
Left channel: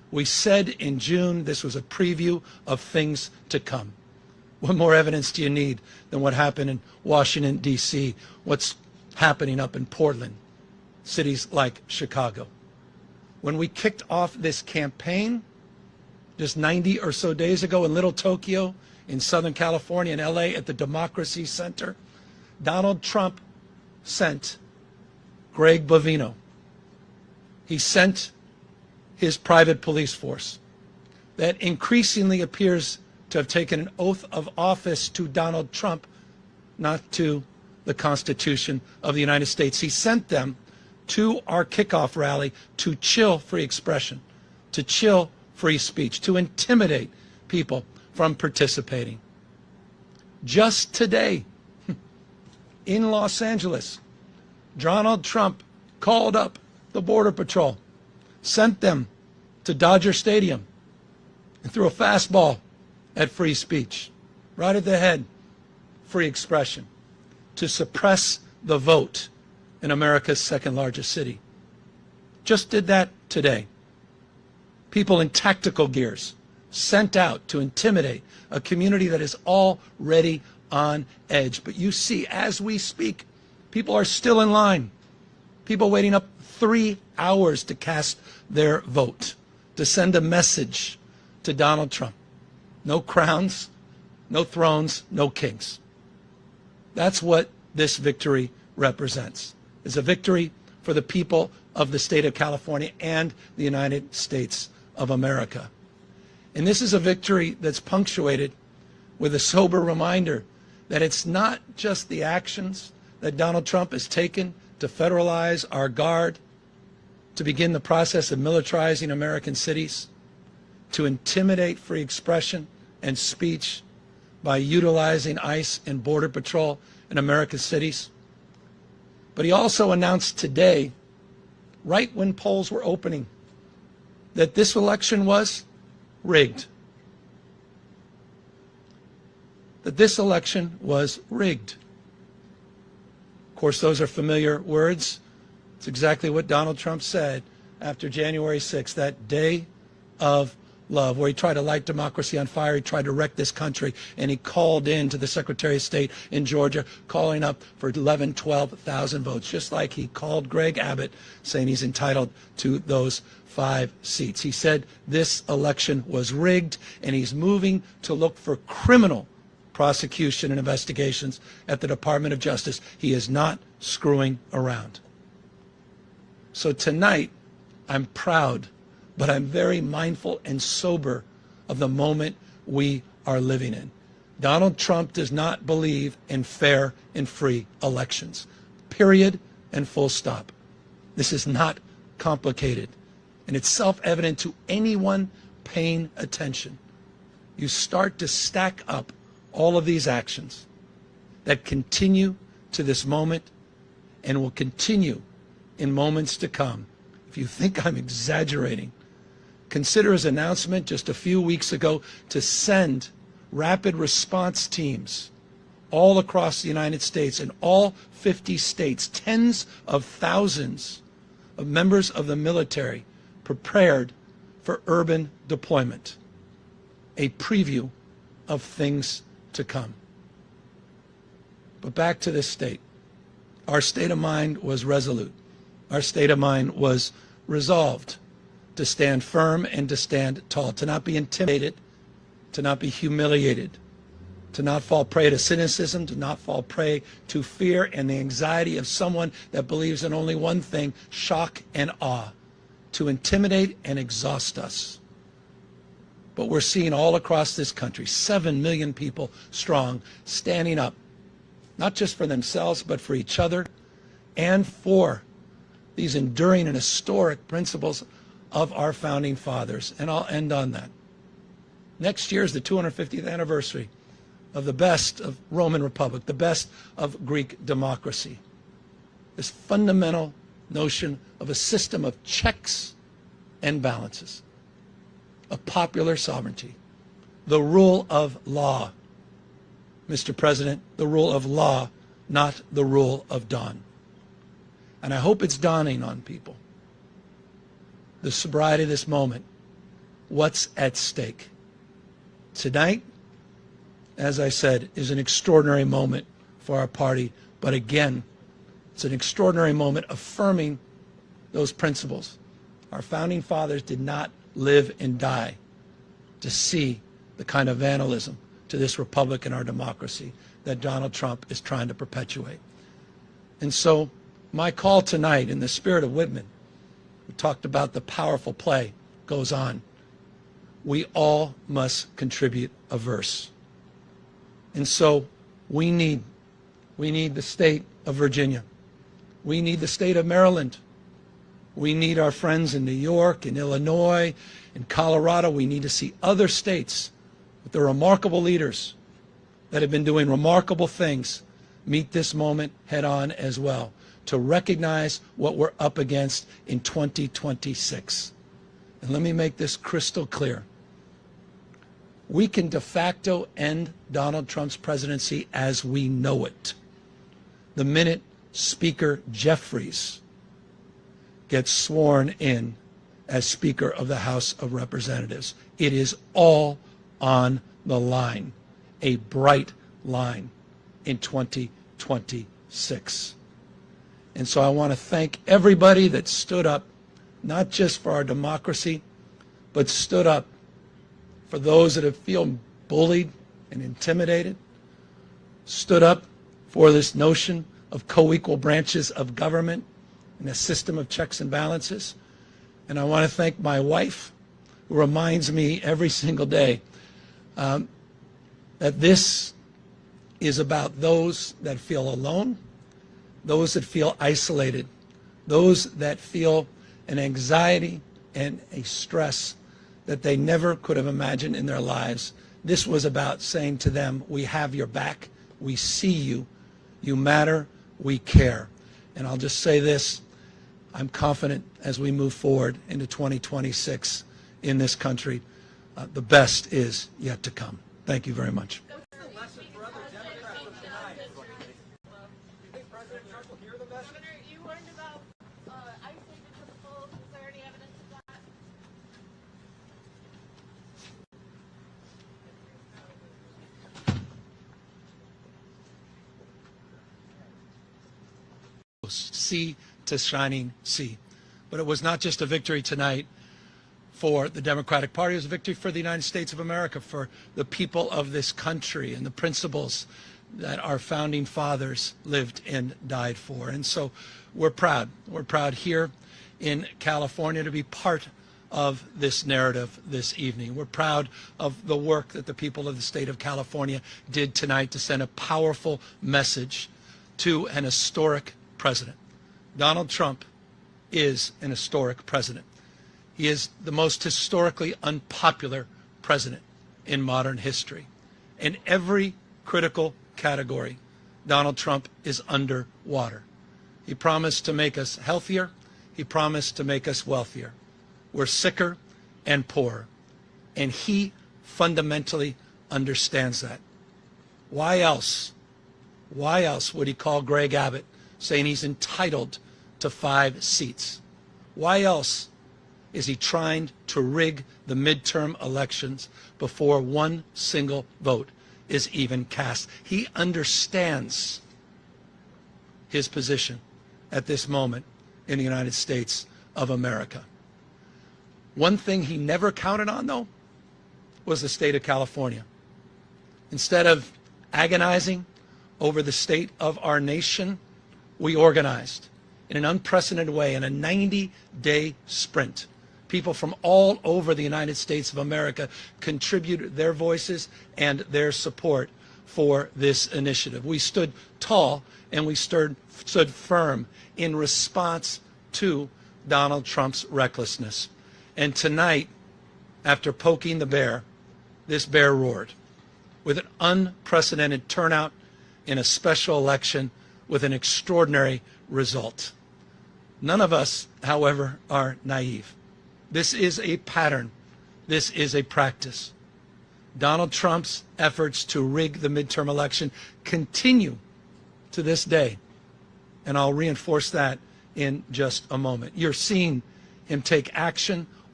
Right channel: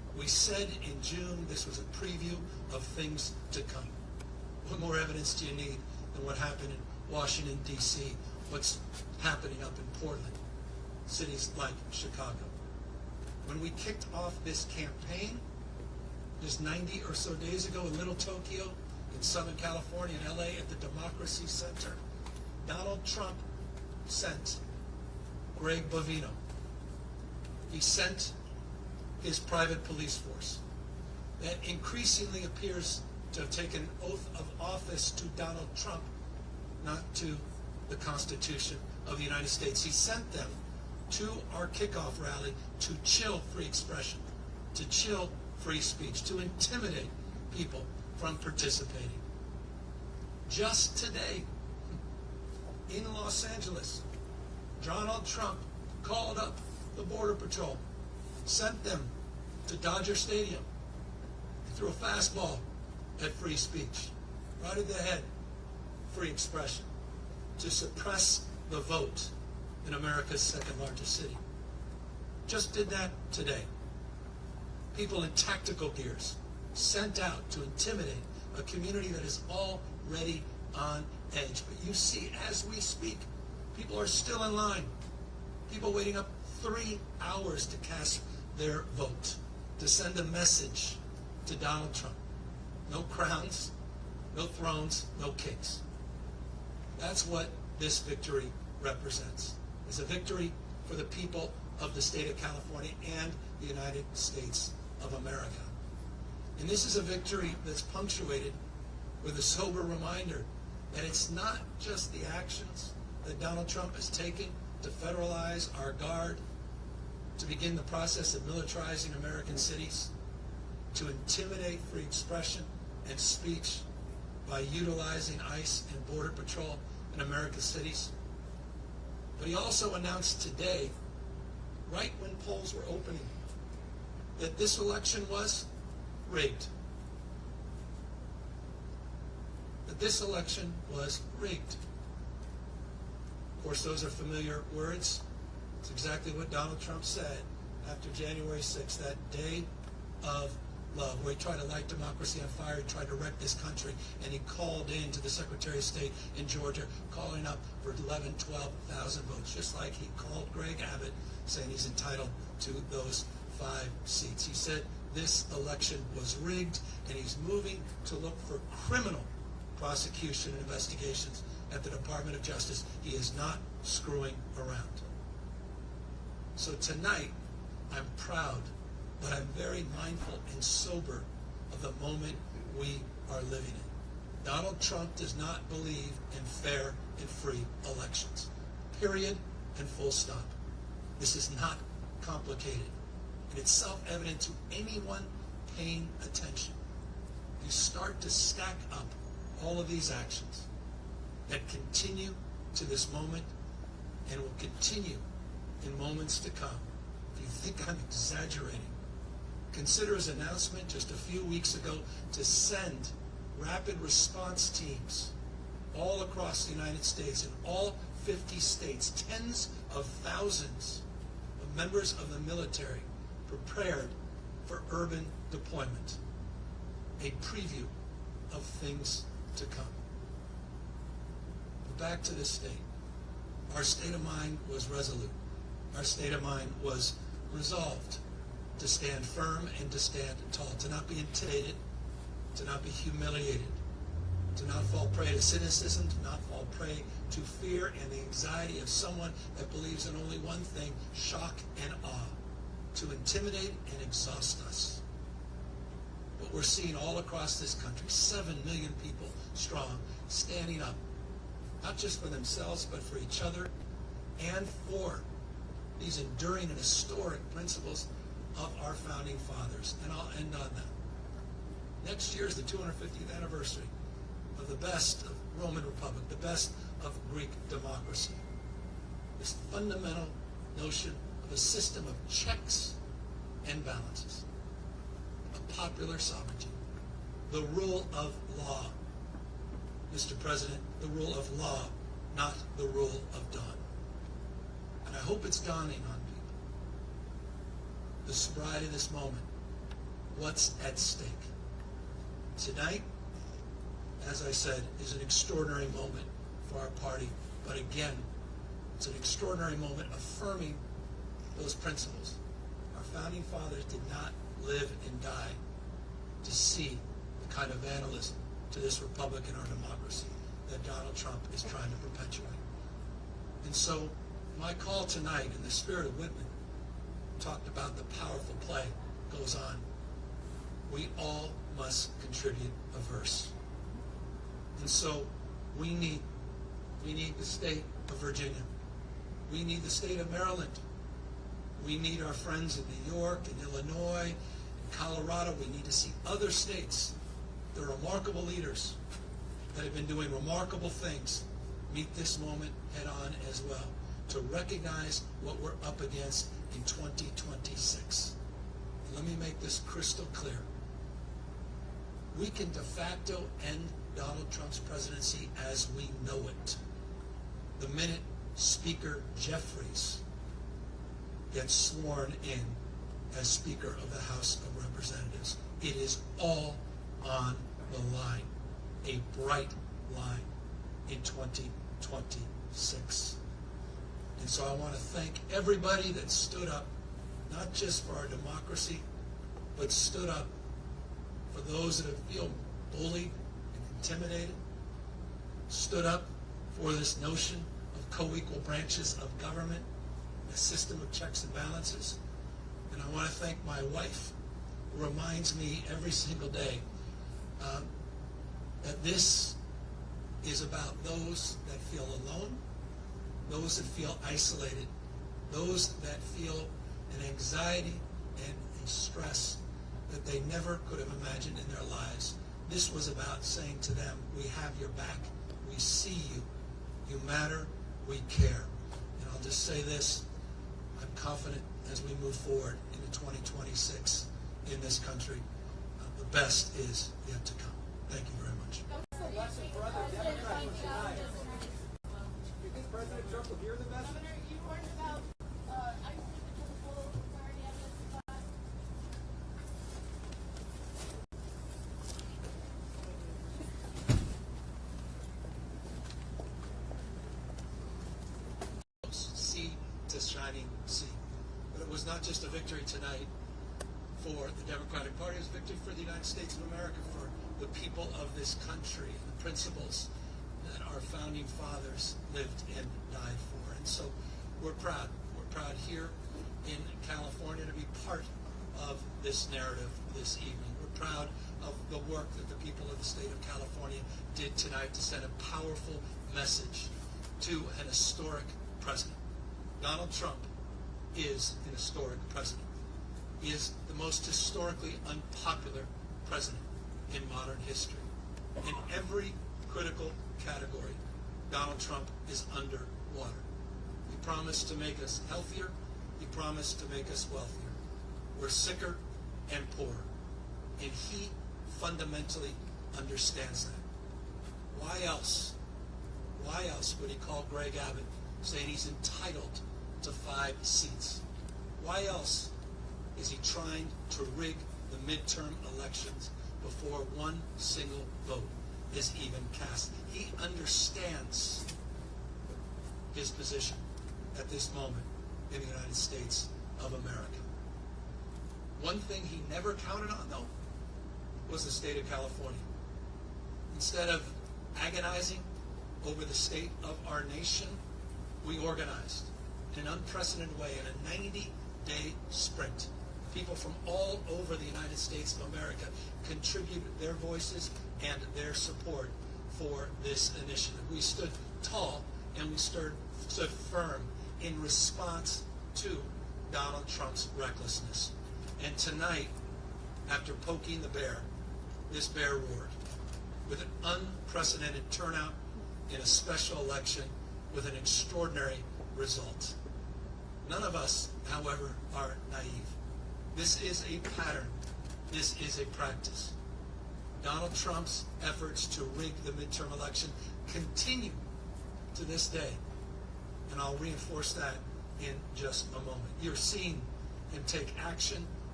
We said in June this was a preview of things to come. What more evidence do you need than what happened in Washington, D.C., what's happening up in Portland, cities like Chicago? When we kicked off this campaign just 90 or so days ago in Little Tokyo, in Southern California, in LA, at the Democracy Center, Donald Trump sent Greg Bovino. He sent his private police force that increasingly appears to have taken an oath of office to Donald Trump, not to the Constitution of the United States. He sent them to our kickoff rally to chill free expression, to chill free speech, to intimidate people from participating. Just today, in Los Angeles, Donald Trump called up the Border Patrol, sent them to Dodger Stadium, and threw a fastball at free speech, right at the head, free expression, to suppress the vote in America's second largest city. Just did that today. People in tactical gears sent out to intimidate a community that is already on edge. But you see, as we speak, people are still in line. People waiting up 3 hours to cast their vote, to send a message to Donald Trump. No crowns, no thrones, no kings. That's what this victory represents. It's a victory for the people of the state of California and the United States of America. And this is a victory that's punctuated with a sober reminder that it's not just the actions that Donald Trump has taken to federalize our guard, to begin the process of militarizing American cities, to intimidate free expression and speech by utilizing ICE and Border Patrol in America's cities. But he also announced today, right when polls were opening, that this election was rigged. That this election was rigged. Of course, those are familiar words. It's exactly what Donald Trump said after January 6th, that day of love, where he tried to light democracy on fire, he tried to wreck this country, and he called in to the Secretary of State in Georgia, calling up for 11,000, 12,000 votes, just like he called Greg Abbott, saying he's entitled to those 5 seats. He said this election was rigged, and he's moving to look for criminal prosecution and investigations at the Department of Justice. He is not screwing around. So tonight, I'm proud, but I'm very mindful and sober of the moment we are living in. Donald Trump does not believe in fair and free elections. Period and full stop. This is not complicated. And it's self-evident to anyone paying attention. You start to stack up all of these actions that continue to this moment and will continue in moments to come. If you think I'm exaggerating, consider his announcement just a few weeks ago to send rapid response teams all across the United States, in all 50 states, tens of thousands of members of the military prepared for urban deployment. A preview of things to come. But back to this state. Our state of mind was resolute. Our state of mind was resolved to stand firm and to stand tall, to not be intimidated, to not be humiliated, to not fall prey to cynicism, to not fall prey to fear and the anxiety of someone that believes in only one thing, shock and awe, to intimidate and exhaust us. But we're seeing all across this country, 7 million people strong, standing up, not just for themselves, but for each other and for these enduring and historic principles of our founding fathers. And I'll end on that. Next year is the 250th anniversary of the best of Roman Republic, the best of Greek democracy. This fundamental notion of a system of checks and balances, of popular sovereignty, the rule of law. Mr. President, the rule of law, not the rule of dawn. And I hope it's dawning on people. The sobriety of this moment what's at stake. Tonight, as I said, is an extraordinary moment for our party, but again, it's an extraordinary moment affirming those principles. Our founding fathers did not live and die to see the kind of vandalism to this republic and our democracy that Donald Trump is trying to perpetuate. And so my call tonight, in the spirit of Whitman, we talked about the powerful play, goes on. We all must contribute a verse. And so we need the state of Virginia. We need the state of Maryland. We need our friends in New York, in Illinois, in Colorado. We need to see other states with the remarkable leaders that have been doing remarkable things meet this moment head on as well, to recognize what we're up against in 2026. And let me make this crystal clear. We can de facto end Donald Trump's presidency as we know it the minute Speaker Jeffries gets sworn in as Speaker of the House of Representatives. It is all on the line, a bright line in 2026. And so I want to thank everybody that stood up, not just for our democracy, but stood up for those that have feel bullied and intimidated, stood up for this notion of co-equal branches of government and a system of checks and balances. And I want to thank my wife, who reminds me every single day that this is about those that feel alone, those that feel isolated, those that feel an anxiety and a stress that they never could have imagined in their lives. This was about saying to them, we have your back, we see you, you matter, we care. And I'll just say this, I'm confident as we move forward into 2026 in this country, the best is yet to come. Thank you very much. What's the lesson for other Democrats from tonight? Do you think President Trump will hear the message? Governor, you learned about ICE taking to the polls. Is there any evidence of that? Sea to shining sea. But it was not just a victory tonight for the Democratic Party, it was a victory for the United States of America, for the people of this country and the principles that our founding fathers lived and died for. And so we're proud. We're proud here in California to be part of this narrative this evening. We're proud of the work that the people of the state of California did tonight to send a powerful message to an historic president. Donald Trump is an historic president. He is the most historically unpopular president in modern history. In every critical category, Donald Trump is underwater. He promised to make us healthier. He promised to make us wealthier. We're sicker and poorer. And he fundamentally understands that. Why else would he call Greg Abbott saying he's entitled to 5 seats? Why else is he trying to rig the midterm elections before one single vote is even cast? He understands his position at this moment in the United States of America. One thing he never counted on, though, was the state of California. Instead of agonizing over the state of our nation, we organized in an unprecedented way in a 90-day sprint. People from all over the United States of America contributed their voices and their support for this initiative. We stood tall and we stood firm in response to Donald Trump's recklessness. And tonight, after poking the bear, this bear roared with an unprecedented turnout in a special election with an extraordinary result. None of us, however, are naive. This is a pattern. This is a practice. Donald Trump's efforts to rig the midterm election continue to this day. And I'll reinforce that in just a moment. You're seeing him take action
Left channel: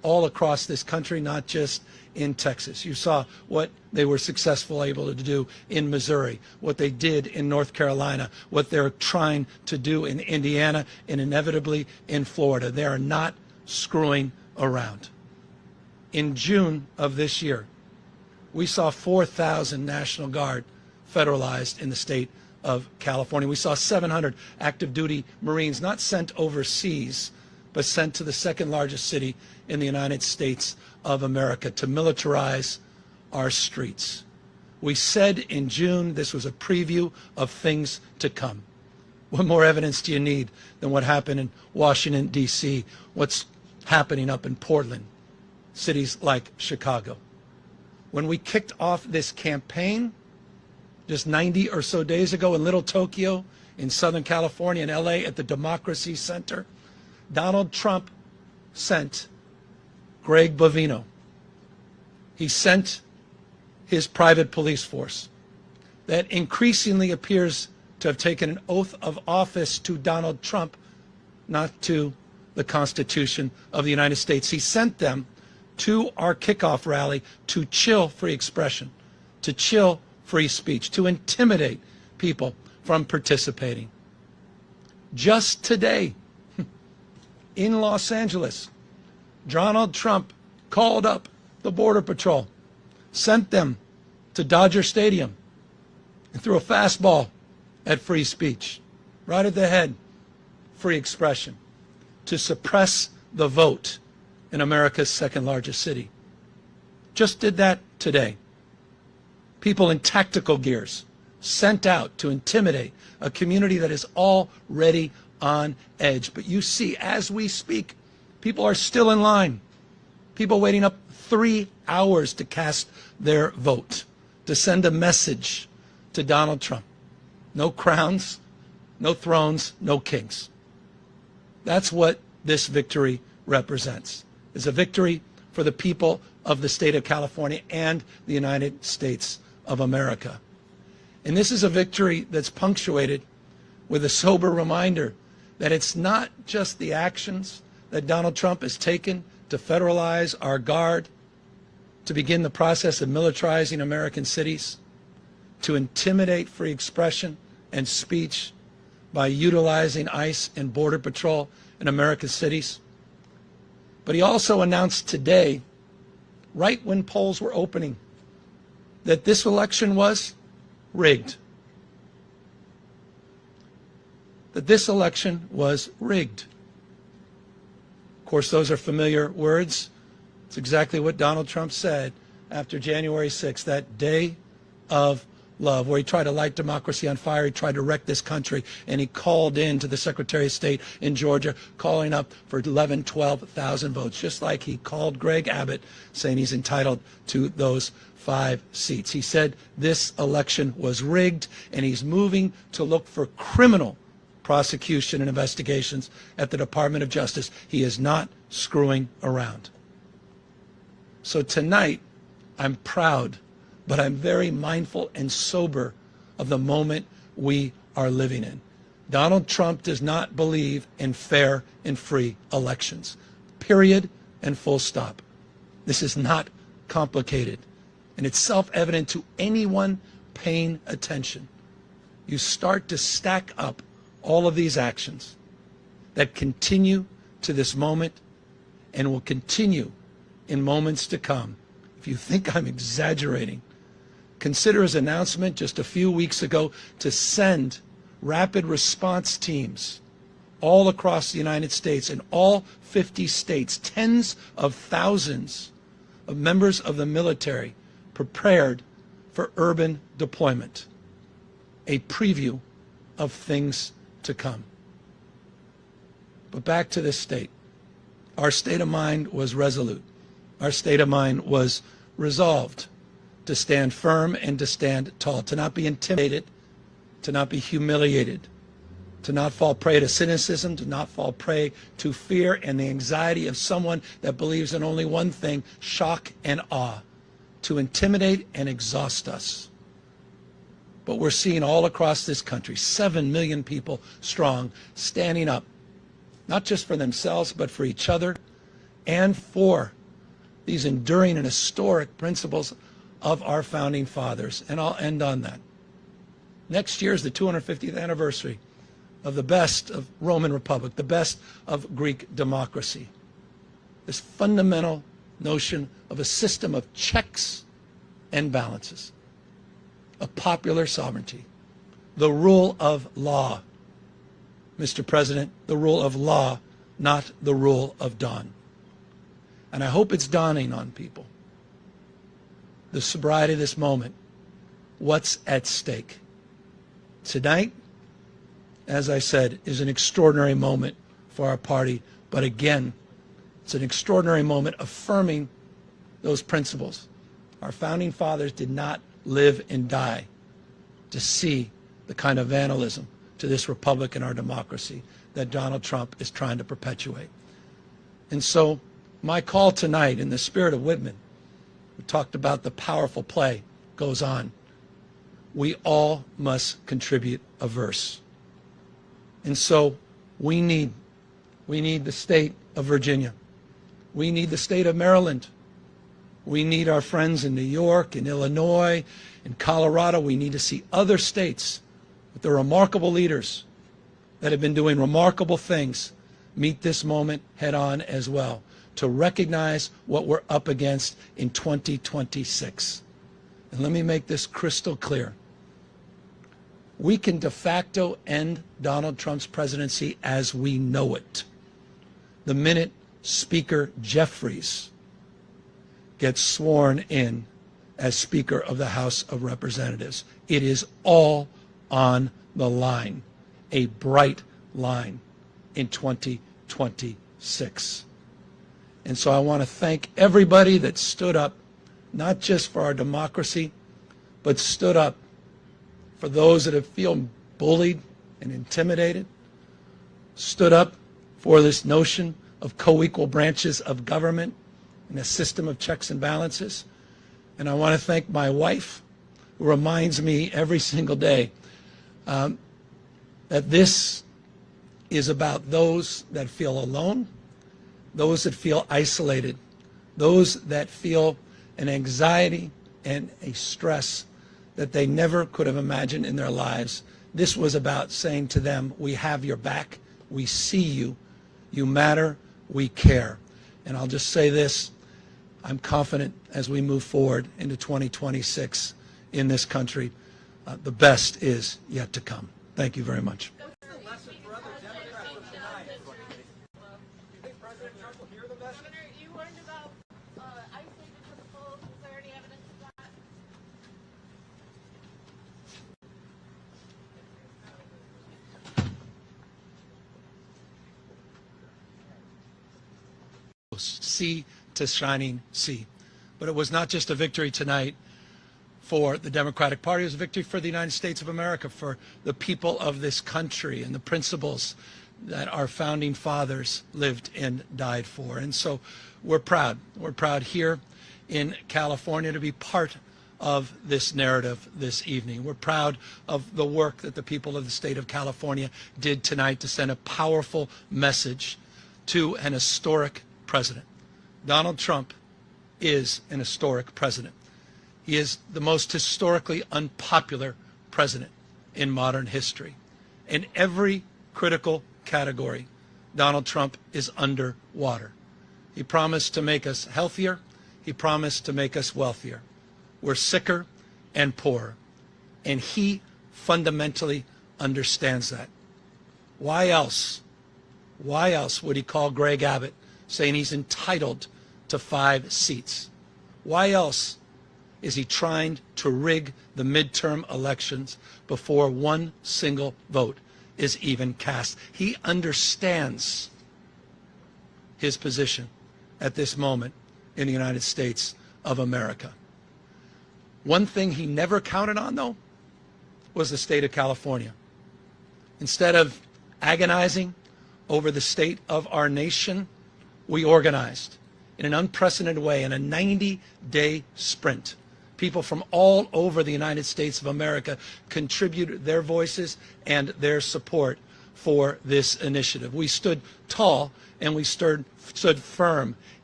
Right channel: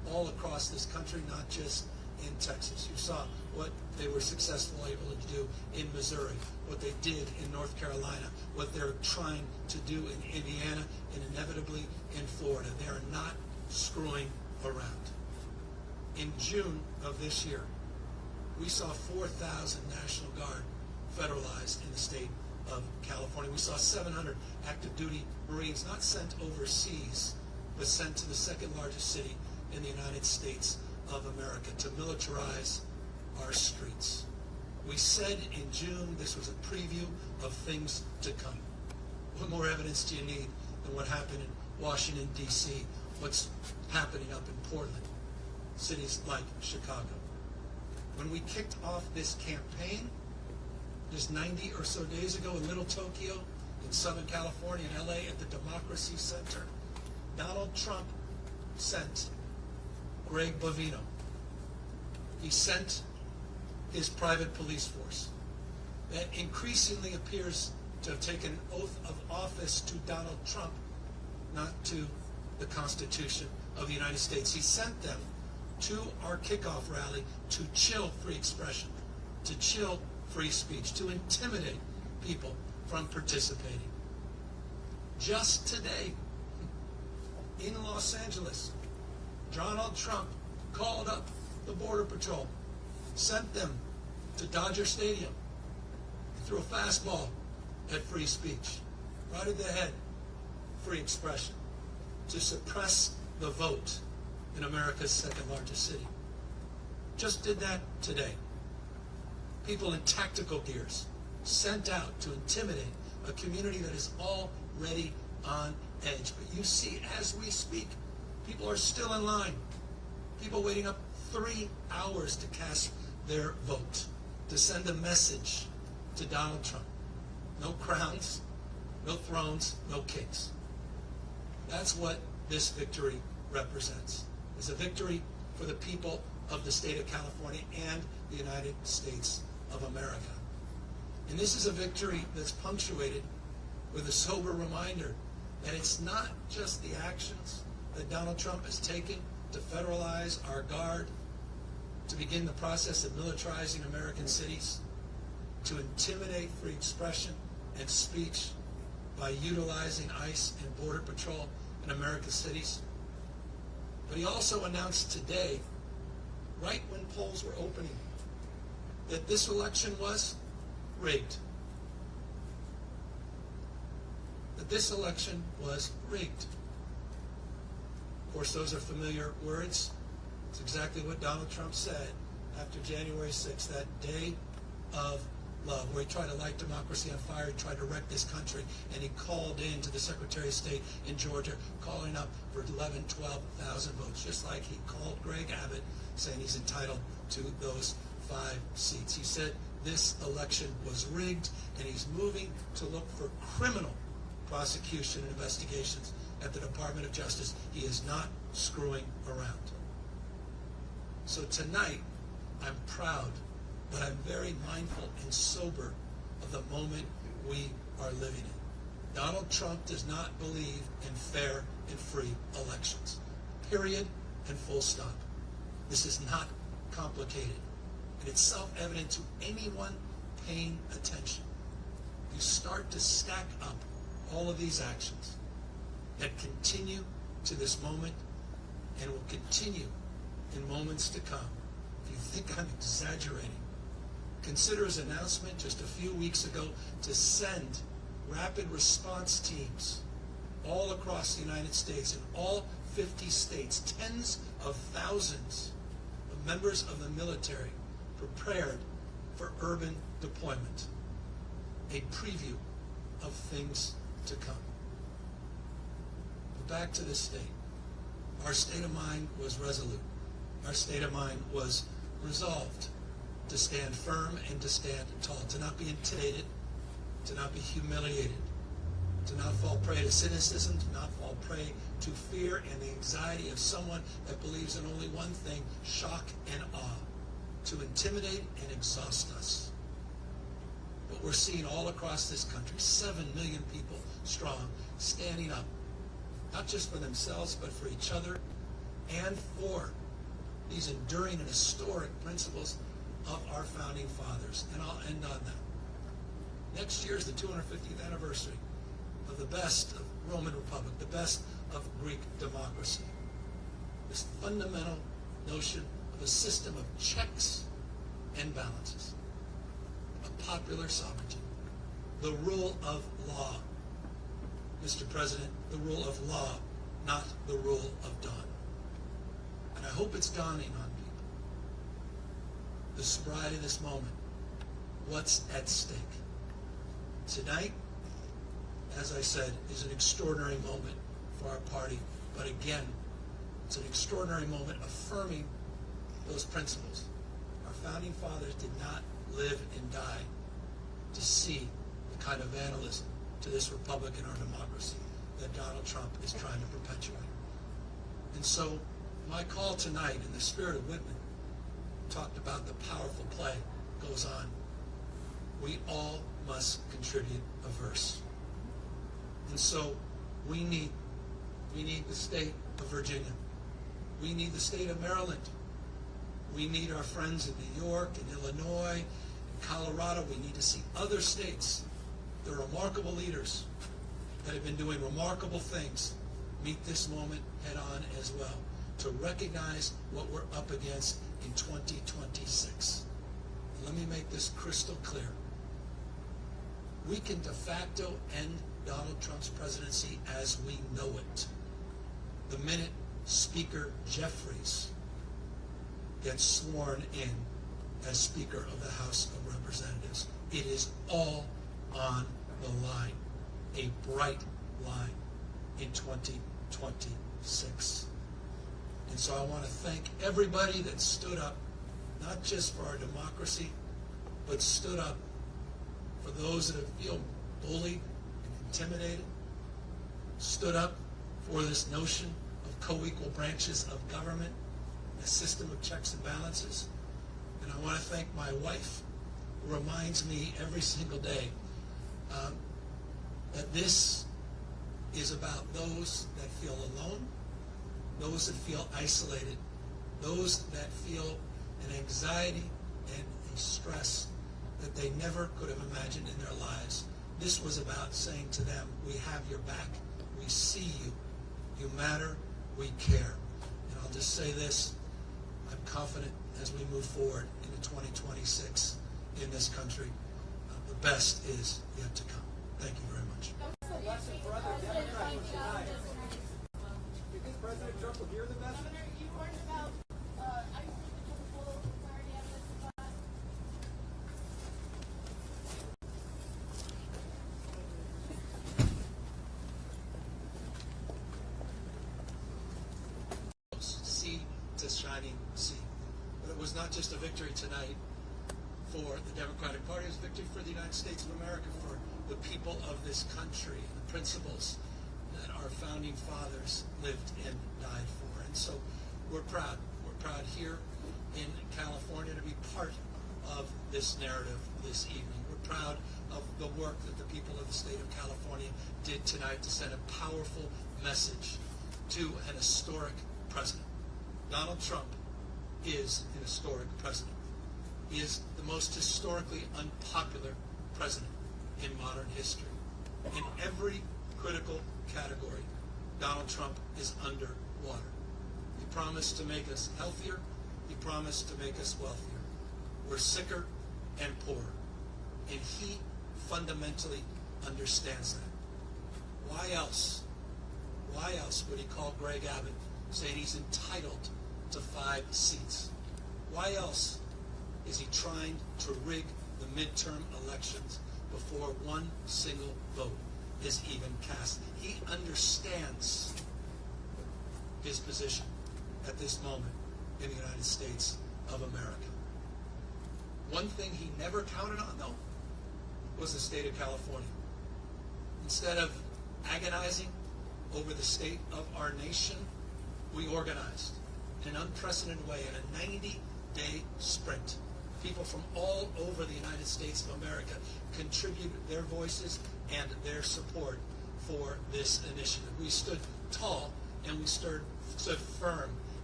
all across this country, not just in Texas. You saw what they were able to do in Missouri, what they did in North Carolina, what they're trying to do in Indiana, and inevitably in Florida. They are not screwing around. In June of this year, we saw 4,000 National Guard federalized in the state of California. We saw 700 active duty Marines not sent overseas, but sent to the second largest city in the United States of America to militarize our streets. We said in June this was a preview of things to come. What more evidence do you need than what happened in Washington, D.C., what's happening up in Portland, cities like Chicago? When we kicked off this campaign just 90 or so days ago in Little Tokyo, in Southern California, in LA, at the Democracy Center, Donald Trump sent Greg Bovino. He sent his private police force that increasingly appears to have taken an oath of office to Donald Trump, not to the Constitution of the United States. He sent them to our kickoff rally to chill free expression, to chill free speech, to intimidate people from participating. Just today, in Los Angeles, Donald Trump called up the Border Patrol, sent them to Dodger Stadium, and threw a fastball at free speech, right at the head, free expression, to suppress the vote in America's second largest city. Just did that today. People in tactical gears sent out to intimidate a community that is already on edge. But you see, as we speak, people are still in line. People waiting up 3 hours to cast their vote, to send a message to Donald Trump. No crowns, no thrones, no kings. That's what this victory represents. It's a victory for the people of the state of California and the United States of America. And this is a victory that's punctuated with a sober reminder that it's not just the actions that Donald Trump has taken to federalize our guard, to begin the process of militarizing American cities, to intimidate free expression and speech by utilizing ICE and Border Patrol in America's cities. But he also announced today, right when polls were opening, that this election was rigged. That this election was rigged. Of course, those are familiar words. It's exactly what Donald Trump said after January 6th, that day of love, where he tried to light democracy on fire. He tried to wreck this country, and he called in to the Secretary of State in Georgia, calling up for 11, 12,000 votes, just like he called Greg Abbott, saying he's entitled to those 5 seats. He said this election was rigged, and he's moving to look for criminal prosecution and investigations at the Department of Justice. He is not screwing around. So tonight, I'm proud, but I'm very mindful and sober of the moment we are living in. Donald Trump does not believe in fair and free elections. Period and full stop. This is not complicated. And it's self-evident to anyone paying attention. You start to stack up all of these actions that continue to this moment and will continue in moments to come. If you think I'm exaggerating, consider his announcement just a few weeks ago to send rapid response teams all across the United States, in all 50 states, tens of thousands of members of the military prepared for urban deployment. A preview of things to come. But back to this state. Our state of mind was resolute. Our state of mind was resolved to stand firm and to stand tall, to not be intimidated, to not be humiliated, to not fall prey to cynicism, to not fall prey to fear and the anxiety of someone that believes in only one thing, shock and awe, to intimidate and exhaust us. But we're seeing all across this country, 7 million people strong, standing up, not just for themselves, but for each other, and for these enduring and historic principles of our founding fathers. And I'll end on that. Next year is the 250th anniversary of the best of Roman Republic, the best of Greek democracy. This fundamental notion of a system of checks and balances, of popular sovereignty, the rule of law. Mr. President, the rule of law, not the rule of dawn. And I hope it's dawning on people, the sobriety of this moment, what's at stake. Tonight, as I said, is an extraordinary moment for our party, but again, it's an extraordinary moment affirming those principles. Our founding fathers did not live and die to see the kind of vandalism to this republic and our democracy that Donald Trump is trying to perpetuate. And so my call tonight, in the spirit of Whitman, we talked about the powerful play, goes on. We all must contribute a verse. And so we need the state of Virginia. We need the state of Maryland. We need our friends in New York, in Illinois, in Colorado. We need to see other states with their remarkable leaders that have been doing remarkable things meet this moment head on as well, to recognize what we're up against in 2026. And let me make this crystal clear. We can de facto end Donald Trump's presidency as we know it the minute Speaker Jeffries gets sworn in as Speaker of the House of Representatives. It is all on the line, a bright line in 2026. And so I want to thank everybody that stood up, not just for our democracy, but stood up for those that have feel bullied and intimidated, stood up for this notion of co-equal branches of government and a system of checks and balances. And I want to thank my wife, who reminds me every single day that this is about those that feel alone, those that feel isolated, those that feel an anxiety and a stress that they never could have imagined in their lives. This was about saying to them, we have your back, we see you, you matter, we care. And I'll just say this, I'm confident as we move forward into 2026 in this country, the best is yet to come. Thank you very much. What's the lesson for other Democrats tonight? Do you think President Trump will hear the message? Governor, you learned about ICE taking the full clarity evidence of that. Sea to shining sea. But it was not just a victory tonight for the Democratic Party, it was a victory for the United States of America, for the people of this country and the principles that our founding fathers lived and died for. And so we're proud. We're proud here in California to be part of this narrative this evening. We're proud of the work that the people of the state of California did tonight to send a powerful message to an historic president. Donald Trump is an historic president. He is the most historically unpopular president in modern history. In every critical category, Donald Trump is underwater. He promised to make us healthier. He promised to make us wealthier. We're sicker and poorer. And he fundamentally understands that. Why else would he call Greg Abbott saying he's entitled to 5 seats? Why else is he trying to rig the midterm elections before one single vote is even cast? He understands his position at this moment in the United States of America. One thing he never counted on, though, was the state of California. Instead of agonizing over the state of our nation, we organized in an unprecedented way in a 90-day sprint. People from all over the United States of America contributed their voices and their support for this initiative. We stood tall and we stood firm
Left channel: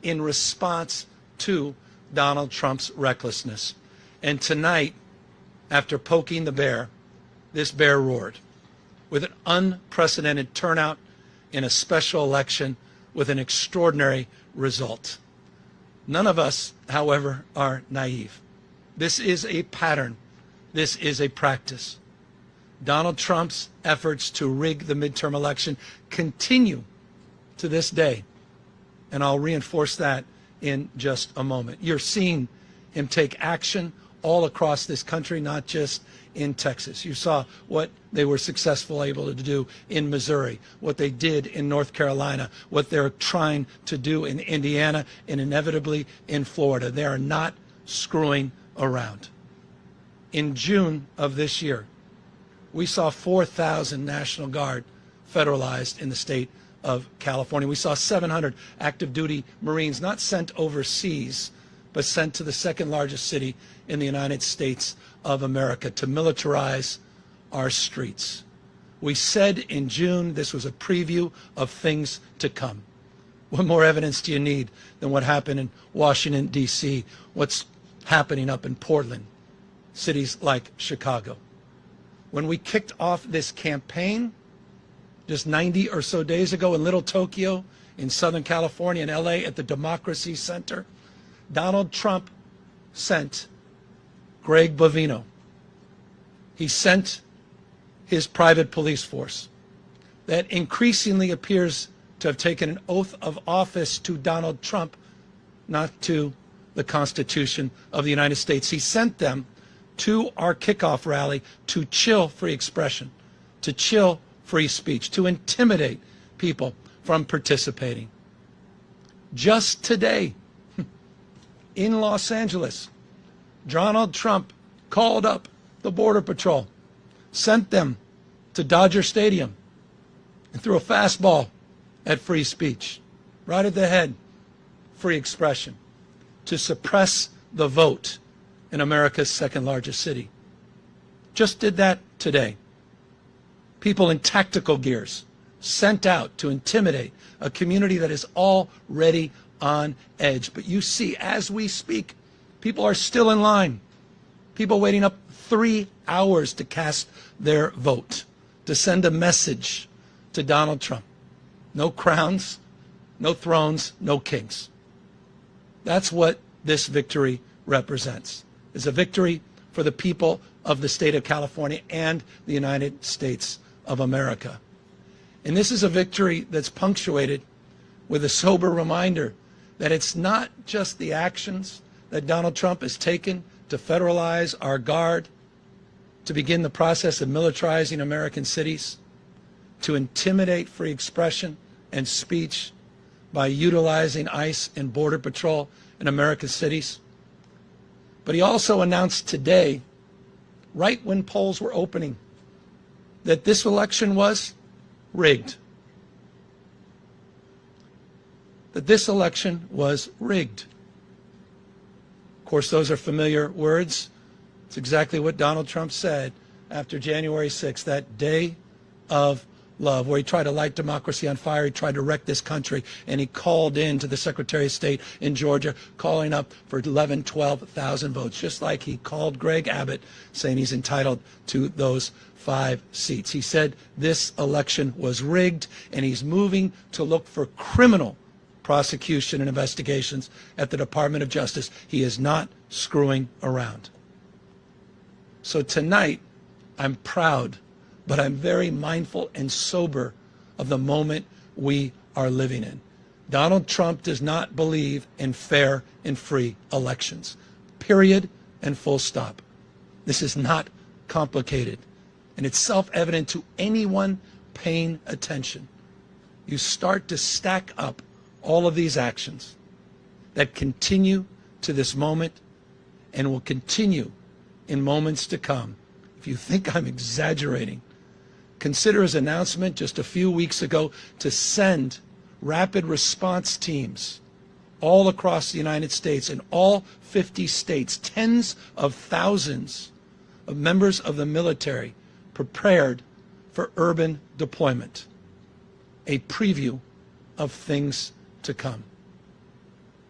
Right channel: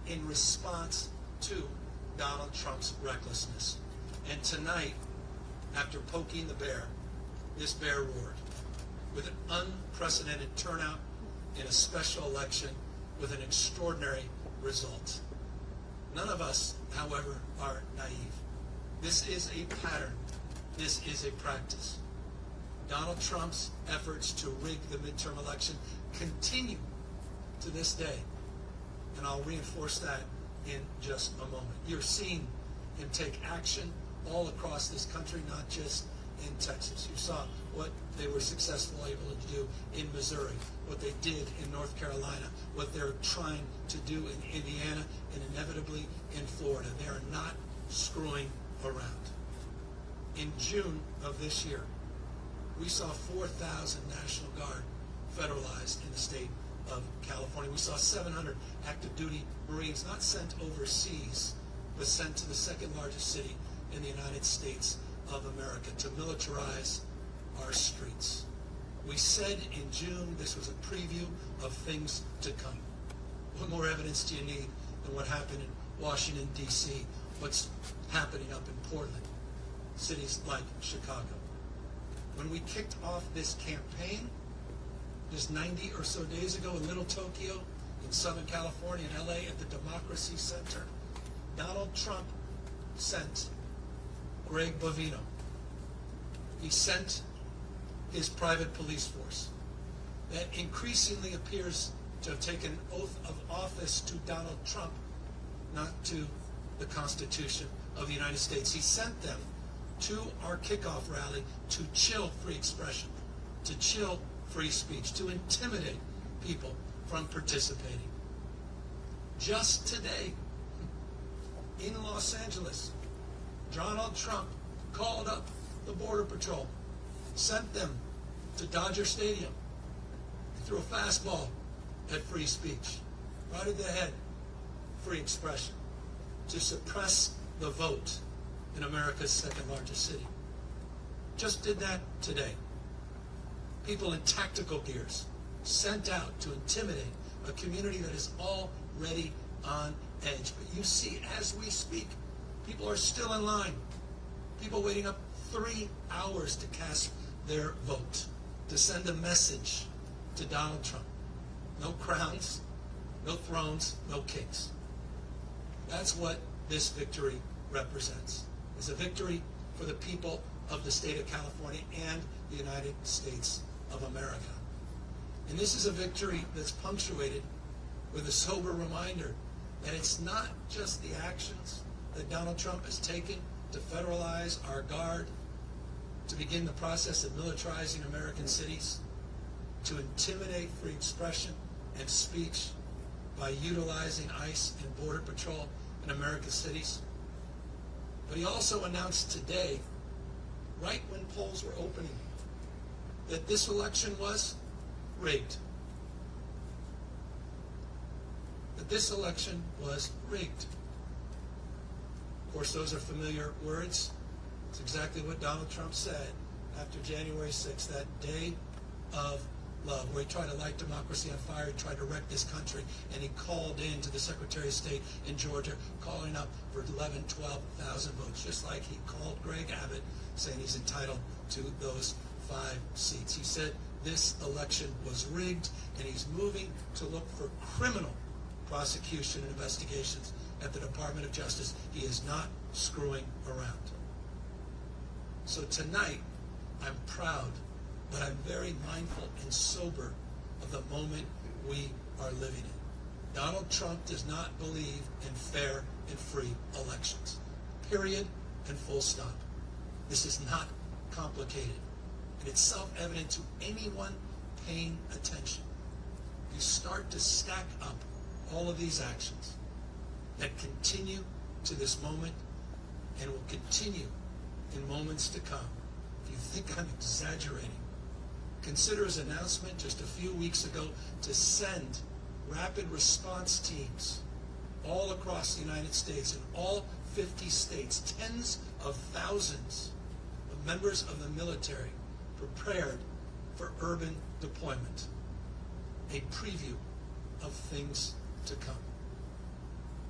in response to Donald Trump's recklessness. And tonight, after poking the bear, this bear roared with an unprecedented turnout in a special election with an extraordinary result. None of us, however, are naive. This is a pattern. This is a practice. Donald Trump's efforts to rig the midterm election continue to this day, and I'll reinforce that in just a moment. You're seeing him take action all across this country, not just in Texas. You saw what they were successful able to do in Missouri, what they did in North Carolina, what they're trying to do in Indiana, and inevitably in Florida. They are not screwing around. In June of this year, we saw 4,000 National Guard federalized in the state of California. We saw 700 active duty Marines not sent overseas, but sent to the second largest city in the United States of America to militarize our streets. We said in June this was a preview of things to come. What more evidence do you need than what happened in Washington, D.C., what's happening up in Portland, cities like Chicago? When we kicked off this campaign just 90 or so days ago in Little Tokyo, in Southern California, in LA, at the Democracy Center, Donald Trump sent Greg Bovino. He sent his private police force that increasingly appears to have taken an oath of office to Donald Trump, not to the Constitution of the United States. He sent them to our kickoff rally to chill free expression, to chill free speech, to intimidate people from participating. Just today, in Los Angeles, Donald Trump called up the Border Patrol, sent them to Dodger Stadium, and threw a fastball at free speech, right at the head, free expression, to suppress the vote in America's second largest city. Just did that today. People in tactical gears sent out to intimidate a community that is already on edge. But you see, as we speak, people are still in line. People waiting up 3 hours to cast their vote, to send a message to Donald Trump. No crowns, no thrones, no kings. That's what this victory represents. It's a victory for the people of the state of California and the United States of America. And this is a victory that's punctuated with a sober reminder that it's not just the actions that Donald Trump has taken to federalize our guard, to begin the process of militarizing American cities, to intimidate free expression and speech by utilizing ICE and Border Patrol in American cities. But he also announced today, right when polls were opening, that this election was rigged. That this election was rigged. Of course, those are familiar words. It's exactly what Donald Trump said after January 6th, that day of love, where he tried to light democracy on fire. He tried to wreck this country, and he called in to the Secretary of State in Georgia, calling up for 11, 12,000 votes, just like he called Greg Abbott, saying he's entitled to those 5 seats. He said this election was rigged, and he's moving to look for criminal prosecution and investigations at the Department of Justice. He is not screwing around. So tonight, I'm proud, but I'm very mindful and sober of the moment we are living in. Donald Trump does not believe in fair and free elections. Period and full stop. This is not complicated, and it's self-evident to anyone paying attention. You start to stack up all of these actions that continue to this moment and will continue in moments to come. If you think I'm exaggerating, consider his announcement just a few weeks ago to send rapid response teams all across the United States, in all 50 states, tens of thousands of members of the military prepared for urban deployment. A preview of things to come.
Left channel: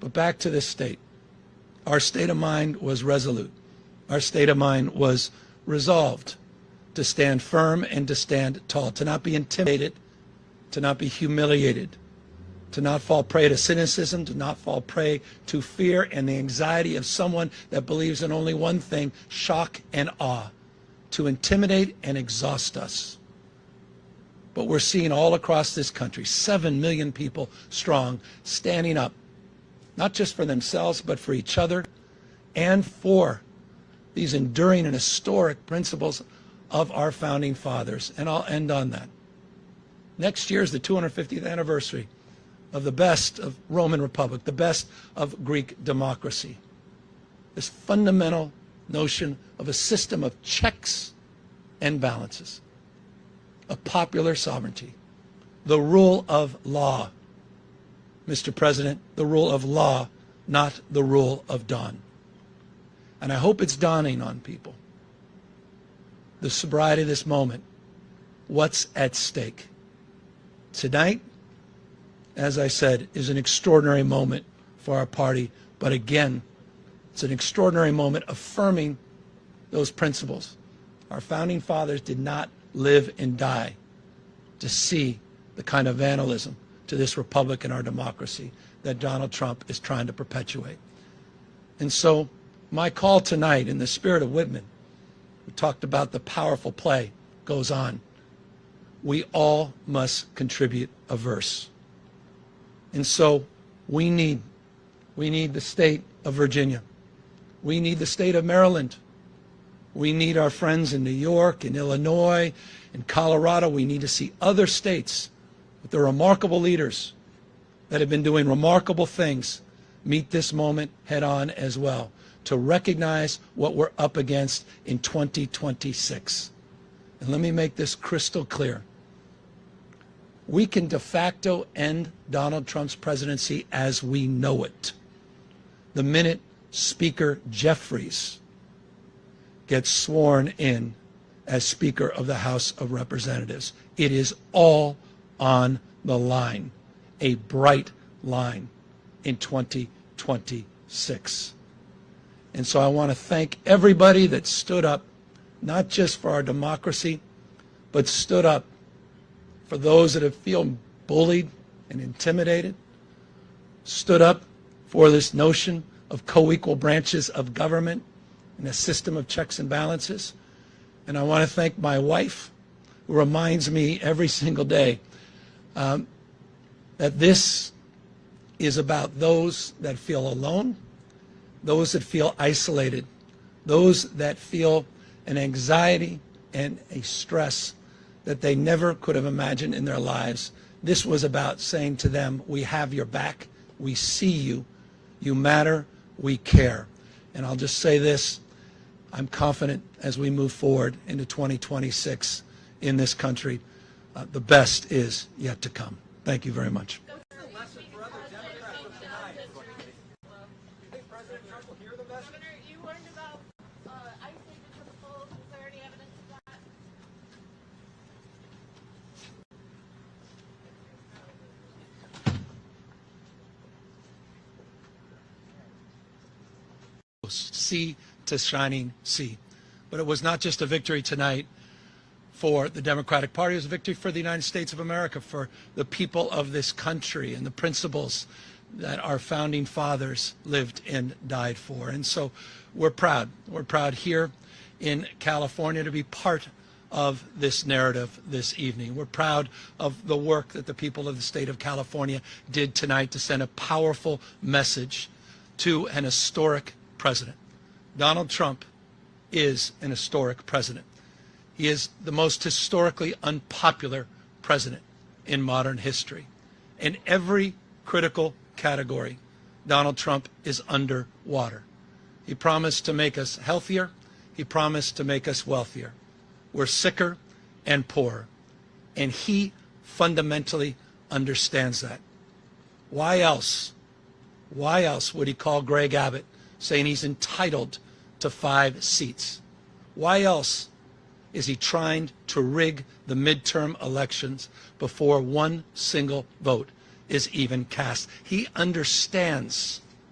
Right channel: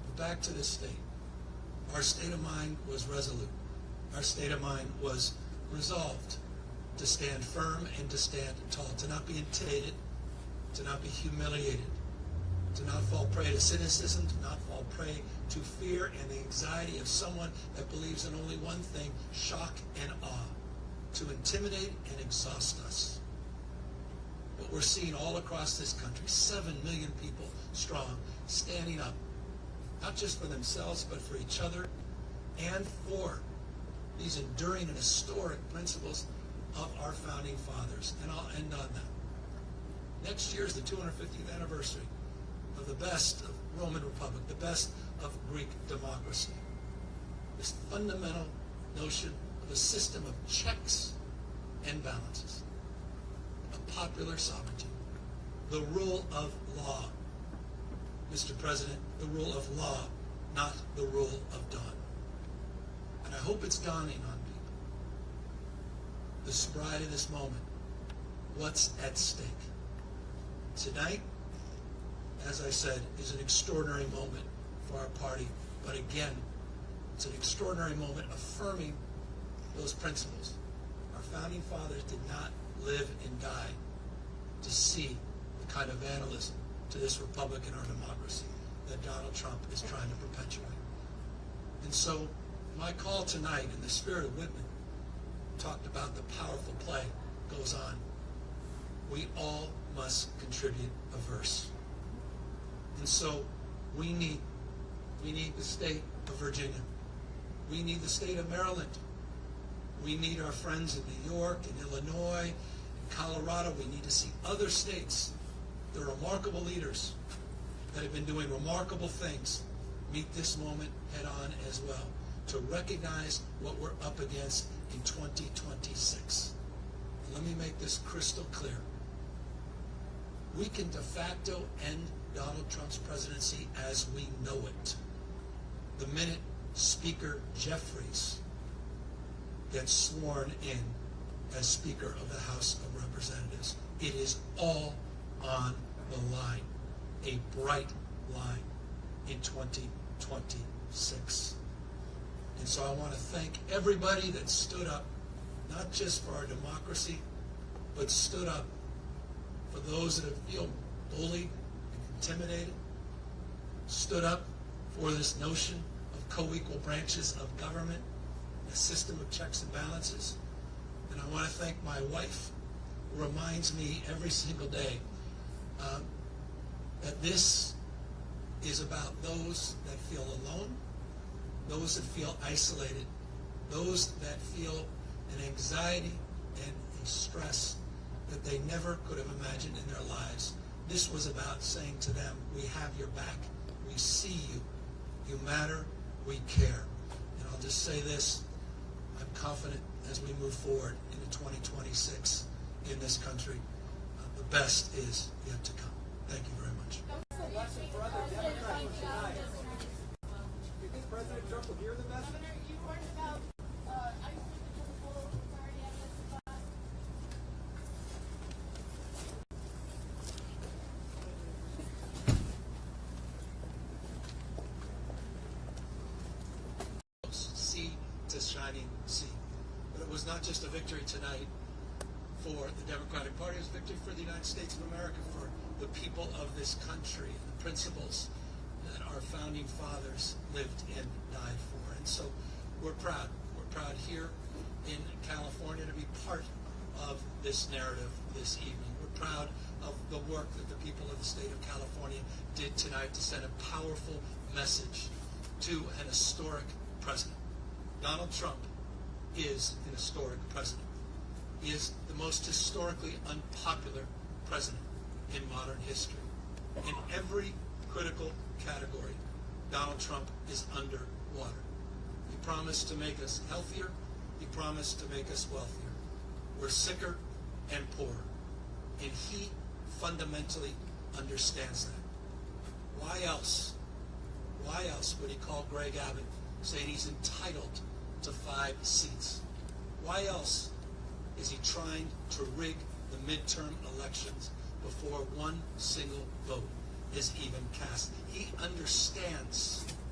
But back to this state. Our state of mind was resolute. Our state of mind was resolved to stand firm and to stand tall, to not be intimidated, to not be humiliated, to not fall prey to cynicism, to not fall prey to fear and the anxiety of someone that believes in only one thing, shock and awe, to intimidate and exhaust us. But we're seeing all across this country, 7 million people strong, standing up, not just for themselves, but for each other and for these enduring and historic principles of our founding fathers. And I'll end on that. Next year is the 250th anniversary of the best of Roman Republic, the best of Greek democracy. This fundamental notion of a system of checks and balances, of popular sovereignty, the rule of law. Mr. President, the rule of law, not the rule of dawn. And I hope it's dawning on people, the sobriety of this moment, what's at stake. Tonight, as I said, is an extraordinary moment for our party, but again, it's an extraordinary moment affirming those principles. Our founding fathers did not live and die to see the kind of vandalism to this republic and our democracy that Donald Trump is trying to perpetuate. And so my call tonight, in the spirit of Whitman, we talked about the powerful play, goes on. We all must contribute a verse. And so we need the state of Virginia. We need the state of Maryland. We need our friends in New York, in Illinois, in Colorado. We need to see other states with their remarkable leaders that have been doing remarkable things meet this moment head on as well, to recognize what we're up against in 2026. And let me make this crystal clear. We can de facto end Donald Trump's presidency as we know it the minute Speaker Jeffries gets sworn in as Speaker of the House of Representatives. It is all on the line, a bright line in 2026. And so I want to thank everybody that stood up, not just for our democracy, but stood up for those that have feel bullied and intimidated, stood up for this notion of co-equal branches of government and a system of checks and balances. And I want to thank my wife, who reminds me every single day that this is about those that feel alone, those that feel isolated, those that feel an anxiety and a stress that they never could have imagined in their lives. This was about saying to them, we have your back, we see you, you matter, we care. And I'll just say this, I'm confident as we move forward into 2026 in this country, the best is yet to come. Thank you very much. What's the lesson for other Democrats from tonight? Do you think President Trump will hear the message? Governor, you warned about ICE taking to the polls. Is there any evidence of that? Sea to shining sea. But it was not just a victory tonight for the Democratic Party, it was a victory for the United States of America, for the people of this country and the principles that our founding fathers lived and died for. And so we're proud. We're proud here in California to be part of this narrative this evening. We're proud of the work that the people of the state of California did tonight to send a powerful message to an historic president. Donald Trump is an historic president. He is the most historically unpopular president in modern history. In every critical category, Donald Trump is underwater. He promised to make us healthier. He promised to make us wealthier. We're sicker and poorer. And he fundamentally understands that. Why else would he call Greg Abbott saying he's entitled to 5 seats? Why else is he trying to rig the midterm elections before one single vote is even cast? He understands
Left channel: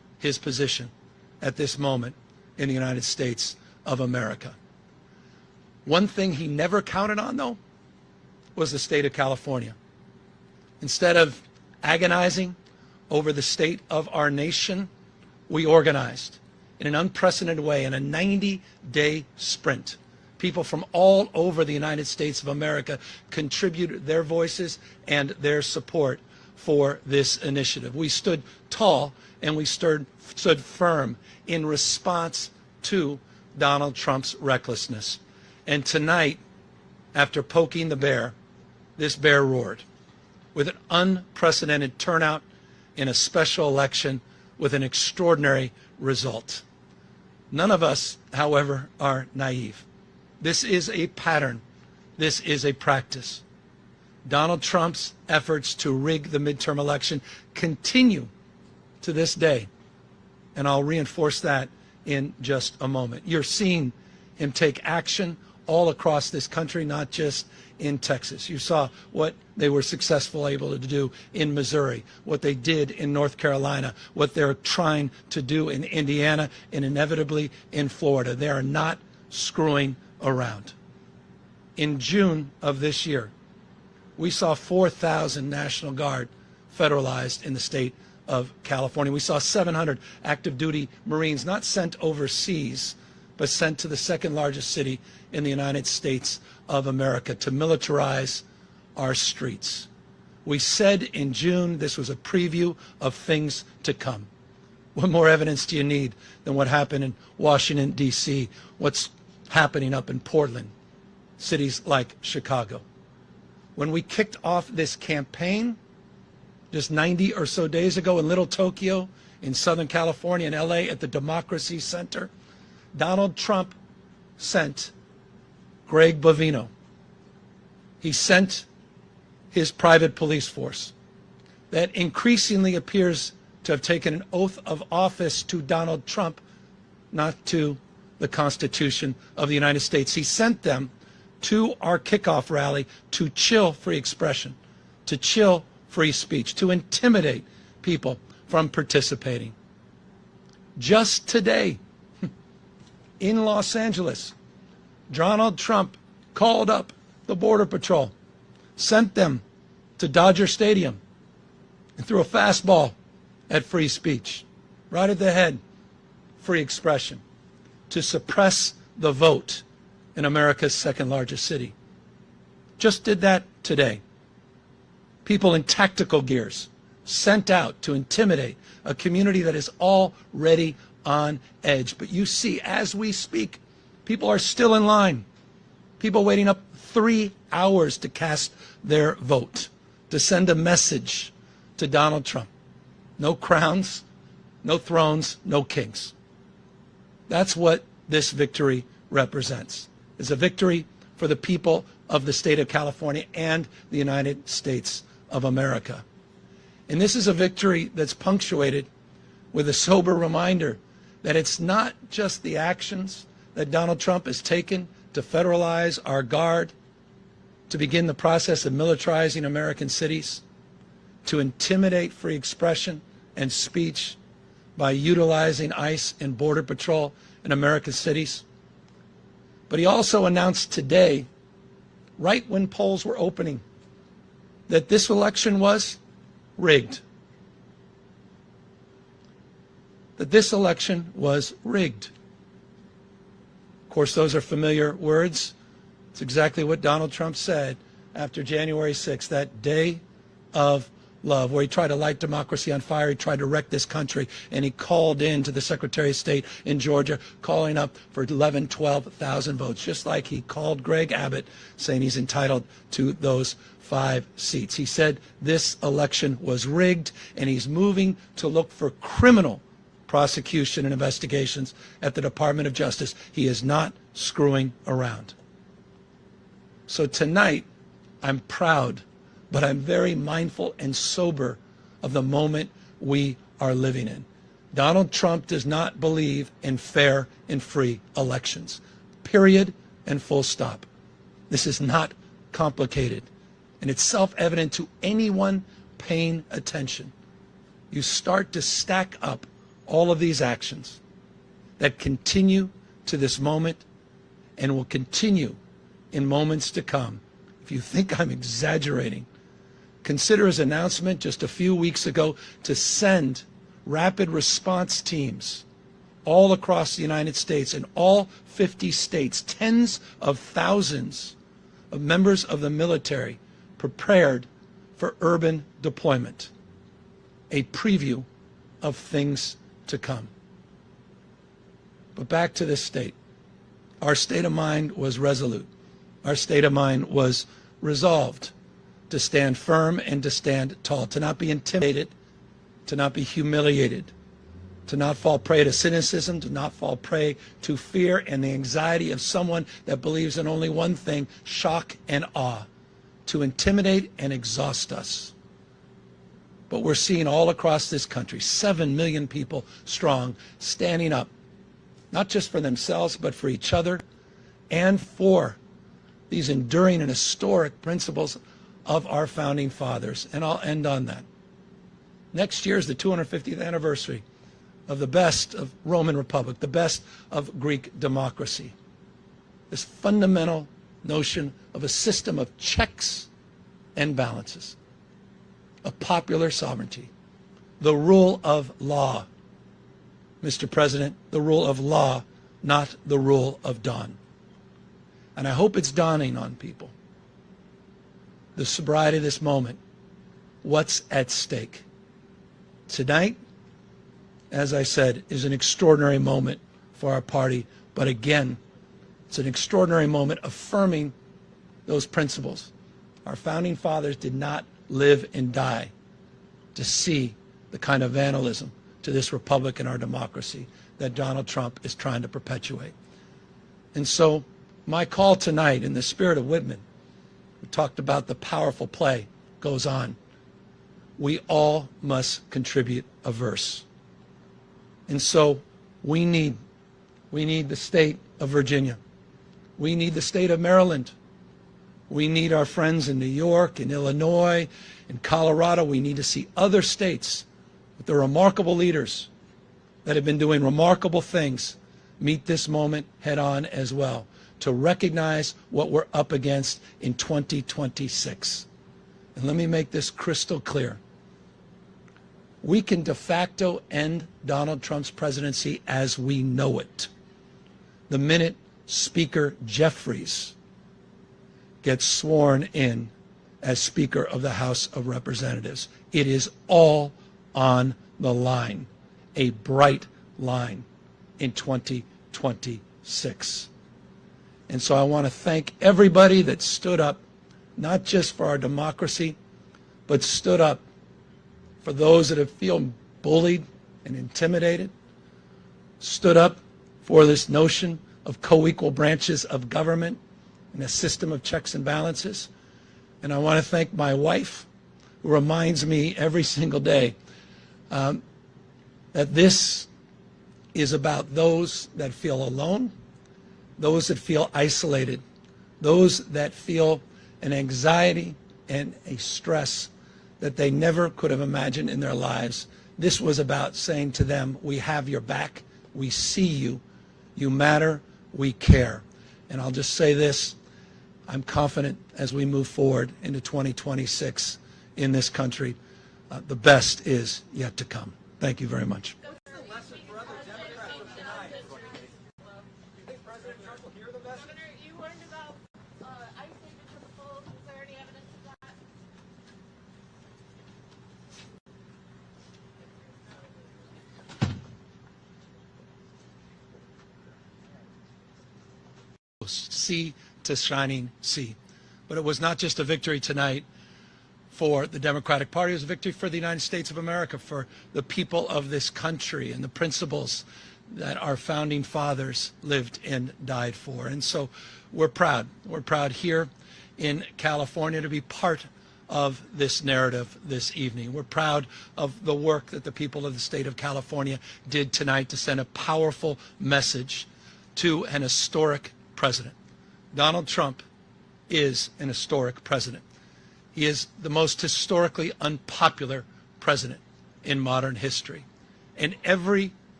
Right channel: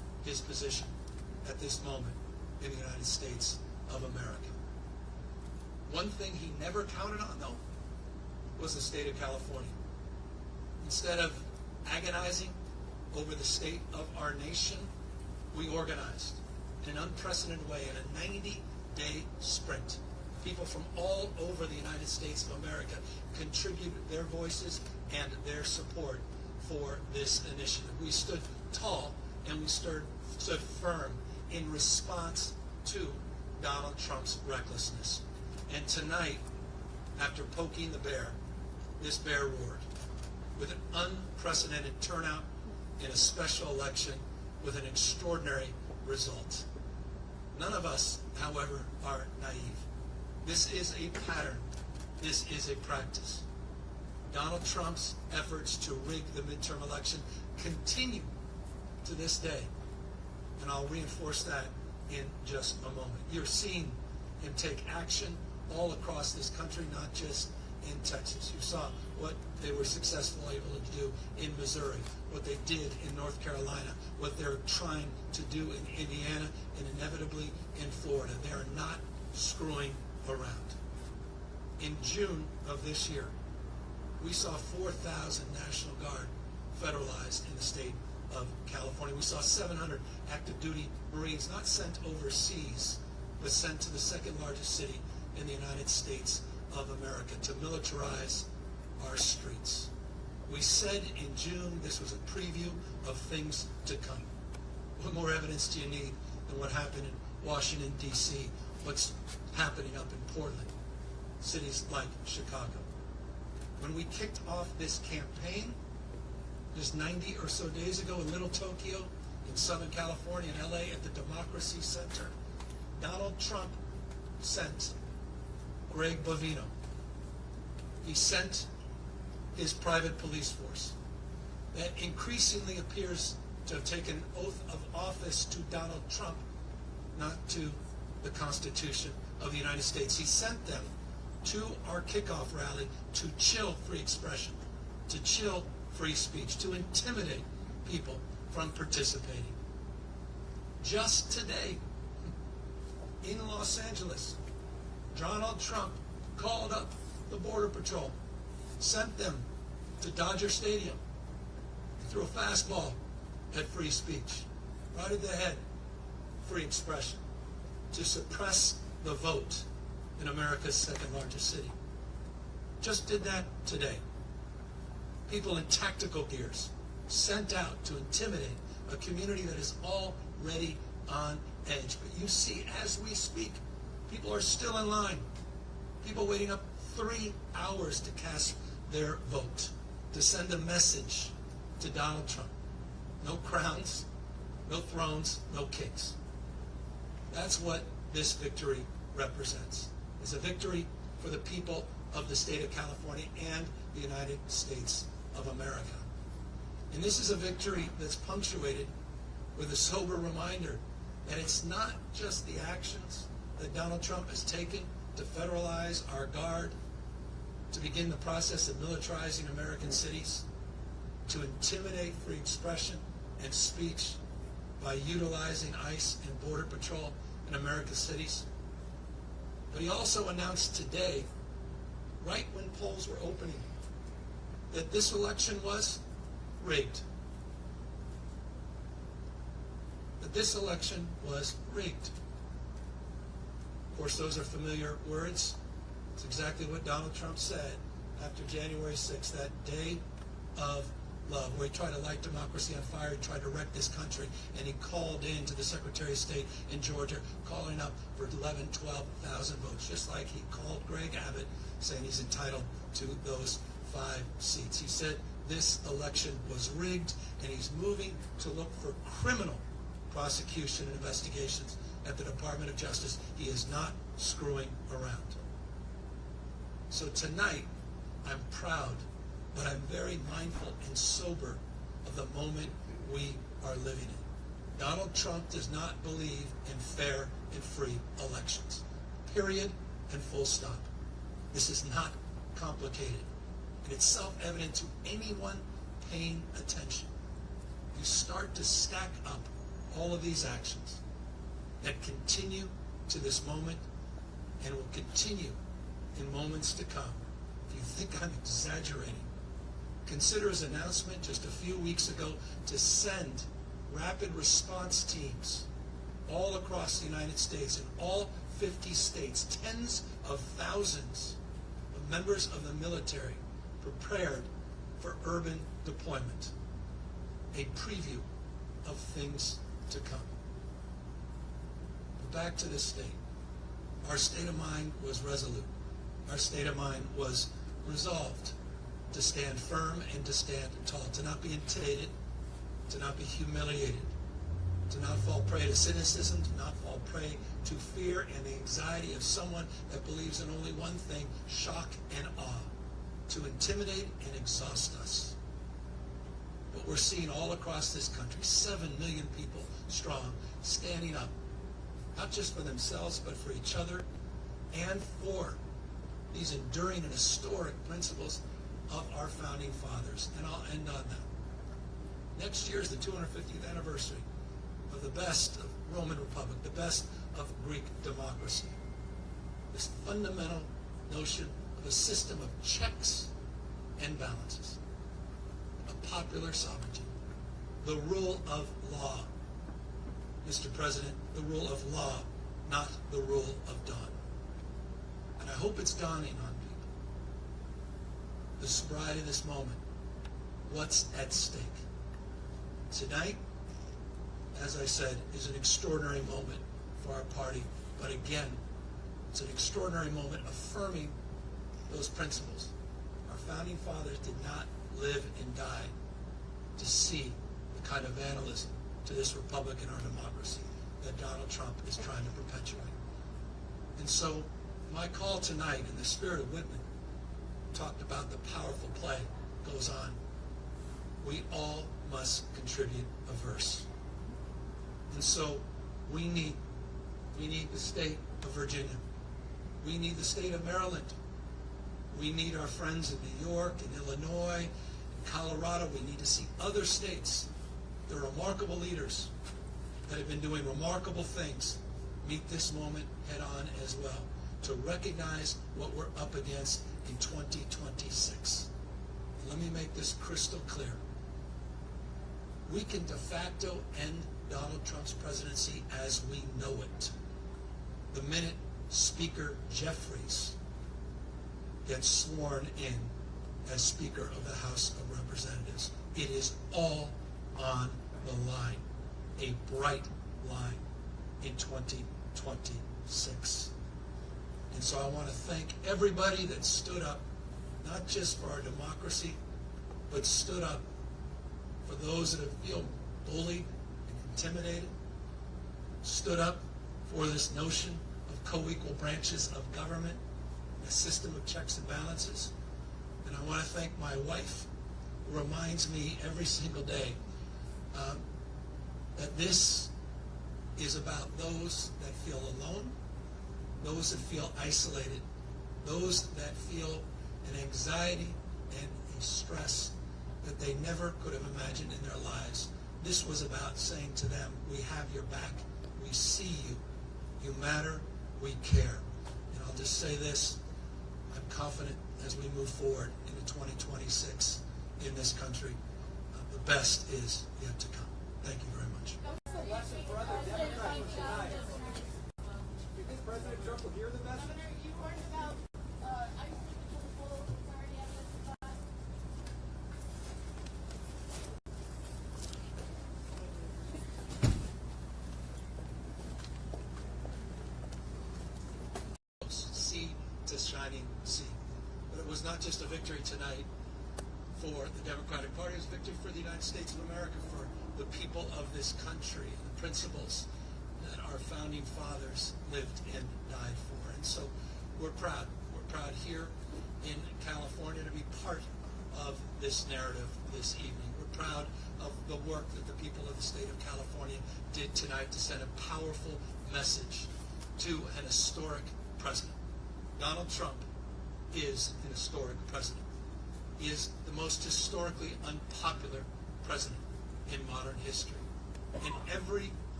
his position at this moment in the United States of America. One thing he never counted on, though, was the state of California. Instead of agonizing over the state of our nation, we organized in an unprecedented way in a 90-day sprint. People from all over the United States of America contributed their voices and their support for this initiative. We stood tall and we stood firm in response to Donald Trump's recklessness. And tonight, after poking the bear, this bear roared with an unprecedented turnout in a special election with an extraordinary result. None of us, however, are naive. This is a pattern. This is a practice. Donald Trump's efforts to rig the midterm election continue to this day, and I'll reinforce that in just a moment. You're seeing him take action all across this country, not just in Texas. You saw what they were successful able to do in Missouri, what they did in North Carolina, what they're trying to do in Indiana, and inevitably in Florida. They are not screwing around. In June of this year, we saw 4,000 National Guard federalized in the state of California. We saw 700 active duty Marines not sent overseas, but sent to the second largest city in the United States of America to militarize our streets. We said in June this was a preview of things to come. What more evidence do you need than what happened in Washington, D.C., what's happening up in Portland, cities like Chicago? When we kicked off this campaign just 90 or so days ago in Little Tokyo, in Southern California, in LA, at the Democracy Center, Donald Trump sent Greg Bovino. He sent his private police force that increasingly appears to have taken an oath of office to Donald Trump, not to the Constitution of the United States. He sent them to our kickoff rally to chill free expression, to chill free speech, to intimidate people from participating. Just today, in Los Angeles, Donald Trump called up the Border Patrol, sent them to Dodger Stadium, and threw a fastball at free speech, right at the head, free expression, to suppress the vote in America's second largest city. Just did that today. People in tactical gears sent out to intimidate a community that is already on edge. But you see, as we speak, people are still in line. People waiting up 3 hours to cast their vote, to send a message to Donald Trump. No crowns, no thrones, no kings. That's what this victory represents. It's a victory for the people of the state of California and the United States of America. And this is a victory that's punctuated with a sober reminder that it's not just the actions that Donald Trump has taken to federalize our guard, to begin the process of militarizing American cities, to intimidate free expression and speech by utilizing ICE and Border Patrol in American cities. But he also announced today, right when polls were opening, that this election was rigged. That this election was rigged. Of course, those are familiar words. It's exactly what Donald Trump said after January 6th, that day of love, where he tried to light democracy on fire. He tried to wreck this country, and he called in to the Secretary of State in Georgia, calling up for 11,000, 12,000 votes, just like he called Greg Abbott, saying he's entitled to those 5 seats. He said this election was rigged, and he's moving to look for criminal prosecution and investigations at the Department of Justice. He is not screwing around. So tonight, I'm proud, but I'm very mindful and sober of the moment we are living in. Donald Trump does not believe in fair and free elections. Period and full stop. This is not complicated, and it's self-evident to anyone paying attention. You start to stack up all of these actions that continue to this moment and will continue in moments to come. If you think I'm exaggerating, consider his announcement just a few weeks ago to send rapid response teams all across the United States, in all 50 states, tens of thousands of members of the military prepared for urban deployment. A preview of things to come. But back to this state. Our state of mind was resolute. Our state of mind was resolved to stand firm and to stand tall, to not be intimidated, to not be humiliated, to not fall prey to cynicism, to not fall prey to fear and the anxiety of someone that believes in only one thing, shock and awe, to intimidate and exhaust us. But we're seeing all across this country, 7 million people strong, standing up, not just for themselves, but for each other and for these enduring and historic principles of our founding fathers. And I'll end on that. Next year is the 250th anniversary of the best of Roman Republic, the best of Greek democracy. This fundamental notion of a system of checks and balances, of popular sovereignty, the rule of law. Mr. President, the rule of law, not the rule of dawn. And I hope it's dawning on people. The sobriety of this moment, what's at stake. Tonight, as I said, is an extraordinary moment for our party, but again, it's an extraordinary moment affirming those principles. Our founding fathers did not live and die to see the kind of vandalism to this republic and our democracy that Donald Trump is trying to perpetuate. And so my call tonight, in the spirit of Whitman, we talked about the powerful play goes on. We all must contribute a verse. And so we need the state of Virginia. We need the state of Maryland. We need our friends in New York and Illinois and Colorado. We need to see other states with the remarkable leaders that have been doing remarkable things meet this moment head on as well, to recognize what we're up against in 2026. And let me make this crystal clear. We can de facto end Donald Trump's presidency as we know it the minute Speaker Jeffries gets sworn in as Speaker of the House of Representatives. It is all on the line, a bright line in 2026. And so I want to thank everybody that stood up, not just for our democracy, but stood up for those that have feel bullied and intimidated, stood up for this notion of co-equal branches of government and a system of checks and balances. And I want to thank my wife, who reminds me every single day that this is about those that feel alone, those that feel isolated, those that feel an anxiety and a stress that they never could have imagined in their lives. This was about saying to them, we have your back, we see you, you matter, we care. And I'll just say this, I'm confident as we move forward into 2026 in this country, the best is yet to come. Thank you very much. What's the lesson for other Democrats from tonight? Do you think President Trump will hear the message? Governor, you learned about ICE signatures of full. Is there any evidence of that? Sea to shining sea. But it was not just a victory tonight for the Democratic Party, it was a victory for the United States of America, for the people of this country and the principles that our founding fathers lived and died for. And so we're proud. We're proud here in California to be part of this narrative this evening. We're proud of the work that the people of the state of California did tonight to send a powerful message to an historic president. Donald Trump is an historic president. He is the most historically unpopular president in modern history. And every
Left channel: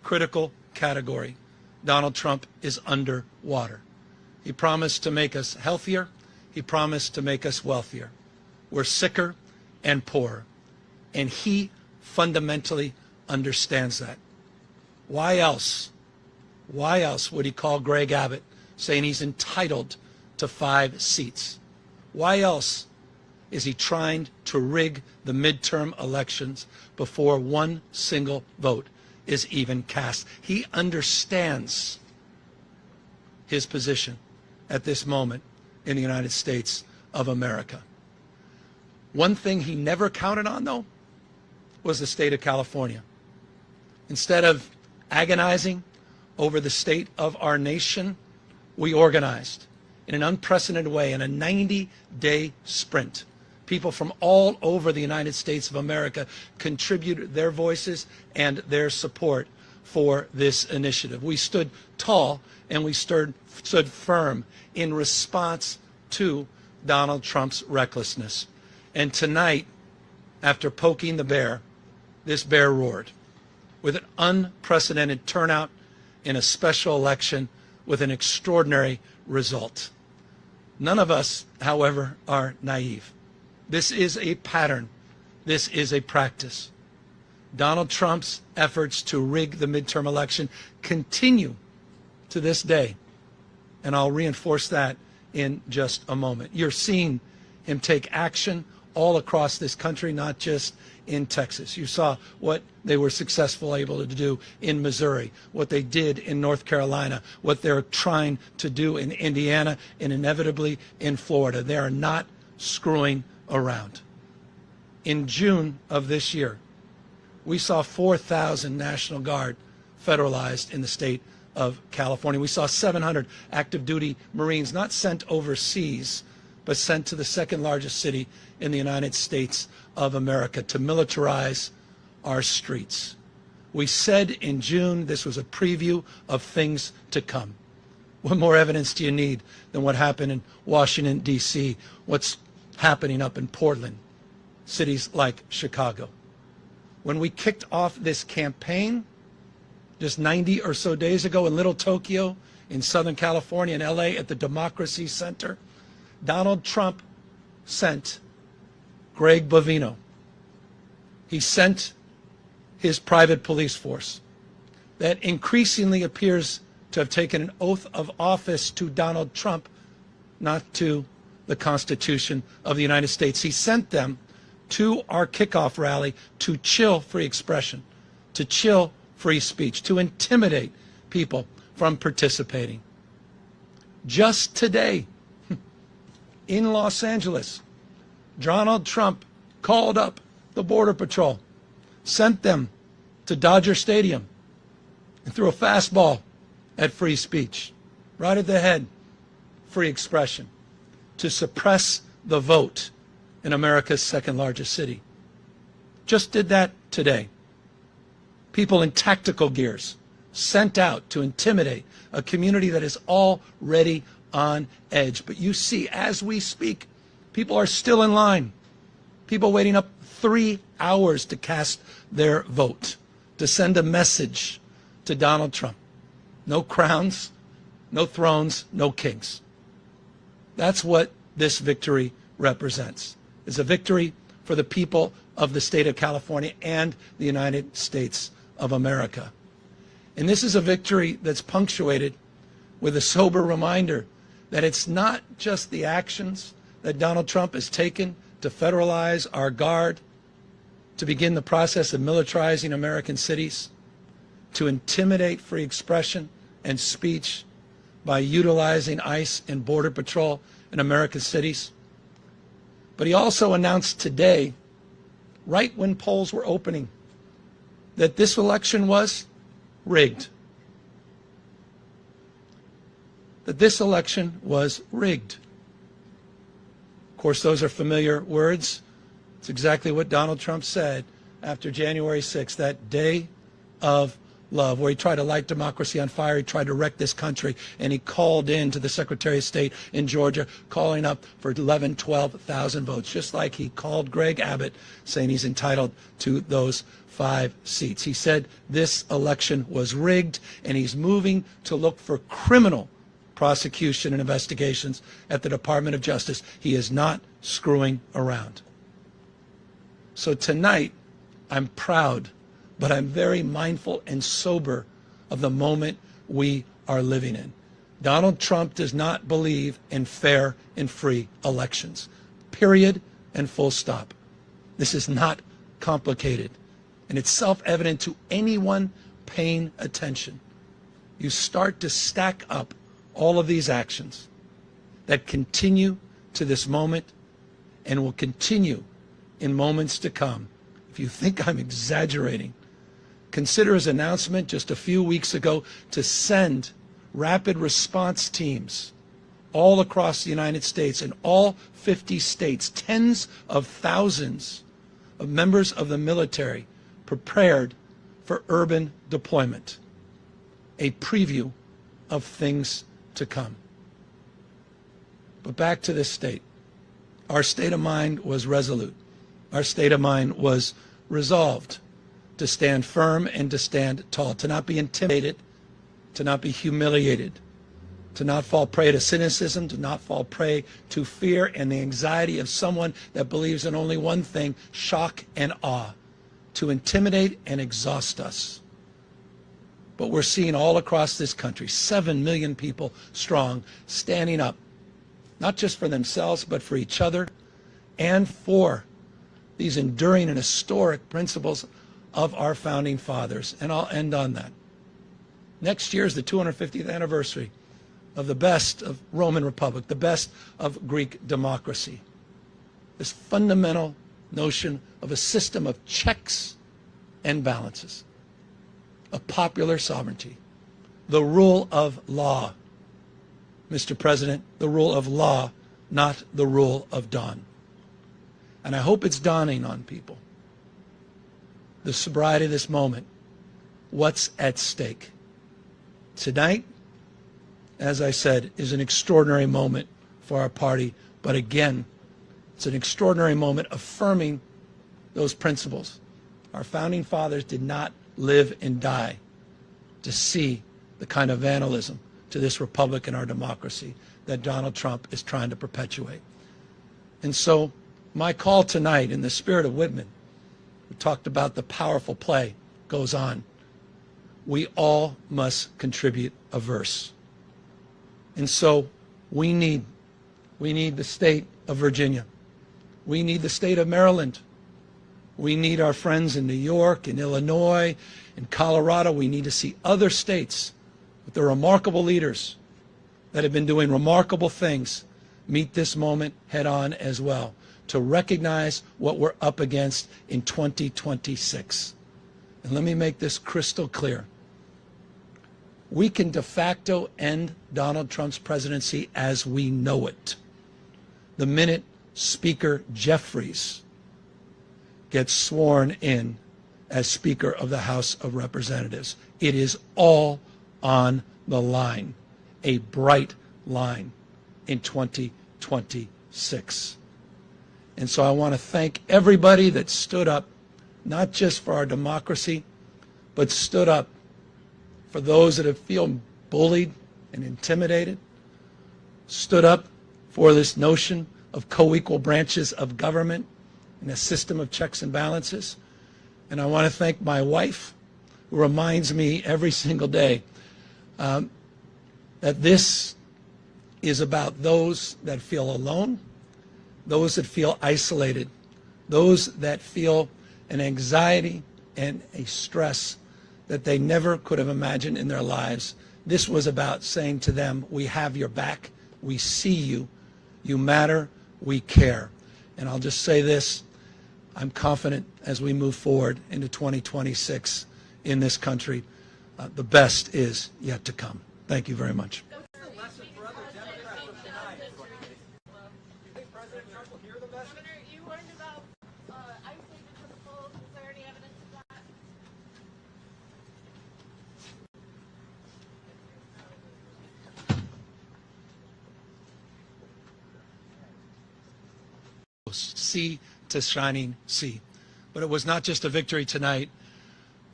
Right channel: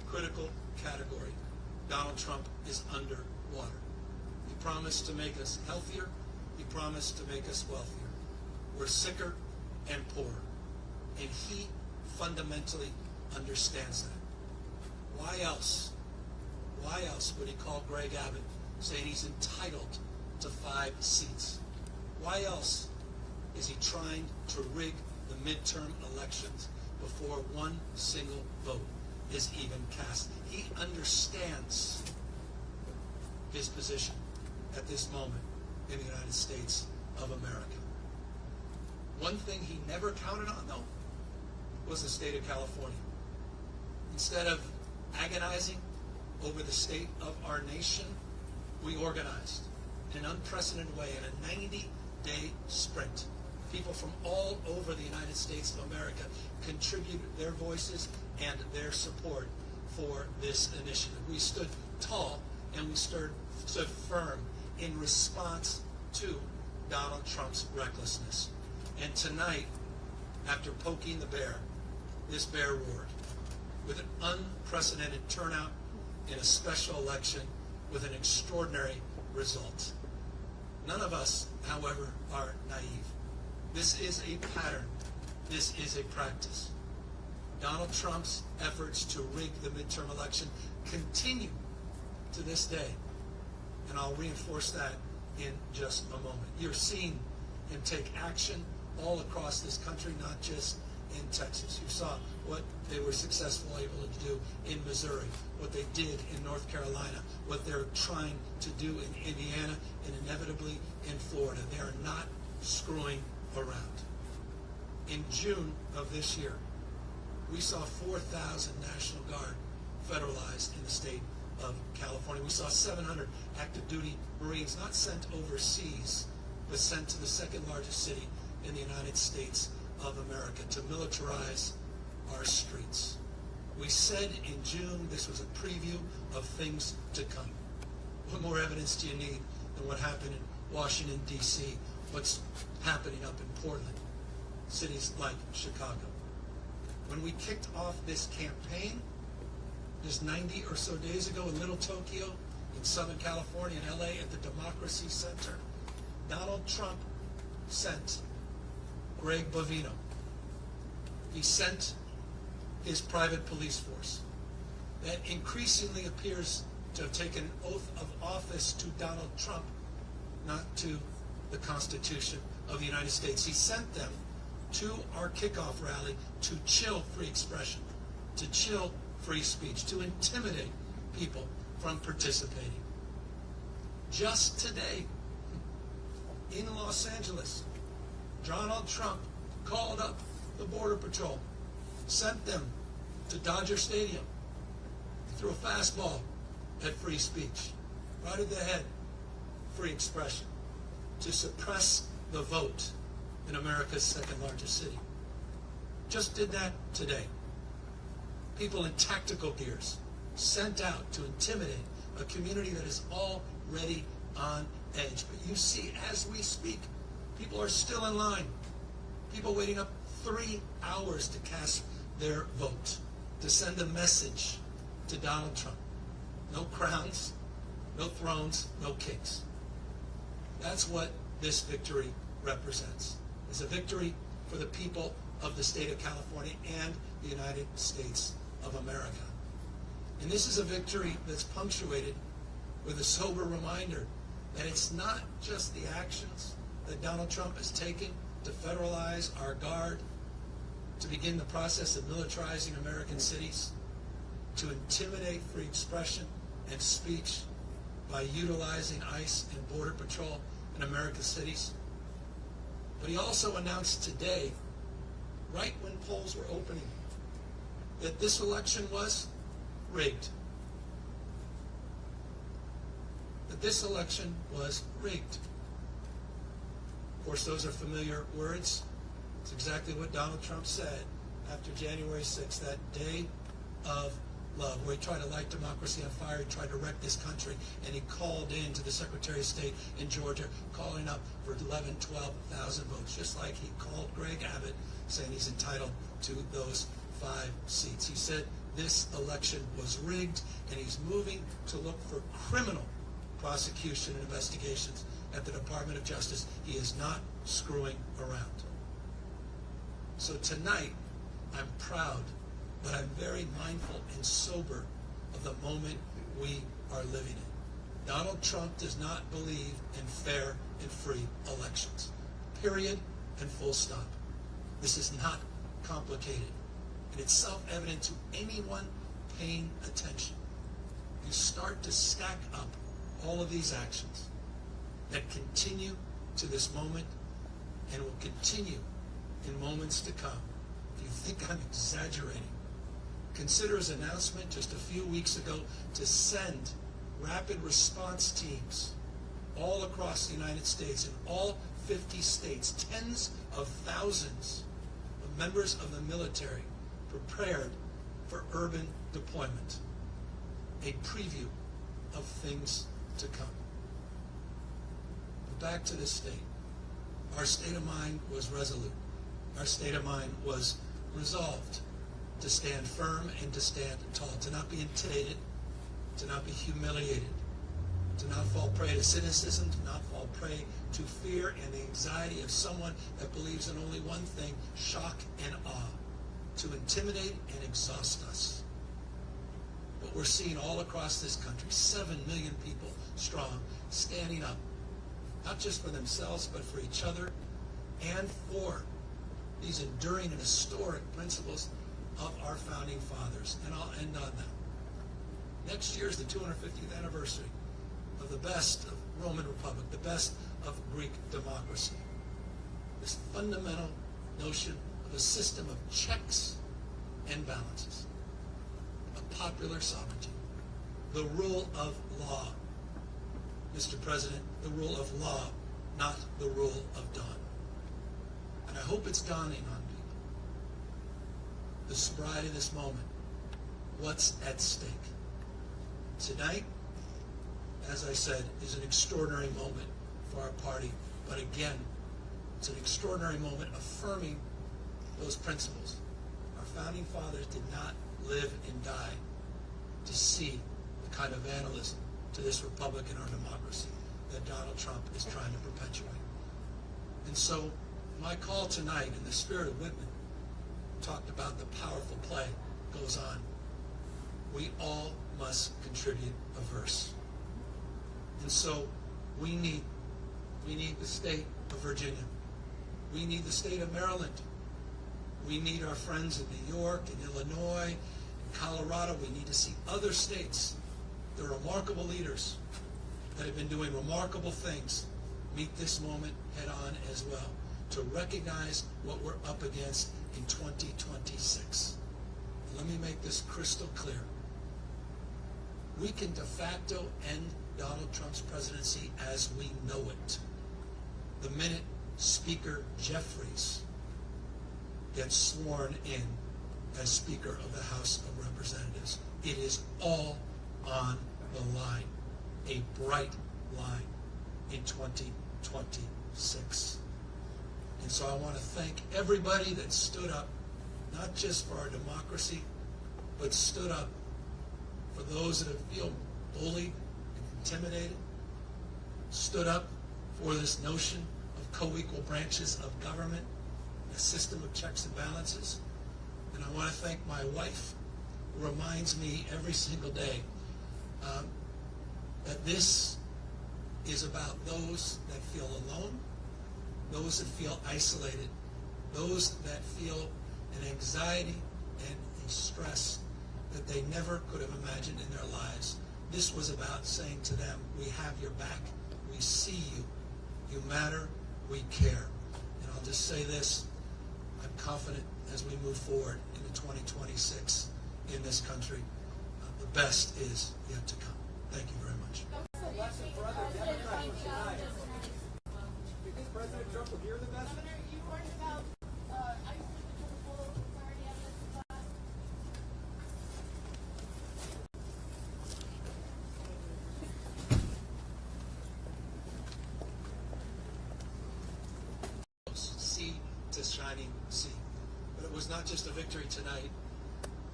critical category, Donald Trump is underwater. He promised to make us healthier. He promised to make us wealthier. We're sicker and poorer. And he fundamentally understands that. Why else would he call Greg Abbott saying he's entitled to 5 seats? Why else is he trying to rig the midterm elections before one single vote is even cast? He understands his position at this moment in the United States of America. One thing he never counted on, though, was the state of California. Instead of agonizing over the state of our nation, we organized in an unprecedented way in a 90-day sprint. People from all over the United States of America contributed their voices and their support for this initiative. We stood tall and we stood firm in response to Donald Trump's recklessness. And tonight, after poking the bear, this bear roared with an unprecedented turnout in a special election with an extraordinary result. None of us, however, are naive. This is a pattern. This is a practice. Donald Trump's efforts to rig the midterm election continue to this day. And I'll reinforce that in just a moment. You're seeing him take action all across this country, not just in Texas. You saw what they were successful able to do in Missouri, what they did in North Carolina, what they're trying to do in Indiana, and inevitably in Florida. They are not screwing around. In June of this year, we saw 4,000 National Guard federalized in the state of California. We saw 700 active duty Marines not sent overseas, but sent to the second largest city in the United States of America to militarize our streets. We said in June this was a preview of things to come. What more evidence do you need than what happened in Washington, D.C., what's happening up in Portland, cities like Chicago? When we kicked off this campaign just 90 or so days ago in Little Tokyo, in Southern California, in LA, at the Democracy Center, Donald Trump sent Greg Bovino. He sent his private police force that increasingly appears to have taken an oath of office to Donald Trump, not to the Constitution of the United States. He sent them to our kickoff rally to chill free expression, to chill free speech, to intimidate people from participating. Just today, in Los Angeles, Donald Trump called up the Border Patrol, sent them to Dodger Stadium, and threw a fastball at free speech, right at the head, free expression, to suppress the vote in America's second largest city. Just did that today. People in tactical gears sent out to intimidate a community that is already on edge. But you see, as we speak, people are still in line. People waiting up 3 hours to cast their vote, to send a message to Donald Trump. No crowns, no thrones, no kings. That's what this victory represents. It's a victory for the people of the state of California and the United States of America. And this is a victory that's punctuated with a sober reminder that it's not just the actions that Donald Trump has taken to federalize our guard, to begin the process of militarizing American cities, to intimidate free expression and speech by utilizing ICE and Border Patrol in American cities. But he also announced today, right when polls were opening, that this election was rigged. That this election was rigged. Of course, those are familiar words. It's exactly what Donald Trump said after January 6th, that day of love, where he tried to light democracy on fire, he tried to wreck this country, and he called in to the Secretary of State in Georgia, calling up for 12,000 votes, just like he called Greg Abbott, saying he's entitled to those 5 seats. He said this election was rigged, and he's moving to look for criminal prosecution and investigations at the Department of Justice. He is not screwing around. So tonight, I'm proud, but I'm very mindful and sober of the moment we are living in. Donald Trump does not believe in fair and free elections. Period and full stop. This is not complicated, and it's self-evident to anyone paying attention. You start to stack up all of these actions that continue to this moment and will continue in moments to come. If you think I'm exaggerating, consider his announcement just a few weeks ago to send rapid response teams all across the United States, in all 50 states, tens of thousands of members of the military prepared for urban deployment. A preview of things to come. But back to this state. Our state of mind was resolute. Our state of mind was resolved to stand firm and to stand tall, to not be intimidated, to not be humiliated, to not fall prey to cynicism, to not fall prey to fear and the anxiety of someone that believes in only one thing, shock and awe, to intimidate and exhaust us. But we're seeing all across this country, 7 million people strong, standing up, not just for themselves, but for each other and for these enduring and historic principles of our founding fathers. And I'll end on that. Next year is the 250th anniversary of the best of Roman Republic, the best of Greek democracy. This fundamental notion of a system of checks and balances, of popular sovereignty, the rule of law. Mr. President, the rule of law, not the rule of dawn. And I hope it's dawning on people, the sobriety of this moment, what's at stake. Tonight, as I said, is an extraordinary moment for our party, but again, it's an extraordinary moment affirming those principles. Our founding fathers did not live and die to see the kind of vandalism to this republic and our democracy that Donald Trump is trying to perpetuate. And so my call tonight, in the spirit of Whitman, who talked about the powerful play, goes on. We all must contribute a verse. And so we need the state of Virginia. We need the state of Maryland. We need our friends in New York and Illinois and Colorado. We need to see other states with the remarkable leaders that have been doing remarkable things meet this moment head on as well, to recognize what we're up against in 2026. And let me make this crystal clear. We can de facto end Donald Trump's presidency as we know it the minute Speaker Jeffries gets sworn in as Speaker of the House of Representatives. It is all on the line, a bright line in 2026. And so I want to thank everybody that stood up, not just for our democracy, but stood up for those that have feel bullied and intimidated, stood up for this notion of co-equal branches of government and a system of checks and balances. And I want to thank my wife, who reminds me every single day that this is about those that feel alone, those that feel isolated, those that feel an anxiety and a stress that they never could have imagined in their lives. This was about saying to them, we have your back, we see you, you matter, we care. And I'll just say this, I'm confident as we move forward into 2026 in this country, the best is yet to come. Thank you very much. What's the lesson for other Democrats of tonight? Do you think President Trump will hear the message? Governor, you learned about ISIS because of full clarity evidence of that. Sea to shining sea. But it was not just a victory tonight,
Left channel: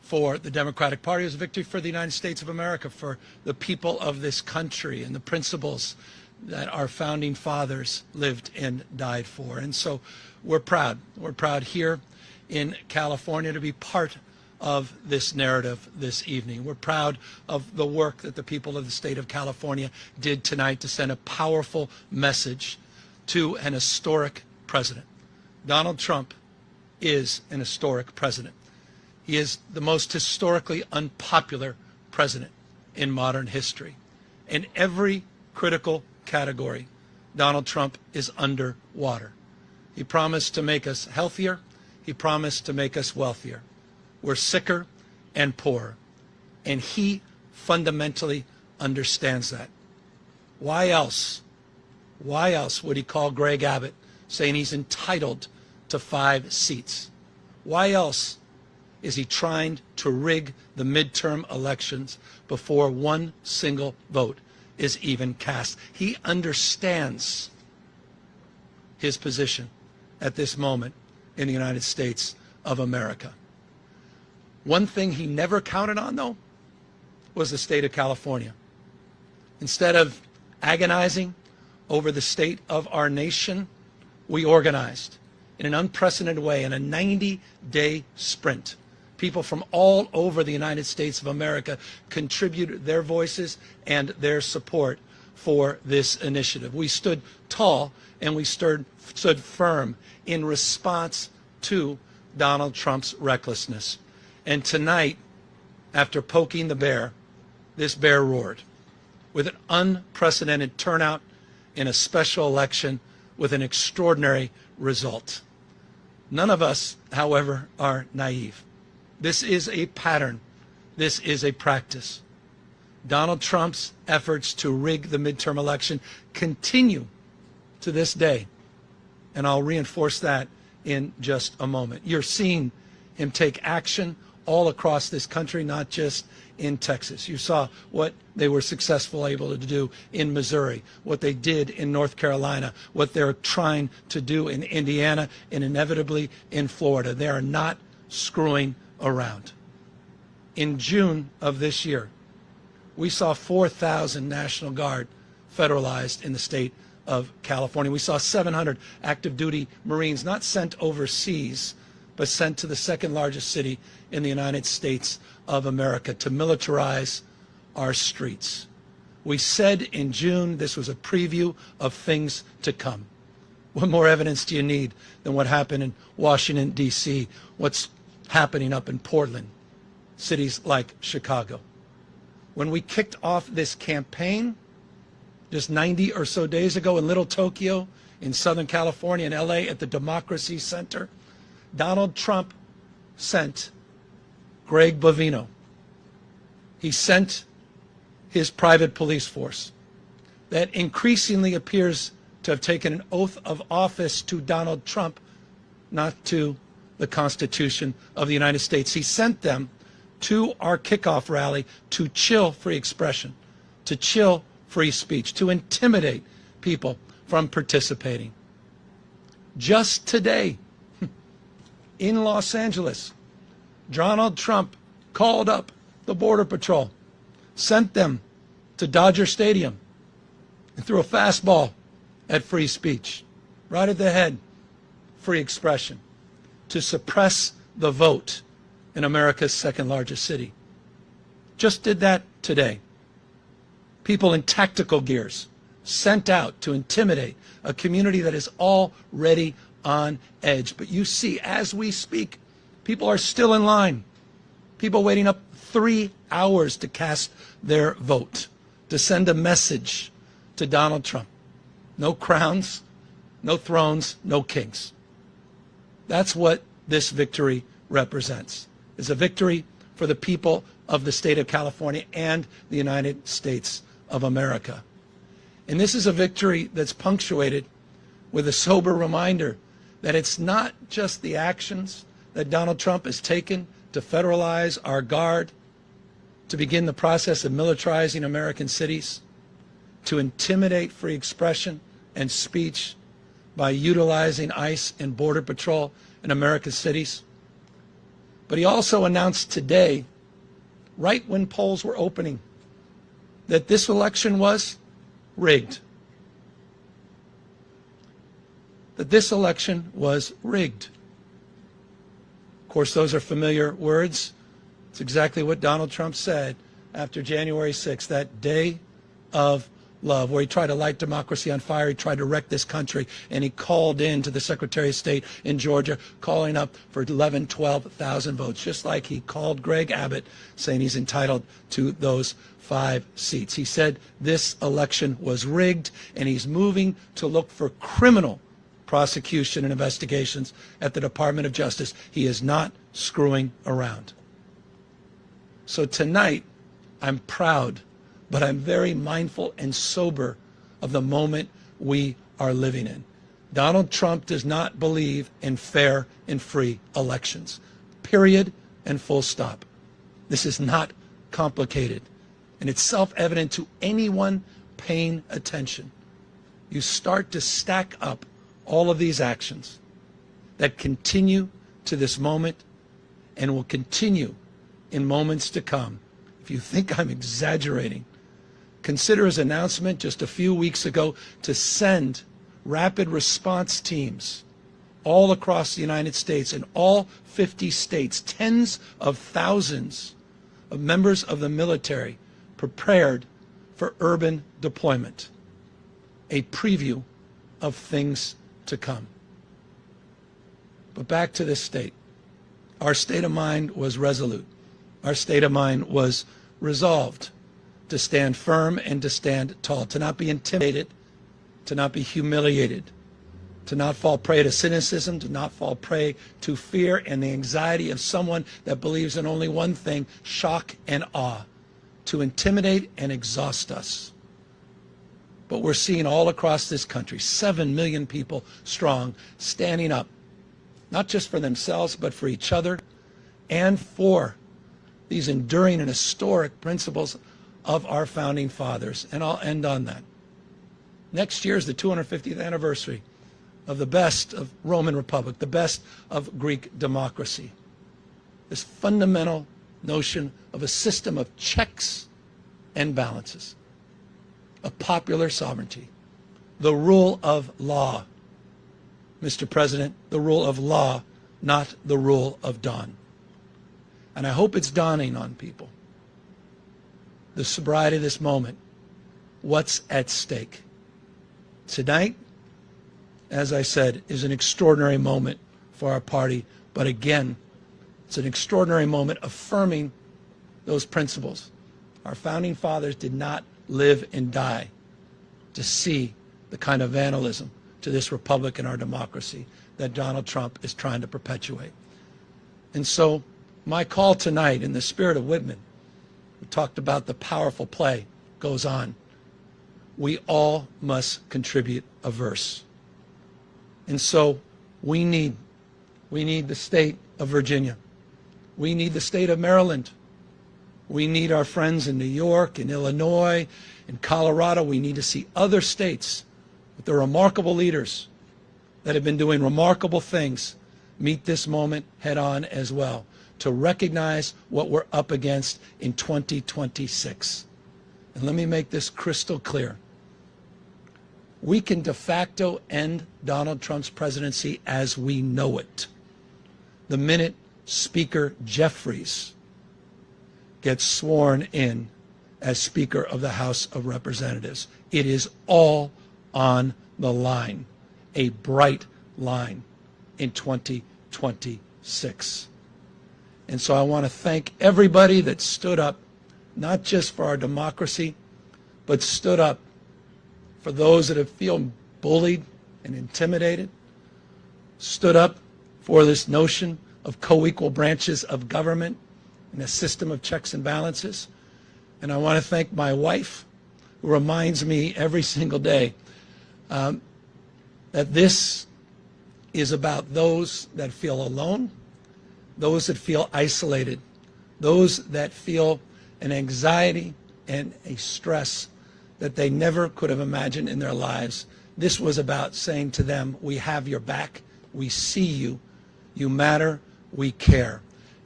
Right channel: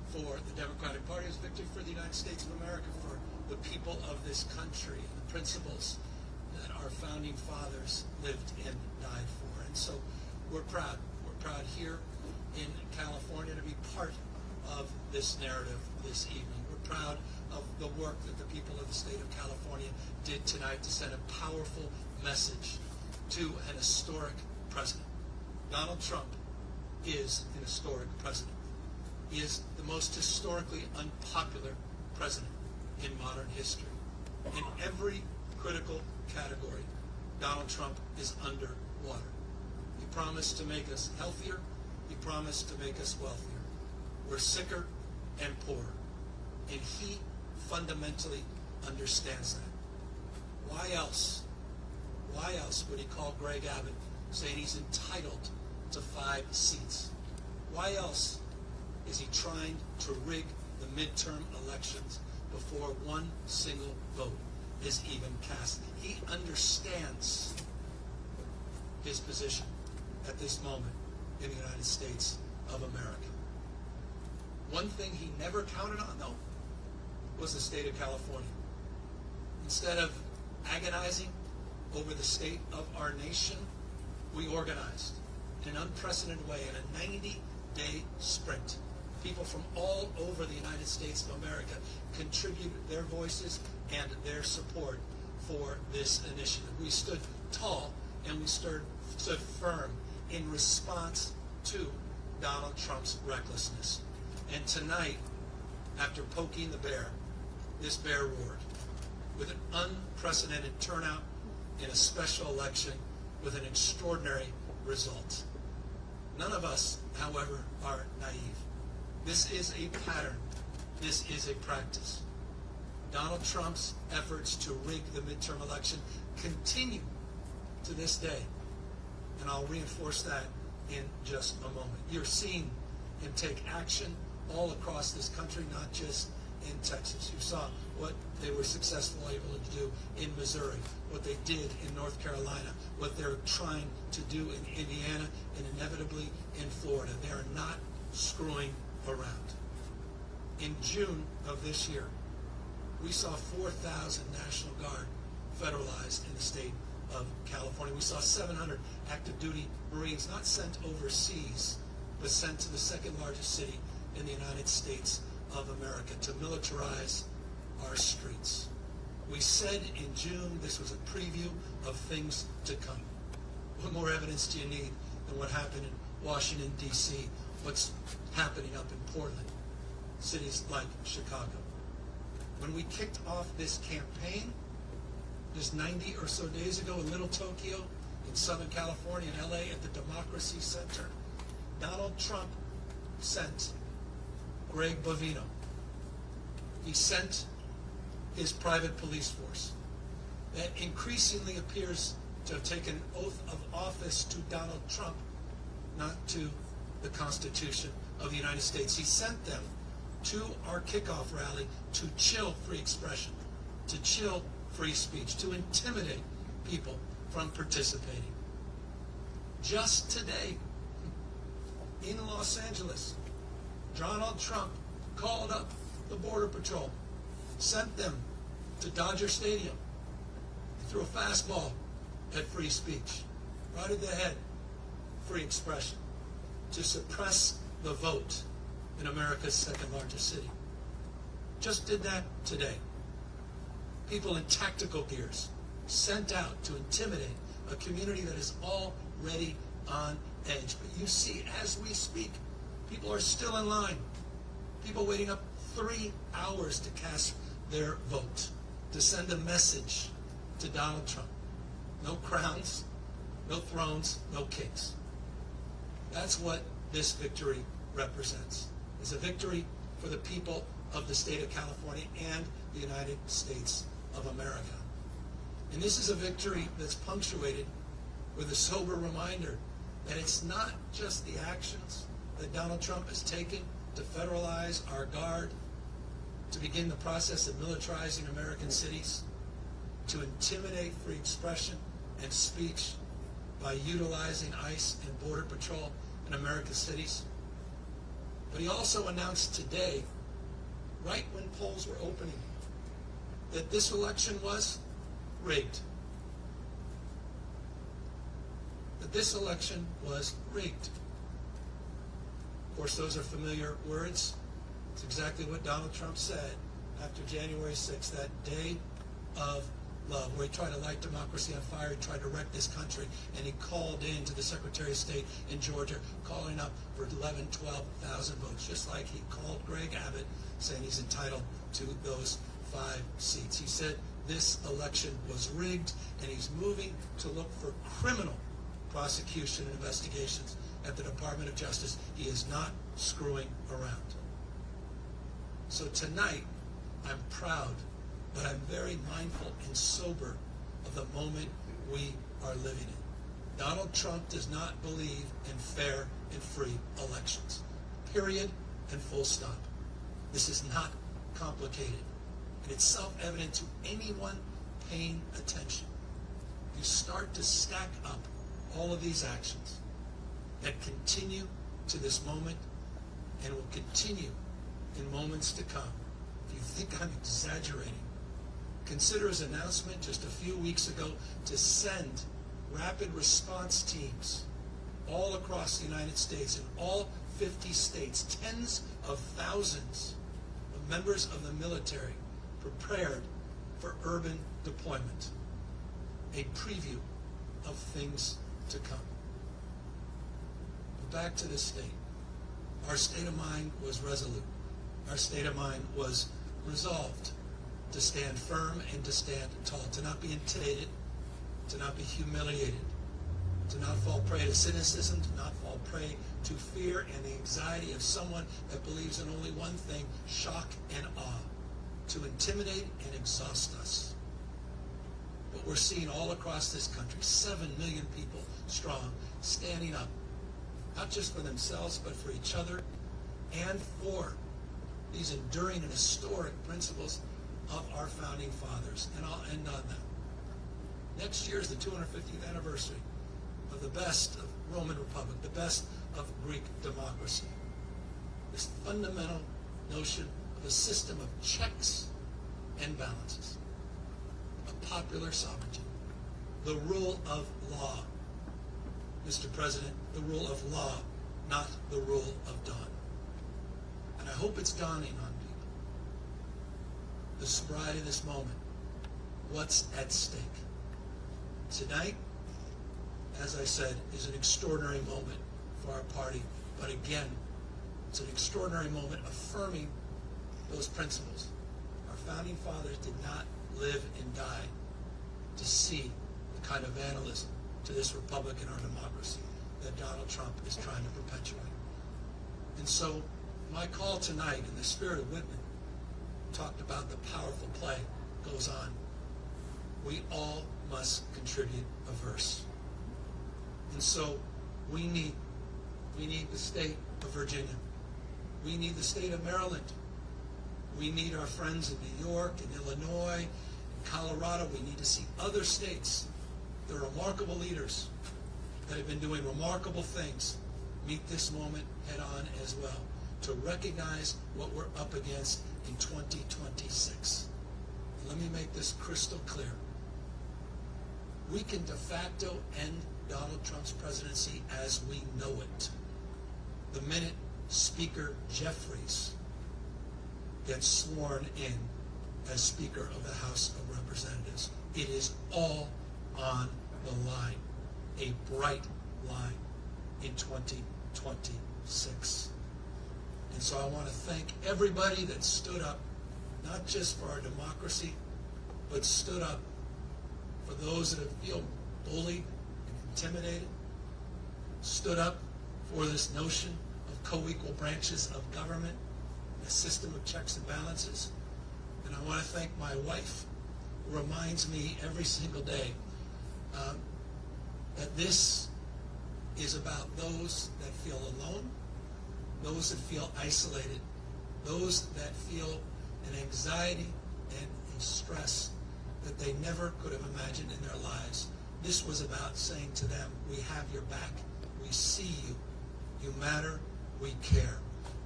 for the Democratic Party. It was a victory for the United States of America, for the people of this country and the principles that our founding fathers lived and died for. And so we're proud. We're proud here in California to be part of this narrative this evening. We're proud of the work that the people of the state of California did tonight to send a powerful message to an historic president. Donald Trump is an historic president. He is the most historically unpopular president in modern history. In every critical category, Donald Trump is underwater. He promised to make us healthier. He promised to make us wealthier. We're sicker and poorer. And he fundamentally understands that. Why else would he call Greg Abbott saying he's entitled to 5 seats? Why else is he trying to rig the midterm elections before one single vote is even cast? He understands his position at this moment in the United States of America. One thing he never counted on, though, was the state of California. Instead of agonizing over the state of our nation, we organized in an unprecedented way in a 90-day sprint. People from all over the United States of America contributed their voices and their support for this initiative. We stood tall and we stood firm in response to Donald Trump's recklessness. And tonight, after poking the bear, this bear roared with an unprecedented turnout in a special election with an extraordinary result. None of us, however, are naive. This is a pattern. This is a practice. Donald Trump's efforts to rig the midterm election continue to this day. And I'll reinforce that in just a moment. You're seeing him take action all across this country, not just in Texas. You saw what they were successful able to do in Missouri, what they did in North Carolina, what they're trying to do in Indiana, and inevitably in Florida. They are not screwing around. In June of this year, we saw 4,000 National Guard federalized in the state of California. We saw 700 active duty Marines not sent overseas, but sent to the second largest city in the United States of America to militarize our streets. We said in June this was a preview of things to come. What more evidence do you need than what happened in Washington, D.C., what's happening up in Portland, cities like Chicago? When we kicked off this campaign just 90 or so days ago in Little Tokyo, in Southern California, in L.A. at the Democracy Center, Donald Trump sent Greg Bovino. He sent his private police force that increasingly appears to have taken an oath of office to Donald Trump, not to the Constitution of the United States. He sent them to our kickoff rally to chill free expression, to chill free speech, to intimidate people from participating. Just today, in Los Angeles, Donald Trump called up the Border Patrol, sent them to Dodger Stadium, and threw a fastball at free speech, right at the head, free expression, to suppress the vote in America's second largest city. Just did that today. People in tactical gears sent out to intimidate a community that is already on edge. But you see, as we speak, people are still in line. People waiting up 3 hours to cast their vote, to send a message to Donald Trump. No crowns, no thrones, no kings. That's what this victory represents. It's a victory for the people of the state of California and the United States of America. And this is a victory that's punctuated with a sober reminder that it's not just the actions that Donald Trump has taken to federalize our guard, to begin the process of militarizing American cities, to intimidate free expression and speech by utilizing ICE and Border Patrol in American cities. But he also announced today, right when polls were opening, that this election was rigged. That this election was rigged. Of course, those are familiar words. It's exactly what Donald Trump said after January 6th, that day of love, where he tried to light democracy on fire. He tried to wreck this country, and he called in to the Secretary of State in Georgia, calling up for 11,000, 12,000 votes, just like he called Greg Abbott, saying he's entitled to those 5 seats. He said this election was rigged, and he's moving to look for criminal prosecution and investigations at the Department of Justice. He is not screwing around. So tonight, I'm proud, but I'm very mindful and sober of the moment we are living in. Donald Trump does not believe in fair and free elections. Period and full stop. This is not complicated, and it's self-evident to anyone paying attention. You start to stack up all of these actions that continue to this moment and will continue in moments to come. If you think I'm exaggerating, consider his announcement just a few weeks ago to send rapid response teams all across the United States, in all 50 states, tens of thousands of members of the military prepared for urban deployment. A preview of things to come. But back to this state. Our state of mind was resolute. Our state of mind was resolved to stand firm and to stand tall, to not be intimidated, to not be humiliated, to not fall prey to cynicism, to not fall prey to fear and the anxiety of someone that believes in only one thing, shock and awe, to intimidate and exhaust us. But we're seeing all across this country, 7 million people strong, standing up, not just for themselves, but for each other and for these enduring and historic principles of our founding fathers. And I'll end on that. Next year is the 250th anniversary of the best of Roman Republic, the best of Greek democracy. This fundamental notion of a system of checks and balances, of popular sovereignty, the rule of law. Mr. President, the rule of law, not the rule of dawn. And I hope it's dawning on people. The sobriety of this moment, what's at stake. Tonight, as I said, is an extraordinary moment for our party, but again, it's an extraordinary moment affirming those principles. Our founding fathers did not live and die to see the kind of vandalism to this republic and our democracy that Donald Trump is trying to perpetuate. And so my call tonight, in the spirit of Whitman, we talked about the powerful play, goes on. We all must contribute a verse. And so we need the state of Virginia. We need the state of Maryland. We need our friends in New York, in Illinois, in Colorado. We need to see other states with their remarkable leaders that have been doing remarkable things meet this moment head on as well, to recognize what we're up against in 2026. And let me make this crystal clear. We can de facto end Donald Trump's presidency as we know it the minute Speaker Jeffries gets sworn in as Speaker of the House of Representatives. It is all on the line, a bright line in 2026. And so I want to thank everybody that stood up, not just for our democracy, but stood up for those that have feel bullied and intimidated, stood up for this notion of co-equal branches of government and a system of checks and balances. And I want to thank my wife, who reminds me every single day that this is about those that feel alone, those that feel isolated, those that feel an anxiety and a stress that they never could have imagined in their lives. This was about saying to them, we have your back, we see you, you matter, we care.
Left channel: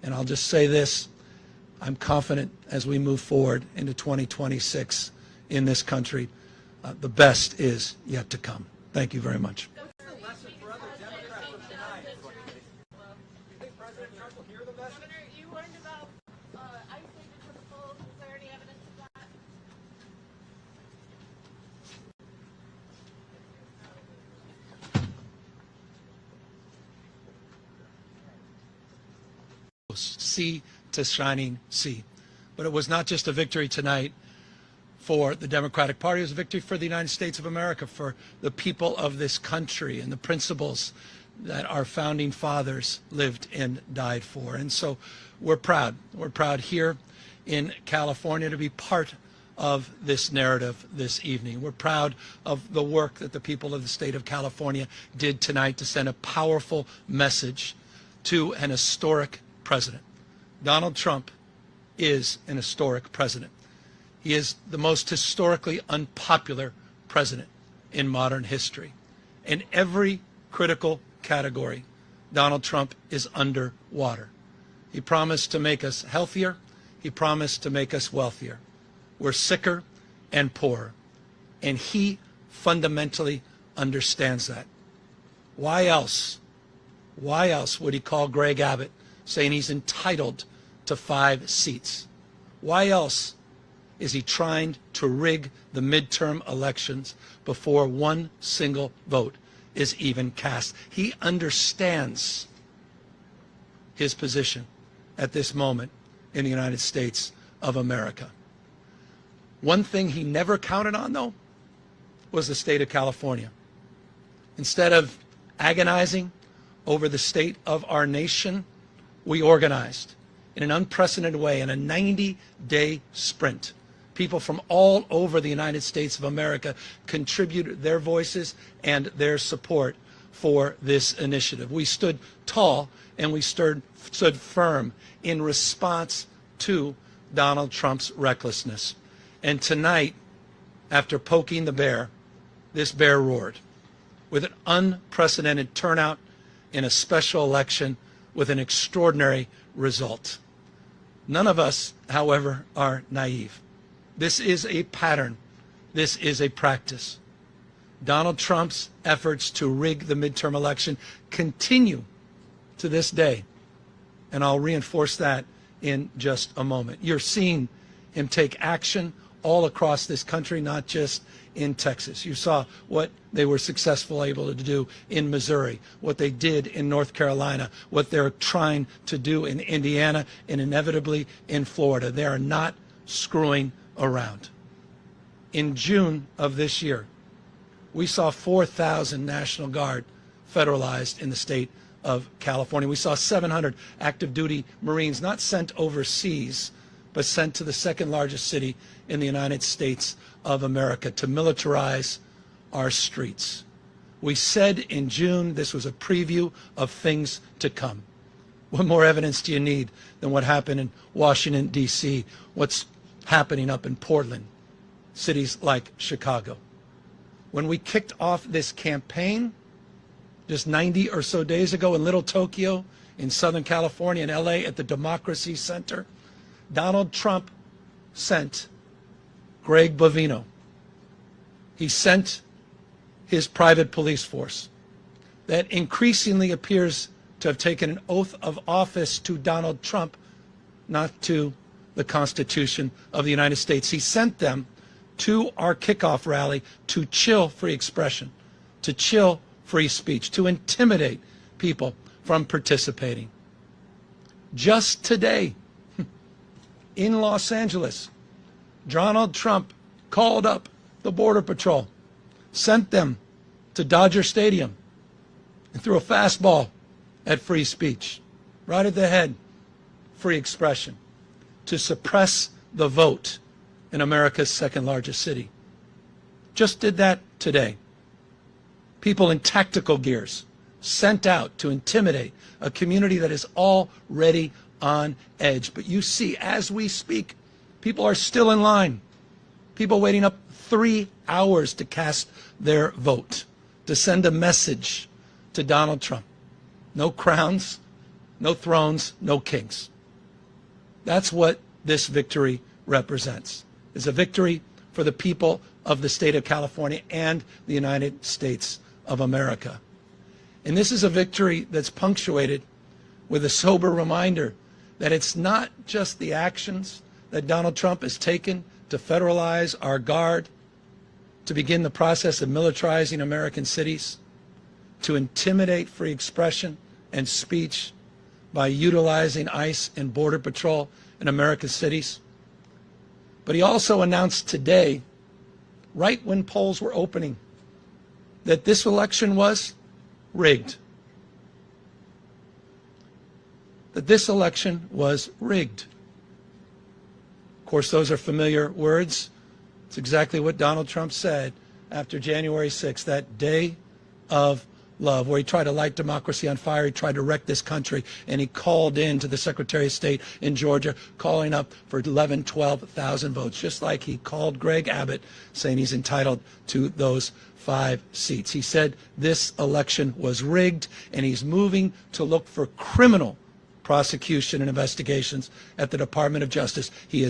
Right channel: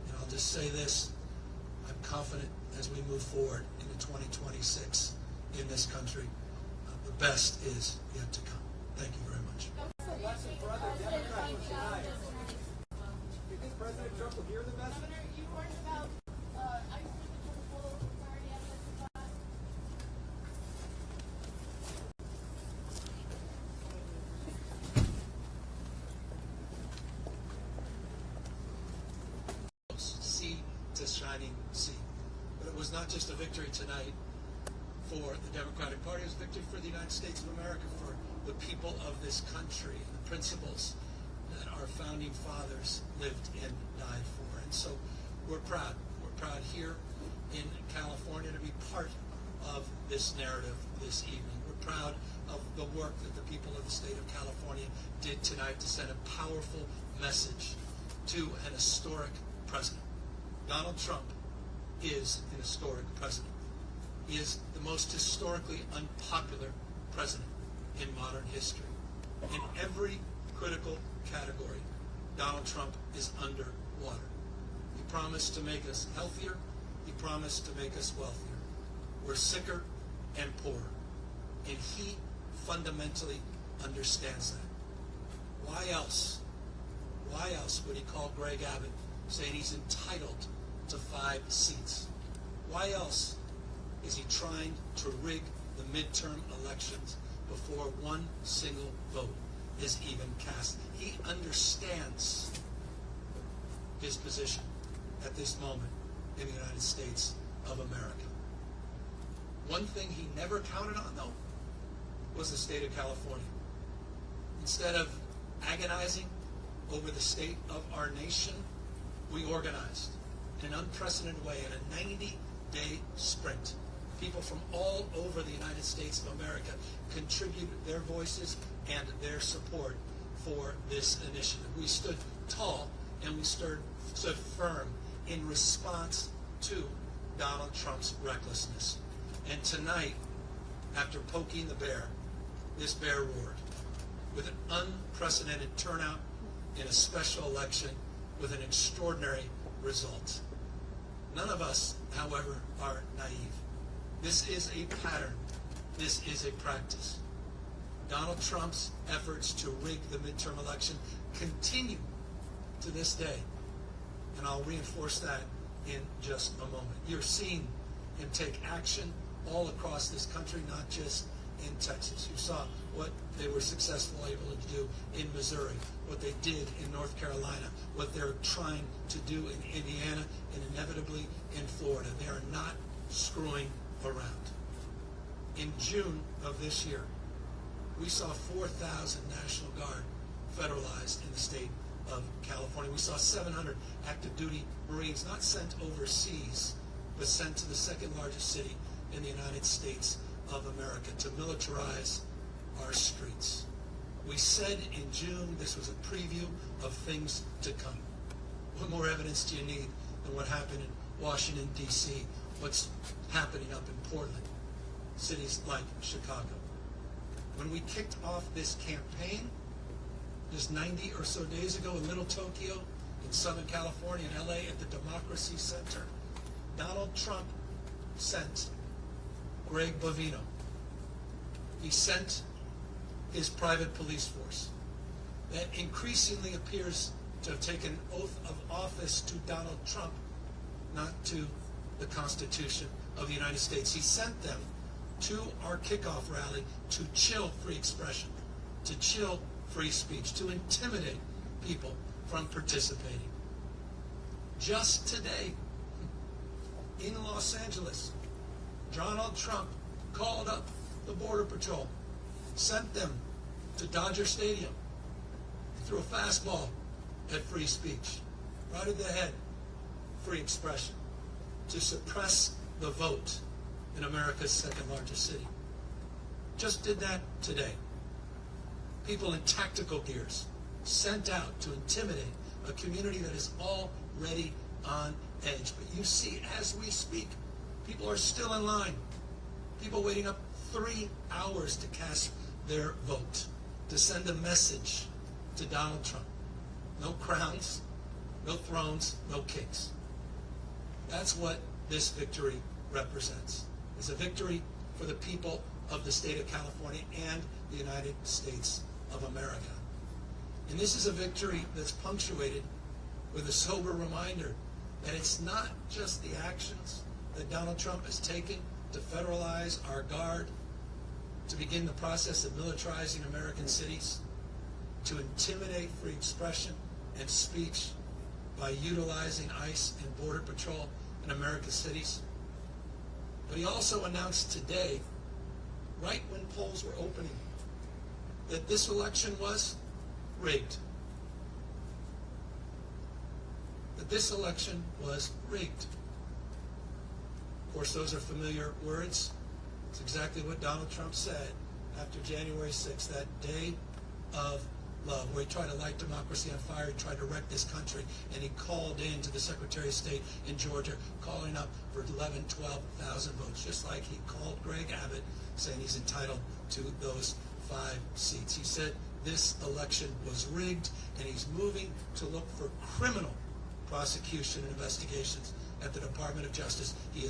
And I'll just say this, I'm confident as we move forward into 2026 in this country, the best is yet to come. Thank you very much. What's the lesson for other Democrats from tonight? Do you think President Trump will hear the message? Governor, you learned about ICE taking to the polls. Is there any evidence of that? Sea to shining sea. But it was not just a victory tonight for the Democratic Party, it was a victory for the United States of America, for the people of this country and the principles that our founding fathers lived and died for. And so we're proud. We're proud here in California to be part of this narrative this evening. We're proud of the work that the people of the state of California did tonight to send a powerful message to an historic president. Donald Trump is an historic president. He is the most historically unpopular president in modern history. In every critical category, Donald Trump is underwater. He promised to make us healthier. He promised to make us wealthier. We're sicker and poorer. And he fundamentally understands that. Why else would he call Greg Abbott saying he's entitled to 5 seats? Why else is he trying to rig the midterm elections before one single vote is even cast? He understands his position at this moment in the United States of America. One thing he never counted on, though, was the state of California. Instead of agonizing over the state of our nation, we organized in an unprecedented way in a 90-day sprint. People from all over the United States of America contributed their voices and their support for this initiative. We stood tall and we stood firm in response to Donald Trump's recklessness. And tonight, after poking the bear, this bear roared with an unprecedented turnout in a special election with an extraordinary result. None of us, however, are naive. This is a pattern. This is a practice. Donald Trump's efforts to rig the midterm election continue to this day. And I'll reinforce that in just a moment. You're seeing him take action all across this country, not just in Texas. You saw what they were successful able to do in Missouri, what they did in North Carolina, what they're trying to do in Indiana, and inevitably in Florida. They are not screwing around. In June of this year, we saw 4,000 National Guard federalized in the state of California. We saw 700 active duty Marines not sent overseas, but sent to the second largest city in the United States of America to militarize our streets. We said in June this was a preview of things to come. What more evidence do you need than what happened in Washington, D.C., what's happening up in Portland, cities like Chicago? When we kicked off this campaign just 90 or so days ago in Little Tokyo, in Southern California, in LA, at the Democracy Center, Donald Trump sent Greg Bovino. He sent his private police force that increasingly appears to have taken an oath of office to Donald Trump, not to the Constitution of the United States. He sent them to our kickoff rally to chill free expression, to chill free speech, to intimidate people from participating. Just today, in Los Angeles, Donald Trump called up the Border Patrol, sent them to Dodger Stadium, and threw a fastball at free speech, right at the head, free expression, to suppress the vote in America's second largest city. Just did that today. People in tactical gears sent out to intimidate a community that is already on edge. But you see, as we speak, people are still in line. People waiting up 3 hours to cast their vote, to send a message to Donald Trump. No crowns, no thrones, no kings. That's what this victory represents. It's a victory for the people of the state of California and the United States of America. And this is a victory that's punctuated with a sober reminder that it's not just the actions that Donald Trump has taken to federalize our guard, to begin the process of militarizing American cities, to intimidate free expression and speech by utilizing ICE and Border Patrol in America's cities. But he also announced today, right when polls were opening, that this election was rigged. That this election was rigged. Of course, those are familiar words. It's exactly what Donald Trump said after January 6th, that day of love, where he tried to light democracy on fire, he tried to wreck this country, and he called in to the Secretary of State in Georgia, calling up for 11, 12,000 votes, just like he called Greg Abbott, saying he's entitled to those 5 seats. He said this election was rigged, and he's moving to look for criminal prosecution and investigations at the Department of Justice. He is